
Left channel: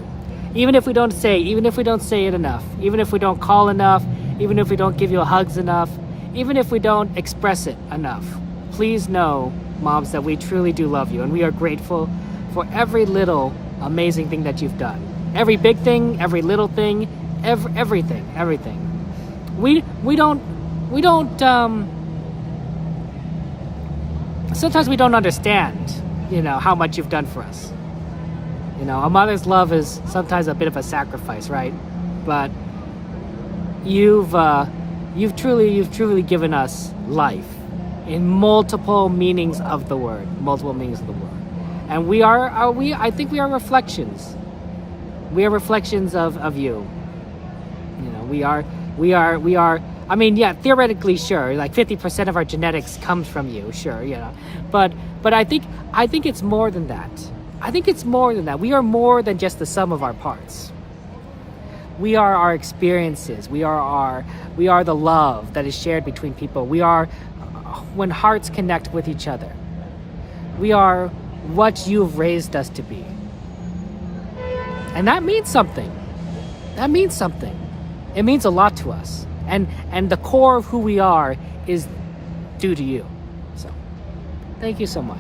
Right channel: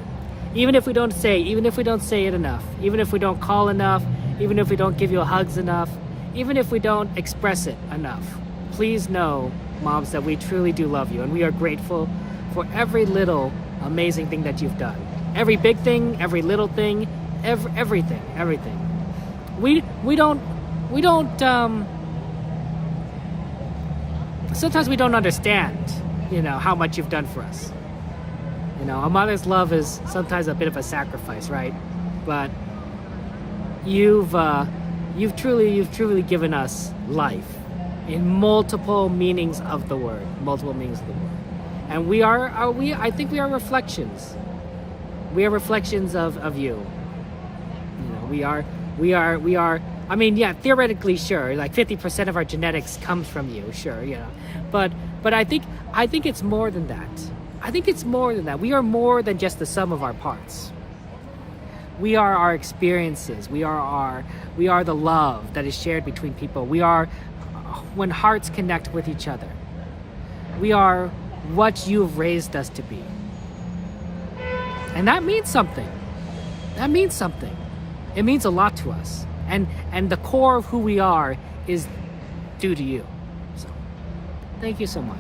Even if we don't say it enough, even if we don't call enough, even if we don't give you hugs enough, even if we don't express it enough, please know, moms, that we truly do love you, and we are grateful for every little amazing thing that you've done. Every big thing, every little thing, everything. We don't sometimes we don't understand, how much you've done for us. A mother's love is sometimes a bit of a sacrifice, right? But you've truly given us life in multiple meanings of the word. And I think we are reflections. We are reflections of you. We are. I mean, yeah, theoretically, sure, like 50% of our genetics comes from you, sure, but I think it's more than that. We are more than just the sum of our parts. We are our experiences. We are the love that is shared between people. We are when hearts connect with each other. We are what you've raised us to be. And that means something. It means a lot to us. And the core of who we are is due to you. So, thank you so much.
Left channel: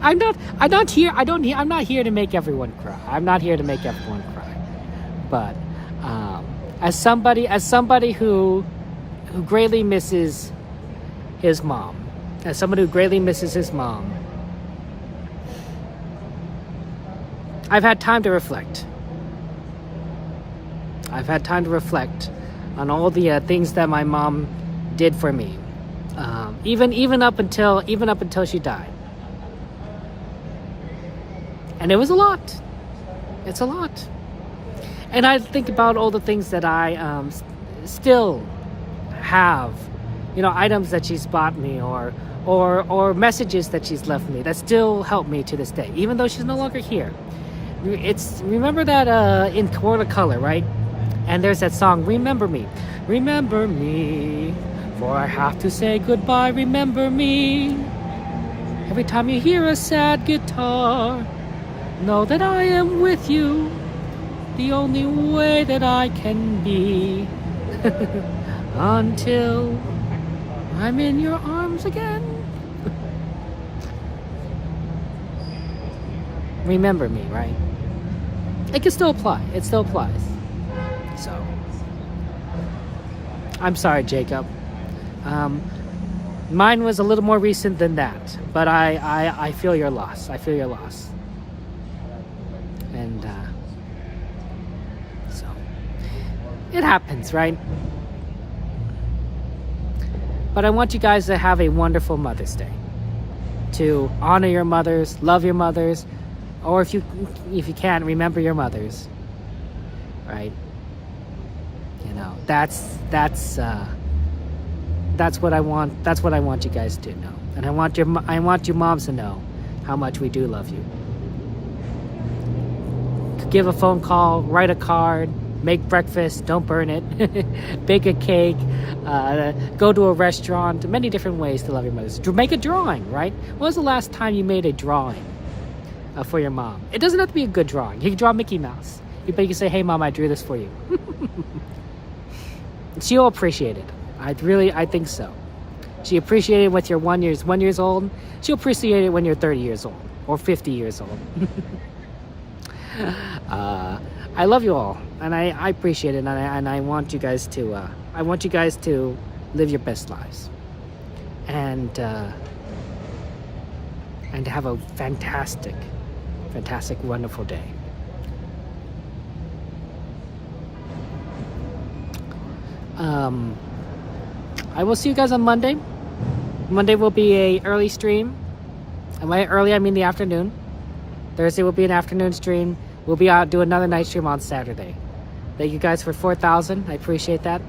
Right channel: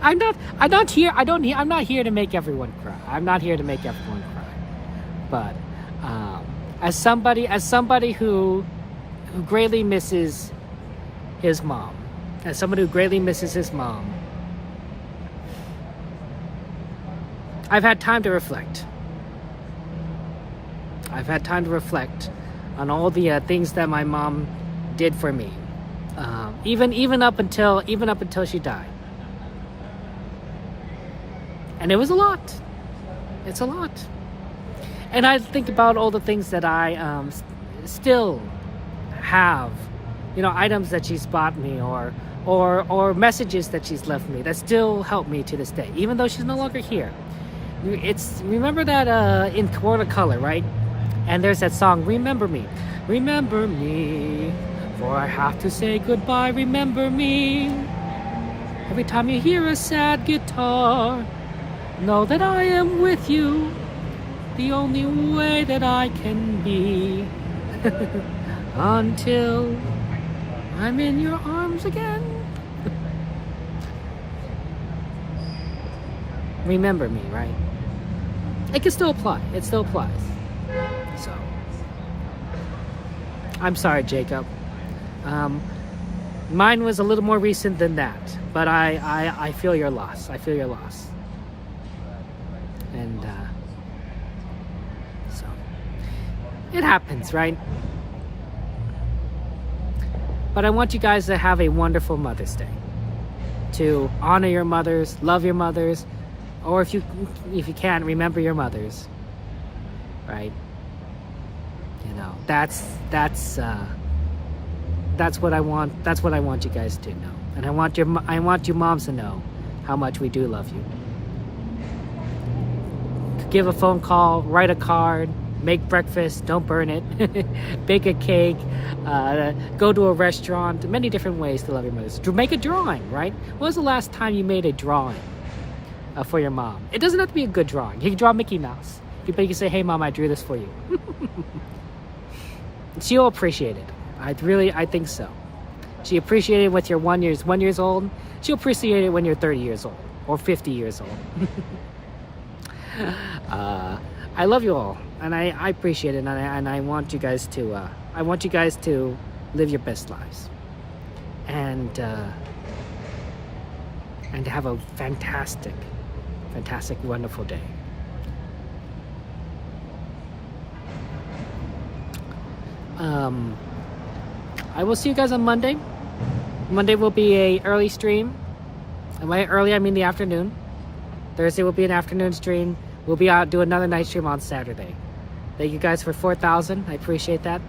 I'm not here to make everyone cry. But as somebody who greatly misses his mom, I've had time to reflect. On all the things that my mom did for me, even up until she died, and it was a lot. It's a lot, and I think about all the things that I still have, items that she's bought me, or messages that she's left me that still help me to this day, even though she's no longer here. Remember that in Watercolor, right? And there's that song, Remember Me, for I have to say goodbye, remember me. Every time you hear a sad guitar, know that I am with you, the only way that I can be, until I'm in your arms again. Remember me, right? It can still apply. It still applies. So, I'm sorry, Jacob. Mine was a little more recent than that, but I feel your loss. And so, it happens, right? But I want you guys to have a wonderful Mother's Day. To honor your mothers, love your mothers, or if you can, remember your mothers, right? That's what I want. That's what I want you guys to know, and I want you moms to know how much we do love you. Give a phone call, write a card, make breakfast, don't burn it, bake a cake, go to a restaurant. Many different ways to love your mothers. Make a drawing, right? When was the last time you made a drawing for your mom? It doesn't have to be a good drawing. You can draw Mickey Mouse. You can say, "Hey, Mom, I drew this for you." She'll appreciate it. I think so. She appreciated it when you're 1 years old. She'll appreciate it when you're 30 years old or 50 years old. I love you all, and I appreciate it, and I want you guys to live your best lives. and have a fantastic, wonderful day. I will see you guys on Monday. Monday will be a early stream. And by early, I mean the afternoon. Thursday will be an afternoon stream. We'll be out do another night stream on Saturday. Thank you guys for 4,000. I appreciate that.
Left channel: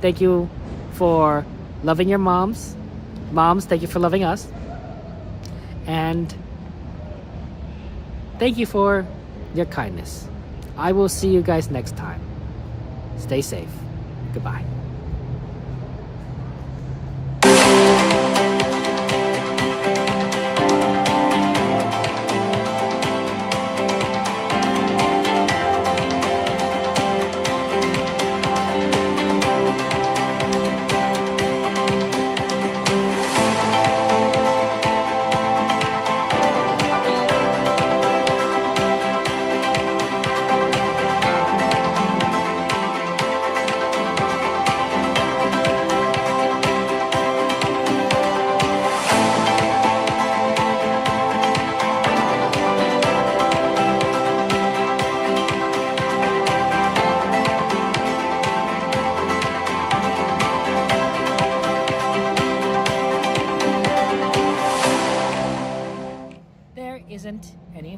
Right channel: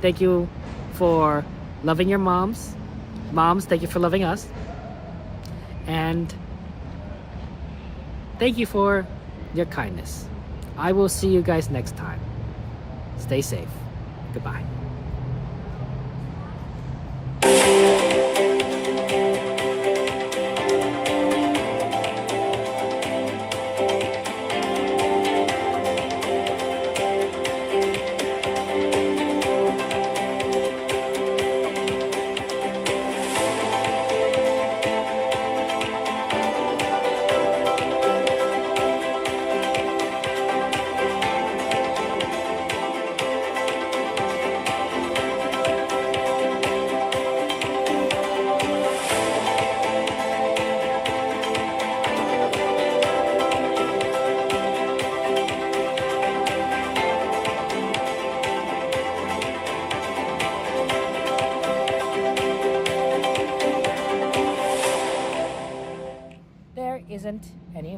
Thank you for loving your moms. Moms, thank you for loving us. And thank you for your kindness. I will see you guys next time. Stay safe. Goodbye. Isn't any